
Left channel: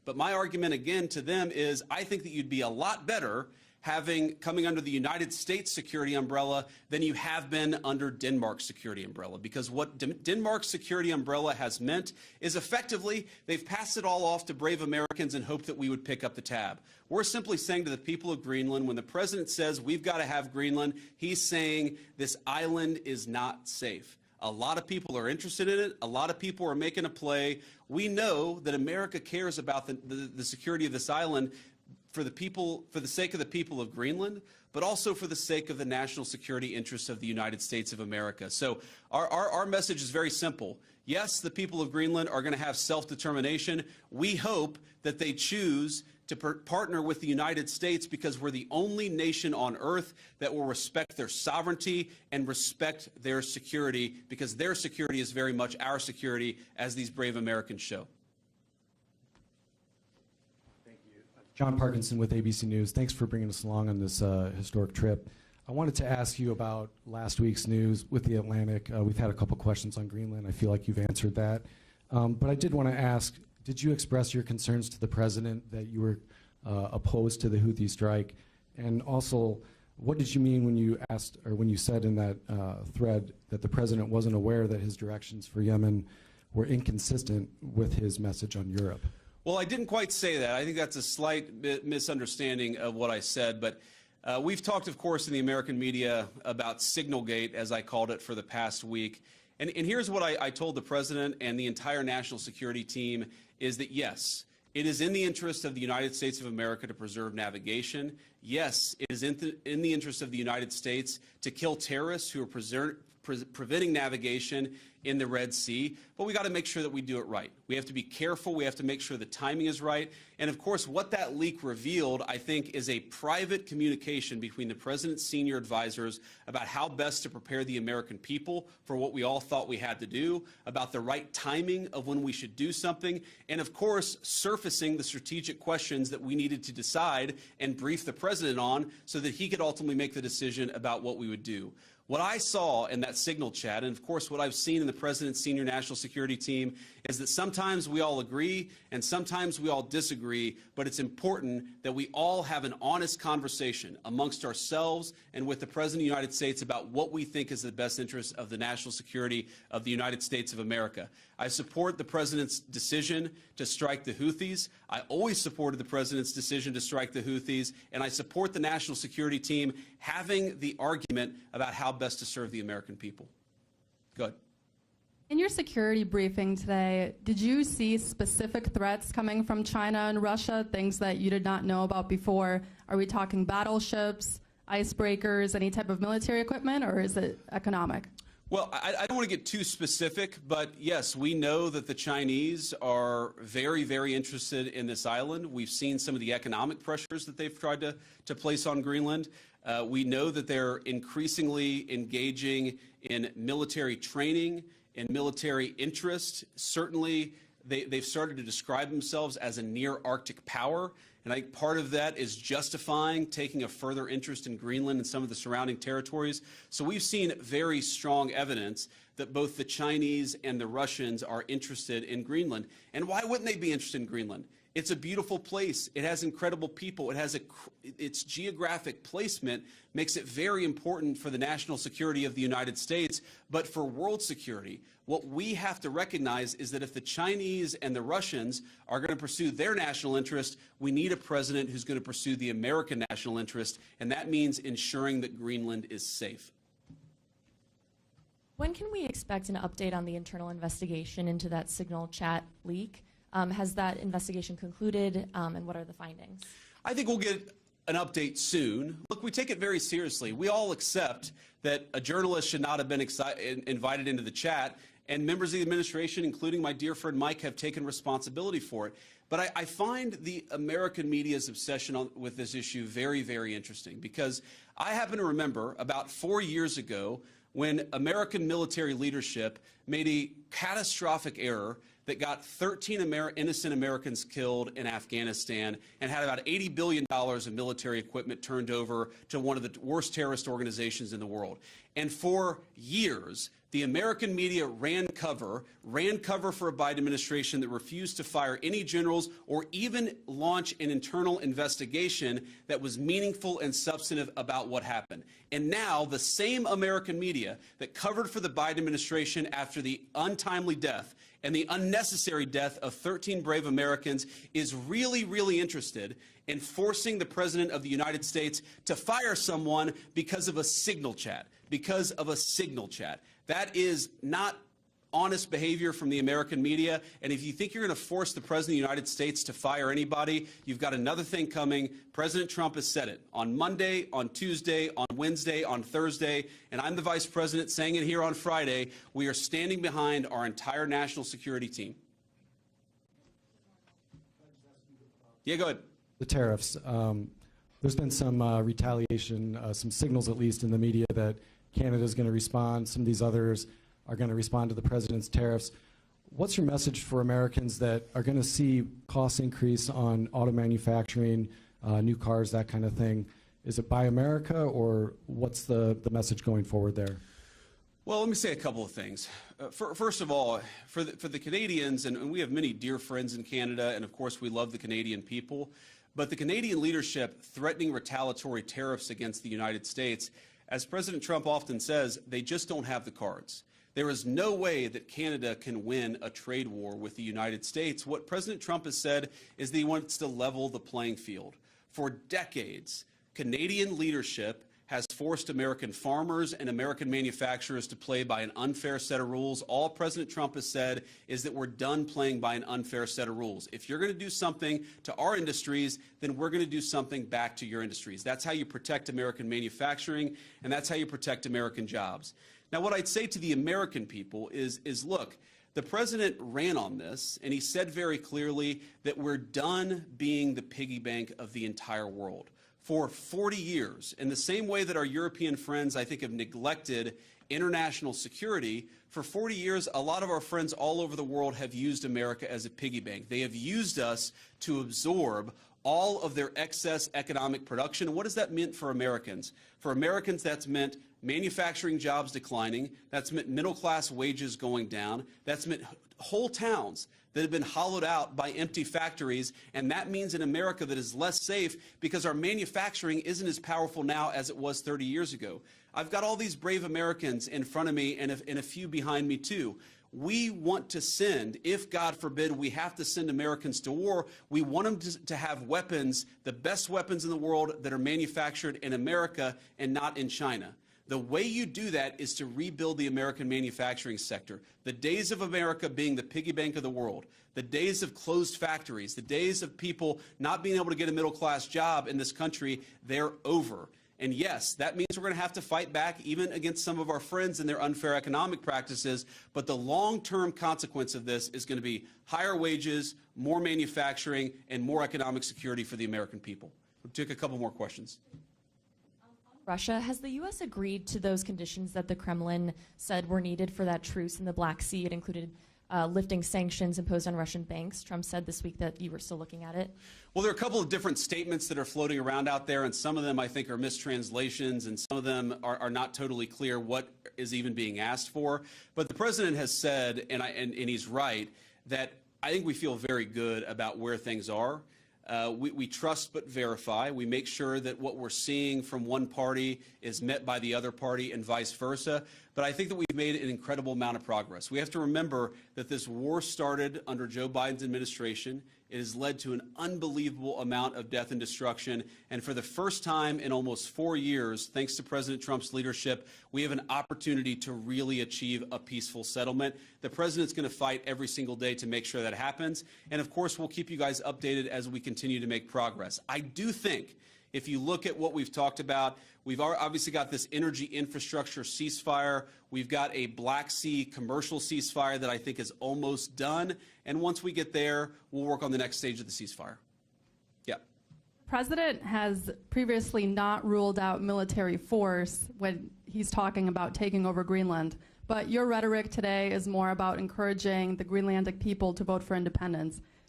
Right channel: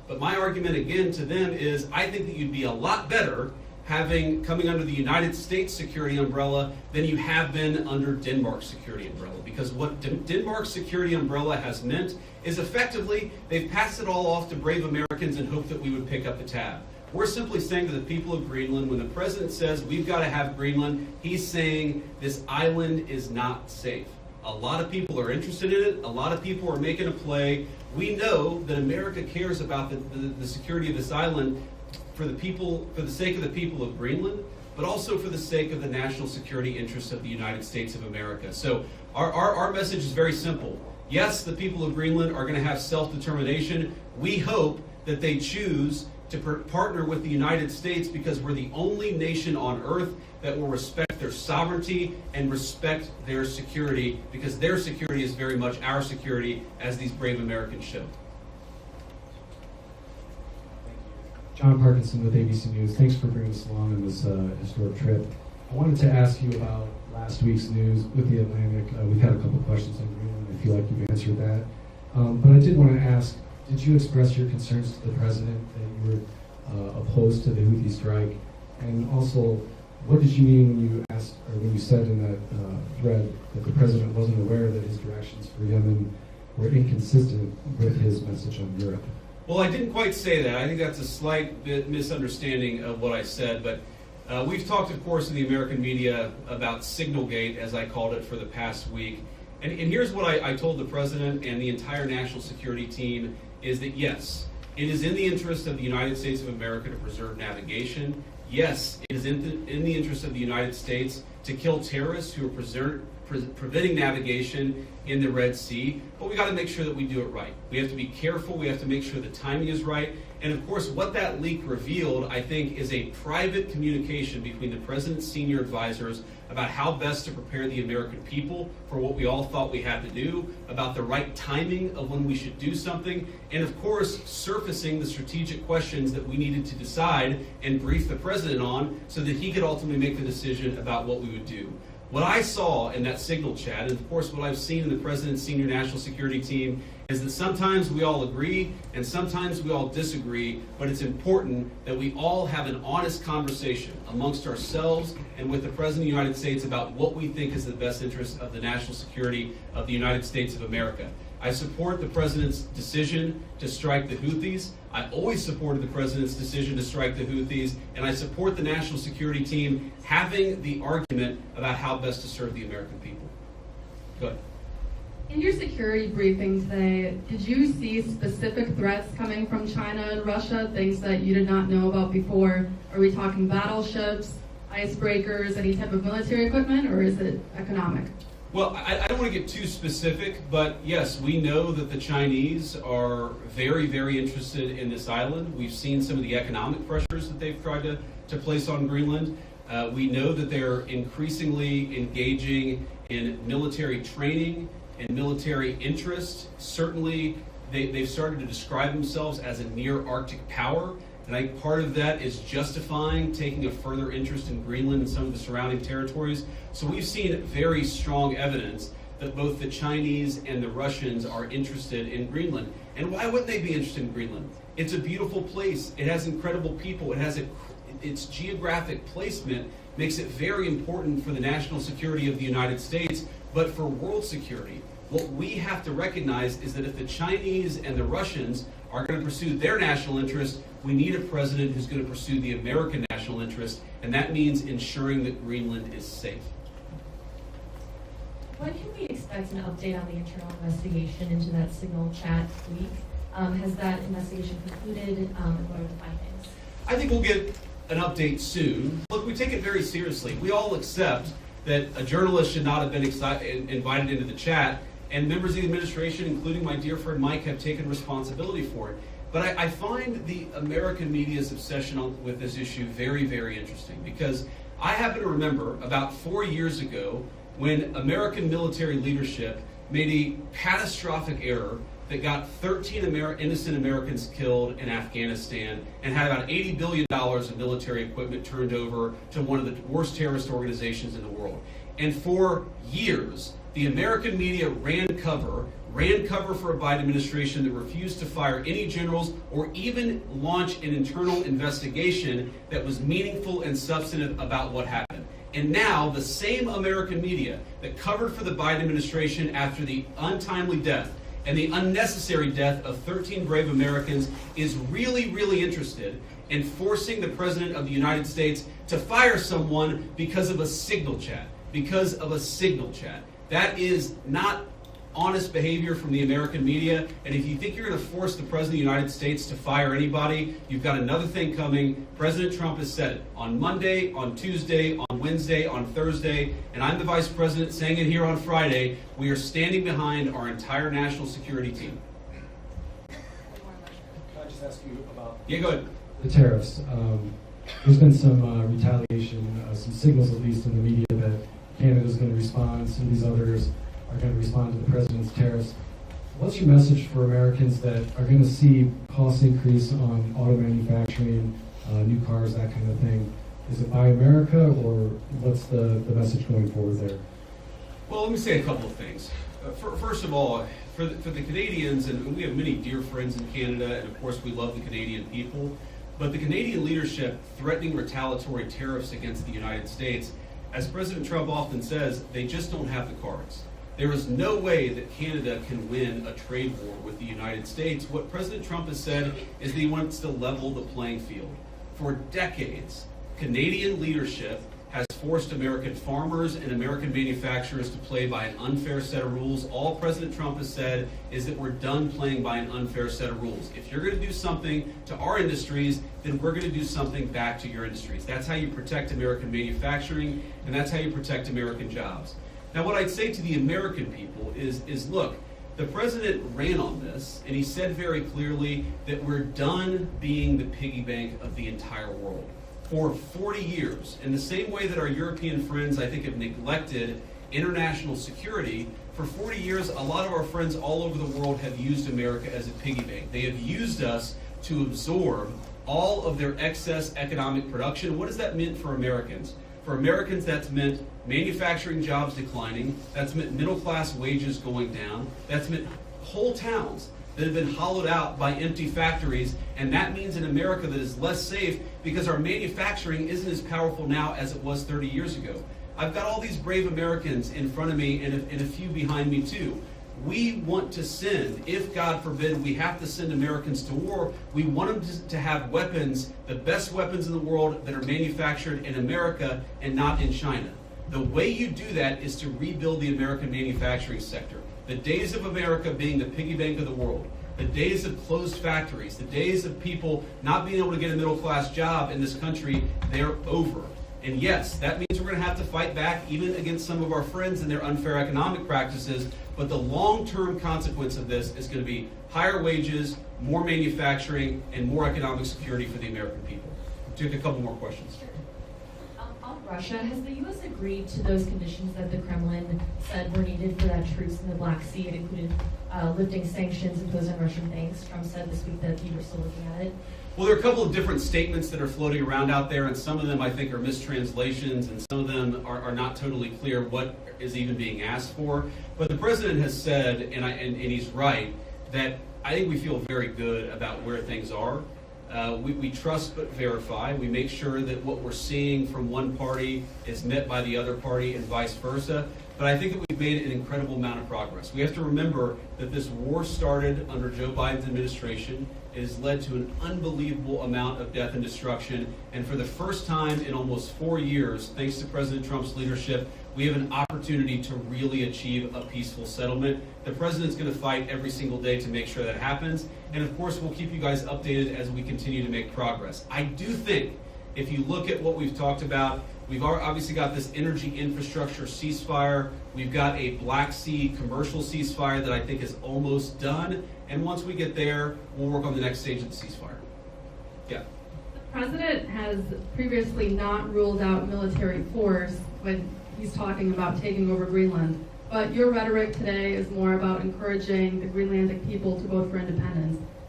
But my argument again to them is I think that you'd be a lot better coming under the United States security umbrella than you have been under Denmark's security umbrella. Because what Denmark's security umbrella has meant is effectively they've passed it all off to brave Americans and hope that we would pick up the tab. We're simply saying to the people of Greenland, when the president says we've got to have Greenland, he's saying this island is not safe. A lot of people are interested in it. A lot of people are making a play. We know that America cares about the security of this island for the sake of the people of Greenland, but also for the sake of the national security interests of the United States of America. So our message is very simple. Yes, the people of Greenland are going to have self-determination. We hope that they choose to partner with the United States because we're the only nation on earth that will respect their sovereignty and respect their security, because their security is very much our security, as these brave Americans show. John Parkinson with ABC News. Thanks for bringing us along on this historic trip. I wanted to ask you about last week's news with the Atlantic. We've had a couple questions on Greenland. I feel like you've answered that. But I did want to ask, did you express your concerns to the president that you were opposed to the Houthi strike? And also, what did you mean when you asked, or when you said in that thread that the president wasn't aware that his directions for Yemen were inconsistent with his message on Europe? Well, I didn't quite say that. I think that's a slight bit misunderstanding of what I said, but we've talked, of course, in the American media about Signalgate, as I called it, for the past week. And here's what I told the president and the entire national security team, is that yes, it is in the interest of the United States of America to preserve navigation. Yes, it is in the interest of the United States to kill terrorists who are preventing navigation in the Red Sea, but we got to make sure that we do it right. We have to be careful. We have to make sure the timing is right. And of course, what that leak revealed, I think, is a private communication between the president's senior advisors about how best to prepare the American people for what we all thought we had to do, about the right timing of when we should do something, and of course, surfacing the strategic questions that we needed to decide and brief the president on so that he could ultimately make the decision about what we would do. What I saw in that Signal chat, and of course what I've seen in the President's senior national security team, is that sometimes we all agree and sometimes we all disagree, but it's important that we all have an honest conversation amongst ourselves and with the President of the United States about what we think is the best interest of the national security of the United States of America. I support the President's decision to strike the Houthis. I always supported the President's decision to strike the Houthis, and I support the national security team having the argument about how best to serve the American people. Go ahead. In your security briefing today, did you see specific threats coming from China and Russia, things that you did not know about before? Are we talking battleships, icebreakers, any type of military equipment, or is it economic? Well, I don't want to get too specific, but yes, we know that the Chinese are very, very interested in this island. We've seen some of the economic pressures that they've tried to place on Greenland. We know that they're increasingly engaging in military training and military interest. Certainly, they've started to describe themselves as a near-Arctic power. And I think part of that is justifying taking a further interest in Greenland and some of the surrounding territories. So we've seen very strong evidence that both the Chinese and the Russians are interested in Greenland. And why wouldn't they be interested in Greenland? It's a beautiful place. It has incredible people. It has its geographic placement makes it very important for the national security of the United States, but for world security. What we have to recognize is that if the Chinese and the Russians are going to pursue their national interest, we need a president who's going to pursue the American national interest, and that means ensuring that Greenland is safe. When can we expect an update on the internal investigation into that Signal chat leak? Has that investigation concluded, and what are the findings? I think we'll get an update soon. Look, we take it very seriously. We all accept that a journalist should not have been invited into the chat, and members of the administration, including my dear friend Mike, have taken responsibility for it. But I find the American media's obsession with this issue very, very interesting, because I happen to remember about 4 years ago when American military leadership made a catastrophic error that got 13 innocent Americans killed in Afghanistan and had about $80 billion of military equipment turned over to one of the worst terrorist organizations in the world. And for years, the American media ran cover ran cover for a Biden administration that refused to fire any generals or even launch an internal investigation that was meaningful and substantive about what happened. And now the same American media that covered for the Biden administration after the untimely death and the unnecessary death of 13 brave Americans is really, really interested in forcing the President of the United States to fire someone because of a signal chat. Because of a signal chat. That is not honest behavior from the American media, and if you think you're going to force the President of the United States to fire anybody, you've got another thing coming. President Trump has said it on Monday, on Tuesday, on Wednesday, on Thursday, and I'm the Vice President saying it here on Friday. We are standing behind our entire national security team. Can I just ask you about Yeah, go ahead. the tariffs? There's been some retaliation, some signals at least in the media that Canada's going to respond, some of these others are going to respond to the president's tariffs. What's your message for Americans that are going to see costs increase on auto manufacturing, new cars, that kind of thing? Is it Buy America, or what's the message going forward there? Well, let me say a couple of things. First of all, for the Canadians, and we have many dear friends in Canada, and of course we love the Canadian people, but the Canadian leadership threatening retaliatory tariffs against the United States, as President Trump often says, they just don't have the cards. There is no way that Canada can win a trade war with the United States. What President Trump has said is that he wants to level the playing field. For decades, Canadian leadership has forced American farmers and American manufacturers to play by an unfair set of rules. All President Trump has said is that we're done playing by an unfair set of rules. If you're going to do something to our industries, then we're going to do something back to your industries. That's how you protect American manufacturing, and that's how you protect American jobs. Now, what I'd say to the American people is look, the president ran on this, and he said very clearly that we're done being the piggy bank of the entire world. For 40 years, in the same way that our European friends, I think, have neglected international security, for 40 years, a lot of our friends all over the world have used America as a piggy bank. They have used us to absorb all of their excess economic production. What has that meant for Americans? For Americans, that's meant manufacturing jobs declining, that's meant middle-class wages going down, that's meant whole towns that have been hollowed out by empty factories, and that means an America that is less safe because our manufacturing isn't as powerful now as it was 30 years ago. I've got all these brave Americans in front of me and a few behind me too. We want to send, if God forbid we have to send Americans to war, we want them to have weapons, the best weapons in the world that are manufactured in America and not in China. The way you do that is to rebuild the American manufacturing sector. The days of America being the piggy bank of the world, the days of closed factories, the days of people not being able to get a middle-class job in this country, they're over. And yes, that means we're going to have to fight back even against some of our friends and their unfair economic practices, but the long-term consequence of this is going to be higher wages, more manufacturing, and more economic security for the American people. We'll take a couple more questions. On Russia, has the U.S. agreed to those conditions that the Kremlin said were needed for that truce in the Black Sea? It included lifting sanctions imposed on Russian banks. Trump said this week that you were still looking at it. Well, there are a couple of different statements that are floating around out there, and some of them I think are mistranslations, and some of them are not totally clear what is even being asked for. But the president has said, and he's right, that I think we feel very good about where things are. We trust but verify. We make sure that what we're seeing from one party is met by the other party and vice versa. But I think that we've made an incredible amount of progress. We have to remember that this war started under Joe Biden's administration. It has led to an unbelievable amount of death and destruction. And for the first time in almost 4 years, thanks to President Trump's leadership, we have an opportunity to really achieve a peaceful settlement. The president's going to fight every single day to make sure that happens. And of course, we'll keep you guys updated as we continue to make progress. I do think if you look at what we've talked about, we've obviously got this energy infrastructure ceasefire. We've got a Black Sea commercial ceasefire that I think is almost done. And once we get there, we'll work on the next stage of the ceasefire. Yeah. The president has previously not ruled out military force when he's talking about taking over Greenland. But your rhetoric today is more about encouraging the Greenlandic people to vote for independence.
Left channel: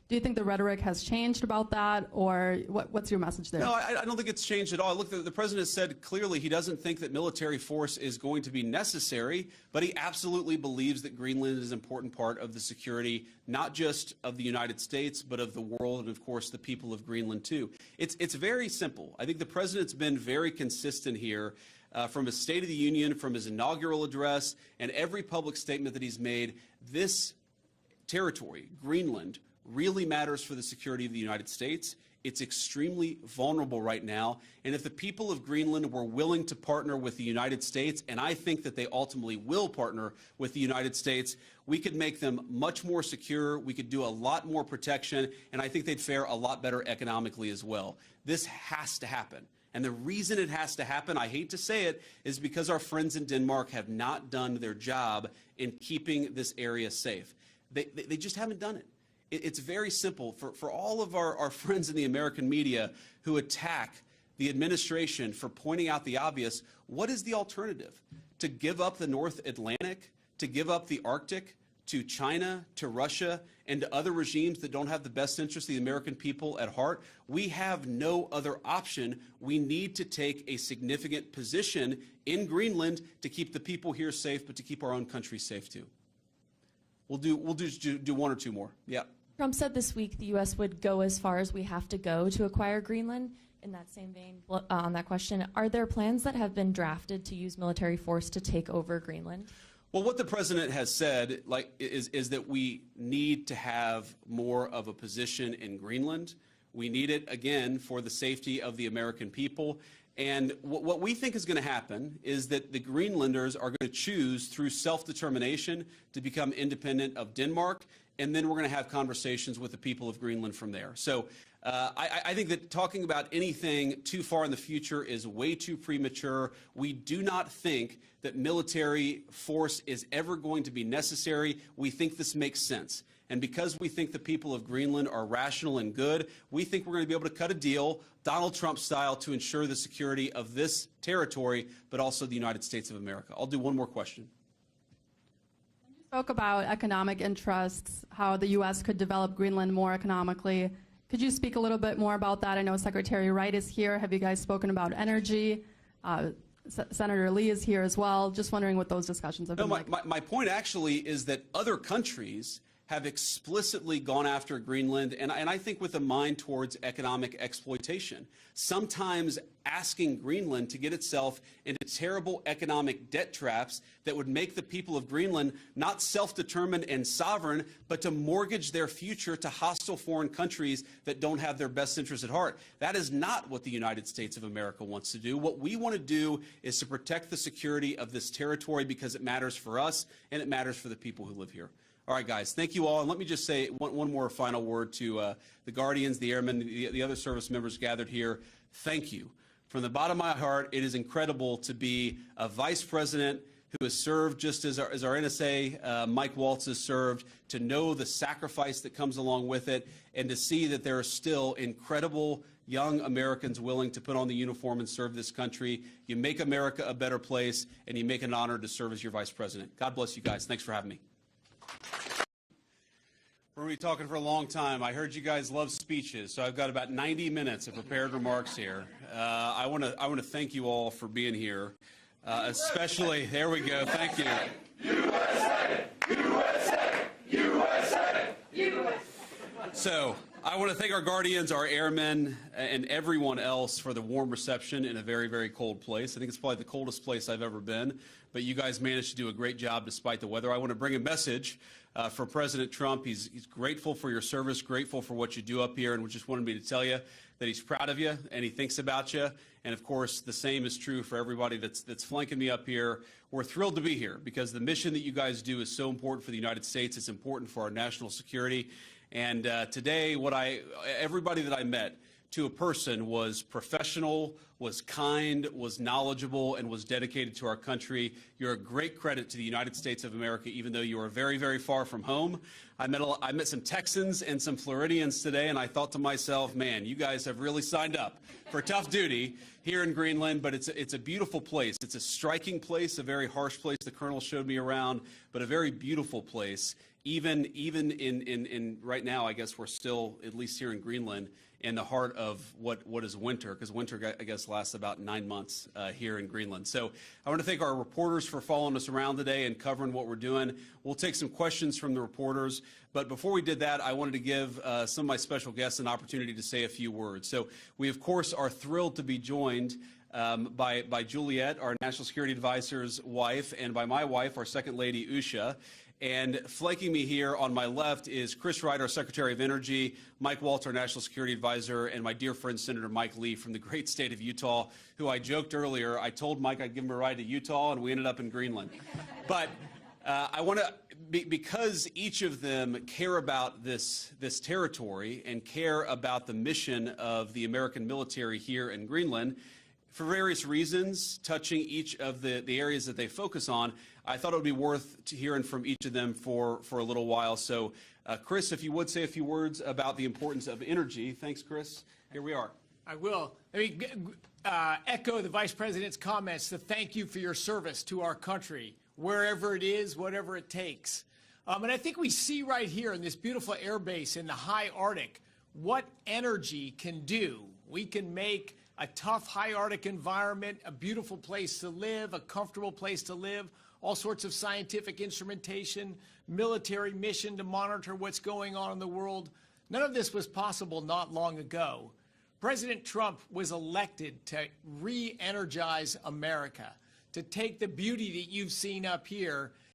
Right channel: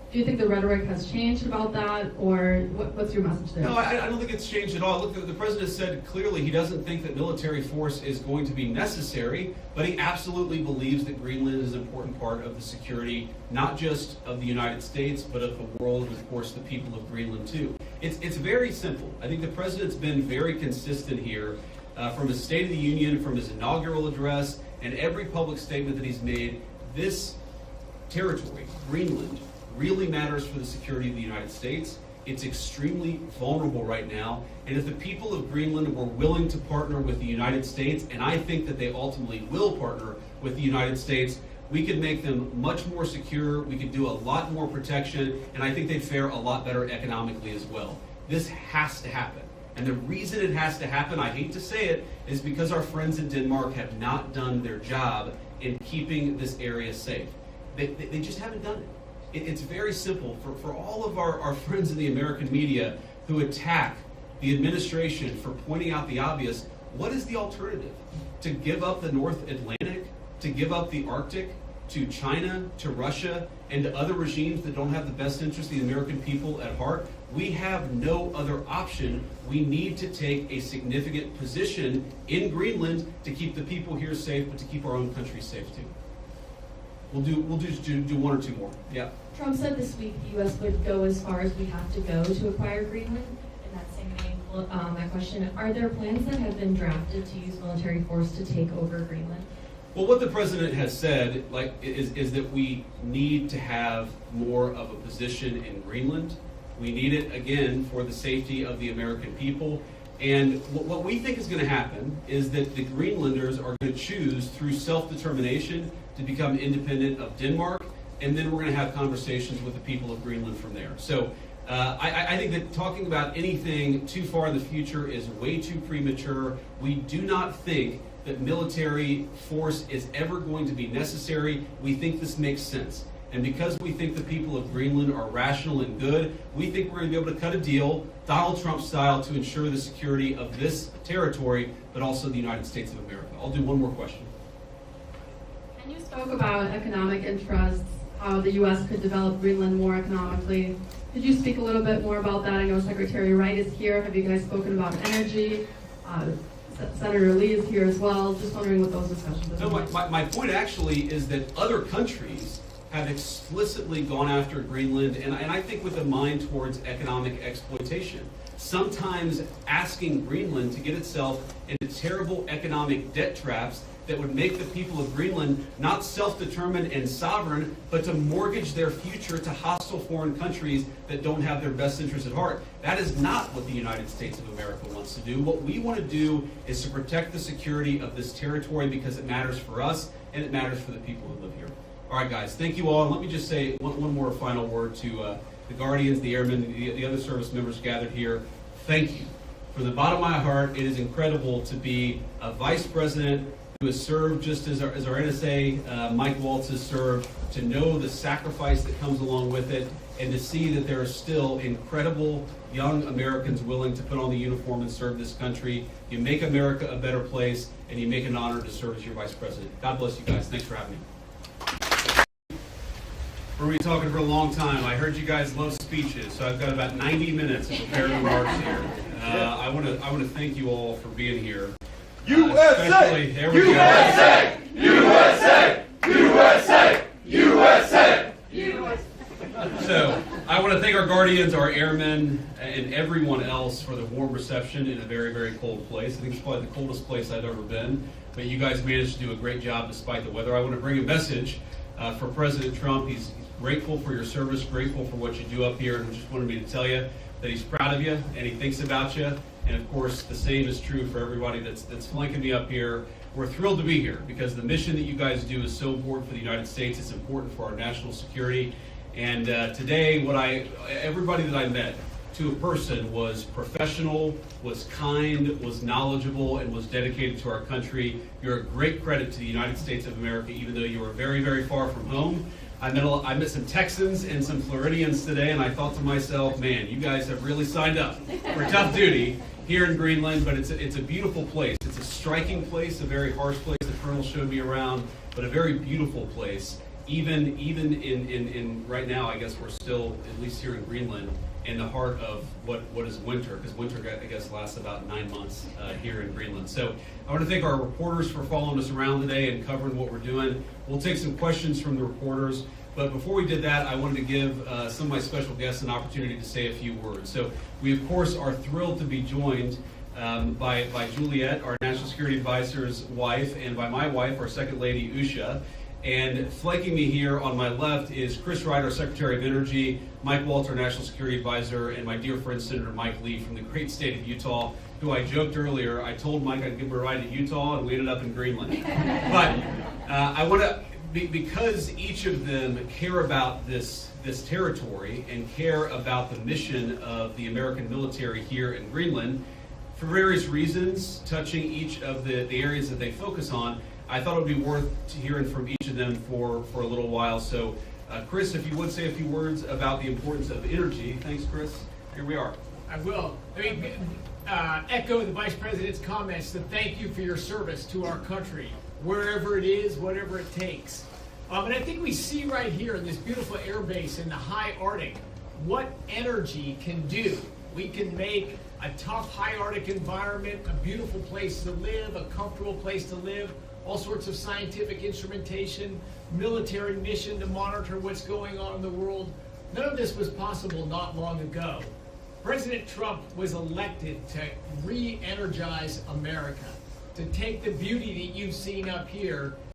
Do you think the rhetoric has changed about that, or what's your message there? No, I don't think it's changed at all. Look, the president said clearly he doesn't think that military force is going to be necessary, but he absolutely believes that Greenland is an important part of the security, not just of the United States, but of the world, and of course the people of Greenland too. It's very simple. I think the president's been very consistent here from his State of the Union, from his inaugural address, and every public statement that he's made. This territory, Greenland, really matters for the security of the United States. It's extremely vulnerable right now, and if the people of Greenland were willing to partner with the United States, and I think that they ultimately will partner with the United States, we could make them much more secure, we could do a lot more protection, and I think they'd fare a lot better economically as well. This has to happen. And the reason it has to happen, I hate to say it, is because our friends in Denmark have not done their job in keeping this area safe. They just haven't done it. It's very simple. For all of our friends in the American media who attack the administration for pointing out the obvious, what is the alternative? To give up the North Atlantic, to give up the Arctic to China, to Russia, and to other regimes that don't have the best interest of the American people at heart? We have no other option. We need to take a significant position in Greenland to keep the people here safe, but to keep our own country safe too. We'll just do one or two more. Yeah. Trump said this week the U.S. would go as far as we have to go to acquire Greenland. In that same vein, that question, are there plans that have been drafted to use military force to take over Greenland? Well, what the president has said, is that we need to have more of a position in Greenland. We need it, again, for the safety of the American people. And what we think is going to happen is that the Greenlanders are going to choose through self-determination to become independent of Denmark, and then we're going to have conversations with the people of Greenland from there. So I think that talking about anything too far in the future is way too premature. We do not think that military force is ever going to be necessary. We think this makes sense. And because we think the people of Greenland are rational and good, we think we're going to be able to cut a deal, Donald Trump style, to ensure the security of this territory, but also the United States of America. I'll do one more question. And you spoke about economic interests, how the U.S. could develop Greenland more economically. Could you speak a little bit more about that? I know Secretary Wright is here. Have you guys spoken about energy? Senator Lee is here as well. Just wondering what those discussions have been like. My point actually is that other countries have explicitly gone after Greenland, and I think with a mind towards economic exploitation. Sometimes asking Greenland to get itself into terrible economic debt traps that would make the people of Greenland not self-determined and sovereign, but to mortgage their future to hostile foreign countries that don't have their best interests at heart. That is not what the United States of America wants to do. What we want to do is to protect the security of this territory because it matters for us and it matters for the people who live here. All right, guys, thank you all. And let me just say one more final word to the Guardians, the Airmen, the other service members gathered here. Thank you. From the bottom of my heart, it is incredible to be a vice president who has served just as our NSA, Mike Waltz, has served, to know the sacrifice that comes along with it, and to see that there are still incredible young Americans willing to put on the uniform and serve this country. You make America a better place, and you make an honor to serve as your vice president. God bless you guys. Thanks for having me. We're going to be talking for a long time. I heard you guys love speeches, so I've got about 90 minutes of prepared remarks here. I want to thank you all for being here. USA! There we USA! USA! USA! USA! USA! So, I want to thank our Guardians, our airmen, and everyone else for the warm reception in a very, very cold place. I think it's probably the coldest place I've ever been, but you guys managed to do a great job despite the weather. I want to bring a message for President Trump. He's grateful for your service, grateful for what you do up here, and just wanted me to tell you that he's proud of you and he thinks about you. And of course, the same is true for everybody that's flanking me up here. We're thrilled to be here because the mission that you guys do is so important for the United States. It's important for our national security. And today, everybody that I met, to a person, was professional, was kind, was knowledgeable, and was dedicated to our country. You're a great credit to the United States of America, even though you are very, very far from home. I met some Texans and some Floridians today, and I thought to myself, man, you guys have really signed up for tough duty here in Greenland, but it's a beautiful place. It's a striking place, a very harsh place. The Colonel showed me around, but a very beautiful place. even in right now, I guess we're still, at least here in Greenland, in the heart of what is winter, because winter, I guess, lasts about 9 months here in Greenland. So I want to thank our reporters for following us around today and covering what we're doing. We'll take some questions from the reporters, but before we did that, I wanted to give some of my special guests an opportunity to say a few words. So we, of course, are thrilled to be joined by Juliet, our National Security Advisor's wife, and by my wife, our Second Lady, Usha. And flanking me here on my left is Chris Wright, our Secretary of Energy, Mike Walter, National Security Advisor, and my dear friend Senator Mike Lee from the great state of Utah, who I joked earlier, I told Mike I'd give him a ride to Utah, and we ended up in Greenland. But I want to, because each of them care about this territory and care about the mission of the American military here in Greenland, for various reasons, touching each of the areas that they focus on, I thought it would be worth hearing from each of them for a little while. So, Chris, if you would say a few words about the importance of energy. Thanks, Chris. Here we are. I will. Echo the Vice President's comments to thank you for your service to our country, wherever it is, whatever it takes. And I think we see right here in this beautiful air base in the high Arctic what energy can do. We can make a tough high Arctic environment a beautiful place to live, a comfortable place to live, all sorts of scientific instrumentation, military mission to monitor what's going on in the world. None of this was possible not long ago. President Trump was elected to re-energize America, to take the beauty that you've seen up here